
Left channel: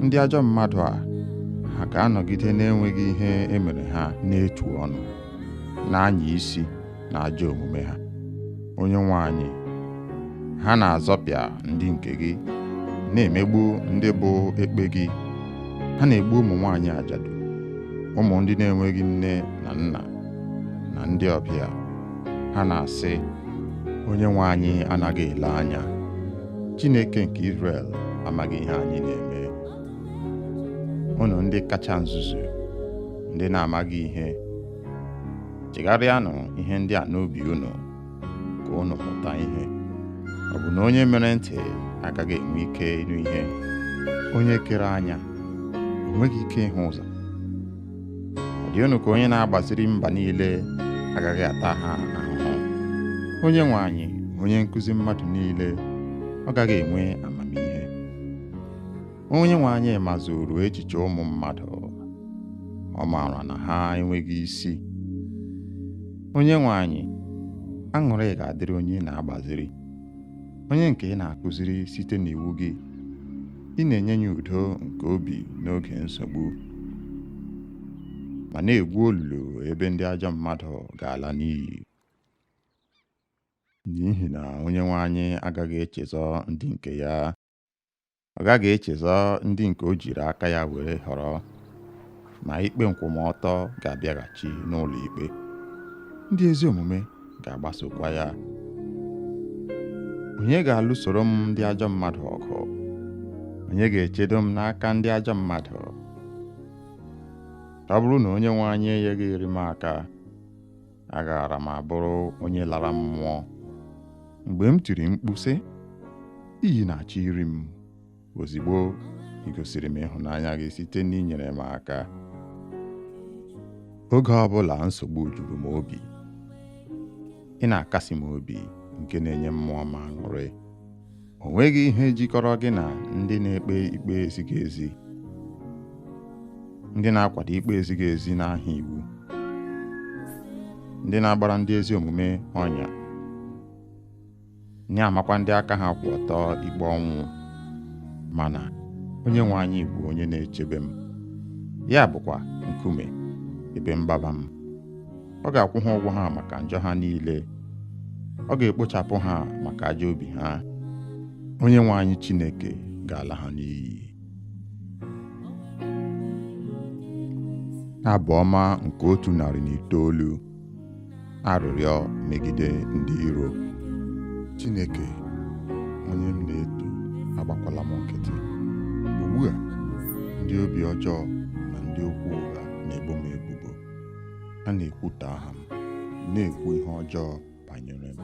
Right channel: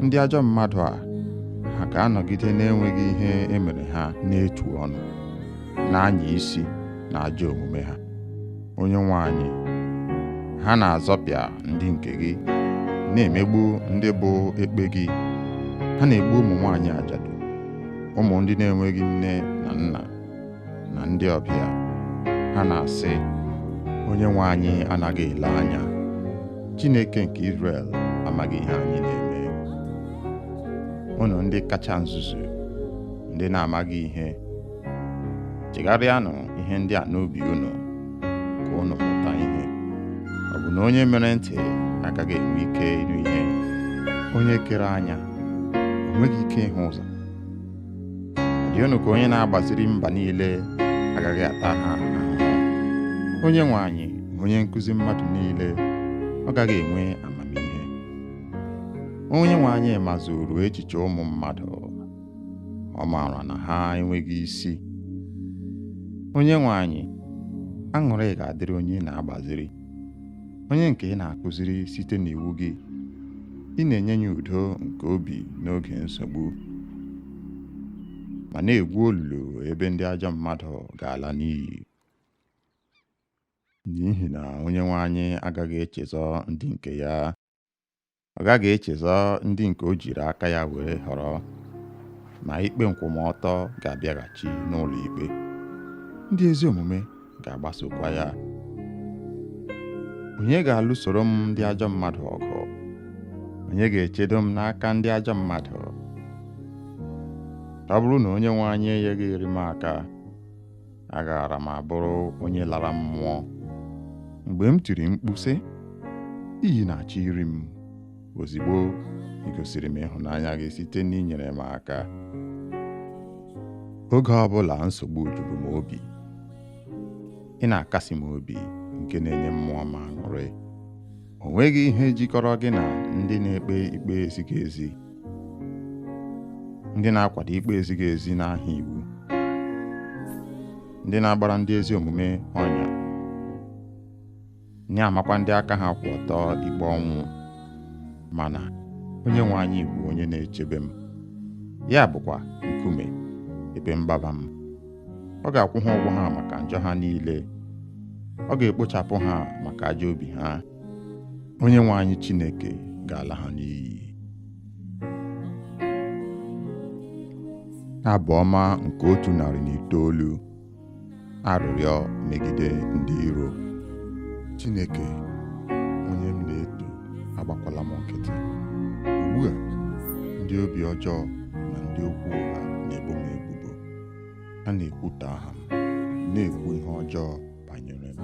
Ndị ajọ mmadụ a, ha ga-anọgide na-enweghị ihe emere ha n'etu ọnụ, na-anya isi na ajọ omume ha. Onyenwe anyị, ha na-azọpịa ndị nke gị, na-emegbu ndị bụ ekpe gị. Ha na-egbu ụmụ nwaanyị ajadu, ụmụ ndị na-enweghị nne na nna, na ndị ọbịa. Ha na-asị, Onyenwe anyị anaghị ele anya. Chineke nke Izrel amaghị ihe anyị na-eme. Unu ndị kacha nzuzu, ndị na-amaghị ihe, chegharịanụ ihe ndị a n'obi unu, ka unu mụta ihe. Ọ bụ na onye mere ntị agaghị enwe ike ịnụ ihe? Onye kere anya o nweghị ike ịhụ ụzọ? Ọ dị unu ka onye na-agbaziri mba niile agaghị ata ha ahụhụ? Onyenwe anyị, onye nkụzi mmadụ niile, ọ gaghị enwe amamihe? Onyenwe anyị mazuru echiche ụmụ mmadụ, ọ maara na ha enweghị isi. Onyenwe anyị, aṅụrị ga-adịrị onye na-agbaziri, onye nke ị na-akụziri site n'iwu gị. Ị na-enye ya udo nke obi n'oge nsogbu, ma na-egwu olulu ebe ndị ajọ mmadụ ga-ala n'iyi. N'ihi na Onyenwe anyị agaghị echezọ ndị nke ya. Ọ gaghị echezọ ndị nke o jiri aka ya were họrọ, ma ikpe nkwụmọtọ ga-abịaghachi n'ụlọ ikpe. Ndị ezi omume ga-agbasokwa ya. Onye ga-alụsoro m ndị ajọ mmadụ ọgụ? Onye ga-echedo m n'aka ndị ajọ mmadụ? Ọ bụrụ na Onyenwe anyị enyeghị m aka, agaara m abụrụ onye lara mmụọ. Mgbe m tiri mkpu sị, iyi na-achọ iri m, ozigbo ị gosiri m ịhụnanya gị site n'inyere m aka. Oge ọbụla nsogbu juru m obi, ị na-akasi m obi nke na-enye mmụọ m aṅụrị. O nweghị ihe jikọrọ gị na ndị na-ekpe ikpe ezighị ezi, ndị na-akwado ikpe ezighị ezi n'aha iwu, ndị na-agbara ndị ezi omume ọnya, na-amakwa ndị aka ha kwụ ọtọ ikpe ọnwụ. Mana Onyenwe anyị bụ onye na-echebe m, ya bụkwa nkume ebe mgbaba m. Ọ ga-akwụ ha ụgwọ ha maka njọ ha niile, ọ ga-ekpochapụ ha maka ajọ obi ha. Onyenwe anyị Chineke ga-ala ha n'iyi. Abụ ọma nke 109. Arịrịọ megide ndị iro. Chineke, onye m na-eto, agbakwala m nkịtị. Ugbu a, ndị obi ọjọọ na ndị okwu ụgha na-ebo m ebubo. Ha na-ekwutọ aha m, na-ekwu ihe ọjọọ banyere m,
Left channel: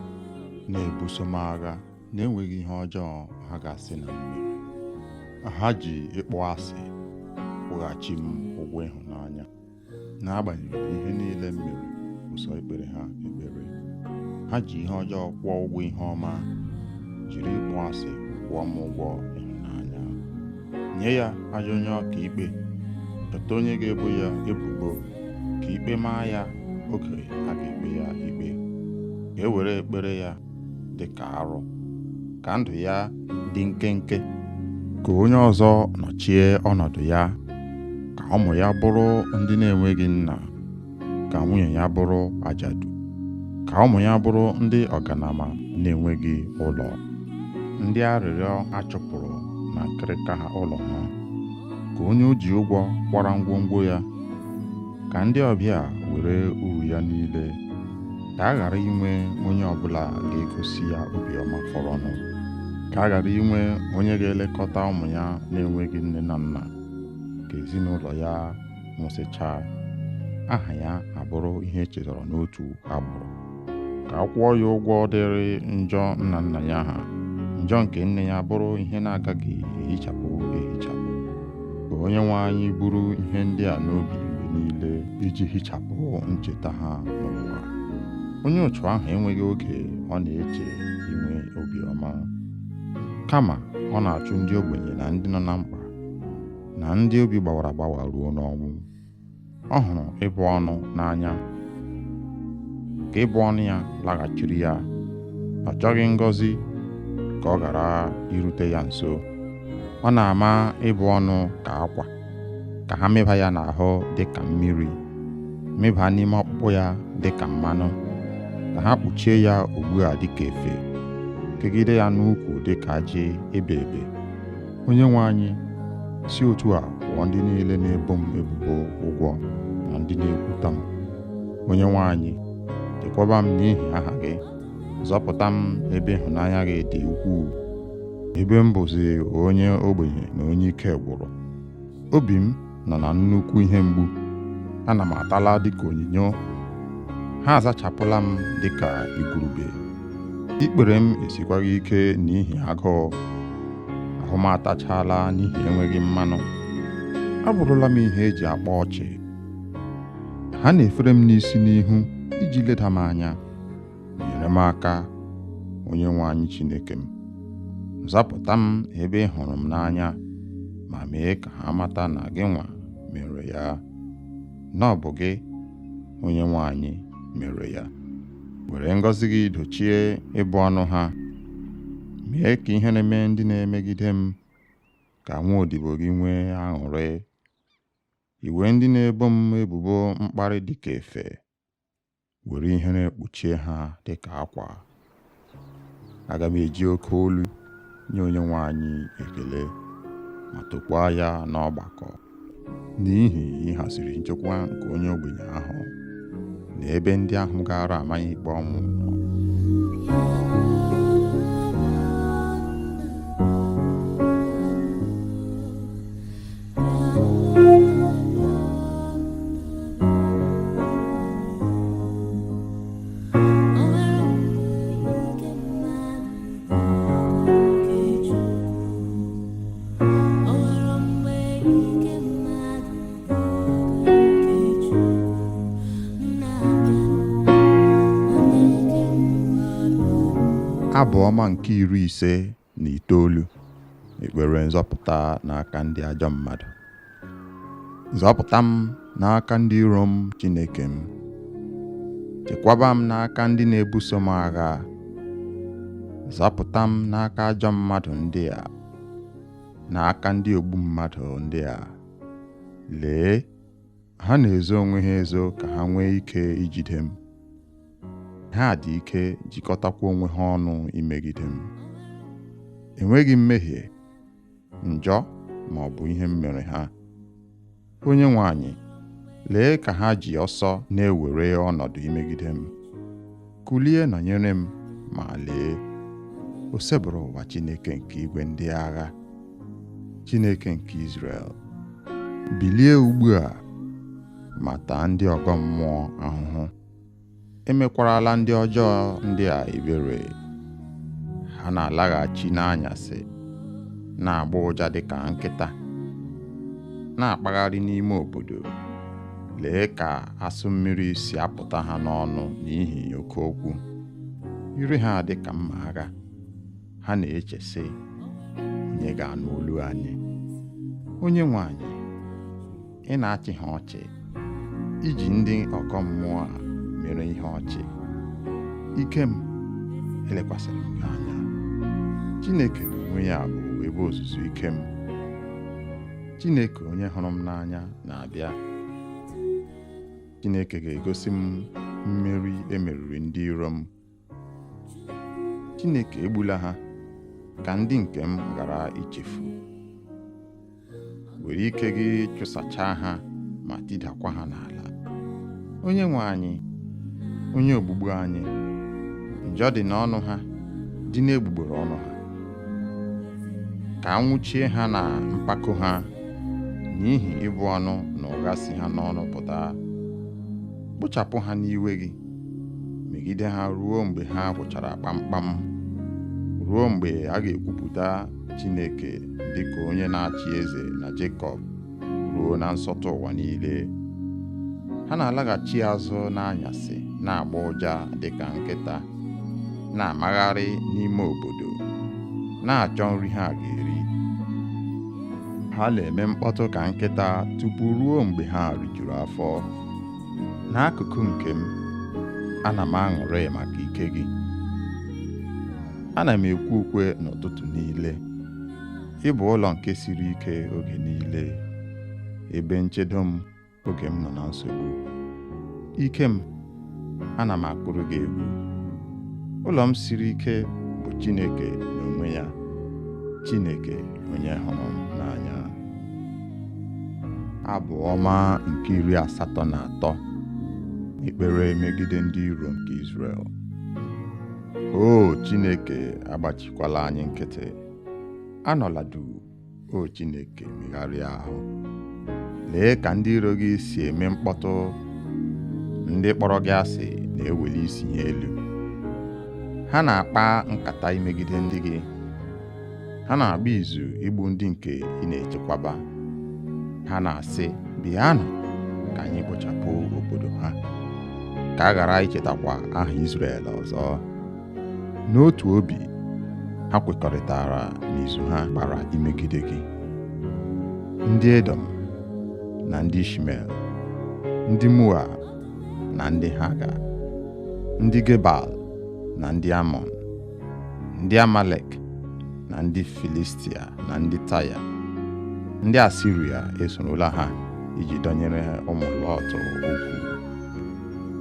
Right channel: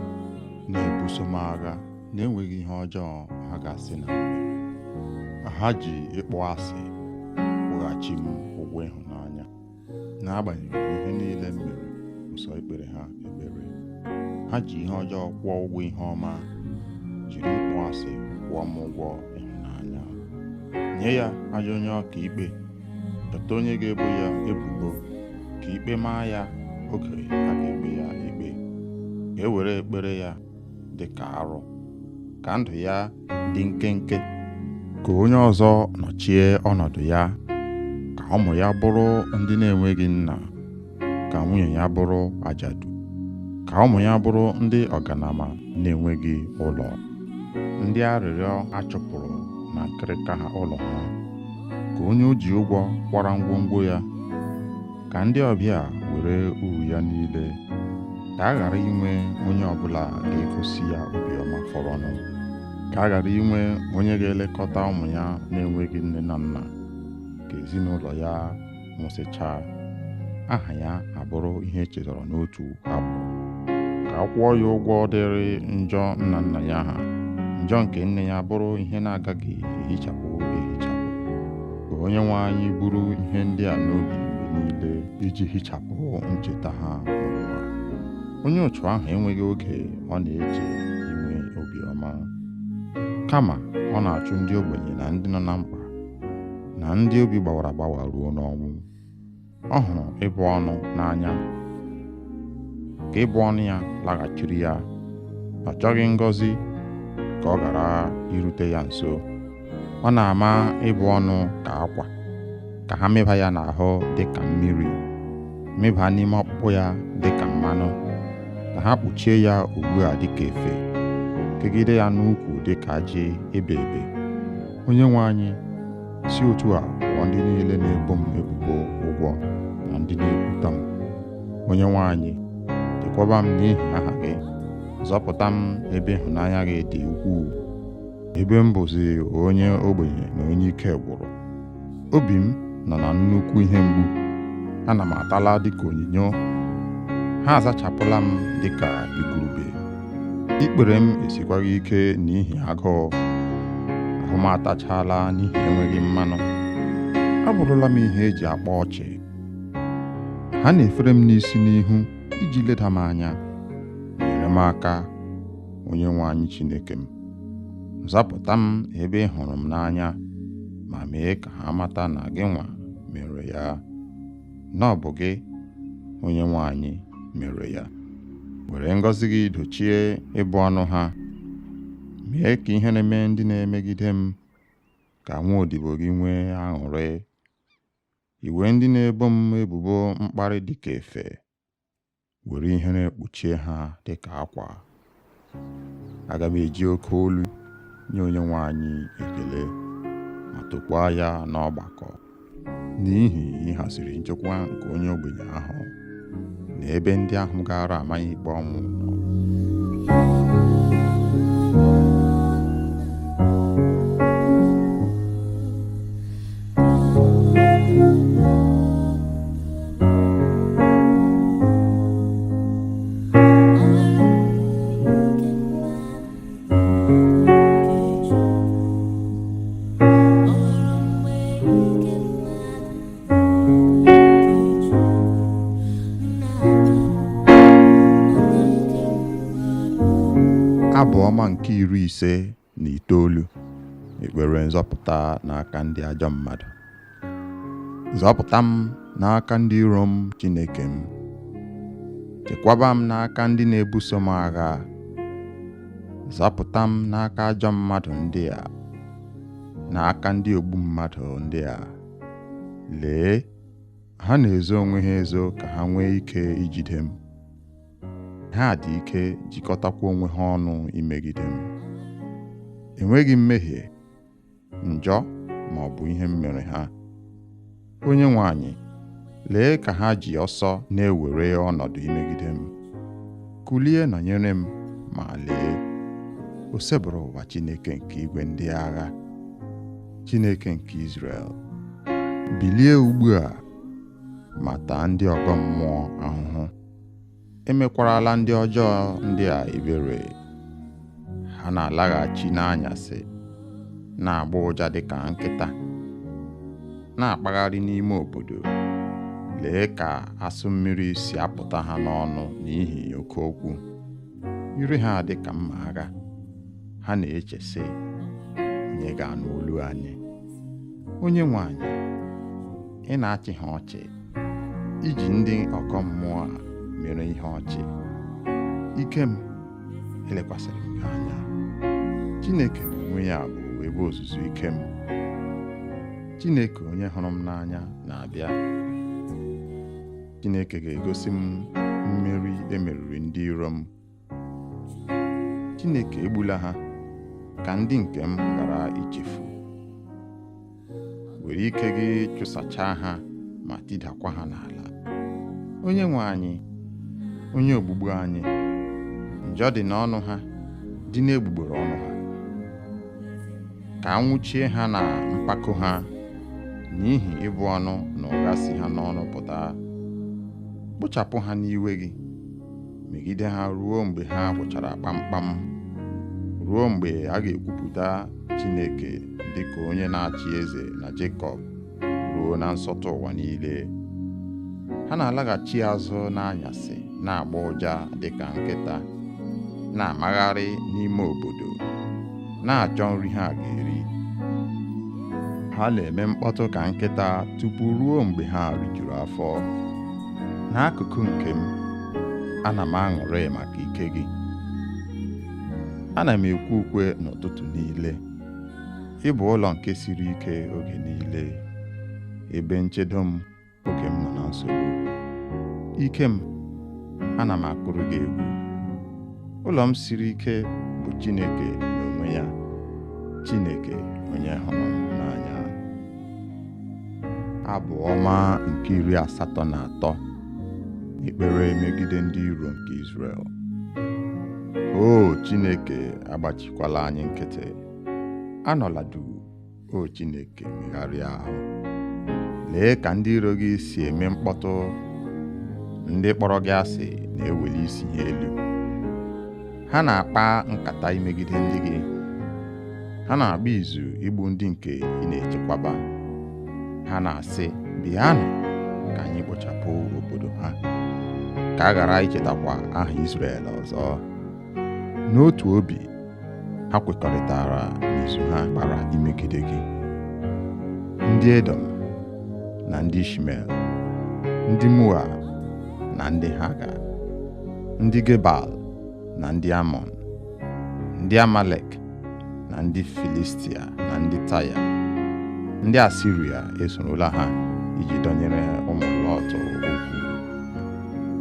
na-ebuso m agha na-enweghị ihe ọjọọ ha ga-asị na m mere. Ha ji ịkpọ asị kwụghachi m ụgwọ ịhụnanya, n'agbanyeghị ihe niile m mere ụsọ ikpere ha ekpere. Ha ji ihe ọjọọ kwụọ ụgwọ ihe ọma, jiri ịkpọ asị kwụọ m ụgwọ ịhụnanya. Nye ya ajọ onye ọka ikpe, chọta onye ga-ebo ya ebubo, ka ikpe maa ya oge a ga-ekpe ya ikpe. Ka e were ekpere ya dị ka arụ, ka ndụ ya dị nkenke. Ka onye ọzọ nọchie ọnọdụ ya, ka ụmụ ya bụrụ ndị na-enweghị nna, ka nwunye ya bụrụ ajadu, ka ụmụ ya bụrụ ndị ọganama na-enweghị ụlọ, ndị arịrịọ achụpụrụ na nkịrịka ha ụlọ ha. Ka onye o ji ụgwọ kwara ngwongwo ya, ka ndị ọbịa were uru ya niile. Ka a ghara inwe onye ọbụla ga-egosi ya obiọma fọrọnụ. Ka a ghara inwe onye ga-elekọta ụmụ ya na-enweghị nne na nna. Ka ezinụlọ ya nwụsịchaa, aha ya abụrụ ihe echetara n'otu agbụrụ. Ka a kwụọ ya ụgwọ dịrị njọ nna nna ya ha, njọ nke nne ya bụrụ ihe na-agaghị ehichapụ ehichapụ. Ka Onyenwe anyị buru ihe ndị a n'obi mgbe niile, iji hichapụ ncheta ha n'ụwa. Onye otu ahụ enweghị oge ọ na-eche inwe obiọma, kama ọ na-achụ ndị ogbenye na ndị nọ na mkpa, na ndị obi gbawara agbawa ruo n'ọnwụ. Ọ hụrụ ịbụ ọnụ n'anya, ka ịbụ ọnụ ya laghachiri ya. Ọ chọghị ngọzi ka ọ ghara irute ya nso. Ọ na-ama ịbụ ọnụ ka akwa, ka ha mịba ya n'ahụ dị ka mmiri, mịba n'ime ọkpụkpụ ya dị ka mmanụ, ka ha kpuchie ya ugbu a dị ka efe, kegide ya n'ukwu dị ka ajị ebe ebe. Onyenwe anyị, si otu a kwụọ ndị niile na-ebo m ebubo ụgwọ na ndị na-ekwuta m. Onyenwe anyị, chekwaba m n'ihi aha gị, zọpụta m ebe ịhụnanya gị dị ukwuu, ebe m bụzi onye ogbenye na onye ike gwụrụ. Obi m nọ na nnukwu ihe mgbu, ana m atala dịka onyinyo. Ha azachapụla m dịka igurube. Ikpere m esikwaghị ike n'ihi agụụ, ahụ m atachala n'ihi enweghị mmanụ. Abụrụla m ihe eji akpa ọchị. Ha na-efere m n'isi n'ihu iji leda m anya. Nyere m aka, Onyenwe anyị Chineke m. Zapụta m ebe ị hụrụ m n'anya, ma mee ka ha mata na gị nwa mere ya, na ọ bụ gị, Onyenwe anyị, mere ya. Were ngọzi gị dochie ịbụ ọnụ ha. Mee ka ihe na-eme ndị na-emegide m, ka nwaodibo gị nwee aṅụrị. Iwe ndị na-ebo m ebubo mkparị dịka efe, were ihere kpuchie ha dịka akwa. Aga m eji oke olu nye Onyenwe anyị ekele, ma tokwaa ya n'ọgbakọ, n'ihi ịhaziri nchekwa nke onye ogbenye ahụ, na ebe ndị ahụ gara amaghị ikpe ọnwụ nọ. Abụ ọma nke 59. Ekpere nzọpụta n'aka ndị ajọ mmadụ. Zọpụta m n'aka ndị iro m, Chineke m. Chekwaba m n'aka ndị na-ebuso m agha. Zọpụta m n'aka ajọ mmadụ ndị a, n'aka ndị ogbu mmadụ ndị a. Lee, ha na-ezo onwe ha ezo ka ha nwee ike ijide m. Ha dị ike jikọtakwa onwe ha ọnụ imegide m. Enweghị mmehie, njọ ma ọ bụ ihe m mere ha. Onyenwe anyị, lee ka ha ji ọsọ na-ewere ọnọdụ imegide m. Kulie nọnyere m, ma lee, o sebụrụ ụwa Chineke nke igwe ndị agha, Chineke nke Izrel. Bilie ugbu a ma taa ndị ọgọ mmụọ ahụhụ. Emekwarala ndị ọjọọ ndị a ebere. Ha na-alaghachi n'anyasị, na-agba ụja dịka nkịta, na-akpagharị n'ime obodo. Lee ka asụ mmiri si apụta ha n'ọnụ n'ihi oke okwu. Ire ha dị ka mma agha. Ha na-eche sị, onye ga-anụ olu anyị? Onyenwe anyị, ị na-achị ha ọchị, iji ndị ọgọ mmụọ a mere ihe ọchị. Ike m elekwasịrị m anya. Chineke n'onwe ya bụ ebe ozuzu ike m. Chineke onye hụrụ m n'anya na-abịa. Chineke ga-egosi m mmeri emeriri ndị iro m. Chineke egbula ha ka ndị nke m ghara ichefu. Were ike gị chụsachaa ha ma tidakwa ha n'ala. Onyenwe anyị, onye ogbugbu anyị, njọ dị n'ọnụ ha, dị n'egbugbere ọnụ ha. Ka anwụchie ha na mpako ha, n'ihi ịbụ ọnụ na ụgha si ha n'ọnụ pụta. Kpochapụ ha n'iwe gị, megide ha ruo mgbe ha gwụchara kpamkpam, ruo mgbe a ga-ekwupụta Chineke dịka onye na-achị eze na Jekọb, ruo na nsọtụ ụwa niile. Ha na-alaghachi azụ n'anyasị, na-agba ụja dịka nkịta, na-amagharị n'ime obodo, na-achọ nri ha ga-eri. Ha na-eme mkpọtụ ka nkịta tupu ruo mgbe ha rijuru afọ. N'akụkụ nke m, ana m aṅụrị maka ike gị. Ana m ekwe ukwe n'ụtụtụ niile. Ị bụ ụlọ nke siri ike oge niile, ebe nchedo m oge m nọ na nsogbu. Ike m, ana m akụrụ gị egwu. Ụlọ m siri ike bụ Chineke n'onwe ya, Chineke onye hụrụ m n'anya. Abụ ọma nke 83. Ekpere megide ndị iro nke Izrel. O Chineke, agbachikwala anyị nkịtị. Anọla duu, o Chineke, megharịa ahụ. Lee ka ndị iro gị si eme mkpọtụ. Ndị kpọrọ gị asị na-eweli isi ha elu. Ha na-akpa nkata imegide ndị gị. Ha na-agba izu igbu ndị nke ị na-echekwaba. Ha na-asị, bịanụ ka anyị kpochapụ obodo ha, ka a ghara ichetakwa aha Izrel ọzọ. N'otu obi, ha kwekọrịtara n'izu ha gbara imegide gị. Ndị Edom na ndị Ishmel, ndị Moab na ndị Haga, ndị Gebal na ndị Amọn, ndị Amalek na ndị Filistia na ndị Taya, ndị Asiria esorola ha iji dọnyere ụmụ Lọt okwu.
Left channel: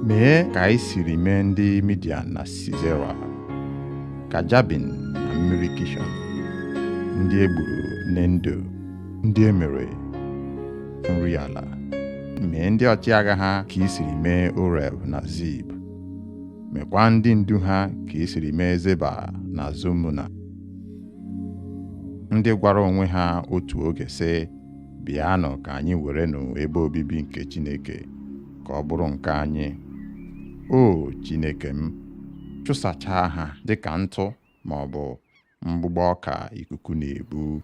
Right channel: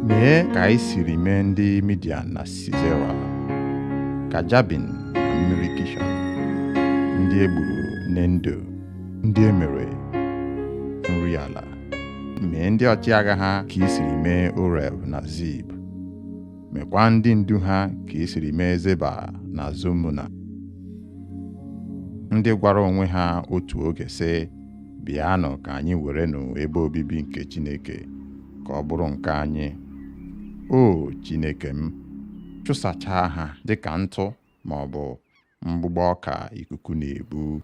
Mee ka anyị siri mee ndị Midian na Sisera, ka Jabin na mmiri Kishọn, ndị egburu n'Endo, ndị emere nri ala. Mee ndị ọchịagha ha ka i siri mee Oreb na Zib. Mekwa ndị ndu ha ka i siri mee Zeba na Zumuna, ndị gwara onwe ha otu oge sị, bịanụ ka anyị werenụ ebe obibi nke Chineke ka ọ bụrụ nke anyị. O Chineke m, chụsachaa ha dịka ntụ ma ọ bụ mgbụgbọ ọka ikuku na-ebu.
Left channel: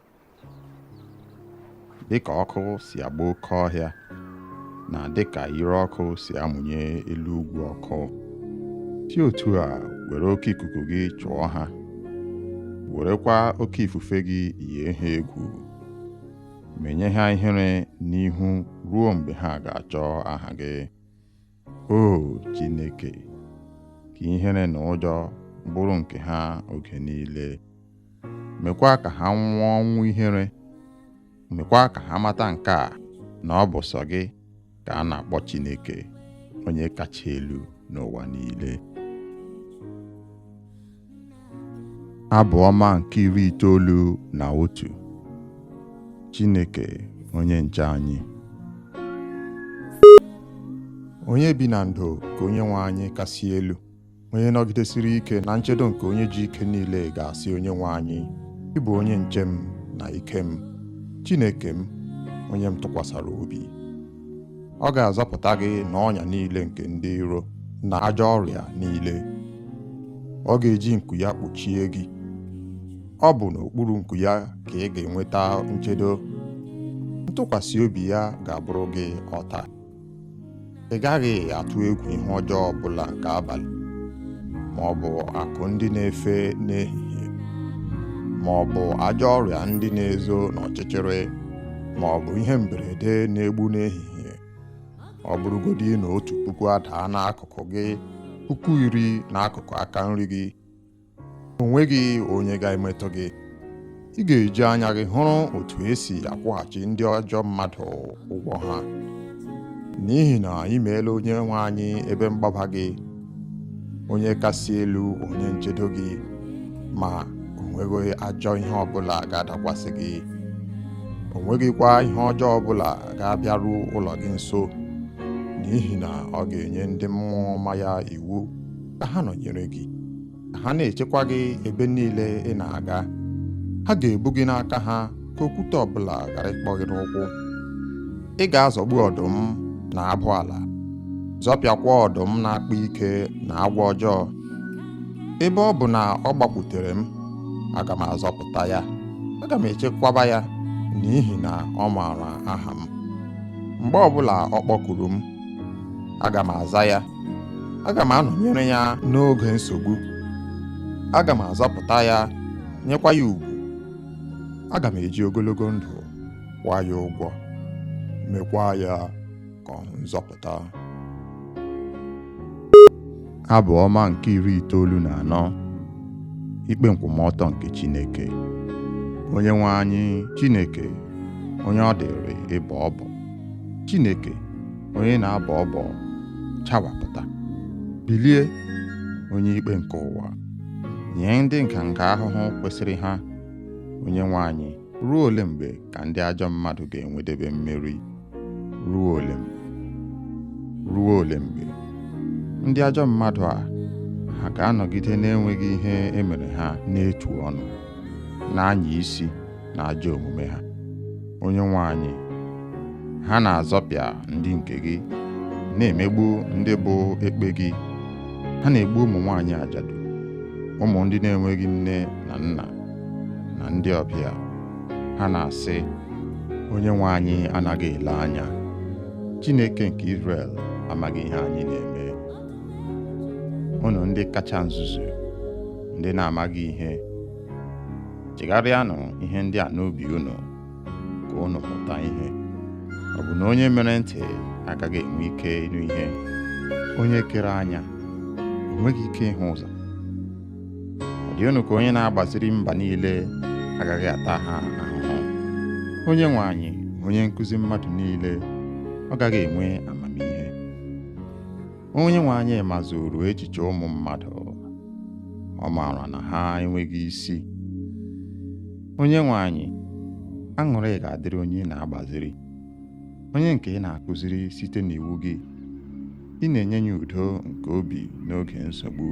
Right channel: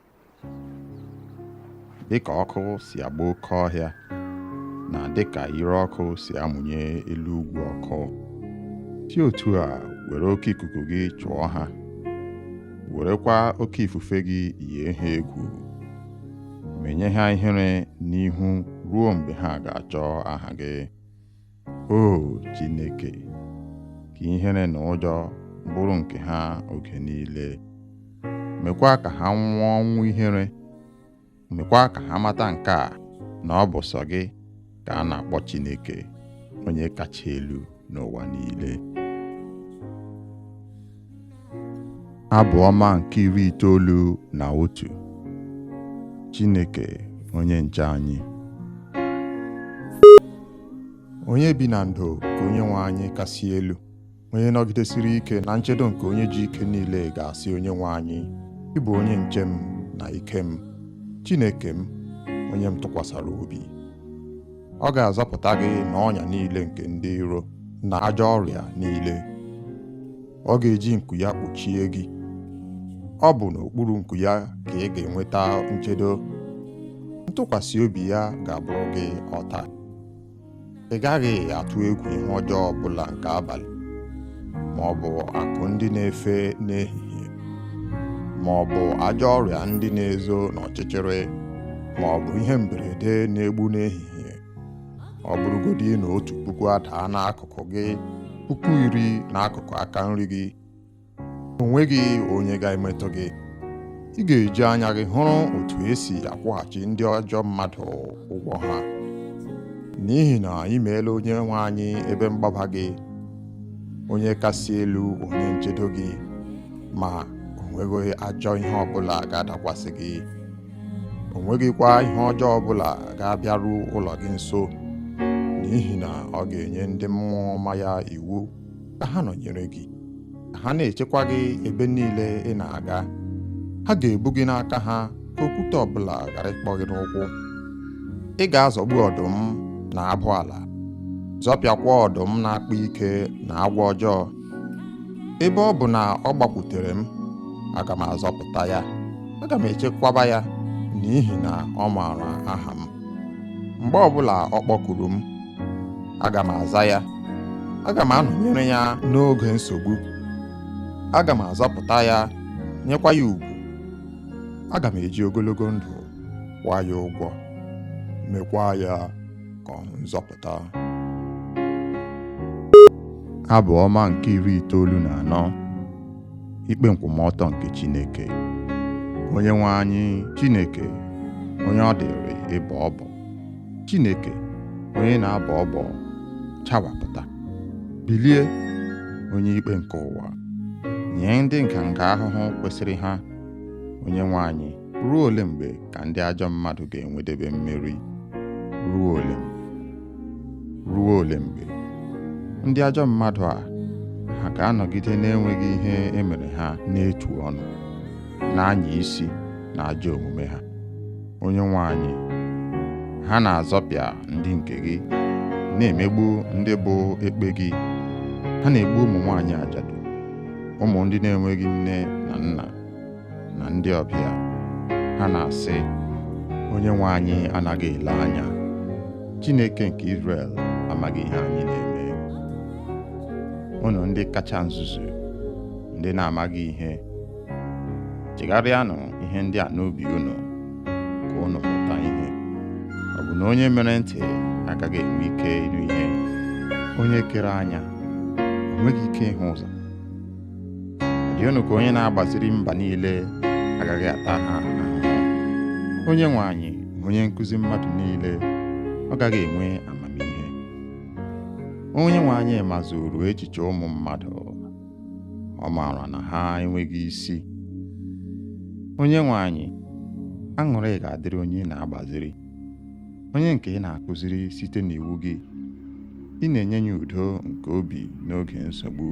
Dịka ọkụ si agba oke ọhịa, na dịka ire ọkụ si amụnye elu ugwu ọkụ, si otu a were oke ikuku gị chụọ ha werekwa oke ifufe gị yie ha egwu, menye ha ihere n'ihu ruo mgbe ha ga-achọ aha gị. O Chineke, ka ihere na ụjọ bụrụ nke ha oge niile. Mekwa ka ha nwụọ ọnwụ ihere. Mekwa ka ha mata nke a, na ọ bụ sọ gị ka a na-akpọ Chineke, onye kacha elu n'ụwa niile. Abụ ọma nke 91. Chineke onye nche anyị. Onye bi na ndo ka onye nwe anyị kasị elu, onye nọgidesiri ike na nchedo nke onye ji ike niile ga-asị onye nwe anyị, ị bụ onye nche m na ike m, Chineke m, onye m tụkwasara obi. Ọ ga-azọpụta gị n'ọnya niile nke ndị iro na ajọ ọrịa niile. Ọ ga-eji nku ya kpuchie gị. Ọ bụ n'okpuru nku ya ka ị ga-enweta nchedo. Ntụkwasị obi ya ga-abụrụ gị ọta. Ị gaghị atụ egwu ihe ọjọọ ọbụla nke abalị, ma ọ bụ akụ ndị na-efe n'ehihie, ma ọ bụ ajọ ọrịa ndị na-ezo n'ọchịchịrị, ma ọ bụ ihe mberede na-egbu n'ehihie. Ọ bụrụgodị na 1,000 adaa n'akụkụ gị, 10,000 n'akụkụ aka nri gị, o nweghị onye ga-emetụ gị. Ị ga-eji anya gị hụrụ otu esi akwụghachi ndị ajọ mmadụ ụgwọ ha, n'ihi na ị meela onye nwe anyị ebe mgbaba gị, onye kasị elu, onye nchedo gị, ma o nweghị ajọ ihe ọbụla ga-adakwasị gị. O nweghịkwa ihe ọjọọ ọbụla ga-abịaru ụlọ gị nso, n'ihi na ọ ga-enye ndị mmụọ ọma ya iwu ka ha nọnyere gị, ka ha na-echekwa gị ebe niile ị na-aga. Ha ga-ebu gị n'aka ha ka okwute ọbụla ghara ịkpọ gị n'ụkwụ. Ị ga-azọgbu ọdụm na abụ ala, zọpịakwa ọdụm na-akpa ike na agwọ ọjọọ. Ebe ọ bụ na ọ gbakwutere m, aga m azọpụta ya, aga m echekwaba ya, n'ihi na ọ maara aha m. Mgbe ọbụla ọ kpọkuru m, aga m aza ya. Aga m anọnyere ya n'oge nsogbu. Aga m azọpụta ya, nyekwa ya ugwu. Aga m eji ogologo ndụ kwụọ ya ụgwọ, mekwa ya ka ọ hụ nzọpụta. Abụ ọma nke 94. Ikpe nkwụmọtọ nke Chineke. Onye nwe anyị, Chineke, onye ọ dịrị ịbọ ọbọ. Chineke, onye na-abọ ọbọ, chawapụta. Bilie, onye ikpe nke ụwa, nye ndị nganga ahụhụ kwesịrị ha. Onye nwe anyị, ruo ole mgbe ka ndị ajọ mmadụ ga-enwedebe mmeri? Ruo ole mgbe? Ruo ole mgbe? Ndị ajọ mmadụ a, ha ga-anọgide na-enweghị ihe emere ha n'etu ọnụ, na-anya isi na ajọ omume ha. Onye nwe anyị, ha na-azọpịa ndị nke gị, na-emegbu ndị bụ ekpe gị. Ha na-egbu ụmụ nwaanyị ajadu, ụmụ ndị na-enweghị nne na nna, na ndị ọbịa. Ha na-asị, onye nwe anyị anaghị ele anya. Chineke nke Izrel amaghị ihe anyị na-eme. Unu ndị kacha nzuzu, ndị na-amaghị ihe, chegharịanụ ihe ndị a n'obi unu, ka unu mụta ihe. Ọ bụ na onye mere ntị agaghị enwe ike ịnụ ihe? Onye kere anya o nweghị ike ịhụ ụzọ? Ọ dị unu ka onye na-agbaziri mba niile agaghị ata ha ahụhụ? Onye nwe anyị, onye nkụzi mmadụ niile, ọ gaghị enwe amamihe? Onye nwe anyị mazuru echiche ụmụ mmadụ, ọ maara na ha enweghị isi. Onye nwe anyị, aṅụrị ga-adịrị onye na-agbaziri, onye nke ị na-akụziri site n'iwu gị. Ị na-enye ya udo nke obi n'oge nsogbu,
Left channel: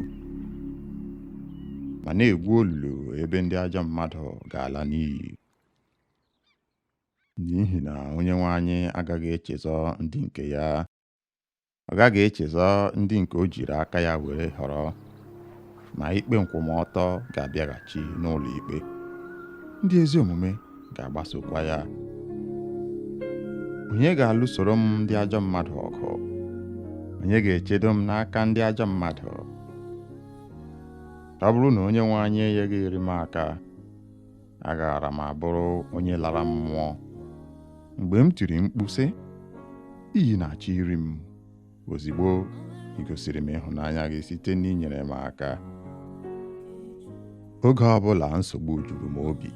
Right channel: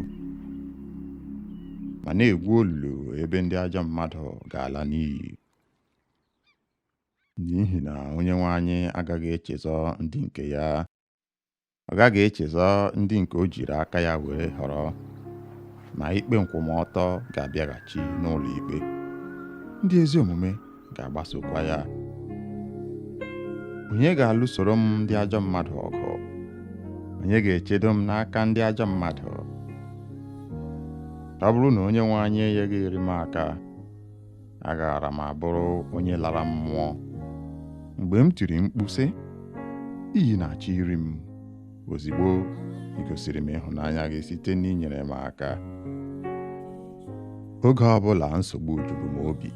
ma na-egwu olulu ebe ndị ajọ mmadụ ga-ala n'iyi. N'ihi na onye nwe anyị agaghị echezọ ndị nke ya. Ọ gaghị echezọ ndị nke o jiri aka ya were họrọ, ma ikpe nkwụmọtọ ga-abịaghachi n'ụlọ ikpe. Ndị ezi omume ga-agbasokwa ya. Onye ga-alụsoro m ndị ajọ mmadụ ọgụ? Onye ga-echedo m n'aka ndị ajọ mmadụ? ọ bụrụ na onye nwe anyị enyeghịrị m aka, agaara m abụrụ onye lara mmụọ. Mgbe m tiri mkpu sị, iyi na-achọ iri m, ozigbo ị gosiri m ịhụnanya gị site n'inyere m aka. Oge ọbụla nsogbu juru m obi,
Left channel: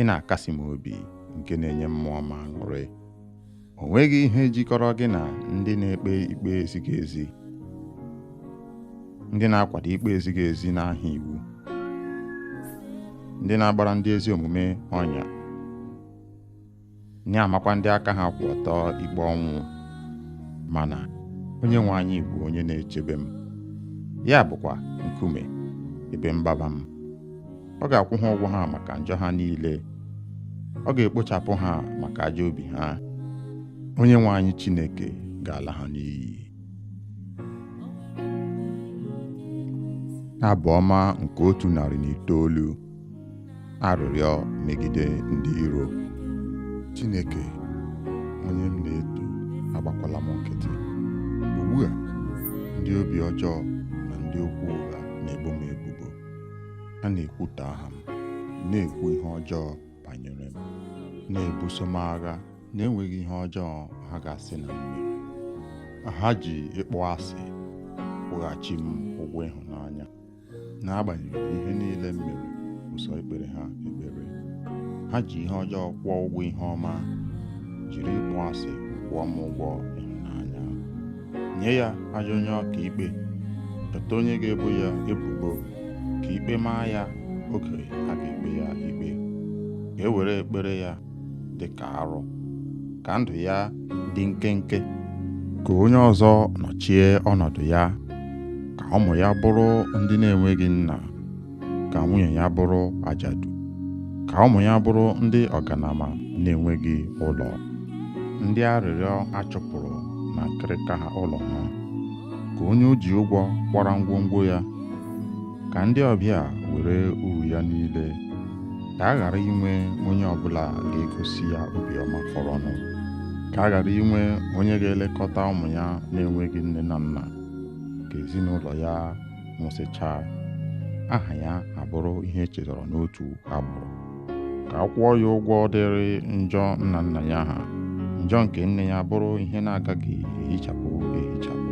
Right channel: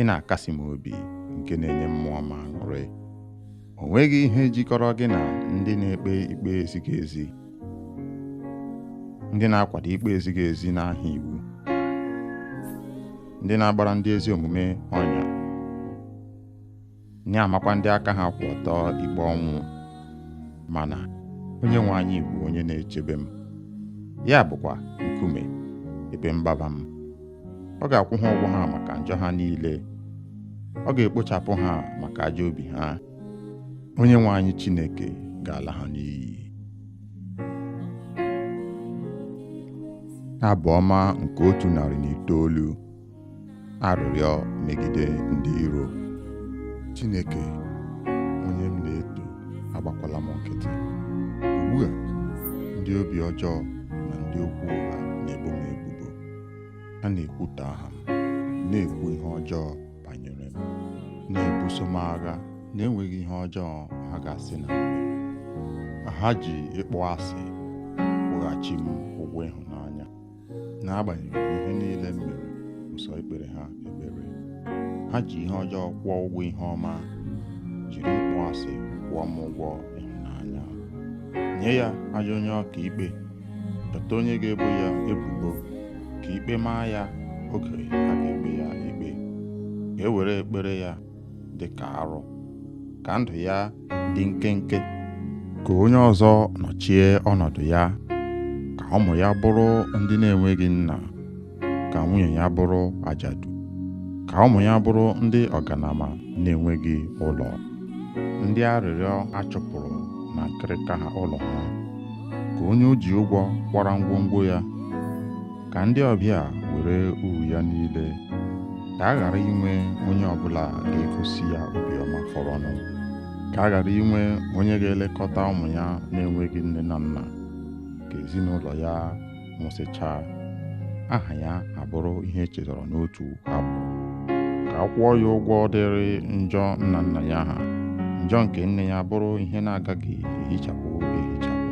ị na-akasi m obi nke na-enye mmụọ m aṅụrị. O nweghị ihe jikọrọ gị na ndị na-ekpe ikpe ezighị ezi, ndị na-akwado ikpe ezighị ezi n'aha iwu, ndị na-agbara ndị ezi omume ọnya, na-amakwa ndị aka ha kwụ ọtọ ikpe ọnwụ. Mana onye nwe anyị bụ onye na-echebe m, ya bụkwa nkume ebe mgbaba m. Ọ ga-akwụ ha ụgwọ ha maka njọ ha niile, ọ ga-ekpochapụ ha maka ajọ obi ha. Onye nwe anyị Chineke ga-ala ha n'iyi. Abụ ọma nke 109. Arịrịọ megide ndị iro. Chineke, onye m na-eto, agbakwala m nkịtị. Ugbu a, ndị obi ọjọọ na ndị okwu ụgha na-ebo m ebubo. Ha na-ekwutọ aha m, na-ekwu ihe ọjọọ banyere m, na-ebuso m agha na-enweghị ihe ọjọọ ha ga-asị na m mere. Ha ji ịkpọ asị kwụghachi m ụgwọ ịhụnanya, n'agbanyeghị ihe niile m mere ụsọ ekpere ha ekpere. Ha ji ihe ọjọọ kwụọ ụgwọ ihe ọma, jiri ịkpọ asị kwụọ m ụgwọ ịhụnanya. Nye ya ajọ onye ọka ikpe, chọta onye ga-ebo ya ebubo, ka ikpe maa ya oge a ga-ekpe ya ikpe. Ka e were ekpere ya dị ka arụ, ka ndụ ya dị nkenke, ka onye ọzọ nọchie ọnọdụ ya, ka ụmụ ya bụrụ ndị na-enweghị nna, ka nwunye ya bụrụ ajadu, ka ụmụ ya bụrụ ndị ọganama na-enweghị ụlọ, ndị arịrịọ achụpụrụ na nkịrịka ha ụlọ ha, ka onye o ji ụgwọ kwara ngwongwo ya, ka ndị ọbịa were uru ya niile, ka a ghara inwe onye ọbụla ga-egosi ya obiọma fọrọnụ, ka a ghara inwe onye ga-elekọta ụmụ ya na-enweghị nne na nna, ka ezinụlọ ya nwụsịchaa, aha ya abụrụ ihe echetara n'otu abụ, ka a kwụọ ya ụgwọ dịrị njọ nna nna ya ha, njọ nke nne ya bụrụ ihe na-agaghị ehichapụ ehichapụ.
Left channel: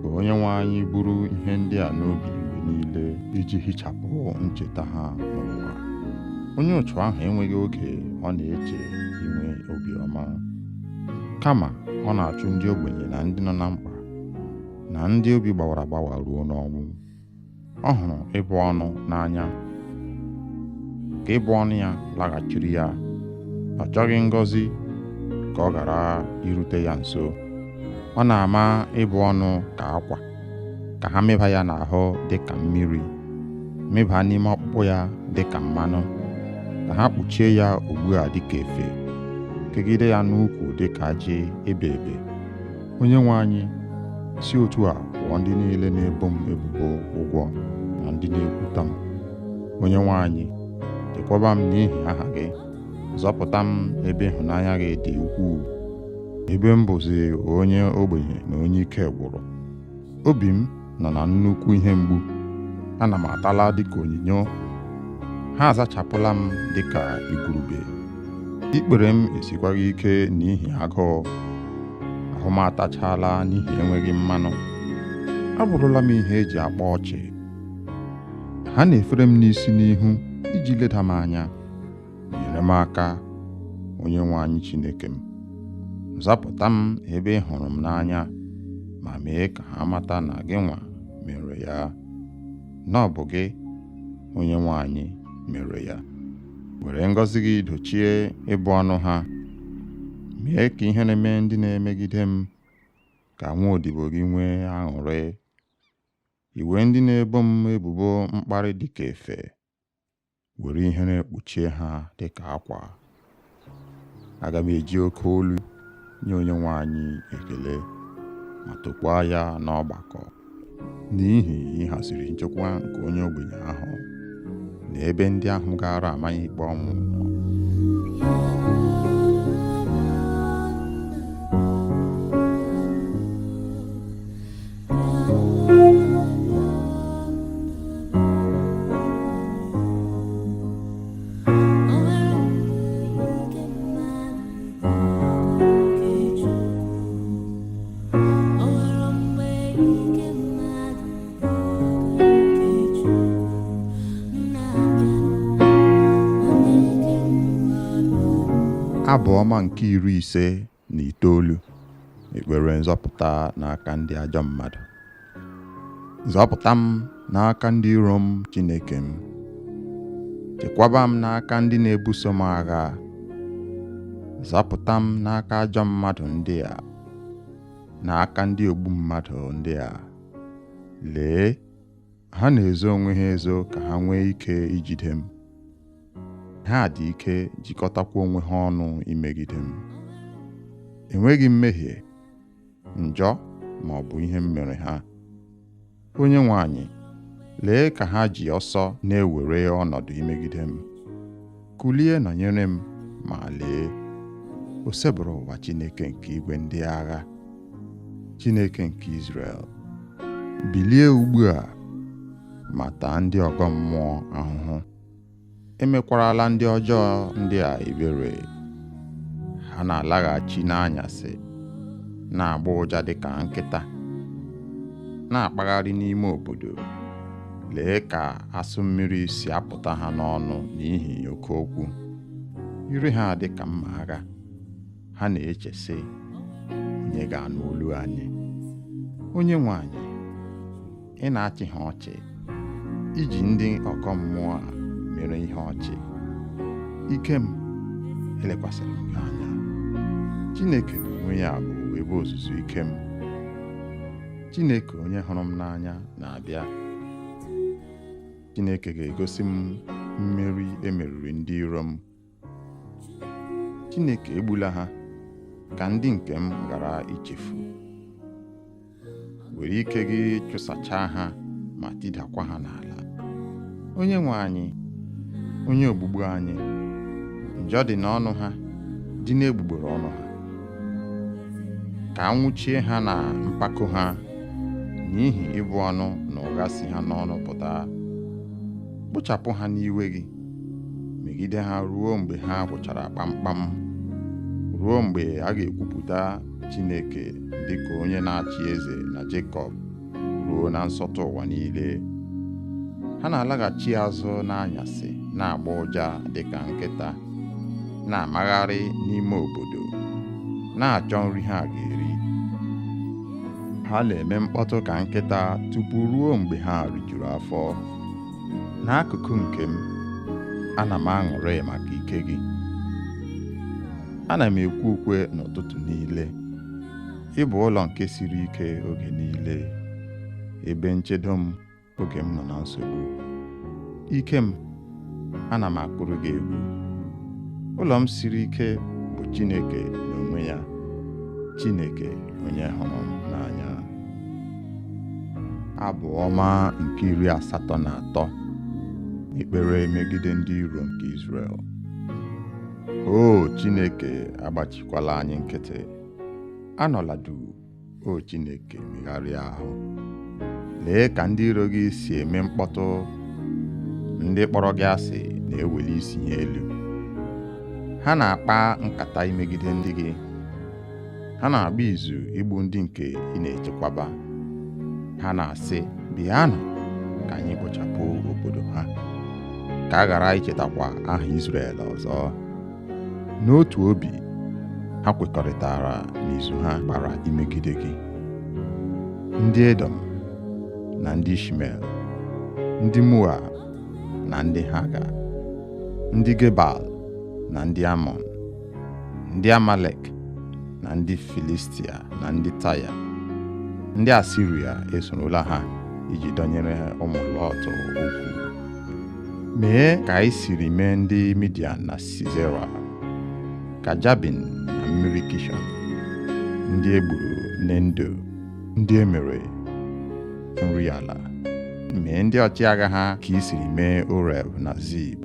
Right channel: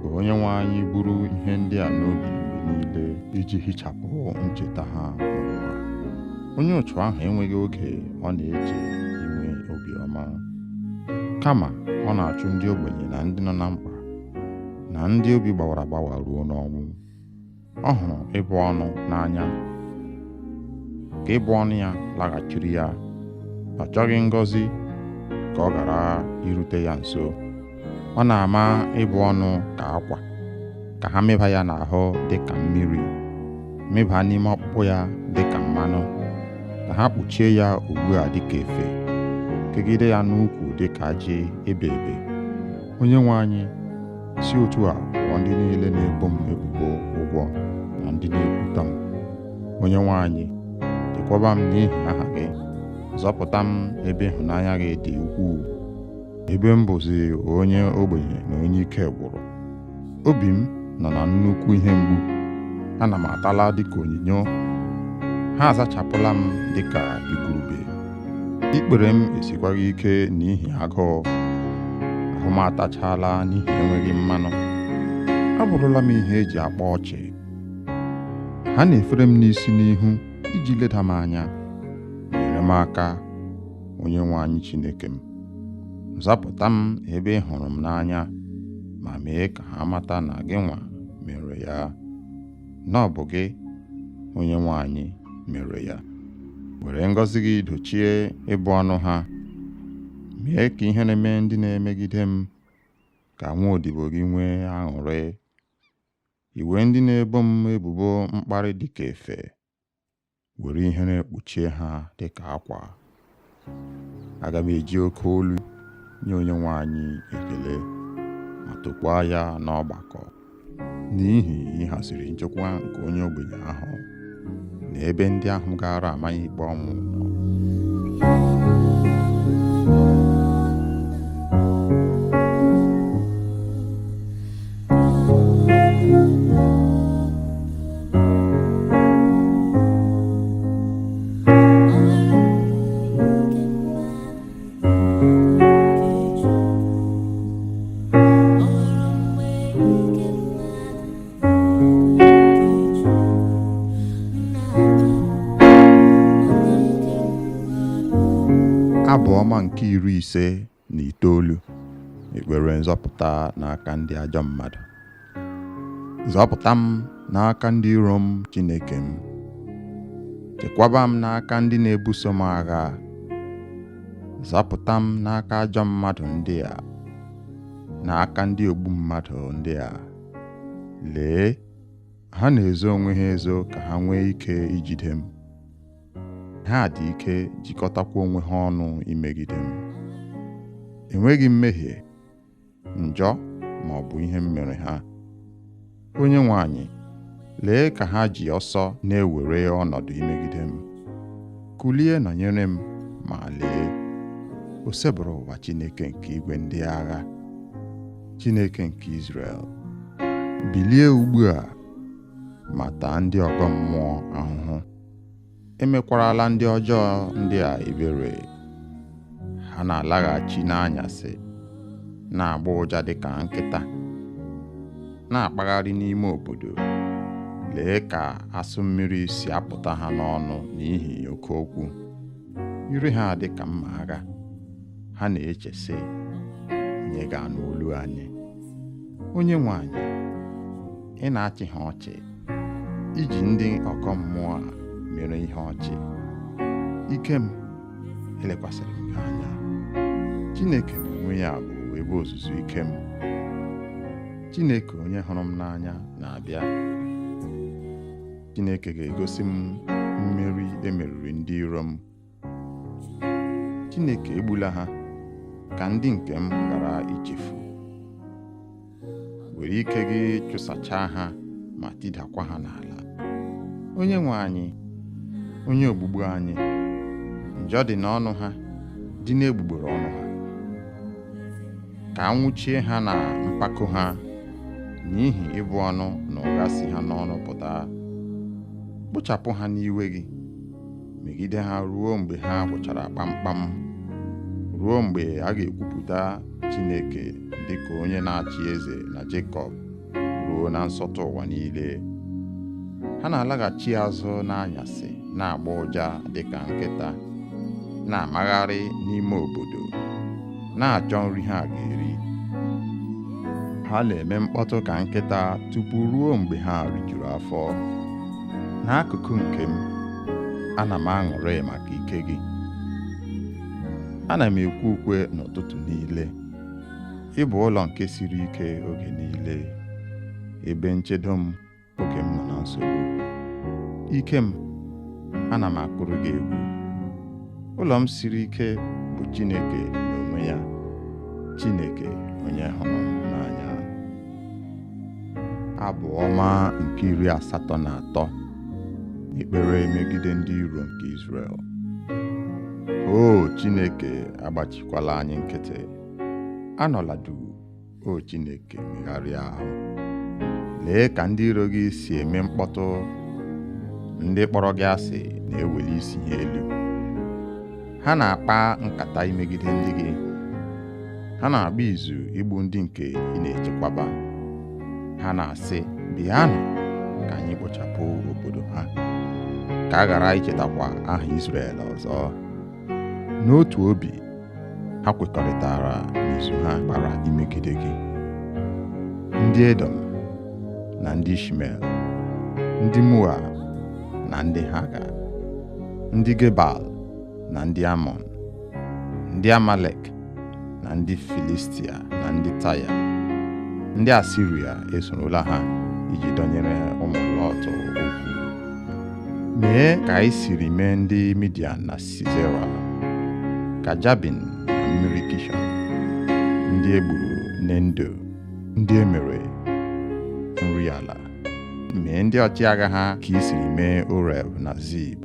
Ka onye nwe anyị buru ihe ndị a n'obi mgbe niile iji hichapụ ncheta ha n'ụwa. Onye otu ahụ enweghị oge ọ na-eche inwe obiọma, kama ọ na-achụ ndị ogbenye na ndị nọ na mkpa, na ndị obi gbawara agbawa ruo n'ọnwụ. Ọ hụrụ ịbụ ọnụ n'anya, ka ịbụ ọnụ ya laghachiri ya. Ọ chọghị ngọzi ka ọ ghara irute ya nso. Ọ na-ama ịbụ ọnụ ka akwa, ka ha mịba ya n'ahụ dị ka mmiri, mịba n'ime ọkpụkpụ ya dị ka mmanụ, ka ha kpuchie ya ugbu a dị ka efe, kegide ya n'ukwu dị ka ajị ebe ebe. Onye nwe anyị, si otu a kwụọ ndị niile na-ebo m ebubo ụgwọ na ndị na-ekwuta m. Onye nwe anyị, chekwaba m n'ihi aha gị, zọpụta m ebe ịhụnanya gị dị ukwuu, ebe m bụzi onye ogbenye na onye ike gwụrụ. Obi m nọ na nnukwu ihe mgbu, ana m atala dịka onyinyo, ha azachapụla m dịka igurube. Ikpere m esikwaghị ike n'ihi agụụ, ahụ m atachala n'ihi enweghị mmanụ. Abụrụla m ihe eji akpa ọchị. Ha na-efere m n'isi n'ihu iji leda m anya. Nyere m aka, onye nwe anyị Chineke m. Zapụta m ebe ị hụrụ m n'anya, ma mee ka ha mata na gị nwa mere ya, na ọ bụ gị, onye nwe anyị, mere ya. Were ngọzi gị dochie ịbụ ọnụ ha, mee ka ihe na-eme ndị na-emegide m, ka nwa odibo gị nwee aṅụrị. Iwe ndị na-ebo m ebubo mkparị dịka efe, were ihe na-ekpuchie ha dịka akwa. Aga m eji oke olu nye onye nwe anyị ekele, ma tokwaa ya n'ọgbakọ, n'ihi ịhaziri nchekwa nke onye ogbenye ahụ na ebe ndị ahụ gara amaghị ikpe ọnwụ nọ. Abụ ọma nke 59, ekpere nzọpụta n'aka ndị ajọ mmadụ. Zọpụta m n'aka ndị iro m, Chineke m. Chekwaba m n'aka ndị na-ebuso m agha. Zọpụta m n'aka ajọ mmadụ ndị a, n'aka ndị ogbu mmadụ ndị a. Lee, ha na-ezo onwe ha ezo ka ha nwee ike ijide m. Ha dị ike jikọtakwa onwe ha ọnụ imegide m. Enweghị mmehie, njọ ma ọ bụ ihe m mere ha. Onyenwe anyị, lee ka ha ji ọsọ na-ewere ọnọdụ imegide m. Kulie nọnyere m, ma lee, o sebụrụ ụwa Chineke nke igwe ndị agha, Chineke nke Izrel. Bilie ugbu a ma taa ndị ọgọ mmụọ ahụhụ. Emekwarala ndị ọjọọ ndị a ebere. Ha na-alaghachi n'anyasị, na-agba ụja dịka nkịta, na-akpagharị n'ime obodo. Lee ka asụ mmiri si apụta ha n'ọnụ n'ihi oke okwu. Ire ha dị ka mma agha. Ha na-eche sị, onye ga-anụ olu anyị? Onyenwe anyị, ị na-achị ha ọchị, iji ndị ọkọ mmụọ a mere ihe ọchị. Ike m, elekwasịrị m gị anya. Chineke n'onwe ya bụ ebe ozuzu ike m. Chineke onye hụrụ m n'anya na-abịa. Chineke ga-egosi m mmeri emeriri ndị iro m. Chineke egbula ha, ka ndị nke m ghara ichefu. Were ike gị chụsachaa ha ma tidakwa ha n'ala. Onyenwe anyị, onye ogbugbu anyị, njọ dị n'ọnụ ha, dị n'egbugbere ọnụ ha. Ka a nwụchie ha na mpako ha, n'ihi ịbụ ọnụ na ụgha si ha n'ọnụ pụta. Kpochapụ ha n'iwe gị, megide ha ruo mgbe ha gwụchara kpamkpam, ruo mgbe a ga-ekwupụta Chineke dịka onye na-achị eze na Jekọb, ruo na nsọtụ ụwa niile. Ha na-alaghachi azụ n'anyasị, na-agba ụja dịka nkịta, na-amagharị n'ime obodo, na-achọ nri ha ga-eri. Ha na-eme mkpọtụ ka nkịta tupu ruo mgbe ha rijuru afọ. N'akụkụ nke m, ana m aṅụrị maka ike gị. Ana m ekwe ukwe n'ụtụtụ niile. Ị bụ ụlọ nke siri ike oge niile, ebe nchedo m oge m nọ na nsogbu. Ike m, ana m akpụrụ gị egwu. Ụlọ m siri ike bụ Chineke n'onwe ya, Chineke onye hụrụ m n'anya. Abụ ọma nke 83, ekpere megide ndị iro nke Izrel. O Chineke, agbachikwala anyị nkịtị. Anọla duu, o Chineke, megharịa ahụ. Lee ka ndị iro gị si eme mkpọtụ. Ndị kpọrọ gị asị na-eweli isi ha elu. Ha na-akpa nkata imegide ndị gị. Ha na-agba izu igbu ndị nke ị na-echekwaba. Ha na-asị, bịanụ ka anyị kpochapụ obodo ha, ka a ghara ichetakwa aha Izrel ọzọ. N'otu obi, ha kwekọrịtara n'izu ha gbara imegide gị. Ndị Edom na ndị Ishmel, ndị Moab na ndị Haga, ndị Gebal na ndị Amọn, ndị Amalek na ndị Filistia na ndị Taya. Ndị Asiria esorola ha iji dọnyere ụmụ Lọt okwu. Mee ka anyị siri mee ndị Midian na Sisera, ka Jabin na mmiri Kishọn, ndị egburu n'Endo, ndị emere nri ala. Mee ndị ọchịagha ha ka i siri mee Oreb na Zib.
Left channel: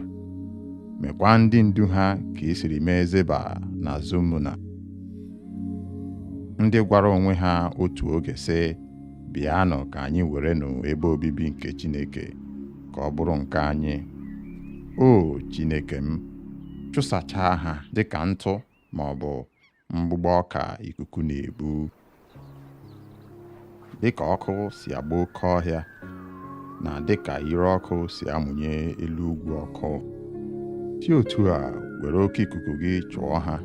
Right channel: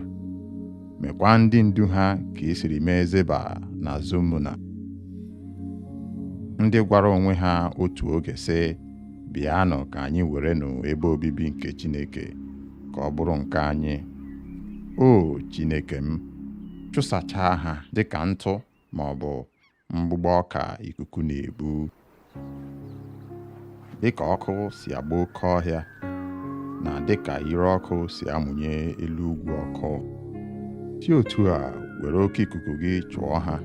Mekwa ndị ndu ha ka i siri mee Zeba na Zumuna. Ndị gwara onwe ha otu oge sị, bịanụ ka anyị werenụ ebe obibi nke Chineke ka ọ bụrụ nke anyị. O Chineke m, chụsachaa ha dịka ntụ ma ọ bụ mgbụgbọ ọka ikuku na-ebu. Dịka ọkụ si agba oke ọhịa, na dịka ire ọkụ si amụnye elu ugwu ọkụ, si otu a were oke ikuku gị chụọ ha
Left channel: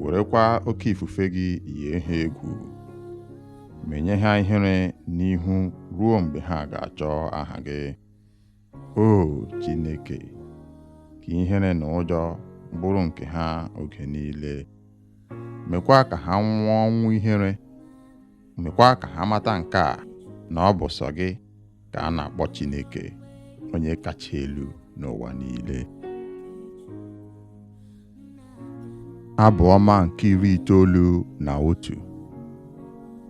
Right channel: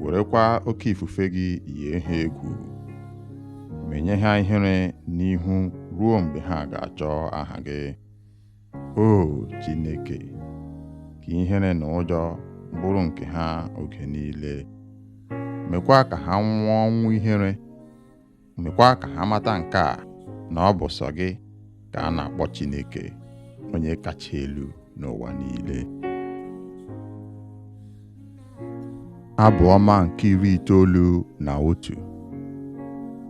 werekwa oke ifufe gị yie ha egwu, menye ha ihere n'ihu ruo mgbe ha ga-achọ aha gị. O Chineke, ka ihere na ụjọ bụrụ nke ha oge niile. Mekwa ka ha nwụọ ọnwụ ihere. Mekwa ka ha mata nke a, na ọ bụ sọ gị ka a na-akpọ Chineke, onye kacha elu n'ụwa niile. Abụ ọma nke 91.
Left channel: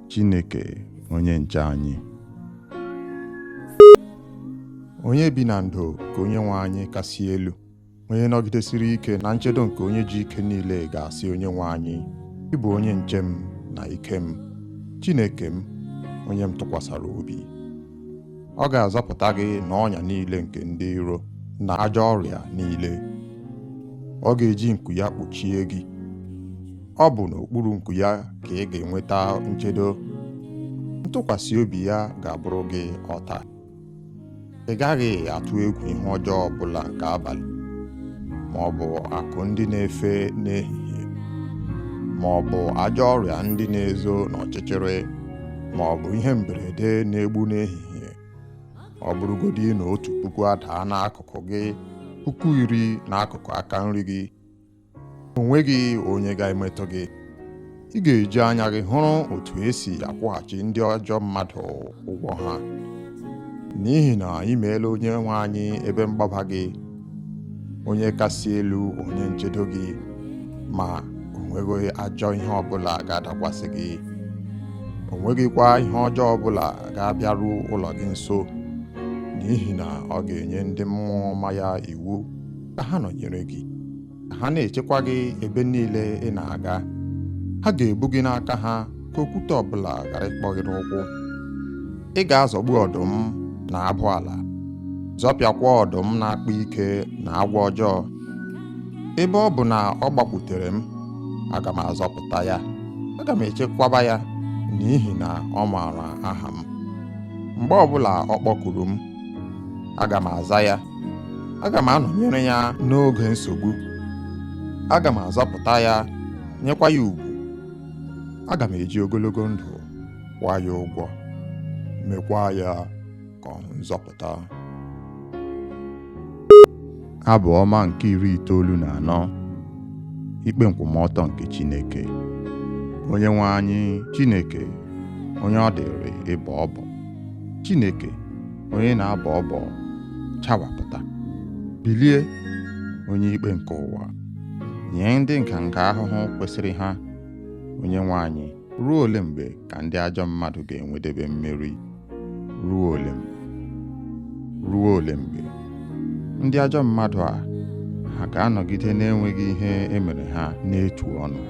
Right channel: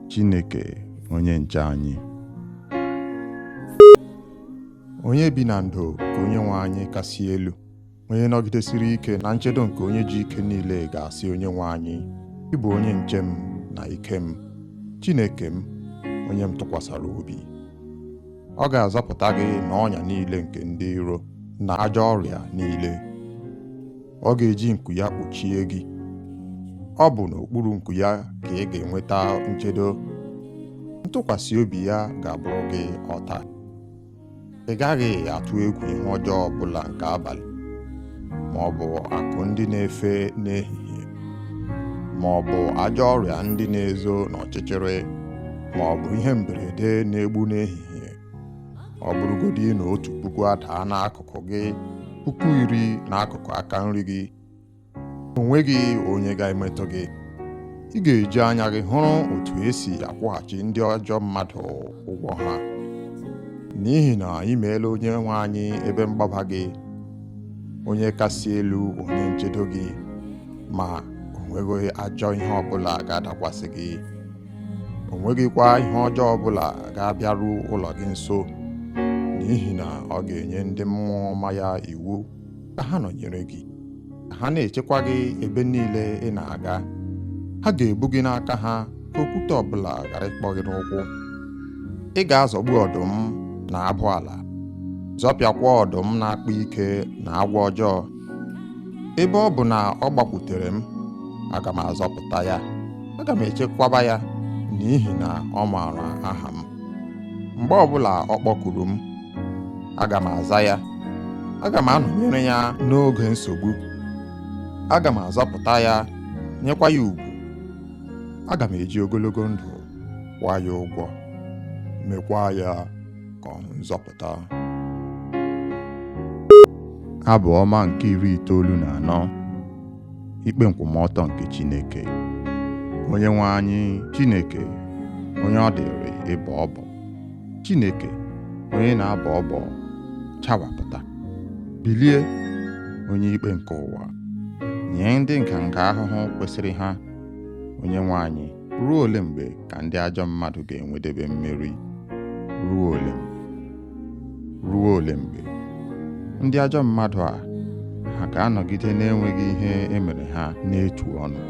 Chineke onye nche anyị. Onye bi na ndo ka Onyenwe anyị kasị elu, onye nọgidesiri ike na nchedo nke onye ji ike niile ga-asị Onyenwe anyị, ị bụ onye nche m na ike m, Chineke m, onye m tụkwasara obi. Ọ ga-azọpụta gị n'ọnya niile nke ndị iro na ajọ ọrịa niile. Ọ ga-eji nku ya kpuchie gị. Ọ bụ n'okpuru nku ya ka ị ga-enweta nchedo. Ntụkwasị obi ya ga-abụrụ gị ọta. Ị gaghị atụ egwu ihe ọjọọ ọbụla nke abalị, ma ọ bụ akụ ndị na-efe n'ehihie, ma ọ bụ ajọ ọrịa ndị na-ezo n'ọchịchịrị, ma ọ bụ ihe mberede na-egbu n'ehihie. Ọ bụrụgodị na 1,000 adaa n'akụkụ gị, 10,000 n'akụkụ aka nri gị, o nweghị onye ga-emetụ gị. Ị ga-eji anya gị hụrụ otu esi akwụghachi ndị ajọ mmadụ ụgwọ ha, n'ihi na ị meela Onyenwe anyị ebe mgbaba gị, onye kasị elu, onye nchedo gị, ma o nweghị ajọ ihe ọbụla ga-adakwasị gị. O nweghịkwa ihe ọjọọ ọbụla ga-abịaru ụlọ gị nso, n'ihi na ọ ga-enye ndị mmụọ ọma ya iwu ka ha nọnyere gị, ka ha na-echekwa gị ebe niile ị na-aga. Ha ga-ebu gị n'aka ha ka okwute ọbụla ghara ịkpọ gị n'ụkwụ. Ị ga-azọgbu ọdụm na abụ ala, zọpịakwa ọdụm na-akpa ike na agwọ ọjọọ. Ebe ọ bụ na ọ gbakwutere m, aga m azọpụta ya, aga m echekwaba ya, n'ihi na ọ maara aha m. Mgbe ọbụla ọ kpọkuru m, aga m aza ya. Aga m anọnyere ya n'oge nsogbu. Aga m azọpụta ya, nyekwa ya ugwu. Aga m eji ogologo ndụ kwụọ ya ụgwọ, mekwa ya ka ọ hụ nzọpụta. Abụ ọma nke 94. Ikpe nkwụmọtọ nke Chineke. Onyenwe anyị, Chineke, onye ọ dịrị ịbọ ọbọ. Chineke, onye na-abọ ọbọ, chawapụta. Bilie, onye ikpe nke ụwa, nye ndị nganga ahụhụ kwesịrị ha. Onyenwe anyị, ruo ole mgbe ka ndị ajọ mmadụ ga-enwedebe mmeri? Ruo ole mgbe? Ruo ole mgbe? Ndị ajọ mmadụ a, ha ga-anọgide na-enweghị ihe emere ha n'etu ọnụ,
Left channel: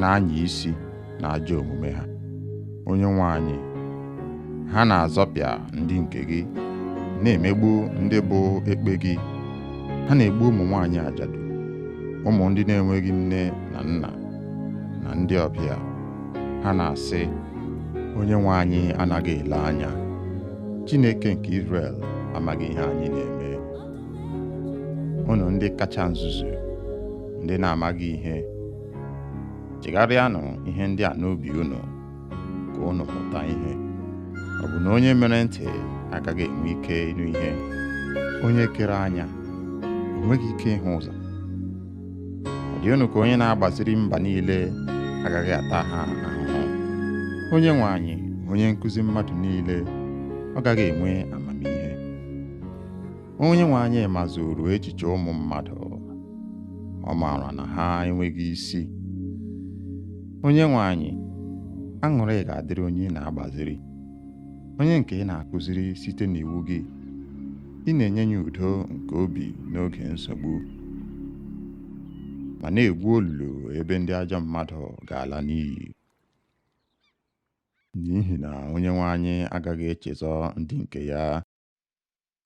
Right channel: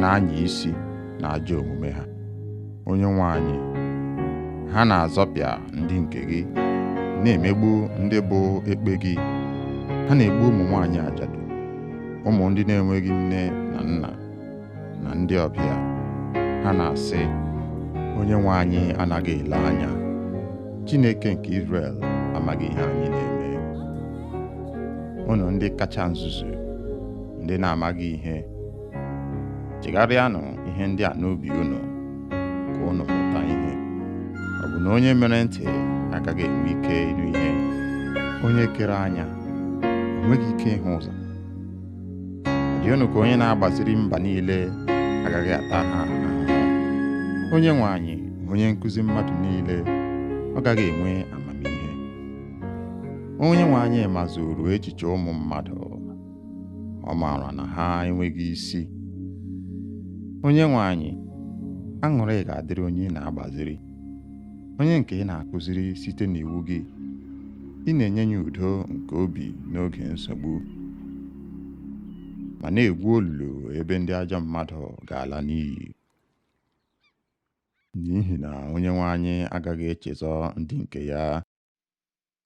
na-anya isi na ajọ omume ha. Onyenwe anyị, ha na-azọpịa ndị nke gị, na-emegbu ndị bụ ekpe gị. Ha na-egbu ụmụ nwaanyị ajadu, ụmụ ndị na-enweghị nne na nna, na ndị ọbịa. Ha na-asị, Onyenwe anyị anaghị ele anya. Chineke nke Izrel amaghị ihe anyị na-eme. Unu ndị kacha nzuzu, ndị na-amaghị ihe, chegharịanụ ihe ndị a n'obi unu, ka unu mụta ihe. Ọ bụ na onye mere ntị agaghị enwe ike ịnụ ihe? Onye kere anya o nweghị ike ịhụ ụzọ? Ọ dị unu ka onye na-agbaziri mba niile agaghị ata ha ahụhụ? Onyenwe anyị, onye nkụzi mmadụ niile, ọ gaghị enwe amamihe? Onyenwe anyị mazuru echiche ụmụ mmadụ, ọ maara na ha enweghị isi. Onyenwe anyị, aṅụrị ga-adịrị onye na-agbaziri, onye nke ị na-akụziri site n'iwu gị. Ị na-enye ya udo nke obi n'oge nsogbu, ma na-egwu olulu ebe ndị ajọ mmadụ ga-ala n'iyi. N'ihi na Onyenwe anyị agaghị echezọ ndị nke ya.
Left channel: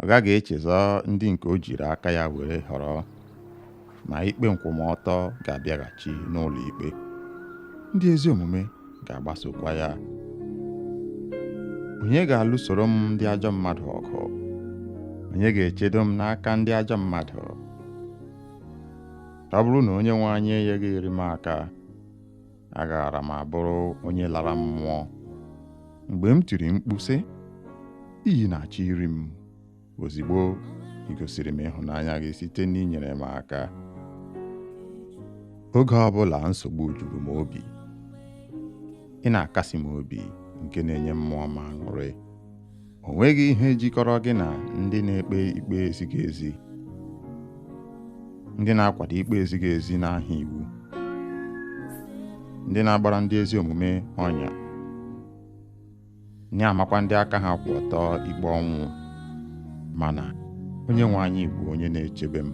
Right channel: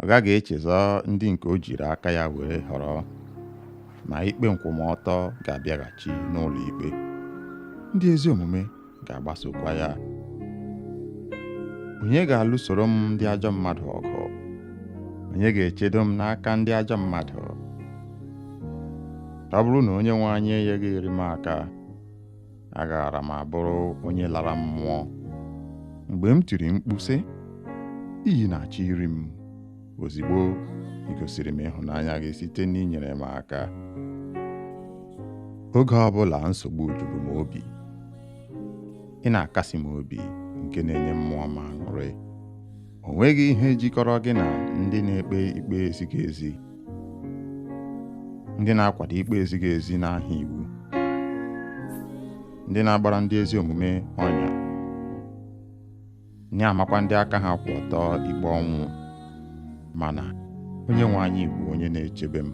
Ọ gaghị echezọ ndị nke o jiri aka ya were họrọ, ma ikpe nkwụmọtọ ga-abịaghachi n'ụlọ ikpe. Ndị ezi omume ga-agbasokwa ya. Onye ga-alụsoro m ndị ajọ mmadụ ọgụ? Onye ga-echedo m n'aka ndị ajọ mmadụ? Ọ bụrụ na Onyenwe anyị enyeghị m aka, agaara m abụrụ onye lara mmụọ. Mgbe m tiri mkpu sị, iyi na-achọ iri m, ozigbo ị gosiri m ịhụnanya gị site n'inyere m aka. Oge ọbụla nsogbu juru m obi, ị na-akasi m obi nke na-enye mmụọ m aṅụrị. O nweghị ihe jikọrọ gị na ndị na-ekpe ikpe ezighị ezi, ndị na-akwado ikpe ezighị ezi n'aha iwu, ndị na-agbara ndị ezi omume ọnya, na-amakwa ndị aka ha kwụ ọtọ ikpe ọnwụ. Mana onye nwe anyị bụ onye na-echebe m,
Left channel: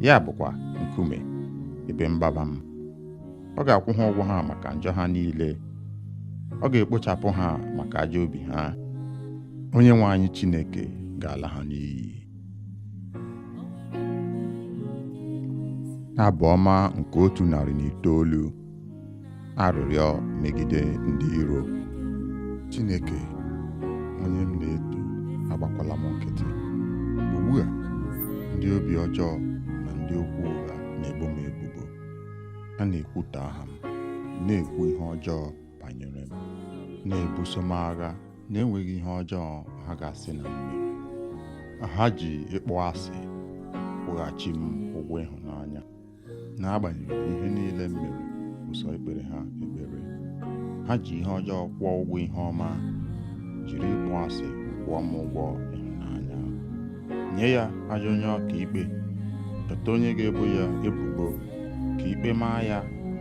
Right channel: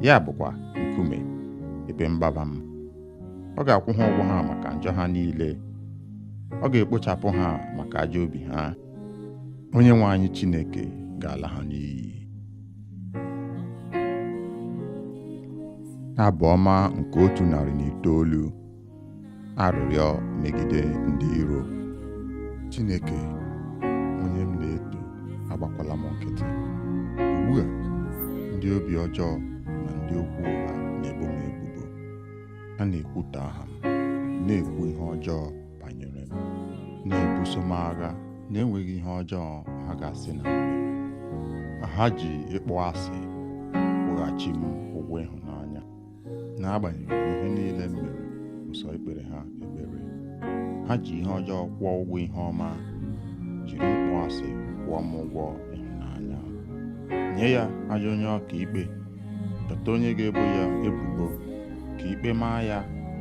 ya bụkwa nkume ebe mgbaba m. Ọ ga-akwụ ha ụgwọ ha maka njọ ha niile, ọ ga-ekpochapụ ha maka ajọ obi ha. Onye nwe anyị Chineke ga-ala ha n'iyi. Abụ ọma nke 109. Arịrịọ megide ndị iro. Chineke, onye m na-eto, agbakwala m nkịtị. Ugbu a, ndị obi ọjọọ na ndị okwu ụgha na-ebo m ebubo. Ha na-ekwutọ aha m, na-ekwu ihe ọjọọ banyere m, na-ebuso m agha na-enweghị ihe ọjọọ ha ga-asị na m mere. Ha ji ịkpọ asị kwụghachi m ụgwọ ịhụnanya, n'agbanyeghị ihe niile m mere ụsọ ekpere ha ekpere. Ha ji ihe ọjọọ kwụọ ụgwọ ihe ọma, jiri ịkpọ asị kwụọ m ụgwọ ịhụnanya. Nye ya ajọ onye ọka ikpe, keta onye ga-ebo ya ebubo, ka ikpe maa ya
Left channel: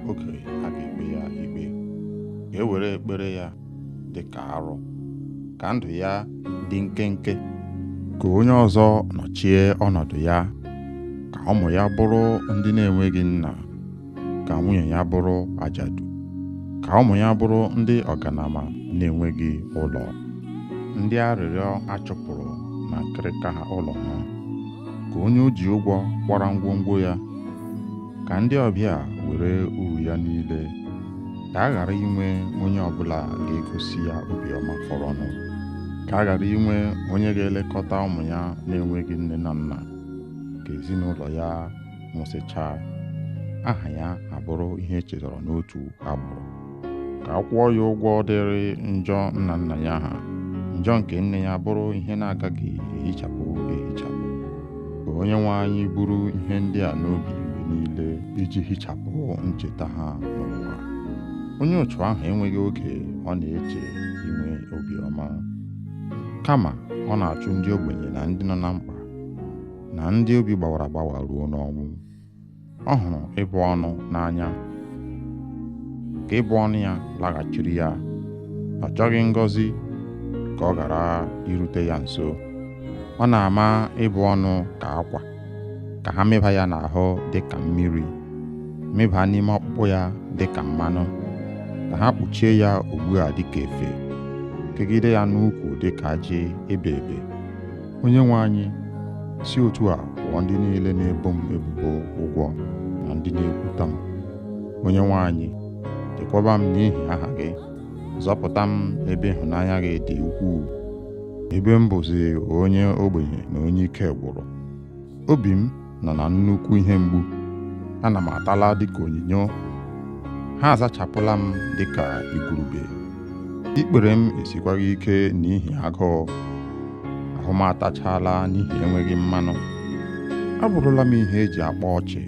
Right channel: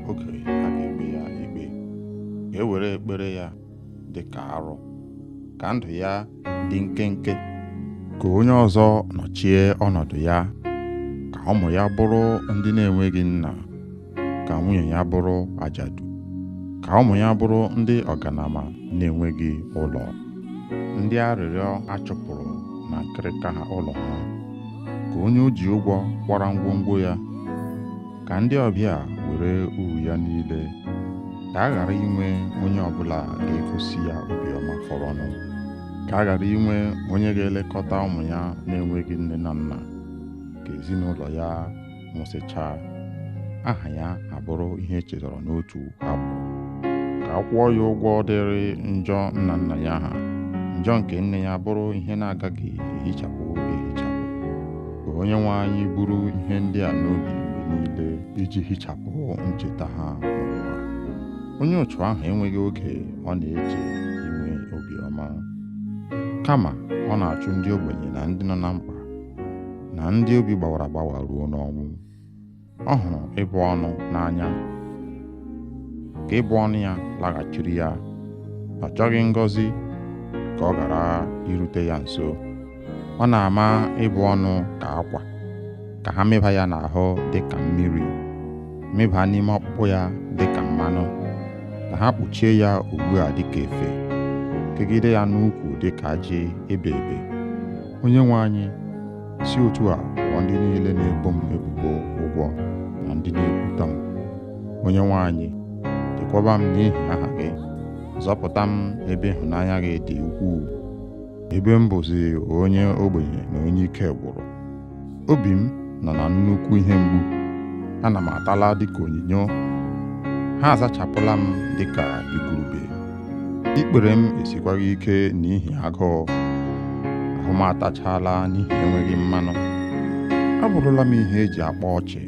oge a ga-ekpe ya ikpe. Ka e were ekpere ya dị ka arụ, ka ndụ ya dị nkenke. Ka onye ọzọ nọchie ọnọdụ ya, ka ụmụ ya bụrụ ndị na-enweghị nna, ka nwunye ya bụrụ ajadu, ka ụmụ ya bụrụ ndị ọganama na-enweghị ụlọ, ndị arịrịọ achụpụrụ na nkịrịka ha ụlọ ha. Ka onye o ji ụgwọ kwara ngwongwo ya, ka ndị ọbịa were uru ya niile. Ka a ghara inwe onye ọbụla ga-egosi ya obiọma fọrọnụ. Ka a ghara inwe onye ga-elekọta ụmụ ya na-enweghị nne na nna. Ka ezinụlọ ya nwụsịchaa, aha ya abụrụ ihe echetara n'otu agbụrụ. Ka a kwụọ ya ụgwọ dịrị njọ nna nna ya ha, njọ nke nne ya bụrụ ihe na-agaghị ehichapụ ehichapụ. Ka onye nwe anyị buru ihe ndị a n'obi mgbe niile iji hichapụ ncheta ha n'ụwa. Onye otu ahụ enweghị oge ọ na-eche inwe obiọma, kama ọ na-achụ ndị ogbenye na ndị nọ na mkpa, na ndị obi gbawara agbawa ruo n'ọnwụ. Ọ hụrụ ịbụ ọnụ n'anya, ka ịbụ ọnụ ya laghachiri ya. Ọ chọghị ngọzi ka ọ ghara irute ya nso. Ọ na-ama ịbụ ọnụ ka akwa, ka ha mịba ya n'ahụ dị ka mmiri, mịba n'ime ọkpụkpụ ya dị ka mmanụ, ka ha kpuchie ya ugbu a dị ka efe, kegide ya n'ukwu dị ka ajị ebe ebe. Onye nwe anyị, si otu a kwụọ ndị niile na-ebo m ebubo ụgwọ na ndị na-ekwutọ m. Onye nwe anyị, chekwaba m n'ihi aha gị, zọpụta m ebe ịhụnanya gị dị ukwuu. Ebe m bụzi onye ogbenye na onye ike gwụrụ, obi m nọ na nnukwu ihe mgbu. Ana m atala dịka onyinyo, ha azachapụla m dịka igurube. Ikpere m esikwaghị ike n'ihi agụụ, ahụ m atachala n'ihi enweghị mmanụ. Abụrụla m ihe eji akpa ọchị.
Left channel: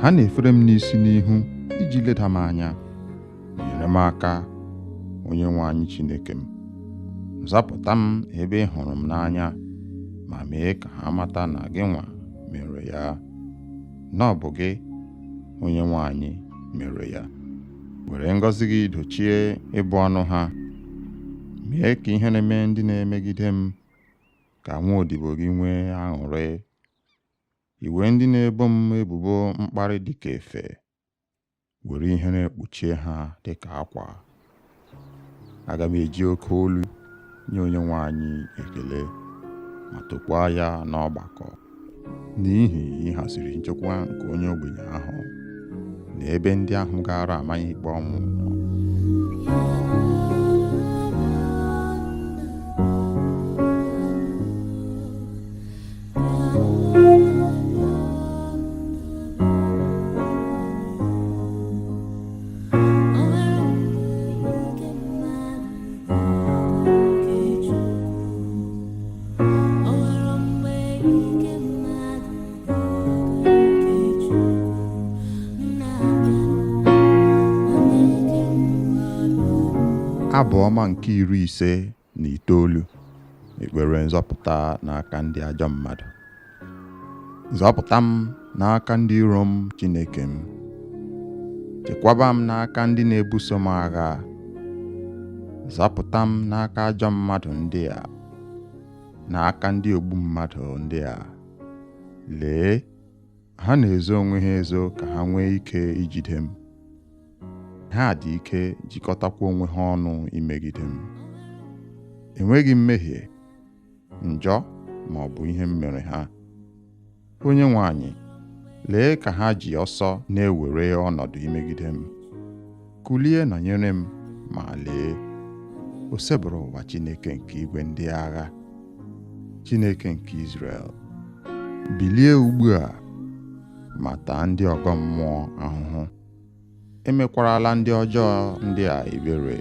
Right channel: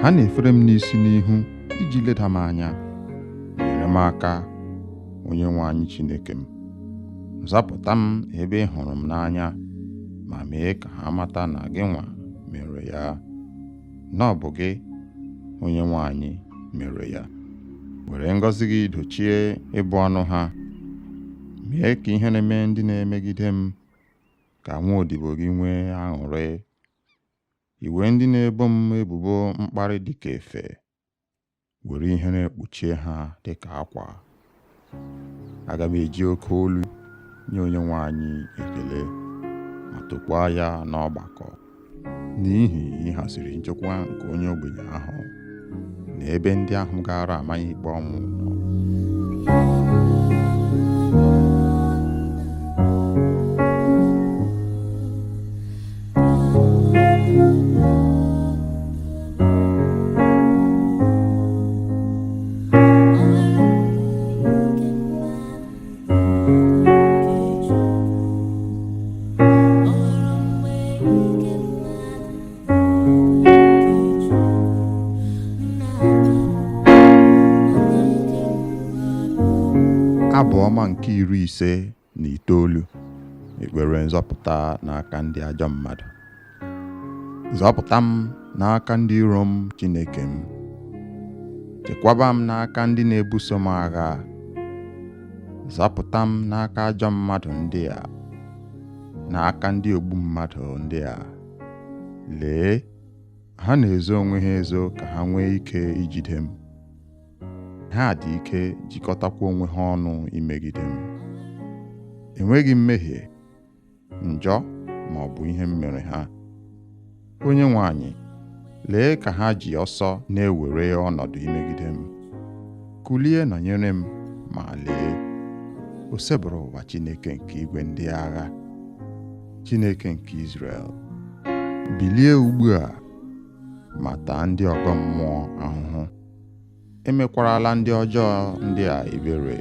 Ha na-efere m n'isi n'ihu iji leda m anya. Nyere m aka, onye nwe anyị Chineke m. Zapụta m ebe ị hụrụ m n'anya, ma mee ka ha mata na gị nwa mere ya, na ọ bụ gị, onye nwe anyị, mere ya. Were ngọzi gị dochie ịbụ ọnụ ha. Mee ka ihe na-eme ndị na-emegide m, ka nwa odibo gị nwee aṅụrị. Iwe ndị na-ebo m ebubo mkparị dịka efe, were ihe na-ekpuchie ha dịka akwa. Aga m eji oke olu nye onye nwe anyị ekele, ma tokwaa ya n'ọgbakọ, n'ihi ịhaziri nchekwa nke onye ogbenye ahụ na ebe ndị ahụ gara amaghị ikpe ọnwụ nọ. Abụ ọma nke 59, ekpere nzọpụta n'aka ndị ajọ mmadụ. Zọpụta m n'aka ndị iro m, Chineke m. Chekwaba m n'aka ndị na-ebuso m agha. Zọpụta m n'aka ajọ mmadụ ndị a, n'aka ndị ogbu mmadụ ndị a. Lee, ha na-ezo onwe ha ezo ka ha nwee ike ijide m. Ha dị ike jikọtakwa onwe ha ọnụ imegide m. Enweghị mmehie, njọ ma ọ bụ ihe m mere ha. Onye nwe anyị, lee ka ha ji ọsọ na-ewere ọnọdụ imegide m. Kulie nọnyere m, ma lee, o sebụrụ ụwa Chineke nke igwe ndị agha, Chineke nke Izrel. Bilie ugbu a ma taa ndị ọgọ mmụọ ahụhụ. Emekwarala ndị ọjọọ ndị a ebere.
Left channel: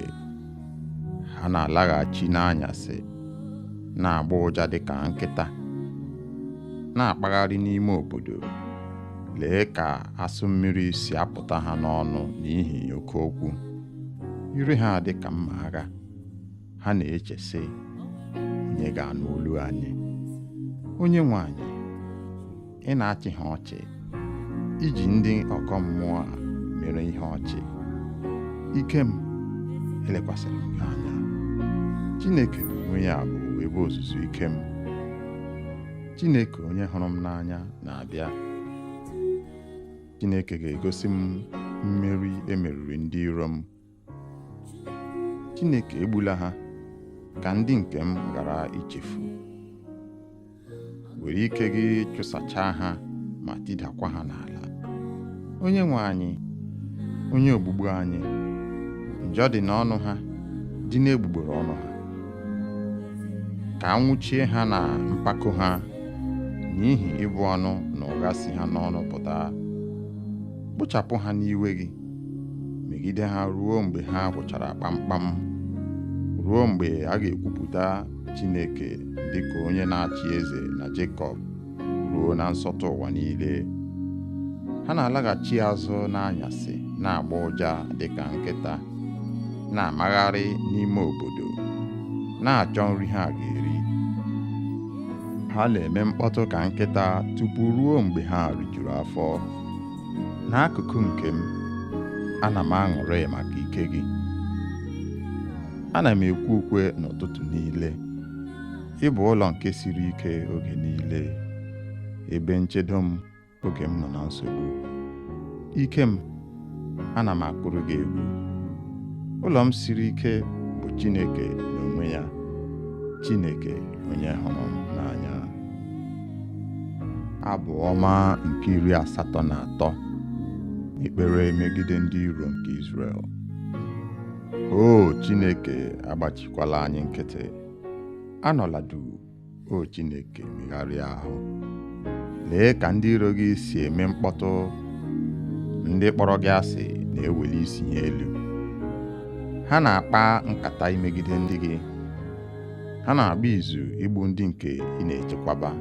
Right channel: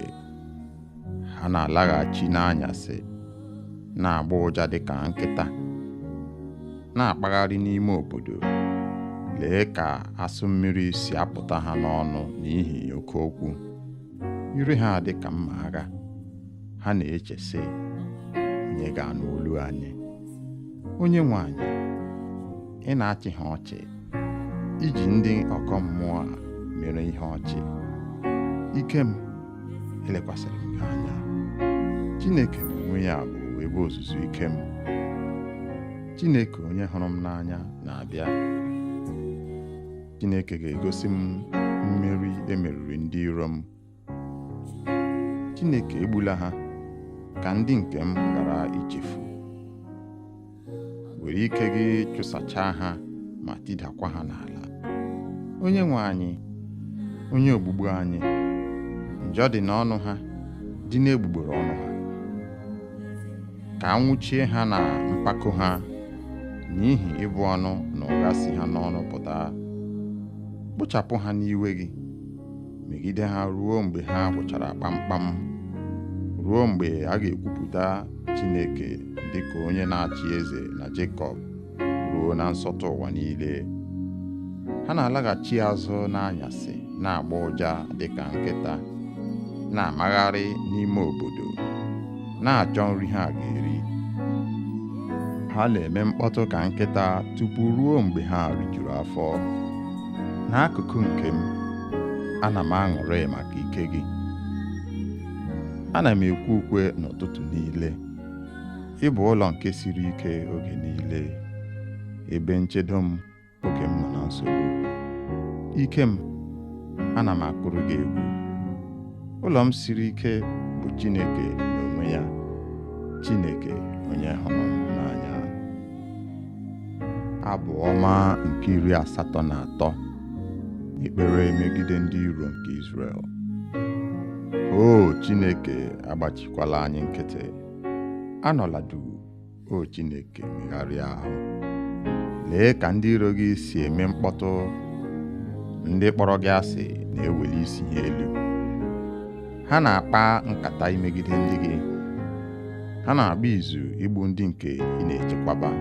Ha na-alaghachi n'anyasị, na-agba ụja dịka nkịta, na-akpagharị n'ime obodo. Lee ka asụ mmiri si apụta ha n'ọnụ n'ihi oke okwu. Ire ha dị ka mma agha. Ha na-eche sị, onye ga-anụ olu anyị? Onye nwe anyị, ị na-achị ha ọchị, iji ndị ọkọ mmụọ a mere ihe ọchị. Ike m, elekwasịrị m gị anya. Chineke n'onwe ya bụ ebe ozuzu ike m. Chineke onye hụrụ m n'anya na-abịa. Chineke ga-egosi m mmeri emeriri ndị iro m. Chineke egbula ha, ka ndị nke m ghara ichefu. Were ike gị chụsachaa ha ma tidakwa ha n'ala. Onye nwe anyị, onye ogbugbu anyị, njọ dị n'ọnụ ha, dị n'egbugbere ọnụ ha. Ka anwụchie ha na mpako ha, n'ihi ịbụ ọnụ na ụgha si ha n'ọnụ pụta. Kpochapụ ha n'iwe gị, megide ha ruo mgbe ha gwụchara kpamkpam, ruo mgbe a ga-ekwupụta Chineke dịka onye na-achị eze na Jekọb, ruo na nsọtụ ụwa niile. Ha na-alaghachi azụ n'anyasị, na-agba ụja dịka nkịta, na-amagharị n'ime obodo, na-achọ nri ha ga-eri. Ha na-eme mkpọtụ ka nkịta tupu ruo mgbe ha rijuru afọ. N'akụkụ nke m, ana m aṅụrị maka ike gị. Ana m ekwe ukwe n'ụtụtụ niile. Ị bụ ụlọ nke siri ike oge niile, ebe nchedo m oge m nọ na nsogbu. Ike m, ana m akpụrụ gị egwu. Ụlọ m siri ike bụ Chineke n'onwe ya, Chineke onye hụrụ m n'anya. Abụ ọma nke 83, ekpere megide ndị iro nke Izrel. O Chineke, agbachikwala anyị nkịtị. Anọla duu, o Chineke, megharịa ahụ. Lee ka ndị iro gị si eme mkpọtụ. Ndị kpọrọ gị asị na-eweli isi ha elu. Ha na-akpa nkata imegide ndị gị. Ha na-agba izu igbu ndị nke ị na-echekwaba.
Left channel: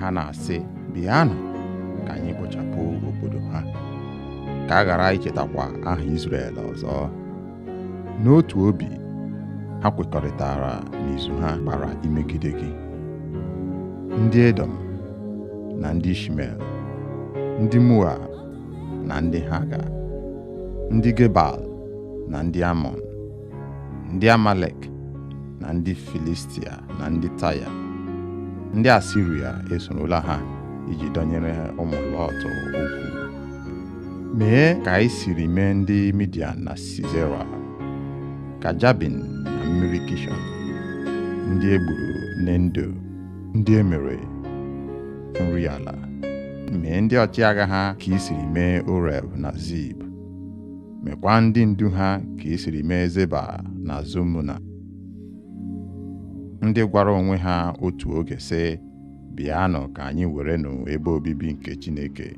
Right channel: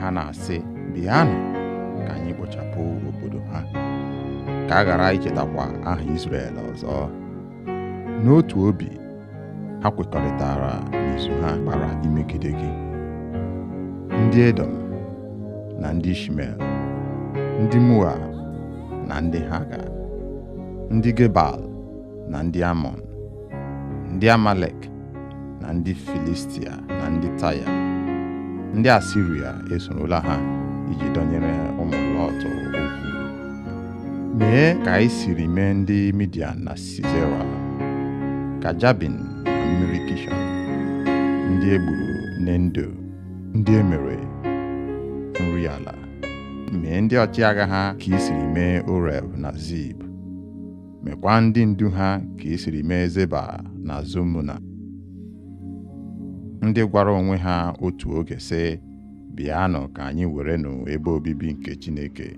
Ha na-asị, bịanụ ka anyị kpochapụ obodo ha, ka a ghara ichetakwa aha Izrel ọzọ. N'otu obi, ha kwekọrịtara n'izu ha gbara imegide gị. Ndị Edom na ndị Ishmel, ndị Moab na ndị Haga, ndị Gebal na ndị Amọn, ndị Amalek na ndị Filistia na ndị Taya, ndị Asiria esorola ha iji dọnyere ụmụ Lọt okwu. Mee ka anyị siri mee ndị Midian na Sisera, ka Jabin na mmiri Kishọn, ndị egburu n'Endo, ndị emere nri ala. Mee ndị ọchịagha ha ka i siri mee Oreb na Zib. Mekwa ndị ndu ha ka i siri mee Zeba na Zumuna, ndị gwara onwe ha otu oge sị, bịanụ ka anyị werenụ ebe obibi nke Chineke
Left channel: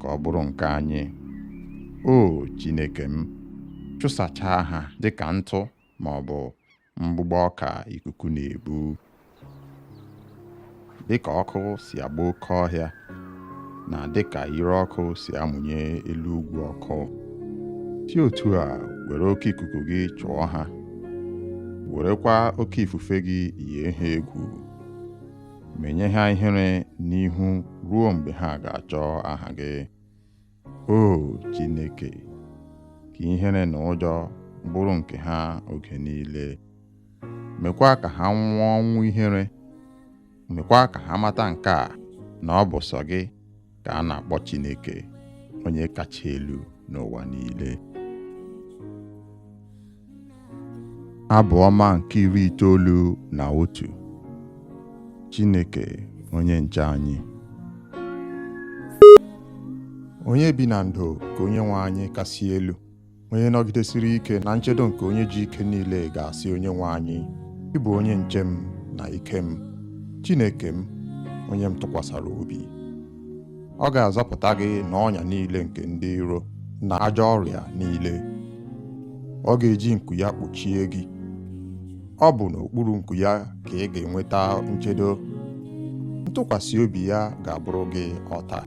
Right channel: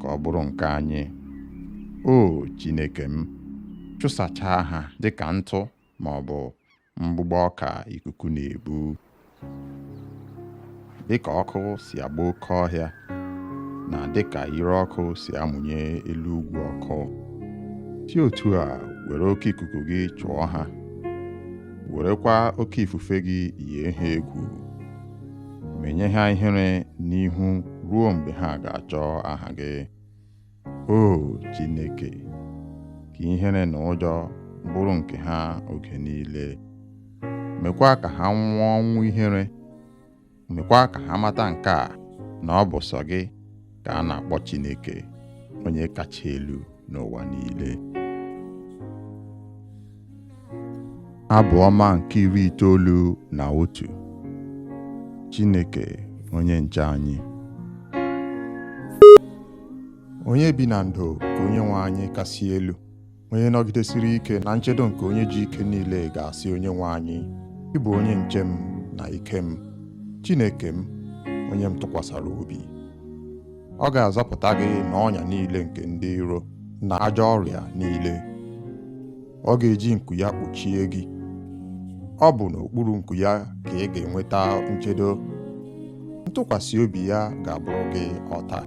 ka ọ bụrụ nke anyị. O Chineke m, chụsachaa ha dịka ntụ ma ọ bụ mgbụgbọ ọka ikuku na-ebu. Dịka ọkụ si agba oke ọhịa, na dịka ire ọkụ si amụnye elu ugwu ọkụ, si otu a were oke ikuku gị chụọ ha werekwa oke ifufe gị yie ha egwu, menye ha ihere n'ihu ruo mgbe ha ga-achọ aha gị. O Chineke, ka ihere na ụjọ bụrụ nke ha oge niile. Mekwa ka ha nwụọ ọnwụ ihere. Mekwa ka ha mata nke a, na ọ bụ sọ gị ka a na-akpọ Chineke, onye kacha elu n'ụwa niile. Abụ ọma nke 91. Chineke onye nche anyị. Onye bi na ndo ka Onyenwe anyị kasị elu, onye nọgidesiri ike na nchedo nke onye ji ike niile ga-asị Onyenwe anyị, ị bụ onye nche m na ike m, Chineke m, onye m tụkwasara obi. Ọ ga-azọpụta gị n'ọnya niile nke ndị iro na ajọ ọrịa niile. Ọ ga-eji nku ya kpuchie gị. Ọ bụ n'okpuru nku ya ka ị ga-enweta nchedo. Ntụkwasị obi ya ga-abụrụ gị ọta.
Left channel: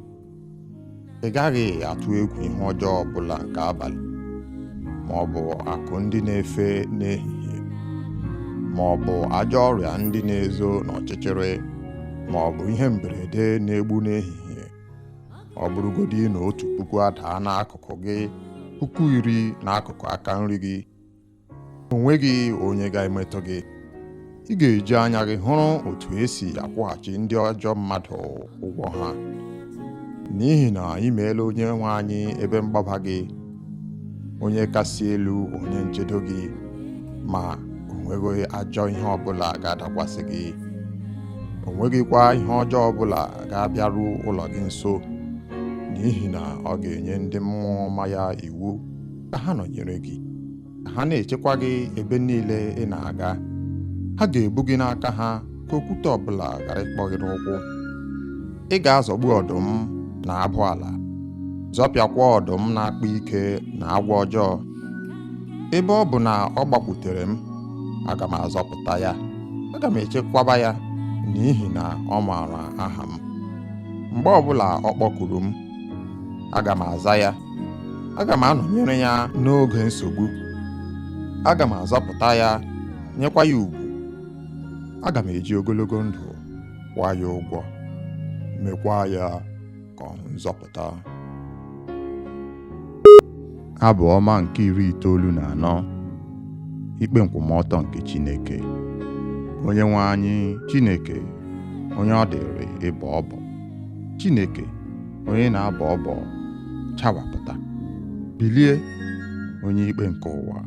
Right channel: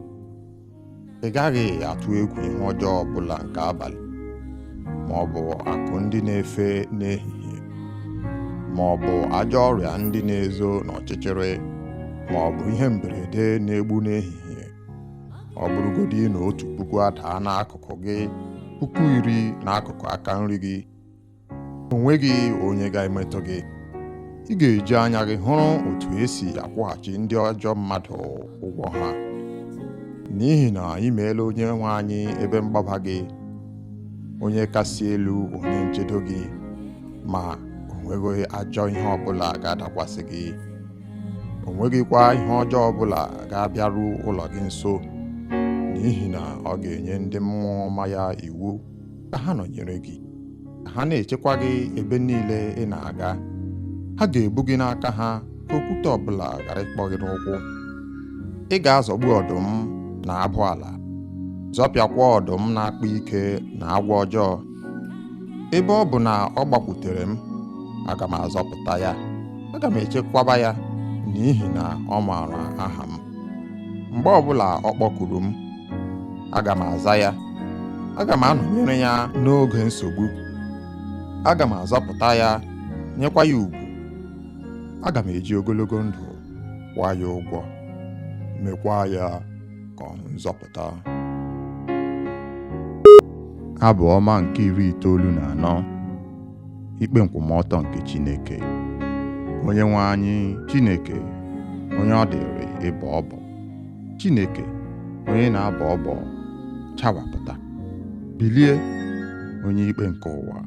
Ị gaghị atụ egwu ihe ọjọọ ọbụla nke abalị, ma ọ bụ akụ ndị na-efe n'ehihie, ma ọ bụ ajọ ọrịa ndị na-ezo n'ọchịchịrị, ma ọ bụ ihe mberede na-egbu n'ehihie. Ọ bụrụgodị na 1,000 adaa n'akụkụ gị, 10,000 n'akụkụ aka nri gị, o nweghị onye ga-emetụ gị. Ị ga-eji anya gị hụrụ otu esi akwụghachi ndị ajọ mmadụ ụgwọ ha, n'ihi na ị meela Onyenwe anyị ebe mgbaba gị, onye kasị elu, onye nchedo gị, ma o nweghị ajọ ihe ọbụla ga-adakwasị gị. O nweghịkwa ihe ọjọọ ọbụla ga-abịaru ụlọ gị nso, n'ihi na ọ ga-enye ndị mmụọ ọma ya iwu ka ha nọnyere gị, ka ha na-echekwa gị ebe niile ị na-aga. Ha ga-ebu gị n'aka ha ka okwute ọbụla ghara ịkpọ gị n'ụkwụ. Ị ga-azọgbu ọdụm na abụ ala, zọpịakwa ọdụm na-akpa ike na agwọ ọjọọ. Ebe ọ bụ na ọ gbakwutere m, aga m azọpụta ya. Aga m echekwaba ya, n'ihi na ọ maara aha m. Mgbe ọbụla ọ kpọkuru m, aga m aza ya. Aga m anọnyere ya n'oge nsogbu. Aga m azọpụta ya, nyekwa ya ugwu. Aga m eji ogologo ndụ kwụọ ya ụgwọ, mekwa ya ka ọ hụ nzọpụta. Abụ ọma nke 94. Ikpe nkwụmọtọ nke Chineke. Onyenwe anyị Chineke, onye ọ dịrị ịbọ ọbọ. Chineke, onye na-abọ ọbọ, chawapụta. Bilie, onye ikpe nke ụwa,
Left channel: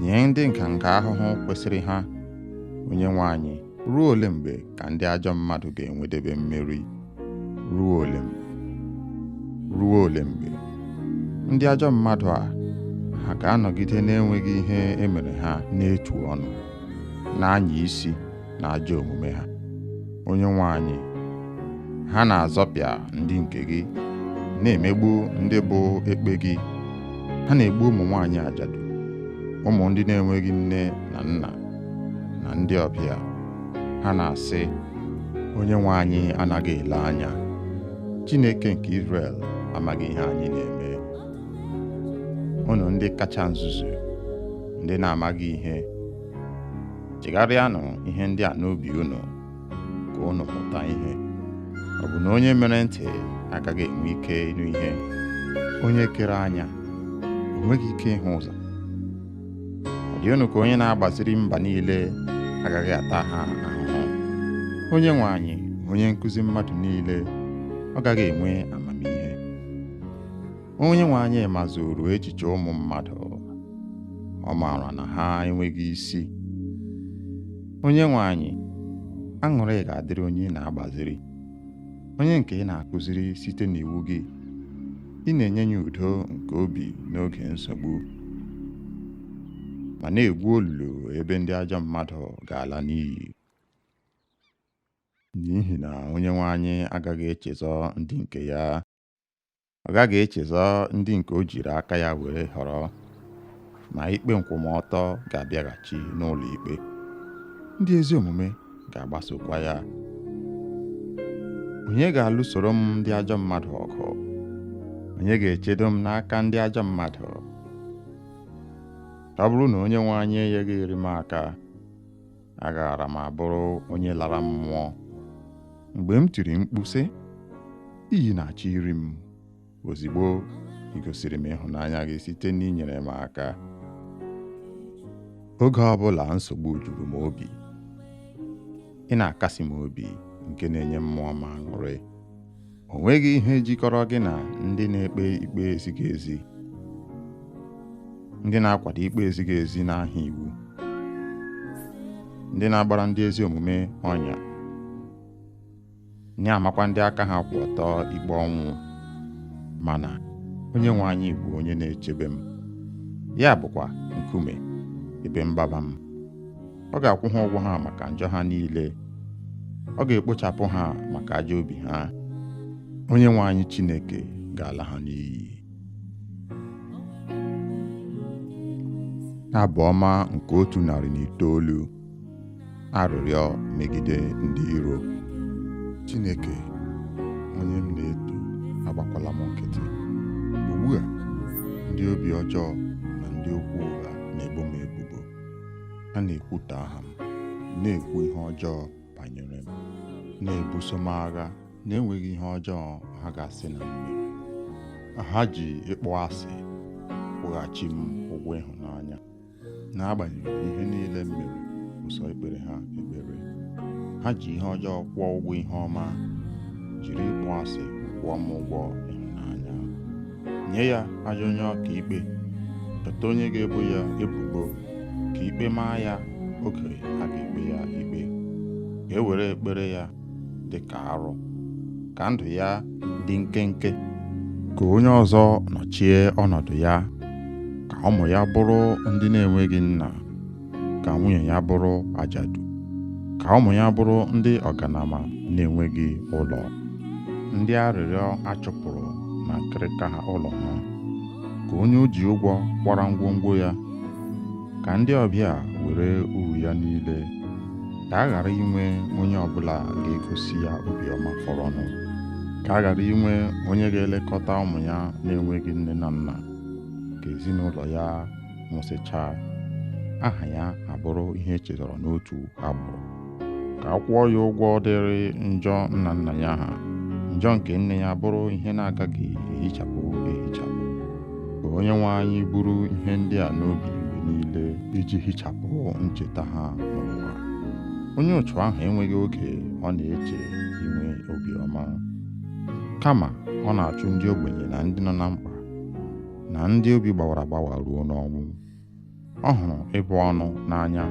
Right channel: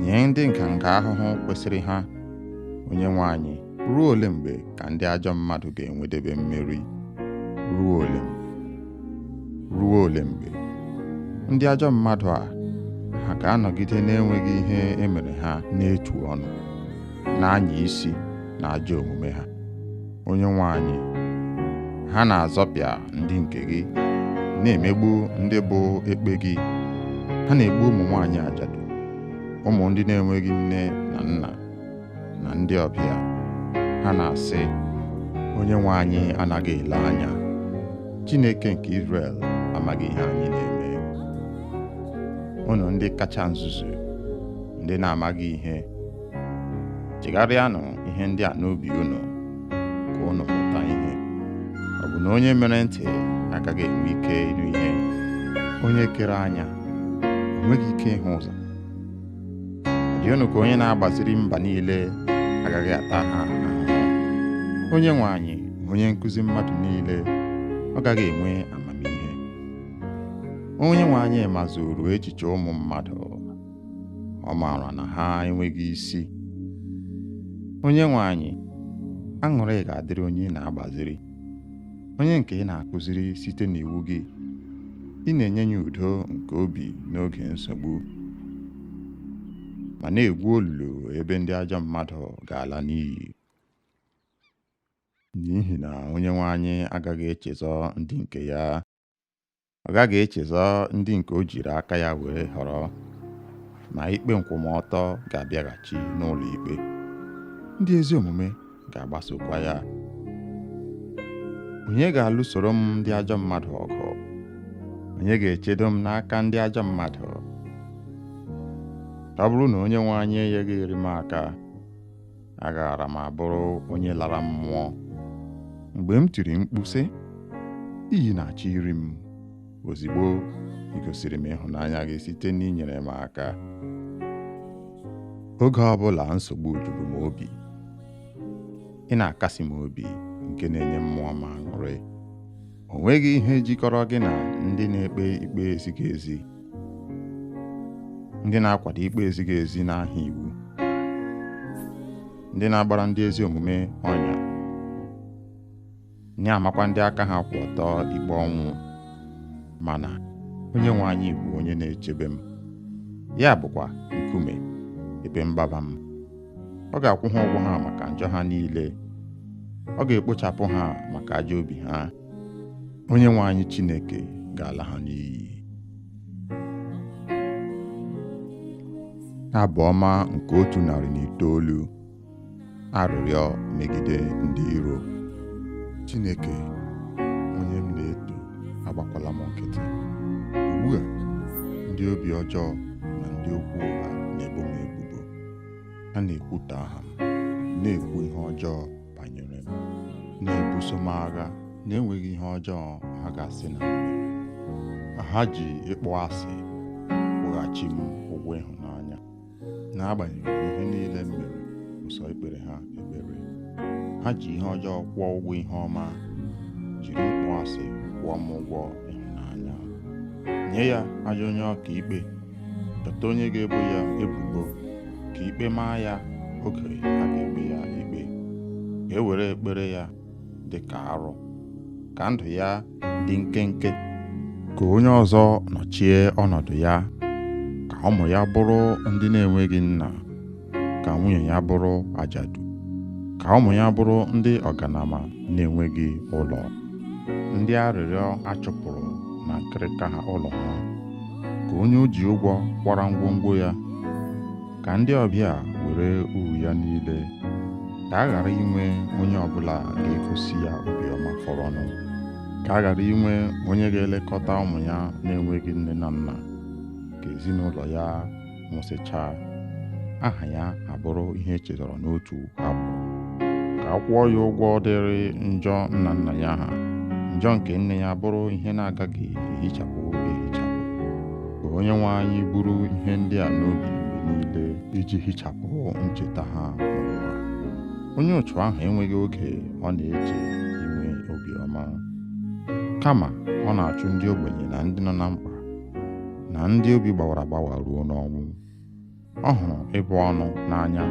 nye ndị nganga ahụhụ kwesịrị ha. Onyenwe anyị, ruo ole mgbe ka ndị ajọ mmadụ ga-enwedebe mmeri? Ruo ole mgbe? Ruo ole mgbe? Ndị ajọ mmadụ a, ha ga-anọgide na-enweghị ihe emere ha n'etu ọnụ, na-anya isi na ajọ omume ha. Onyenwe anyị, ha na-azọpịa ndị nke gị, na-emegbu ndị bụ ekpe gị. Ha na-egbu ụmụ nwaanyị ajadu, ụmụ ndị na-enweghị nne na nna, na ndị ọbịa. Ha na-asị, Onyenwe anyị anaghị ele anya. Chineke nke Izrel amaghị ihe anyị na-eme. Unu ndị kacha nzuzu, ndị na-amaghị ihe, chegharịanụ ihe ndị a n'obi unu, ka unu mụta ihe. Ọ bụ na onye mere ntị agaghị enwe ike ịnụ ihe? Onye kere anya o nweghị ike ịhụ ụzọ? Ọ dị unu ka onye na-agbaziri mba niile agaghị ata ha ahụhụ? Onyenwe anyị, onye nkụzi mmadụ niile, ọ gaghị enwe amamihe? Onyenwe anyị mazuru echiche ụmụ mmadụ, ọ maara na ha enweghị isi. Onyenwe anyị, aṅụrị ga-adịrị onye ị na-agbaziri, onye nke ị na-akụziri site n'iwu gị. Ị na-enye ya udo nke obi n'oge nsogbu, ma na-egwu olulu ebe ndị ajọ mmadụ ga-ala n'iyi. N'ihi na Onyenwe anyị agaghị echezọ ndị nke ya. Ọ gaghị echezọ ndị nke o jiri aka ya were họrọ, ma ikpe nkwụmọtọ ga-abịaghachi n'ụlọ ikpe. Ndị ezi omume ga-agbasokwa ya. Onye ga-alụsoro m ndị ajọ mmadụ ọgụ? Onye ga-echedo m n'aka ndị ajọ mmadụ? Ọ bụrụ na Onyenwe anyị enyeghị m aka, agaara m abụrụ onye lara mmụọ. Mgbe m tiri mkpu sị, iyi na-achọ iri m, ozigbo ị gosiri m ịhụnanya gị site n'inyere m aka. Oge ọbụla nsogbu juru m obi, ị na-akasi m obi nke na-enye mmụọ m aṅụrị. O nweghị ihe jikọrọ gị na ndị na-ekpe ikpe ezighị ezi, ndị na-akwado ikpe ezighị ezi n'aha iwu, ndị na-agbara ndị ezi omume ọnya, na-amakwa ndị aka ha kwụ ọtọ ikpe ọnwụ. Mana Onyenwe anyị bụ onye na-echebe m, ya bụkwa nkume ebe mgbaba m. Ọ ga-akwụ ha ụgwọ ha maka njọ ha niile, ọ ga-ekpochapụ ha maka ajọ obi ha. Onyenwe anyị Chineke ga-ala ha n'iyi. Abụ ọma nke 109. Arịrịọ megide ndị iro. Chineke, onye m na-eto, agbakwala m nkịtị. Ugbu a, ndị obi ọjọọ na ndị okwu ụgha na-ebo m ebubo. Ha na-ekwutọ aha m, na-ekwu ihe ọjọọ banyere m, na-ebuso m agha na-enweghị ihe ọjọọ ha ga-asị na m mere. Ha ji ịkpọ asị kwụghachi m ụgwọ ịhụnanya. N'agbanyeghị ihe niile m mere, ụsọ ekpere ha ekpere. Ha ji ihe ọjọọ kwụọ ụgwọ ihe ọma, jiri ịkpọ asị kwụọ m ụgwọ ịhụnanya. Nye ya ajọ onye ọka ikpe, chọta onye ga-ebo ya ebubo, ka ikpe maa ya oge a ga-ekpe ya ikpe. Ka e were ekpere ya dị ka arụ, ka ndụ ya dị nkenke. Ka onye ọzọ nọchie ọnọdụ ya, ka ụmụ ya bụrụ ndị na-enweghị nna, ka nwunye ya bụrụ ajadu, ka ụmụ ya bụrụ ndị ọganama na-enweghị ụlọ, ndị arịrịọ achụpụrụ na nkịrịka ha ụlọ ha. Ka onye o ji ụgwọ kwara ngwongwo ya, ka ndị ọbịa were uru ya niile. Ka a ghara inwe onye ọbụla ga-egosi ya obiọma fọrọnụ. Ka a ghara inwe onye ga-elekọta ụmụ ya na-enweghị nne na nna. Ka ezinụlọ ya nwụsịchaa, aha ya abụrụ ihe echetara n'otu agbụrụ. Ka a kwụọ ya ụgwọ dịrị njọ nna nna ya ha, njọ nke nne ya bụrụ ihe na-agaghị ehichapụ ehichapụ. Ka Onyenwe anyị buru ihe ndị a n'obi mgbe niile iji hichapụ ncheta ha n'ụwa. Onye otu ahụ enweghị oge ọ na-eche inwe obiọma, kama ọ na-achụ ndị ogbenye na ndị nọ na mkpa na ndị obi gbawara agbawa ruo n'ọnwụ. Ọ hụrụ ịbụ ọnụ n'anya,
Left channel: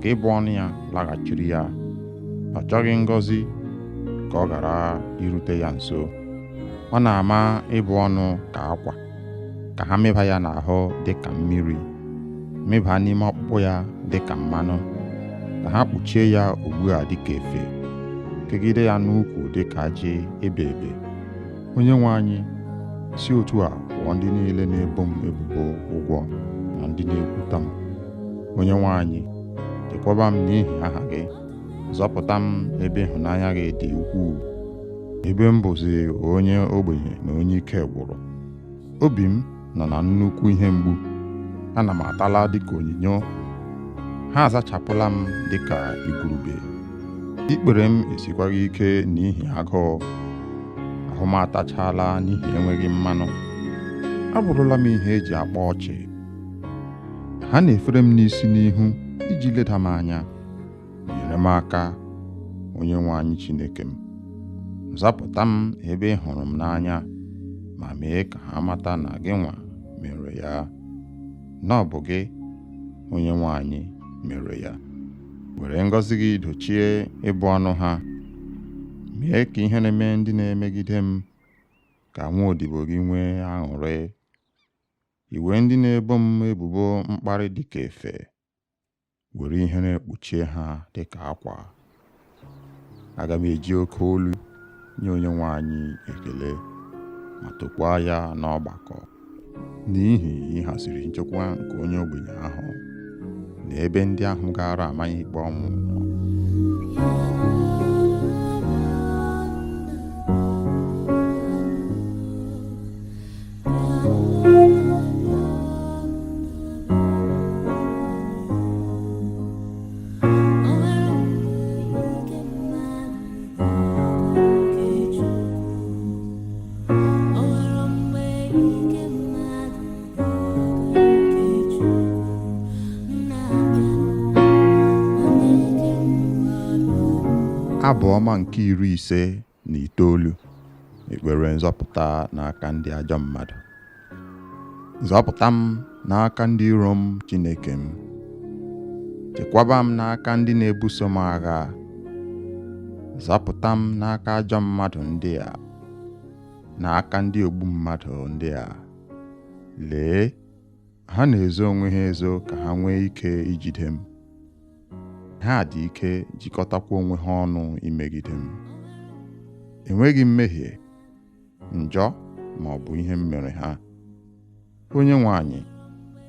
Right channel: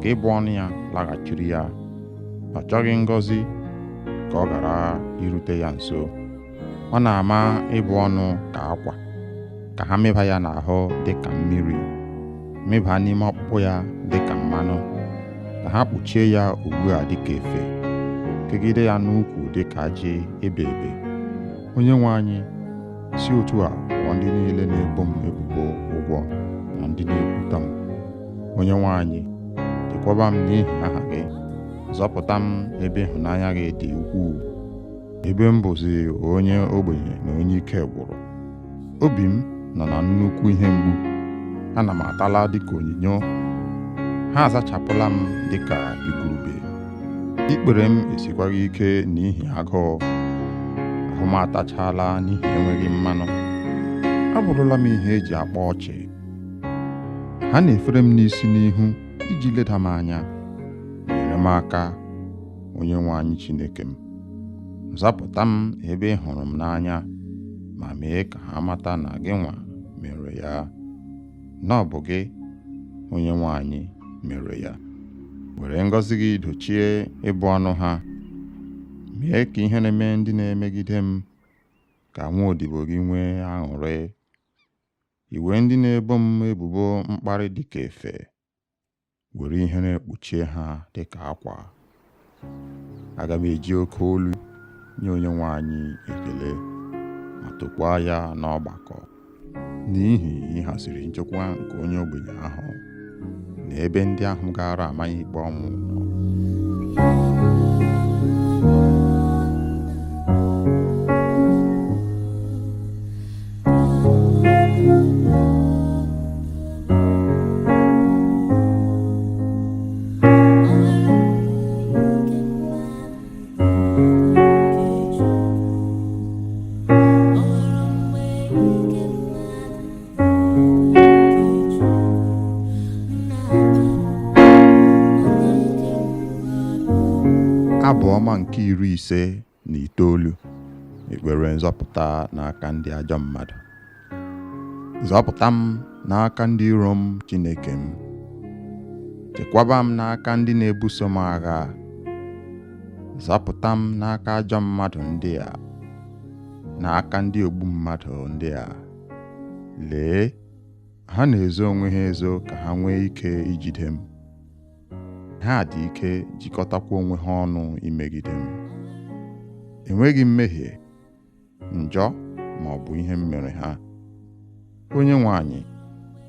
ka ịbụ ọnụ ya laghachiri ya. Ọ chọghị ngọzi ka ọ ghara irute ya nso. Ọ na-ama ịbụ ọnụ ka akwa, ka ha mịba ya n'ahụ dị ka mmiri, mịba n'ime ọkpụkpụ ya dị ka mmanụ, ka ha kpuchie ya ugbu a dị ka efe, kegide ya n'ukwu dị ka ajị ebe ebe. Onyenwe anyị, si otu a kwụọ ndị niile na-ebo m ebubo ụgwọ na ndị na-ekwuta m. Onyenwe anyị, chekwaba m n'ihi aha gị, zọpụta m ebe ịhụnanya gị dị ukwuu. Ebe m bụzi onye ogbenye na onye ike gwụrụ, obi m nọ na nnukwu ihe mgbu. Ana m atala dịka onyinyo, ha azachapụla m dịka igurube. Ikpere m esikwaghị ike n'ihi agụụ, ahụ m atachala n'ihi enweghị mmanụ. Abụrụla m ihe eji akpa ọchị. Ha na-efere m n'isi n'ihu iji leda m anya. Nyere m aka, Onyenwe anyị Chineke m. Zapụta m ebe ị hụrụ m n'anya, ma mee ka ha mata na gị nwa mere ya, na ọ bụ gị, Onyenwe anyị, mere ya. Were ngọzi gị dochie ịbụ ọnụ ha. Mee ka ihe na-eme ndị na-emegide m, ka nwa odibo gị nwee aṅụrị. Iwe ndị na-ebo m ebubo mkparị dị ka efe, were ihere kpuchie ha dị ka akwa. Aga m eji oke olu nye Onyenwe anyị ekele, ma tokwaa ya n'ọgbakọ, n'ihi ịhaziri nchekwa nke onye ogbenye ahụ na ebe ndị ahụ gara amaghị ikpe ọnwụ nọ. Abụ ọma nke 59, ekpere nzọpụta n'aka ndị ajọ mmadụ. Zọpụta m n'aka ndị iro m, Chineke m. Chekwaba m n'aka ndị na-ebuso m agha. Zọpụta m n'aka ajọ mmadụ ndị a, n'aka ndị ogbu mmadụ ndị a. Lee, ha na-ezo onwe ha ezo ka ha nwee ike ijide m. Ha dị ike jikọtakwa onwe ha ọnụ imegide m. Enweghị mmehie, njọ ma ọ bụ ihe m mere ha. Onyenwe anyị,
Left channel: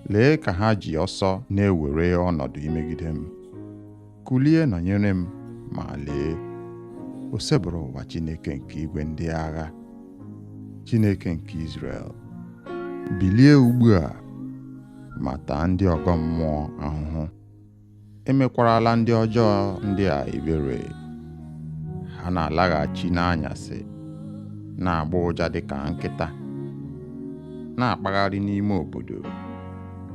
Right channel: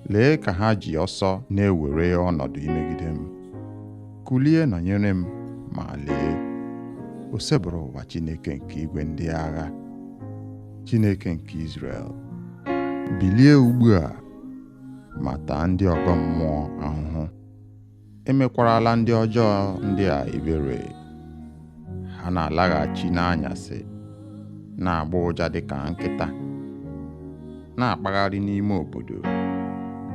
lee ka ha ji ọsọ na-ewere ọnọdụ imegide m. Kulie nọnyere m, ma lee, o sebụrụ ụwa Chineke nke igwe ndị agha, Chineke nke Izrel. Bilie ugbu a ma taa ndị ọgọ mmụọ ahụhụ. Emekwarala ndị ọjọọ ndị a ebere. Ha na-alaghachi n'anyasị, na-agba ụja dịka nkịta, na-akpagharị n'ime obodo.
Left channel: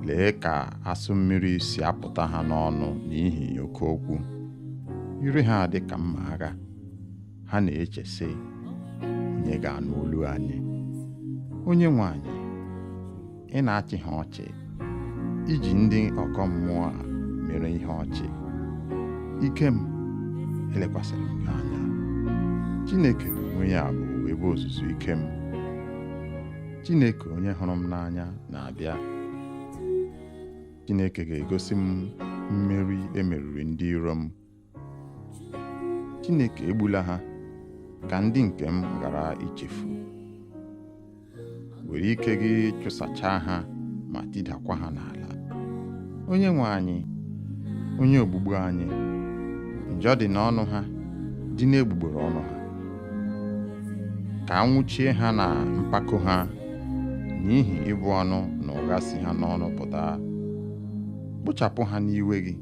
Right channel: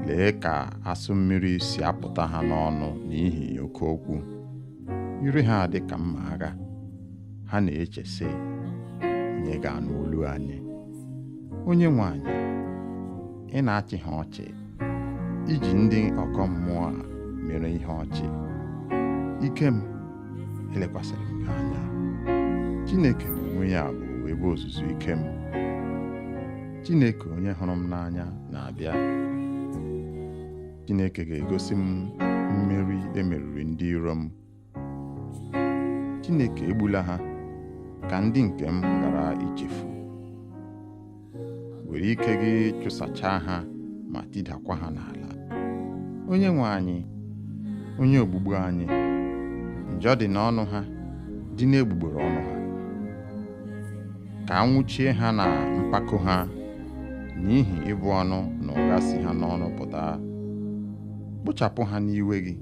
Lee ka asụ mmiri si apụta ha n'ọnụ n'ihi oke okwu. Ire ha dị ka mma agha. Ha na-eche sị, onye ga-anụ olu anyị? Onyenwe anyị, ị na-achị ha ọchị, iji ndị ọgọ mmụọ a mere ihe ọchị. Ike m, elekwasịrị m gị anya. Chineke n'onwe ya bụ ebe ozuzu ike m. Chineke onye hụrụ m n'anya na-abịa. Chineke ga-egosi m mmeri emeriri ndị iro m. Chineke egbula ha ka ndị nke m ghara ichefu. Were ike gị chụsachaa ha ma tidakwa ha n'ala. Onyenwe anyị, onye ogbugbu anyị, njọ dị n'ọnụ ha, dị n'egbugbere ọnụ ha. Ka anwụchie ha na mpako ha, n'ihi ịbụ ọnụ na ụgha si ha n'ọnụ pụta. Kpochapụ ha n'iwe gị,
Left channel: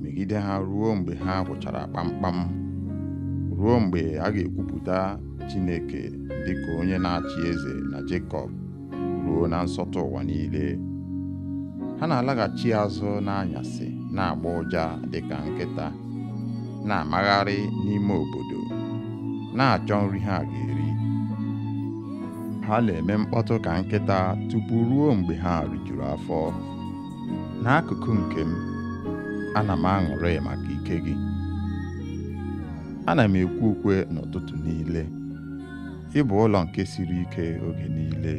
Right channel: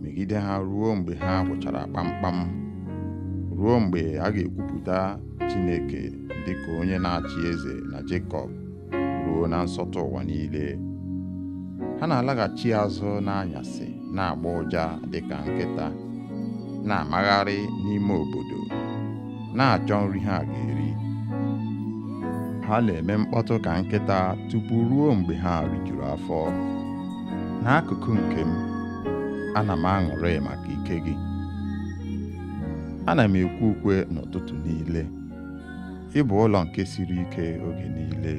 megide ha ruo mgbe ha gwụchara kpamkpam, ruo mgbe a ga-ekwupụta Chineke dịka onye na-achị eze na Jekọb, ruo na nsọtụ ụwa niile. Ha na-alaghachi azụ n'anyasị, na-agba ụja dịka nkịta, na-amagharị n'ime obodo, na-achọ nri ha ga-eri. Ha na-eme mkpọtụ ka nkịta tupu ruo mgbe ha rijuru afọ. N'akụkụ nke m, ana m aṅụrị maka ike gị. Ana m ekwe ukwe n'ụtụtụ niile. Ị bụ ụlọ nke siri ike oge niile,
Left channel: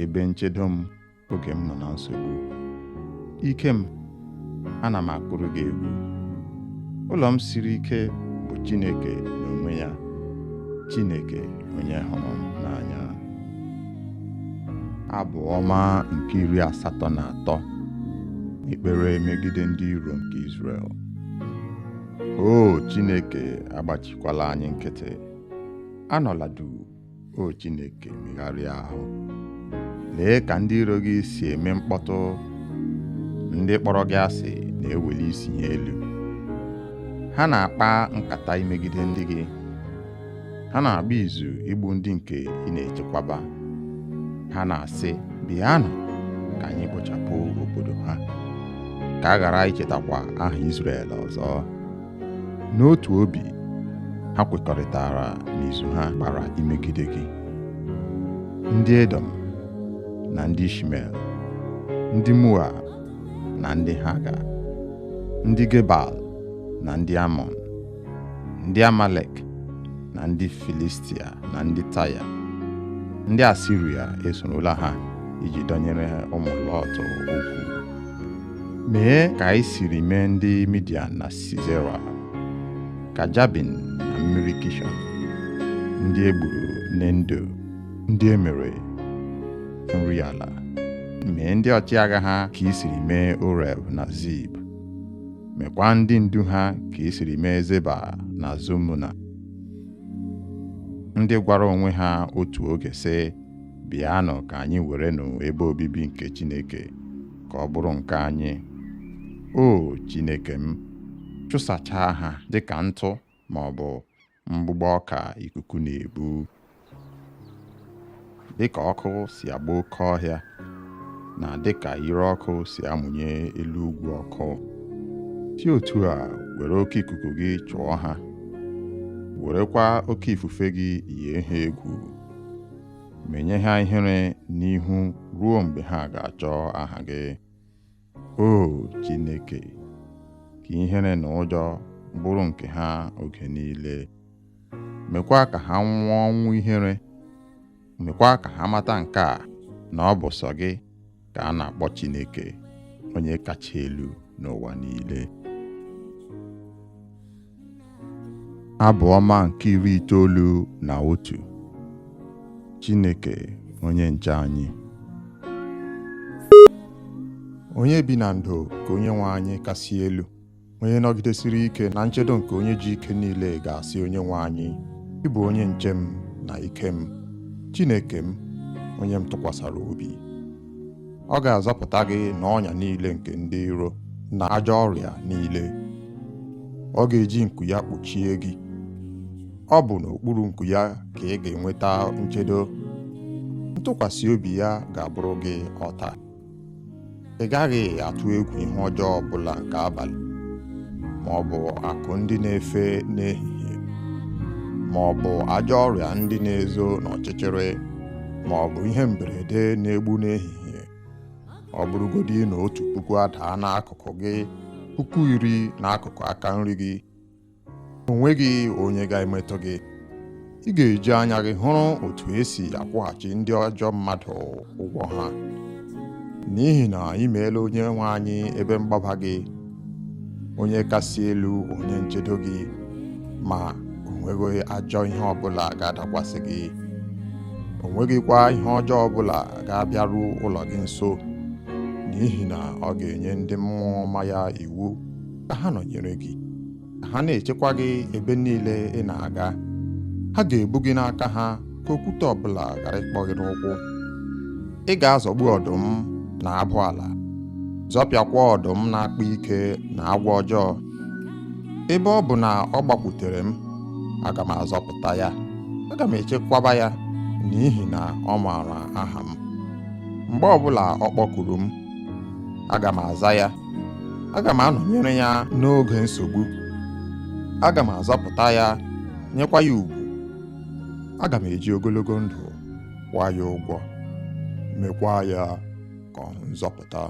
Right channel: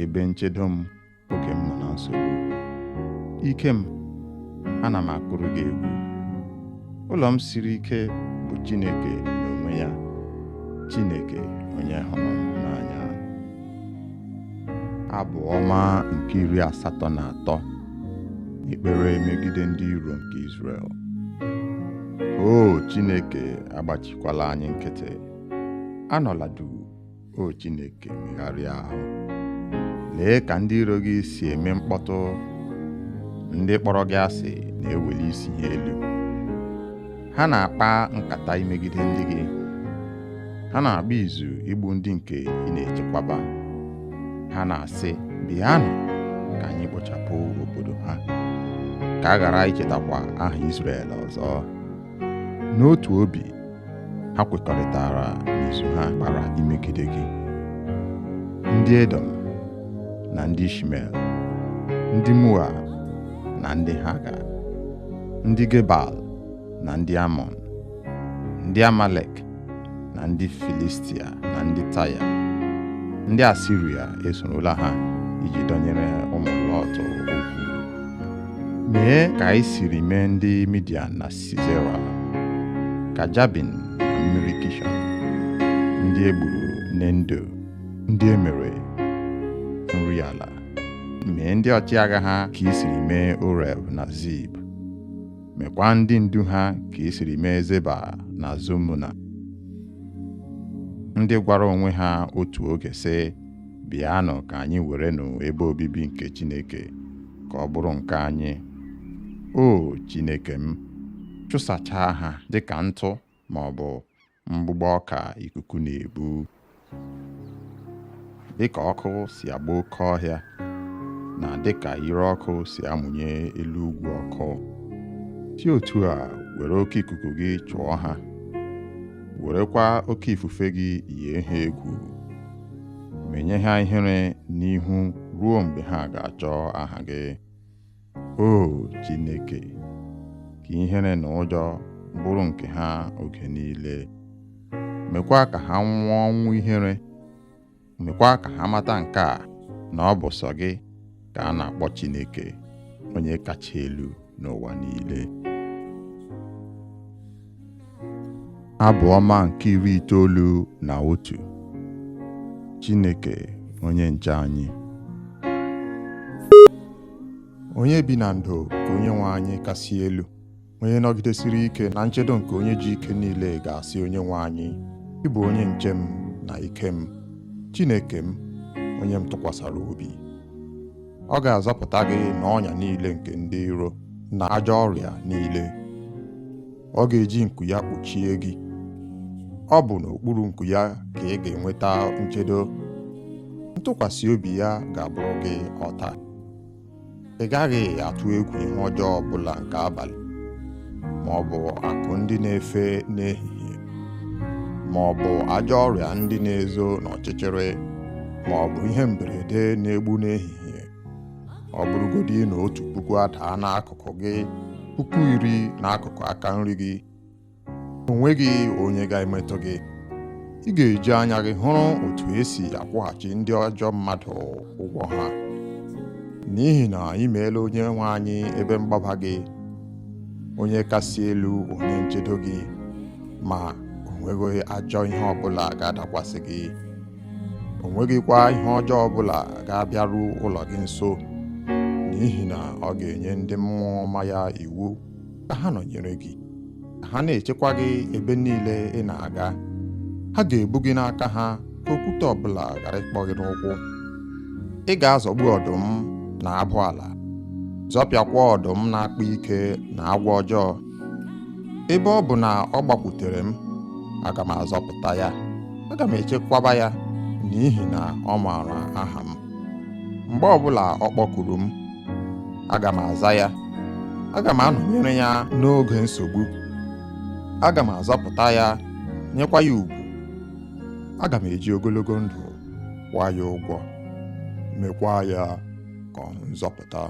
ebe nchedo m oge m nọ na nsogbu. Ike m, ana m akụrụ gị egwu. Ụlọ m siri ike bụ Chineke n'onwe ya, Chineke onye hụrụ m n'anya. Abụ ọma nke 83, ekpere megide ndị iro nke Izrel. O Chineke, agbachikwala anyị nkịtị. Anọla duu, o Chineke, megharịa ahụ. Lee ka ndị iro gị si eme mkpọtụ. Ndị kpọrọ gị asị na-eweli isi ha elu. Ha na-akpa nkata imegide ndị gị. Ha na-agba izu igbu ndị nke ị na-echekwaba. Ha na-asị, bịanụ ka anyị kpochapụ obodo ha, ka a ghara ichetakwa aha Izrel ọzọ. N'otu obi, ha kwekọrịtara n'izu ha gbara imegide gị. Ndị Edom na ndị Ishmel, ndị Moab na ndị Haga, ndị Gebal na ndị Amọn, ndị Amalek na ndị Filistia na ndị Taya. Ndị Asiria esorola ha iji dọnyere ụmụ Lọt okwu. Mee ka anyị siri mee ndị Midian na Sisera, ka Jabin na mmiri Kishọn, ndị egburu n'Endo, ndị emere nri ala. Mee ndị ọchịagha ha ka i siri mee Oreb na Zib. Mekwa ndị ndu ha ka i siri mee Zeba na Zumuna, ndị gwara onwe ha otu oge sị, bịanụ ka anyị werenụ ebe obibi nke Chineke ka ọ bụrụ nke anyị. O Chineke m, chụsachaa ha dịka ntụ ma ọ bụ mgbụgbọ ọka ikuku na-ebu. Dịka ọkụ si agba oke ọhịa, na dịka ire ọkụ si amụnye elu ugwu ọkụ, si otu a were oke ikuku gị chụọ ha werekwa oke ifufe gị yie ha egwu, menye ha ihere n'ihu ruo mgbe ha ga-achọ aha gị. O Chineke, ka ihere na ụjọ bụrụ nke ha oge niile. Mekwa ka ha nwụọ ọnwụ ihere. Mekwa ka ha mata nke a, na ọ bụ sọ gị ka a na-akpọ Chineke, onye kacha elu n'ụwa niile. Abụ ọma nke 91. Chineke onye nche anyị. Onye bi na ndo ka Onyenwe anyị kasị elu, onye nọgidesiri ike na nchedo nke onye ji ike niile ga-asị Onyenwe anyị, ị bụ onye nche m na ike m, Chineke m, onye m tụkwasara obi. Ọ ga-azọpụta gị n'ọnya niile nke ndị iro na ajọ ọrịa niile. Ọ ga-eji nku ya kpuchie gị. Ọ bụ n'okpuru nku ya ka ị ga-enweta nchedo. Ntụkwasị obi ya ga-abụrụ gị ọta. Ị gaghị atụ egwu ihe ọjọọ ọbụla nke abalị, ma ọ bụ akụ ndị na-efe n'ehihie, ma ọ bụ ajọ ọrịa ndị na-ezo n'ọchịchịrị, ma ọ bụ ihe mberede na-egbu n'ehihie. Ọ bụrụgodị na 1,000 adaa n'akụkụ gị, 10,000 n'akụkụ aka nri gị, o nweghị onye ga-emetụ gị. Ị ga-eji anya gị hụrụ otu esi akwụghachi ndị ajọ mmadụ ụgwọ ha, n'ihi na ị meela Onyenwe anyị ebe mgbaba gị, onye kasị elu, onye nchedo gị, ma o nweghị ajọ ihe ọbụla ga-adakwasị gị. O nweghịkwa ihe ọjọọ ọbụla ga-abịaru ụlọ gị nso, n'ihi na ọ ga-enye ndị mmụọ ọma ya iwu ka ha nọnyere gị, ka ha na-echekwa gị ebe niile ị na-aga. Ha ga-ebu gị n'aka ha ka okwute ọbụla ghara ịkpọ gị n'ụkwụ. Ị ga-azọgbu ọdụm na abụ ala, zọpịakwa ọdụm na-akpa ike na agwọ ọjọọ. Ebe ọ bụ na ọ gbakwutere m, aga m azọpụta ya. Aga m echekwaba ya, n'ihi na ọ maara aha m. Mgbe ọbụla ọ kpọkuru m, aga m aza ya. Aga m anọnyere ya n'oge nsogbu. Aga m azọpụta ya, nyekwa ya ugwu. Aga m eji ogologo ndụ kwụọ ya ụgwọ, mekwa ya ka ọ hụ nzọpụta.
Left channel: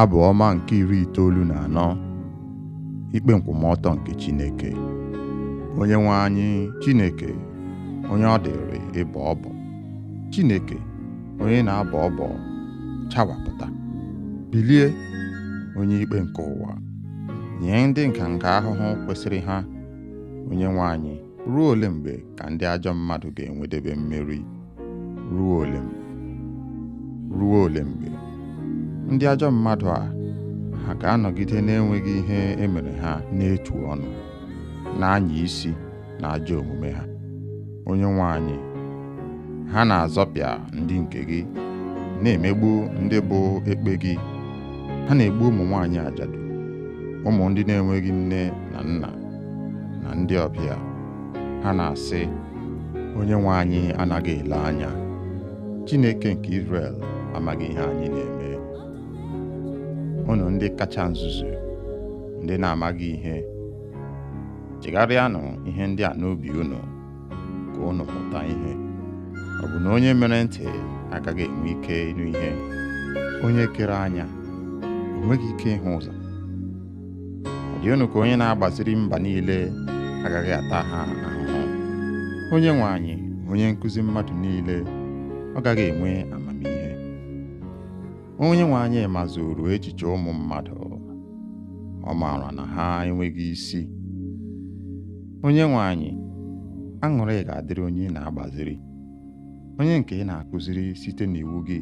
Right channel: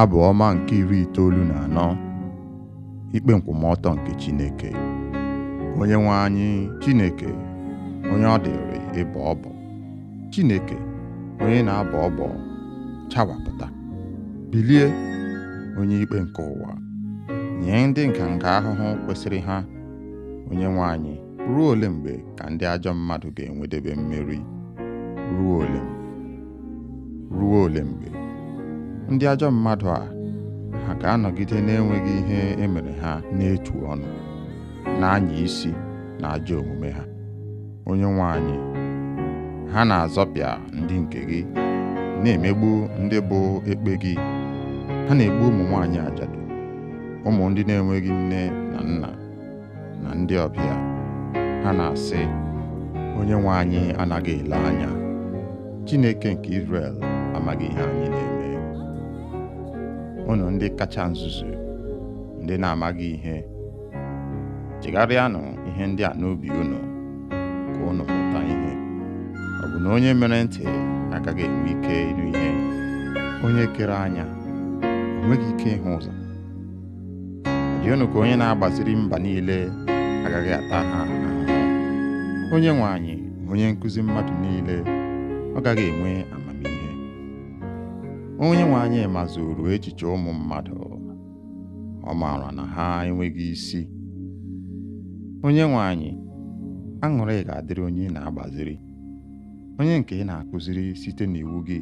Abụ ọma nke 94. Ikpe nkwụmọtọ nke Chineke. Onyenwe anyị Chineke, onye ọ dịrị ịbọ ọbọ. Chineke, onye na-abọ ọbọ, chawapụta. Bilie, onye ikpe nke ụwa, nye ndị nganga ahụhụ kwesịrị ha. Onyenwe anyị, ruo ole mgbe ka ndị ajọ mmadụ ga-enwedebe mmeri? Ruo ole mgbe? Ruo ole mgbe? Ndị ajọ mmadụ a, ha ga-anọgide na-enweghị ihe emere ha n'etu ọnụ, na-anya isi na ajọ omume ha. Onyenwe anyị, ha na-azọpịa ndị nke gị, na-emegbu ndị bụ ekpe gị. Ha na-egbu ụmụ nwaanyị ajadu, ụmụ ndị na-enweghị nne na nna, na ndị ọbịa. Ha na-asị, Onyenwe anyị anaghị ele anya. Chineke nke Izrel amaghị ihe anyị na-eme. Unu ndị kacha nzuzu, ndị na-amaghị ihe, chegharịanụ ihe ndị a n'obi unu, ka unu mụta ihe. Ọ bụ na onye mere ntị agaghị enwe ike ịnụ ihe? Onye kere anya o nweghị ike ịhụ ụzọ? Ọ dị unu ka onye na-agbaziri mba niile agaghị ata ha ahụhụ? Onyenwe anyị, onye nkụzi mmadụ niile, ọ gaghị enwe amamihe? Onyenwe anyị mazuru echiche ụmụ mmadụ, ọ maara na ha enweghị isi. Onyenwe anyị, aṅụrị ga-adịrị onye na-agbaziri, onye nke ị na-akụziri site n'iwu gị.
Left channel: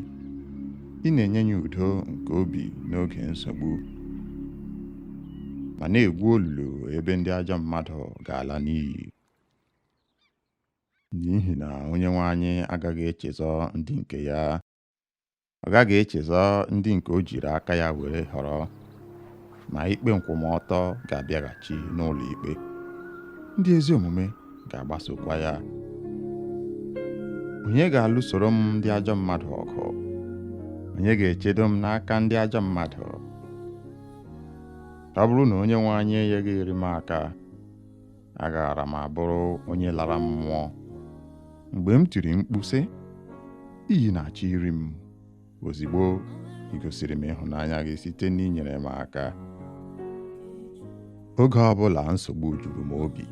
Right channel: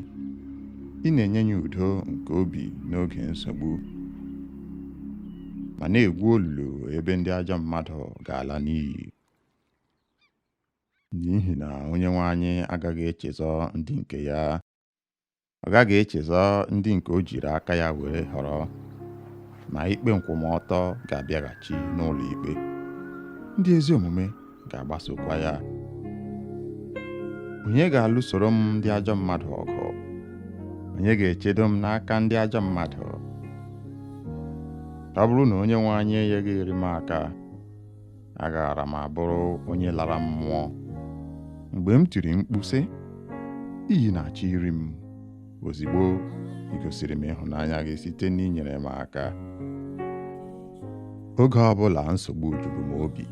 Ị na-enye ya udo nke obi n'oge nsogbu, ma na-egwu olulu ebe ndị ajọ mmadụ ga-ala n'iyi. N'ihi na Onyenwe anyị agaghị echezọ ndị nke ya. Ọ gaghị echezọ ndị nke o jiri aka ya were họrọ, ma ikpe nkwụmọtọ ga-abịaghachi n'ụlọ ikpe. Ndị ezi omume ga-agbasokwa ya. Onye ga-alụsoro m ndị ajọ mmadụ ọgụ? Onye ga-echedo m n'aka ndị ajọ mmadụ? Ọ bụrụ na Onyenwe anyị enyeghị m aka, agaghara m abụrụ onye lara mmụọ. Mgbe m tiri mkpu sị, iyi na-achọ iri m, ozigbo ị gosiri m ịhụnanya gị site n'inyere m aka. Oge ọbụla nsogbu juru m obi,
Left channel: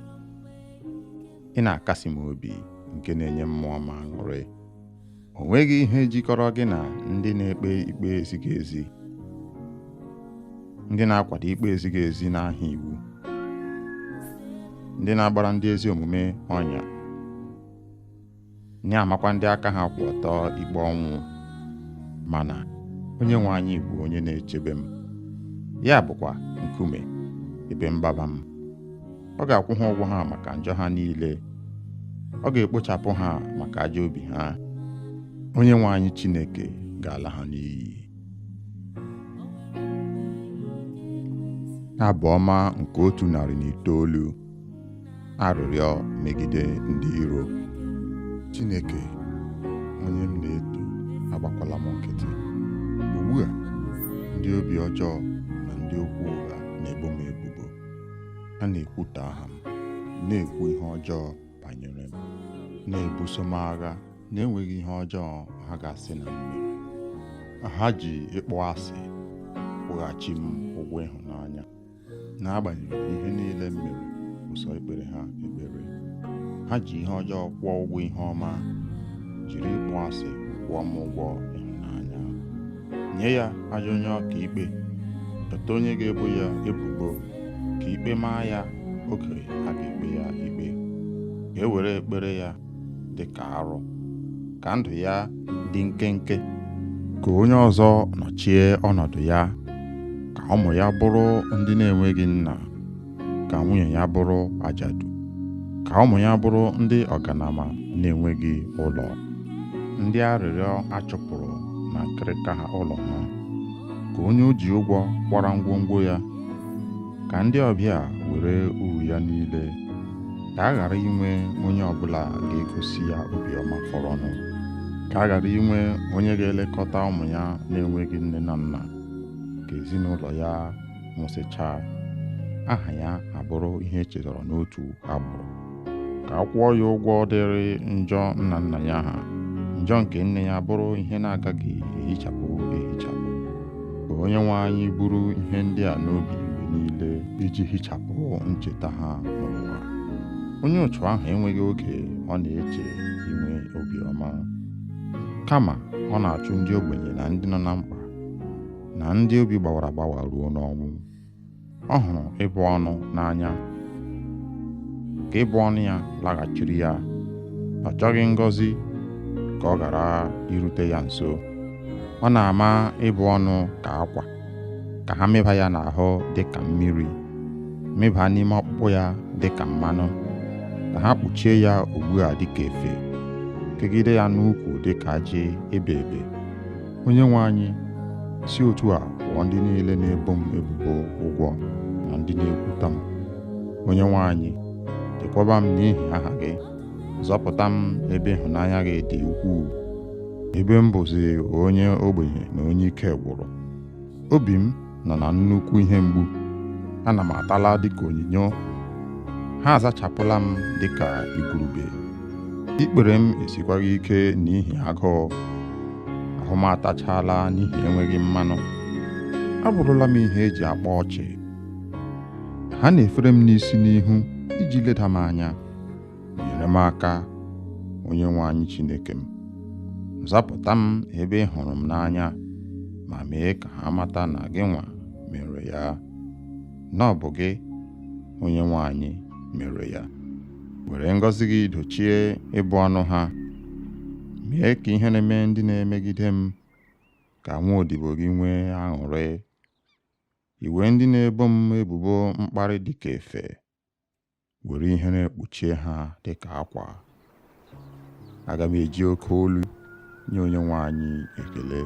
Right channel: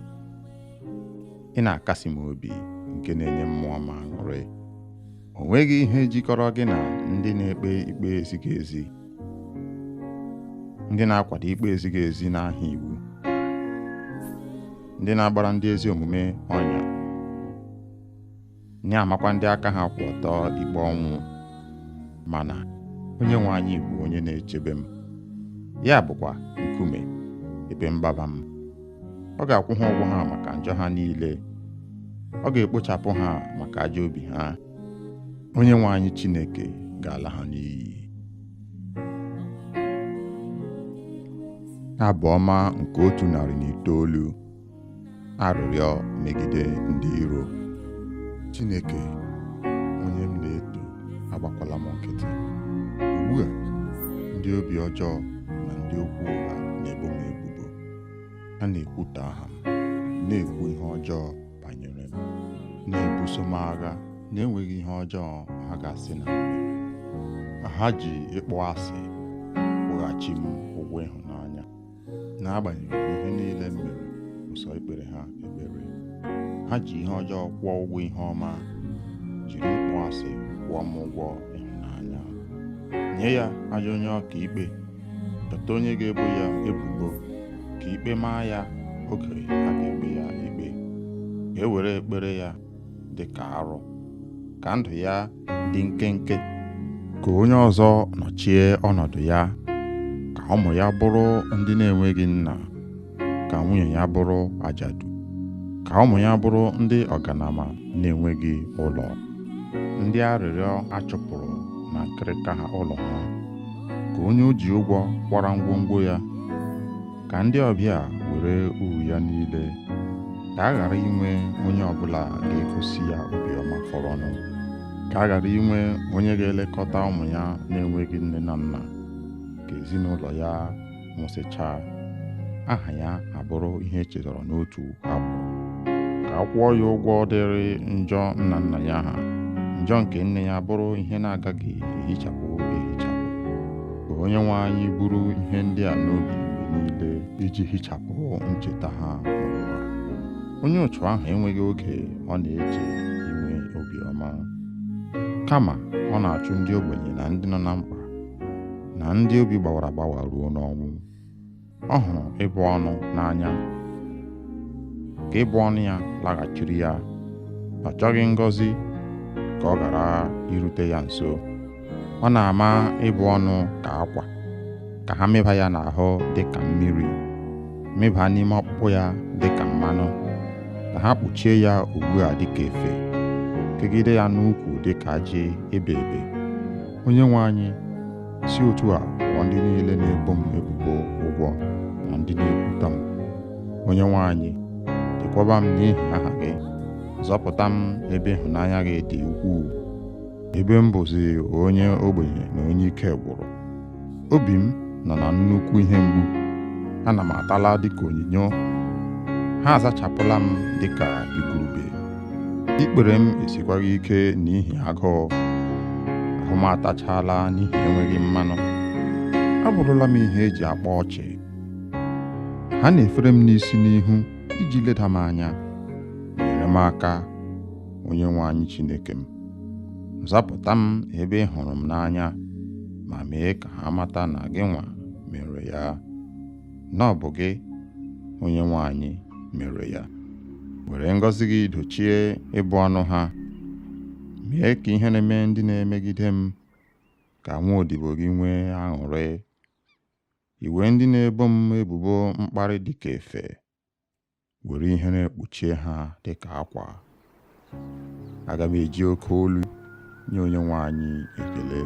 ị na-akasi m obi nke na-enye mmụọ m aṅụrị. O nweghị ihe jikọrọ gị na ndị na-ekpe ikpe ezighị ezi, ndị na-akwado ikpe ezighị ezi n'aha iwu, ndị na-agbara ndị ezi omume ọnya, na-amakwa ndị aka ha kwụ ọtọ ikpe ọnwụ. Mana Onyenwe anyị bụ onye na-echebe m, ya bụkwa nkume ebe mgbaba m. Ọ ga-akwụ ha ụgwọ ha maka njọ ha niile, ọ ga-ekpochapụ ha maka ajọ obi ha. Onyenwe anyị Chineke ga-ala ha n'iyi. Abụ ọma nke 109. Arịrịọ megide ndị iro. Chineke, onye m na-eto, agbakwala m nkịtị. Ugbu a, ndị obi ọjọọ na ndị okwu ụgha na-ebo m ebubo. Ha na-ekwutọ aha m, na-ekwu ihe ọjọọ banyere m, na-ebuso m agha na-enweghị ihe ọjọọ ha ga-asị na m mere. Ha ji ịkpọ asị kwụghachi m ụgwọ ịhụnanya. N'agbanyeghị ihe niile m mere ụsọ ikpere ha ekpere, ha ji ihe ọjọọ kwụọ ụgwọ ihe ọma, jiri ịkpọ asị kwụọ m ụgwọ ịhụnanya. Nye ya ajọ onye ọka ikpe, chọta onye ga-ebo ya ebubo, ka ikpe maa ya oge a ga-ekpe ya ikpe. Ka e were ekpere ya dị ka arụ, ka ndụ ya dị nkenke, ka onye ọzọ nọchie ọnọdụ ya, ka ụmụ ya bụrụ ndị na-enweghị nna, ka nwunye ya bụrụ ajadu, ka ụmụ ya bụrụ ndị ọganama na-enweghị ụlọ, ndị arịrịọ achụpụrụ na nkịrịka ha ụlọ ha, ka onye o ji ụgwọ kwara ngwongwo ya, ka ndị ọbịa were uru ya niile, ka a ghara inwe onye ọbụla ga-egosi ya obiọma fọrọnụ, ka a ghara inwe onye ga-elekọta ụmụ ya na-enweghị nne na nna, ka ezinụlọ ya nwụsịchaa, aha ya abụrụ ihe echetara n'otu agbụrụ, ka a kwụọ ya ụgwọ dịrị njọ nna nna ya ha, njọ nke nne ya bụrụ ihe na-agaghị ehichapụ. Ka Onyenwe anyị buru ihe ndị a n'obi mgbe niile iji hichapụ ncheta ha n'ụwa. Onye otu ahụ enweghị oge ọ na-eche inwe obiọma, kama ọ na-achụ ndị ogbenye na ndị nọ na mkpa na ndị obi gbawara agbawa ruo n'ọnwụ. Ọ hụrụ ịbụ ọnụ n'anya, ka ịbụ ọnụ ya laghachiri ya. Ọ chọghị ngọzi ka ọ ghara irute ya nso. Ọ na-ama ịbụ ọnụ ka akwa, ka ha mịba ya n'ahụ dị ka mmiri, mịba n'ime ọkpụkpụ ya dị ka mmanụ, ka ha kpuchie ya ugbu a dị ka efe, kegide ya n'ukwu dị ka ajị ebe ebe. Onyenwe anyị, si otu a kwụọ ndị niile na-ebo m ebubo ụgwọ na ndị na-ekwuta m. Onyenwe anyị, chekwaba m n'ihi aha gị, zọpụta m ebe ịhụnanya gị dị ukwuu, ebe m bụzi onye ogbenye na onye ike gwụrụ. Obi m nọ na nnukwu ihe mgbu, ana m atala dịka onyinyo, ha azachapụla m dịka igurube. Ikpere m esikwaghị ike n'ihi agụụ, ahụ m atachala n'ihi enweghị mmanụ. Abụrụla m ihe eji akpa ọchị. Ha na-efere m n'isi n'ihu iji leda m anya. Nyere m aka, Onyenwe anyị Chineke m, zapụta m ebe ị hụrụ m n'anya, ma mee ka ha mata na gị nwa mere ya, na ọ bụ gị, Onyenwe anyị, mere ya. Were ngọzi gị dochie ịbụ ọnụ ha, mee ka ihe na-eme ndị na-emegide m, ka nwa odibo gị nwee aṅụrị. Iwe ndị na-ebo m ebubo mkparị dị ka efe, were ihere kpuchie ha dị ka akwa. Aga m eji oke olu nye Onyenwe anyị ekele,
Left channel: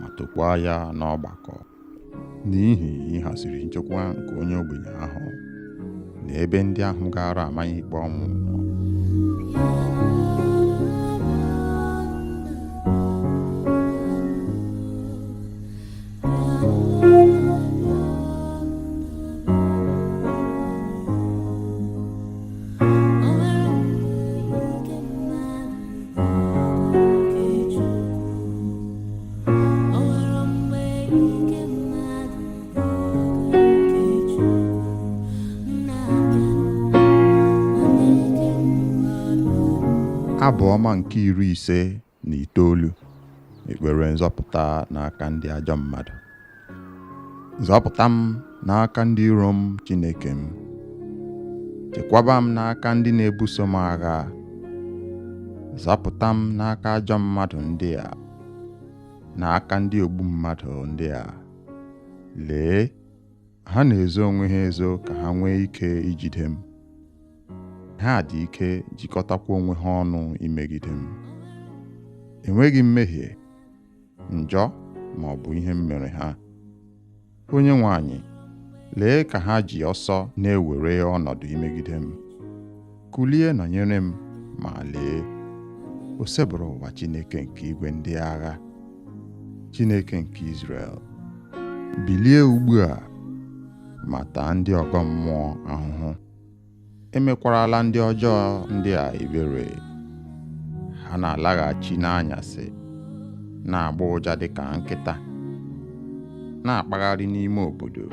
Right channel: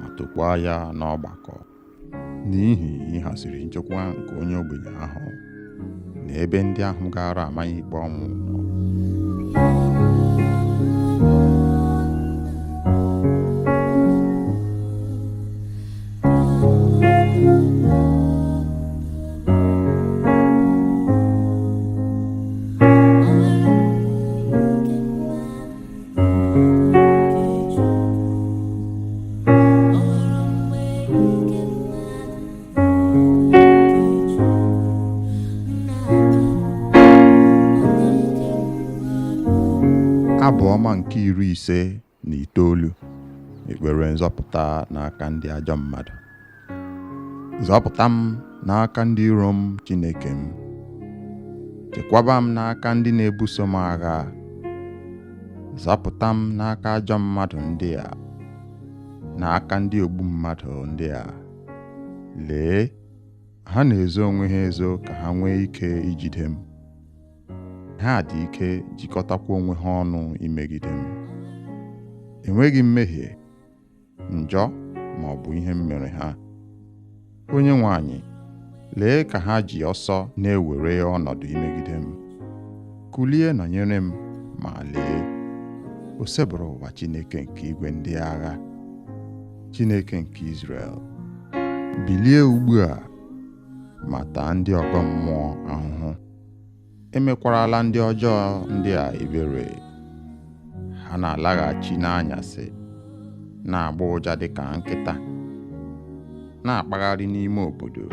ma tokwaa ya n'ọgbakọ, n'ihi ịhaziri nchekwa nke onye ogbenye ahụ na ebe ndị ahụ gara amaghị ikpe ọnwụ nọ. Abụ ọma nke 59. Ekpere nzọpụta n'aka ndị ajọ mmadụ. Zọpụta m n'aka ndị iro m, Chineke m. Chekwaba m n'aka ndị na-ebuso m agha. Zọpụta m n'aka ajọ mmadụ ndị a, n'aka ndị ogbu mmadụ ndị a. Lee, ha na-ezo onwe ha ezo ka ha nwee ike ijide m. Ha dị ike jikọtakwa onwe ha ọnụ imegide m. Enweghị mmehie, njọ ma ọ bụ ihe m mere ha. Onyenwe anyị, lee ka ha ji ọsọ na-ewere ọnọdụ imegide m. Kulie nọnyere m, ma lee, o sebụrụ ụwa Chineke nke igwe ndị agha, Chineke nke Izrel. Bilie ugbu a, ma taa ndị ọgọ mmụọ ahụhụ. Emekwarala ndị ọjọọ ndị a ebere. Ha na-alaghachi n'anyasị, na-agba ụja dịka nkịta, na-akpagharị n'ime obodo.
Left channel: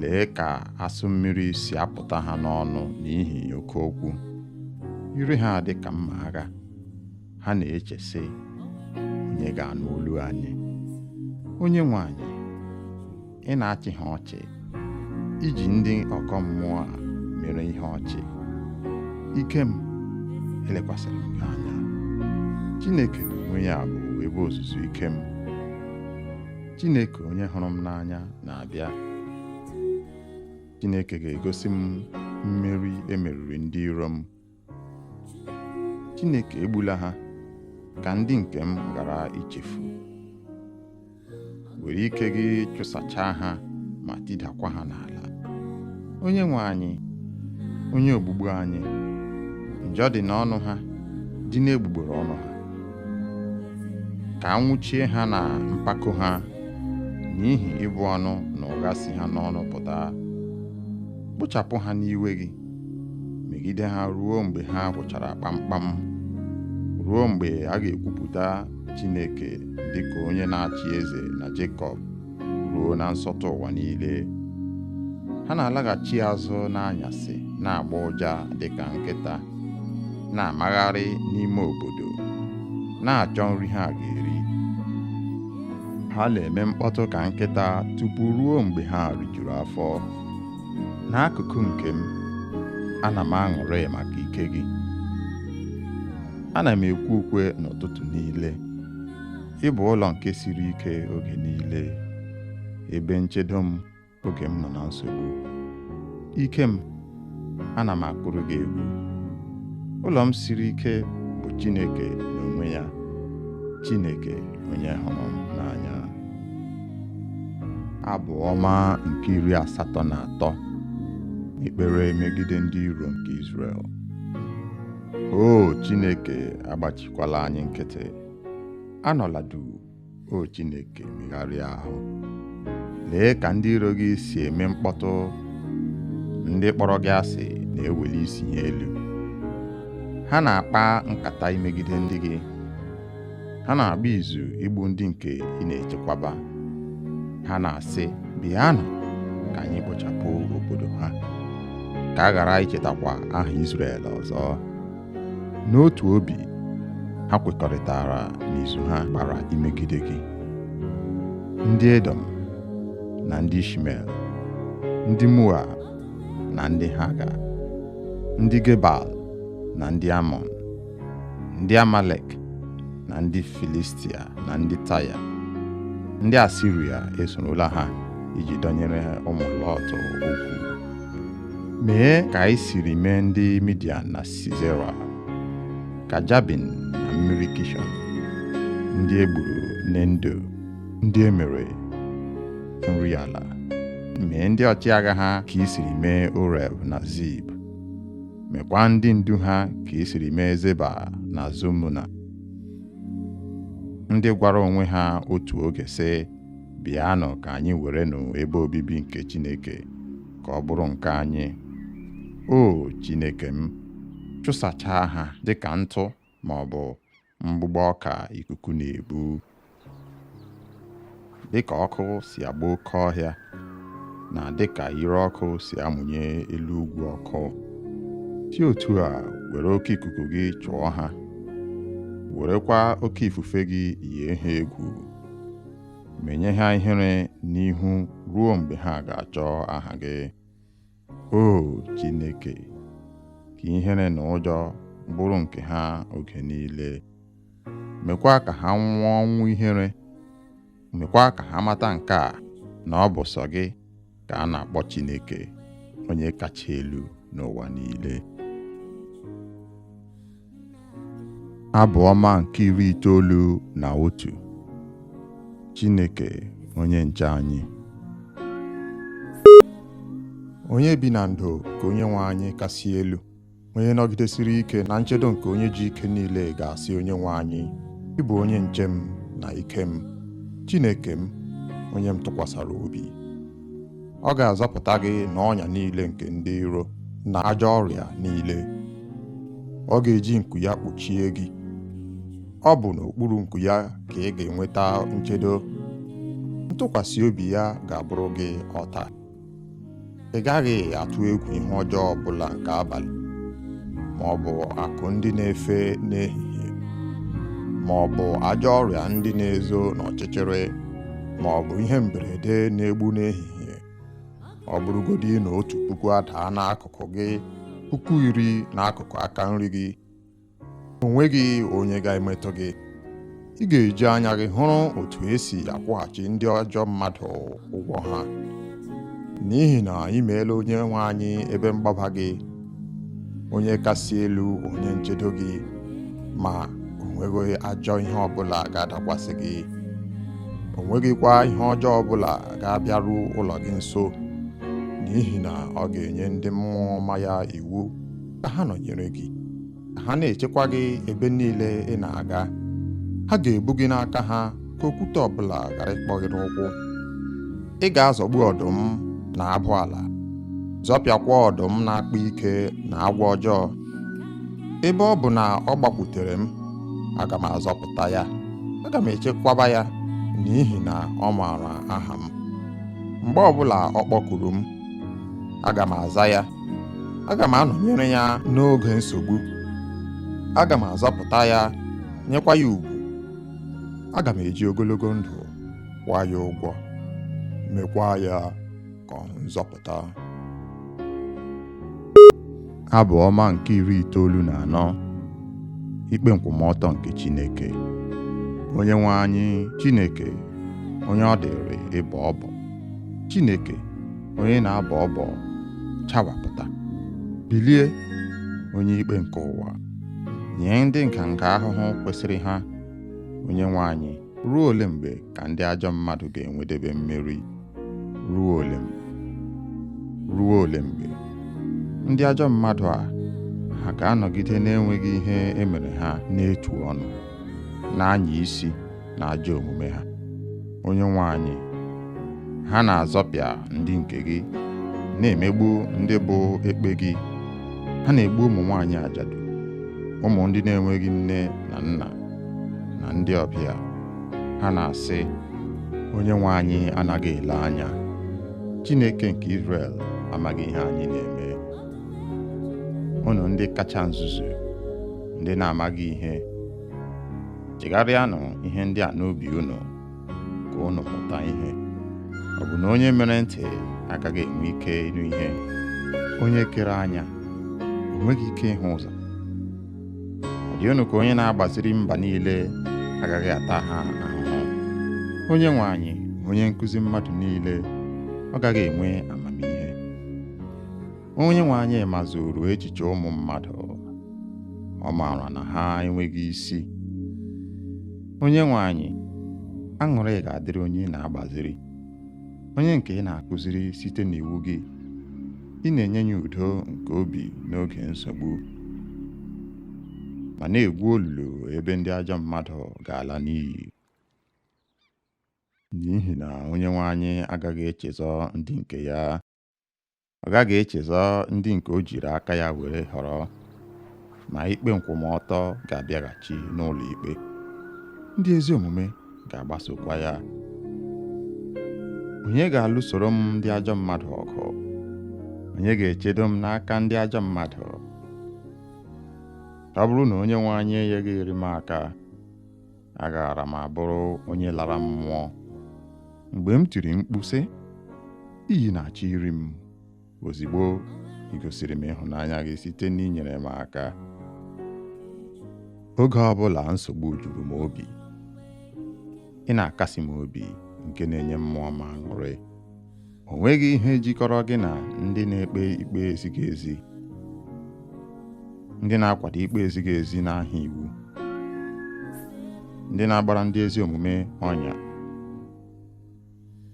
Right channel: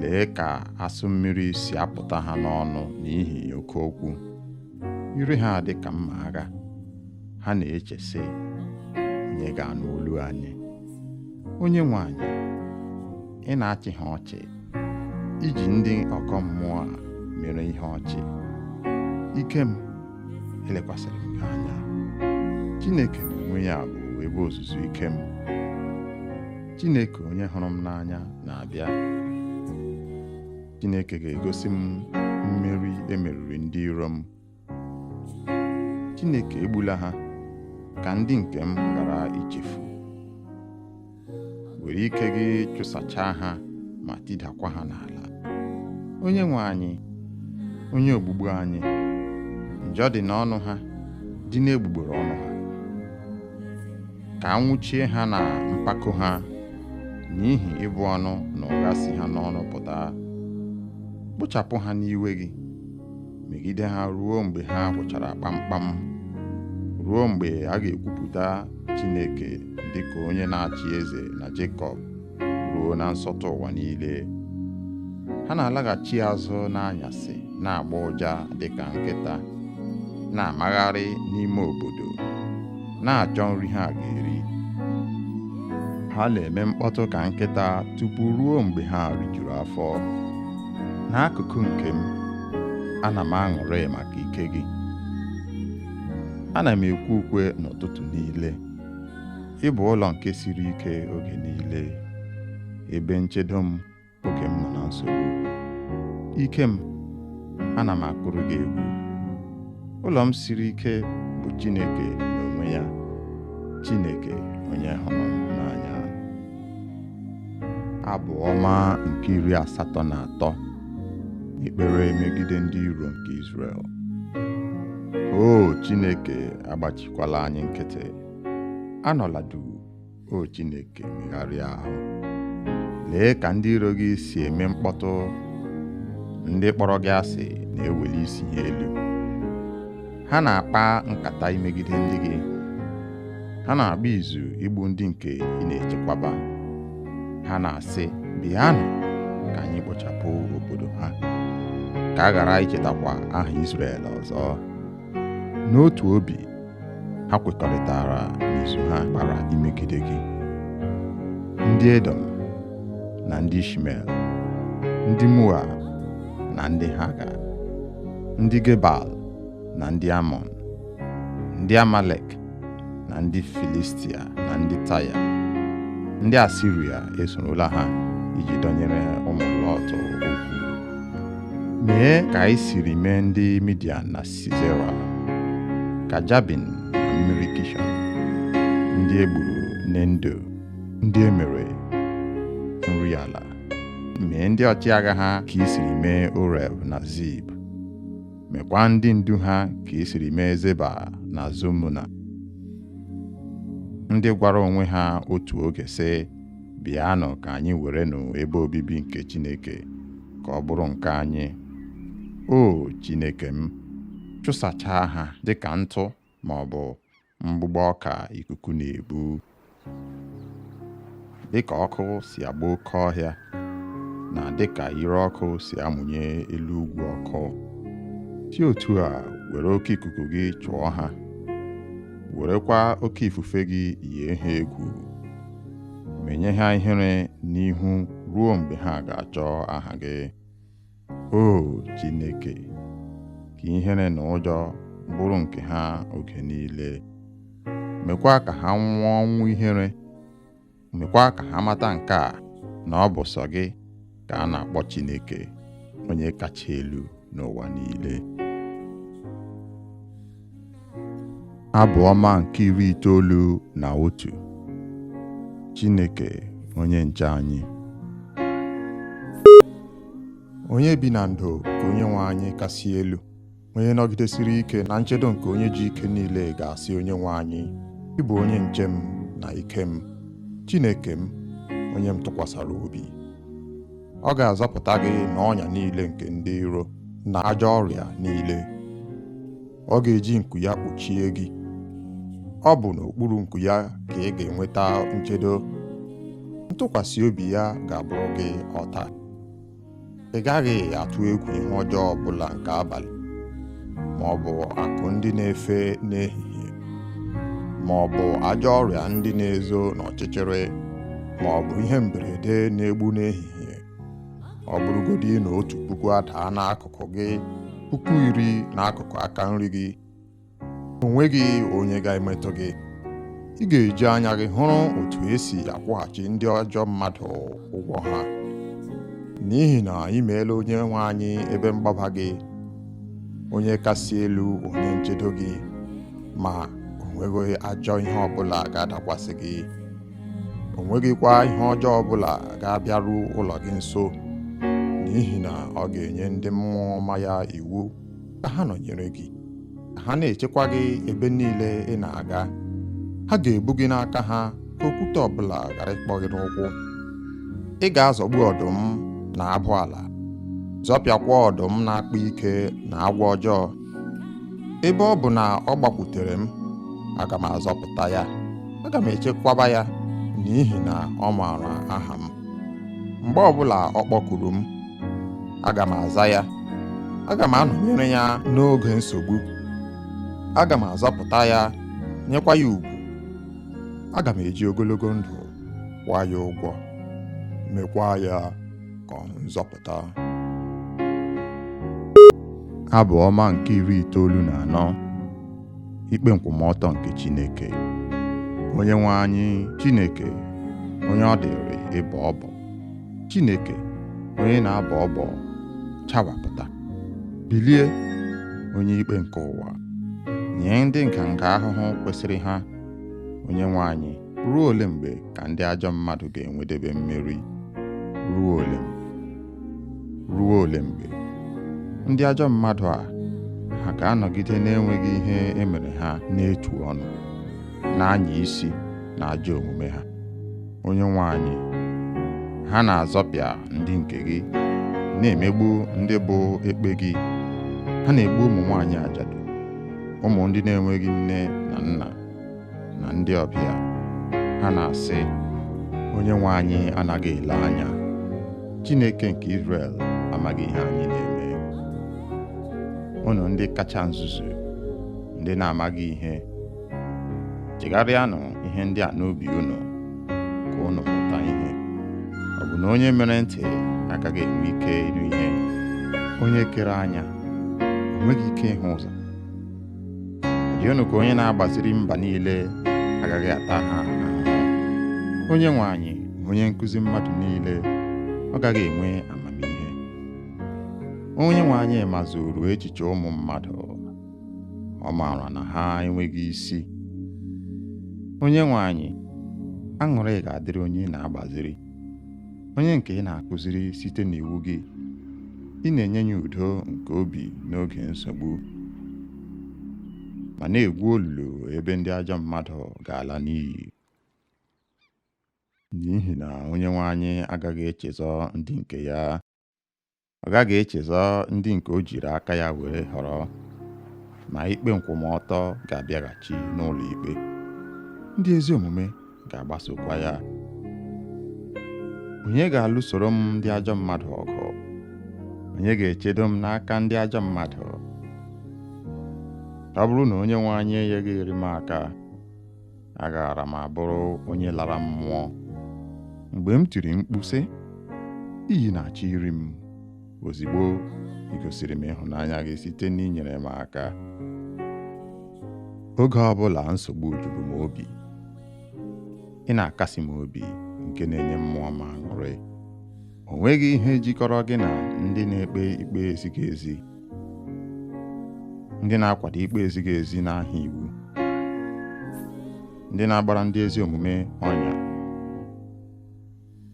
Lee ka asụ mmiri si apụta ha n'ọnụ n'ihi oke okwu. Ire ha dị ka mma agha. Ha na-eche sị, onye ga-anụ olu anyị? Onyenwe anyị, ị na-achị ha ọchị, iji ndị ọkọ mmụọ a mere ihe ọchị. Ike m, elekwasịrị m gị anya. Chineke n'onwe ya bụ ebe ozuzu ike m. Chineke onye hụrụ m n'anya na-abịa. Chineke ga-egosi m mmeri emeriri ndị iro m. Chineke egbula ha, ka ndị nke m ghara ichefu. Were ike gị chụsachaa ha ma tidakwa ha n'ala. Onyenwe anyị, onye ogbugbu anyị, njọ dị n'ọnụ ha, dị n'egbugbere ọnụ ha. Ka anwụchie ha na mpako ha, n'ihi ịbụ ọnụ na ụgha si ha n'ọnụ pụta. Kpochapụ ha n'iwe gị, megide ha ruo mgbe ha gwụchara kpamkpam, ruo mgbe a ga-ekwupụta Chineke dịka onye na-achị eze na Jekọb, ruo na nsọtụ ụwa niile. Ha na-alaghachi azụ n'anyasị, na-agba ụja dịka nkịta, na-amagharị n'ime obodo, na-achọ nri ha ga-eri. Ha na-eme mkpọtụ ka nkịta tupu ruo mgbe ha rijuru afọ. N'akụkụ nke m, ana m aṅụrị maka ike gị. Ana m ekwe ukwe n'ụtụtụ niile. Ị bụ ụlọ nke siri ike oge niile, ebe nchedo m oge m nọ na nsogbu. Ike m, ana m akụrụ gị egwu. Ụlọ m siri ike bụ Chineke n'onwe ya, Chineke onye hụrụ m n'anya. Abụ ọma nke 83. Ekpere megide ndị iro nke Izrel. O Chineke, agbachikwala anyị nkịtị. Anọla duu, o Chineke, megharịa ahụ. Lee ka ndị iro gị si eme mkpọtụ. Ndị kpọrọ gị asị na-eweli isi ha elu. Ha na-akpa nkata imegide ndị gị. Ha na-agba izu igbu ndị nke ị na-echekwaba. Ha na-asị, bịanụ ka anyị kpochapụ obodo ha, ka a ghara ichetakwa aha Izrel ọzọ. N'otu obi, ha kwekọrịtara n'izu ha gbara imegide gị. Ndị Edom na ndị Ishmel, ndị Moab na ndị Haga, ndị Gebal na ndị Amọn, ndị Amalek na ndị Filistia na ndị Taya, ndị Asiria esorola ha iji dọnyere ụmụ Lọt okwu. Mee ka anyị siri mee ndị Midian na Sisera, ka Jabin na mmiri Kishọn, ndị egburu n'Endo, ndị emere nri ala. Mee ndị ọchịagha ha ka i siri mee Oreb na Zib. Mekwa ndị ndu ha ka i siri mee Zeba na Zumuna, ndị gwara onwe ha otu oge sị, bịanụ ka anyị werenụ ebe obibi nke Chineke, ka ọ bụrụ nke anyị. O Chineke m, chụsachaa ha dịka ntụ ma ọ bụ mgbụgbọ ọka ikuku na-ebu. Dịka ọkụ si agba oke ọhịa, na dịka ire ọkụ si amụnye elu ugwu ọkụ. si otu a were oke ikuku gị chụọ ha, werekwa oke ifufe gị yie ha egwu, menye ha ihere n'ihu ruo mgbe ha ga-achọ aha gị. O Chineke, ka ihere na ụjọ bụrụ nke ha oge niile. Mekwa ka ha nwụọ ọnwụ ihere. Mekwa ka ha mata nke a, na ọ bụ sọ gị ka a na-akpọ Chineke, onye kacha elu n'ụwa niile. Abụ ọma nke 91. Chineke onye nche anyị. Onye bi na ndo ka Onyenwe anyị kasị elu, onye nọgidesiri ike na nchedo nke onye ji ike niile ga-asị Onyenwe anyị, ị bụ onye nche m na ike m, Chineke m, onye m tụkwasara obi. Ọ ga-azọpụta gị n'ọnya niile nke ndị iro na ajọ ọrịa niile. Ọ ga-eji nku ya kpuchie gị. Ọ bụ n'okpuru nku ya ka ị ga-enweta nchedo. Ntụkwasị obi ya ga-abụrụ gị ọta. Ị gaghị atụ egwu ihe ọjọọ ọbụla nke abalị, ma ọ bụ akụ ndị na-efe n'ehihie, ma ọ bụ ajọ ọrịa ndị na-ezo n'ọchịchịrị, ma ọ bụ ihe mberede na-egbu n'ehihie. Ọ bụrụgodị na 1,000 adaa n'akụkụ gị, 10,000 n'akụkụ aka nri gị, o nweghị onye ga-emetụ gị. Ị ga-eji anya gị hụrụ otu esi akwụghachi ndị ajọ mmadụ ụgwọ ha. N'ihi na ị meela Onyenwe anyị ebe mgbaba gị, onye kasị elu onye nchedo gị, ma o nweghị ajọ ihe ọbụla ga-adakwasị gị. O nweghịkwa ihe ọjọọ ọbụla ga-abịaru ụlọ gị nso, n'ihi na ọ ga-enye ndị mmụọ ọma ya iwu ka ha nọnyere gị, ka ha na-echekwa gị ebe niile ị na-aga. Ha ga-ebu gị n'aka ha ka okwute ọbụla ghara ịkpọ gị n'ụkwụ. Ị ga-azọgbu ọdụm na abụ ala, zọpịakwa ọdụm na-akpa ike na agwọ ọjọọ. Ebe ọ bụ na ọ gbakwutere m, aga m azọpụta ya, aga m echekwaba ya, n'ihi na ọ maara aha m. Mgbe ọbụla ọ kpọkuru m, aga m aza ya. Aga m anọnyere ya n'oge nsogbu. Aga m azọpụta ya, nyekwa ya ugwu. Aga m eji ogologo ndụ kwụọ ya ụgwọ, mekwa ya ka ọ nzọpụta. Abụ ọma nke 94. Ikpe nkwụmọtọ nke Chineke. Onyenwe anyị Chineke, onye ọ dịrị ịbọ ọbọ. Chineke, onye na-abọ ọbọ, chawapụta. Bilie, onye ikpe nke ụwa, nye ndị nganga ahụhụ kwesịrị ha. Onyenwe anyị, ruo ole mgbe ka ndị ajọ mmadụ ga-enwedebe mmeri? Ruo ole mgbe? Ruo ole mgbe? Ndị ajọ mmadụ a, ha ga-anọgide na-enweghị ihe emere ha n'etu ọnụ, na-anya isi na ajọ omume ha. Onyenwe anyị, ha na-azọpịa ndị nke gị, na-emegbu ndị bụ ekpe gị. Ha na-egbu ụmụ nwaanyị ajadu, ụmụ ndị na-enweghị nne na nna, na ndị ọbịa. Ha na-asị, Onyenwe anyị anaghị ele anya. Chineke nke Izrel amaghị ihe anyị na-eme. Unu ndị kacha nzuzu, ndị na-amaghị ihe, chegharịanụ ihe ndị a n'obi unu, ka unu mụta ihe. Ọ bụ na onye mere ntị agaghị enwe ike ịnụ ihe? Onye kere anya o nweghị ike ịhụ ụzọ? Ọ dị unu ka onye na-agbaziri mba niile agaghị ata ha ahụhụ? Onyenwe anyị, onye nkụzi mmadụ niile, ọ gaghị enwe amamihe? Onyenwe anyị mazuru echiche ụmụ mmadụ, ọ maara na ha enweghị isi. Onyenwe anyị, aṅụrị ga-adịrị onye na-agbaziri, onye nke ị na-akụziri site n'iwu gị. Ị na-enye ya udo nke obi n'oge nsogbu, ma na-egwu olulu ebe ndị ajọ mmadụ ga-ala n'iyi. N'ihi na Onyenwe anyị agaghị echezọ ndị nke ya. Ọ gaghị echezọ ndị nke o jiri aka ya were họrọ, ma ikpe nkwụmọtọ ga-abịaghachi n'ụlọ ikpe. Ndị ezi omume ga-agbasokwa ya. Onye ga-alụsoro m ndị ajọ mmadụ ọgụ? Onye ga-echedo m n'aka ndị ajọ mmadụ? ọ bụrụ na onye nwe anyị enyeghịrị m aka, agaara m abụrụ onye lara mmụọ. Mgbe m tiri mkpu sị, iyi na-achọ iri m, ozigbo ị gosiri m ịhụnanya gị site n'inyere m aka. Oge ọbụla nsogbu juru m obi, ị na-akasi m obi nke na-enye mmụọ m aṅụrị. O nweghị ihe jikọrọ gị na ndị na-ekpe ikpe ezighị ezi, ndị na-akwado ikpe ezighị ezi n'aha iwu, ndị na-agbara ndị ezi omume ọnya,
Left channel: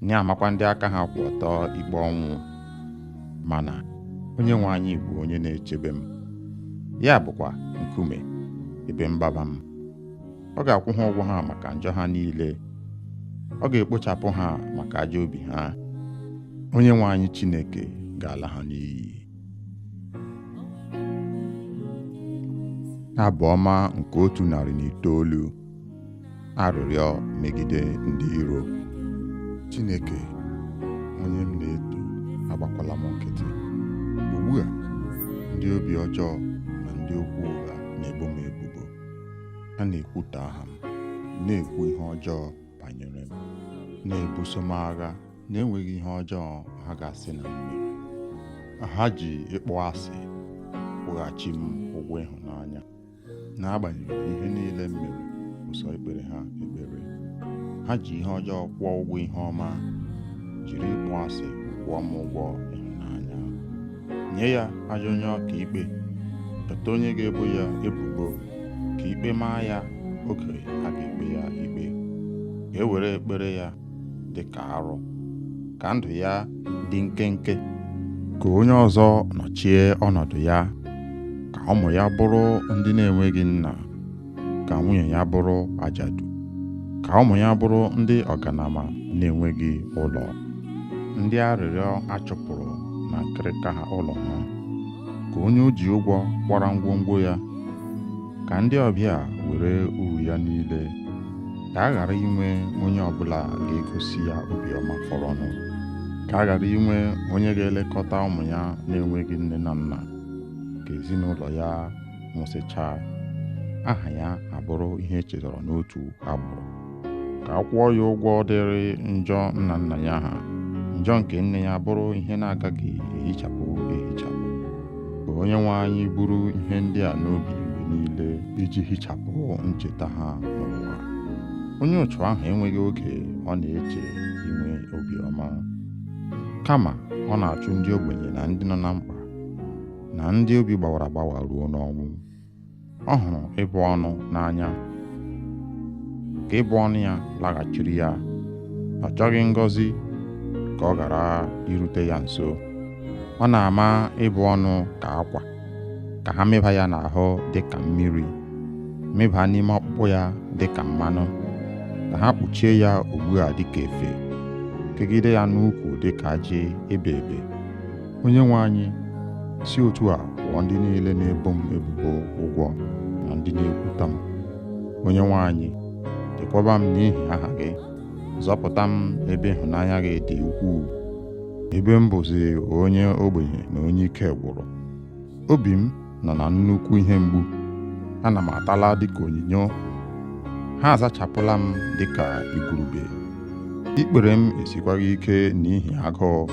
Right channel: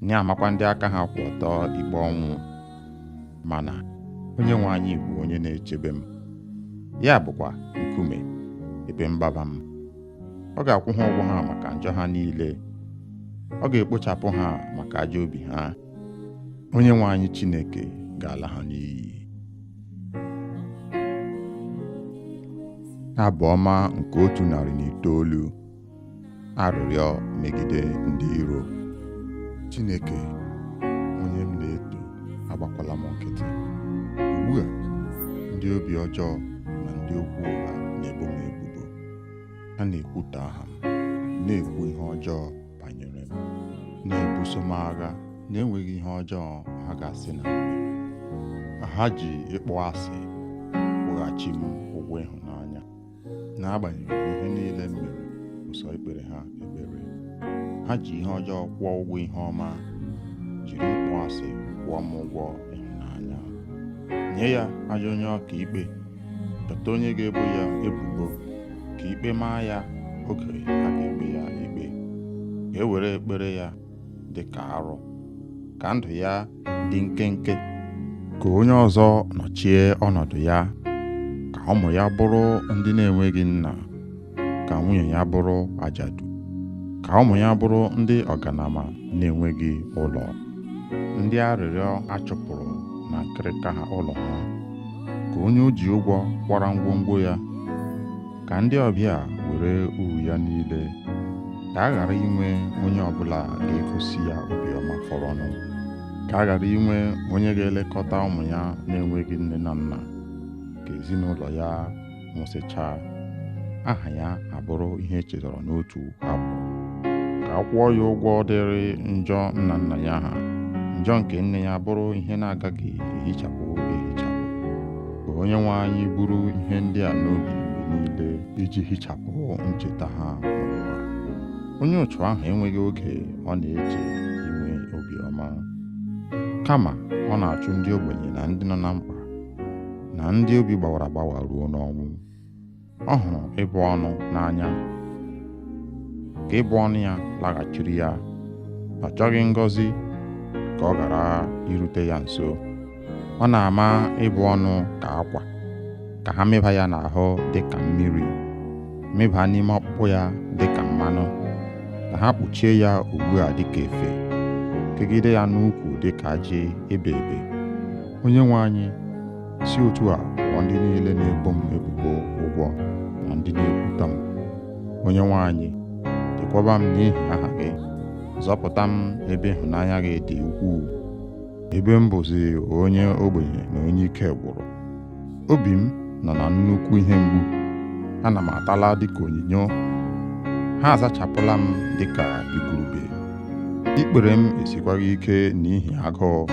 na-amakwa ndị aka ha kwụ ọtọ ikpe ọnwụ. Mana onye nwe anyị bụ onye na-echebe m, ya bụkwa nkume ebe mgbaba m. Ọ ga-akwụ ha ụgwọ ha maka njọ ha niile, ọ ga-ekpochapụ ha maka ajọ obi ha. Onye nwe anyị Chineke ga-ala ha n'iyi. Abụ ọma nke 109, arịrịọ megide ndị iro. Chineke, onye m na-eto, agbakwala m nkịtị. Ugbu a, ndị obi ọjọọ na ndị okwu ụgha na-ebo m ebubo. Ha na-ekwutọ aha m, na-ekwu ihe ọjọọ banyere m, na-ebuso m agha na-enweghị ihe ọjọọ ha ga-asị na m mere. Ha ji ịkpọ asị kwụghachi m ụgwọ ịhụnanya. N'agbanyeghị ihe niile m mere, ụsọ ikpere ha ekpere. Ha ji ihe ọjọọ kwụọ ụgwọ ihe ọma, jiri ịkpọ asị kwụọ m ụgwọ ịhụnanya. Nye ya ajọ onye ọka ikpe, chọta onye ga-ebo ya ebubo, ka ikpe maa ya oge a ga-ekpe ya ikpe. Ka e were ekpere ya dị ka arụ, ka ndụ ya dị nkenke. Ka onye ọzọ nọchie ọnọdụ ya, ka ụmụ ya bụrụ ndị na-enweghị nna, ka nwunye ya bụrụ ajadu, ka ụmụ ya bụrụ ndị ọganama na-enweghị ụlọ, ndị arịrịọ achụpụrụ na nkịrịka ha ụlọ ha. Ka onye o ji ụgwọ kwara ngwongwo ya, ka ndị ọbịa were uru ya niile. Ka a ghara inwe onye ọbụla ga-egosi ya obiọma fọrọnụ. Ka a ghara inwe onye ga-elekọta ụmụ ya na-enweghị nne na nna. Ka ezinụlọ ya nwụsịchaa, aha ya abụrụ ihe echetara n'otu agbụrụ. Ka a kwụọ ya ụgwọ dịrị njọ nna nna ya ha, njọ nke nne ya bụrụ ihe na-agaghị ehichapụ ehichapụ. Ka onye nwe anyị buru ihe ndị a n'obi mgbe niile, iji hichapụ ncheta ha n'ụwa. Onye otu ahụ enweghị oge ọ na-eche inwe obiọma, kama ọ na-achụ ndị ogbenye na ndị nọ na mkpa, na ndị obi gbawara agbawa ruo n'ọnwụ. Ọ hụrụ ịbụ ọnụ n'anya, ka ịbụ ọnụ ya laghachiri ya. Ọ chọghị ngọzi ka ọ ghara irute ya nso. Ọ na-ama ịbụ ọnụ ka akwa, ka ha mịba ya n'ahụ dị ka mmiri, mịba n'ime ọkpụkpụ ya dị ka mmanụ, ka ha kpuchie ya ugbu a dị ka efe, kegide ya n'ukwu dị ka ajị ebe ebe. Onye nwe anyị, si otu a kwụọ ndị niile na-ebo m ebubo ụgwọ na ndị na-ekwuta m. Onye nwe anyị, chekwaba m n'ihi aha gị, zọpụta m ebe ịhụnanya gị dị ukwuu, ebe m bụzi onye ogbenye na onye ike gwụrụ. Obi m nọ na nnukwu ihe mgbu, ana m atala dịka onyinyo. Ha azachapụla m dịka igurube. Ikpere m esikwaghị ike n'ihi agụụ,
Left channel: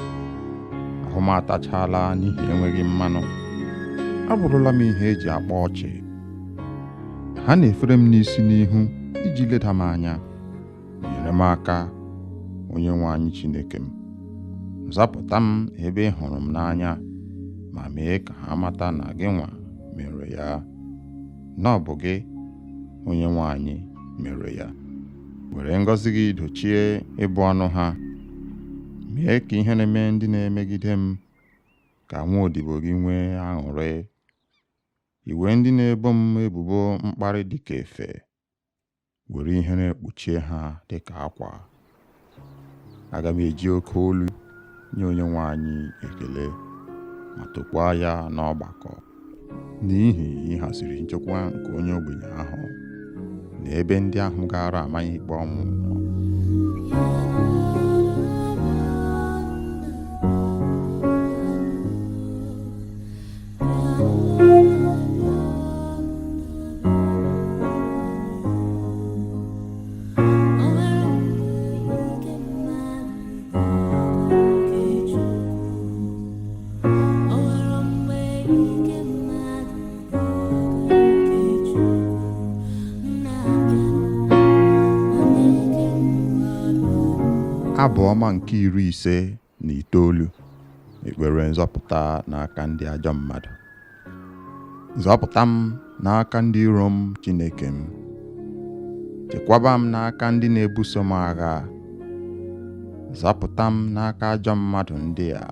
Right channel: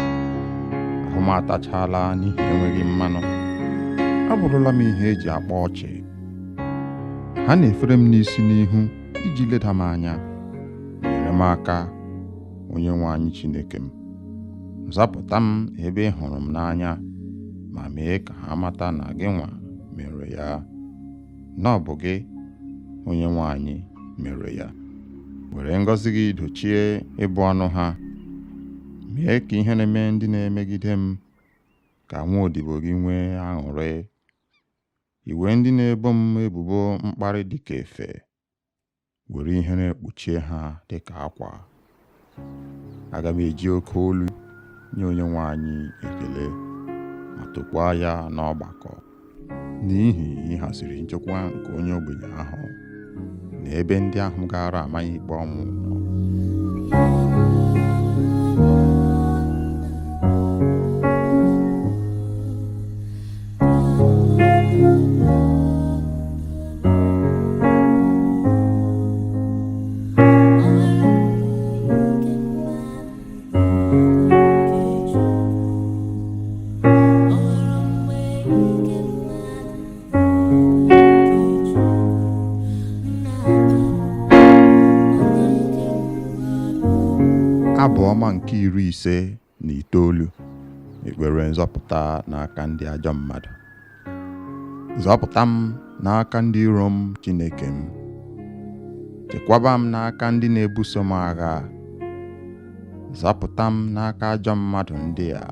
ahụ m atachala n'ihi enweghị mmanụ. Abụrụla m ihe eji akpa ọchị. Ha na-efere m n'isi n'ihu iji leda m anya. Nyere m aka, onye nwe anyị Chineke m. Zapụta m ebe ị hụrụ m n'anya, ma mee ka ha mata na gị nwa mere ya, na ọ bụ gị, onye nwe anyị, mere ya. Were ngọzi gị dochie ịbụ ọnụ ha. Mee ka ihere mee ndị na-emegide m, ka nwa odibo gị nwee aṅụrị. Iwe ndị na-ebo m ebubo mkparị dị ka efe, were ihere kpuchie ha dị ka akwa. Aga m eji oke olu nye onye nwe anyị ekele, ma tokwaa ya n'ọgbakọ, n'ihi ịhaziri nchekwa nke onye ogbenye ahụ na ebe ndị ahụ gara amaghị ikpe ọnwụ nọ. Abụ ọma nke 59. Ekpere nzọpụta n'aka ndị ajọ mmadụ. Zọpụta m n'aka ndị iro m, Chineke m. Chekwaba m n'aka ndị na-ebuso m agha. Zọpụta m n'aka ajọ mmadụ ndị a,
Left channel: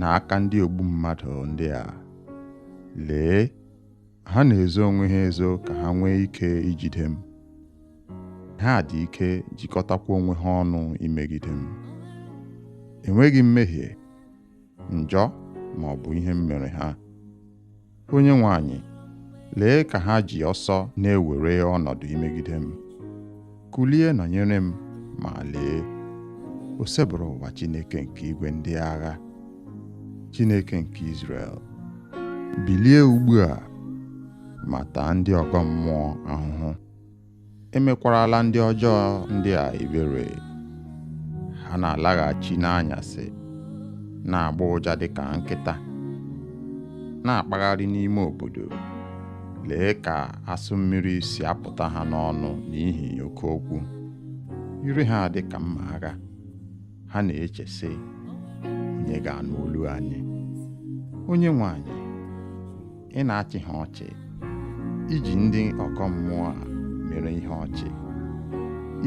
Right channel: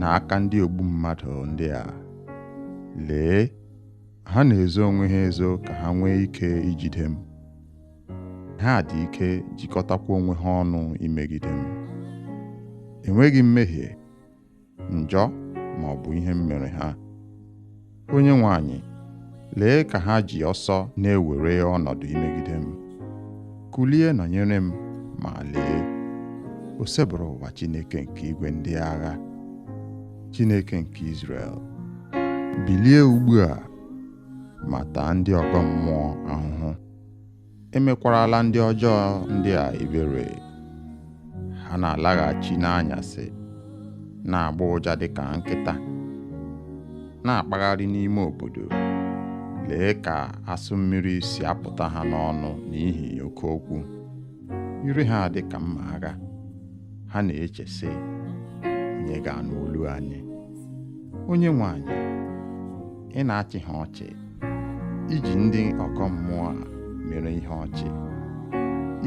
n'aka ndị ogbu mmadụ ndị a. Lee, ha na-ezo onwe ha ezo ka ha nwee ike ijide m. Ha dị ike jikọtakwa onwe ha ọnụ imegide m. Enweghị mmehie, njọ ma ọ bụ ihe m mere ha. Onyenwe anyị, lee ka ha ji ọsọ na-ewere ọnọdụ imegide m. Kulie nọnyere m, ma lee, o sebụrụ ụwa Chineke nke igwe ndị agha, Chineke nke Izrel. Bilie ugbu a ma taa ndị ọgọ mmụọ ahụhụ. Emekwarala ndị ọjọọ ndị a ebere. Ha na-alaghachi n'anyasị, na-agba ụja dịka nkịta, na-akpagharị n'ime obodo. Lee ka asụ mmiri si apụta ha n'ọnụ n'ihi oke okwu. Ire ha dị ka mma agha. Ha na-eche sị, onye ga-anụ olu anyị? Onyenwe anyị, ị na-achị ha ọchị, iji ndị ọgọ mmụọ a mere ihe ọchị.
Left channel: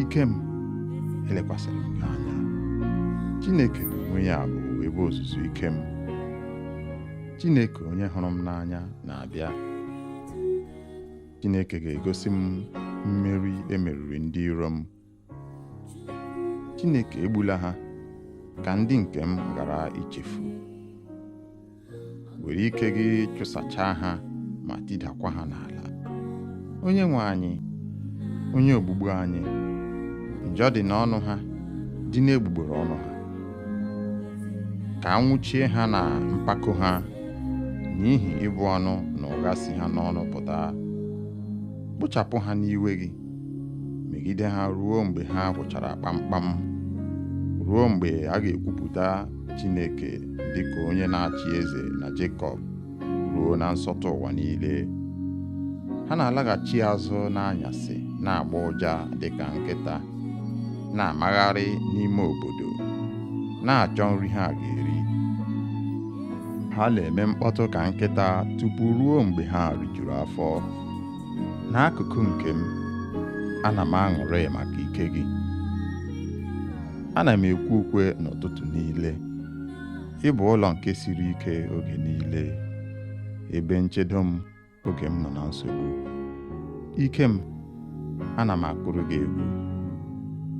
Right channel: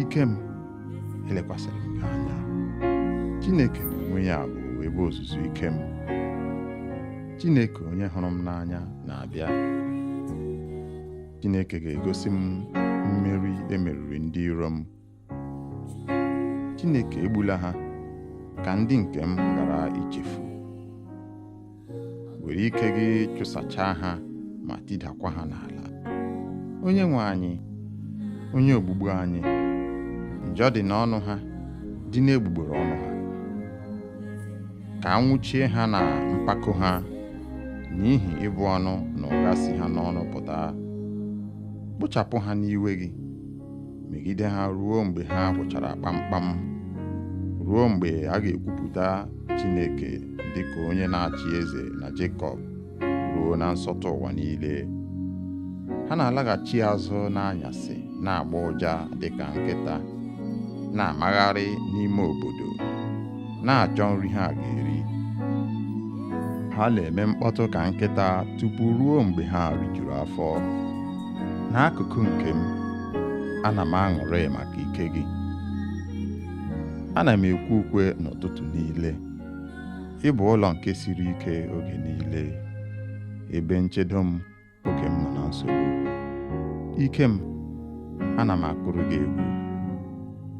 Ike m, elekwasịrị m gị anya. Chineke n'onwe ya bụ ebe ozuzu ike m. Chineke onye hụrụ m n'anya na-abịa. Chineke ga-egosi m mmeri emeriri ndị iro m. Chineke egbula ha ka ndị nke m ghara ichefu. Were ike gị chụsachaa ha ma tidakwa ha n'ala. Onyenwe anyị, onye ogbugbu anyị, njọ dị n'ọnụ ha, dị n'egbugbere ọnụ ha. Ka anwụchie ha na mpako ha, n'ihi ịbụ ọnụ na ụgha si ha n'ọnụ pụta. Kpochapụ ha n'iwe gị, megide ha ruo mgbe ha gwụchara kpamkpam, ruo mgbe a ga-ekwupụta Chineke dịka onye na-achị eze na Jekọb, ruo na nsọtụ ụwa niile. Ha na-alaghachi azụ n'anyasị, na-agba ụja dịka nkịta, na-amagharị n'ime obodo, na-achọ nri ha ga-eri. Ha na-eme mkpọtụ ka nkịta tupu ruo mgbe ha rijuru afọ. N'akụkụ nke m, ana m aṅụrị maka ike gị. Ana m ekwe ukwe n'ụtụtụ niile. Ị bụ ụlọ nke siri ike oge niile, ebe nchedo m oge m nọ na nsogbu. Ike m, ana m akụrụ gị egwu.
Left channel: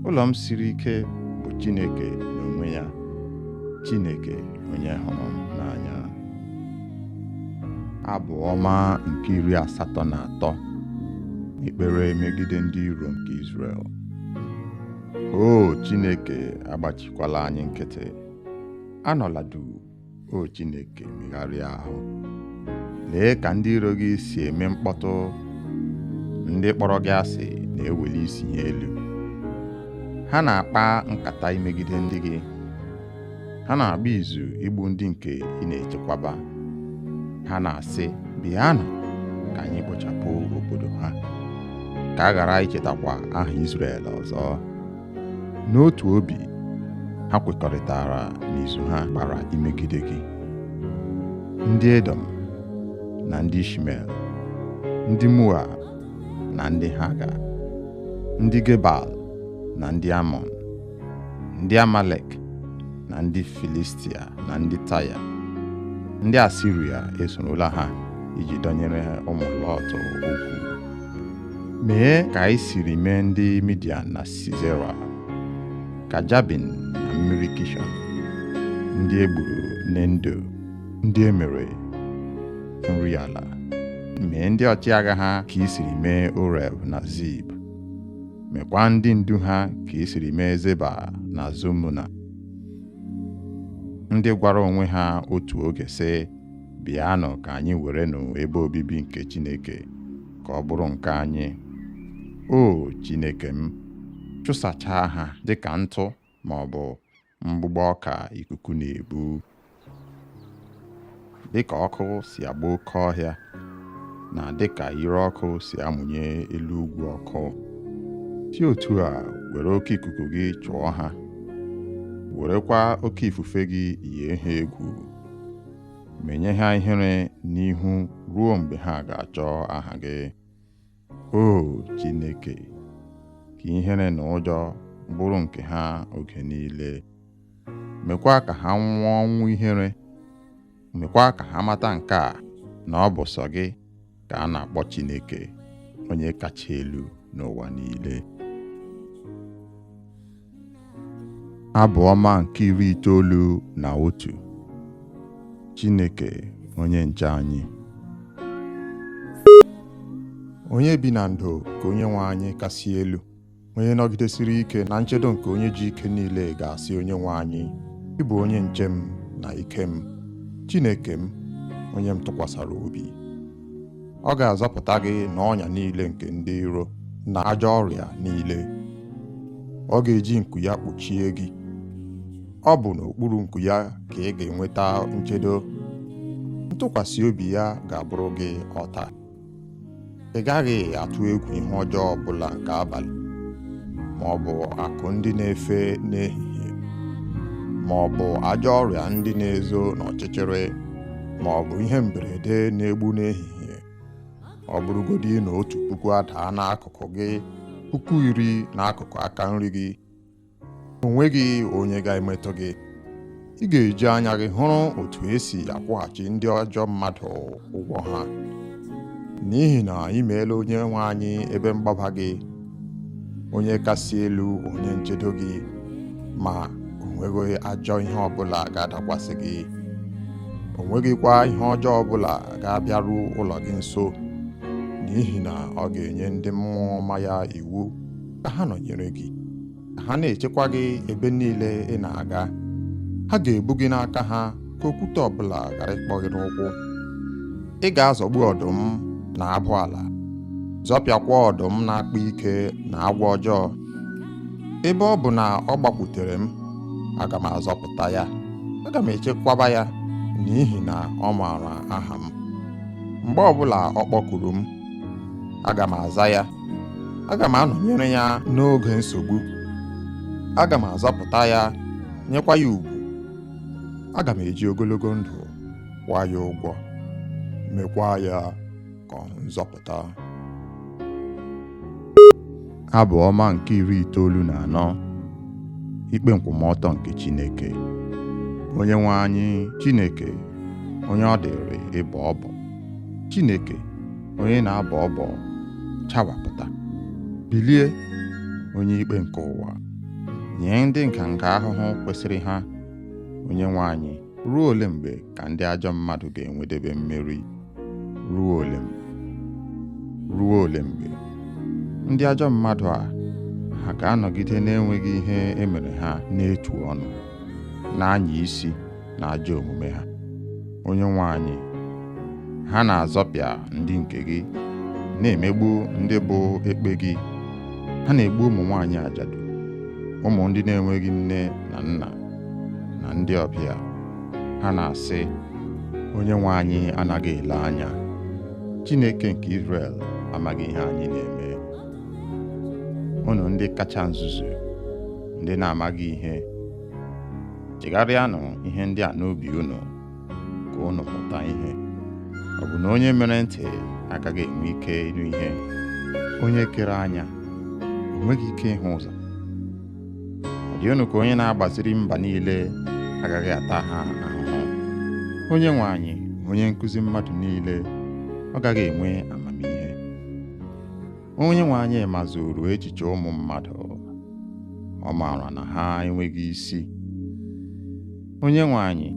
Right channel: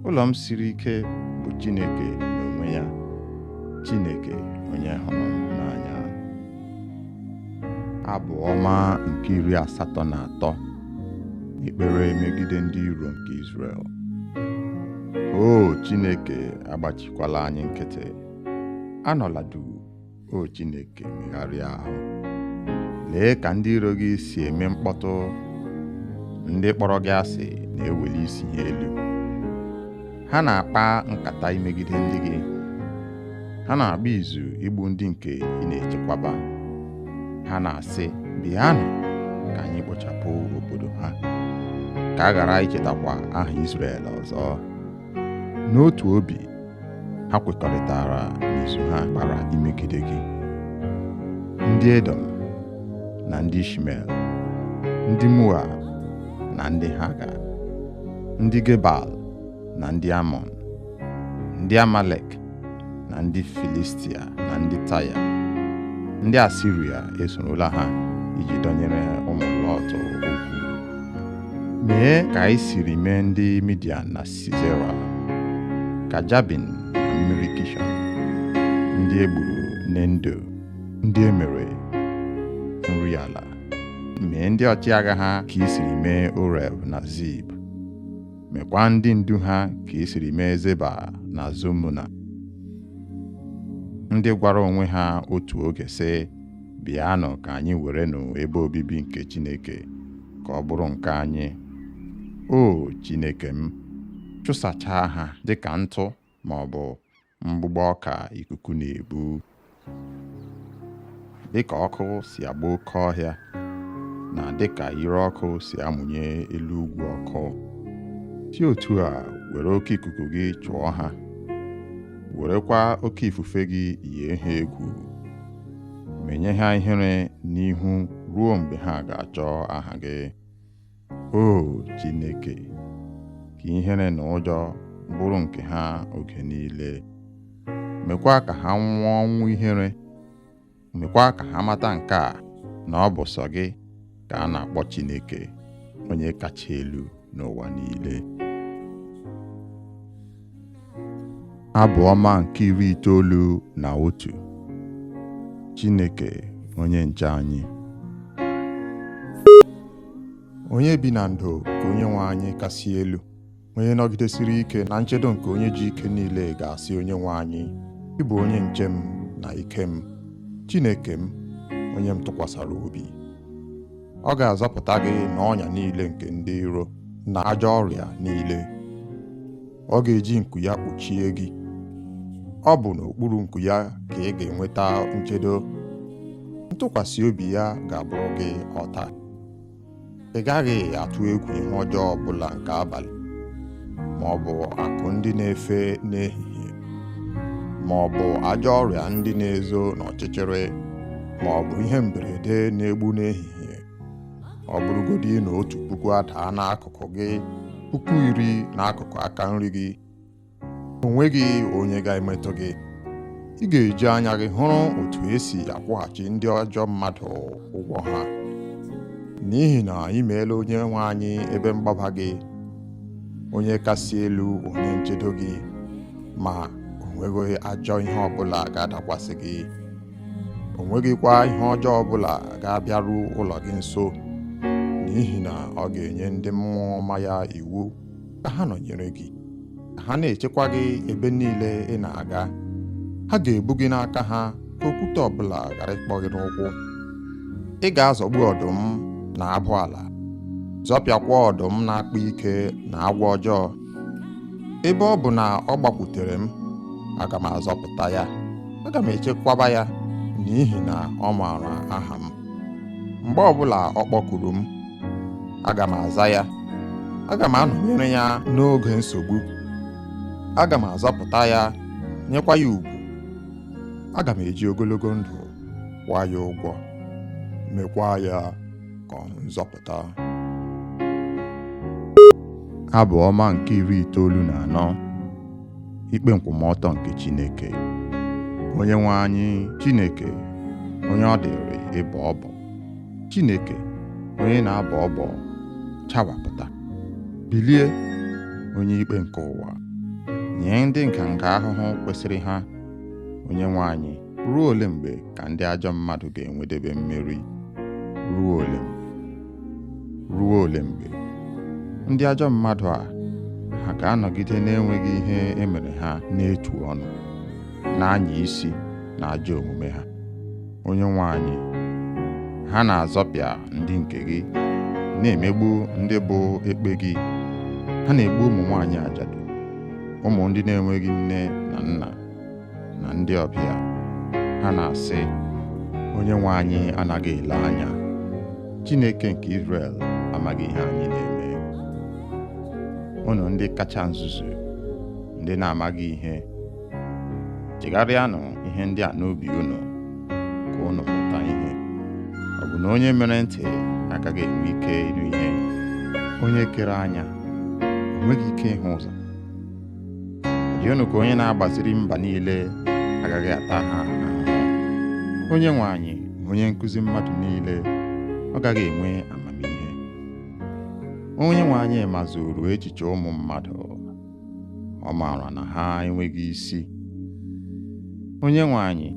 Ụlọ m siri ike bụ Chineke n'onwe ya, Chineke onye hụrụ m n'anya. Abụ ọma nke 83. Ekpere megide ndị iro nke Izrel. O Chineke, agbachikwala anyị nkịtị. Anọla duu, o Chineke, megharịa ahụ. Lee ka ndị iro gị si eme mkpọtụ. Ndị kpọrọ gị asị na-eweli isi ha elu. Ha na-akpa nkata imegide ndị gị. Ha na-agba izu igbu ndị nke ị na-echekwaba. Ha na-asị, bịanụ ka anyị kpochapụ obodo ha, ka a ghara ichetakwa aha Izrel ọzọ. N'otu obi, ha kwekọrịtara n'izu ha gbara imegide gị. Ndị Edom na ndị Ishmel, ndị Moab na ndị Haga, ndị Gebal na ndị Amọn, ndị Amalek na ndị Filistia na ndị Taya, ndị Asiria esorola ha iji dọnyere ụmụ Lọt okwu. Mee ka anyị siri mee ndị Midian na Sisera, ka Jabin na mmiri Kishọn, ndị egburu n'Endo, ndị emere nri ala. Mee ndị ọchịagha ha ka i siri mee Oreb na Zib. Mekwa ndị ndu ha ka i siri mee Zeba na Zumuna, ndị gwara onwe ha otu oge sị, bịanụ ka anyị werenụ ebe obibi nke Chineke ka ọ bụrụ nke anyị. O Chineke m, chụsachaa ha dịka ntụ ma ọ bụ mgbụgbọ ọka ikuku na-ebu. Dịka ọkụ si agba oke ọhịa, na dịka ire ọkụ si amụnye elu ugwu ọkụ, si otu a were oke ikuku gị chụọ ha werekwa oke ifufe gị yie ha egwu, menye ha ihere n'ihu ruo mgbe ha ga-achọ aha gị. O Chineke, ka ihere na ụjọ bụrụ nke ha oge niile. Mekwa ka ha nwụọ ọnwụ ihere. Mekwa ka ha mata nke a, na ọ bụ sọ gị ka a na-akpọ Chineke, onye kacha elu n'ụwa niile. Abụ ọma nke 91. Chineke onye nche anyị. Onye bi na ndo ka Onyenwe anyị kasị elu, onye nọgidesiri ike na nchedo nke onye ji ike niile ga-asị Onyenwe anyị, ị bụ onye nche m na ike m, Chineke m, onye m tụkwasara obi. Ọ ga-azọpụta gị n'ọnya niile nke ndị iro na ajọ ọrịa niile. Ọ ga-eji nku ya kpuchie gị. Ọ bụ n'okpuru nku ya ka ị ga-enweta nchedo. Ntụkwasị obi ya ga-abụrụ gị ọta. Ị gaghị atụ egwu ihe ọjọọ ọbụla nke abalị, ma ọ bụ akụ ndị na-efe n'ehihie, ma ọ bụ ajọ ọrịa ndị na-ezo n'ọchịchịrị, ma ọ bụ ihe mberede na-egbu n'ehihie. Ọ bụrụgodị na 1,000 adaa n'akụkụ gị, 10,000 n'akụkụ aka nri gị, o nweghị onye ga-emetụ gị. Ị ga-eji anya gị hụrụ otu esi akwụghachi ndị ajọ mmadụ ụgwọ ha, n'ihi na ị meela Onyenwe anyị ebe mgbaba gị, onye kasị elu, onye nchedo gị, ma o nweghị ajọ ihe ọbụla ga-adakwasị gị. O nweghịkwa ihe ọjọọ ọbụla ga-abịaru ụlọ gị nso, n'ihi na ọ ga-enye ndị mmụọ ọma ya iwu ka ha nọnyere gị, ka ha na-echekwa gị ebe niile ị na-aga. Ha ga-ebu gị n'aka ha ka okwute ọbụla ghara ịkpọ gị n'ụkwụ. Ị ga-azọgbu ọdụm na abụ ala, zọpịakwa ọdụm na-akpa ike na agwọ ọjọọ. Ebe ọ bụ na ọ gbakwutere m, aga m azọpụta ya, aga m echekwaba ya, n'ihi na ọ maara aha m. Mgbe ọbụla ọ kpọkuru m, aga m aza ya. Aga m anọnyere ya n'oge nsogbu. Aga m azọpụta ya, nyekwa ya ugwu. Aga m eji ogologo ndụ kwụọ ya ụgwọ, mekwa ya ka ọ nzọpụta. Abụ ọma nke 94. Ikpe nkwụmọtọ nke Chineke. Onyenwe anyị, Chineke, onye ọ dịrị ịbọ ọbọ. Chineke, onye na-abọ ọbọ, chawapụta. Bilie, onye ikpe nke ụwa, nye ndị nganga ahụhụ kwesịrị ha. Onyenwe anyị, ruo ole mgbe ka ndị ajọ mmadụ ga-enwedebe mmeri? Ruo ole mgbe? Ruo ole mgbe? Ndị ajọ mmadụ a, ha ga-anọgide na-enweghị ihe emere ha n'etu ọnụ, na-anya isi na ajọ omume ha. Onyenwe anyị, ha na-azọpịa ndị nke gị, na-emegbu ndị bụ ekpe gị. Ha na-egbu ụmụ nwaanyị ajadu, ụmụ ndị na-enweghị nne na nna, na ndị ọbịa. Ha na-asị, Onyenwe anyị anaghị ele anya. Chineke nke Izrel amaghị ihe anyị na-eme. Unu ndị kacha nzuzu, ndị na-amaghị ihe, chegharịanụ ihe ndị a n'obi unu, ka unu mụta ihe. Ọ bụ na onye mere ntị agaghị enwe ike ịnụ ihe? Onye kere anya o nweghị ike ịhụ ụzọ? Ọ dị unu ka onye na-agbaziri mba niile agaghị ata ha ahụhụ? Onyenwe anyị, onye nkụzi mmadụ niile, ọ gaghị enwe amamihe? Onyenwe anyị mazuru echiche ụmụ mmadụ, ọ maara na ha enweghị isi. Onyenwe anyị,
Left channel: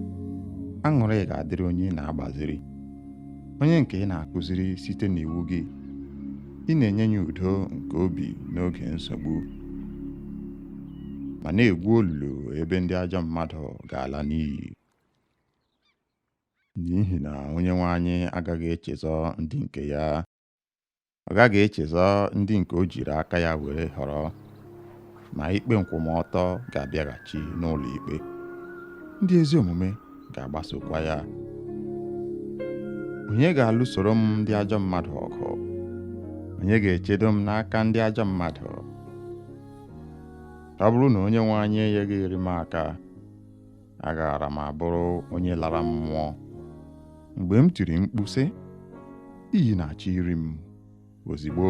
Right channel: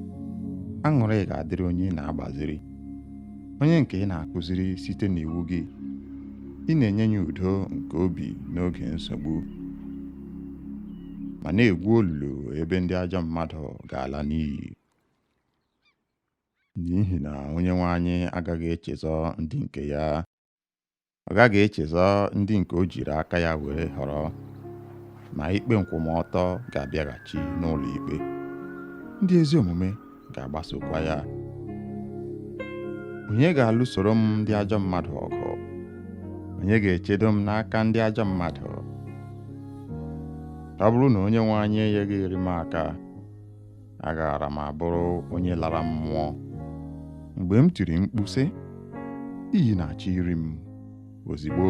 aṅụrị ga-adịrị onye na-agbaziri, onye nke ị na-akụziri site n'iwu gị. Ị na-enye ya udo nke obi n'oge nsogbu, ma na-egwu olulu ebe ndị ajọ mmadụ ga-ala n'iyi. N'ihi na Onyenwe anyị agaghị echezọ ndị nke ya. Ọ gaghị echezọ ndị nke o jiri aka ya were họrọ, ma ikpe nkwụmọtọ ga-abịaghachi n'ụlọ ikpe. Ndị ezi omume ga-agbasokwa ya. Onye ga-alụsoro m ndị ajọ mmadụ ọgụ? Onye ga-echedo m n'aka ndị ajọ mmadụ? ọ bụrụ na onye nwe anyị enyeghịrị m aka, agaara m abụrụ onye lara mmụọ. Mgbe m tiri mkpu sị, iyi na-achọ iri m, ozigbo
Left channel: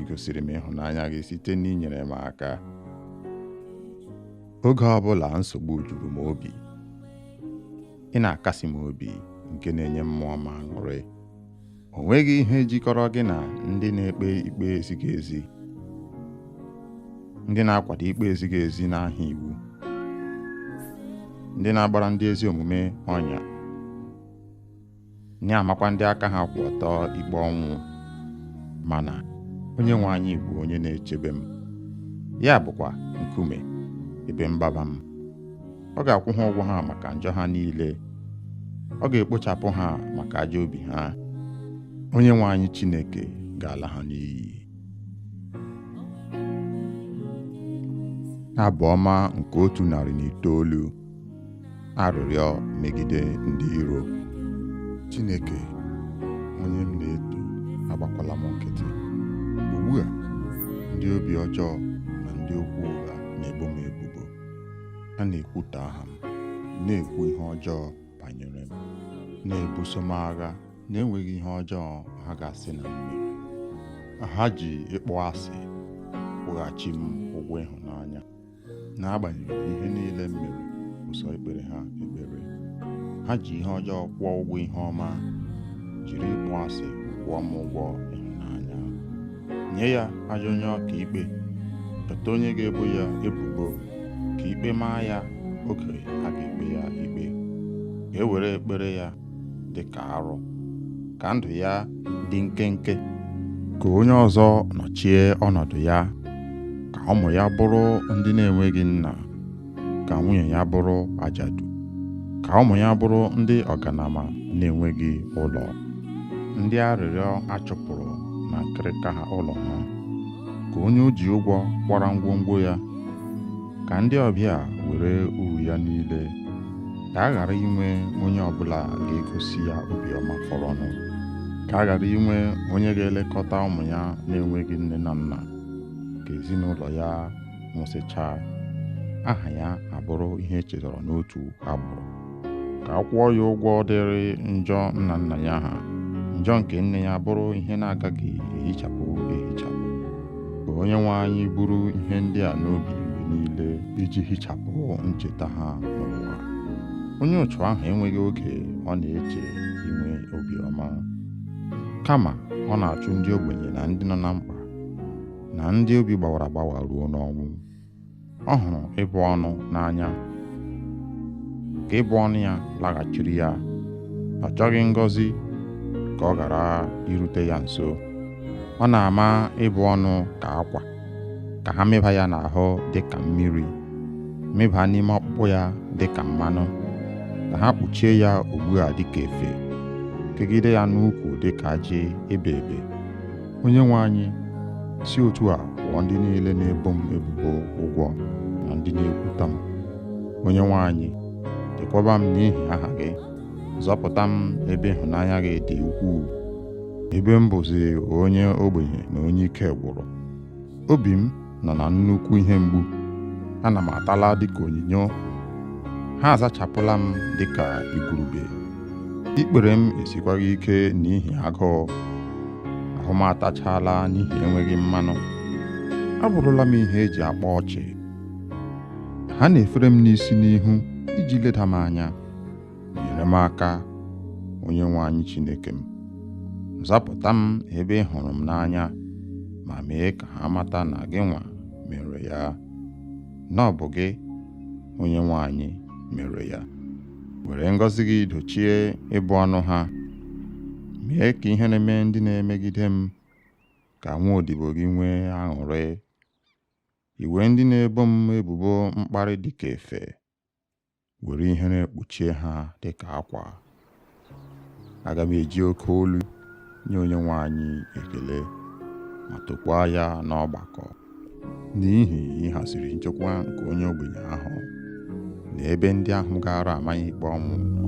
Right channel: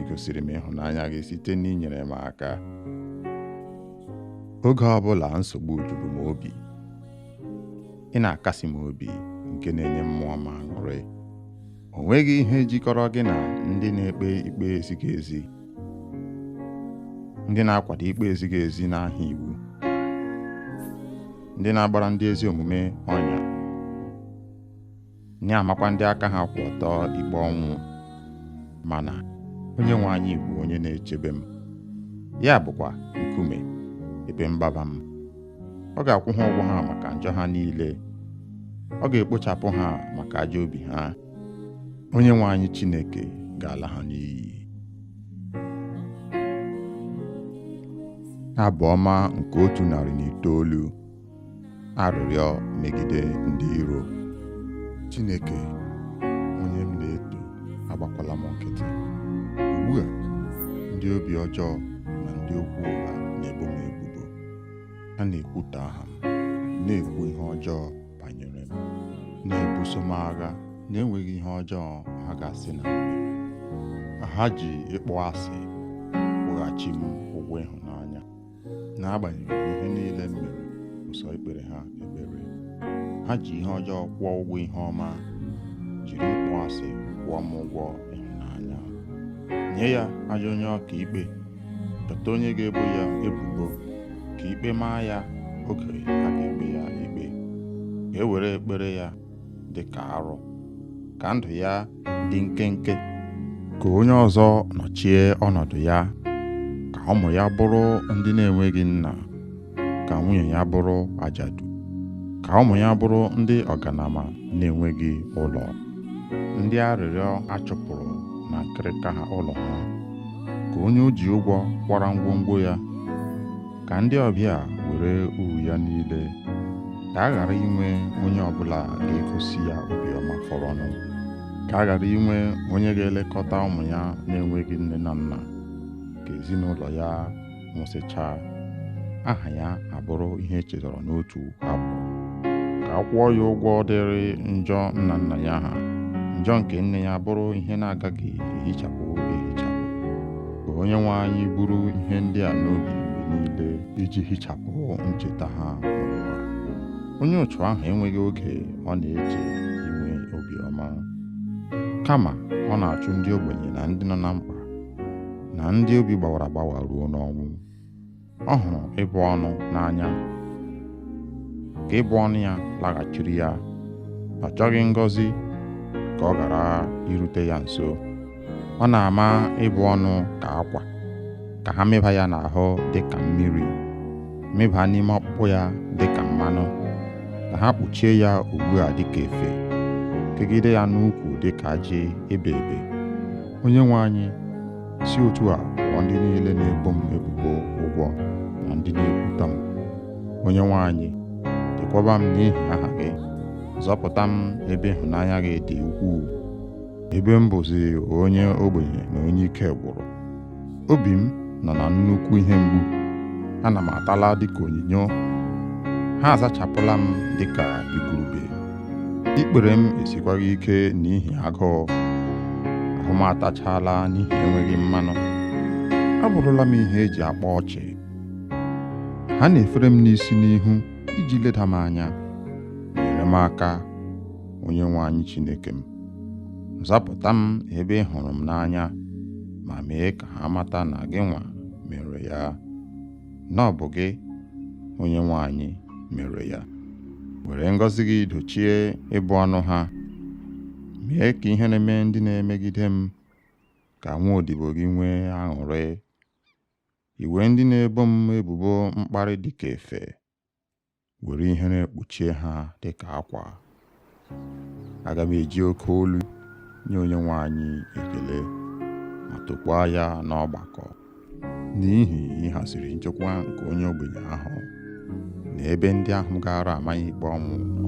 ị gosiri m ịhụnanya gị site n'inyere m aka. Oge ọbụla nsogbu juru m obi, ị na-akasi m obi nke na-enye mmụọ m aṅụrị. O nweghị ihe jikọrọ gị na ndị na-ekpe ikpe ezighị ezi, ndị na-akwado ikpe ezighị ezi n'aha iwu, ndị na-agbara ndị ezi omume ọnya, na-amakwa ndị aka ha kwụ ọtọ ikpe ọnwụ. Mana onye nwe anyị bụ onye na-echebe m, ya bụkwa nkume ebe mgbaba m. Ọ ga-akwụ ha ụgwọ ha maka njọ ha niile, ọ ga-ekpochapụ ha maka ajọ obi ha. Onye nwe anyị Chineke ga-ala ha n'iyi. Abụ ọma nke 109. Arịrịọ megide ndị iro. Chineke, onye m na-eto, agbakwala m nkịtị. Ugbu a, ndị obi ọjọọ na ndị okwu ụgha na-ebo m ebubo. Ha na-ekwutọ aha m, na-ekwu ihe ọjọọ banyere m, na-ebuso m agha na-enweghị ihe ọjọọ ha ga-asị na m mere. Ha ji ịkpọ asị kwụghachi m ụgwọ ịhụnanya, n'agbanyeghị ihe niile m mere ụsọ ikpere ha ekpere. Ha ji ihe ọjọọ kwụọ ụgwọ ihe ọma, jiri ịkpọ asị kwụọ m ụgwọ ịhụnanya. Nye ya ajọ onye ọka ikpe, chọta onye ga-ebo ya ebubo, ka ikpe maa ya oge a ga-ekpe ya ikpe. Ka e were ekpere ya dị ka arụ, ka ndụ ya dị nkenke. Ka onye ọzọ nọchie ọnọdụ ya, ka ụmụ ya bụrụ ndị na-enweghị nna, ka nwunye ya bụrụ ajadu, ka ụmụ ya bụrụ ndị ọganama na-enweghị ụlọ, ndị arịrịọ achụpụrụ na nkịrịka ha ụlọ ha. Ka onye o ji ụgwọ kwara ngwongwo ya, ka ndị ọbịa were uru ya niile. Ka a ghara inwe onye ọbụla ga-egosi ya obiọma fọrọnụ. Ka a ghara inwe onye ga-elekọta ụmụ ya na-enweghị nne na nna. Ka ezinụlọ ya nwụsịchaa, aha ya abụrụ ihe echetara n'otu abụ. Ka a kwụọ ya ụgwọ dịrị njọ nna nna ya ha, njọ nke nne ya bụrụ ihe na-agaghị ehichapụ ehichapụ. Ka onye nwe anyị buru ihe ndị a n'obi mgbe niile, iji hichapụ ncheta ha n'ụwa. Onye otu ahụ enweghị oge ọ na-eche inwe obiọma, kama ọ na-achụ ndị ogbenye na ndị nọ na mkpa, na ndị obi gbawara agbawa ruo n'ọnwụ. Ọ hụrụ ịbụ ọnụ n'anya, ka ịbụ ọnụ ya laghachiri ya. Ọ chọghị ngọzi ka ọ ghara irute ya nso. Ọ na-ama ịbụ ọnụ ka akwa, ka ha mịba ya n'ahụ dị ka mmiri, mịba n'ime ọkpụkpụ ya dị ka mmanụ, ka ha kpuchie ya ugbu a dị ka efe, kegide ya n'ukwu dị ka ajị ebe ebe. Onye nwe anyị, si otu a kwụọ ndị niile na-ebo m ebubo ụgwọ na ndị na-ekwuta m. Onye nwe anyị, chekwaba m n'ihi aha gị, zọpụta m ebe ịhụnanya gị dị ukwuu, ebe m bụzi onye ogbenye na onye ike gwụrụ. Obi m nọ na nnukwu ihe mgbu, ana m atala dịka onyinyo. Ha azachapụla m dịka igurube. Ikpere m esikwaghị ike n'ihi agụụ, ahụ m atachala n'ihi enweghị mmanụ. Abụrụla m ihe eji akpa ọchị. Ha na-efere m n'isi n'ihu iji leda m anya. Nyere m aka, onye nwe anyị Chineke m. Zapụta m ebe ị hụrụ m n'anya, ma mee ka ha mata na gị nwa mere ya, na ọ bụ gị, onye nwe anyị, mere ya. Were ngọzi gị dochie ịbụ ọnụ ha. Mee ka ihe na-eme ndị na-emegide m, ka nwa odibo gị nwee aṅụrị. Iwe ndị na-ebo m ebubo mkparị dịka efe, were ihere kpuchie ha dịka akwa. Aga m eji oke olu nye onye nwe anyị ekele, ma tokwaa ya n'ọgbakọ, n'ihi ịhaziri nchekwa nke onye ogbenye ahụ, na ebe ndị ahụ gara amaghị ikpe ọnwụ nọ.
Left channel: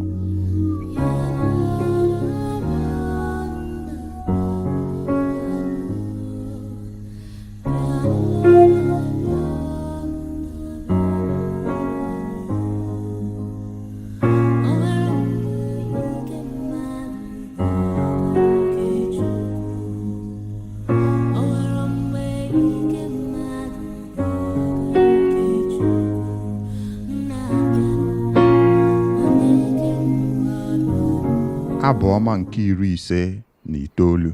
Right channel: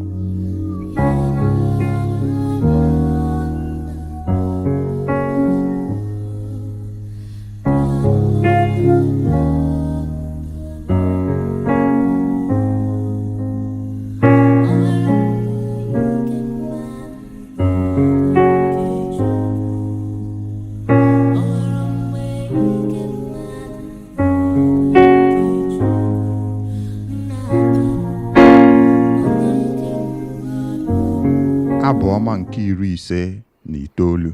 Abụ ọma nke 59,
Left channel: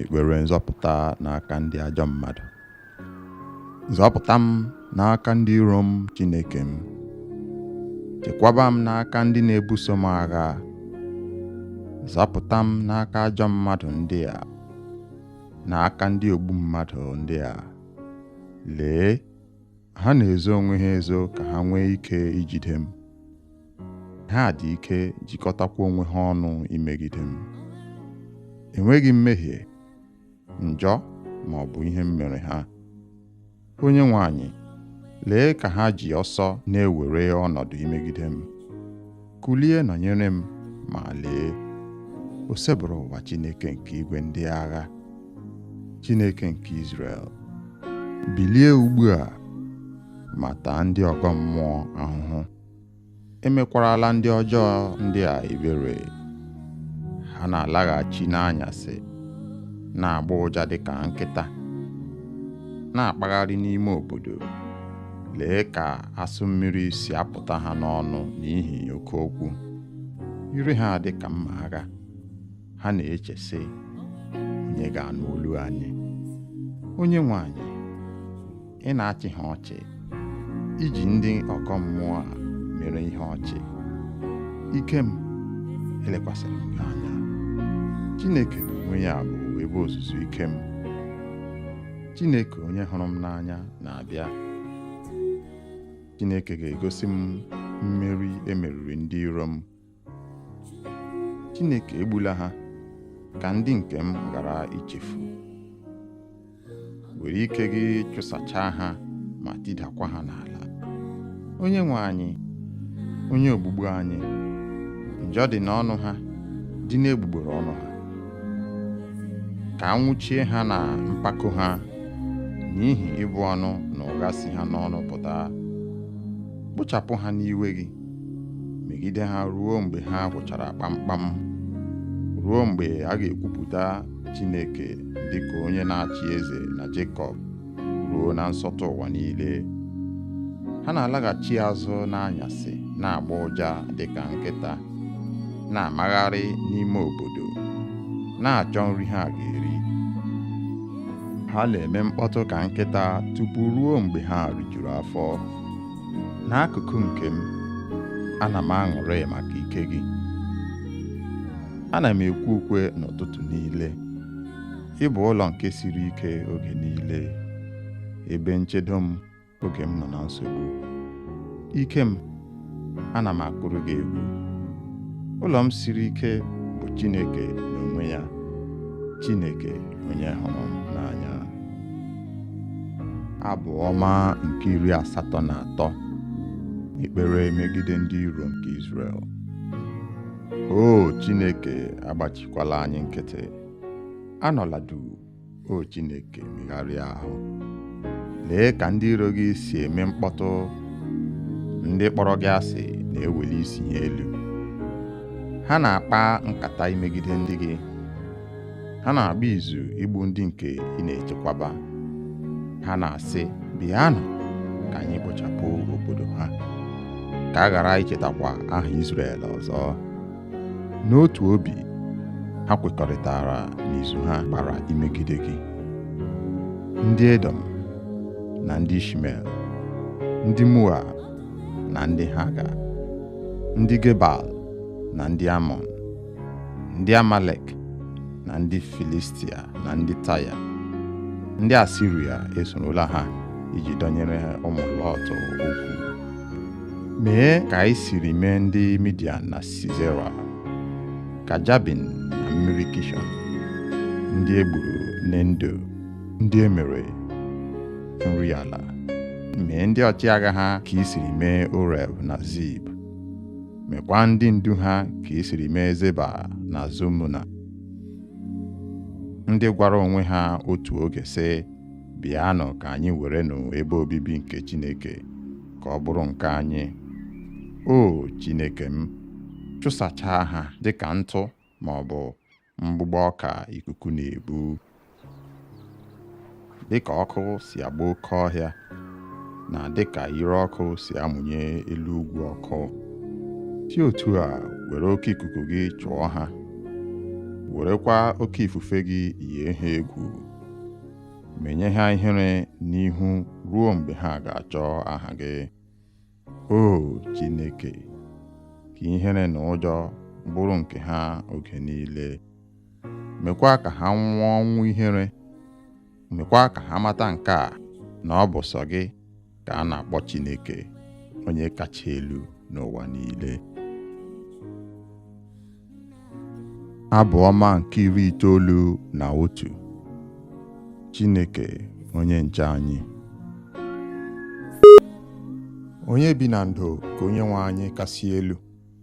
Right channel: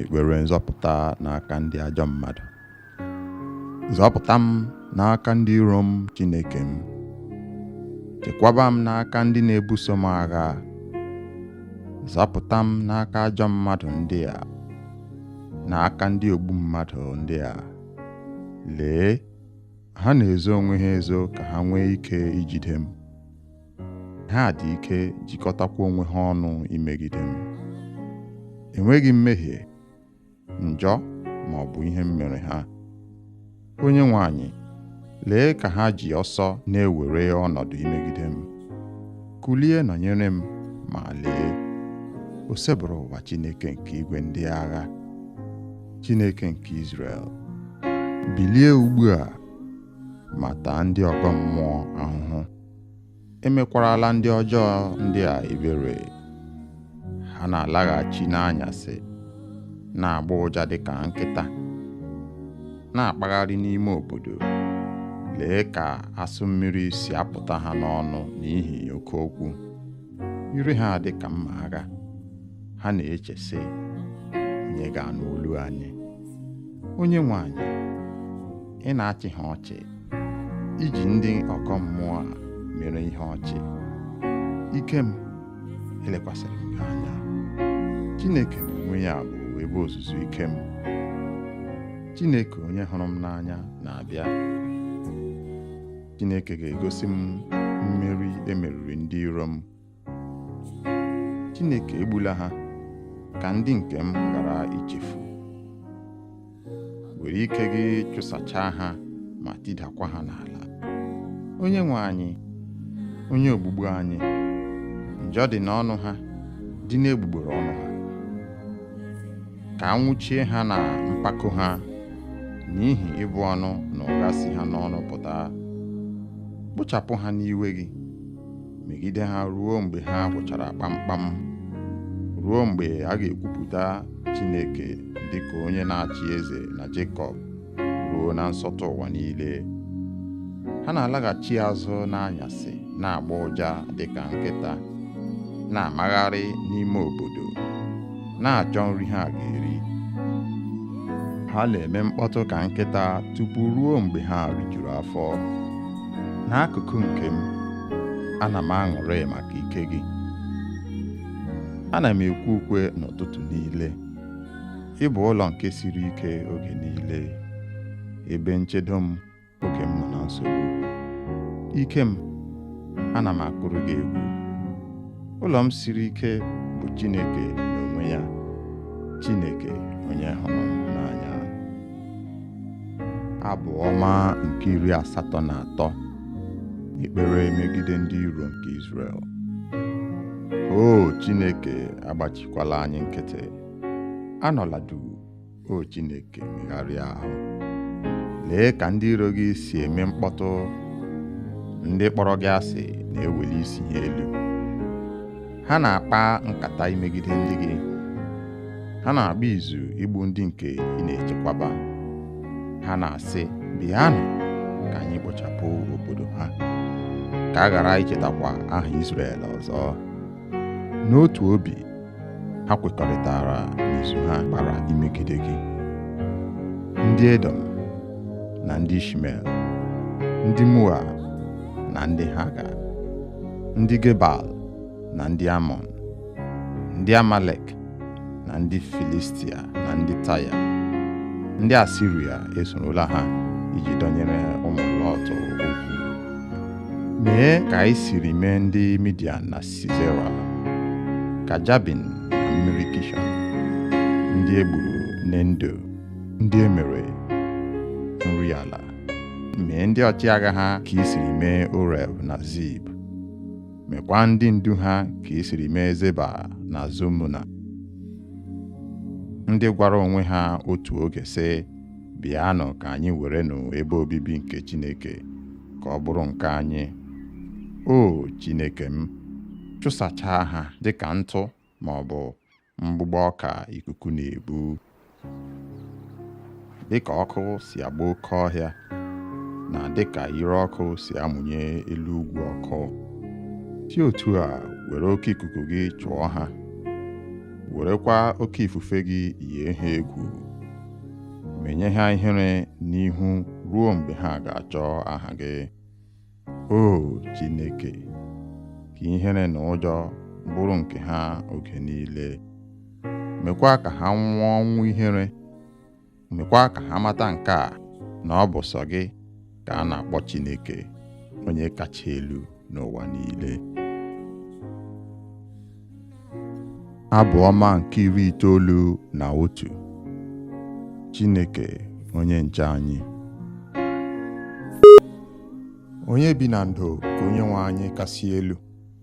ekpere nzọpụta n'aka ndị ajọ mmadụ. Zọpụta m n'aka ndị iro m, Chineke m. Chekwaba m n'aka ndị na-ebuso m agha. Zọpụta m n'aka ajọ mmadụ ndị a, n'aka ndị ogbu mmadụ ndị a. Lee, ha na-ezo onwe ha ezo ka ha nwee ike ijide m. Ha dị ike jikọtakwa onwe ha ọnụ imegide m. Enweghị mmehie, njọ ma ọ bụ ihe m mere ha. Onye nwe anyị, lee ka ha ji ọsọ na-ewere ọnọdụ imegide m. Kulie nọnyere m, ma lee, o sebụrụ ụwa Chineke nke igwe ndị agha, Chineke nke Izrel. Bilie ugbu a ma taa ndị ọgọ mmụọ ahụhụ. Emekwarala ndị ọjọọ ndị a ebere. Ha na-alaghachi n'anyasị, na-agba ụja dịka nkịta, na-akpagharị n'ime obodo. Lee ka asụ mmiri si apụta ha n'ọnụ n'ihi oke okwu. Ire ha dị ka mma agha. Ha na-eche sị, onye ga-anụ olu anyị? Onye nwe anyị, ị na-achị ha ọchị, iji ndị ọgọ mmụọ a mere ihe ọchị. Ike m elekwasịrị m gị anya. Chineke n'onwe ya bụ ebe ozuzu ike m. Chineke onye hụrụ m n'anya na-abịa. Chineke ga-egosi m mmeri emeriri ndị iro m. Chineke egbula ha ka ndị nke m ghara ichefu. Were ike gị chụsachaa ha ma tidakwa ha n'ala. Onye nwe anyị, onye ogbugbu anyị, njọ dị n'ọnụ ha, dị n'egbugbere ọnụ ha. Ka anwụchie ha na mpako ha, n'ihi ịbụ ọnụ na ụgha si ha n'ọnụ pụta. Kpochapụ ha n'iwe gị, megide ha ruo mgbe ha gwụchara kpamkpam, ruo mgbe a ga-ekwupụta Chineke dịka onye na-achị eze na Jekọb, ruo na nsọtụ ụwa niile. Ha na-alaghachi azụ n'anyasị, na-agba ụja dịka nkịta, na-amagharị n'ime obodo, na-achọ nri ha ga-eri. Ha na-eme mkpọtụ ka nkịta tupu ruo mgbe ha rijuru afọ. N'akụkụ nke m, ana m aṅụrị maka ike gị. Ana m ekwe ukwe n'ụtụtụ niile. Ị bụ ụlọ nke siri ike oge niile, ebe nchedo m oge m nọ na nsogbu. Ike m, ana m akụrụ gị egwu. Ụlọ m siri ike bụ Chineke n'onwe ya, Chineke onye hụrụ m n'anya. Abụ ọma nke 83, ekpere megide ndị iro nke Izrel. O Chineke, agbachikwala anyị nkịtị. Anọla duu, o Chineke, megharịa ahụ. Lee ka ndị iro gị si eme mkpọtụ. Ndị kpọrọ gị asị na-eweli isi ha elu. Ha na-akpa nkata imegide ndị gị. Ha na-agba izu igbu ndị nke ị na-echekwaba. Ha na-asị, bịanụ ka anyị kpochapụ obodo ha, ka a ghara ichetakwa aha Izrel ọzọ. N'otu obi, ha kwekọrịtara n'izu ha gbara imegide gị. Ndị Edom na ndị Ishmel, ndị Moab na ndị Haga, ndị Gebal na ndị Amọn, ndị Amalek na ndị Filistia na ndị Taya. Ndị Asiria esorola ha iji dọnyere ụmụ Lọt okwu. Mee ka anyị siri mee ndị Midian na Sisera, ka Jabin na mmiri Kishọn, ndị egburu n'Endo, ndị emere nri ala. Mee ndị ọchịagha ha ka i siri mee Oreb na Zib. Mekwa ndị ndu ha ka i siri mee Zeba na Zumuna. Ndị gwara onwe ha otu oge sị, bịanụ ka anyị werenụ ebe obibi nke Chineke ka ọ bụrụ nke anyị. O Chineke m, chụsachaa ha dịka ntụ ma ọ bụ mgbụgbọ ọka ikuku na-ebu. Dịka ọkụ si agba oke ọhịa na dịka ire ọkụ si amụnye elu ugwu ọkụ, si otu a were oke ikuku gị chụọ ha, werekwa oke ifufe gị yie ha egwu, menye ha ihere n'ihu ruo mgbe ha ga-achọ aha gị. O Chineke, ka ihere na ụjọ bụrụ nke ha oge niile. Mekwa ka ha nwụọ ọnwụ ihere. Mekwa ka ha mata nke a, na ọ bụ sọ gị ka a na-akpọ Chineke, onye kacha elu n'ụwa niile. Abụ ọma nke 91. Chineke onye nche anyị. Onye bi na ndo ka onye nwe anyị kasị elu,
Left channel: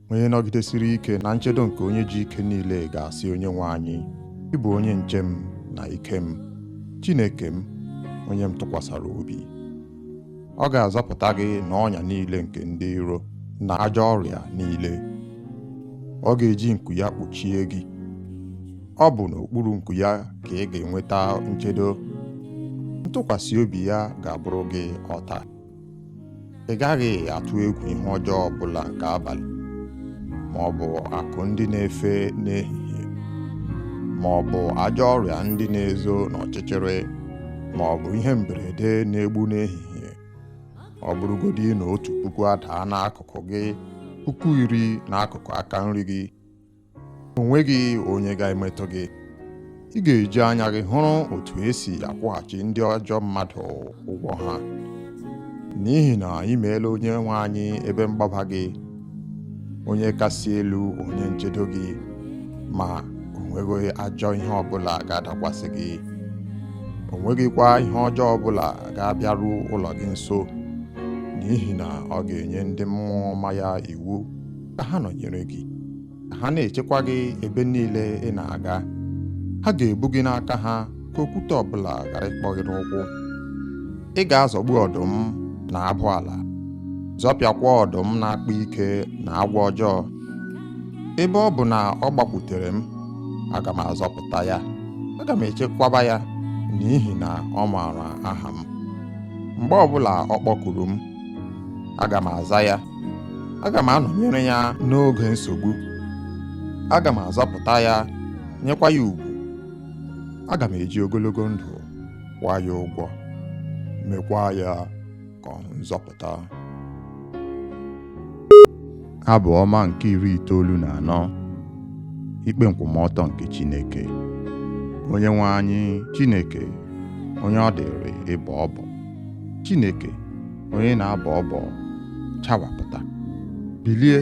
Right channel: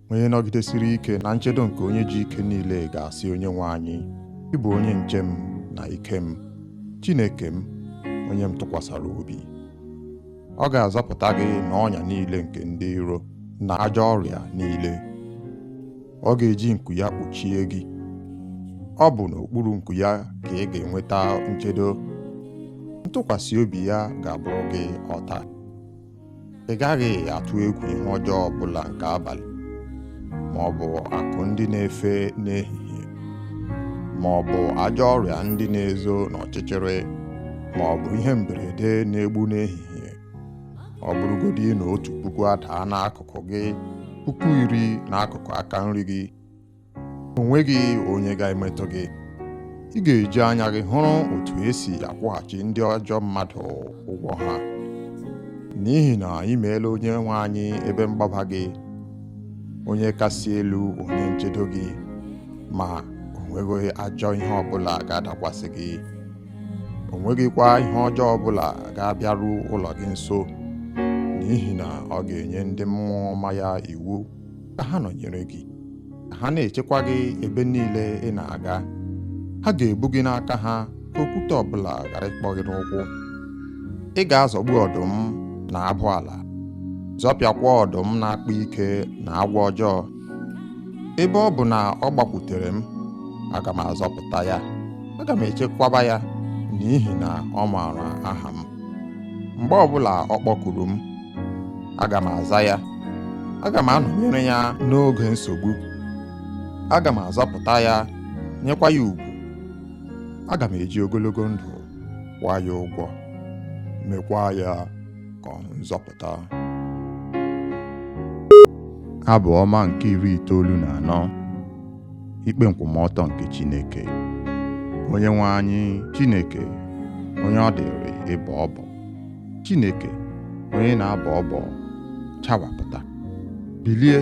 onye nọgidesiri ike na nchedo nke onye ji ike niile ga-asị onye nwe anyị, ị bụ onye nche m na ike m, Chineke m, onye m tụkwasara obi. Ọ ga-azọpụta gị n'ọnya niile nke ndị iro na ajọ ọrịa niile. Ọ ga-eji nku ya kpuchie gị. Ọ bụ n'okpuru nku ya ka ị ga-enweta nchedo. Ntụkwasị obi ya ga-abụrụ gị ọta. Ị gaghị atụ egwu ihe ọjọọ ọbụla nke abalị, ma ọ bụ akụ ndị na-efe n'ehihie, ma ọ bụ ajọ ọrịa ndị na-ezo n'ọchịchịrị, ma ọ bụ ihe mberede na-egbu n'ehihie. Ọ bụrụgodị na 1,000 adaa n'akụkụ gị, 10,000 n'akụkụ aka nri gị, o nweghị onye ga-emetụ gị. Ị ga-eji anya gị hụrụ otu esi akwụghachi ndị ajọ mmadụ ụgwọ ha, n'ihi na ị meela onye nwe anyị ebe mgbaba gị, onye kasị elu onye nchedo gị, ma o nweghị ajọ ihe ọbụla ga-adakwasị gị. O nweghịkwa ihe ọjọọ ọbụla ga-abịaru ụlọ gị nso, n'ihi na ọ ga-enye ndị mmụọ ọma ya iwu ka ha nọnyere gị, ka ha na-echekwa gị ebe niile ị na-aga. Ha ga-ebu gị n'aka ha ka okwute ọbụla ghara ịkpọ gị n'ụkwụ. Ị ga-azọgbu ọdụm na abụ ala, zọpịakwa ọdụm na-akpa ike na agwọ ọjọọ. Ebe ọ bụ na ọ gbakwutere m, aga m azọpụta ya, aga m echekwaba ya, n'ihi na ọ maara aha m. Mgbe ọbụla ọ kpọkuru m, aga m aza ya, aga m anọnyere ya n'oge nsogbu. Aga m azọpụta ya, nyekwa ya ugwu. Aga m eji ogologo ndụ kwụọ ya ụgwọ, mekwa ya ka ọ hụ nzọpụta. Abụ ọma nke 94. Ikpe nkwụmọtọ nke Chineke. Onye nwe anyị Chineke, onye ọ dịrị ịbọ ọbọ, Chineke onye na-abọ ọbọ, chawapụta. Bilie,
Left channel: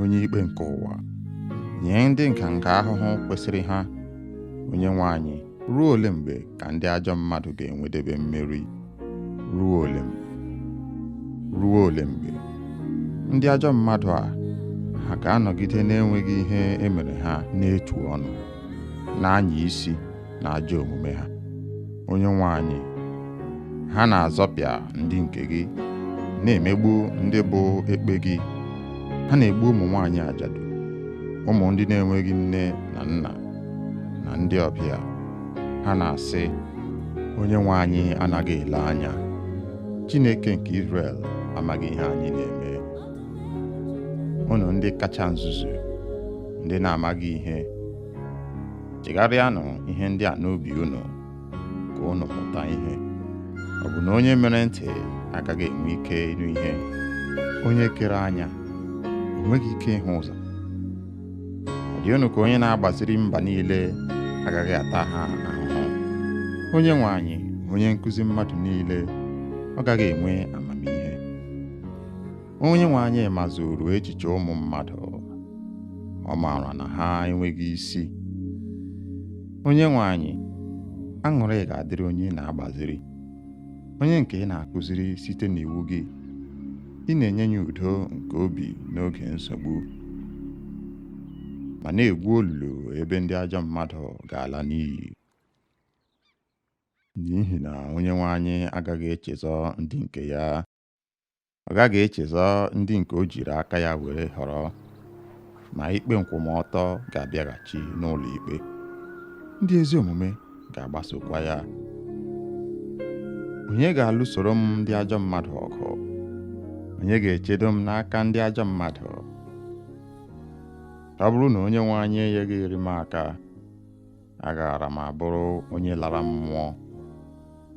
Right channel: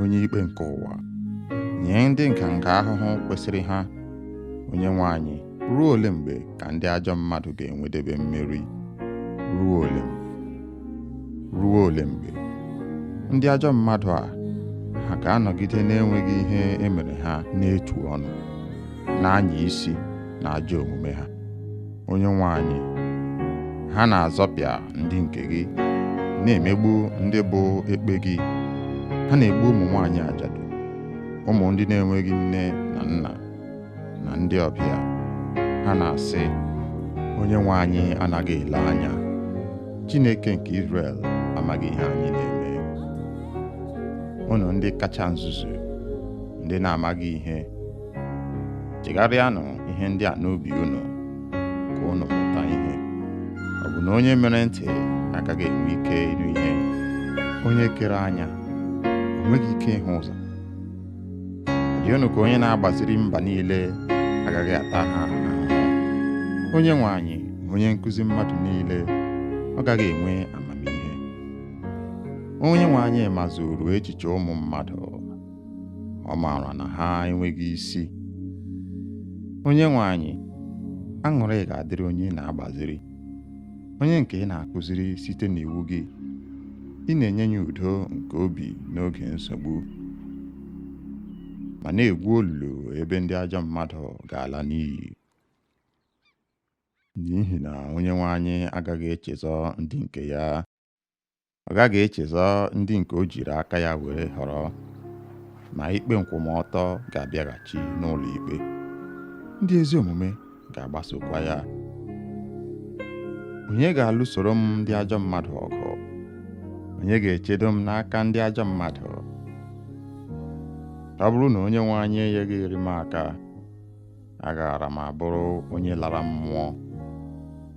onye ikpe nke ụwa, nye ndị nganga ahụhụ kwesịrị ha. Onye nwe anyị, ruo ole mgbe ka ndị ajọ mmadụ ga-enwedebe mmeri? Ruo ole mgbe? Ruo ole mgbe? Ndị ajọ mmadụ a, ha ga-anọgide na-enweghị ihe emere ha n'etu ọnụ, na-anya isi na ajọ omume ha. Onye nwe anyị, ha na-azọpịa ndị nke gị, na-emegbu ndị bụ ekpe gị. Ha na-egbu ụmụ nwaanyị ajadu, ụmụ ndị na-enweghị nne na nna, na ndị ọbịa. Ha na-asị, onye nwe anyị anaghị ele anya. Chineke nke Izrel amaghị ihe anyị na-eme. Unu ndị kacha nzuzu, ndị na-amaghị ihe, chegharịanụ ihe ndị a n'obi unu, ka unu mụta ihe. Ọ bụ na onye mere ntị agaghị enwe ike ịnụ ihe? Onye kere anya, o nweghị ike ịhụ ụzọ? Ọ dị unu ka onye na-agbaziri mba niile agaghị ata ha ahụhụ? Onye nwe anyị, onye nkụzi mmadụ niile, ọ gaghị enwe amamihe? Onye nwe anyị mazuru echiche ụmụ mmadụ, ọ maara na ha enweghị isi. Onye nwe anyị, aṅụrị ga-adịrị onye na-agbaziri, onye nke ị na-akụziri site n'iwu gị. Ị na-enye ya udo nke obi n'oge nsogbu, ma na-egwu olulu ebe ndị ajọ mmadụ ga-ala n'iyi. N'ihi na onye nwe anyị agaghị echezọ ndị nke ya, ọ gaghị echezọ ndị nke o jiri aka ya were họrọ. ma ikpe nkwụmọtọ ga-abịaghachi n'ụlọ ikpe. Ndị ezi omume ga-agbasokwa ya. Onye ga-alụsoro m ndị ajọ mmadụ ọgụ? Onye ga-echedo m n'aka ndị ajọ mmadụ? Ọ bụrụ na Onyenwe anyị enyeghị iri m aka, agaara m abụrụ onye lara mmụọ.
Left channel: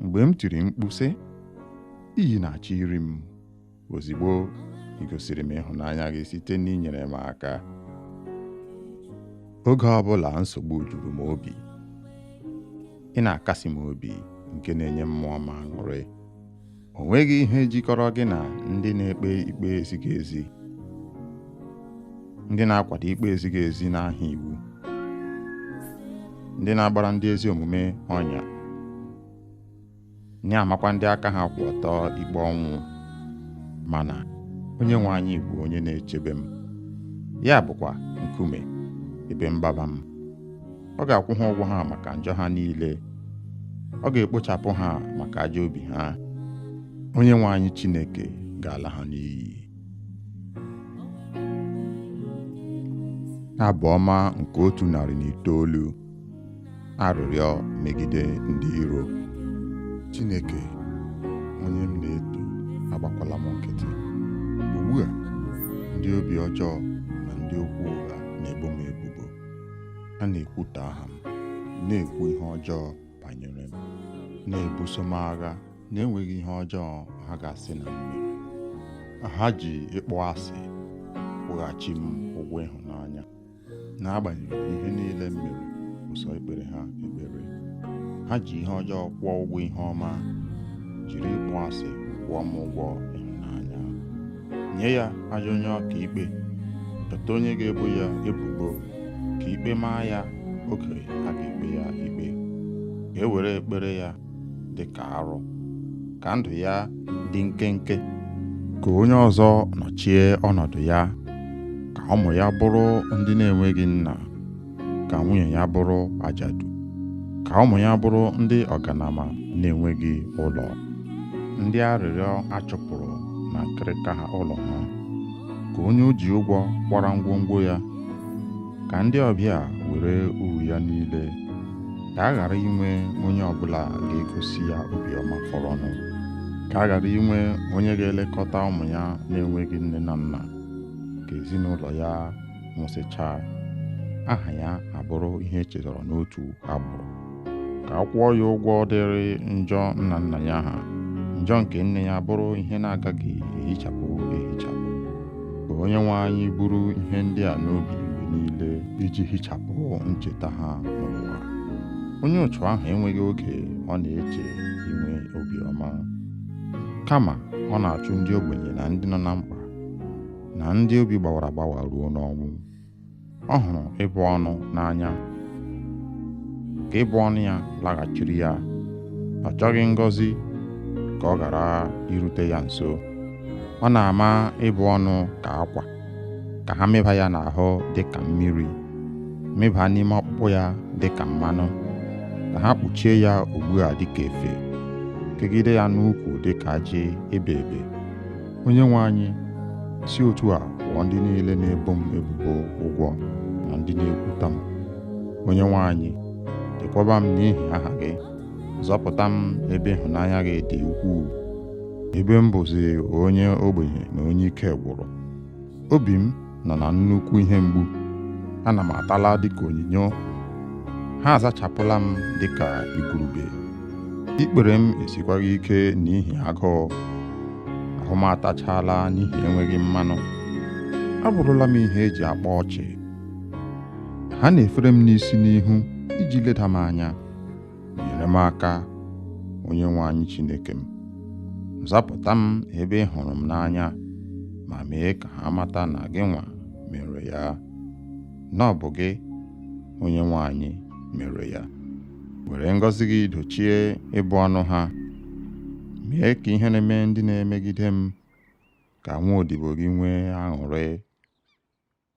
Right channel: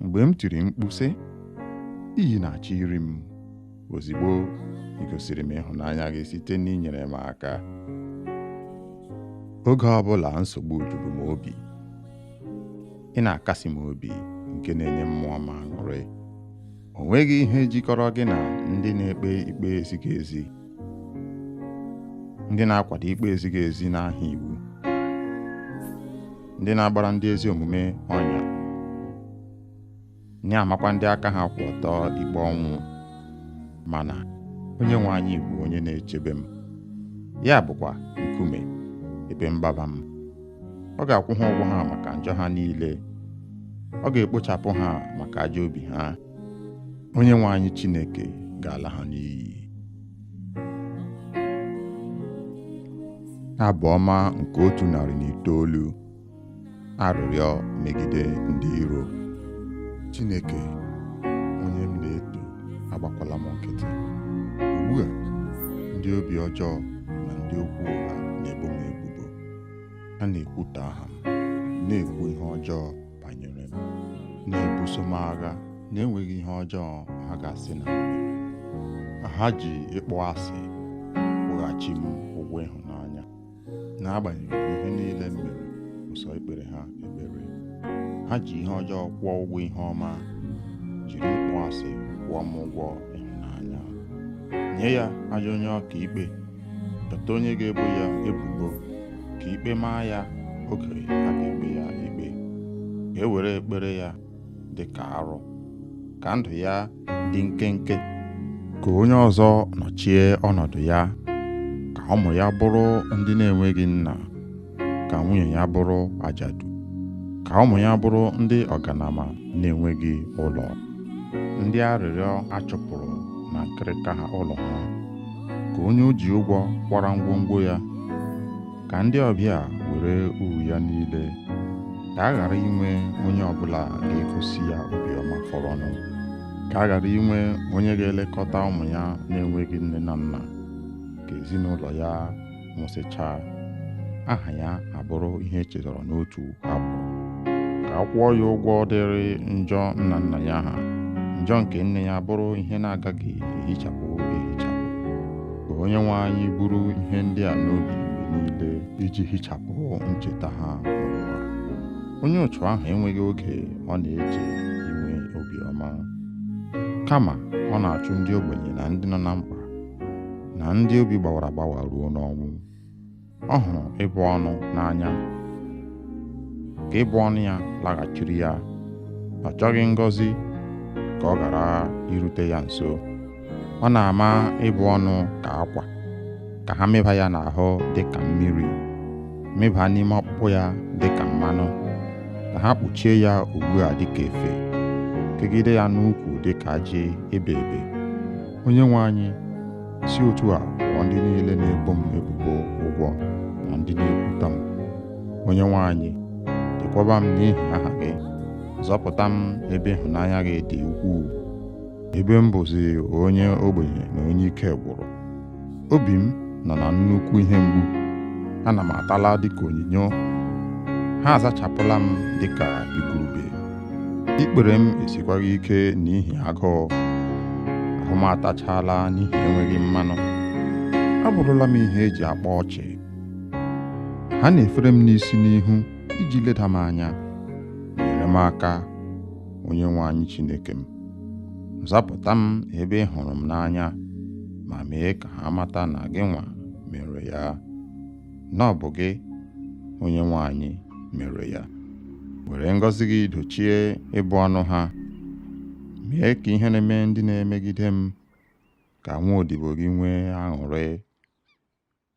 Mgbe m tiri mkpu sị, iyi na-achọ iri m, ozigbo ị gosiri m ịhụnanya gị site n'inyere m aka. Oge ọbụla nsogbu juru m obi, ị na-akasi m obi nke na-enye mmụọ m aṅụrị. O nweghị ihe jikọrọ gị na ndị na-ekpe ikpe ezighị ezi, ndị na-akwado ikpe ezighị ezi n'aha iwu, ndị na-agbara ndị ezi omume ọnya, na-amakwa ndị aka ha kwụ ọtọ ikpe ọnwụ. Mana Onyenwe anyị bụ onye na-echebe m, ya bụkwa nkume ebe mgbaba m. Ọ ga-akwụ ha ụgwọ ha maka njọ ha niile, ọ ga-ekpochapụ ha maka ajọ obi ha. Onyenwe anyị Chineke ga-ala ha n'iyi. Abụ ọma nke 109. Arịrịọ megide ndị iro. Chineke, onye m na-eto, agbakwala m nkịtị. Ugbu a, ndị obi ọjọọ na ndị okwu ụgha na-ebo m ebubo. Ha na-ekwutọ aha m, na-ekwu ihe ọjọọ banyere m, na-ebuso m agha na-enweghị ihe ọjọọ ha ga-asị na m mere. Ha ji ịkpọ asị kwụghachi m ụgwọ ịhụnanya, n'agbanyeghị ihe niile m mere ụsọ ikpere ha ekpere. Ha ji ihe ọjọọ kwụọ ụgwọ ihe ọma, jiri ịkpọ asị kwụọ m ụgwọ ịhụnanya. Nye ya ajọ onye ọka ikpe, chọta onye ga-ebo ya ebubo, ka ikpe maa ya oge a ga-ekpe ya ikpe. Ka e were ekpere ya dị ka arụ, ka ndụ ya dị nkenke. Ka onye ọzọ nọchie ọnọdụ ya, ka ụmụ ya bụrụ ndị na-enweghị nna, ka nwunye ya bụrụ ajadu, ka ụmụ ya bụrụ ndị ọganama na-enweghị ụlọ, ndị arịrịọ achụpụrụ na nkịrịka ha ụlọ ha. Ka onye o ji ụgwọ kwara ngwongwo ya, ka ndị ọbịa were uru ya niile. Ka a ghara inwe onye ọbụla ga-egosi ya obiọma fọrọnụ. Ka a ghara inwe onye ga-elekọta ụmụ ya na-enweghị nne na nna. Ka ezinụlọ ya nwụsịchaa, aha ya abụrụ ihe echetara n'otu agbụrụ. Ka a kwụọ ya ụgwọ dịrị njọ nna nna ya ha, njọ nke nne ya bụrụ ihe na-agaghị ehichapụ ehichapụ. Ka Onyenwe anyị buru ihe ndị a n'obi mgbe niile iji hichapụ ncheta ha n'ụwa. Onye ụchụ ahụ enweghị oge ọ na-eche inwe obiọma, kama ọ na-achụ ndị ogbenye na ndị nọ na mkpa, na ndị obi gbawara agbawa ruo n'ọnwụ. Ọ hụrụ ịbụ ọnụ n'anya, ka ịbụ ọnụ ya laghachiri ya. Ọ chọghị ngọzi ka ọ ghara irute ya nso. Ọ na-ama ịbụ ọnụ ka akwa, ka ha meba ya n'ahụ dị ka mmiri, meba n'ime ọkpụkpụ ya dị ka mmanụ, ka ha kpuchie ya ugbu a dị ka efe, kegide ya n'ukwu dị ka ajị ebe ebe. Onyenwe anyị, si otu a kwụọ ndị niile na-ebo m ebubo ụgwọ na ndị na-ekwutọ m. Onyenwe anyị, chekwaba m n'ihi aha gị, zọpụta m ebe ịhụnanya gị dị ukwuu. Ebe m bụzi onye ogbenye na onye ike gwụrụ, obi m nọ na nnukwu ihe mgbu. Ana m atala dịka onyinyo, ha azachapụla m dịka igurube. Ikpere m esikwaghị ike n'ihi agụụ, ahụ m atachala n'ihi enweghị mmanụ. Abụrụla m ihe eji akpa ọchị. Ha na-efere m n'isi n'ihu iji leda m anya. Nyere m aka, Onyenwe anyị Chineke m. Zapụta m ebe ị hụrụ m n'anya, ma mee ka ha mata na gị nwa mere ya, na ọ bụ gị, Onyenwe anyị, mere ya. Were ngọzi gị dochie ịbụ ọnụ ha. Mee ka ihe na-eme ndị na-emegide m, ka nwa odibo gị nwee aṅụrị.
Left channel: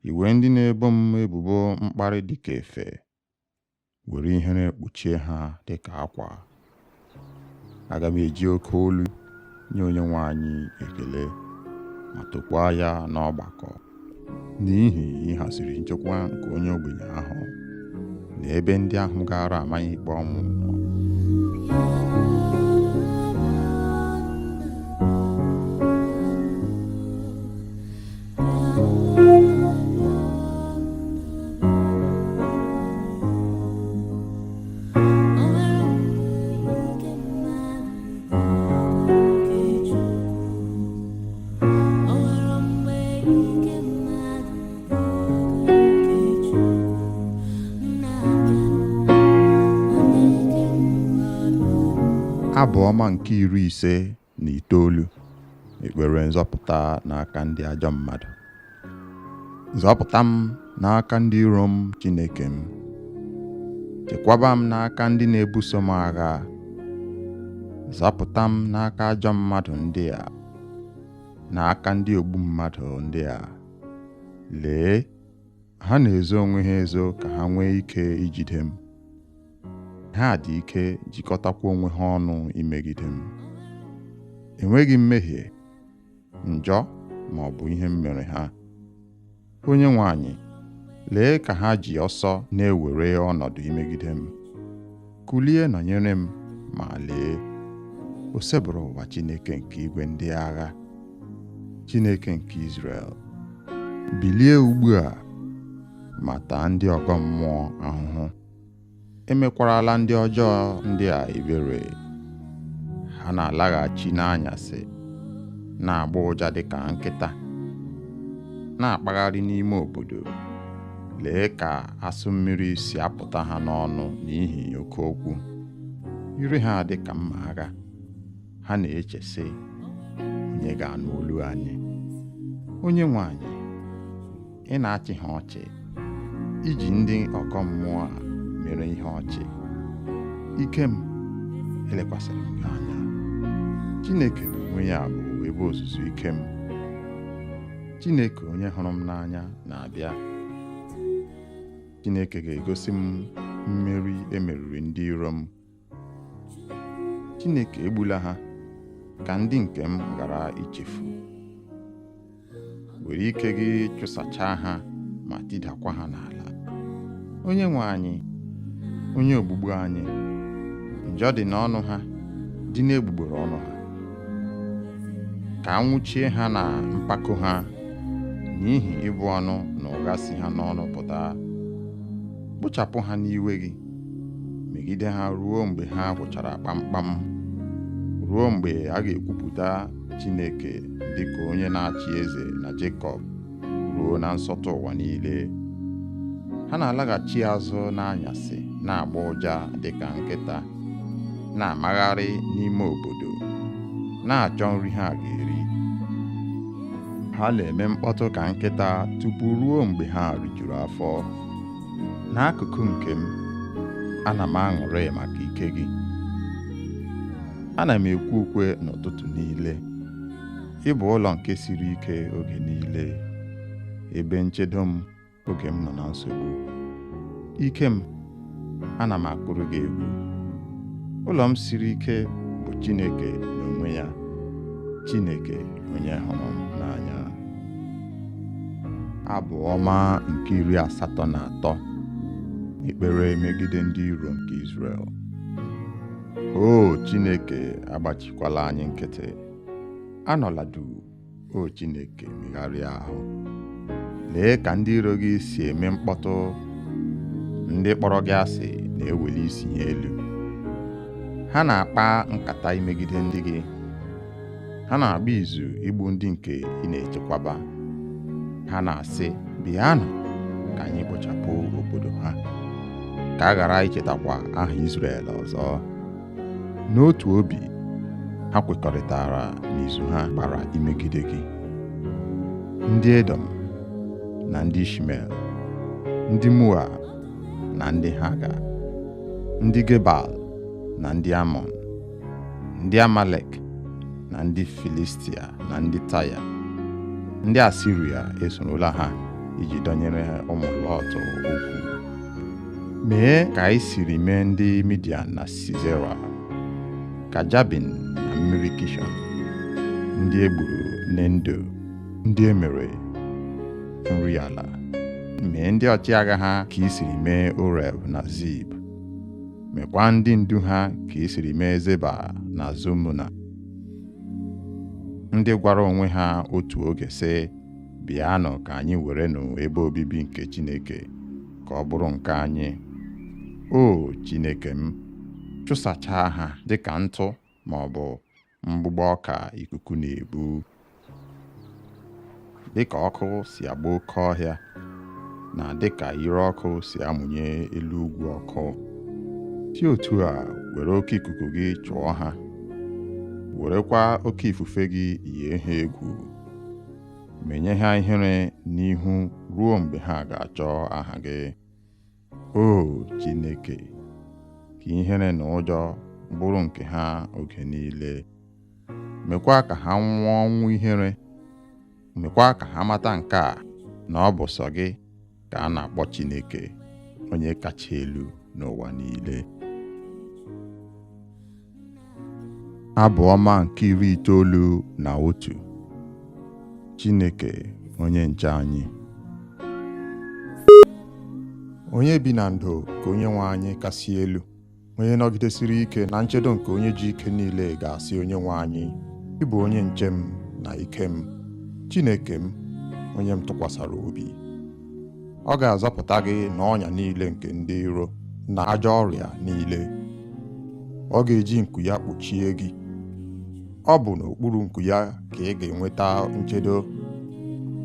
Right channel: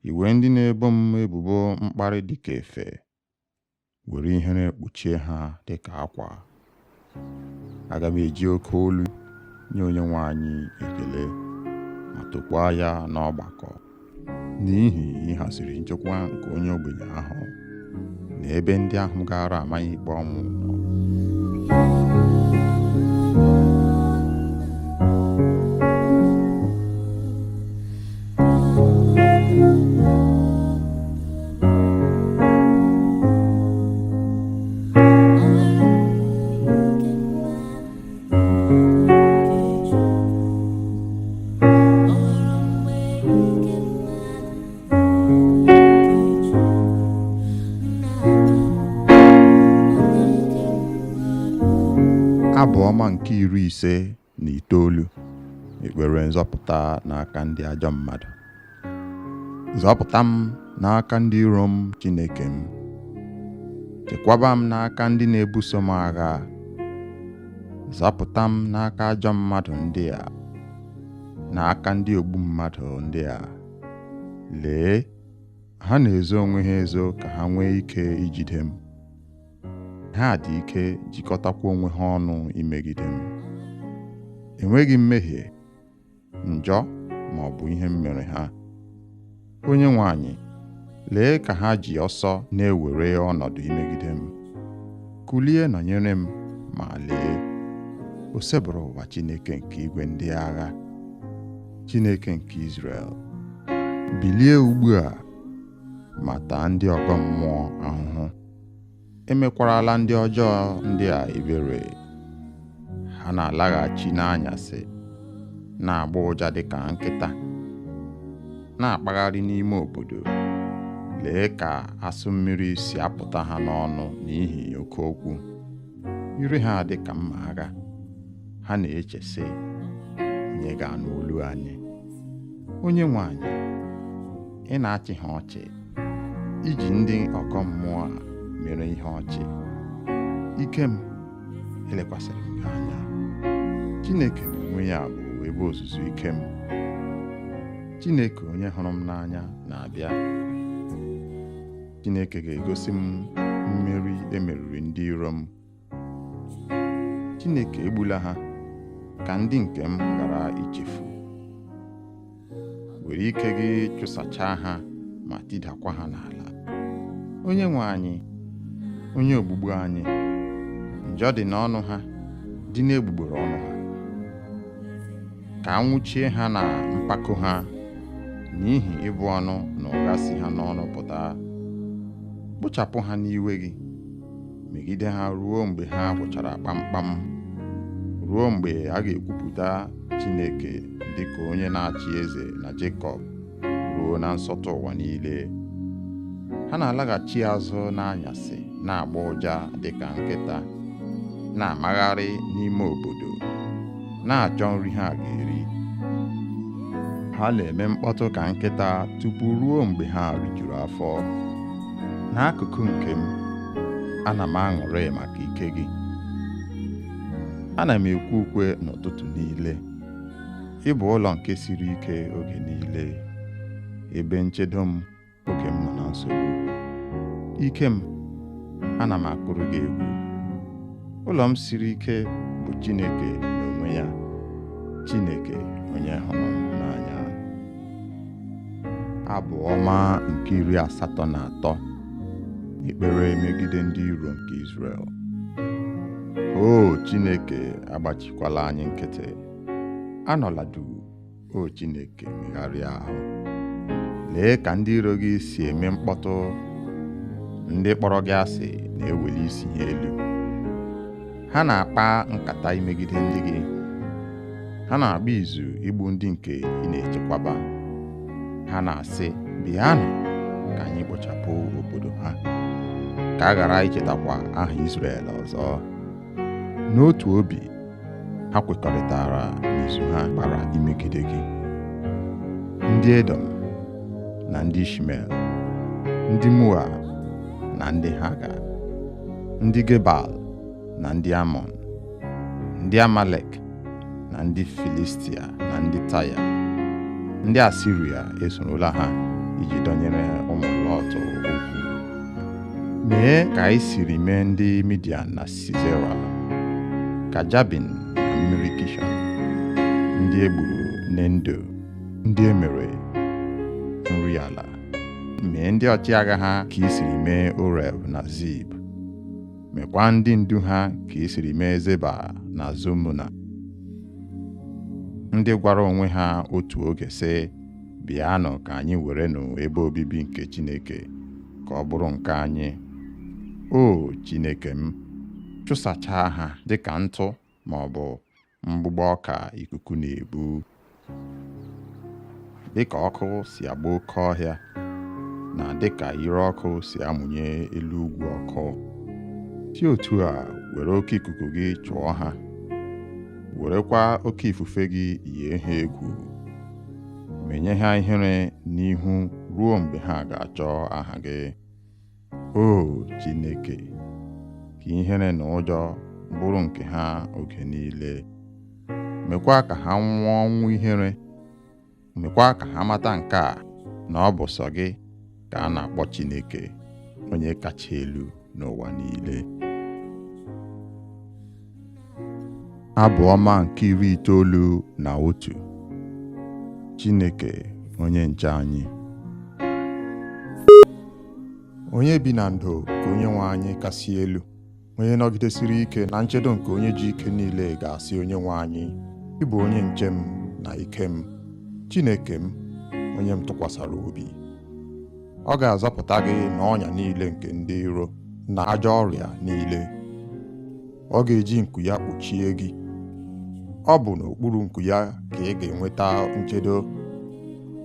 Iwe ndị na-ebo m ebubo mkparị dịka efe, were ihe na-ekpuchie ha dịka akwa. Aga m eji oke olu nye Onyenwe anyị ekele, ma tokwaa ya n'ọgbakọ. n'ihi ịhaziri nchekwa nke onye ogbenye ahụ na ebe ndị ahụ gara amaghị ikpe ọnwụ nọ. Abụ ọma nke 59, ekpere nzọpụta n'aka ndị ajọ mmadụ. Zọpụta m n'aka ndị iro m, Chineke m. Chekwaba m n'aka ndị na-ebuso m agha. Zọpụta m n'aka ajọ mmadụ ndị a, n'aka ndị ogbu mmadụ ndị a. Lee, ha na-ezo onwe ha ezo ka ha nwee ike ijide m. Ha dị ike jikọtakwa onwe ha ọnụ imegide m. Enweghị mmehie, njọ ma ọ bụ ihe m mere ha. Onye nwe anyị, lee ka ha ji ọsọ na-ewere ọnọdụ imegide m. Kulie nọnyere m, ma lee, o sebụrụ ụwa Chineke nke igwe ndị agha, Chineke nke Izrel. Bilie ugbu a ma taa ndị ọgọ mmụọ ahụhụ. Emekwarala ndị ọjọọ ndị a ebere. Ha na-alaghachi n'anyasị, na-agba ụja dịka nkịta, na-akpagharị n'ime obodo. Lee ka asụ mmiri si apụta ha n'ọnụ n'ihi oke okwu. Ire ha dị ka mma agha. Ha na-eche sị, onye ga-anụ olu anyị? Onye nwe anyị, ị na-achị ha ọchị, iji ndị ọkọ mmụọ a mere ihe ọchị. Ike m elekwasịrị m gị anya. Chineke n'onwe ya bụ ebe ozuzu ike m. Chineke onye hụrụ m n'anya na-abịa. Chineke ga-egosi m mmeri emeriri ndị iro m. Chineke egbula ha ka ndị nke m ghara ichefu. Were ike gị chụsachaa ha ma tidakwa ha n'ala. Onye nwe anyị, onye ogbugbu anyị, njọ dị n'ọnụ ha, dị n'egbugbere ọnụ ha. Ka anwụchie ha na mpako ha, n'ihi ịbụ ọnụ na ụgha si ha n'ọnụ pụta. Kpochapụ ha n'iwe gị, megide ha ruo mgbe ha gwụchara kpamkpam, ruo mgbe a ga-ekwupụta Chineke dịka onye na-achị eze na Jekọb, ruo na nsọtụ ụwa niile. Ha na-alaghachi azụ n'anyasị, na-agba ụja dịka nkịta, na-amagharị n'ime obodo, na-achọ nri ha ga-eri. Ha na-eme mkpọtụ ka nkịta tupu ruo mgbe ha rijuru afọ. N'akụkụ nke m, ana m aṅụrị maka ike gị. Ana m ekwe ukwe n'ụtụtụ niile. Ị bụ ụlọ nke siri ike oge niile, ebe nchedo m oge m nọ na nsogbu. Ike m, ana m akụrụ gị egwu. Ụlọ m siri ike bụ Chineke n'onwe ya, Chineke onye hụrụ m n'anya. Abụ ọma nke 83, ekpere megide ndị iro nke Izrel. O Chineke, agbachikwala anyị nkịtị. Anọla duu, o Chineke, megharịa ahụ. Lee ka ndị iro gị si eme mkpọtụ. Ndị kpọrọ gị asị na-eweli isi ha elu. Ha na-akpa nkata imegide ndị gị. Ha na-agba izu igbu ndị nke ị na-echekwaba. Ha na-asị, bịanụ ka anyị kpochapụ obodo ha, ka a ghara ichetakwa aha Izrel ọzọ. N'otu obi, ha kwekọrịtara n'izu ha gbara imegide gị. Ndị Edom na ndị Ishmel, ndị Moab na ndị Haga, ndị Gebal na ndị Amọn, ndị Amalek na ndị Filistia na ndị Taya. Ndị Asiria esorola ha iji dọnyere ụmụ Lọt okwu. Mee ka anyị siri mee ndị Midian na Sisera, ka Jabin na mmiri Kishọn, ndị egburu n'Endo, ndị emere nri ala, mee ndị ọchịagha ha ka i siri mee Oreb na Zib, mekwa ndị ndu ha ka i siri mee Zeba na Zumuna, ndị gwara onwe ha otu oge sị, bịanụ ka anyị werenụ ebe obibi nke Chineke ka ọ bụrụ nke anyị. O Chineke m, chụsachaa ha dịka ntụ ma ọ bụ mgbụgbọ ọka ikuku na-ebu, dịka ọkụ si agba oke ọhịa na dịka ire ọkụ si amụnye elu ugwu ọkụ. Si otu a were oke ikuku gị chụọ ha, werekwa oke ifufe gị yie ha egwu, menye ha ihere n'ihu ruo mgbe ha ga-achọ aha gị. O Chineke, ka ihere na ụjọ bụrụ nke ha oge niile. Mekwa ka ha nwụọ ọnwụ ihere. Mekwa ka ha mata nke a, na ọ bụ sọ gị ka a na-akpọ Chineke, onye kacha elu n'ụwa niile. Abụ ọma nke 91. Chineke onye nche anyị. Onye bi na ndo ka onye nwe anyị kasị elu, onye nọgidesiri ike na nchedo nke onye ji ike niile ga-asị onye nwe anyị, ị bụ onye nche m na ike m, Chineke m, onye m tụkwasara obi. Ọ ga-azọpụta gị n'ọnya niile nke ndị iro na ajọ ọrịa niile. Ọ ga-eji nku ya kpuchie gị. Ọ bụ n'okpuru nku ya ka ị ga-enweta nchedo.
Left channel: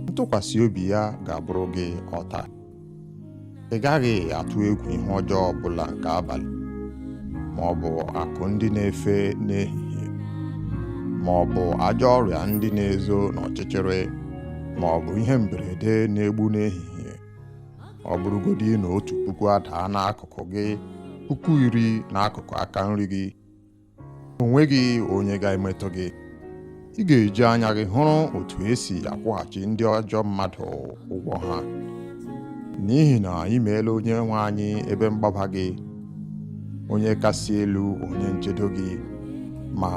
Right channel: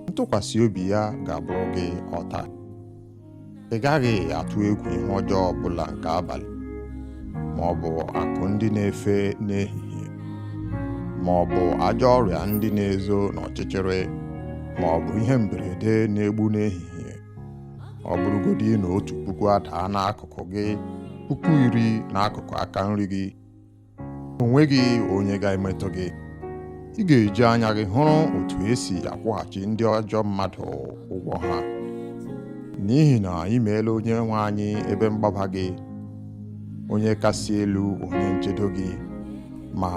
Ntụkwasị obi ya ga-abụrụ gị ọta. Ị gaghị atụ egwu ihe ọjọọ ọbụla nke abalị, ma ọ bụ akụ ndị na-efe n'ehihie, ma ọ bụ ajọ ọrịa ndị na-ezo n'ọchịchịrị, ma ọ bụ ihe mberede na-egbu n'ehihie. Ọ bụrụgodị na 1,000 adaa n'akụkụ gị, 10,000 n'akụkụ aka nri gị, o nweghị onye ga-emetụ gị. Ị ga-eji anya gị hụrụ otu esi akwụghachi ndị ajọ mmadụ ụgwọ ha, n'ihi na ị meela onye nwe anyị ebe mgbaba gị, onye kasị elu onye nchedo gị, ma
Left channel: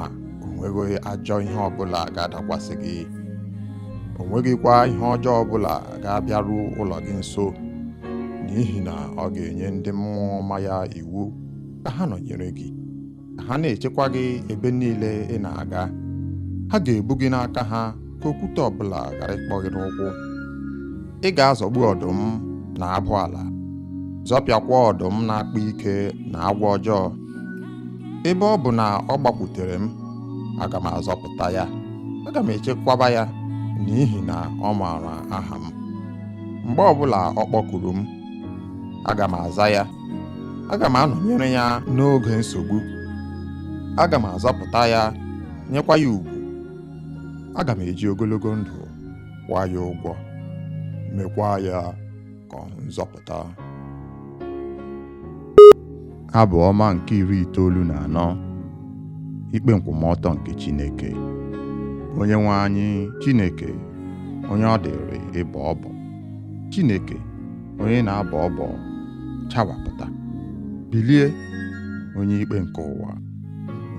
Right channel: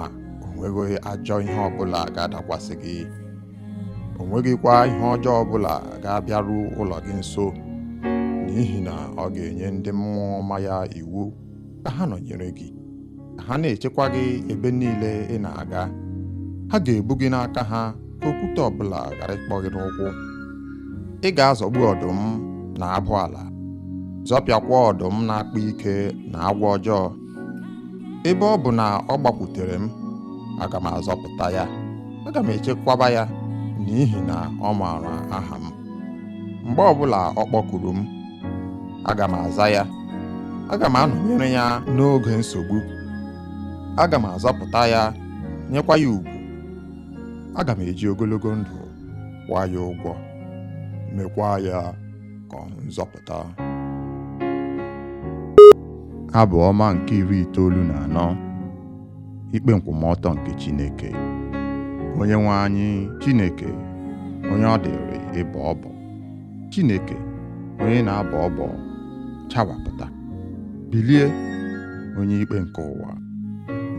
o nweghị ajọ ihe ọbụla ga-adakwasị gị. O nweghịkwa ihe ọjọọ ọbụla ga-abịaru ụlọ gị nso, n'ihi na ọ ga-enye ndị mmụọ ọma ya iwu ka ha nọnyere gị, ka ha na-echekwa gị ebe niile ị na-aga. Ha ga-ebu gị n'aka ha ka okwute ọbụla ghara ịkpọ gị n'ụkwụ. Ị ga-azọgbu ọdụm na abụ ala, zọpịakwa ọdụm na-akpa ike na agwọ ọjọọ. Ebe ọ bụ na ọ gbakwutere m, aga m azọpụta ya, aga m echekwaba ya, n'ihi na ọ maara aha m. Mgbe ọbụla ọ kpọkuru m, aga m aza ya, aga m anọnyere ya n'oge nsogbu. Aga m azọpụta ya, nyekwa ya ugwu. Aga m eji ogologo ndụ kwụọ ya ụgwọ, mekwa ya ka ọ nzọpụta. Abụ ọma nke 94. Ikpe nkwụmọtọ nke Chineke. Onye nwe anyị Chineke, onye ọ dịrị ịbọ ọbọ, Chineke onye na-abọ ọbọ, chawapụta. Bilie, onye ikpe nke ụwa,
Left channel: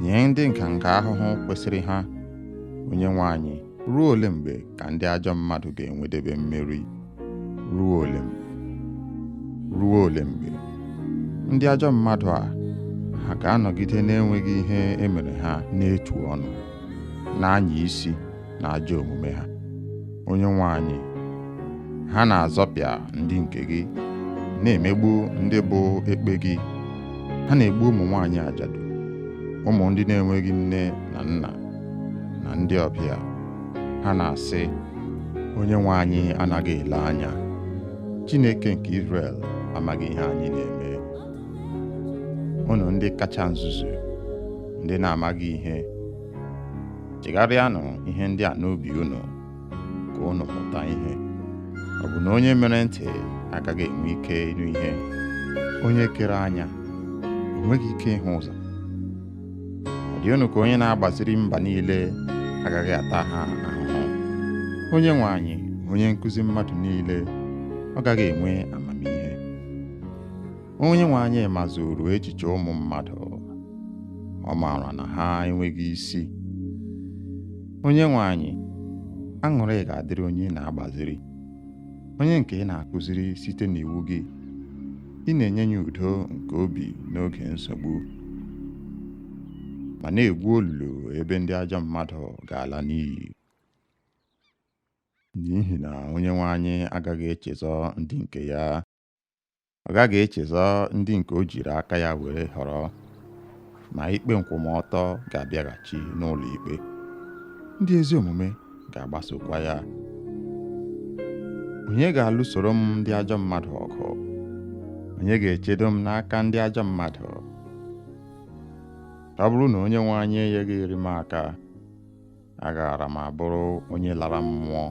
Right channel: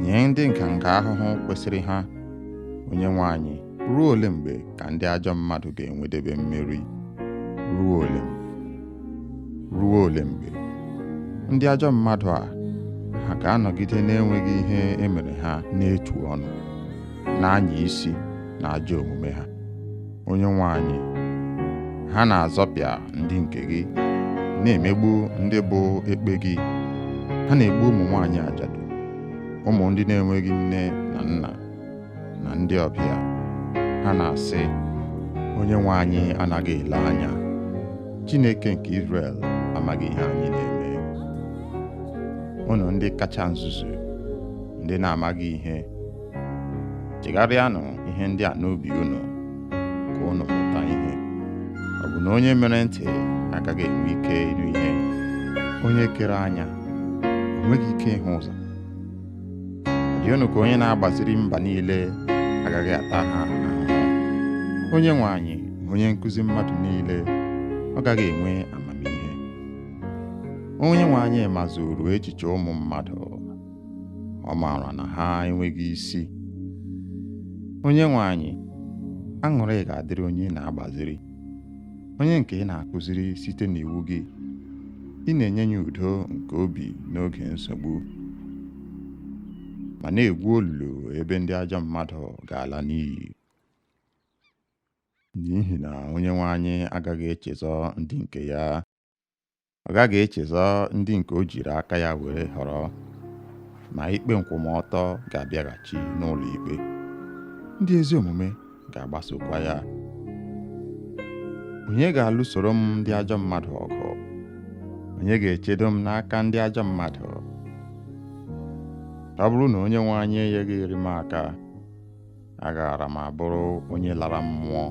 nye ndị nganga ahụhụ kwesịrị ha. Onye nwe anyị, ruo ole mgbe ka ndị ajọ mmadụ ga-enwedebe mmeri? Ruo ole mgbe? Ruo ole mgbe? Ndị ajọ mmadụ a, ha ga-anọgide na-enweghị ihe emere ha n'etu ọnụ, na-anya isi na ajọ omume ha. Onye nwe anyị, ha na-azọpịa ndị nke gị, na-emegbu ndị bụ ekpe gị. Ha na-egbu ụmụ nwaanyị ajadu, ụmụ ndị na-enweghị nne na nna, na ndị ọbịa. Ha na-asị, onye nwe anyị anaghị ele anya. Chineke nke Izrel amaghị ihe anyị na-eme. Unu ndị kacha nzuzu, ndị na-amaghị ihe, chegharịanụ ihe ndị a n'obi unu, ka unu mụta ihe. Ọ bụ na onye mere ntị agaghị enwe ike ịnụ ihe? Onye kere anya o nweghị ike ịhụ ụzọ? Ọ dị unu ka onye na-agbaziri mba niile agaghị ata ha ahụhụ? Onye nwe anyị, onye nkụzi mmadụ niile, ọ gaghị enwe amamihe? Onye nwe anyị mazuru echiche ụmụ mmadụ, ọ maara na ha enweghị isi. Onye nwe anyị, aṅụrị ga-adịrị onye na-agbaziri, onye nke ị na-akụziri site n'iwu gị. Ị na-enye ya udo nke obi n'oge nsogbu, ma na-egwu olulu ebe ndị ajọ mmadụ ga-ala n'iyi. N'ihi na Onyenwe anyị agaghị echezọ ndị nke ya. Ọ gaghị echezọ ndị nke o jiri aka ya were họrọ, ma ikpe nkwụmọtọ ga-abịaghachi n'ụlọ ikpe. Ndị ezi omume ga-agbasokwa ya. Onye ga-alụsoro m ndị ajọ mmadụ ọgụ? Onye ga-echedo m n'aka ndị ajọ mmadụ? Ọ bụrụ na Onyenwe anyị enyeghị iri m aka, agaara m abụrụ onye lara mmụọ.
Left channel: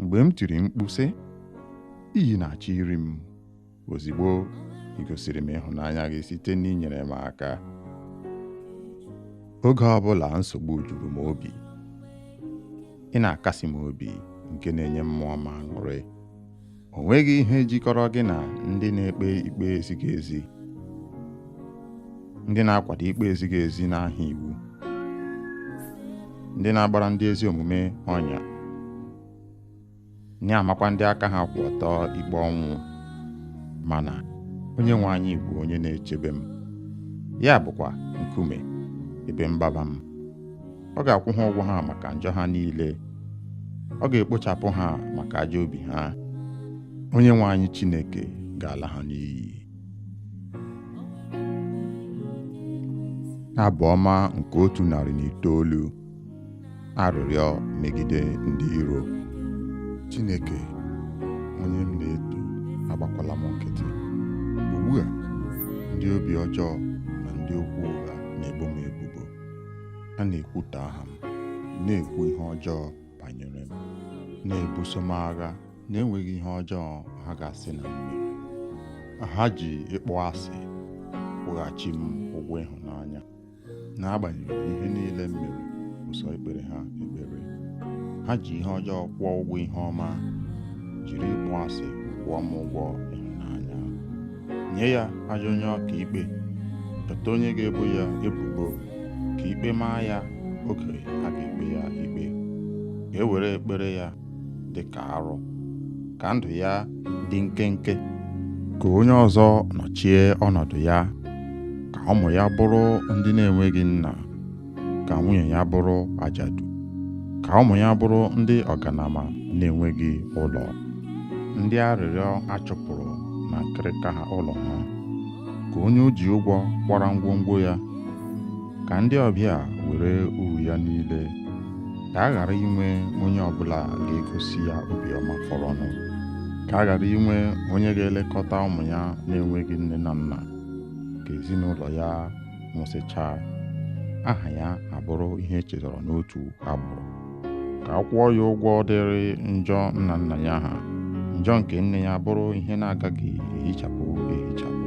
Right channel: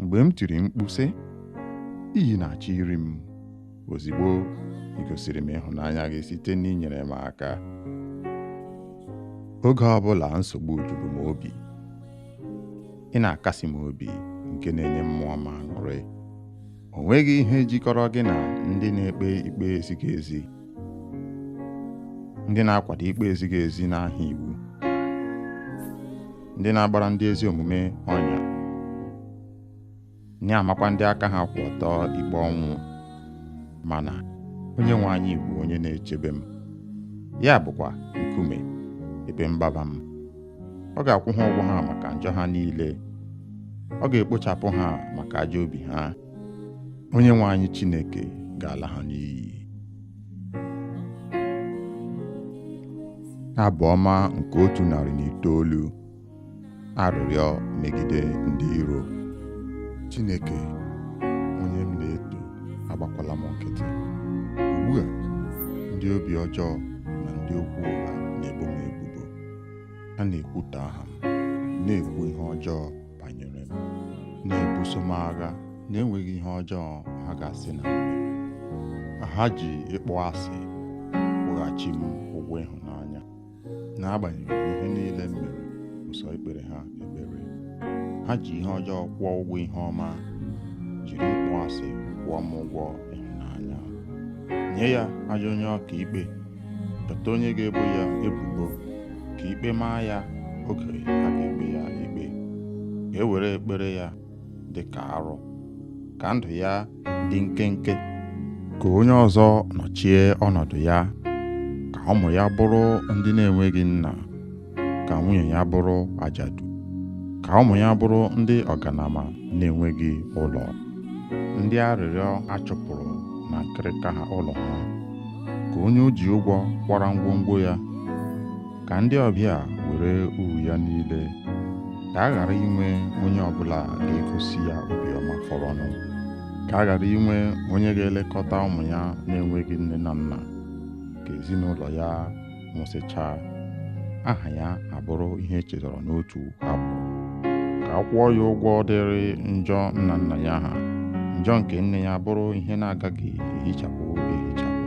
Mgbe m tiri mkpu sị, iyi na-achọ iri m, ozigbo ị gosiri m ịhụnanya gị site n'inyere m aka. Oge ọbụla nsogbu juru m obi, ị na-akasi m obi nke na-enye mmụọ m aṅụrị. O nweghị ihe jikọrọ gị na ndị na-ekpe ikpe ezighị ezi, ndị na-akwado ikpe ezighị ezi n'aha iwu, ndị na-agbara ndị ezi omume ọnya, na-amakwa ndị aka ha kwụ ọtọ ikpe ọnwụ. Mana Onyenwe anyị bụ onye na-echebe m, ya bụkwa nkume ebe mgbaba m. Ọ ga-akwụ ha ụgwọ ha maka njọ ha niile. Ọ ga-ekpochapụ ha maka ajọ obi ha. Onyenwe anyị Chineke ga-ala ha n'iyi. Abụ ọma nke 109. Arịrịọ megide ndị iro. Chineke, onye m na-eto, agbakwala m nkịtị. Ugbu a, ndị obi ọjọọ na ndị okwu ụgha na-ebo m ebubo. Ha na-ekwutọ aha m, na-ekwu ihe ọjọọ banyere m, na-ebuso m agha na-enweghị ihe ọjọọ ha ga-asị na m mere. Ha ji ịkpọ asị kwụghachi m ụgwọ ịhụnanya. N'agbanyeghị ihe niile m mere, ụsọ ekpere ha ekpere. Ha ji ihe ọjọọ kwụọ ụgwọ ihe ọma, jiri ịkpọ asị kwụọ m ụgwọ ịhụnanya. Nye ya ajọ onye ọka ikpe, chọta onye ga-ebo ya ebubo, ka ikpe maa ya oge a ga-ekpe ya ikpe. Ka e were ekpere ya dị ka arụ, ka ndụ ya dị nkenke. Ka onye ọzọ nọchie ọnọdụ ya, ka ụmụ ya bụrụ ndị na-enweghị nna, ka nwunye ya bụrụ ajadu, ka ụmụ ya bụrụ ndị ọganama na-enweghị ụlọ, ndị arịrịọ achụpụrụ na nkịrịka ha ụlọ ha. Ka onye o ji ụgwọ kwara ngwongwo ya, ka ndị ọbịa were uru ya niile. Ka a ghara inwe onye ọbụla ga-egosi ya obiọma fọrọnụ. Ka a ghara inwe onye ga-elekọta ụmụ ya na-enweghị nne na nna. Ka ezinụlọ ya nwụsịchaa, aha ya abụrụ ihe echetara n'otu agbụrụ. Ka a kwụọ ya ụgwọ dịrị njọ nna nna ya ha, njọ nke nne ya bụrụ ihe na-agaghị ehichapụ ehichapụ.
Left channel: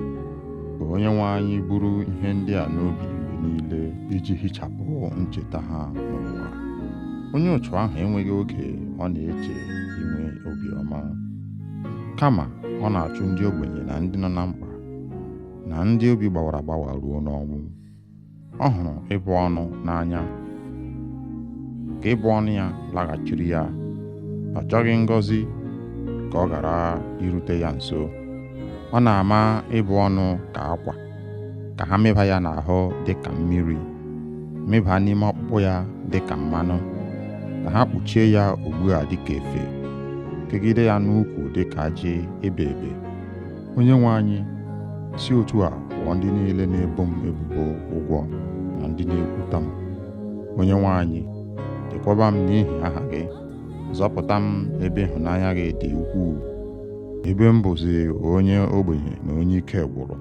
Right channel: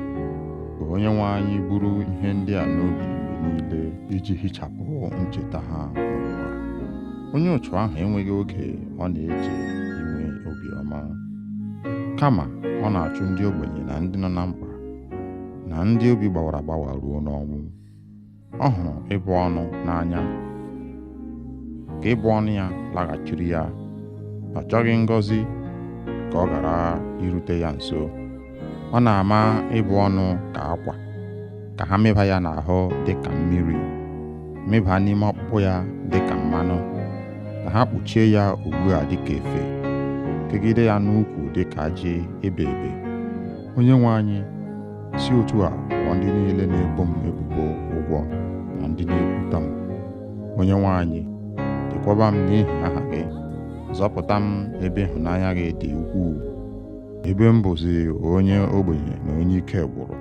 Ka Onyenwe anyị buru ihe ndị a n'obi mgbe niile, iji hichapụ ncheta ha n'ụwa. Onye otu ahụ enweghị oge ọ na-eche inwe obiọma, kama ọ na-achụ ndị ogbenye na ndị nọ na mkpa, na ndị obi gbawara agbawa ruo n'ọnwụ. Ọ hụrụ ịbụ ọnụ n'anya, ka ịbụ ọnụ ya laghachiri ya. Ọ chọghị ngọzi ka ọ ghara irute ya nso. Ọ na-ama ịbụ ọnụ ka akwa, ka ha mịba ya n'ahụ dị ka mmiri, mịba n'ime ọkpụkpụ ya dị ka mmanụ, ka ha kpuchie ya ugbu a dị ka efe, kegide ya n'ukwu dị ka ajị ebe ebe. Onyenwe anyị, si otu a kwụọ ndị niile na-ebo m ebubo ụgwọ na ndị na-ekwuta m. Onyenwe anyị, chekwaba m n'ihi aha gị. Zọpụta m ebe ịhụnanya gị dị ukwuu, ebe m bụzi onye ogbenye na onye ike gwụrụ.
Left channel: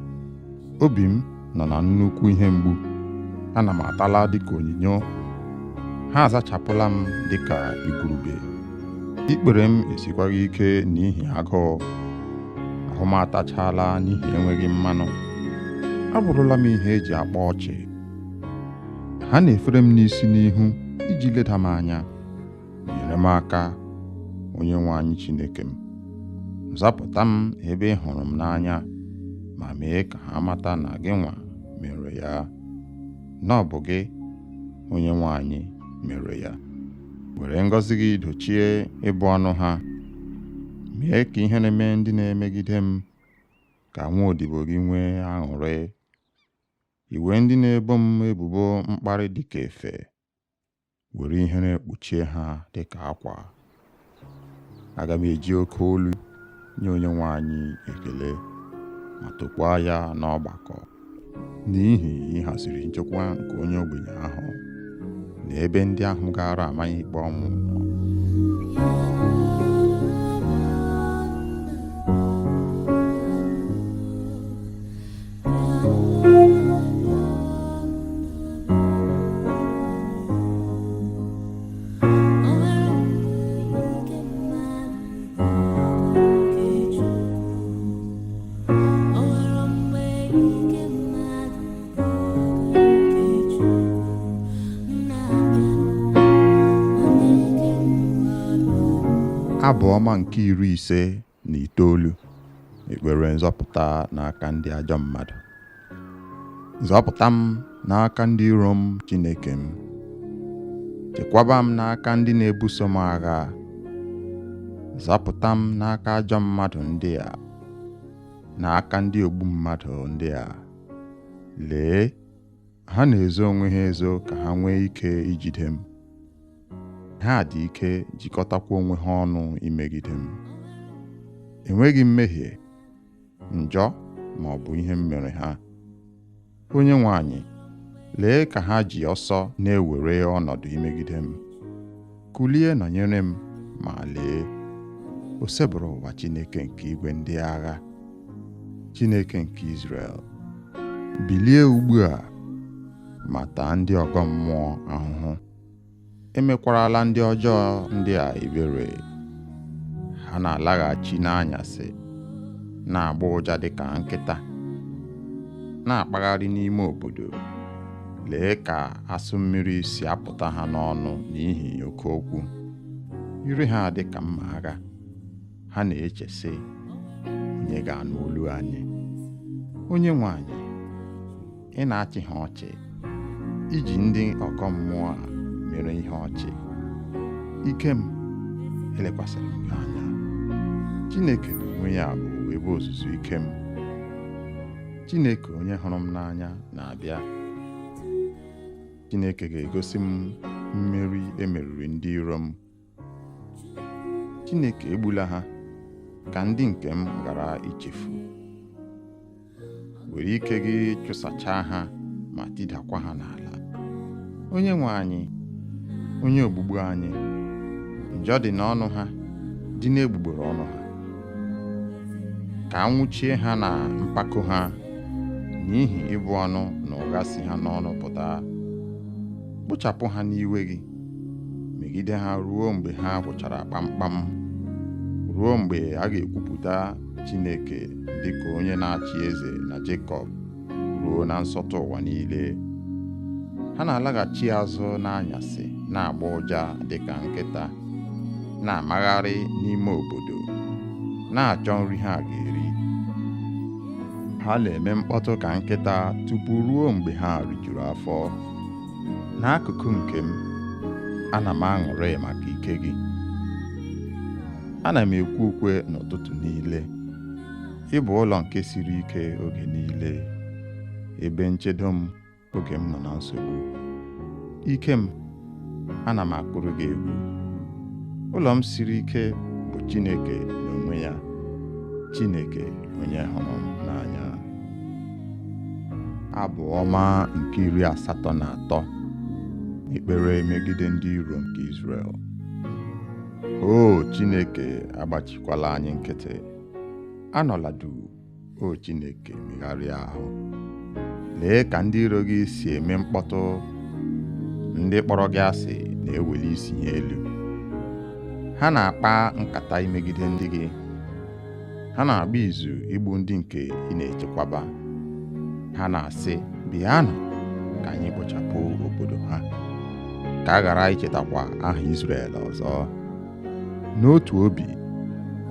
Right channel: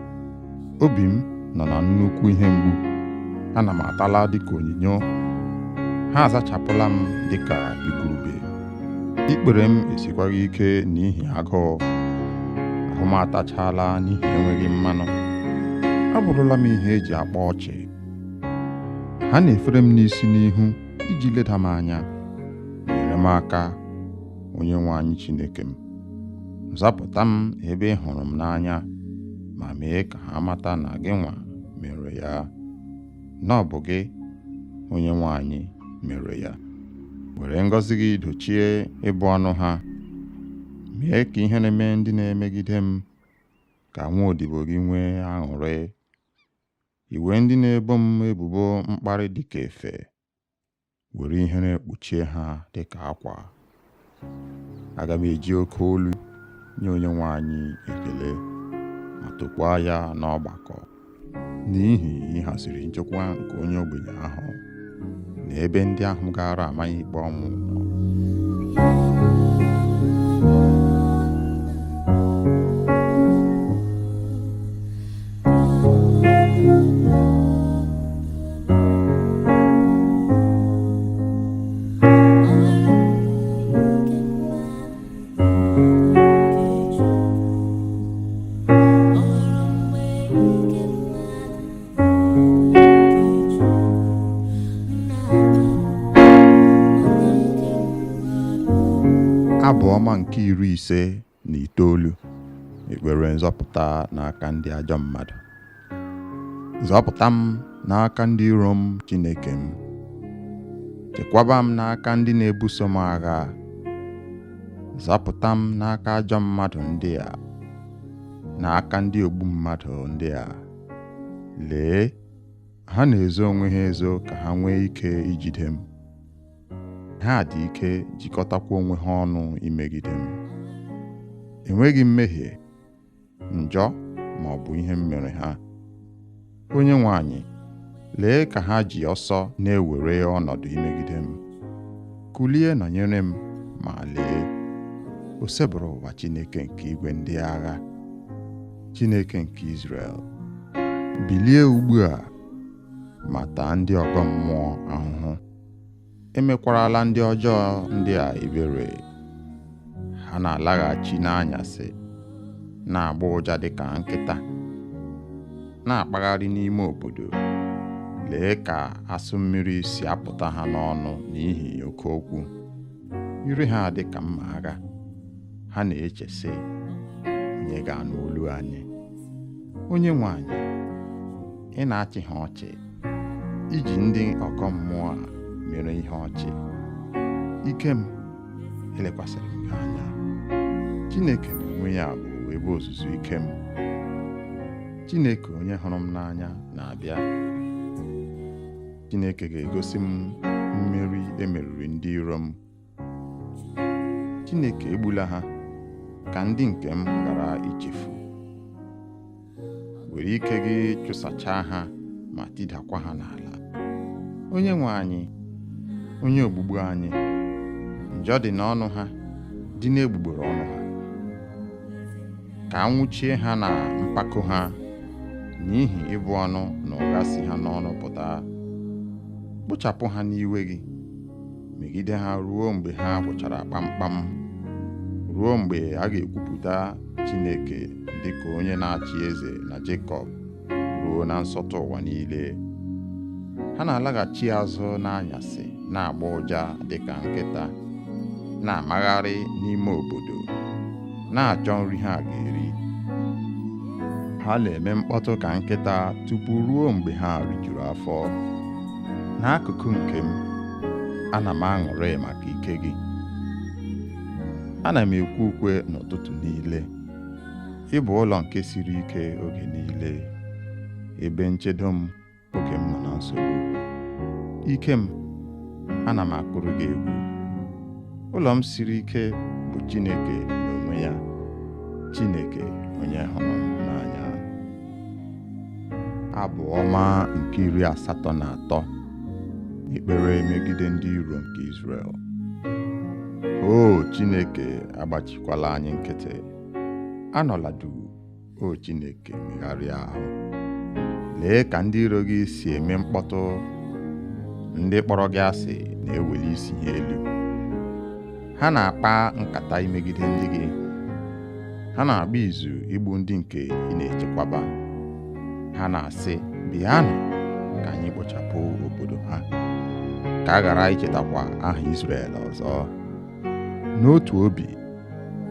Obi m nọ na nnukwu ihe mgbu. Ana m atala dịka onyinyo. Ha azachapụla m dịka igurube. Ikpere m esikwaghị ike n'ihi agụụ. Ahụ m atachala n'ihi enweghị mmanụ. Abụrụla m ihe eji akpa ọchị. Ha na-efere m n'isi n'ihu iji leda m anya. Nyere m aka, Onyenwe anyị Chineke m. Zapụta m ebe ị hụrụ m n'anya, ma mee ka ha mata na gị nwa mere ya, na ọ bụ gị, Onyenwe anyị, mere ya. Were ngọzi gị dochie ịbụ ọnụ ha, mee ka ihe na-eme ndị na-emegide m ka nwa odibo gị nwee aṅụrị. Iwe ndị na-ebo m ebubo mkparị dịka efe, were ihere kpuchie ha dịka akwa. Aga m eji oke olu nye Onyenwe anyị ekele ma tokwaa ya n'ọgbakọ, n'ihi ịhaziri nchekwa nke onye ogbenye ahụ na ebe ndị ahụ gara amaghị ikpe ọnwụ nọ. Abụ ọma nke 59. Ekpere nzọpụta n'aka ndị ajọ mmadụ. Zọpụta m n'aka ndị iro m, Chineke m. Chekwaba m n'aka ndị na-ebuso m agha. Zọpụta m n'aka ajọ mmadụ ndị a, n'aka ndị ogbu mmadụ ndị a. Lee, ha na-ezo onwe ha ezo ka ha nwee ike ijide m. Ha dị ike jikọtakwa onwe ha ọnụ imegide m. Enweghị mmehie, njọ ma ọ bụ ihe m mere ha. Onyenwe anyị, lee ka ha ji ọsọ na-ewere ọnọdụ imegide m. Kulie nọnyere m, ma lee, o sebụrụ ụwa Chineke nke igwe ndị agha, Chineke nke Izrel. Bilie ugbu a ma taa ndị ọgọ mmụọ ahụhụ. Emekwarala ndị ọjọọ ndị a ebere. Ha na-alaghachi n'anyasị, na-agba ụja dịka nkịta, na-akpagharị n'ime obodo. Lee ka asụ mmiri si apụta ha n'ọnụ n'ihi oke okwu. Ire ha dịka mma agha. Ha na-eche sị, onye ga-anụ olu anyị? Onyenwe anyị, ị na-achị ha ọchị, iji ndị ọkọ mmụọ a mere ihe ọchị. Ike m, elekwasịrị m gị anya. Chineke n'onwe ya bụ ebe ozuzu ike m. Chineke onye hụrụ m n'anya na-abịa. Chineke ga-egosi m mmeri emeriri ndị iro m. Chineke egbula ha ka ndị nke m ghara ichefu. Were ike gị chụsachaa ha ma tidakwa ha n'ala. Onyenwe anyị, onye ogbugbu anyị, njọ dị n'ọnụ ha, dị n'egbugbere ọnụ ha. Ka anwụchie ha na mpako ha, n'ihi ịbụ ọnụ na ụgha si ha n'ọnụ pụta. Kpochapụ ha n'iwe gị, megide ha ruo mgbe ha gwụchara kpamkpam, ruo mgbe a ga-ekwupụta Chineke dịka onye na-achị eze na Jekọb, ruo na nsọtụ ụwa niile. Ha na-alaghachi azụ n'anyasị, na-agba ụja dịka nkịta, na-amagharị n'ime obodo, na-achọ nri ha ga-eri. Ha na-eme mkpọtụ ka nkịta tupu ruo mgbe ha rijuru afọ. N'akụkụ nke m, ana m aṅụrị maka ike gị. Ana m ekwe ukwe n'ụtụtụ niile. Ị bụ ụlọ nke siri ike oge niile, ebe nchedo m oge m nọ na nsogbu. Ike m, ana m akụrụ gị egwu. Ụlọ m siri ike bụ Chineke n'onwe ya, Chineke onye hụrụ m n'anya. Abụ ọma nke 83. Ekpere megide ndị iro nke Izrel. O Chineke, agbachikwala anyị nkịtị. Anọla duu, o Chineke, megharịa ahụ. Lee ka ndị iro gị si eme mkpọtụ. Ndị kpọrọ gị asị na-eweli isi ha elu. Ha na-akpa nkata imegide ndị gị. Ha na-agba izu igbu ndị nke ị na-echekwaba. Ha na-asị, bịanụ ka anyị kpochapụ obodo ha, ka a ghara ichetakwa aha Izrel ọzọ. N'otu obi,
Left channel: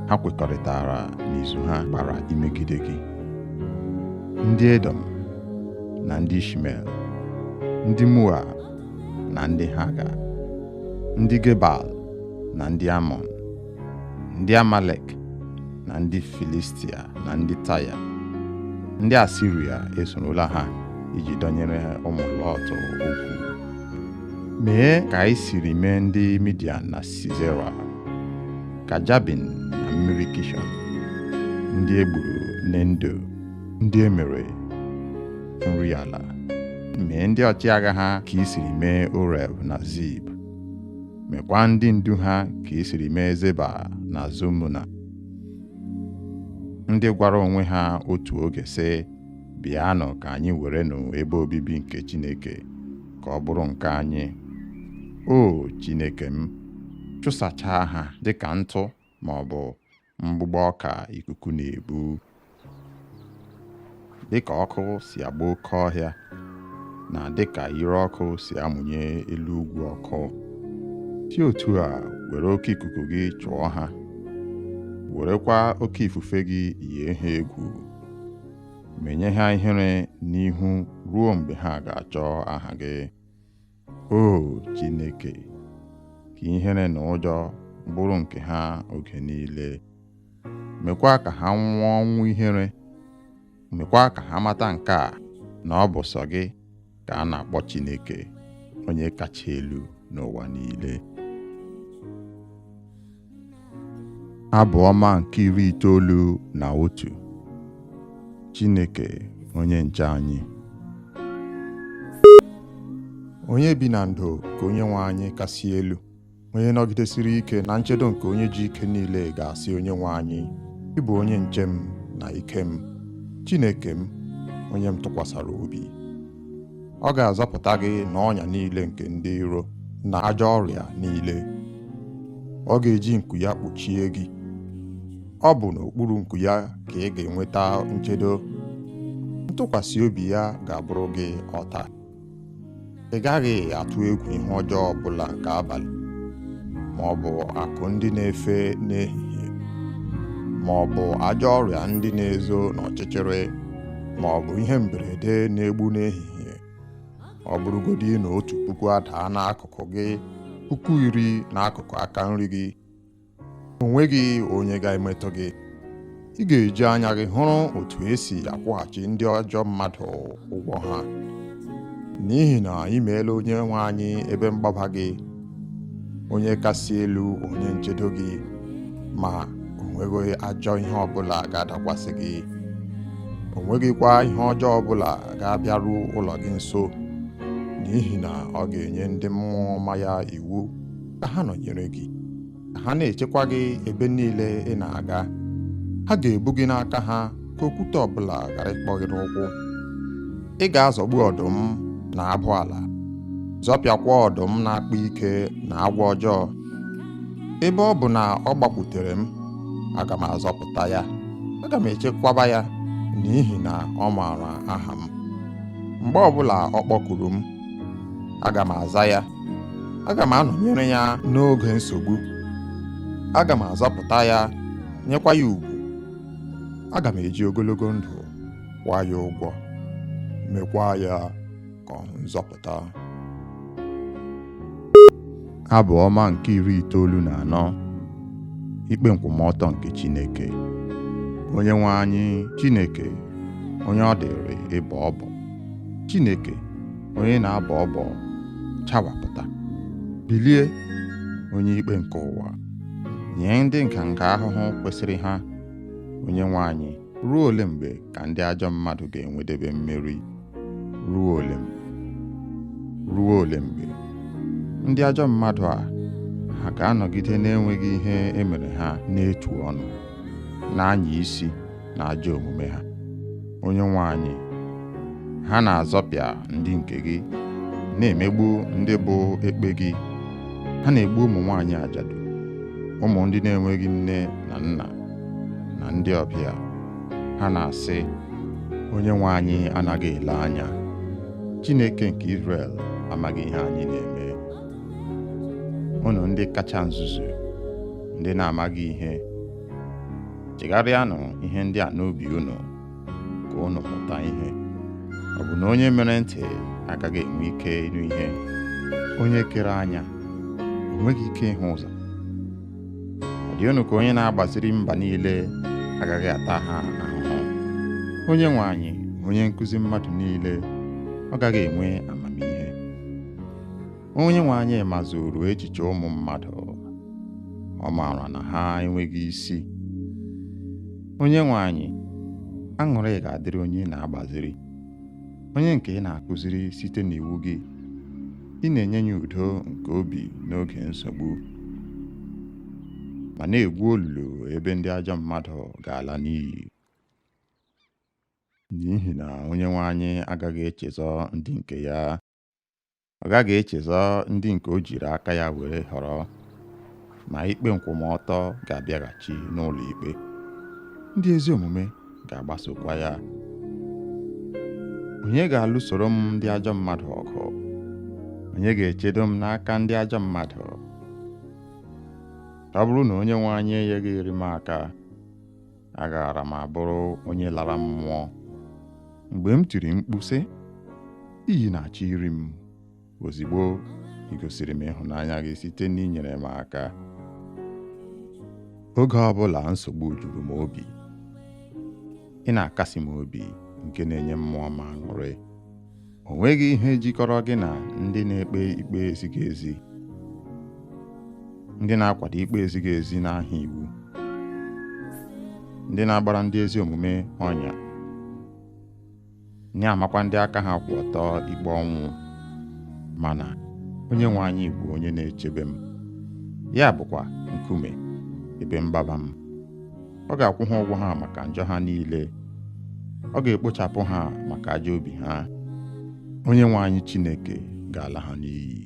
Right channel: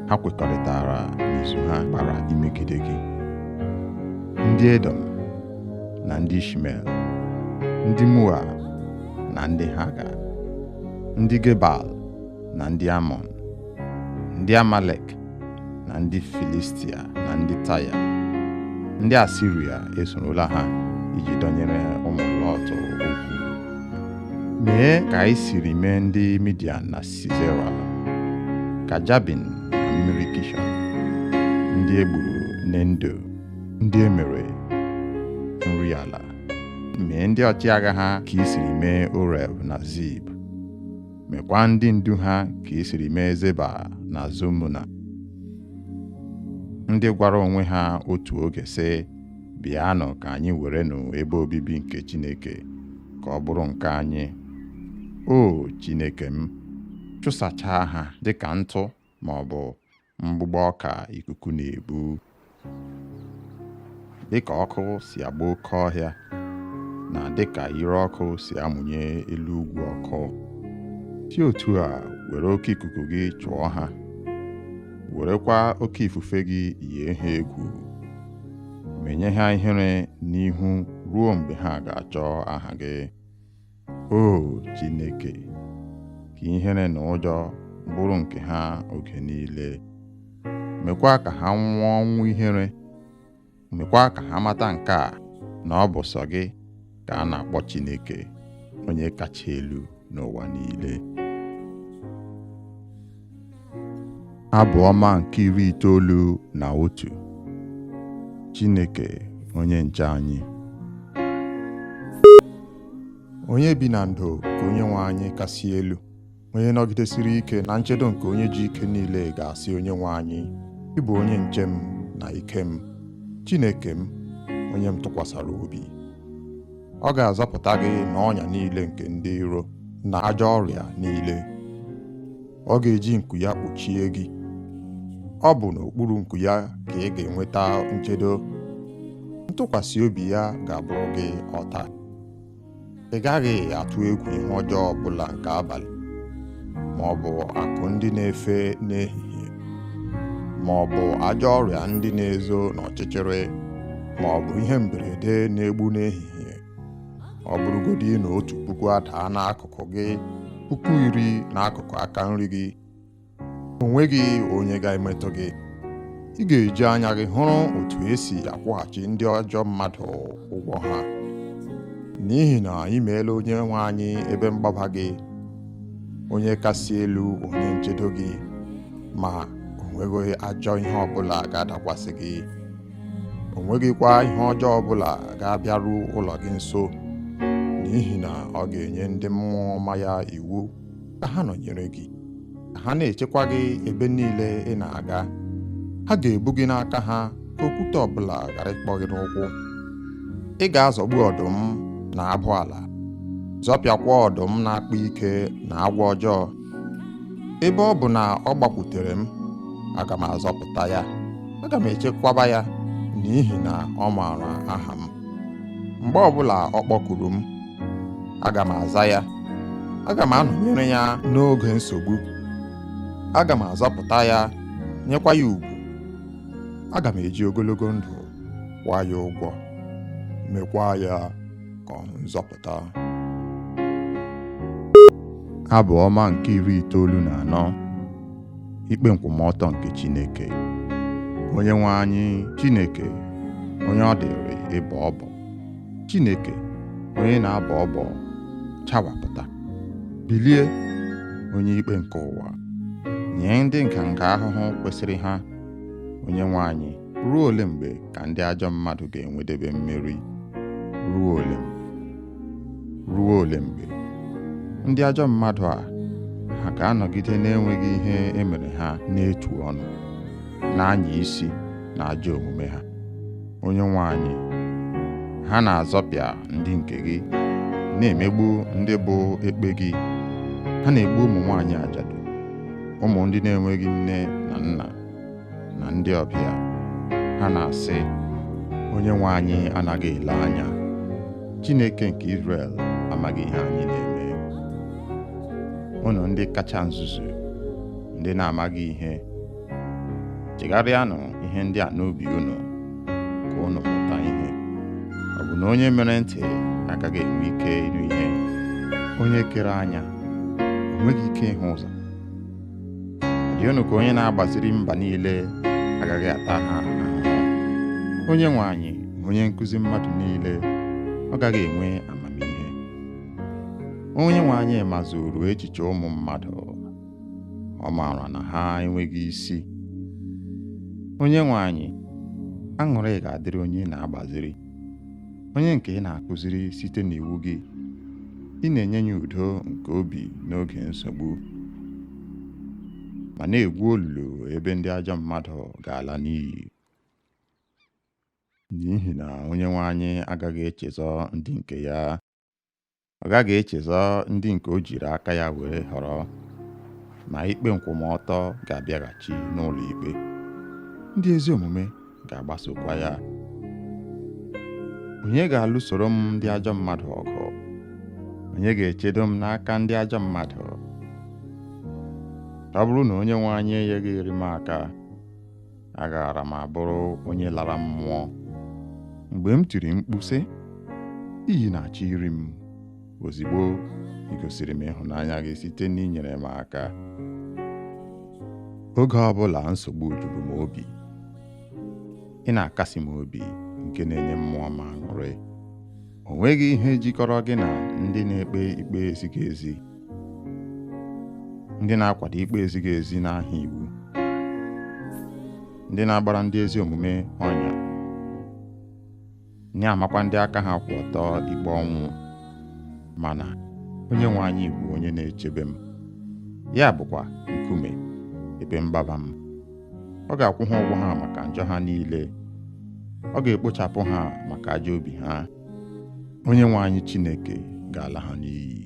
ha kwekọrịtara n'izu ha kpara imegide gị. Ndị Edom na ndị Ishmel, ndị Moab na ndị Haga, ndị Gebal na ndị Amọn, ndị Amalek na ndị Filistia na ndị Taya. Ndị Asiria esorola ha iji dọnyere ụmụ Lọt okwu. Mee ka anyị siri mee ndị Midian na Sisera, ka Jabin na mmiri Kishọn, ndị e gburu n'Endo, ndị e mere nri ala. Mee ndị ọchịagha ha ka i siri mee Oreb na Zib. Mekwa ndị ndu ha ka i siri mee Zeba na Zumuna, ndị gwara onwe ha otu oge sị, bịanụ ka anyị werenụ ebe obibi nke Chineke ka ọ bụrụ nke anyị. O Chineke m, chụsachaa ha dịka ntụ ma ọ bụ mgbụgbọ ọka ikuku na-ebu. Dịka ọkụ si agba oke ọhịa na dịka ire ọkụ si amụnye elu ugwu ọkụ, si otu a were oke ikuku gị chụọ ha, werekwa oke ifufe gị yie ha egwu. Menye ha ihere n'ihu ruo mgbe ha ga-achọ aha gị. O Chineke, ka ihere na ụjọ bụrụ nke ha oge niile. Mekwa ka ha nwụọ ọnwụ ihere. Mekwa ka ha mata nke a, na ọ bụ sọ gị ka a na-akpọ Chineke, onye kacha elu n'ụwa niile. Abụ ọma nke 91. Chineke onye nche anyị. Onye bi na ndo ka Onyenwe anyị kasị elu, onye nọgidesiri ike na nchedo nke onye ji ike niile ga-asị Onyenwe anyị, ị bụ onye nche m na ike m, Chineke m, onye m tụkwasara obi. Ọ ga-azọpụta gị n'ọnya niile nke ndị iro na ajọ ọrịa niile. Ọ ga-eji nku ya kpuchie gị. Ọ bụ n'okpuru nku ya ka ị ga-enweta nchedo. Ntụkwasị obi ya ga-abụrụ gị ọta. Ị gaghị atụ egwu ihe ọjọọ ọbụla nke abalị, ma ọ bụ akụ ndị na-efe n'ehihie, ma ọ bụ ajọ ọrịa ndị na-ezo n'ọchịchịrị, ma ọ bụ ihe mberede na-egbu n'ehihie. Ọ bụrụgodị na 1,000 adaa n'akụkụ gị, 10,000 n'akụkụ aka nri gị, o nweghị onye ga-emetụ gị. Ị ga-eji anya gị hụrụ otu esi akwụghachi ndị ajọ mmadụ ụgwọ ha. N'ihi na ị meela Onyenwe anyị ebe mgbaba gị, onye kasị elu onye nchedo gị, ma o nweghị ajọ ihe ọbụla ga-adakwasị gị. O nweghịkwa ihe ọjọọ ọbụla ga-abịaru ụlọ gị nso, n'ihi na ọ ga-enye ndị mmụọ ọma ya iwu ka ha nọnyere gị, ka ha na-echekwa gị ebe niile ị na-aga. Ha ga-ebu gị n'aka ha ka okwute ọbụla ghara ịkpọ gị n'ụkwụ. Ị ga-azọgbu ọdụm na abụ ala, zọpịakwa ọdụm na-akpa ike na agwọ ọjọọ. Ebe ọ bụ na ọ gbakwutere m, aga m azọpụta ya, aga m echekwaba ya, n'ihi na ọ maara aha m. Mgbe ọbụla ọ kpọkuru m, aga m aza ya. Aga m anọnyere ya n'oge nsogbu. Aga m azọpụta ya, nyekwa ya ugwu. Aga m eji ogologo ndụ kwụọ ya ụgwọ, mekwa ya ka ọ nzọpụta. Abụ ọma nke 94. Ikpe nkwụmọtọ nke Chineke. Onyenwe anyị Chineke, onye ọ dịrị ịbọ ọbọ. Chineke, onye na-abọ ọbọ, chawapụta. Bilie, onye ikpe nke ụwa. Nye ndị nganga ahụhụ kwesịrị ha. Onyenwe anyị, ruo ole mgbe ka ndị ajọ mmadụ ga-enwedebe mmeri? Ruo ole mgbe? Ruo ole mgbe? Ndị ajọ mmadụ a, ha ga-anọgide na-enweghị ihe emere ha n'etu ọnụ, na-anya isi na ajọ omume ha. Onyenwe anyị, ha na-azọpịa ndị nke gị, na-emegbu ndị bụ ekpe gị. Ha na-egbu ụmụ nwaanyị ajadu, ụmụ ndị na-enweghị nne na nna, na ndị ọbịa. Ha na-asị, Onyenwe anyị anaghị ele anya. Chineke nke Izrel amaghị ihe anyị na-eme. Unu ndị kacha nzuzu, ndị na-amaghị ihe, chegharịanụ ihe ndị a n'obi unu, ka unu mụta ihe. Ọ bụ na onye mere ntị agaghị enwe ike ịnụ ihe? Onye kere anya o nweghị ike ịhụ ụzọ? Ọ dị unu ka onye na-agbaziri mba niile agaghị ata ha ahụhụ. Onye nwe anyị, onye nkụzi mmadụ niile, ọ gaghị enwe amamihe. Onye nwe anyị mazuru echiche ụmụ mmadụ, ọ maara na ha enweghị isi. Onye nwe anyị, aṅụrị ga-adịrị onye na-agbaziri, onye nke ị na-akụziri site n'iwu gị. Ị na-enye ya udo nke obi n'oge nsogbu, ma na-egwu olulu ebe ndị ajọ mmadụ ga-ala n'iyi. N'ihi na onye nwe anyị agaghị echezọ ndị nke ya, ọ gaghị echezọ ndị nke o jiri aka ya were họrọ, ma ikpe nkwụmọtọ ga-abịaghachi n'ụlọ ikpe. Ndị ezi omume ga-agbasokwa ya. Onye ga-alụsoro m ndị ajọ mmadụ ọgụ? Onye ga-echedo m n'aka ndị ajọ mmadụ? Ọ bụrụ na onye nwe anyị enyeghị iri m aka, agaara m abụrụ onye lara mmụọ. Mgbe m tiri mkpu sị, iyi na-achọ iri m, ozigbo ị gosiri m ịhụnanya gị site n'inyere m aka. Oge ọbụla nsogbu juru m obi, ị na-akasi m obi nke na-enye mmụọ m aṅụrị. O nweghị ihe jikọrọ gị na ndị na-ekpe ikpe ezighị ezi, ndị na-akwado ikpe ezighị ezi n'aha iwu, ndị na-agbara ndị ezi omume ọnya, na-amakwa ndị aka ha kwụ ọtọ ikpe ọnwụ. Mana onye nwe anyị bụ onye na-echebe m, ya bụkwa nkume ebe mgbaba m. Ọ ga-akwụ ha ụgwọ ha maka njọ ha niile, ọ ga-ekpochapụ ha maka ajọ obi ha. Onye nwe anyị Chineke ga-ala ha n'iyi.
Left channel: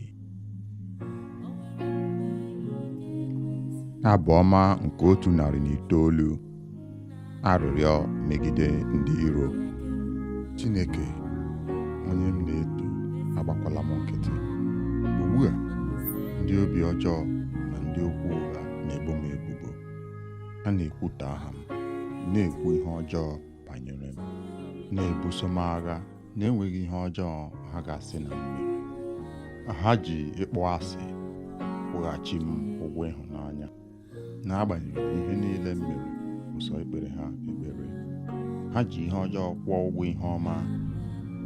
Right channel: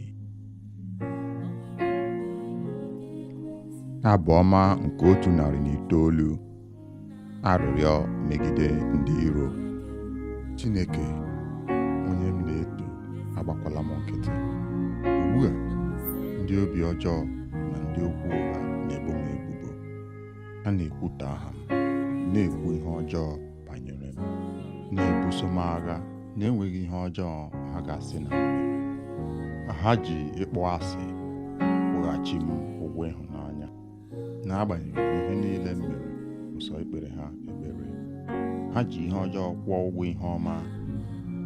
Abụ ọma nke 109. Arịrịọ megide ndị iro. Chineke, onye m na-eto, agbakwala m nkịtị. Ugbu a, ndị obi ọjọọ na ndị okwu ụgha na-ebo m ebubo. Ha na-ekwutọ aha m, na-ekwu ihe ọjọọ banyere m, na-ebuso m agha na-enweghị ihe ọjọọ ha ga-asị na m mere. Ha ji ịkpọ asị kwụghachi m ụgwọ ịhụnanya. N'agbanyeghị ihe niile m mere, ụsọ ikpere ha ekpere. Ha ji ihe ọjọọ kwụọ ụgwọ ihe ọma,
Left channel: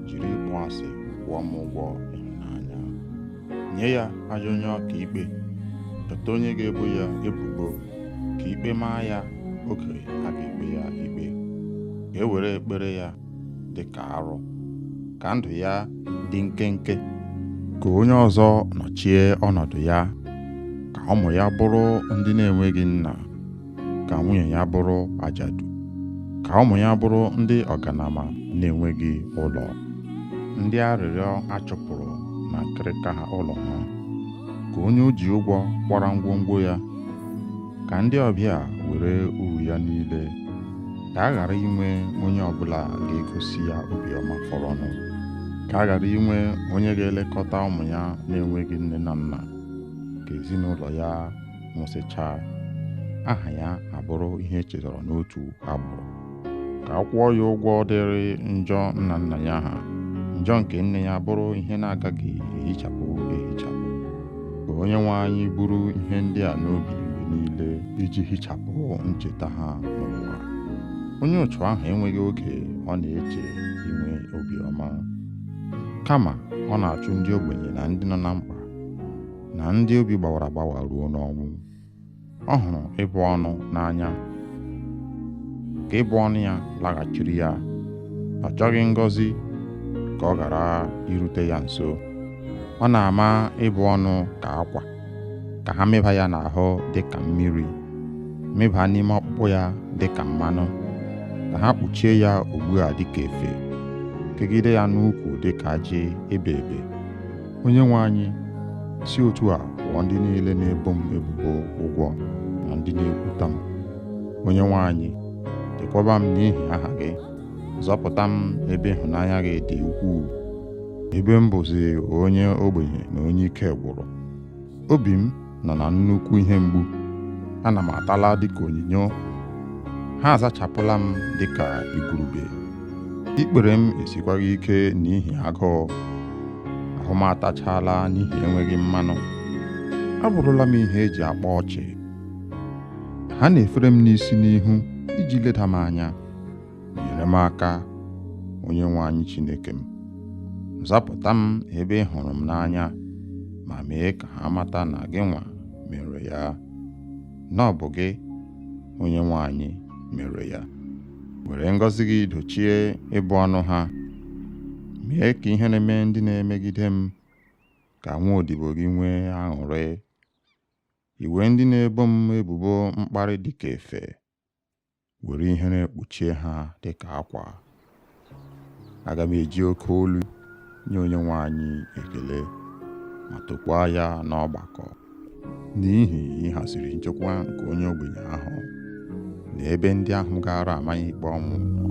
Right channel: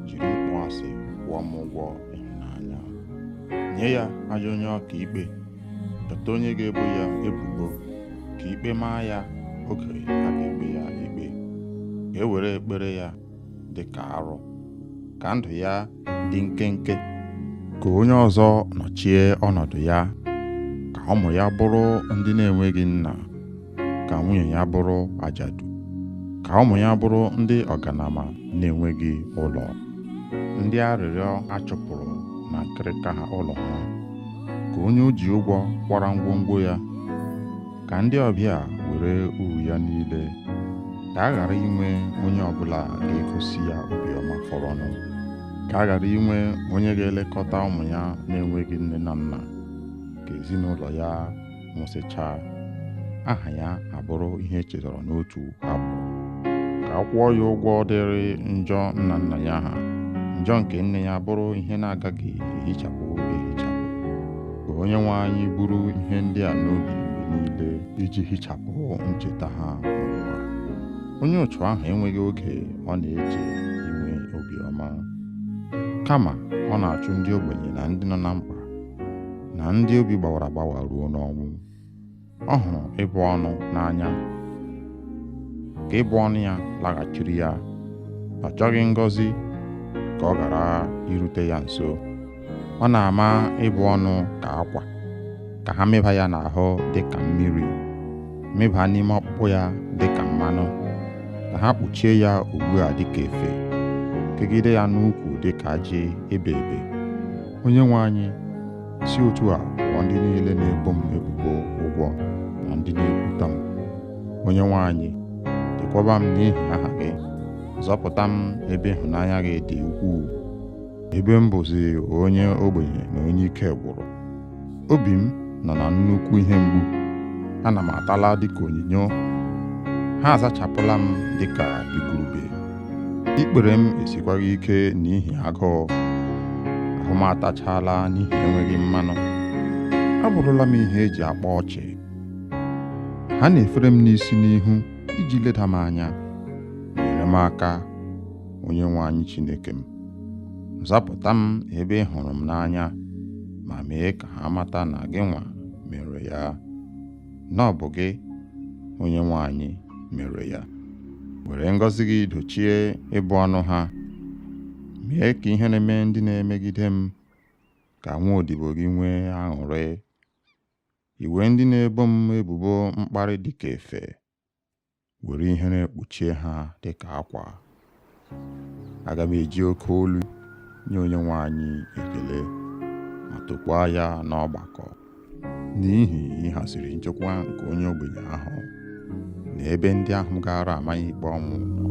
jiri ịkpọ asị kwụọ m ụgwọ ịhụnanya. Nye ya ajọ onye ọka ikpe, chọta onye ga-ebo ya ebubo, ka ikpe maa ya oge a ga-ekpe ya ikpe. Ka e were ekpere ya dị ka arụ, ka ndụ ya dị nkenke, ka onye ọzọ nọchie ọnọdụ ya, ka ụmụ ya bụrụ ndị na-enweghị nna, ka nwunye ya bụrụ ajadu, ka ụmụ ya bụrụ ndị ọganama na-enweghị ụlọ, ndị arịrịọ achụpụrụ na nkịrịka ha ụlọ ha, ka onye o ji ụgwọ kwara ngwongwo ya, ka ndị ọbịa were uru ya niile, ka a ghara inwe onye ọbụla ga-egosi ya obiọma fọrọnụ, ka a ghara inwe onye ga-elekọta ụmụ ya na-enweghị nne na nna, ka ezinụlọ ya nwụsịchaa, aha ya abụrụ ihe echetara n'otu agbụrụ, ka a kwụọ ya ụgwọ dịrị njọ nna nna ya ha, njọ nke nne ya bụrụ ihe na-agaghị ehichapụ ehichapụ. Ka onye nwe anyị buru ihe ndị a n'obi mgbe niile iji hichapụ ncheta ha n'ụwa. Onye otu ahụ enweghị oge ọ na-eche inwe obiọma, kama ọ na-achụ ndị ogbenye na ndị nọ na mkpa na ndị obi gbawara agbawa ruo n'ọnwụ. Ọ hụrụ ịbụ ọnụ n'anya, ka ịbụ ọnụ ya laghachiri ya. Ọ chọghị ngọzi ka ọ ghara irute ya nso. Ọ na-ama ịbụ ọnụ ka akwa, ka ha meba ya n'ahụ dị ka mmiri, meba n'ime ọkpụkpụ ya dị ka mmanụ, ka ha kpuchie ya ugbu a dị ka efe, kegide ya n'ukwu dị ka ajị ebe ebe. Onye nwe anyị, si otu a kwụọ ndị niile na-ebo m ebubo ụgwọ na ndị na-ekwuta m. Onye nwe anyị, chekwaba m n'ihi aha gị, zọpụta m ebe ịhụnanya gị dị ukwuu, ebe m bụzi onye ogbenye na onye ike gwụrụ. Obi m nọ na nnukwu ihe mgbu, ana m atala dịka onyinyo, ha azachapụla m dịka igurube. Ikpere m esikwaghị ike n'ihi agụụ, ahụ m atachala n'ihi enweghị mmanụ. Abụrụla m ihe eji akpa ọchị. Ha na-efere m n'isi n'ihu iji leda m anya. Nyere m aka, Onyenwe anyị Chineke m. Zọpụta m ebe ị hụrụ m n'anya, ma mee ka ha mata na gị nwa mere ya, na ọ bụ gị, Onyenwe anyị, mere ya. Were ngọzi gị dochie ịbụ ọnụ ha. Mee ka ihere mee ndị na-emegide m, ka nwa odibo gị nwee aṅụrị. Iwe ndị na-ebo m ebubo mkparị dịka efe, were ihere kpuchie ha dịka akwa. Aga m eji oke olu nye Onyenwe anyị ekele, ma tokwaa ya n'ọgbakọ, n'ihi ịhaziri nchekwa nke onye ogbenye ahụ na ebe ndị ahụ gara amaghị ikpe ọnwụ nọ.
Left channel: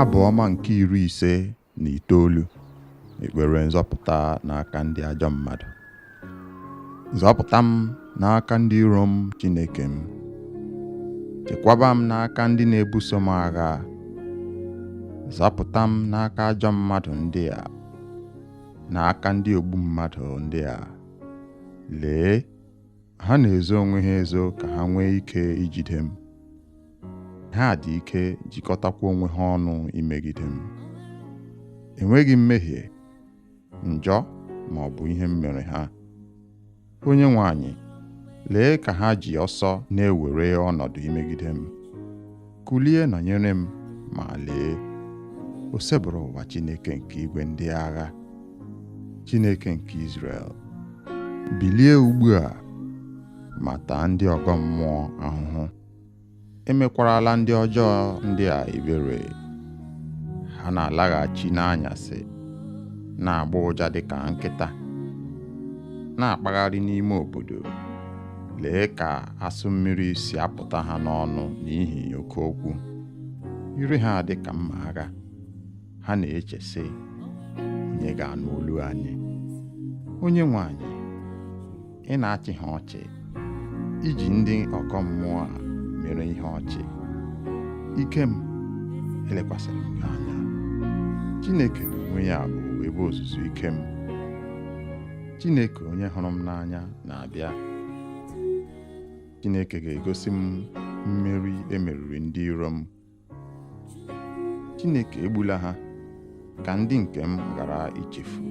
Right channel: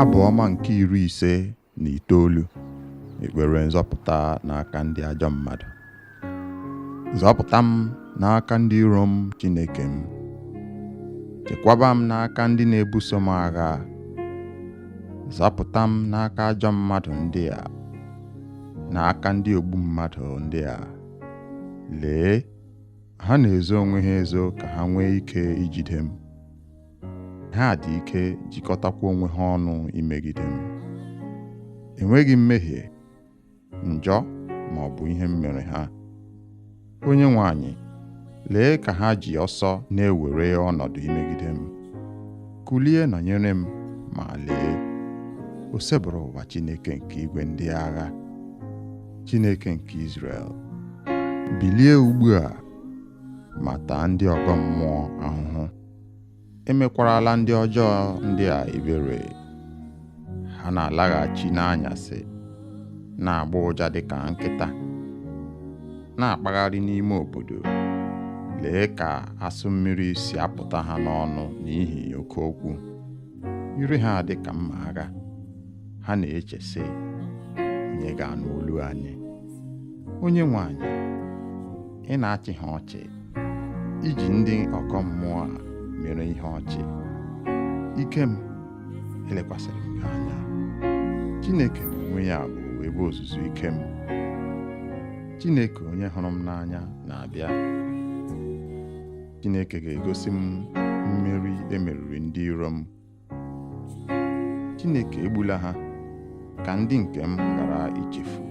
Abụ ọma nke 59. Ekpere nzọpụta n'aka ndị ajọ mmadụ. Zọpụta m n'aka ndị iro m, Chineke m. Chekwaba m n'aka ndị na-ebuso m agha. Zọpụta m n'aka ajọ mmadụ ndị a, n'aka ndị ogbu mmadụ ndị a. Lee, ha na-ezo onwe ha ezo ka ha nwee ike ijide m. Ha dị ike jikọtakwa onwe ha ọnụ imegide m. Enweghị mmehie, njọ ma ọ bụ ihe m mere ha. Onyenwe anyị, lee ka ha ji ọsọ na-ewere ọnọdụ imegide m. Kulie nọnyere m, ma lee, o sebụrụ ụwa Chineke nke igwe ndị agha, Chineke nke Izrel. Bilie ugbu a, ma taa ndị ọgọ mmụọ ahụhụ. Emekwarala ndị ọjọọ ndị a ebere. Ha na-alaghachi n'anyasị, na-agba ụja dịka nkịta, na-akpagharị n'ime obodo. Lee ka asụ mmiri si apụta ha n'ọnụ n'ihi oke okwu. Ire ha dịka mma agha. Ha na-eche sị, onye ga-anụ olu anyị? Onyenwe anyị, ị na-achị ha ọchị, iji ndị ọkọ mmụọ a mere ihe ọchị. Ike m, elekwasịrị m gị anya. Chineke n'onwe ya bụ ebe ozuzu ike m. Chineke onye hụrụ m n'anya na-abịa. Chineke ga-egosi m mmeri emeriri ndị iro m. Chineke egbula ha, ka ndị nke m ghara ichefu.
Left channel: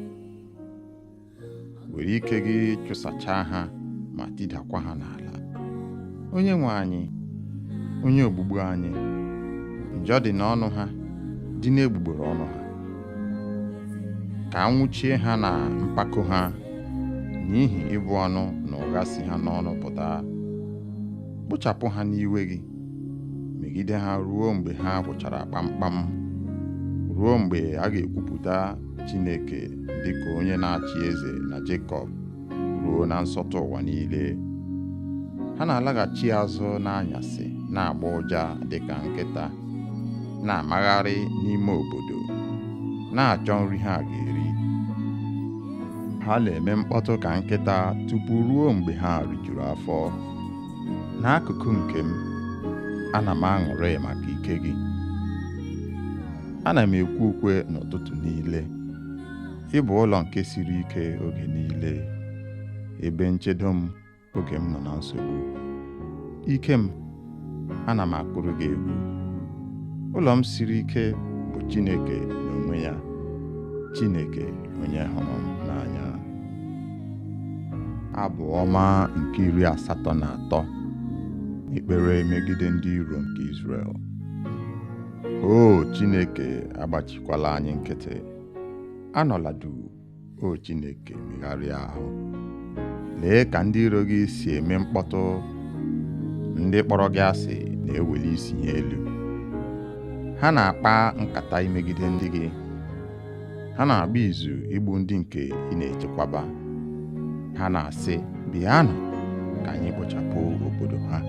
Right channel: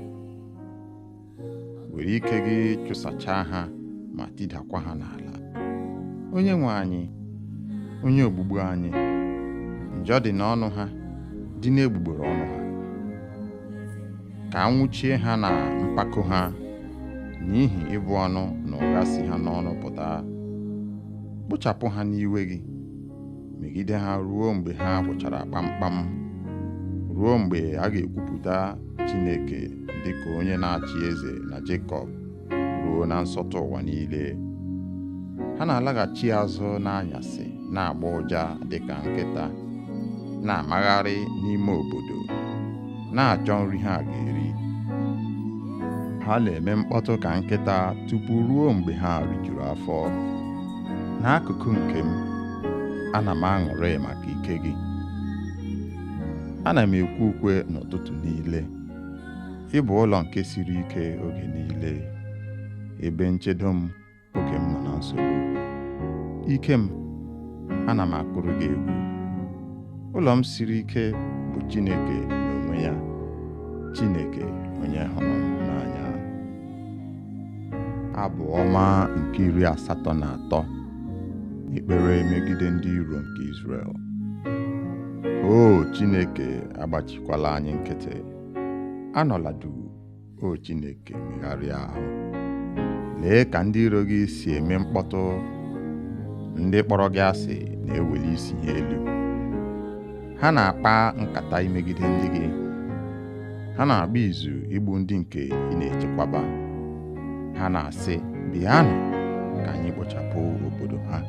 Were ike gị chụsachaa ha ma tidakwa ha n'ala. Onyenwe anyị, onye ogbugbu anyị, njọ dị n'ọnụ ha, dị n'egbugbere ọnụ ha. Ka anwụchie ha na mpako ha, n'ihi ịbụ ọnụ na ụgha si ha n'ọnụ pụta. Kpochapụ ha n'iwe gị, megide ha ruo mgbe ha gwụchara kpamkpam, ruo mgbe a ga-ekwupụta Chineke dịka onye na-achị eze na Jekọb, ruo na nsọtụ ụwa niile. Ha na-alaghachi azụ n'anyasị, na-agba ụja dịka nkịta, na-amagharị n'ime obodo, na-achọ nri ha ga-eri. Ha na-eme mkpọtụ ka nkịta tupu ruo mgbe ha rijuru afọ. N'akụkụ nke m, ana m aṅụrị maka ike gị. Ana m ekwe ukwe n'ụtụtụ niile. Ị bụ ụlọ nke siri ike oge niile, ebe nchedo m oge m nọ na nsogbu. Ike m, ana m akụrụ gị egwu. Ụlọ m siri ike bụ Chineke n'onwe ya, Chineke onye hụrụ m n'anya. Abụ ọma nke 83. Ekpere megide ndị iro nke Izrel. O Chineke, agbachikwala anyị nkịtị. Anọla duu, o Chineke, megharịa ahụ. Lee ka ndị iro gị si eme mkpọtụ. Ndị kpọrọ gị asị na-eweli isi ha elu. Ha na-akpa nkata imegide ndị gị. Ha na-agba izu igbu ndị nke ị na-echekwaba. Ha na-asị, bịanụ ka anyị kpochapụ obodo ha.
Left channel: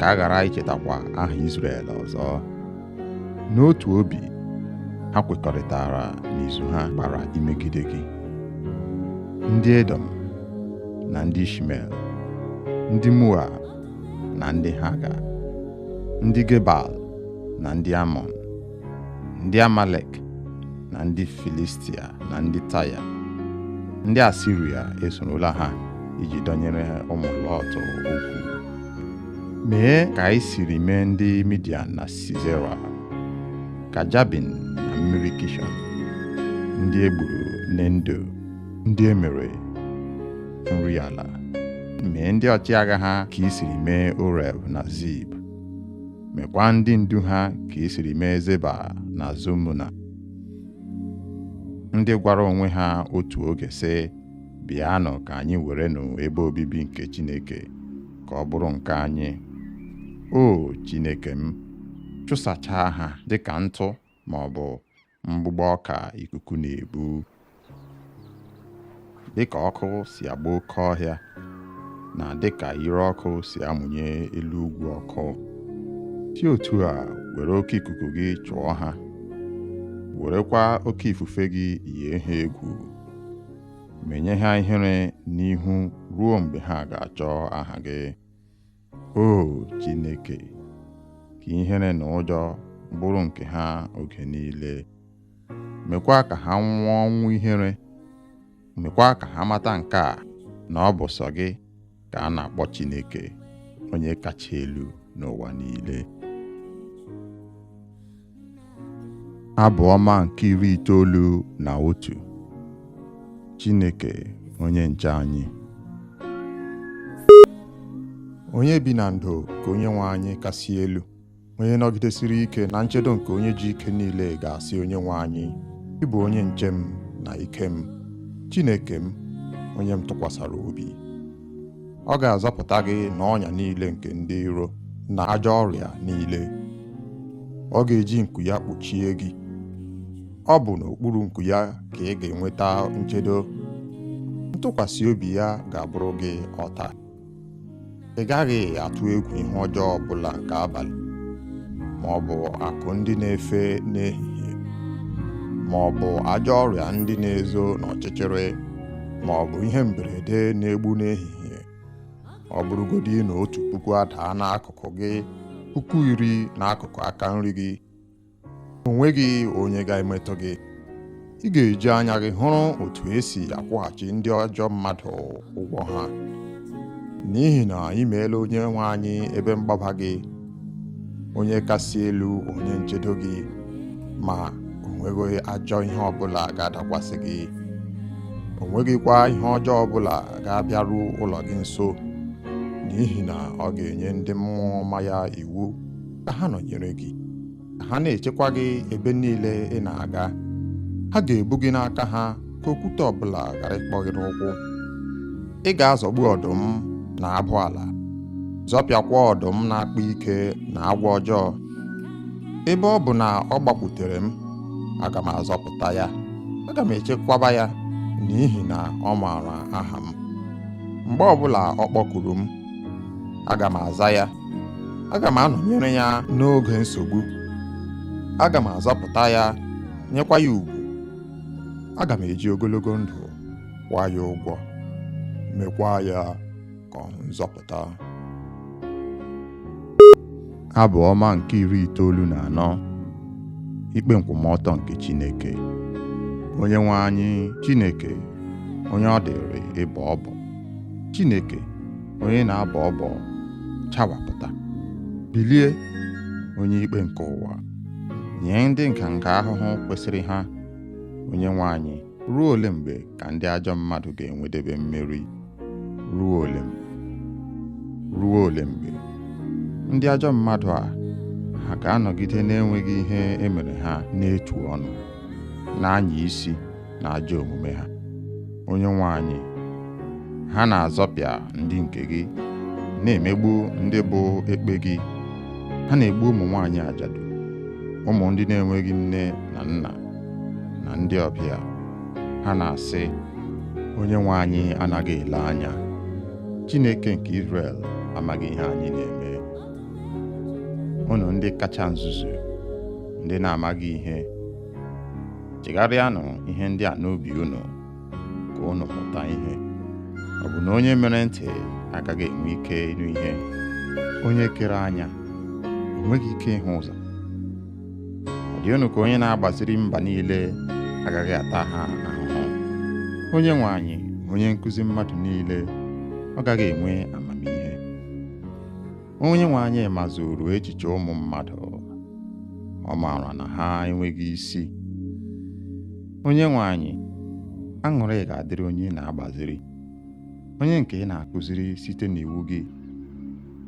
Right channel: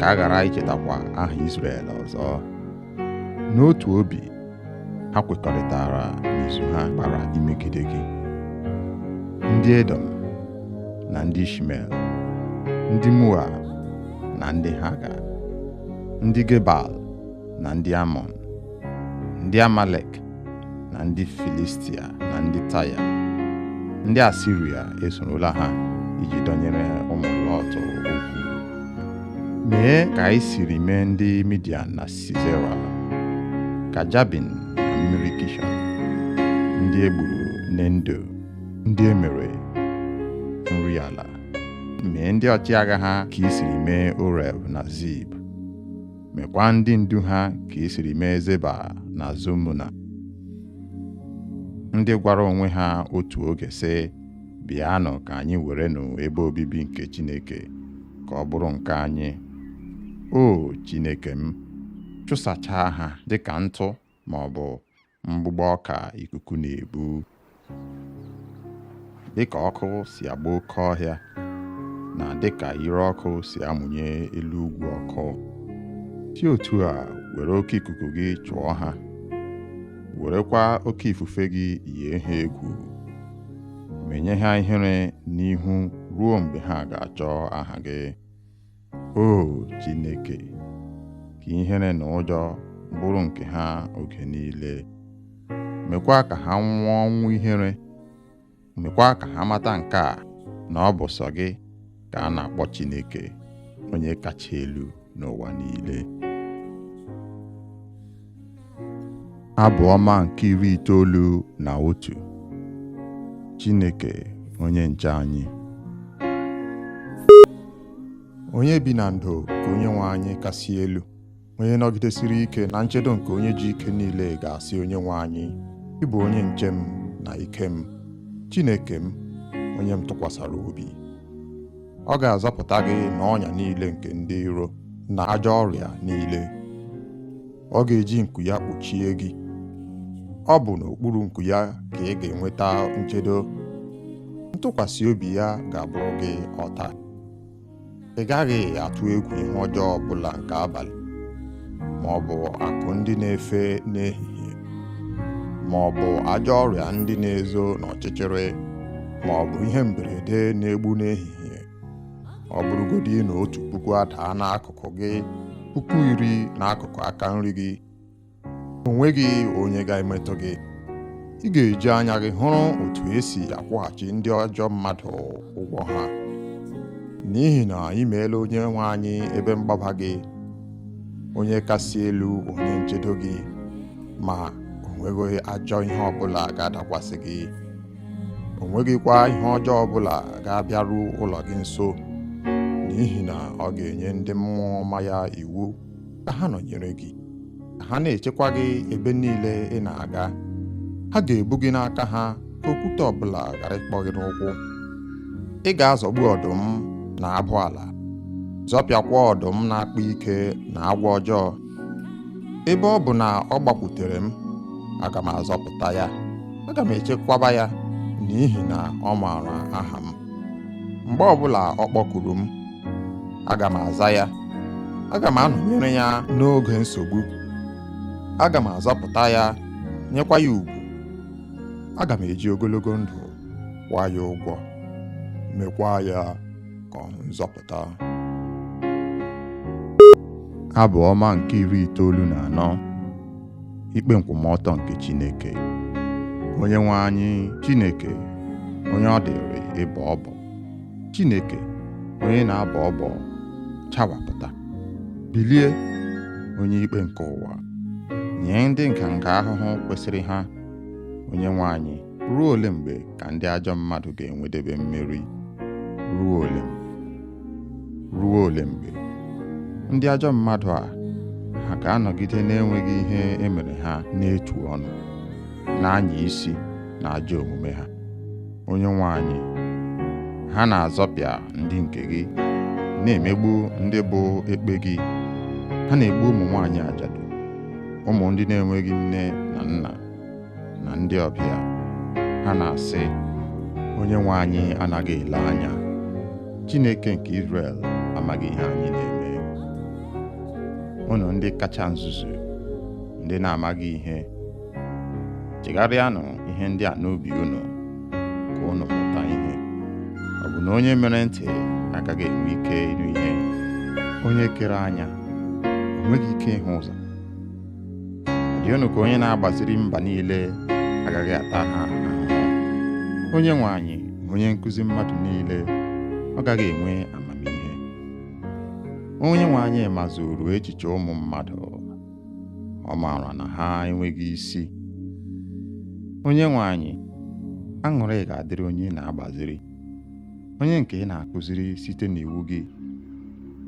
ka a ghara ichetakwa aha Izrel ọzọ. N'otu obi, ha kwekọrịtara n'izu ha gbara imegide gị. Ndị Edom na ndị Ishmel, ndị Moab na ndị Haga, ndị Gebal na ndị Amọn, ndị Amalek na ndị Filistia na ndị Taya, ndị Asiria esorola ha iji dọnyere ụmụ Lọt okwu. Mee ka anyị siri mee ndị Midian na Sisera, ka Jabin na mmiri Kishọn, ndị e gburu n'Endo, ndị e mere nri ala. Mee ndị ọchịagha ha ka i siri mee Oreb na Zib. Mekwa ndị ndu ha ka i siri mee Zeba na Zumuna, ndị gwara onwe ha otu oge sị, bịanụ ka anyị werenụ ebe obibi nke Chineke ka ọ bụrụ nke anyị. O Chineke m, chụsachaa ha dịka ntụ ma ọ bụ mgbụgbọ ọka ikuku na-ebu. Dịka ọkụ si agba oke ọhịa na dịka ire ọkụ si amụnye elu ugwu ọkụ, si otu a were oke ikuku gị chụọ ha, werekwa oke ifufe gị yie ha egwu. Menye ha ihere n'ihu ruo mgbe ha ga-achọ aha gị. O Chineke, ka ihere na ụjọ bụrụ nke ha oge niile. Mekwa ka ha nwụọ ọnwụ ihere. Mekwa ka ha mata nke a, na ọ bụ sọ gị ka a na-akpọ Chineke, onye kacha elu n'ụwa niile. Abụ ọma nke 91. Chineke onye nche anyị. Onye bi na ndo ka Onyenwe anyị kasị elu, onye nọgidesiri ike na nchedo nke onye ji ike niile ga-asị Onyenwe anyị, ị bụ onye nche m na ike m, Chineke m, onye m tụkwasara obi. Ọ ga-azọpụta gị n'ọnya niile nke ndị iro na ajọ ọrịa niile. Ọ ga-eji nku ya kpuchie gị. Ọ bụ n'okpuru nku ya ka ị ga-enweta nchedo. Ntụkwasị obi ya ga-abụrụ gị ọta. Ị gaghị atụ egwu ihe ọjọọ ọbụla nke abalị, ma ọ bụ akụ ndị na-efe n'ehihie, ma ọ bụ ajọ ọrịa ndị na-ezo n'ọchịchịrị, ma ọ bụ ihe mberede na-egbu n'ehihie. Ọ bụrụgodị na 1,000 adaa n'akụkụ gị, 10,000 n'akụkụ aka nri gị, o nweghị onye ga-emetụ gị. Ị ga-eji anya gị hụrụ otu esi akwụghachi ndị ajọ mmadụ ụgwọ ha. N'ihi na ị meela Onyenwe anyị ebe mgbaba gị, onye kasị elu onye nchedo gị, ma o nweghị ajọ ihe ọbụla ga-adakwasị gị. O nweghịkwa ihe ọjọọ ọbụla ga-abịaru ụlọ gị nso, n'ihi na ọ ga-enye ndị mmụọ ọma ya iwu ka ha nọnyere gị, ka ha na-echekwa gị ebe niile ị na-aga. Ha ga-ebu gị n'aka ha ka okwute ọbụla ghara ịkpọ gị n'ụkwụ. Ị ga-azọgbu ọdụm na abụ ala, zọpịakwa ọdụm na-akpa ike na agwọ ọjọọ. Ebe ọ bụ na ọ gbakwutere m, aga m azọpụta ya, aga m echekwaba ya, n'ihi na ọ maara aha m. Mgbe ọbụla ọ kpọkuru m, aga m aza ya. Aga m anọnyere ya n'oge nsogbu. Aga m azọpụta ya, nyekwa ya ugwu. Aga m eji ogologo ndụ kwụọ ya ụgwọ, mekwa ya ka ọ hụ nzọpụta. Abụ ọma nke 94. Ikpe nkwụmọtọ nke Chineke. Onyenwe anyị Chineke, onye ọ dịrị ịbọ ọbọ, Chineke onye na-abọ ọbọ, chawapụta. Bilie, onye ikpe nke ụwa, nye ndị nganga ahụhụ kwesịrị ha. Onyenwe anyị, ruo ole mgbe ka ndị ajọ mmadụ ga-enwedebe mmeri? Ruo ole mgbe? Ruo ole mgbe? Ndị ajọ mmadụ a ha ga-anọgide na-enweghị ihe emere ha n'etu ọnụ, na-anya isi na ajọ omume ha. Onyenwe anyị, ha na-azọpịa ndị nke gị, na-emegbu ndị bụ ekpe gị. Ha na-egbu ụmụ nwaanyị ajadu, ụmụ ndị na-enweghị nne na nna, na ndị ọbịa. Ha na-asị, Onyenwe anyị anaghị ele anya. Chineke nke Izrel amaghị ihe anyị na-eme. unu ndị kacha nzuzu, ndị na-amaghị ihe, chegharịanụ ihe ndị a n'obi unu ka unu mụta ihe. Ọ bụ na onye mere ntị agaghị enwe ike ịnụ ihe? Onye kere anya o nweghị ike ịhụ ụzọ? Ọ dị unu ka onye na-agbaziri mba niile agaghị ata ha ahụhụ? Onye nwe anyị, onye nkụzi mmadụ niile, ọ gaghị enwe amamihe? Onye nwe anyị mazuru echiche ụmụ mmadụ, ọ maara na ha enweghị isi. Onye nwe anyị, aṅụrị ga-adịrị onye na-agbaziri, onye nke ị na-akụziri site n'iwu gị.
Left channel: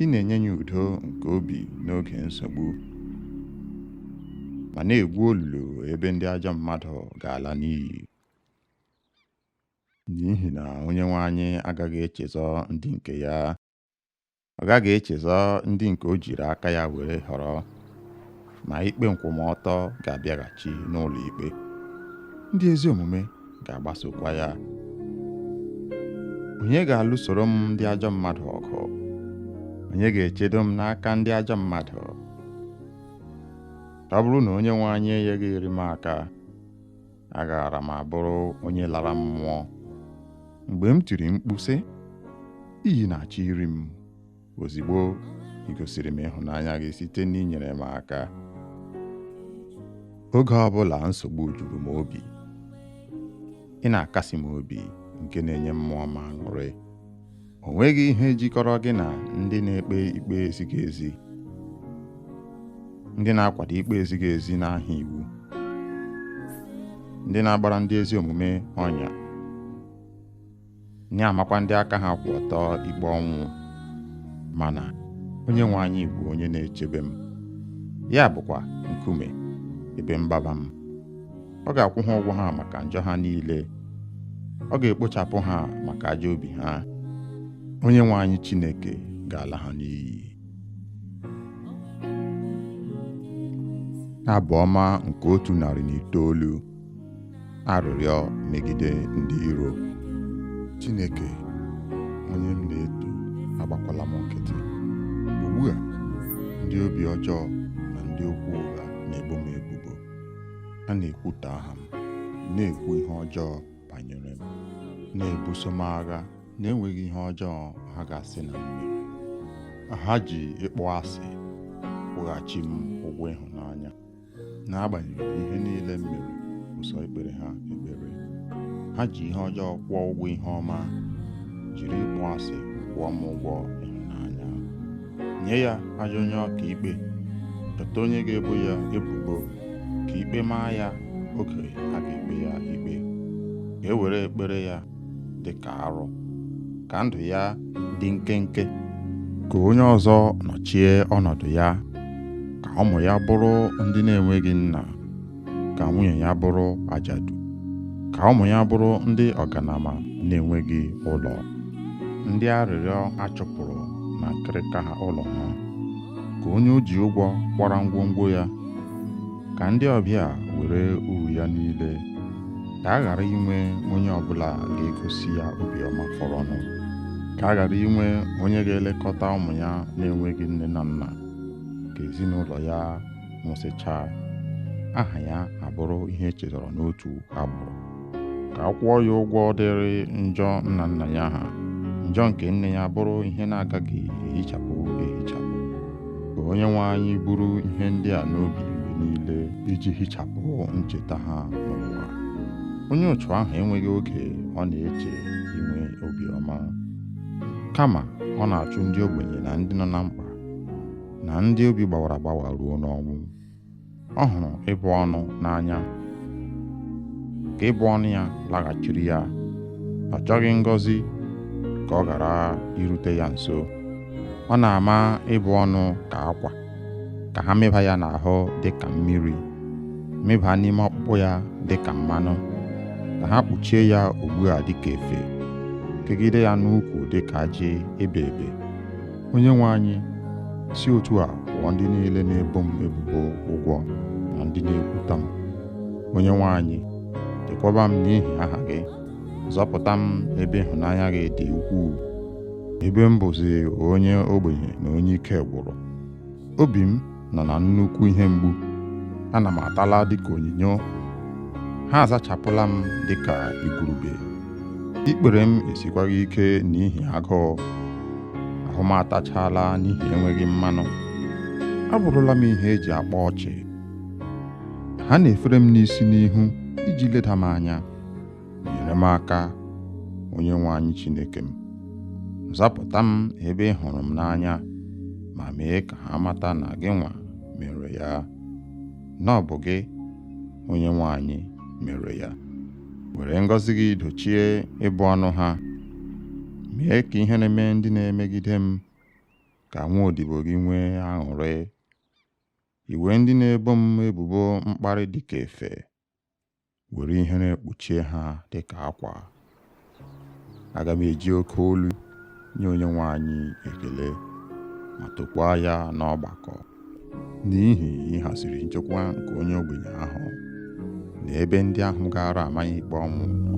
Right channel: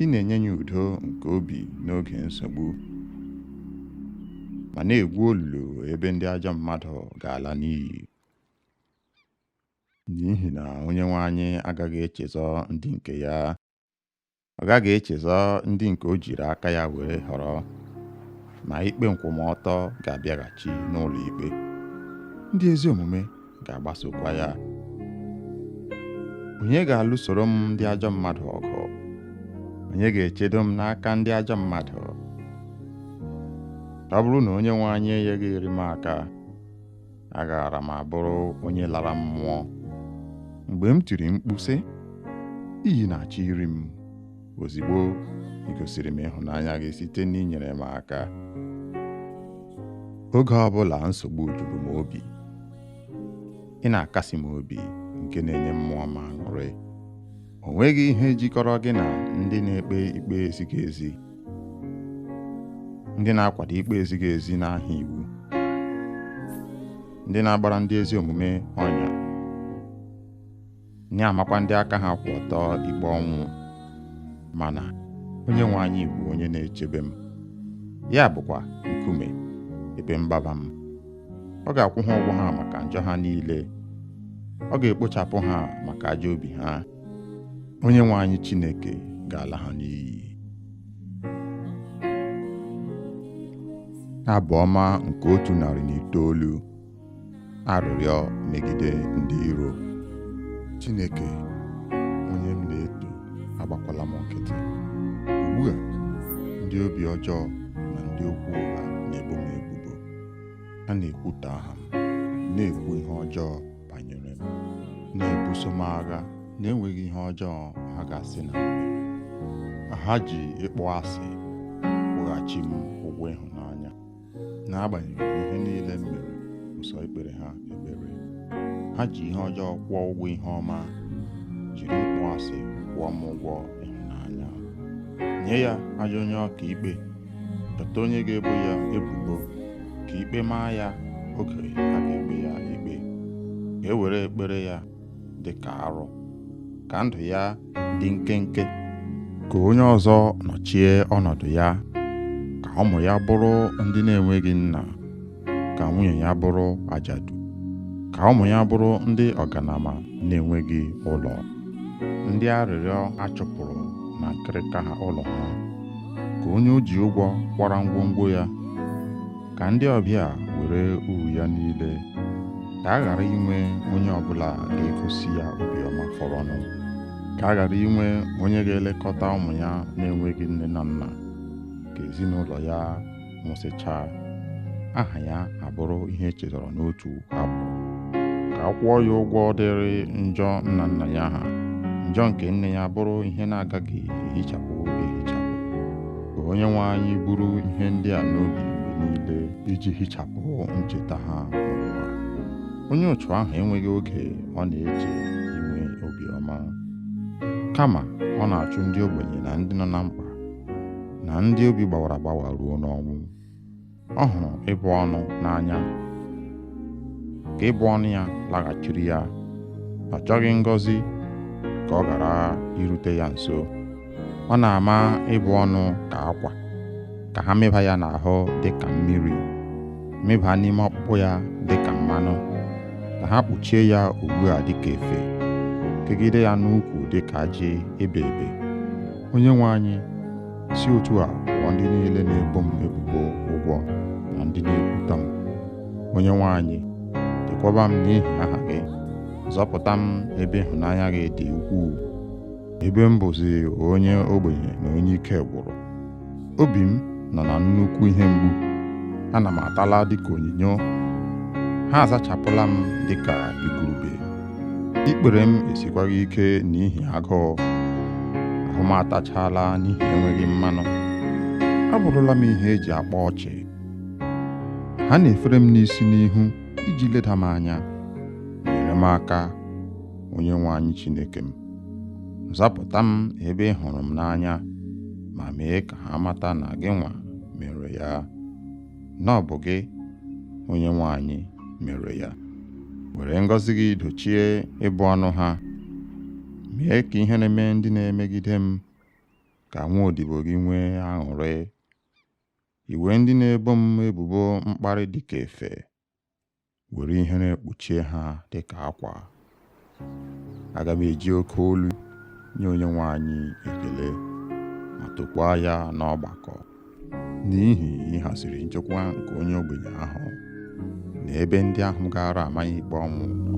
Ị na-enye ya udo nke obi n'oge nsogbu, ma na-egwu olulu ebe ndị ajọ mmadụ ga-ala n'iyi. N'ihi na onye nwe anyị agaghị echezọ ndị nke ya, ọ gaghị echezọ ndị nke o jiri aka ya were họrọ, ma ikpe nkwụmọtọ ga-abịaghachi n'ụlọ ikpe. Ndị ezi omume ga-agbasokwa ya. Onye ga-alụsoro m ndị ajọ mmadụ ọgụ? Onye ga-echedo m n'aka ndị ajọ mmadụ? Ọ bụrụ na onye nwe anyị enyeghị iri m aka, agaara m abụrụ onye lara mmụọ. Mgbe m tiri mkpu sị, iyi na-achọ iri m, ozigbo ị gosiri m ịhụnanya gị site n'inyere m aka. Oge ọbụla nsogbu juru m obi, ị na-akasi m obi nke na-enye mmụọ m aṅụrị. O nweghị ihe jikọrọ gị na ndị na-ekpe ikpe ezighị ezi, ndị na-akwado ikpe ezighị ezi n'aha iwu, ndị na-agbara ndị ezi omume ọnya, na-amakwa ndị aka ha kwụ ọtọ ikpe ọnwụ. Mana onye nwe anyị bụ onye na-echebe m, ya bụkwa nkume ebe mgbaba m. Ọ ga-akwụ ha ụgwọ ha maka njọ ha niile, ọ ga-ekpochapụ ha maka ajọ obi ha. Onye nwe anyị Chineke ga-ala ha n'iyi. Abụ ọma nke 109. Arịrịọ megide ndị iro. Chineke, onye m na-eto, agbakwala m nkịtị. Ugbu a, ndị obi ọjọọ na ndị okwu ụgha na-ebo m ebubo. Ha na-ekwutọ aha m, na-ekwu ihe ọjọọ banyere m, na-ebuso m agha na-enweghị ihe ọjọọ ha ga-asị na m mere. Ha ji ịkpọ asị kwụghachi m ụgwọ ịhụnanya. N'agbanyeghị ihe niile m mere, ụsọ ikpere ha ekpere. Ha ji ihe ọjọọ kwụọ ụgwọ ihe ọma, jiri ịkpọ asị kwụọ m ụgwọ ịhụnanya. Nye ya ajọ onye ọka ikpe, chọta onye ga-ebo ya ebubo, ka ikpe maa ya oge a ga-ekpe ya ikpe. Ka e were ekpere ya dị ka arụ, ka ndụ ya dị nkenke. Ka onye ọzọ nọchie ọnọdụ ya, ka ụmụ ya bụrụ ndị na-enweghị nna, ka nwunye ya bụrụ ajadu, ka ụmụ ya bụrụ ndị ọganama na-enweghị ụlọ, ndị arịrịọ achụpụrụ na nkịrịka ha ụlọ ha. Ka onye o ji ụgwọ kwara ngwongwo ya, ka ndị ọbịa were uru ya niile. Ka a ghara inwe onye ọbụla ga-egosi ya obiọma fọrọnụ. Ka a ghara inwe onye ga-elekọta ụmụ ya na-enweghị nne na nna. Ka ezinụlọ ya nwụsịchaa, aha ya abụrụ ihe echetara n'otu agbụrụ. Ka a kwụọ ya ụgwọ dịrị njọ nna nna ya ha, njọ nke nne ya bụrụ ihe na-agaghị ehichapụ ehichapụ. Ka onye nwe anyị buru ihe ndị a n'obi mgbe niile, iji hichapụ ncheta ha n'ụwa. Onye otu ahụ enweghị oge ọ na-eche inwe obiọma, kama ọ na-achụ ndị ogbenye na ndị nọ na mkpa, na ndị obi gbawara agbawa ruo n'ọnwụ. Ọ hụrụ ịbụ ọnụ n'anya, ka ịbụ ọnụ ya laghachiri ya. Ọ chọghị ngọzi ka ọ ghara irute ya nso. Ọ na-ama ịbụ ọnụ ka akwa, ka ha mịba ya n'ahụ dị ka mmiri, mịba n'ime ọkpụkpụ ya dị ka mmanụ, ka ha kpuchie ya ugbu a dị ka efe, kegide ya n'ukwu dị ka ajị ebe ebe. Onye nwe anyị, si otu a kwụọ ndị niile na-ebo m ebubo ụgwọ na ndị na-ekwuta m. Onye nwe anyị, chekwaba m n'ihi aha gị, zọpụta m ebe ịhụnanya gị dị ukwuu, ebe m bụzi onye ogbenye na onye ike gwụrụ. Obi m nọ na nnukwu ihe mgbu ana m atala dịka onyinyo. Ha azachapụla m dịka igurube. Ikpere m esikwaghị ike n'ihi agụụ. Ahụ m atachala n'ihi enweghị mmanụ. Abụrụla m ihe eji akpa ọchị. Ha na-efere m n'isi n'ihu iji leda m anya. Nyere m aka, Onyenwe anyị Chineke m. Zapụta m ebe ị hụrụ m n'anya, ma mee ka ha mata na gị nwa mere ya, na ọ bụ gị, Onyenwe anyị, mere ya. Were ngọzi gị dochie ịbụ ọnụ ha. Mee ka ihere mee ndị na-emegide m, ka nwaodibo gị nwee aṅụrị. Iwe ndị na-ebo m ebubo mkparị dịka efe. Were ihere kpuchie ha dịka akwa. Aga m eji oke olu nye Onyenwe anyị ekele, ma tokwaa ya n'ọgbakọ, n'ihi ịhaziri nchekwa nke onye ogbenye ahụ na ebe ndị ahụ gara amaghị ikpe ọnwụ nọ.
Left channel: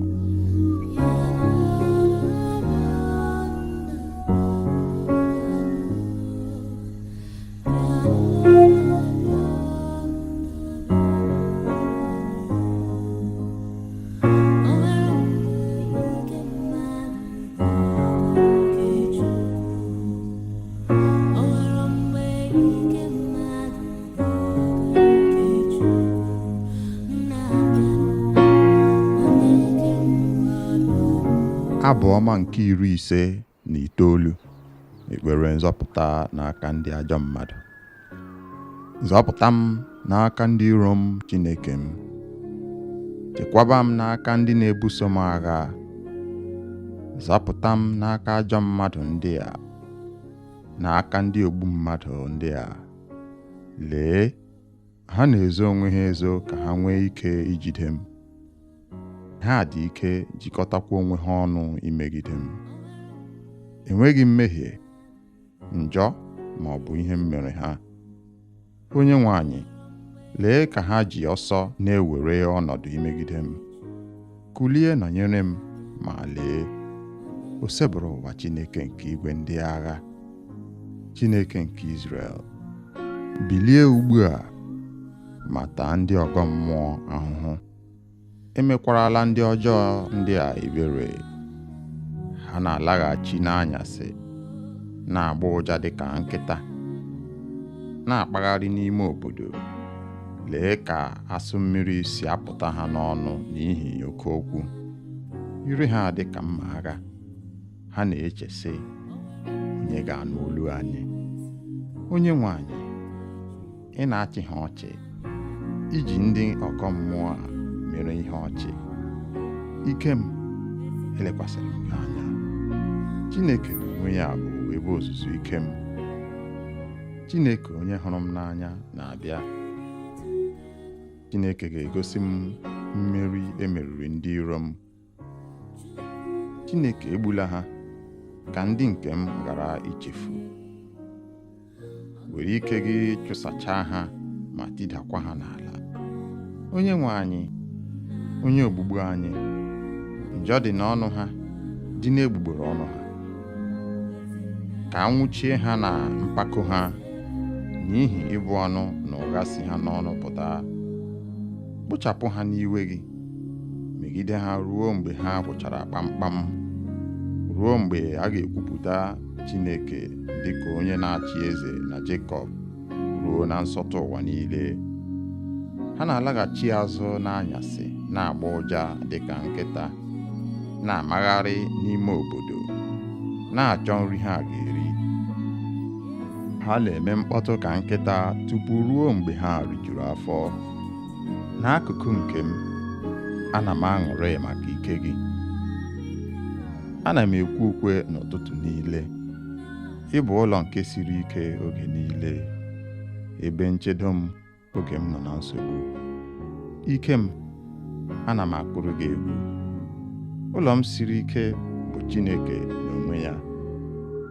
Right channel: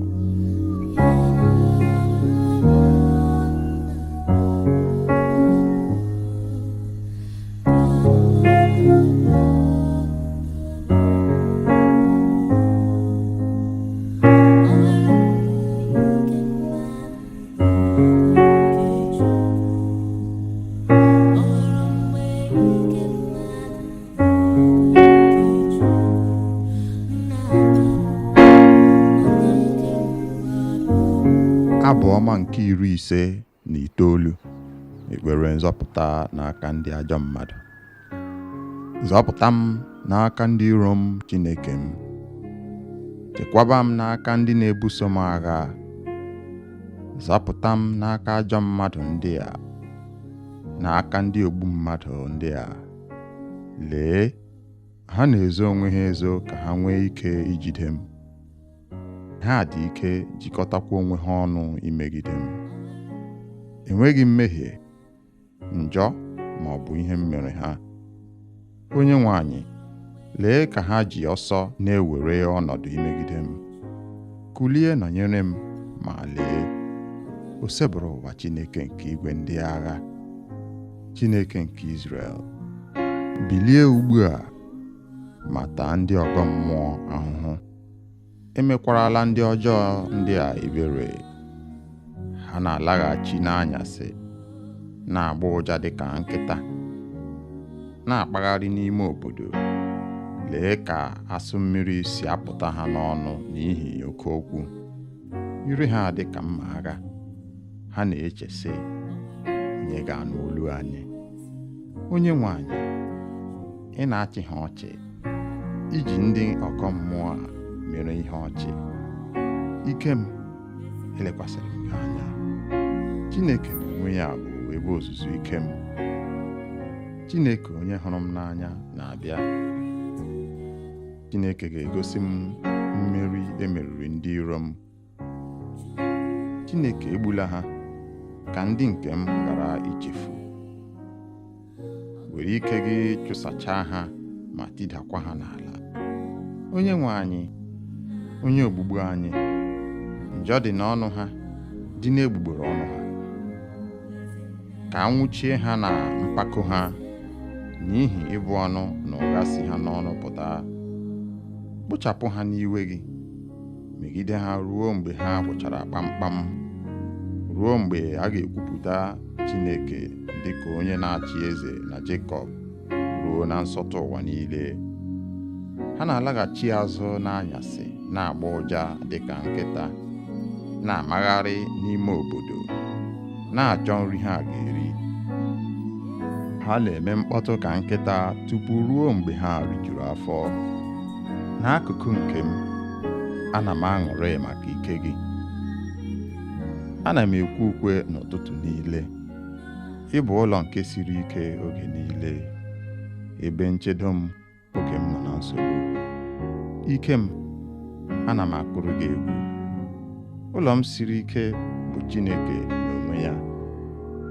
Abụ ọma nke 59. Ekpere nzọpụta n'aka ndị ajọ mmadụ. Zọpụta m n'aka ndị iro m, Chineke m. Chekwaba m n'aka ndị na-ebuso m agha. Zọpụta m n'aka ajọ mmadụ ndị a, n'aka ndị ogbu mmadụ ndị a. Lee, ha na-ezo onwe ha ezo ka ha nwee ike ijide m. Ha dị ike jikọtakwa onwe ha ọnụ imegide m. Enweghị mmehie, njọ ma ọ bụ ihe m mere ha. Onyenwe anyị, lee ka ha ji ọsọ na-ewere ọnọdụ imegide m. Kulie nọnyere m, ma lee, o sebụrụ ụwa Chineke nke igwe ndị agha, Chineke nke Izrel. Bilie ugbu a, ma taa ndị ọgọ mmụọ ahụhụ. Emekwarala ndị ọjọọ ndị a ebere. Ha na-alaghachi n'anyasị, na-agba ụja dịka nkịta, na-akpagharị n'ime obodo. Lee ka asụ mmiri si apụta ha n'ọnụ n'ihi oke okwu. Ire ha dịka mma agha. Ha na-eche sị, onye ga-anụ olu anyị? Onyenwe anyị, ị na-achị ha ọchị, iji ndị ọgọ mmụọ a mere ihe ọchị. Ike m, elekwasịrị m gị anya. Chineke n'onwe ya bụ ebe ozuzu ike m. Chineke onye hụrụ m n'anya na-abịa. Chineke ga-egosi m mmeri emeriri ndị iro m. Chineke egbula ha, ka ndị nke m ghara ichefu. Were ike gị chụsachaa ha ma tidakwa ha n'ala. Onyenwe anyị, onye ogbugbu anyị, njọ dị n'ọnụ ha, dị n'egbugbere ọnụ ha. Ka anwụchie ha na mpako ha, n'ihi ịbụ ọnụ na ụgha si ha n'ọnụ pụta. Kpochapụ ha n'iwe gị, megide ha ruo mgbe ha gwụchara kpamkpam, ruo mgbe a ga-ekwupụta Chineke dịka onye na-achị eze na Jekọb, ruo na nsọtụ ụwa niile. Ha na-alaghachi azụ n'anyasị, na-agba ụja dịka nkịta, na-amagharị n'ime obodo, na-achọ nri ha ga-eri. Ha na-eme mkpọtụ ka nkịta tupu ruo mgbe ha rijuru afọ. N'akụkụ nke m, ana m aṅụrị maka ike gị. Ana m ekwe ukwe n'ụtụtụ niile. Ị bụ ụlọ nke siri ike oge niile, ebe nchedo m oge m nọ na nsogbu. Ike m, ana m akụrụ gị egwu. Ụlọ m siri ike bụ Chineke n'onwe ya,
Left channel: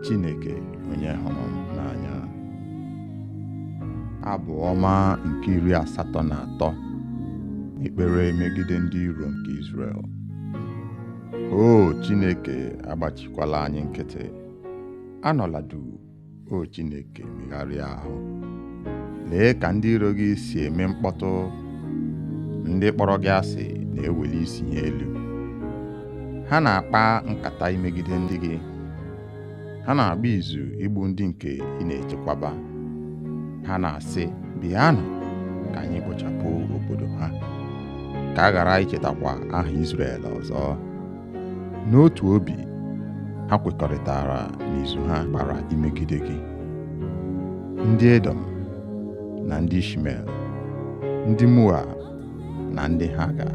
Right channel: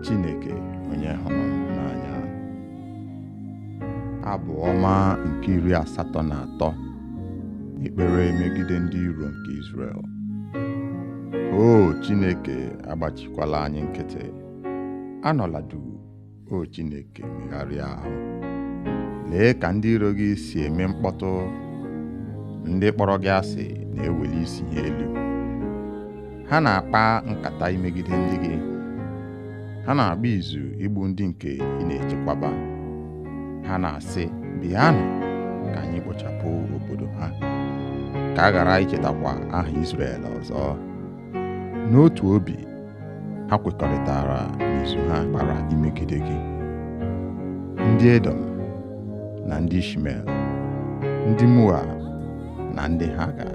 Chineke onye hụrụ m n'anya. Abụ ọma nke 83. Ekpere megide ndị iro nke Izrel. O Chineke, agbachikwala anyị nkịtị. Anọla duu, o Chineke, megharịa ahụ. lee ka ndị iro gị si eme mkpọtụ, ndị kpọrọ gị asị na-eweli isi ha elu. Ha na-akpa nkata imegide ndị gị, ha na-agba izu igbu ndị nke ị na-echekwaba. Ha na-asị, bịanụ ka anyị kpochapụ obodo ha, ka a ghara ichetakwa aha Izrel ọzọ. N'otu obi, ha kwekọrịtara n'izu ha gbara imegide gị. Ndị Edom na ndị Ishmel, ndị Moab na ndị Haga,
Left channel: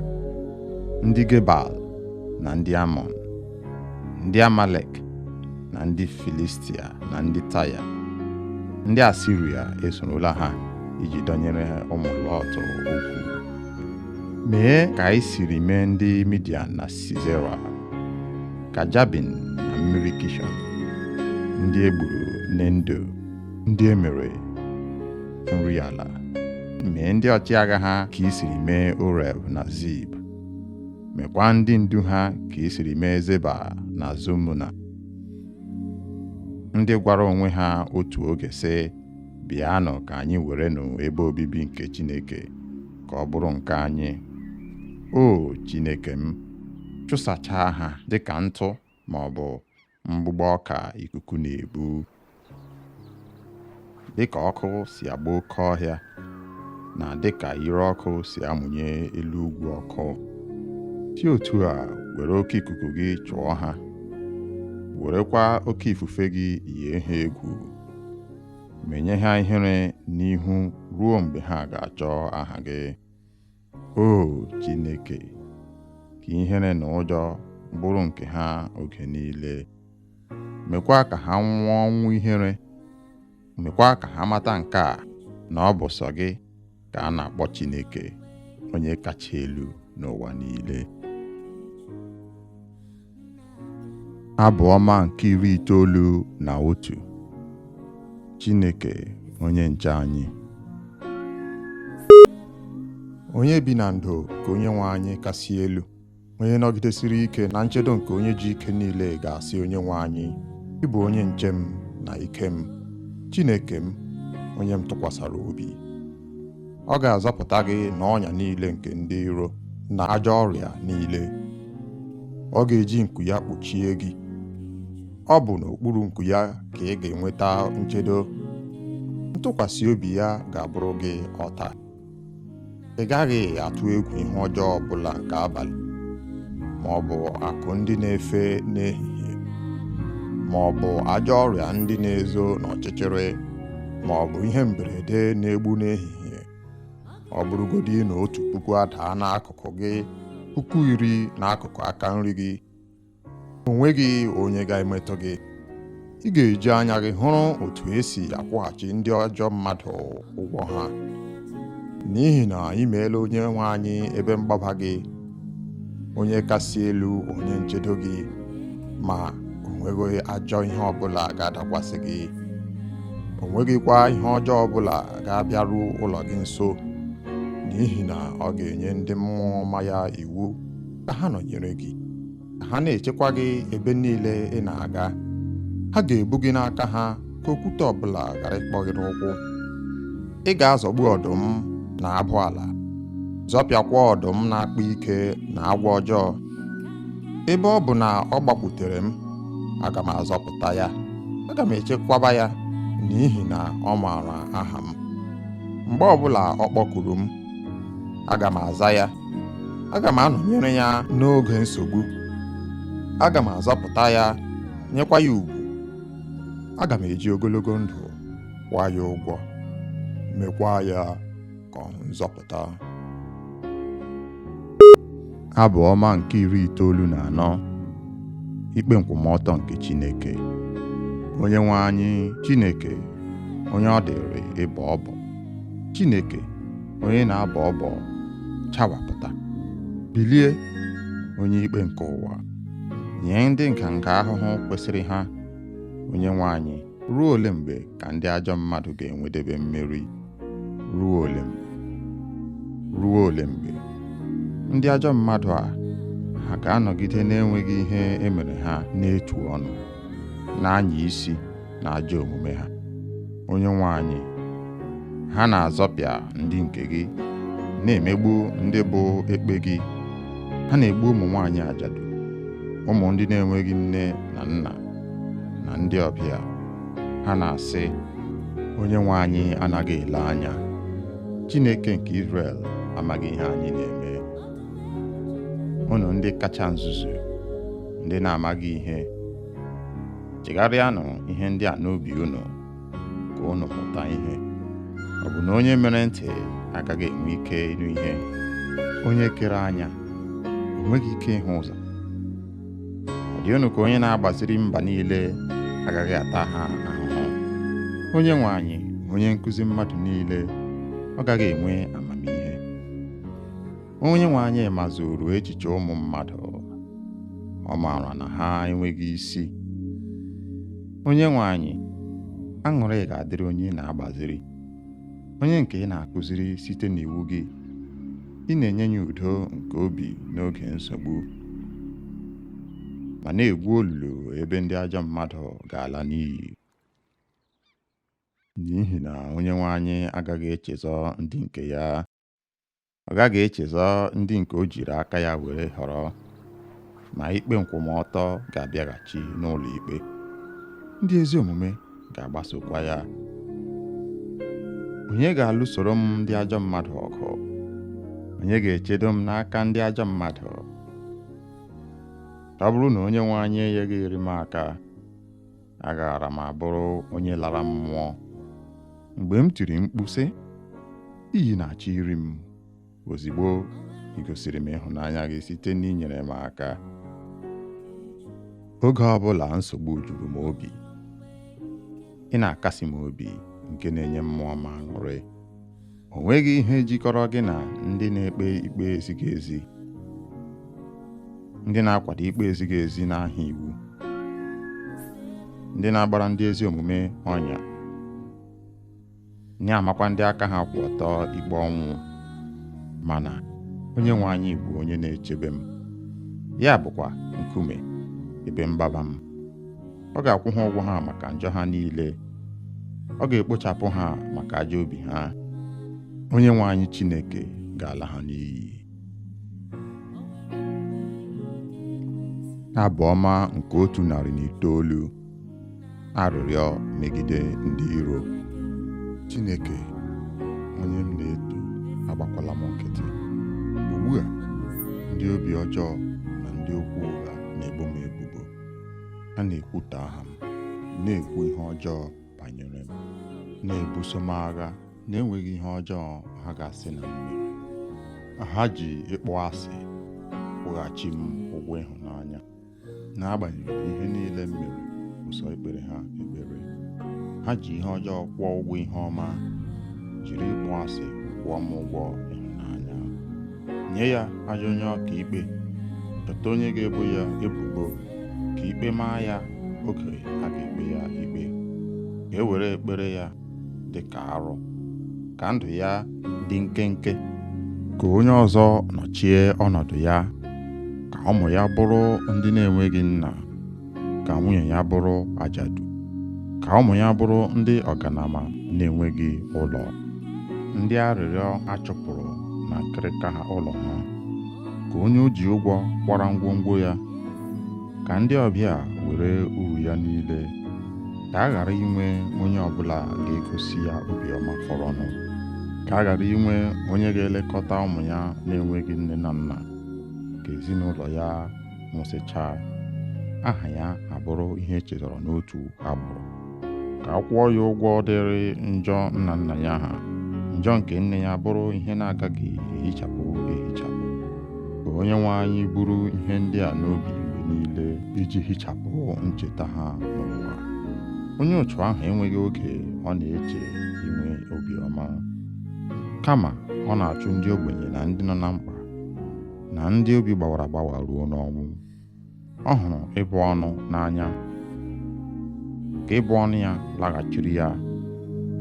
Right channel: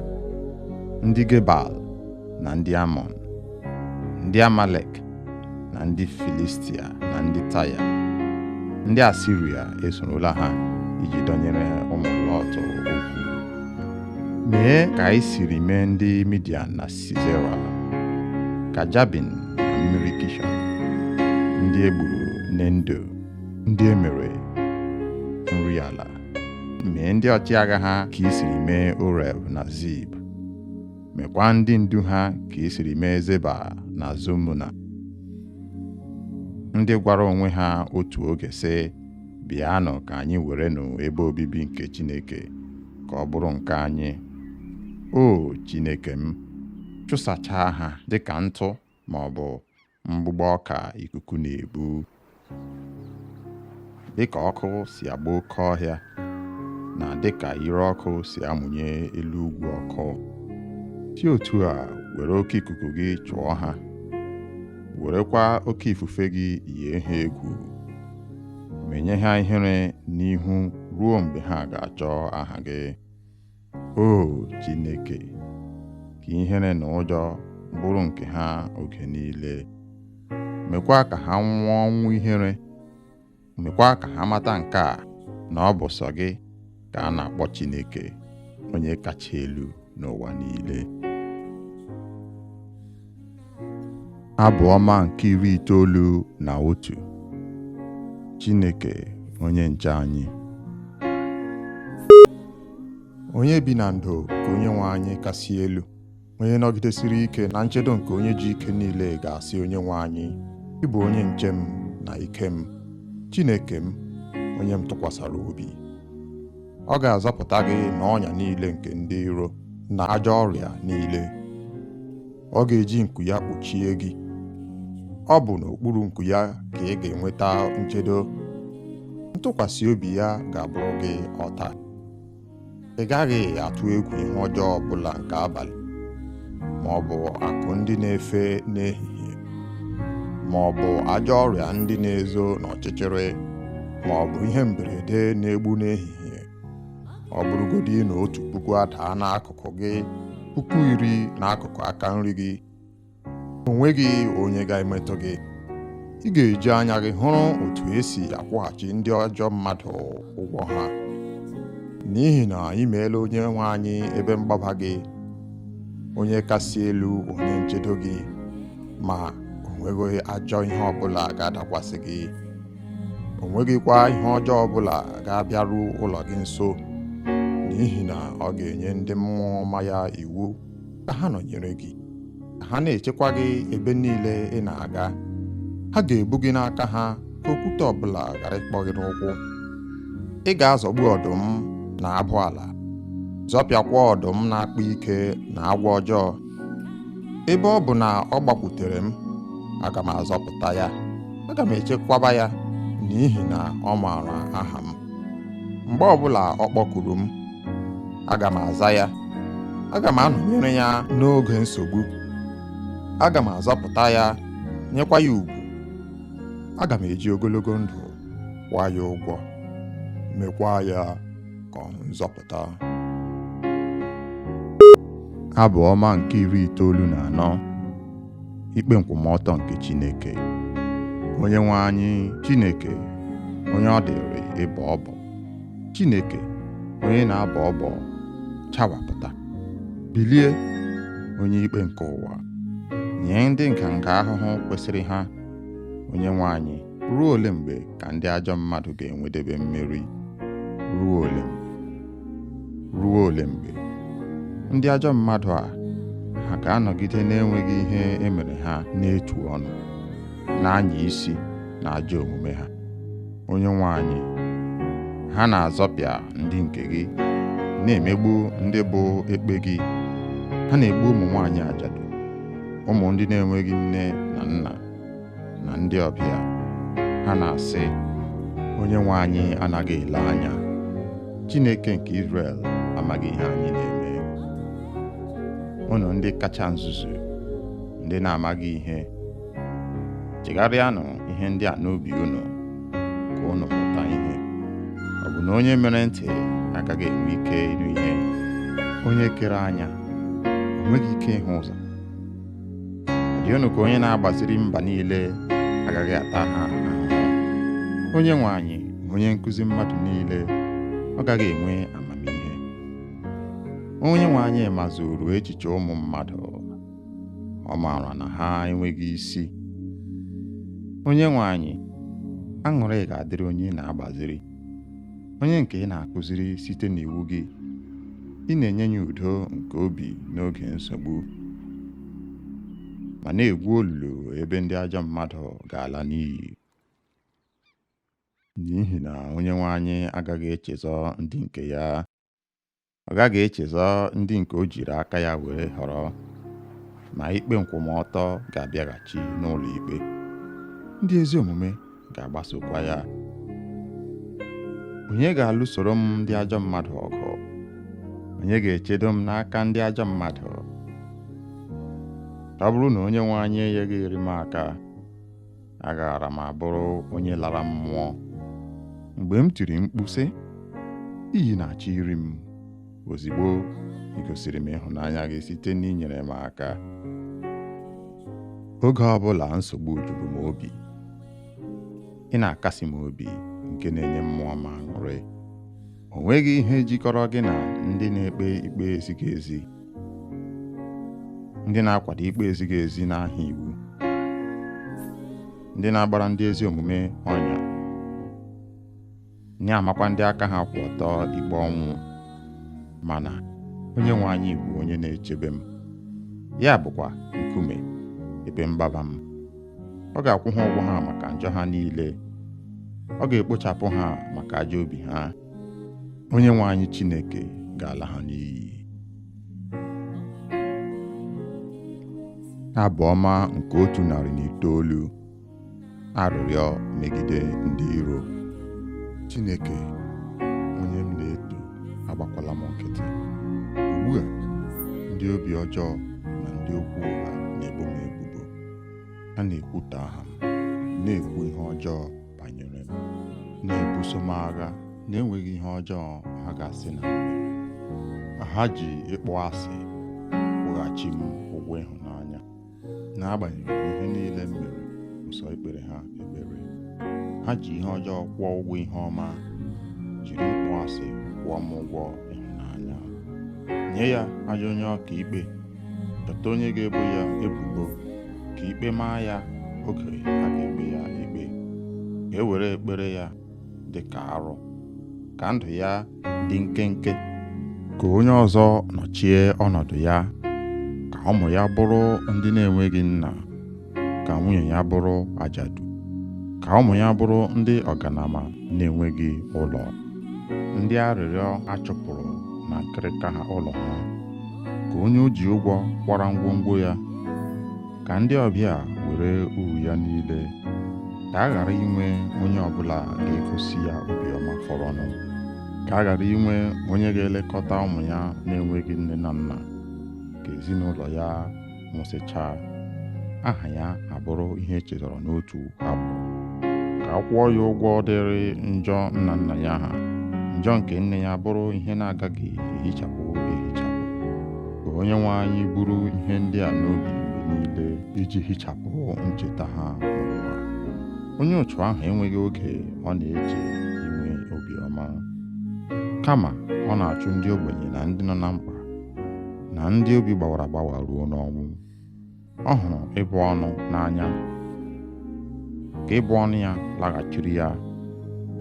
ndị Gebal na ndị Amọn, ndị Amalek na ndị Filistia na ndị Taya, ndị Asiria esorola ha iji dọnyere ụmụ Lọt okwu. Mee ka anyị siri mee ndị Midian na Sisera, ka Jabin na mmiri Kishọn, ndị egburu n'Endo, ndị emere nri ala. Mee ndị ọchịagha ha ka i siri mee Oreb na Zib, mekwa ndị ndu ha ka i siri mee Zeba na Zumuna, ndị gwara onwe ha otu oge sị, bịanụ ka anyị werenụ ebe obibi nke Chineke ka ọ bụrụ nke anyị. O Chineke m, chụsachaa ha dịka ntụ ma ọ bụ mgbụgbọ ọka ikuku na-ebu. Dịka ọkụ si agba oke ọhịa na dịka ire ọkụ si amụnye elu ugwu ọkụ, si otu a were oke ikuku gị chụọ ha, werekwa oke ifufe gị yie ha egwu. Menye ha ihere n'ihu ruo mgbe ha ga-achọ aha gị. O Chineke, ka ihere na ụjọ bụrụ nke ha oge niile. Mekwa ka ha nwụọ ọnwụ ihere. Mekwa ka ha mata nke a, na ọ bụ sọ gị ka a na-akpọ Chineke, onye kacha elu n'ụwa niile. Abụ ọma nke 91. Chineke onye nche anyị. Onye bi na ndo ka Onyenwe anyị kasị elu, onye nọgidesiri ike na nchedo nke onye ji ike niile ga-asị Onyenwe anyị, ị bụ onye nche m na ike m, Chineke m, onye m tụkwasara obi. Ọ ga-azọpụta gị n'ọnya niile nke ndị iro na ajọ ọrịa niile. Ọ ga-eji nku ya kpuchie gị. Ọ bụ n'okpuru nku ya ka ị ga-enweta nchedo. Ntụkwasị obi ya ga-abụrụ gị ọta. Ị gaghị atụ egwu ihe ọjọọ ọbụla nke abalị, ma ọ bụ akụ ndị na-efe n'ehihie, ma ọ bụ ajọ ọrịa ndị na-ezo n'ọchịchịrị, ma ọ bụ ihe mberede na-egbu n'ehihie. Ọ bụrụgodị na 1,000 adaa n'akụkụ gị, 10,000 n'akụkụ aka nri gị, o nweghị onye ga-emetụ gị. Ị ga-eji anya gị hụrụ otu esi akwụghachi ndị ọjọọ mmadụ ụgwọ ha. N'ihi na ị meela Onyenwe anyị ebe mgbaba gị, onye kasị elu onye nchedo gị, ma o nweghị ajọ ihe ọbụla ga-adakwasị gị. O nweghịkwa ihe ọjọọ ọbụla ga-abịaru ụlọ gị nso, n'ihi na ọ ga-enye ndị mmụọ ọma ya iwu ka ha nọnyere gị, ka ha na-echekwa gị ebe niile ị na-aga. Ha ga-ebu gị n'aka ha ka okwute ọbụla ghara ịkpọ gị n'ụkwụ. Ị ga-azọgbu ọdụm na abụ ala, zọpịakwa ọdụm na-akpa ike na agwọ ọjọọ. Ebe ọ bụ na ọ gbakwutere m, aga m azọpụta ya, aga m echekwaba ya, n'ihi na ọ maara aha m. Mgbe ọbụla ọ kpọkuru m, aga m aza ya, aga m anọnyere ya n'oge nsogbu. Aga m azọpụta ya, nyekwa ya ugwu. Aga m eji ogologo ndụ kwụọ ya ụgwọ, mekwa ya ka ọ nzọpụta. Abụ ọma nke 94. Ikpe nkwụmọtọ nke Chineke. Onyenwe anyị Chineke, onye ọ dịrị ịbọ ọbọ, Chineke onye na-abọ ọbọ, chawapụta. Bilie, onye ikpe nke ụwa, nye ndị nganga ahụhụ kwesịrị ha. Onyenwe anyị, ruo ole mgbe ka ndị ajọ mmadụ ga-enwedebe mmeri? Ruo ole mgbe? Ruo ole mgbe? Ndị ajọ mmadụ a ha ga-anọgide na-enweghị ihe emere ha n'etu ọnụ, na-anya isi na ajọ omume ha. Onyenwe anyị, ha na-azọpịa ndị nke gị, na-emegbu ndị bụ ekpe gị. Ha na-egbu ụmụ nwaanyị ajadu, ụmụ ndị na-enweghị nne na nna, na ndị ọbịa. Ha na-asị, Onyenwe anyị anaghị ele anya, Chineke nke Izrel amaghị ihe anyị na-eme. Unu ndị kacha nzuzu, ndị na-amaghị ihe, chegharịanụ ihe ndị a n'obi unu ka unu mụta ihe. Ọ bụ na onye mere ntị agaghị enwe ike ịnụ ihe? Onye kere anya o nweghị ike ịhụ ụzọ? Ọ dị unu ka onye na-agbaziri mba niile agaghị ata ha ahụhụ? Onyenwe anyị, onye nkụzi mmadụ niile, ọ gaghị enwe amamihe? Onyenwe anyị mazuru echiche ụmụ mmadụ, ọ maara na ha enweghị isi. Onyenwe anyị, aṅụrị ga-adịrị onye na-agbaziri, onye nke ị na-akụziri site n'iwu gị. Ị na-enye ya udo nke obi n'oge nsogbu, ma na-egwu olulu ebe ndị ajọ mmadụ ga-ala n'iyi. N'ihi na Onyenwe anyị agaghị echezọ ndị nke ya, ọ gaghị echezọ ndị nke o jiri aka ya were họrọ, ma ikpe nkwụmọtọ ga-abịaghachi n'ụlọ ikpe. Ndị ezi omume ga-agbasokwa ya. Onye ga-alụsoro m ndị ajọ mmadụ ọgụ? Onye ga-echedo m n'aka ndị ajọ mmadụ? Ọ bụrụ na Onyenwe anyị enyeghịrị m aka, agaara m abụrụ onye lara mmụọ. Mgbe m tiri mkpu sị, iyi na-achọ iri m, ozigbo ị gosiri m ịhụnanya gị site n'inyere m aka. Oge ọbụla nsogbu juru m obi, ị na-akasi m obi, nke na-enye mmụọ m aṅụrị. O nweghị ihe jikọrọ gị na ndị na-ekpe ikpe ezighị ezi, ndị na-akwado ikpe ezighị ezi n'aha iwu, ndị na-agbara ndị ezi omume ọnya, na-amakwa ndị aka ha kwụ ọtọ ikpe ọnwụ. Mana Onyenwe anyị bụ onye na-echebe m, ya bụkwa nkume ebe mgbaba m. Ọ ga-akwụ ha ụgwọ ha maka njọ ha niile, ọ ga-ekpochapụ ha maka ajọ obi ha. Onyenwe anyị Chineke ga-ala ha n'iyi. Abụ ọma nke 109. Arịrịọ megide ndị iro. Chineke, onye m na-eto, agbakwala m nkịtị. Ugbu a, ndị obi ọjọọ na ndị okwu ụgha na-ebo m ebubo. Ha na-ekwutọ aha m, na-ekwu ihe ọjọọ banyere m, na-ebuso m agha na-enweghị ihe ọjọọ ha ga-asị na m mere. Ha ji ịkpọ asị kwụghachi m ụgwọ ịhụnanya. N'agbanyeghị ihe niile m mere, ụsọ ikpere ha ekpere. Ha ji ihe ọjọọ kwụọ ụgwọ ihe ọma, jiri ịkpọ asị kwụọ m ụgwọ ịhụnanya. Nye ya ajọ onye ọka ikpe, chọta onye ga-ebo ya ebubo, ka ikpe maa ya oge a ga-ekpe ya ikpe. Ka e were ekpere ya dị ka arụ, ka ndụ ya dị nkenke. Ka onye ọzọ nọchie ọnọdụ ya, ka ụmụ ya bụrụ ndị na-enweghị nna, ka nwunye ya bụrụ ajadu, ka ụmụ ya bụrụ ndị ọganama na-enweghị ụlọ, ndị arịrịọ achụpụrụ na nkịrịka ha ụlọ ha. Ka onye o ji ụgwọ kwara ngwongwo ya, ka ndị ọbịa were uru ya niile. Ka a ghara inwe onye ọbụla ga-egosi ya obiọma fọrọnụ. Ka a ghara inwe onye ga-elekọta ụmụ ya na-enweghị nne na nna. Ka ezinụlọ ya nwụsịchaa, aha ya abụrụ ihe echetara n'otu agbụrụ. Ka a kwụọ ya ụgwọ dịrị njọ nna nna ya ha, njọ nke nne ya bụrụ ihe na-agaghị ehichapụ ehichapụ. Ka Onyenwe anyị buru ihe ndị a n'obi mgbe niile, iji hichapụ ncheta ha n'ụwa. Onye otu ahụ enweghị oge ọ na-eche inwe obiọma, kama ọ na-achụ ndị ogbenye na ndị nọ na mkpa, na ndị obi gbawara agbawa ruo n'ọnwụ. Ọ hụrụ ịbụ ọnụ n'anya, ka ịbụ ọnụ ya laghachiri ya.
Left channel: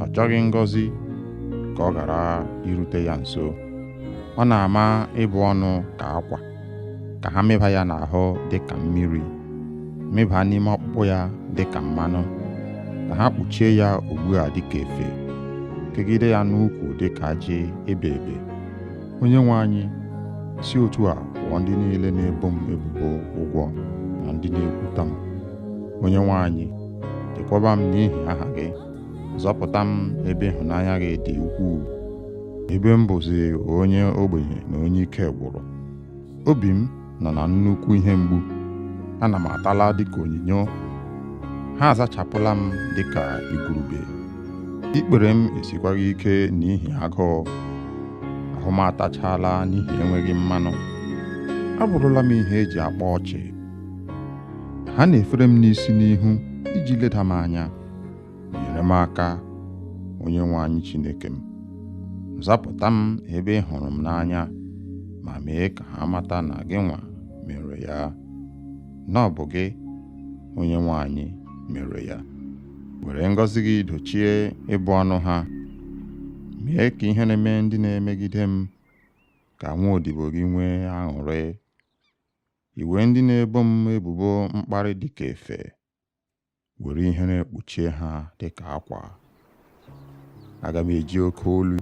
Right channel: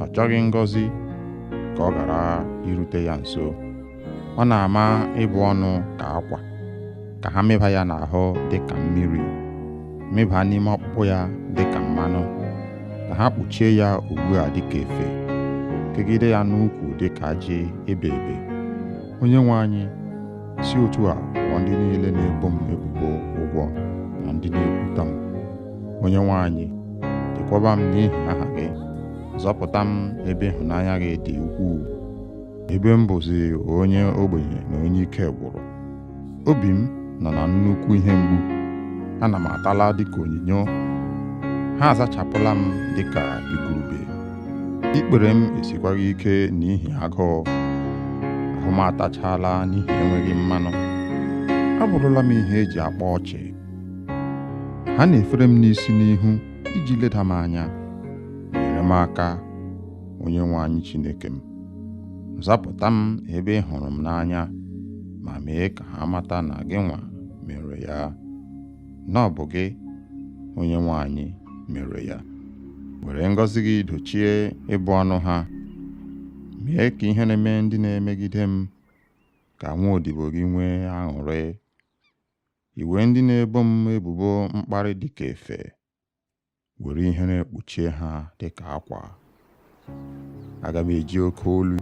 Ọ chọghị ngọzi ka ọ ghara irute ya nso. Ọ na-ama ịbụ ọnụ ka akwa, ka ha mịba ya n'ahụ dị ka mmiri, mịba n'ime ọkpụkpụ ya dị ka mmanụ, ka ha kpuchie ya ugbu a dị ka efe. kegide ya n'ukwu dịka ajị ebe ebe. Onye nwe anyị, si otu a kwụọ ndị niile na-ebo m ebubo ụgwọ na ndị na-ekwuta m. Onye nwe anyị, chekwaba m n'ihi aha gị, zọpụta m ebe ịhụnanya gị dị ukwuu, ebe m bụzi onye ogbenye na onye ike gwụrụ. Obi m nọ na nnukwu ihe mgbu, ana m atala dịka onyinyo, ha azachapụla m dịka igurube. Ikpere m esikwaghị ike n'ihi agụụ, ahụ m atachala n'ihi enweghị mmanụ. Abụrụla m ihe eji akpa ọchị. Ha na-efere m n'isi n'ihu iji leda m anya. Nyere m aka, onye nwe anyị Chineke m. Zapụta m ebe ị hụrụ m n'anya, ma mee ka ha mata na gị nwa mere ya, na ọ bụ gị, onye nwe anyị, mere ya. Were ngọzi gị dochie ịbụ ọnụ ha. Mee ka ihe na-eme ndị na-emegide m ka nwaodibo gị nwee aṅụrị. Iwe ndị na-ebo m ebubo mkparị dịka efe, were ihere kpuchie ha dịka akwa. Aga m eji oke olu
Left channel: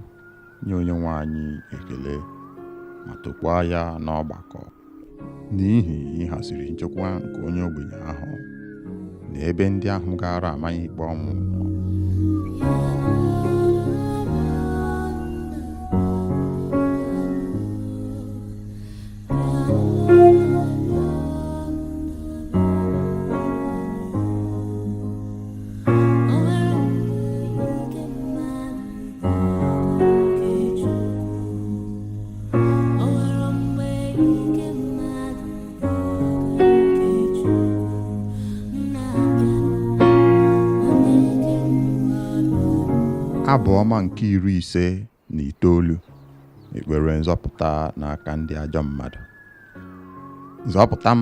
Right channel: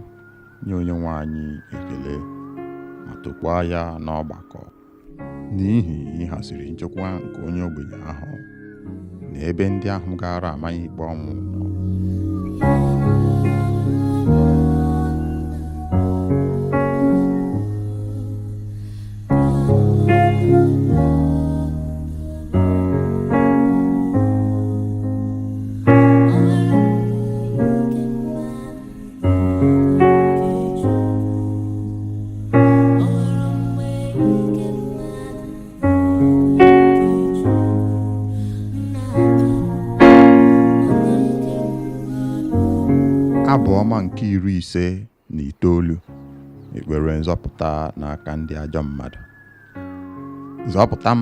nye onye nwe anyị ekele, ma tokwaa ya n'ọgbakọ, n'ihi ịhaziri nchekwa nke onye ogbenye ahụ na ebe ndị ahụ gara amaghị ikpe ọnwụ nọ. Abụ ọma nke 59. Ekpere nzọpụta n'aka ndị ajọ mmadụ. Zọpụta m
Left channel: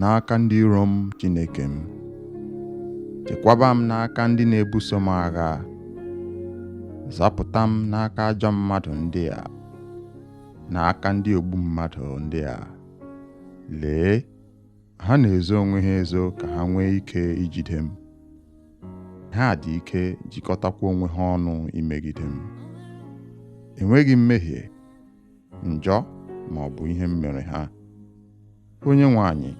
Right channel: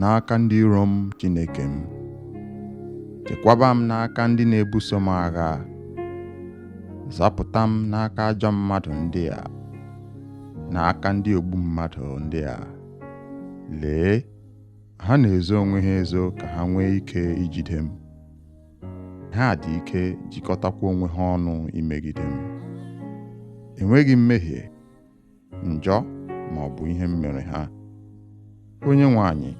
n'aka ndị iro m, Chineke m. Chekwaba m n'aka ndị na-ebuso m agha. Zọpụta m n'aka ajọ mmadụ ndị a, n'aka ndị ogbu mmadụ ndị a. Lee, ha na-ezo onwe ha ezo ka ha nwee ike ijide m. Ha dị ike jikọtakwa onwe ha ọnụ imegide m. Enweghị mmehie, njọ ma ọ bụ ihe m mere ha. Onye nwe anyị,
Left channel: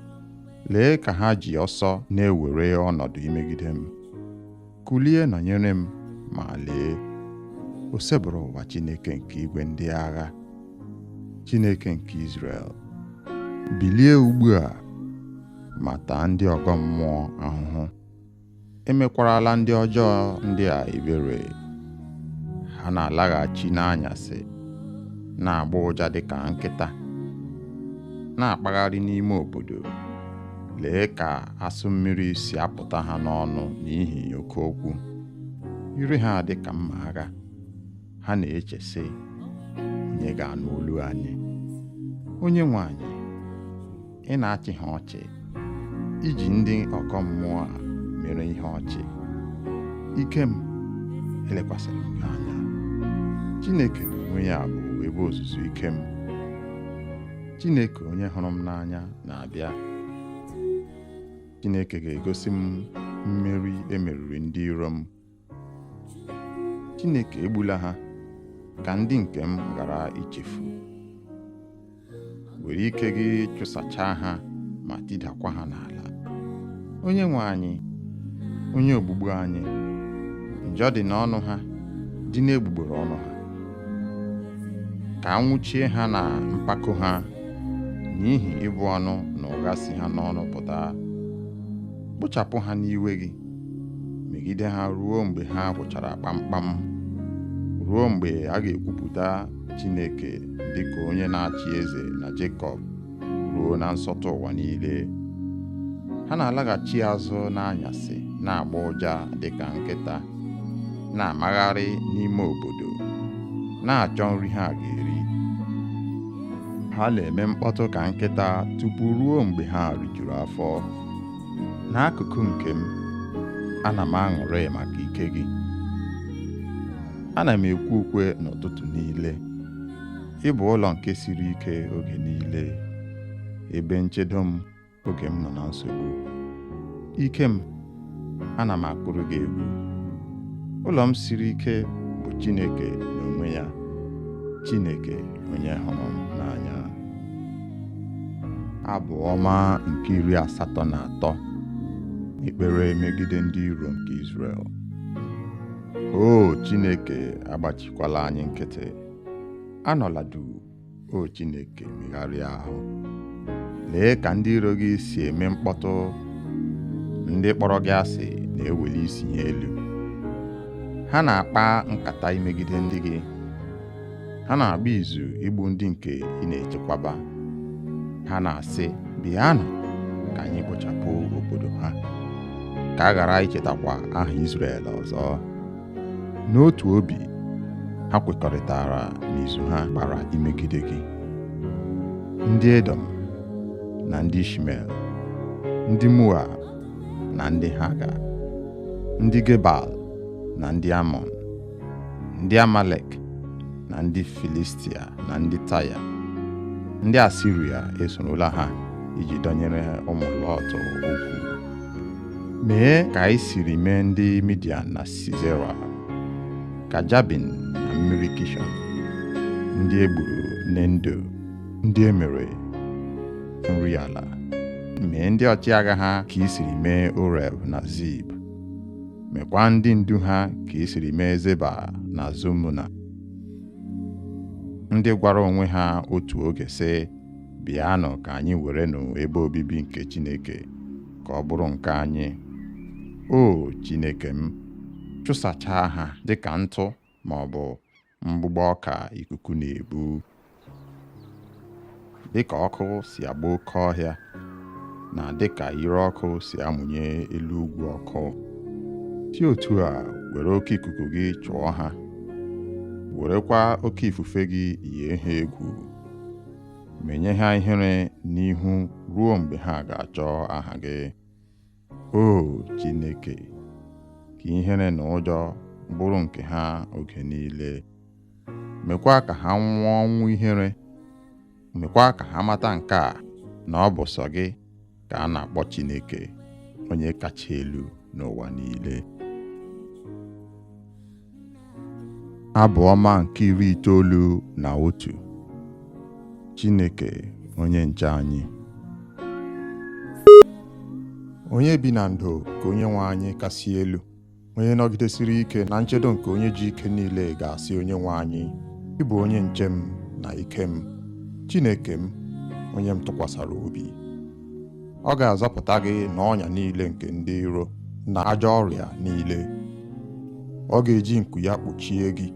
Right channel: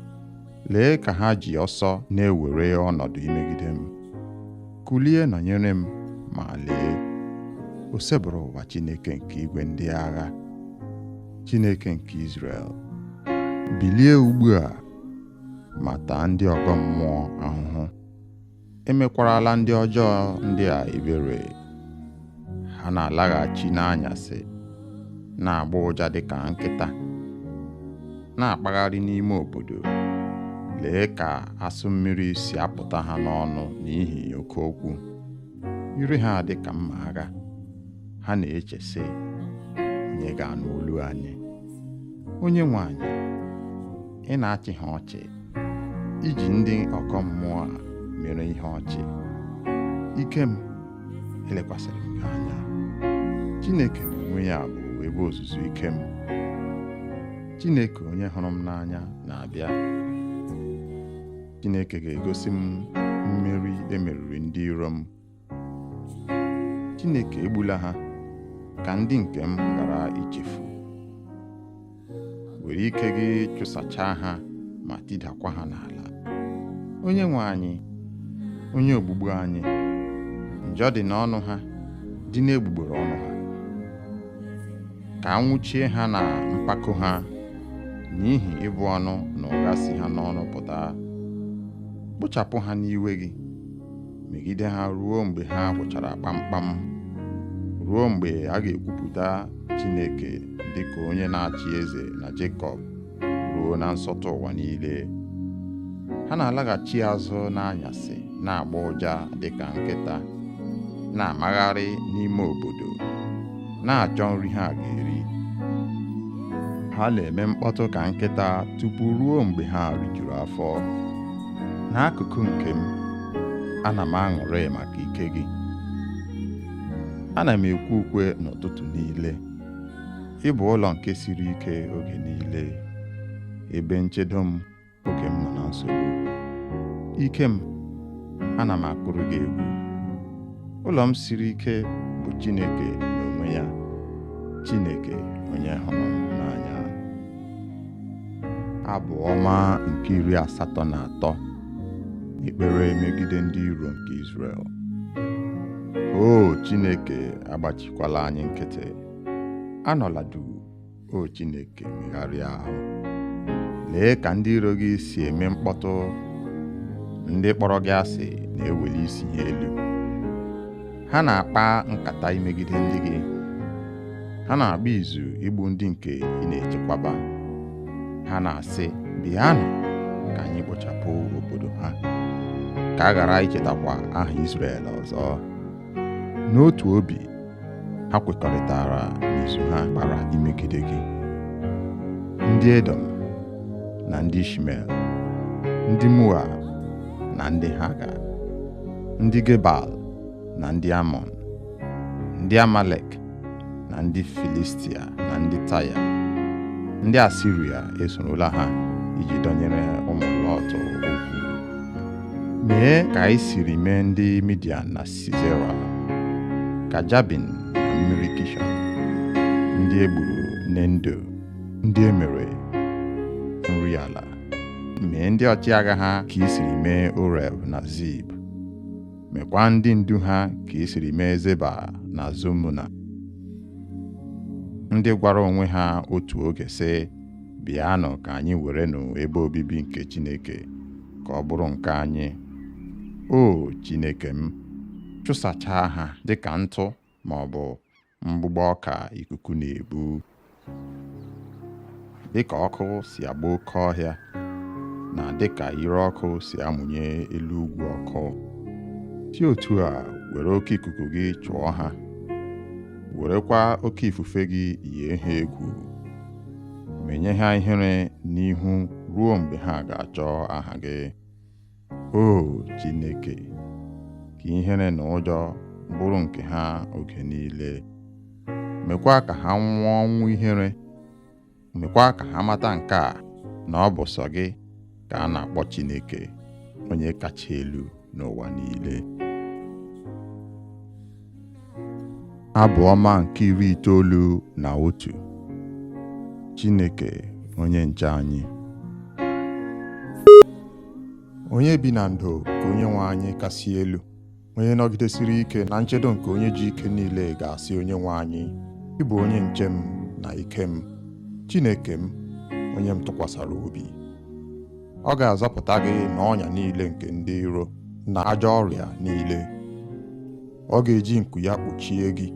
lee ka ha ji ọsọ na-ewere ọnọdụ imegide m. Kulie nọnyere m, ma lee, o sebụrụ ụwa Chineke nke igwe ndị agha, Chineke nke Izrel. Bilie ugbu a, ma taa ndị ọgọ mmụọ ahụhụ. Emekwarala ndị ọjọọ ndị a ebere. Ha na-alaghachi n'anyasị, na-agba ụja dịka nkịta, na-akpagharị n'ime obodo. Lee ka asụ mmiri si apụta ha n'ọnụ n'ihi oke okwu. Ire ha dịka mma agha. Ha na-eche sị, onye ga-anụ olu anyị? Onye nwe anyị, ị na-achị ha ọchị, iji ndị ọgọ mmụọ a mere ihe ọchị. Ike m, elekwasịrị m gị anya. Chineke n'onwe ya bụ ebe ozuzu ike m. Chineke onye hụrụ m n'anya na-abịa. Chineke ga-egosi m mmeri emeriri ndị iro m. Chineke egbula ha, ka ndị nke m ghara ichefu. Were ike gị chụsachaa ha ma tidakwa ha n'ala. Onye nwe anyị, onye ogbugbu anyị, njọ dị n'ọnụ ha, dị n'egbugbere ọnụ ha. Ka anwụchie ha na mpako ha, n'ihi ịbụ ọnụ na ụgha si ha n'ọnụ pụta. Kpochapụ ha n'iwe gị, megide ha ruo mgbe ha gwụchara kpamkpam, ruo mgbe a ga-ekwupụta Chineke dịka onye na-achị eze na Jekọb, ruo na nsọtụ ụwa niile. Ha na-alaghachi azụ n'anyasị, na-agba ụja dịka nkịta, na-amagharị n'ime obodo, na-achọ nri ha ga-eri. Ha na-eme mkpọtụ ka nkịta tupu ruo mgbe ha rijuru afọ. N'akụkụ nke m, ana m aṅụrị maka ike gị. Ana m ekwe ukwe n'ụtụtụ niile. Ị bụ ụlọ nke siri ike oge niile, ebe nchedo m oge m nọ na nsogbu. Ike m, ana m akụrụ gị egwu. Ụlọ m siri ike bụ bụ Chineke n'onwe ya, Chineke onye hụrụ m n'anya. Abụ ọma nke 83, ekpere megide ndị iro nke Izrel. O Chineke, agbachikwala anyị nkịtị, anọla duu. O Chineke, megharịa ahụ. Lee ka ndị iro gị si eme mkpọtụ, ndị kpọrọ gị asị na-eweli isi ha elu. Ha na-akpa nkata imegide ndị gị, ha na-agba izu igbu ndị nke ị na-echekwaba. Ha na-asị, bịanụ ka anyị kpochapụ obodo ha, ka a ghara ichetakwa aha Izrel ọzọ. N'otu obi, ha kwekọrịtara n'izu ha gbara imegide gị. Ndị Edom na ndị Ishmel, ndị Moab na ndị Haga, ndị Gebal na ndị Amọn, ndị Amalek na ndị Filistia na ndị Taya, ndị Asiria esorola ha iji dọnyere ụmụ Lọt okwu. Mee ka anyị siri mee ndị Midian na Sisera, ka Jabin na mmiri Kishọn, ndị egburu n'Endo, ndị emere nri ala. Mee ndị ọchịagha ha ka i siri mee Oreb na Zib. Mekwa ndị ndu ha ka i siri mee Zeba na Zumuna, ndị gwara onwe ha otu oge sị, bịanụ ka anyị werenụ ebe obibi nke Chineke ka ọ bụrụ nke anyị. O Chineke m, chụsachaa ha dịka ntụ ma ọ bụ mgbụgbọ ọka ikuku na-ebu. Dịka ọkụ si agba oke ọhịa, na dịka ire ọkụ si amụnye elu ugwu ọkụ, si otu a were oke ikuku gị chụọ ha, werekwa oke ifufe gị yie ha egwu. Menye ha ihere n'ihu ruo mgbe ha ga-achọ aha gị. O Chineke, ka ihere na ụjọ bụrụ nke ha oge niile. Mekwa ka ha nwụọ ọnwụ ihere. Mekwa ka ha mata nke a, na ọ bụ sọ gị ka a na-akpọ Chineke, onye kacha elu n'ụwa niile. Abụ ọma nke 91. Chineke onye nche anyị. Onye bi na ndo ka Onyenwe anyị kasị elu, onye nọgidesiri ike na nchedo nke onye ji ike niile ga-asị Onyenwe anyị, ị bụ onye nche m na ike m, Chineke m, onye m tụkwasara obi. Ọ ga-azọpụta gị n'ọnya niile nke ndị iro na ajọ ọrịa niile. Ọ ga-eji nku ya kpuchie gị.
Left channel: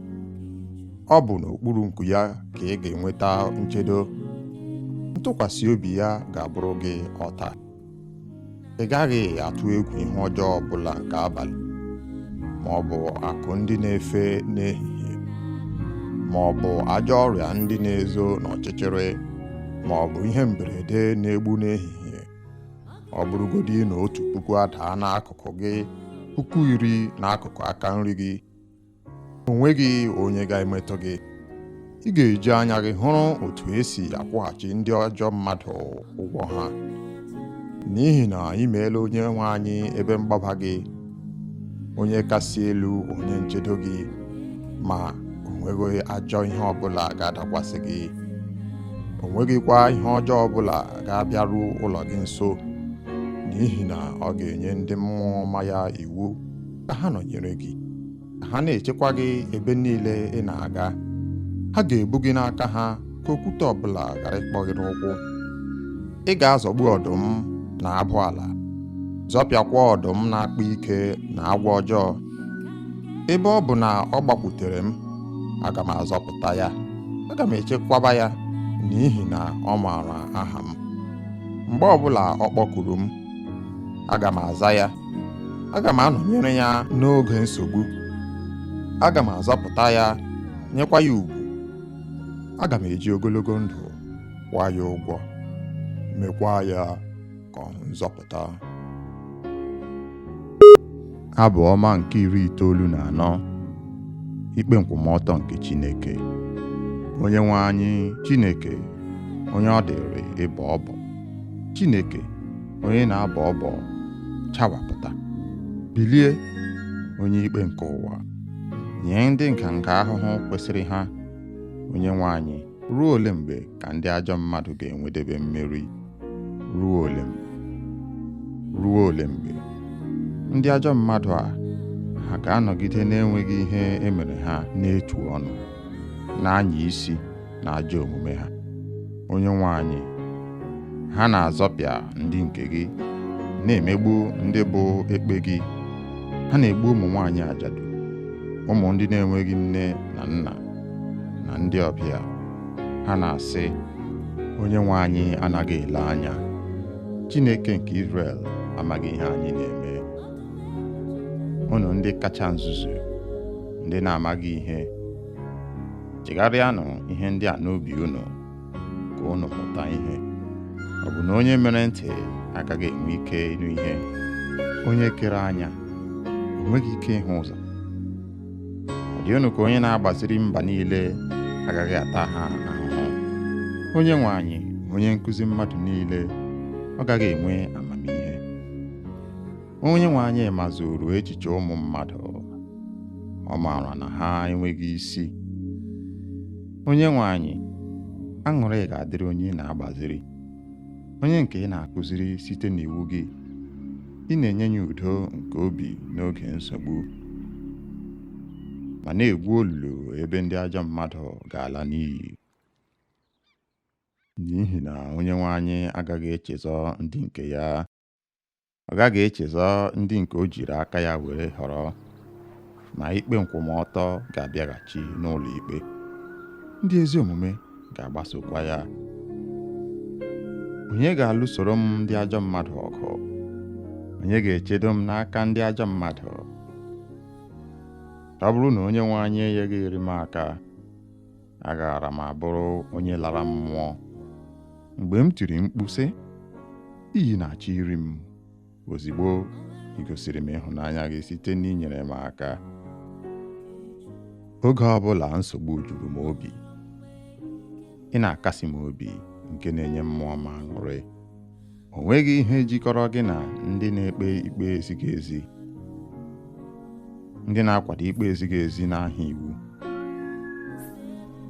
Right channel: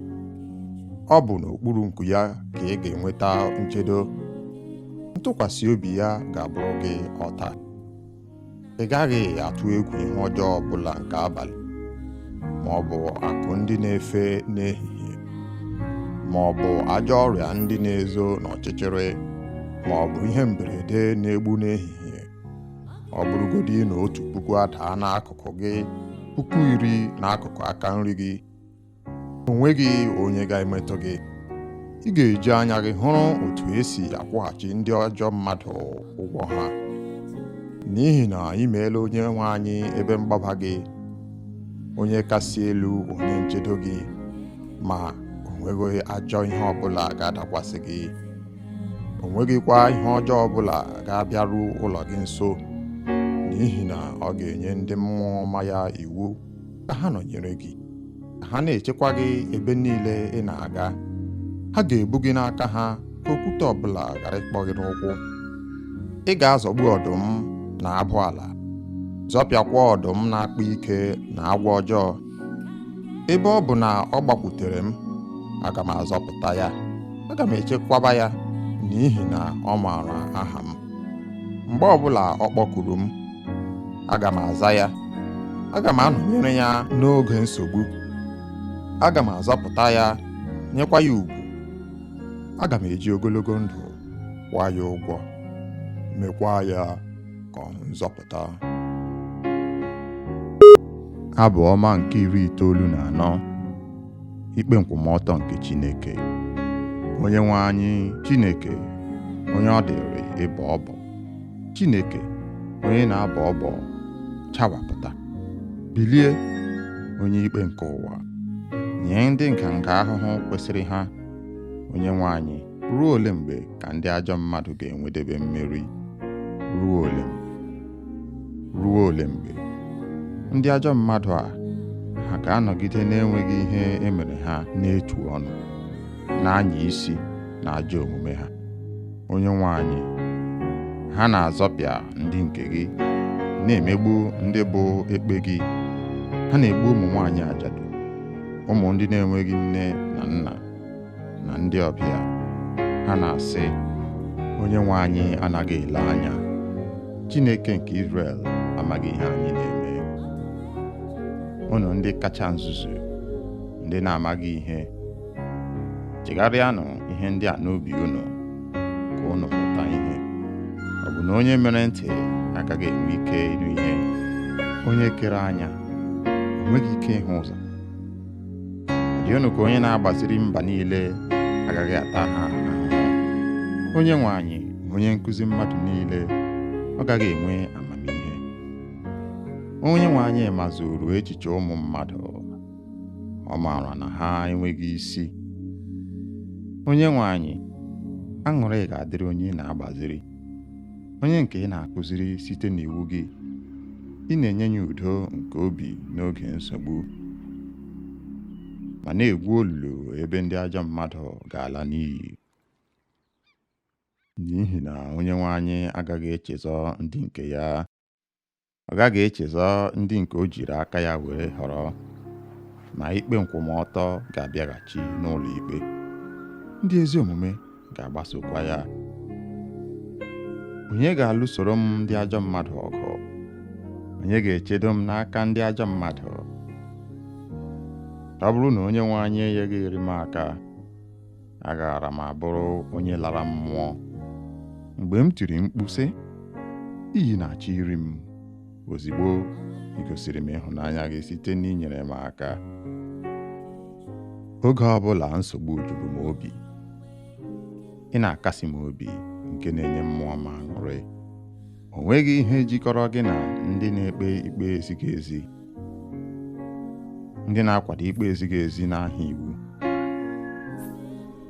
Ọ bụ n'okpuru nku ya ka ị ga-enweta nchedo. Ntụkwasị obi ya ga-abụrụ gị ọta. Ị gaghị atụ egwu ihe ọjọọ ọbụla nke abalị, ma ọ bụ akụ ndị na-efe n'ehihie, ma ọ bụ ajọ ọrịa ndị na-ezo n'ọchịchịrị, ma ọ bụ ihe mberede na-egbu n'ehihie. Ọ bụrụgodị na 1,000 adaa n'akụkụ gị, 10,000 n'akụkụ aka nri gị, o nweghị onye ga-emetụ gị. Ị ga-eji anya gị hụrụ otu esi akwụghachi ndị ọjọọ mmadụ ụgwọ ha. N'ihi na ị meela Onyenwe anyị ebe mgbaba gị, onye kasị elu onye nchedo gị, ma o nweghị ajọ ihe ọbụla ga-adakwasị gị. O nweghịkwa ihe ọjọọ ọbụla ga-abịaru ụlọ gị nso, n'ihi na ọ ga-enye ndị mmụọ ọma ya iwu ka ha nọnyere gị, ka ha na-echekwa gị ebe niile ị na-aga. Ha ga-ebu gị n'aka ha ka okwute ọbụla ghara ịkpọ gị n'ụkwụ. Ị ga-azọgbu ọdụm na abụ ala, zọpịakwa ọdụm na-akpa ike na agwọ ọjọọ. Ebe ọ bụ na ọ gbakwutere m, aga m azọpụta ya, aga m echekwaba ya, n'ihi na ọ maara aha m. Mgbe ọbụla ọ kpọkuru m, aga m aza ya, aga m anọnyere ya n'oge nsogbu. Aga m azọpụta ya, nyekwa ya ugwu. Aga m eji ogologo ndụ kwụọ ya ụgwọ, mekwa ya ka ọ hụ nzọpụta. Abụ ọma nke 94. Ikpe nkwụmọtọ nke Chineke. Onyenwe anyị Chineke, onye ọ dịrị ịbọ ọbọ, Chineke onye na-abọ ọbọ, chawapụta. Bilie, onye ikpe nke ụwa, nye ndị nka ahụhụ kwesịrị ha. Onyenwe anyị, ruo ole mgbe ka ndị ajọ mmadụ ga-enwedebe mmeri? Ruo ole mgbe ndị ajọ mmadụ a ha ga-anọgide na-enweghị ihe emere ha n'etu ọnụ, na-anya isi na ajọ omume ha? Onyenwe anyị, ha na-azọpịa ndị nke gị, na-emegbu ndị bụ ekpe gị. Ha na-egbu ụmụ nwaanyị ajadu, ụmụ ndị na-enweghị nne na nna, na ndị ọbịa. Ha na-asị, Onyenwe anyị anaghị ele anya. Chineke nke Izrel amaghị ihe anyị na-eme. Unu ndị kacha nzuzu, ndị na-amaghị ihe, chegharịanụ ihe ndị a n'obi unu ka unu mụta ihe. Ọ bụ na onye mere ntị agaghị enwe ike ịnụ ihe? Onye kere anya o nweghị ike ịhụ ụzọ? Ọ dị unu ka onye na-agbaziri mba niile agaghị ata ha ahụhụ? Onyenwe anyị, onye nkụzi mmadụ niile, ọ gaghị enwe amamihe? Onyenwe anyị mazuru echiche ụmụ mmadụ, ọ maara na ha enweghị isi. Onyenwe anyị, aṅụrị ga-adịrị onye ị na-agbaziri, onye nke ị na-akụziri site n'iwu gị. Ị na-enye ya udo nke obi n'oge nsogbu, ma na-egwu olulu ebe ndị ajọ mmadụ ga-ala n'iyi. N'ihi na Onyenwe anyị agaghị echezọ ndị nke ya. Ọ gaghị echezọ ndị nke o jiri aka ya were họrọ, ma ikpe nkwụmọtọ ga-abịaghachi n'ụlọ ikpe. Ndị ezi omume ga-agbasokwa ya. Onye ga-alụsoro m ndị ajọ mmadụ ọgụ? Onye ga-echedo m n'aka ndị ajọ mmadụ? Ọ bụrụ na Onyenwe anyị enyeghịrị m aka, agaara m abụrụ onye lara mmụọ. Mgbe m tiri mkpu sị, iyi na-achọ iri m, ozigbo ị gosiri m ịhụnanya gị site n'inyere m aka. Oge ọbụla nsogbu juru m obi, ị na-akasi m obi, nke na-enye mmụọ m aṅụrị. O nweghị ihe jikọrọ gị na ndị na-ekpe ikpe ezighị ezi, ndị na-akwado ikpe ezighị ezi n'aha iwu,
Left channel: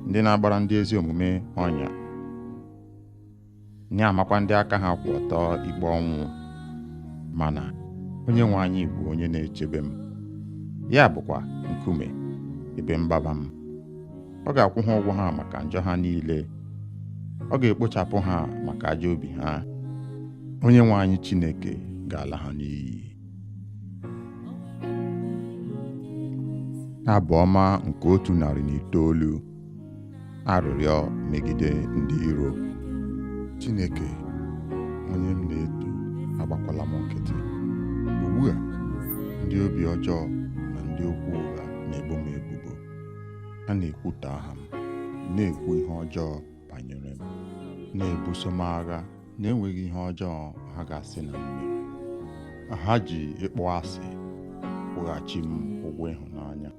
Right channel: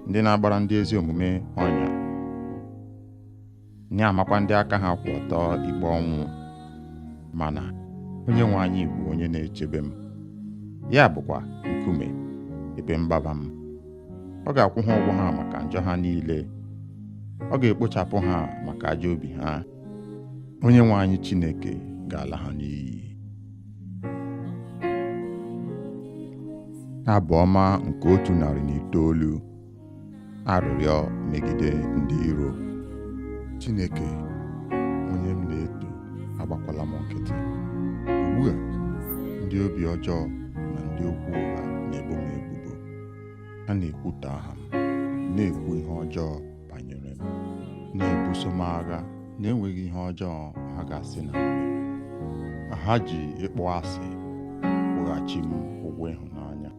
ndị na-agbara ndị ezi omume ọnya, na-amakwa ndị aka ha kwụ ọtọ ikpe ọnwụ. Mana Onyenwe anyị bụ onye na-echebe m, ya bụkwa nkume ebe mgbaba m. Ọ ga-akwụ ha ụgwọ ha maka njọ ha niile. Ọ ga-ekpochapụ ha maka ajọ obi ha. Onyenwe anyị Chineke ga-ala ha n'iyi. Abụ ọma nke 109. Arịrịọ megide ndị iro. Chineke, onye m na-eto, agbakwala m nkịtị. Ugbu a, ndị obi ọjọọ na ndị okwu ụgha na-ebo m ebubo. Ha na-ekwutọ aha m, na-ekwu ihe ọjọọ banyere m, na-ebuso m agha na-enweghị ihe ọjọọ ha ga-asị na m mere. Ha ji ịkpọ asị kwụghachi m ụgwọ ịhụnanya.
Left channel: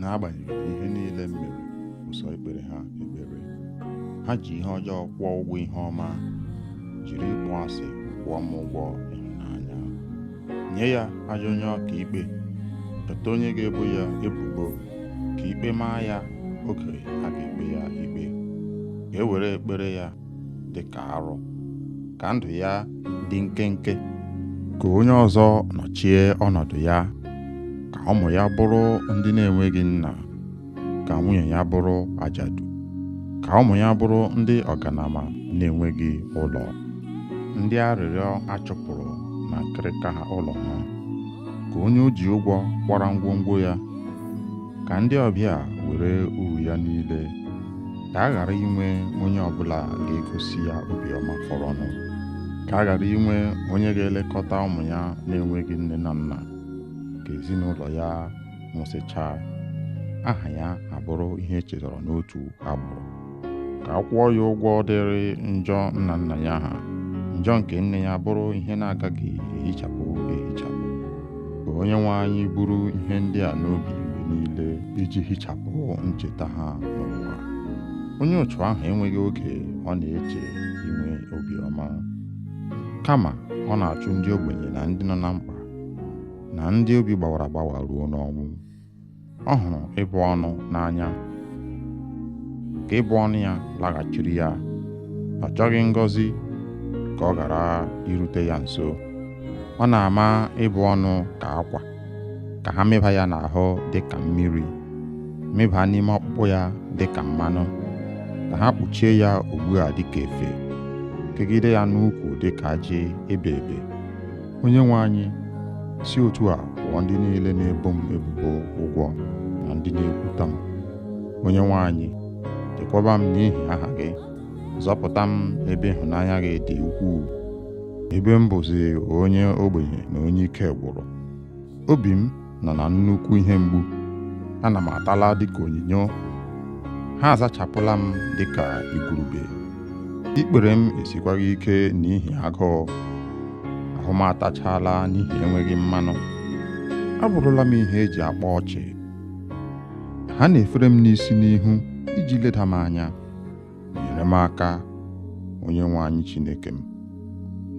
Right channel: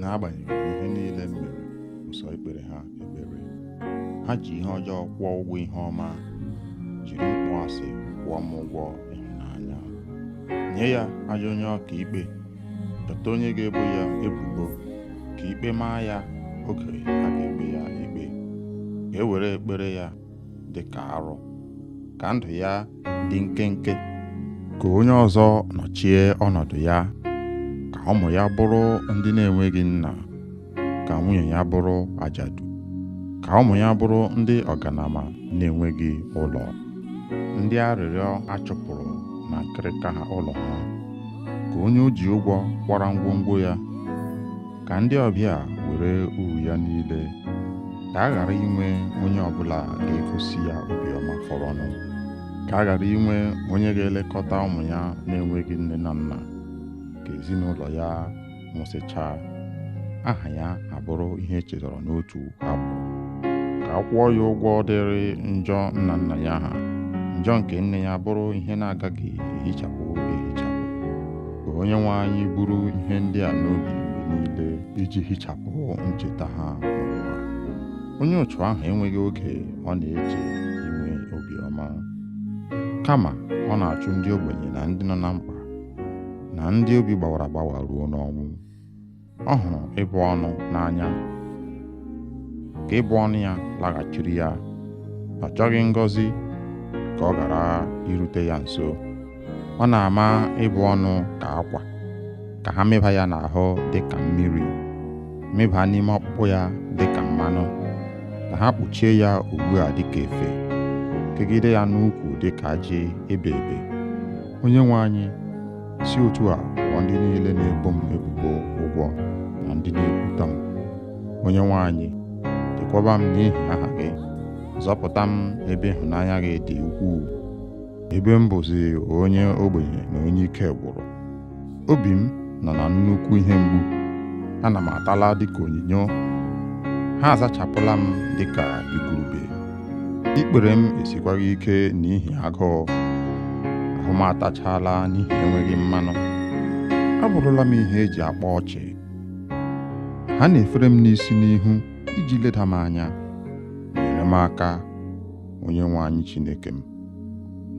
N'agbanyeghị ihe niile m mere, ụsọ ikpere ha ekpere. Ha ji ihe ọjọọ kwụọ ụgwọ ihe ọma, jiri ịkpọ asị kwụọ m ụgwọ ịhụnanya. Nye ya ajọ onye ọka ikpe, chọta onye ga-ebo ya ebubo, ka ikpe maa ya oge a ga-ekpe ya ikpe. Ka e were ekpere ya dị ka arụ, ka ndụ ya dị nkenke. Ka onye ọzọ nọchie ọnọdụ ya, ka ụmụ ya bụrụ ndị na-enweghị nna, ka nwunye ya bụrụ ajadu, ka ụmụ ya bụrụ ndị ọganama na-enweghị ụlọ, ndị arịrịọ achụpụrụ na nkịrịka ha ụlọ ha. Ka onye o ji ụgwọ kwara ngwongwo ya, ka ndị ọbịa were uru ya niile. Ka a ghara inwe onye ọbụla ga-egosi ya obiọma fọrọnụ. Ka a ghara inwe onye ga-elekọta ụmụ ya na-enweghị nne na nna. Ka ezinụlọ ya nwụsịchaa, aha ya abụrụ ihe echetara n'otu agbụrụ. Ka a kwụọ ya ụgwọ dịrị njọ nna nna ya ha, njọ nke nne ya bụrụ ihe na-agaghị ehichapụ ehichapụ. Ka Onyenwe anyị buru ihe ndị a n'obi mgbe niile, iji hichapụ ncheta ha n'ụwa. Onye ụchụ ahụ enweghị oge ọ na-eche inwe obiọma, kama ọ na-achụ ndị ogbenye na ndị nọ na mkpa, na ndị obi gbawara agbawa ruo n'ọnwụ. ọ hụrụ ịbụ ọnụ n'anya. Ka ịbụ ọnụ ya laghachiri ya, ọ chọghị ngọzi ka ọ ghara irute ya nso. Ọ na-ama ịbụ ọnụ ka akwa, ka ha mịba ya n'ahụ dịka mmiri, mịba n'ime ọkpụkpụ ya dịka mmanụ, ka ha kpuchie ya ugbu a dịka efe, kegide ya n'ukwu dịka ajị ebe ebe. Onyenwe anyị, si otu a kwụọ ndị niile na-ebo m ebubo ụgwọ na ndị na-ekwutọ m. Onyenwe anyị, chekwaba m n'ihi aha gị, zọpụta m ebe ịhụnanya gị dị ukwuu, ebe m bụzi onye ogbenye na onye ike gwụrụ. Obi m nọ na nnukwu ihe mgbu, ana m atala dịka onyinyo, ha azachapụla m dịka igurube. Ikpere m esikwaghị ike n'ihi agụụ, ahụ m atachala n'ihi enweghị mmanụ. Abụrụla m ihe eji akpa ọchị. Ha na-efere m n'isi n'ihu iji leda m anya. Nyere m aka, Onyenwe anyị Chineke m.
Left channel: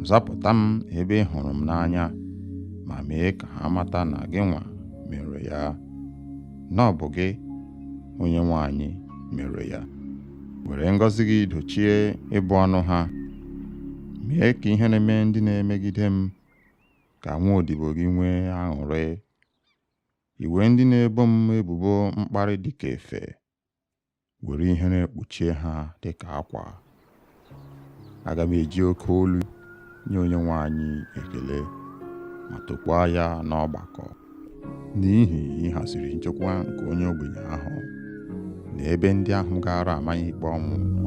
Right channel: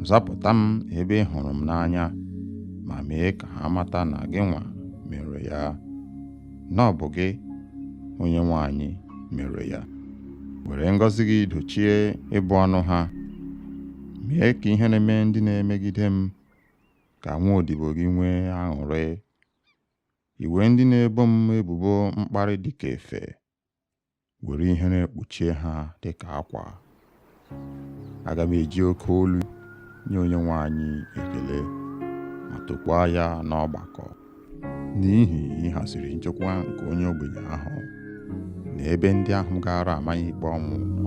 Zapụta m ebe ị hụrụ m n'anya, ma mee ka ha mata na gị nwa mere ya, na ọ bụ gị, Onyenwe anyị, mere ya. Were ngọzi gị dochie ịbụ ọnụ ha. Mee ka ihe na-eme ndị na-emegide m ka nwa odibo gị nwee aṅụrị. Iwe ndị na-ebo m ebubo mkparị dịka efe, were ihe na-ekpuchie ha dịka akwa. Aga m eji oke olu nye Onyenwe anyị ekele, ma tokwaa ya n'ọgbakọ, n'ihi ịhaziri nchekwa nke onye ogbenye ahụ na ebe ndị ahụ gara amanye ikpe ọnwụ nọ.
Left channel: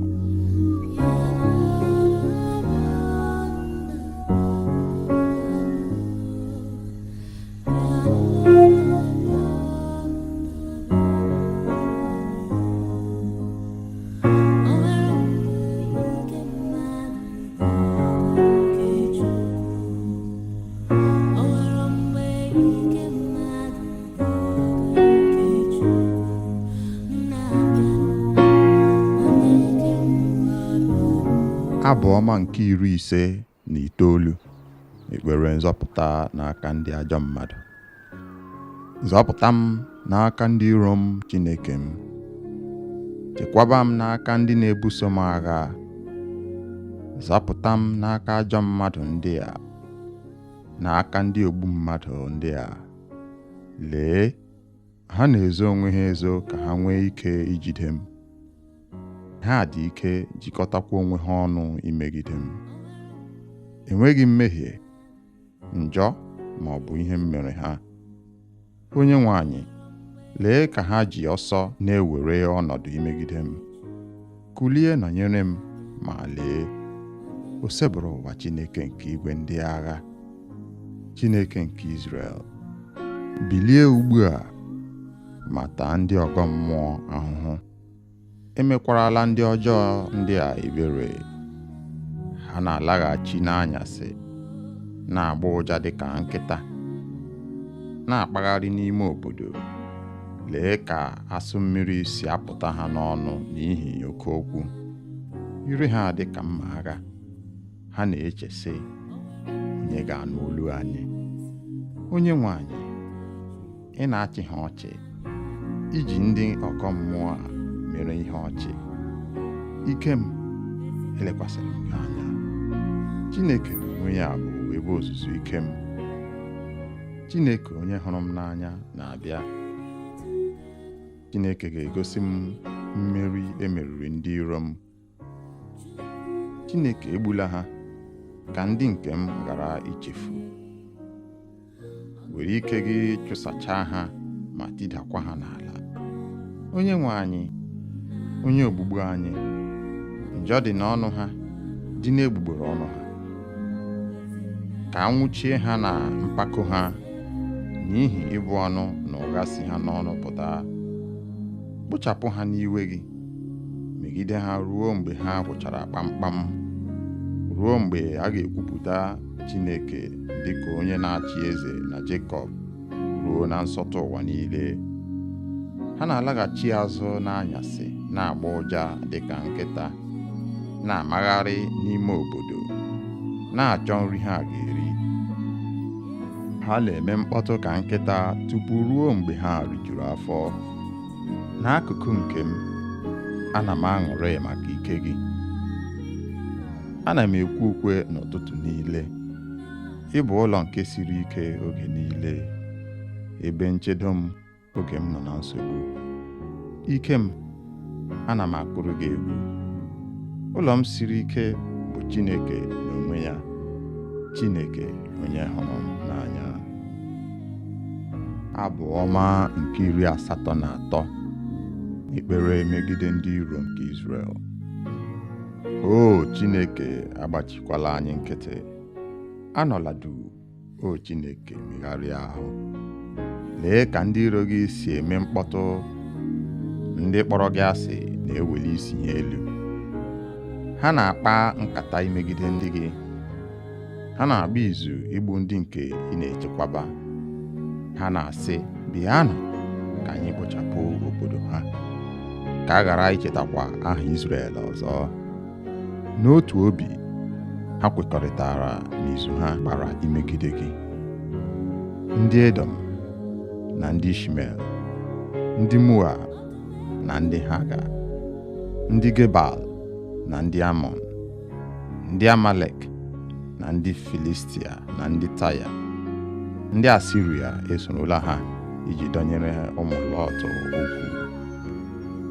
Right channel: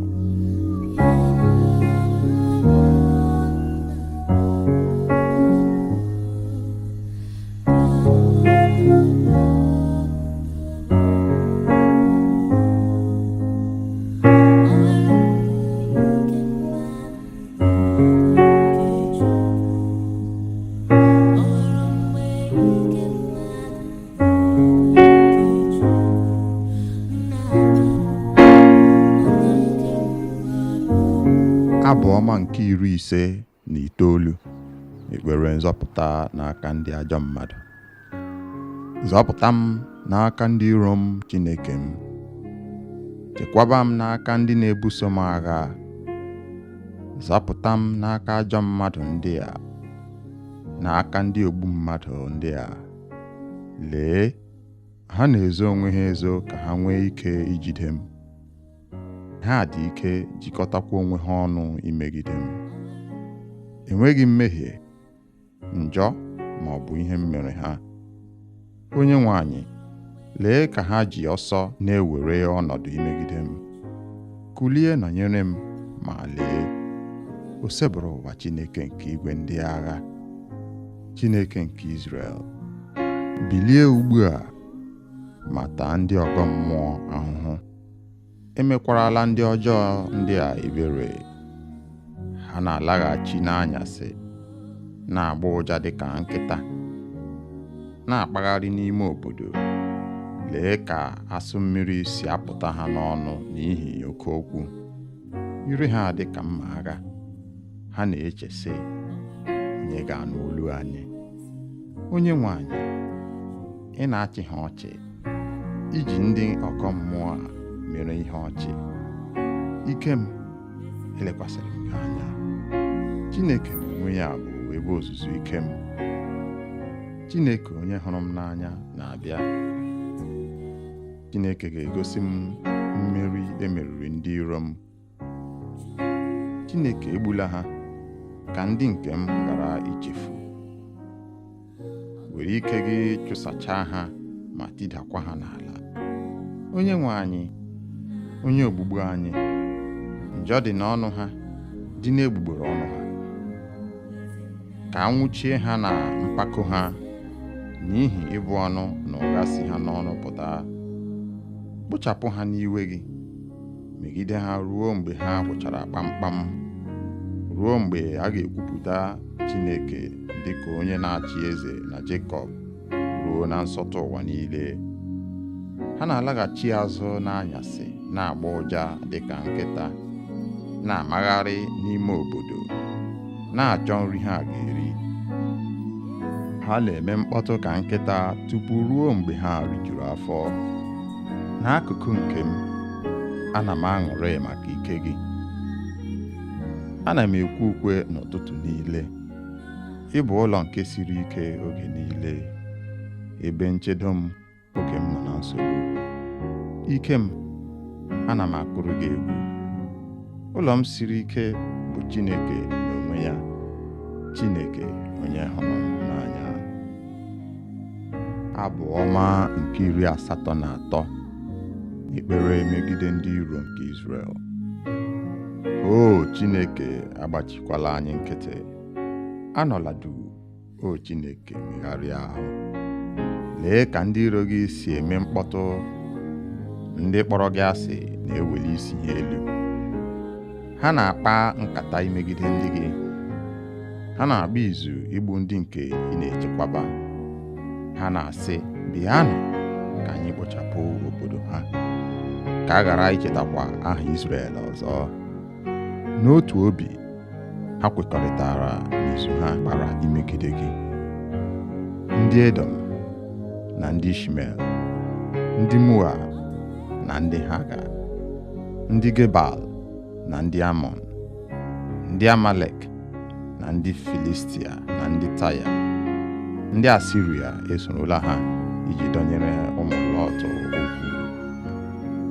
Abụ ọma nke 59. Ekpere nzọpụta n'aka ndị ajọ mmadụ. Zọpụta m n'aka ndị iro m, Chineke m. Chekwaba m n'aka ndị na-ebuso m agha. Zọpụta m n'aka ajọ mmadụ ndị a, n'aka ndị ogbu mmadụ ndị a. Lee, ha na-ezo onwe ha ezo ka ha nwee ike ijide m. Ha dị ike jikọtakwa onwe ha ọnụ imegide m. Enweghị mmehie, njọ ma ọ bụ ihe m mere ha. Onyenwe anyị, lee ka ha ji ọsọ na-ewere ọnọdụ imegide m. Kulie nọnyere m, ma lee, o sebụrụ ụwa Chineke nke igwe ndị agha, Chineke nke Izrel. Bilie ugbu a, ma taa ndị ọgọ mmụọ ahụhụ. Emekwarala ndị ọjọọ ndị a ebere. Ha na-alaghachi n'anyasị, na-agba ụja dịka nkịta, na-akpagharị n'ime obodo. Lee ka asụ mmiri si apụta ha n'ọnụ n'ihi oke okwu. Ire ha dịka mma agha. Ha na-eche sị, onye ga-anụ olu anyị? Onyenwe anyị, ị na-achị ha ọchị, iji ndị ọkọ mmụọ a mere ihe ọchị. Ike m, elekwasịrị m gị anya. Chineke n'onwe ya bụ ebe ozuzu ike m. Chineke onye hụrụ m n'anya na-abịa. Chineke ga-egosi m mmeri emeriri ndị iro m. Chineke egbula ha, ka ndị nke m ghara ichefu. Were ike gị chụsachaa ha ma tidakwa ha n'ala. Onyenwe anyị, onye ogbugbu anyị, njọ dị n'ọnụ ha, dị n'egbugbere ọnụ ha. Ka anwụchie ha na mpako ha, n'ihi ịbụ ọnụ na ụgha si ha n'ọnụ pụta. Kpochapụ ha n'iwe gị, megide ha ruo mgbe ha gwụchara kpamkpam, ruo mgbe a ga-ekwupụta Chineke dịka onye na-achị eze na Jekọb, ruo na nsọtụ ụwa niile. Ha na-alaghachi azụ n'anyasị, na-agba ụja dịka nkịta, na-amagharị n'ime obodo, na-achọ nri ha ga-eri. ha na-eme mkpọtụ ka nkịta tupu ruo mgbe ha rijuru afọ. N'akụkụ nke m, ana m aṅụrị maka ike gị. Ana m ekwe ukwe n'ụtụtụ niile. Ị bụ ụlọ nke siri ike oge niile, ebe nchedo m oge m nọ na nsogbu. Ike m, ana m akpụrụ gị egwu. Ụlọ m siri ike bụ Chineke n'onwe ya, Chineke onye hụrụ m n'anya. Abụ ọma nke 83, ekpere megide ndị iro nke Izrel. O Chineke, agbachikwala anyị nkịtị. Anọla duu, o Chineke, megharịa ahụ. Lee ka ndị iro gị si eme mkpọtụ. Ndị kpọrọ gị asị na-eweli isi ha elu. Ha na-akpa nkata imegide ndị gị. Ha na-agba izu igbu ndị nke ị na-echekwaba. Ha na-asị, bịanụ ka anyị kpochapụ obodo ha, ka a ghara ichetakwa aha Izrel ọzọ. N'otu obi, ha kwekọrịtara n'izu ha gbara imegide gị. Ndị Edom na ndị Ishmel, ndị Moab na ndị Haga, ndị Gebal na ndị Amọn, ndị Amalek na ndị Filistia na ndị Taya, ndị Asiria esorola ha iji dọnyere ụmụ Lọt okwu.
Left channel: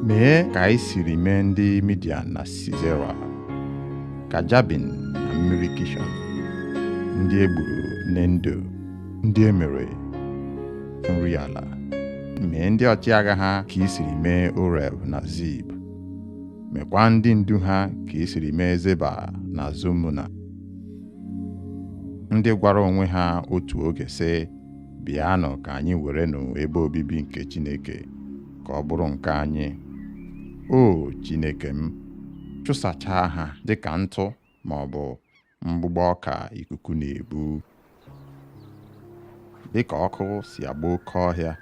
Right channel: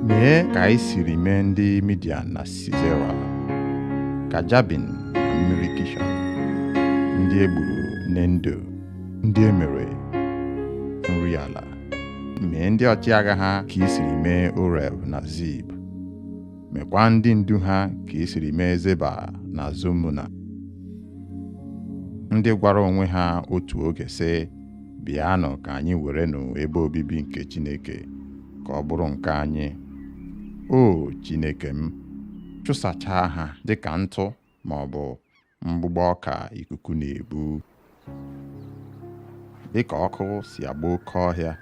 Mee ka anyị siri mee ndị Midian na Sisera, ka Jabin na mmiri Kishọn, ndị egburu n'Endo, ndị emere nri ala. Mee ndị ọchịagha ha ka i siri mee Oreb na Zib. Mekwa ndị ndu ha ka i siri mee Zeba na Zumuna, ndị gwara onwe ha otu oge sị, bịanụ ka anyị werenụ ebe obibi nke Chineke ka ọ bụrụ nke anyị. O Chineke m, chụsachaa ha dịka ntụ ma ọ bụ mgbụgbọ ọka ikuku na-ebu. Dịka ọkụ si agba oke ọhịa,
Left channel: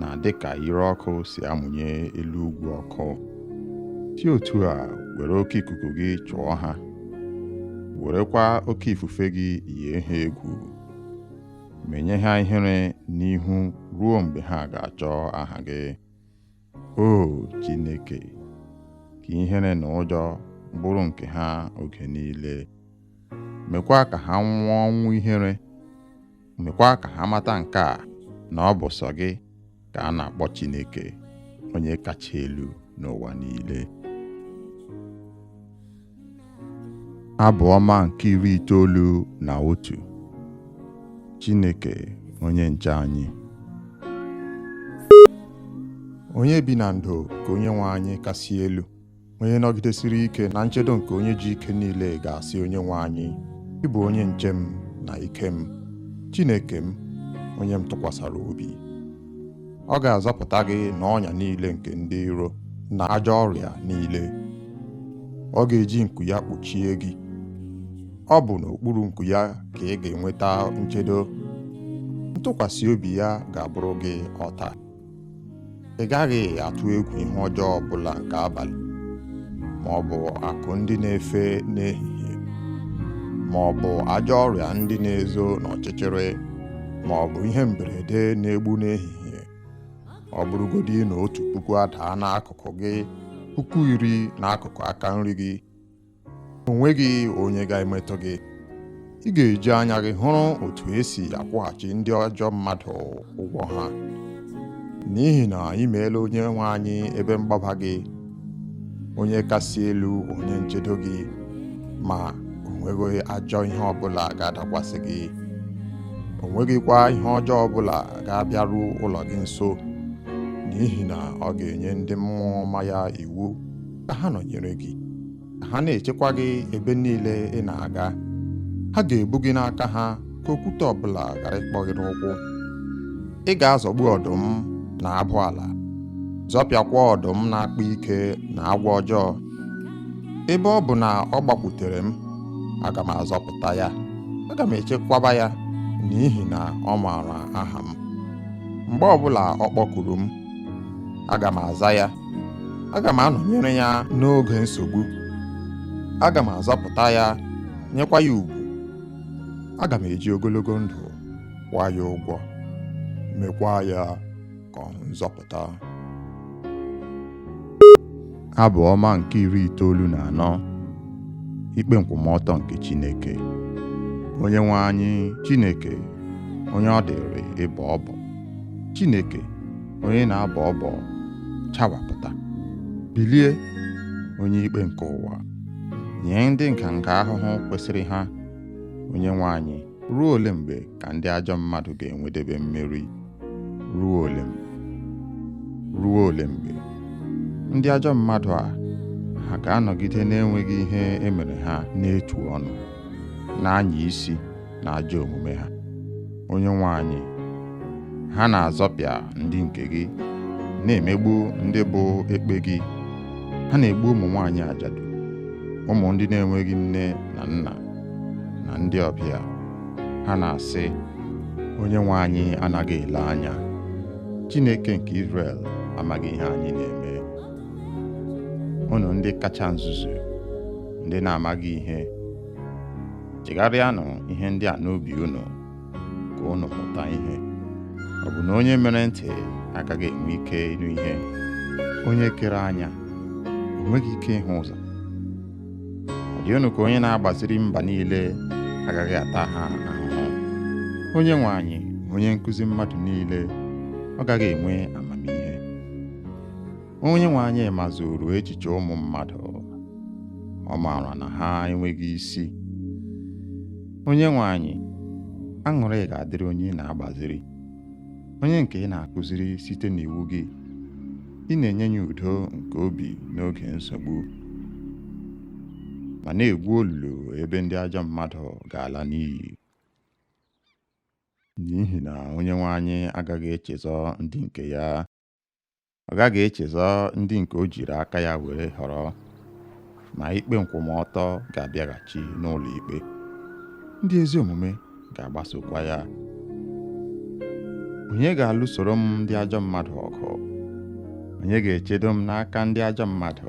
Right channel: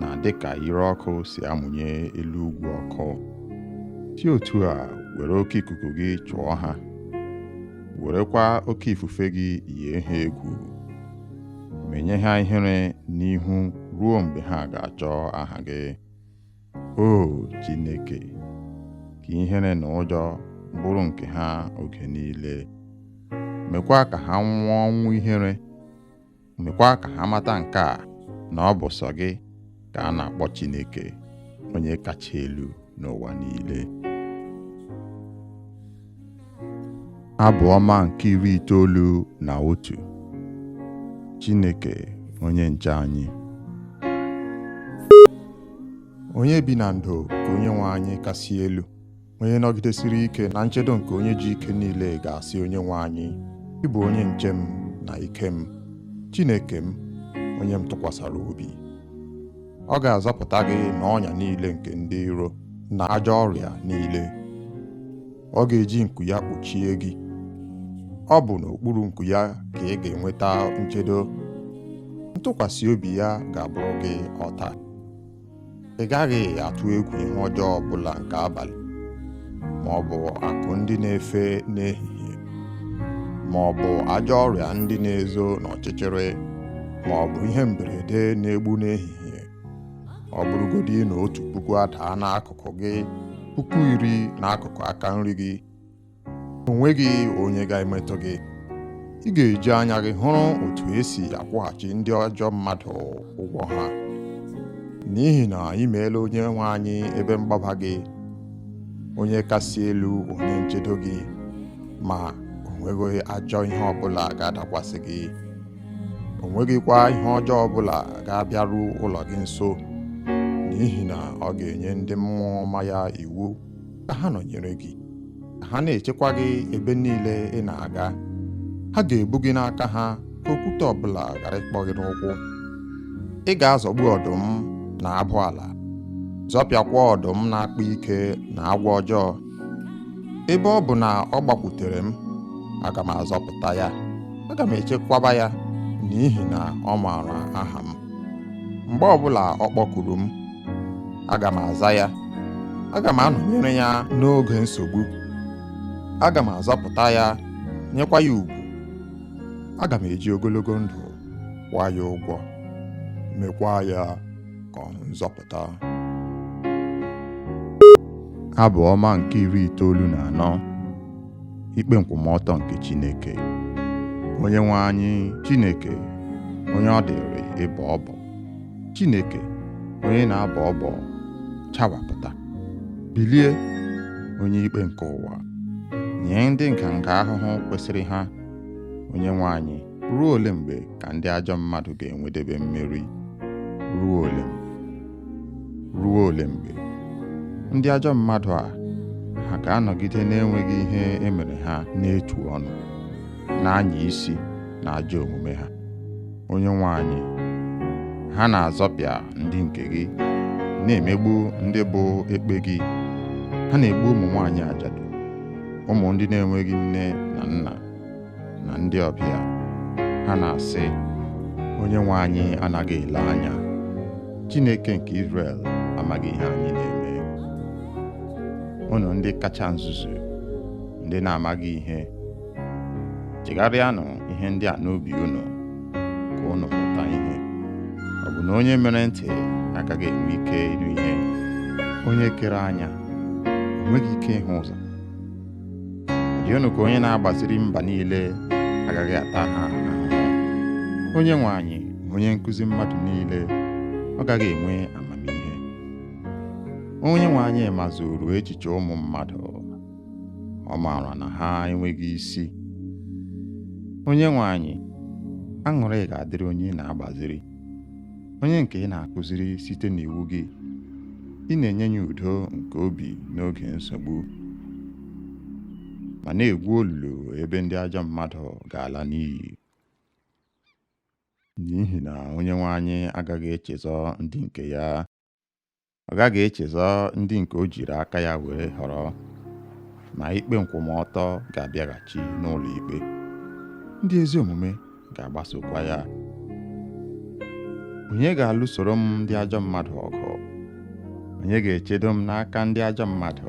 na dịka ire ọkụ si amụnye elu ugwu ọkụ, si otu a were oke ikuku gị chụọ ha, werekwa oke ifufe gị yie ha egwu. Menye ha ihere n'ihu ruo mgbe ha ga-achọ aha gị. O Chineke, ka ihere na ụjọ bụrụ nke ha oge niile. Mekwa ka ha nwụọ ọnwụ ihere. Mekwa ka ha mata nke a, na ọ bụ sọ gị ka a na-akpọ Chineke, onye kacha elu n'ụwa niile. Abụ ọma nke 91, Chineke onye nche anyị. Onye bi na ndo ka Onyenwe anyị kasị elu, onye nọgidesiri ike na nchedo nke onye ji ike niile ga-asị Onyenwe anyị, ị bụ onye nche m na ike m, Chineke m, onye m tụkwasara obi. Ọ ga-azọpụta gị n'ọnya niile nke ndị iro na ajọ ọrịa niile. Ọ ga-eji nku ya kpuchie gị. Ọ bụ n'okpuru nku ya ka ị ga-enweta nchedo. Ntụkwasị obi ya ga-abụrụ gị ọta. Ị gaghị atụ egwu ihe ọjọọ ọbụla nke abalị, ma ọ bụ akụ ndị na-efe n'ehihie, ma ọ bụ ajọ ọrịa ndị na-ezo n'ọchịchịrị, ma ọ bụ ihe mberede na-egbu n'ehihie. Ọ bụrụgodị na 1,000 adaa n'akụkụ gị, 10,000 n'akụkụ aka nri gị, o nweghị onye ga-emetụ gị. Ị ga-eji anya gị hụrụ otu esi akwụghachi ndị ọjọọ mmadụ ụgwọ ha. N'ihi na ị meela Onyenwe anyị ebe mgbaba gị, onye kasị elu, onye nchedo gị, ma o nweghị ajọ ihe ọbụla ga-adakwasị gị. O nweghịkwa ihe ọjọọ ọbụla ga-abịaru ụlọ gị nso, n'ihi na ọ ga-enye ndị mmụọ ọma ya iwu ka ha nọnyere gị, ka ha na-echekwa gị ebe niile ị na-aga. Ha ga-ebu gị n'aka ha, ka okwute ọbụla ghara ịkpọ gị n'ụkwụ. Ị ga-azọgbu ọdụm na abụ ala, zọpịakwa ọdụm na-akpa ike na agwọ ọjọọ. Ebe ọ bụ na ọ gbakwutere m, aga m azọpụta ya, aga m echekwaba ya, n'ihi na ọ maara aha m. Mgbe ọbụla ọ kpọkuru m, aga m aza ya, aga m anọnyere ya n'oge nsogbu. Aga m azọpụta ya, nyekwa ya ugwu. Aga m eji ogologo ndụ kwụọ ya ụgwọ, mekwa ya ka ọ hụ nzọpụta. Abụ ọma nke 94, ikpe nkwụmọtọ nke Chineke. Onye nwe anyị Chineke, onye ọ dịrị ịbọ ọbọ, Chineke onye na-abọ ọbọ, chawapụta, bilie, onye ikpe nke ụwa, nye ndị nganga ahụhụ kwesịrị ha. Onye nwe anyị, ruo ole mgbe ka ndị ajọ mmadụ ga-enwedebe mmeri? Ruo ole mgbe ndị ajọ mmadụ a ha ga-anọgide na-enweghị ihe emere ha n'etu ọnụ, na-anya isi na ajọ omume ha? Onye nwe anyị, ha na-azọpịa ndị nke gị, na-emegbu ndị bụ ekpe gị. Ha na-egbu ụmụ nwaanyị ajadu, ụmụ ndị na-enweghị nne na nna, na ndị ọbịa. Ha na-asị, onye nwe anyị anaghị ele anya, Chineke nke Izrel amaghị ihe anyị na-eme. Unu ndị kacha nzuzu, ndị na-amaghị ihe, chegharịanụ ihe ndị a n'obi unu, ka unu mụta ihe. Ọ bụ na onye mere ntị agaghị enwe ike ịnụ ihe? Onye kere anya o nweghị ike ịhụ ụzọ? Ọ dị unu ka onye na-agbaziri mba niile agaghị ata ha ahụhụ? Onye nwe anyị, onye nkụzi mmadụ niile, ọ gaghị enwe amamihe? Onye nwe anyị mazuru echiche ụmụ mmadụ, ọ maara na ha enweghị isi. Onye nwe anyị, aṅụrị ga-adịrị onye ị na-agbaziri, onye nke ị na-akụziri site n'iwu gị. Ị na-enye ya udo nke obi n'oge nsogbu, ma na-egwu olulu ebe ndị ajọ mmadụ ga-ala n'iyi. N'ihi na onye nwe anyị agaghị echezọ ndị nke ya, ọ gaghị echezọ ndị nke o jiri aka ya were họrọ, ma ikpe nkwụmọtọ ga-abịaghachi n'ụlọ ikpe. Ndị ezi omume ga-agbasokwa ya. Onye ga-alụsoro m ndị ajọ mmadụ ọgụ? Onye ga-echedo m n'aka ndị ajọ mmadụ?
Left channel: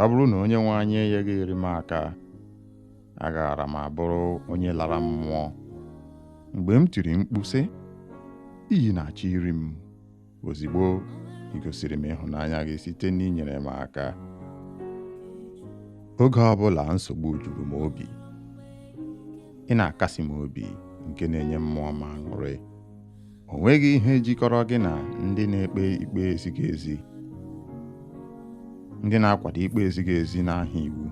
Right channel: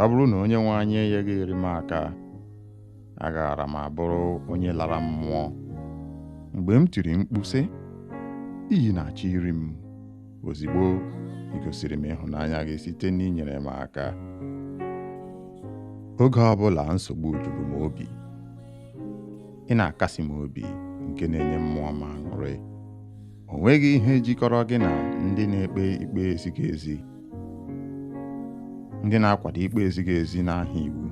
Ọ bụrụ na onye nwe anyị enyeghị eri m aka, agaara m abụrụ onye lara mmụọ. Mgbe m tiri mkpu sị, iyi na-achọ iri m, ozigbo ị gosiri m ịhụnanya gị site n'inyere m aka. Oge ọbụla nsogbu juru m obi, ị na-akasi m obi, nke na-enye mmụọ m aṅụrị. O nweghị ihe jikọrọ gị na ndị na-ekpe ikpe ezighị ezi, ndị na-akwado ikpe ezighị ezi n'aha iwu,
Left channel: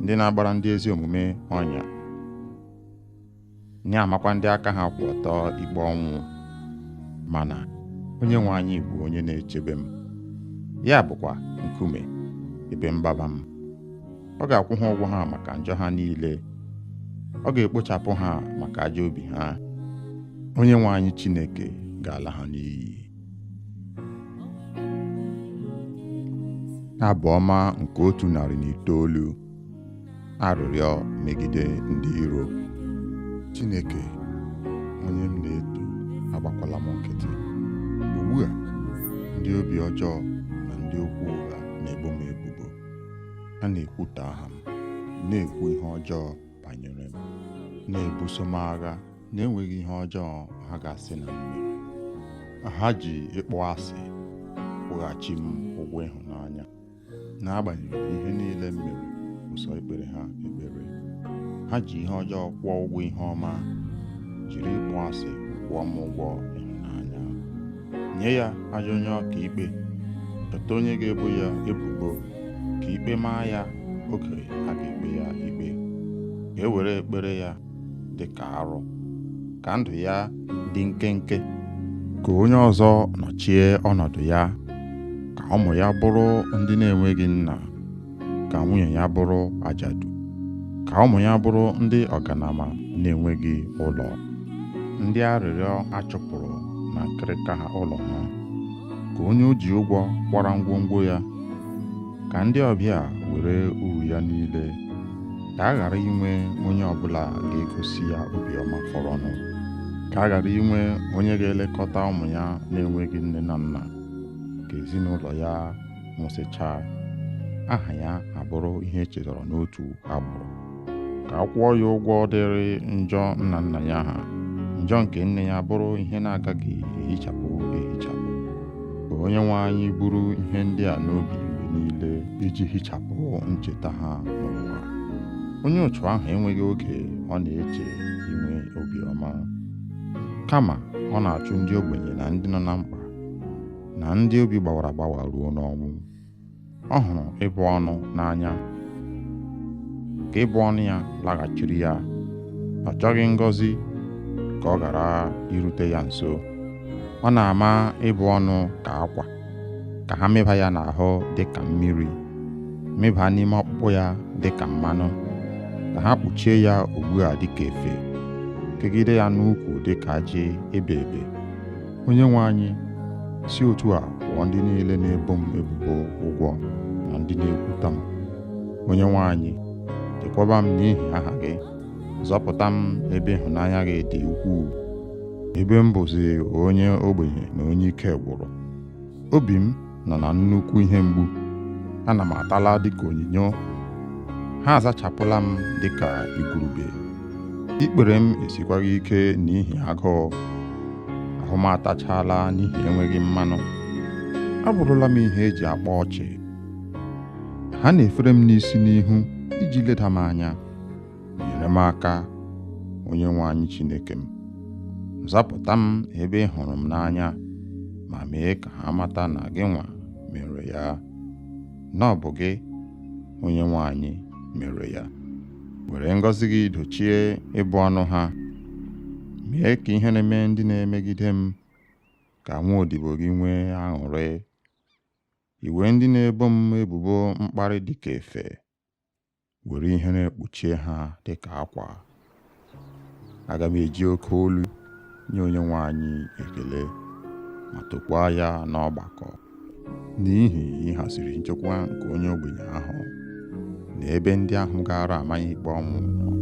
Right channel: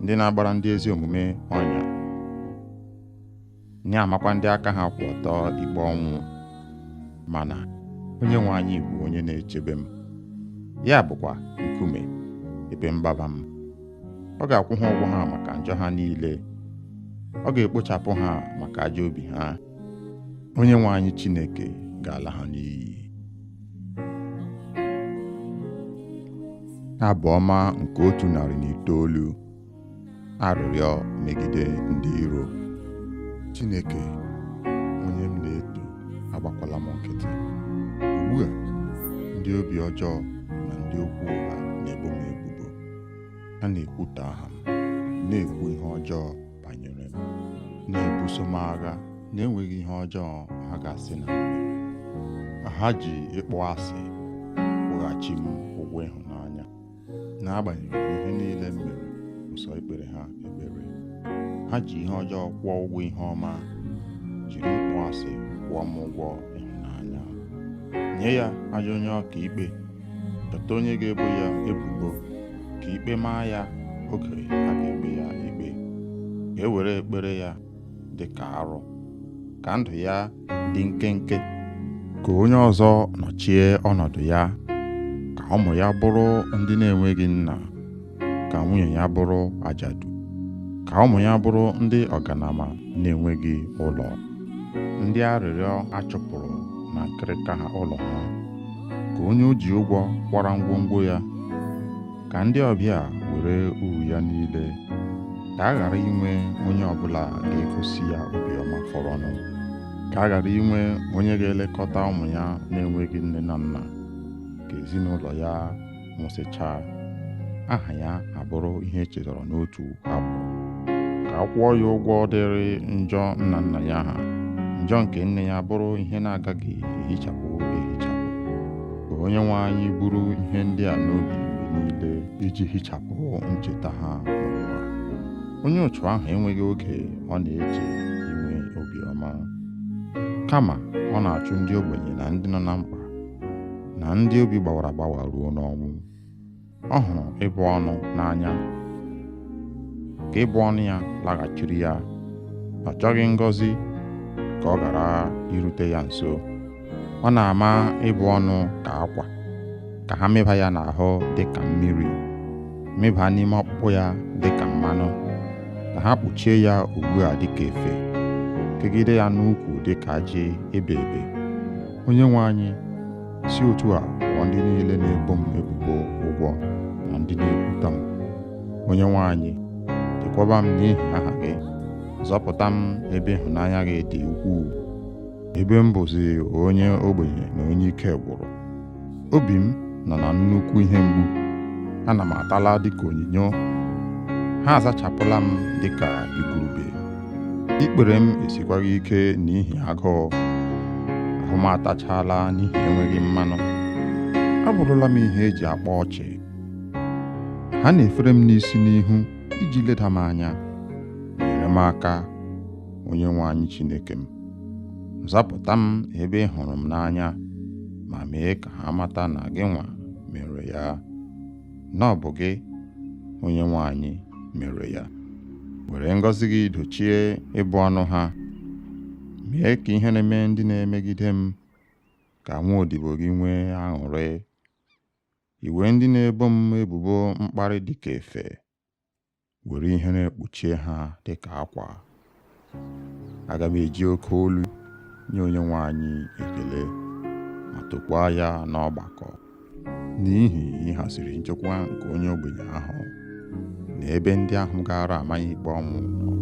ndị na-agbara ndị ezi omume ọnya, na-amakwa ndị aka ha kwụ ọtọ ikpe ọnwụ. Mana onye nwe anyị bụ onye na-echebe m, ya bụkwa nkume ebe mgbaba m. Ọ ga-akwụ ha ụgwọ ha maka njọ ha niile, ọ ga-ekpochapụ ha maka ajọ obi ha. Onye nwe anyị Chineke ga-ala ha n'iyi. Abụ ọma nke 109, arịrịọ megide ndị iro. Chineke, onye m na-eto, agbakwala m nkịtị. Ugbu a, ndị obi ọjọọ na ndị okwu ụgha na-ebo m ebubo. Ha na-ekwutọ aha m, na-ekwu ihe ọjọọ banyere m, na-ebuso m agha na-enweghị ihe ọjọọ ha ga-asị na m mere. Ha ji ịkpọ asị kwụghachi m ụgwọ ịhụnanya, n'agbanyeghị ihe niile m mere ụsọ ikpere ha ekpere. Ha ji ihe ọjọọ kwụọ ụgwọ ihe ọma, jiri ịkpọ asị kwụọ m ụgwọ ịhụnanya. Nye ya ajọ onye ọka ikpe, dọta onye ga-ebo ya ebubo, ka ikpe maa ya oge a ga-ekpe ya ikpe. Ka e were ekpere ya dị ka arụ, ka ndụ ya dị nkenke. Ka onye ọzọ nọchie ọnọdụ ya, ka ụmụ ya bụrụ ndị na-enweghị nna, ka nwunye ya bụrụ ajadu, ka ụmụ ya bụrụ ndị ọganama na-enweghị ụlọ, ndị arịrịọ achụpụrụ na nkịrịka ha ụlọ ha. Ka onye o ji ụgwọ kwara ngwongwo ya, ka ndị ọbịa were uru ya niile. Ka a ghara inwe onye ọbụla ga-egosi ya obiọma fọrọnụ. Ka a ghara inwe onye ga-elekọta ụmụ ya na-enweghị nne na nna. Ka ezinụlọ ya nwụsịchaa, aha ya abụrụ ihe echetara n'otu agbụrụ. Ka ka a kwụọ ya ụgwọ dịrị njọ nna nna ya ha, njọ nke nne ya bụrụ ihe na-agaghị ehichapụ. Ka Onyenwe anyị buru ihe ndị a n'obi mgbe niile iji hichapụ ncheta ha n'ụwa. Onye ụchụ ahụ enweghị oge ọ na-eche inwe obiọma, kama ọ na-achụ ndị ogbenye na ndị nọ na mkpa na ndị obi gbawara agbawa ruo n'ọnwụ. Ọ hụrụ ịbụ ọnụ n'anya, ka ịbụ ọnụ ya laghachiri ya. Ọ chọghị ngọzi ka ọ ghara irute ya nso. Ọ na-ama ịbụ ọnụ ka akwa, ka ha mịba ya n'ahụ dịka mmiri, mịba n'ime ọkpụkpụ ya dịka mmanụ, ka ha kpuchie ya ugbu a dịka efe, kegide ya n'ukwu dịka ajị ebe ebe. Onyenwe anyị, si otu a kwụọ ndị niile na-ebo m ebubo ụgwọ na ndị na-ekwuta m. Onyenwe anyị, chekwaba m n'ihi aha gị, zọpụta m ebe ịhụnanya gị dị ukwuu, ebe m bụzi onye ogbenye na onye ike gwụrụ. Obi m nọ na nnukwu ihe mgbu, ana m atala dịka onyinyo, ha azachapụla m dịka igurube. Ikpere m esikwaghị ike n'ihi agụụ, ahụ m atachala n'ihi enweghị mmanụ. Abụrụla m ihe eji akpa ọchị. Ha na-efere m n'isi n'ihu iji leda m anya. Nyere m aka, Onyenwe anyị Chineke m. Zapụta m ebe ị hụrụ m n'anya, ma mee ka ha mata na gị nwa mere ya, na ọ bụ gị, Onyenwe anyị, mere ya. Were ngọzi gị dochie ịbụ ọnụ ha. Mee ka ihe na-eme ndị na-emegide m ka nwa odibo gị nwee aṅụrị. Iwe ndị na-ebo m ebubo mkparị dịka efe, were ihere kpuchie ha dịka akwa. Aga m eji oke olu nye Onyenwe anyị ekele, ma tokwaa ya n'ọgbakọ, n'ihi ịhaziri nchekwa nke onye ogbenye ahụ na ebe ndị ahụ gara ama ya ikpe ọnwụ nọ.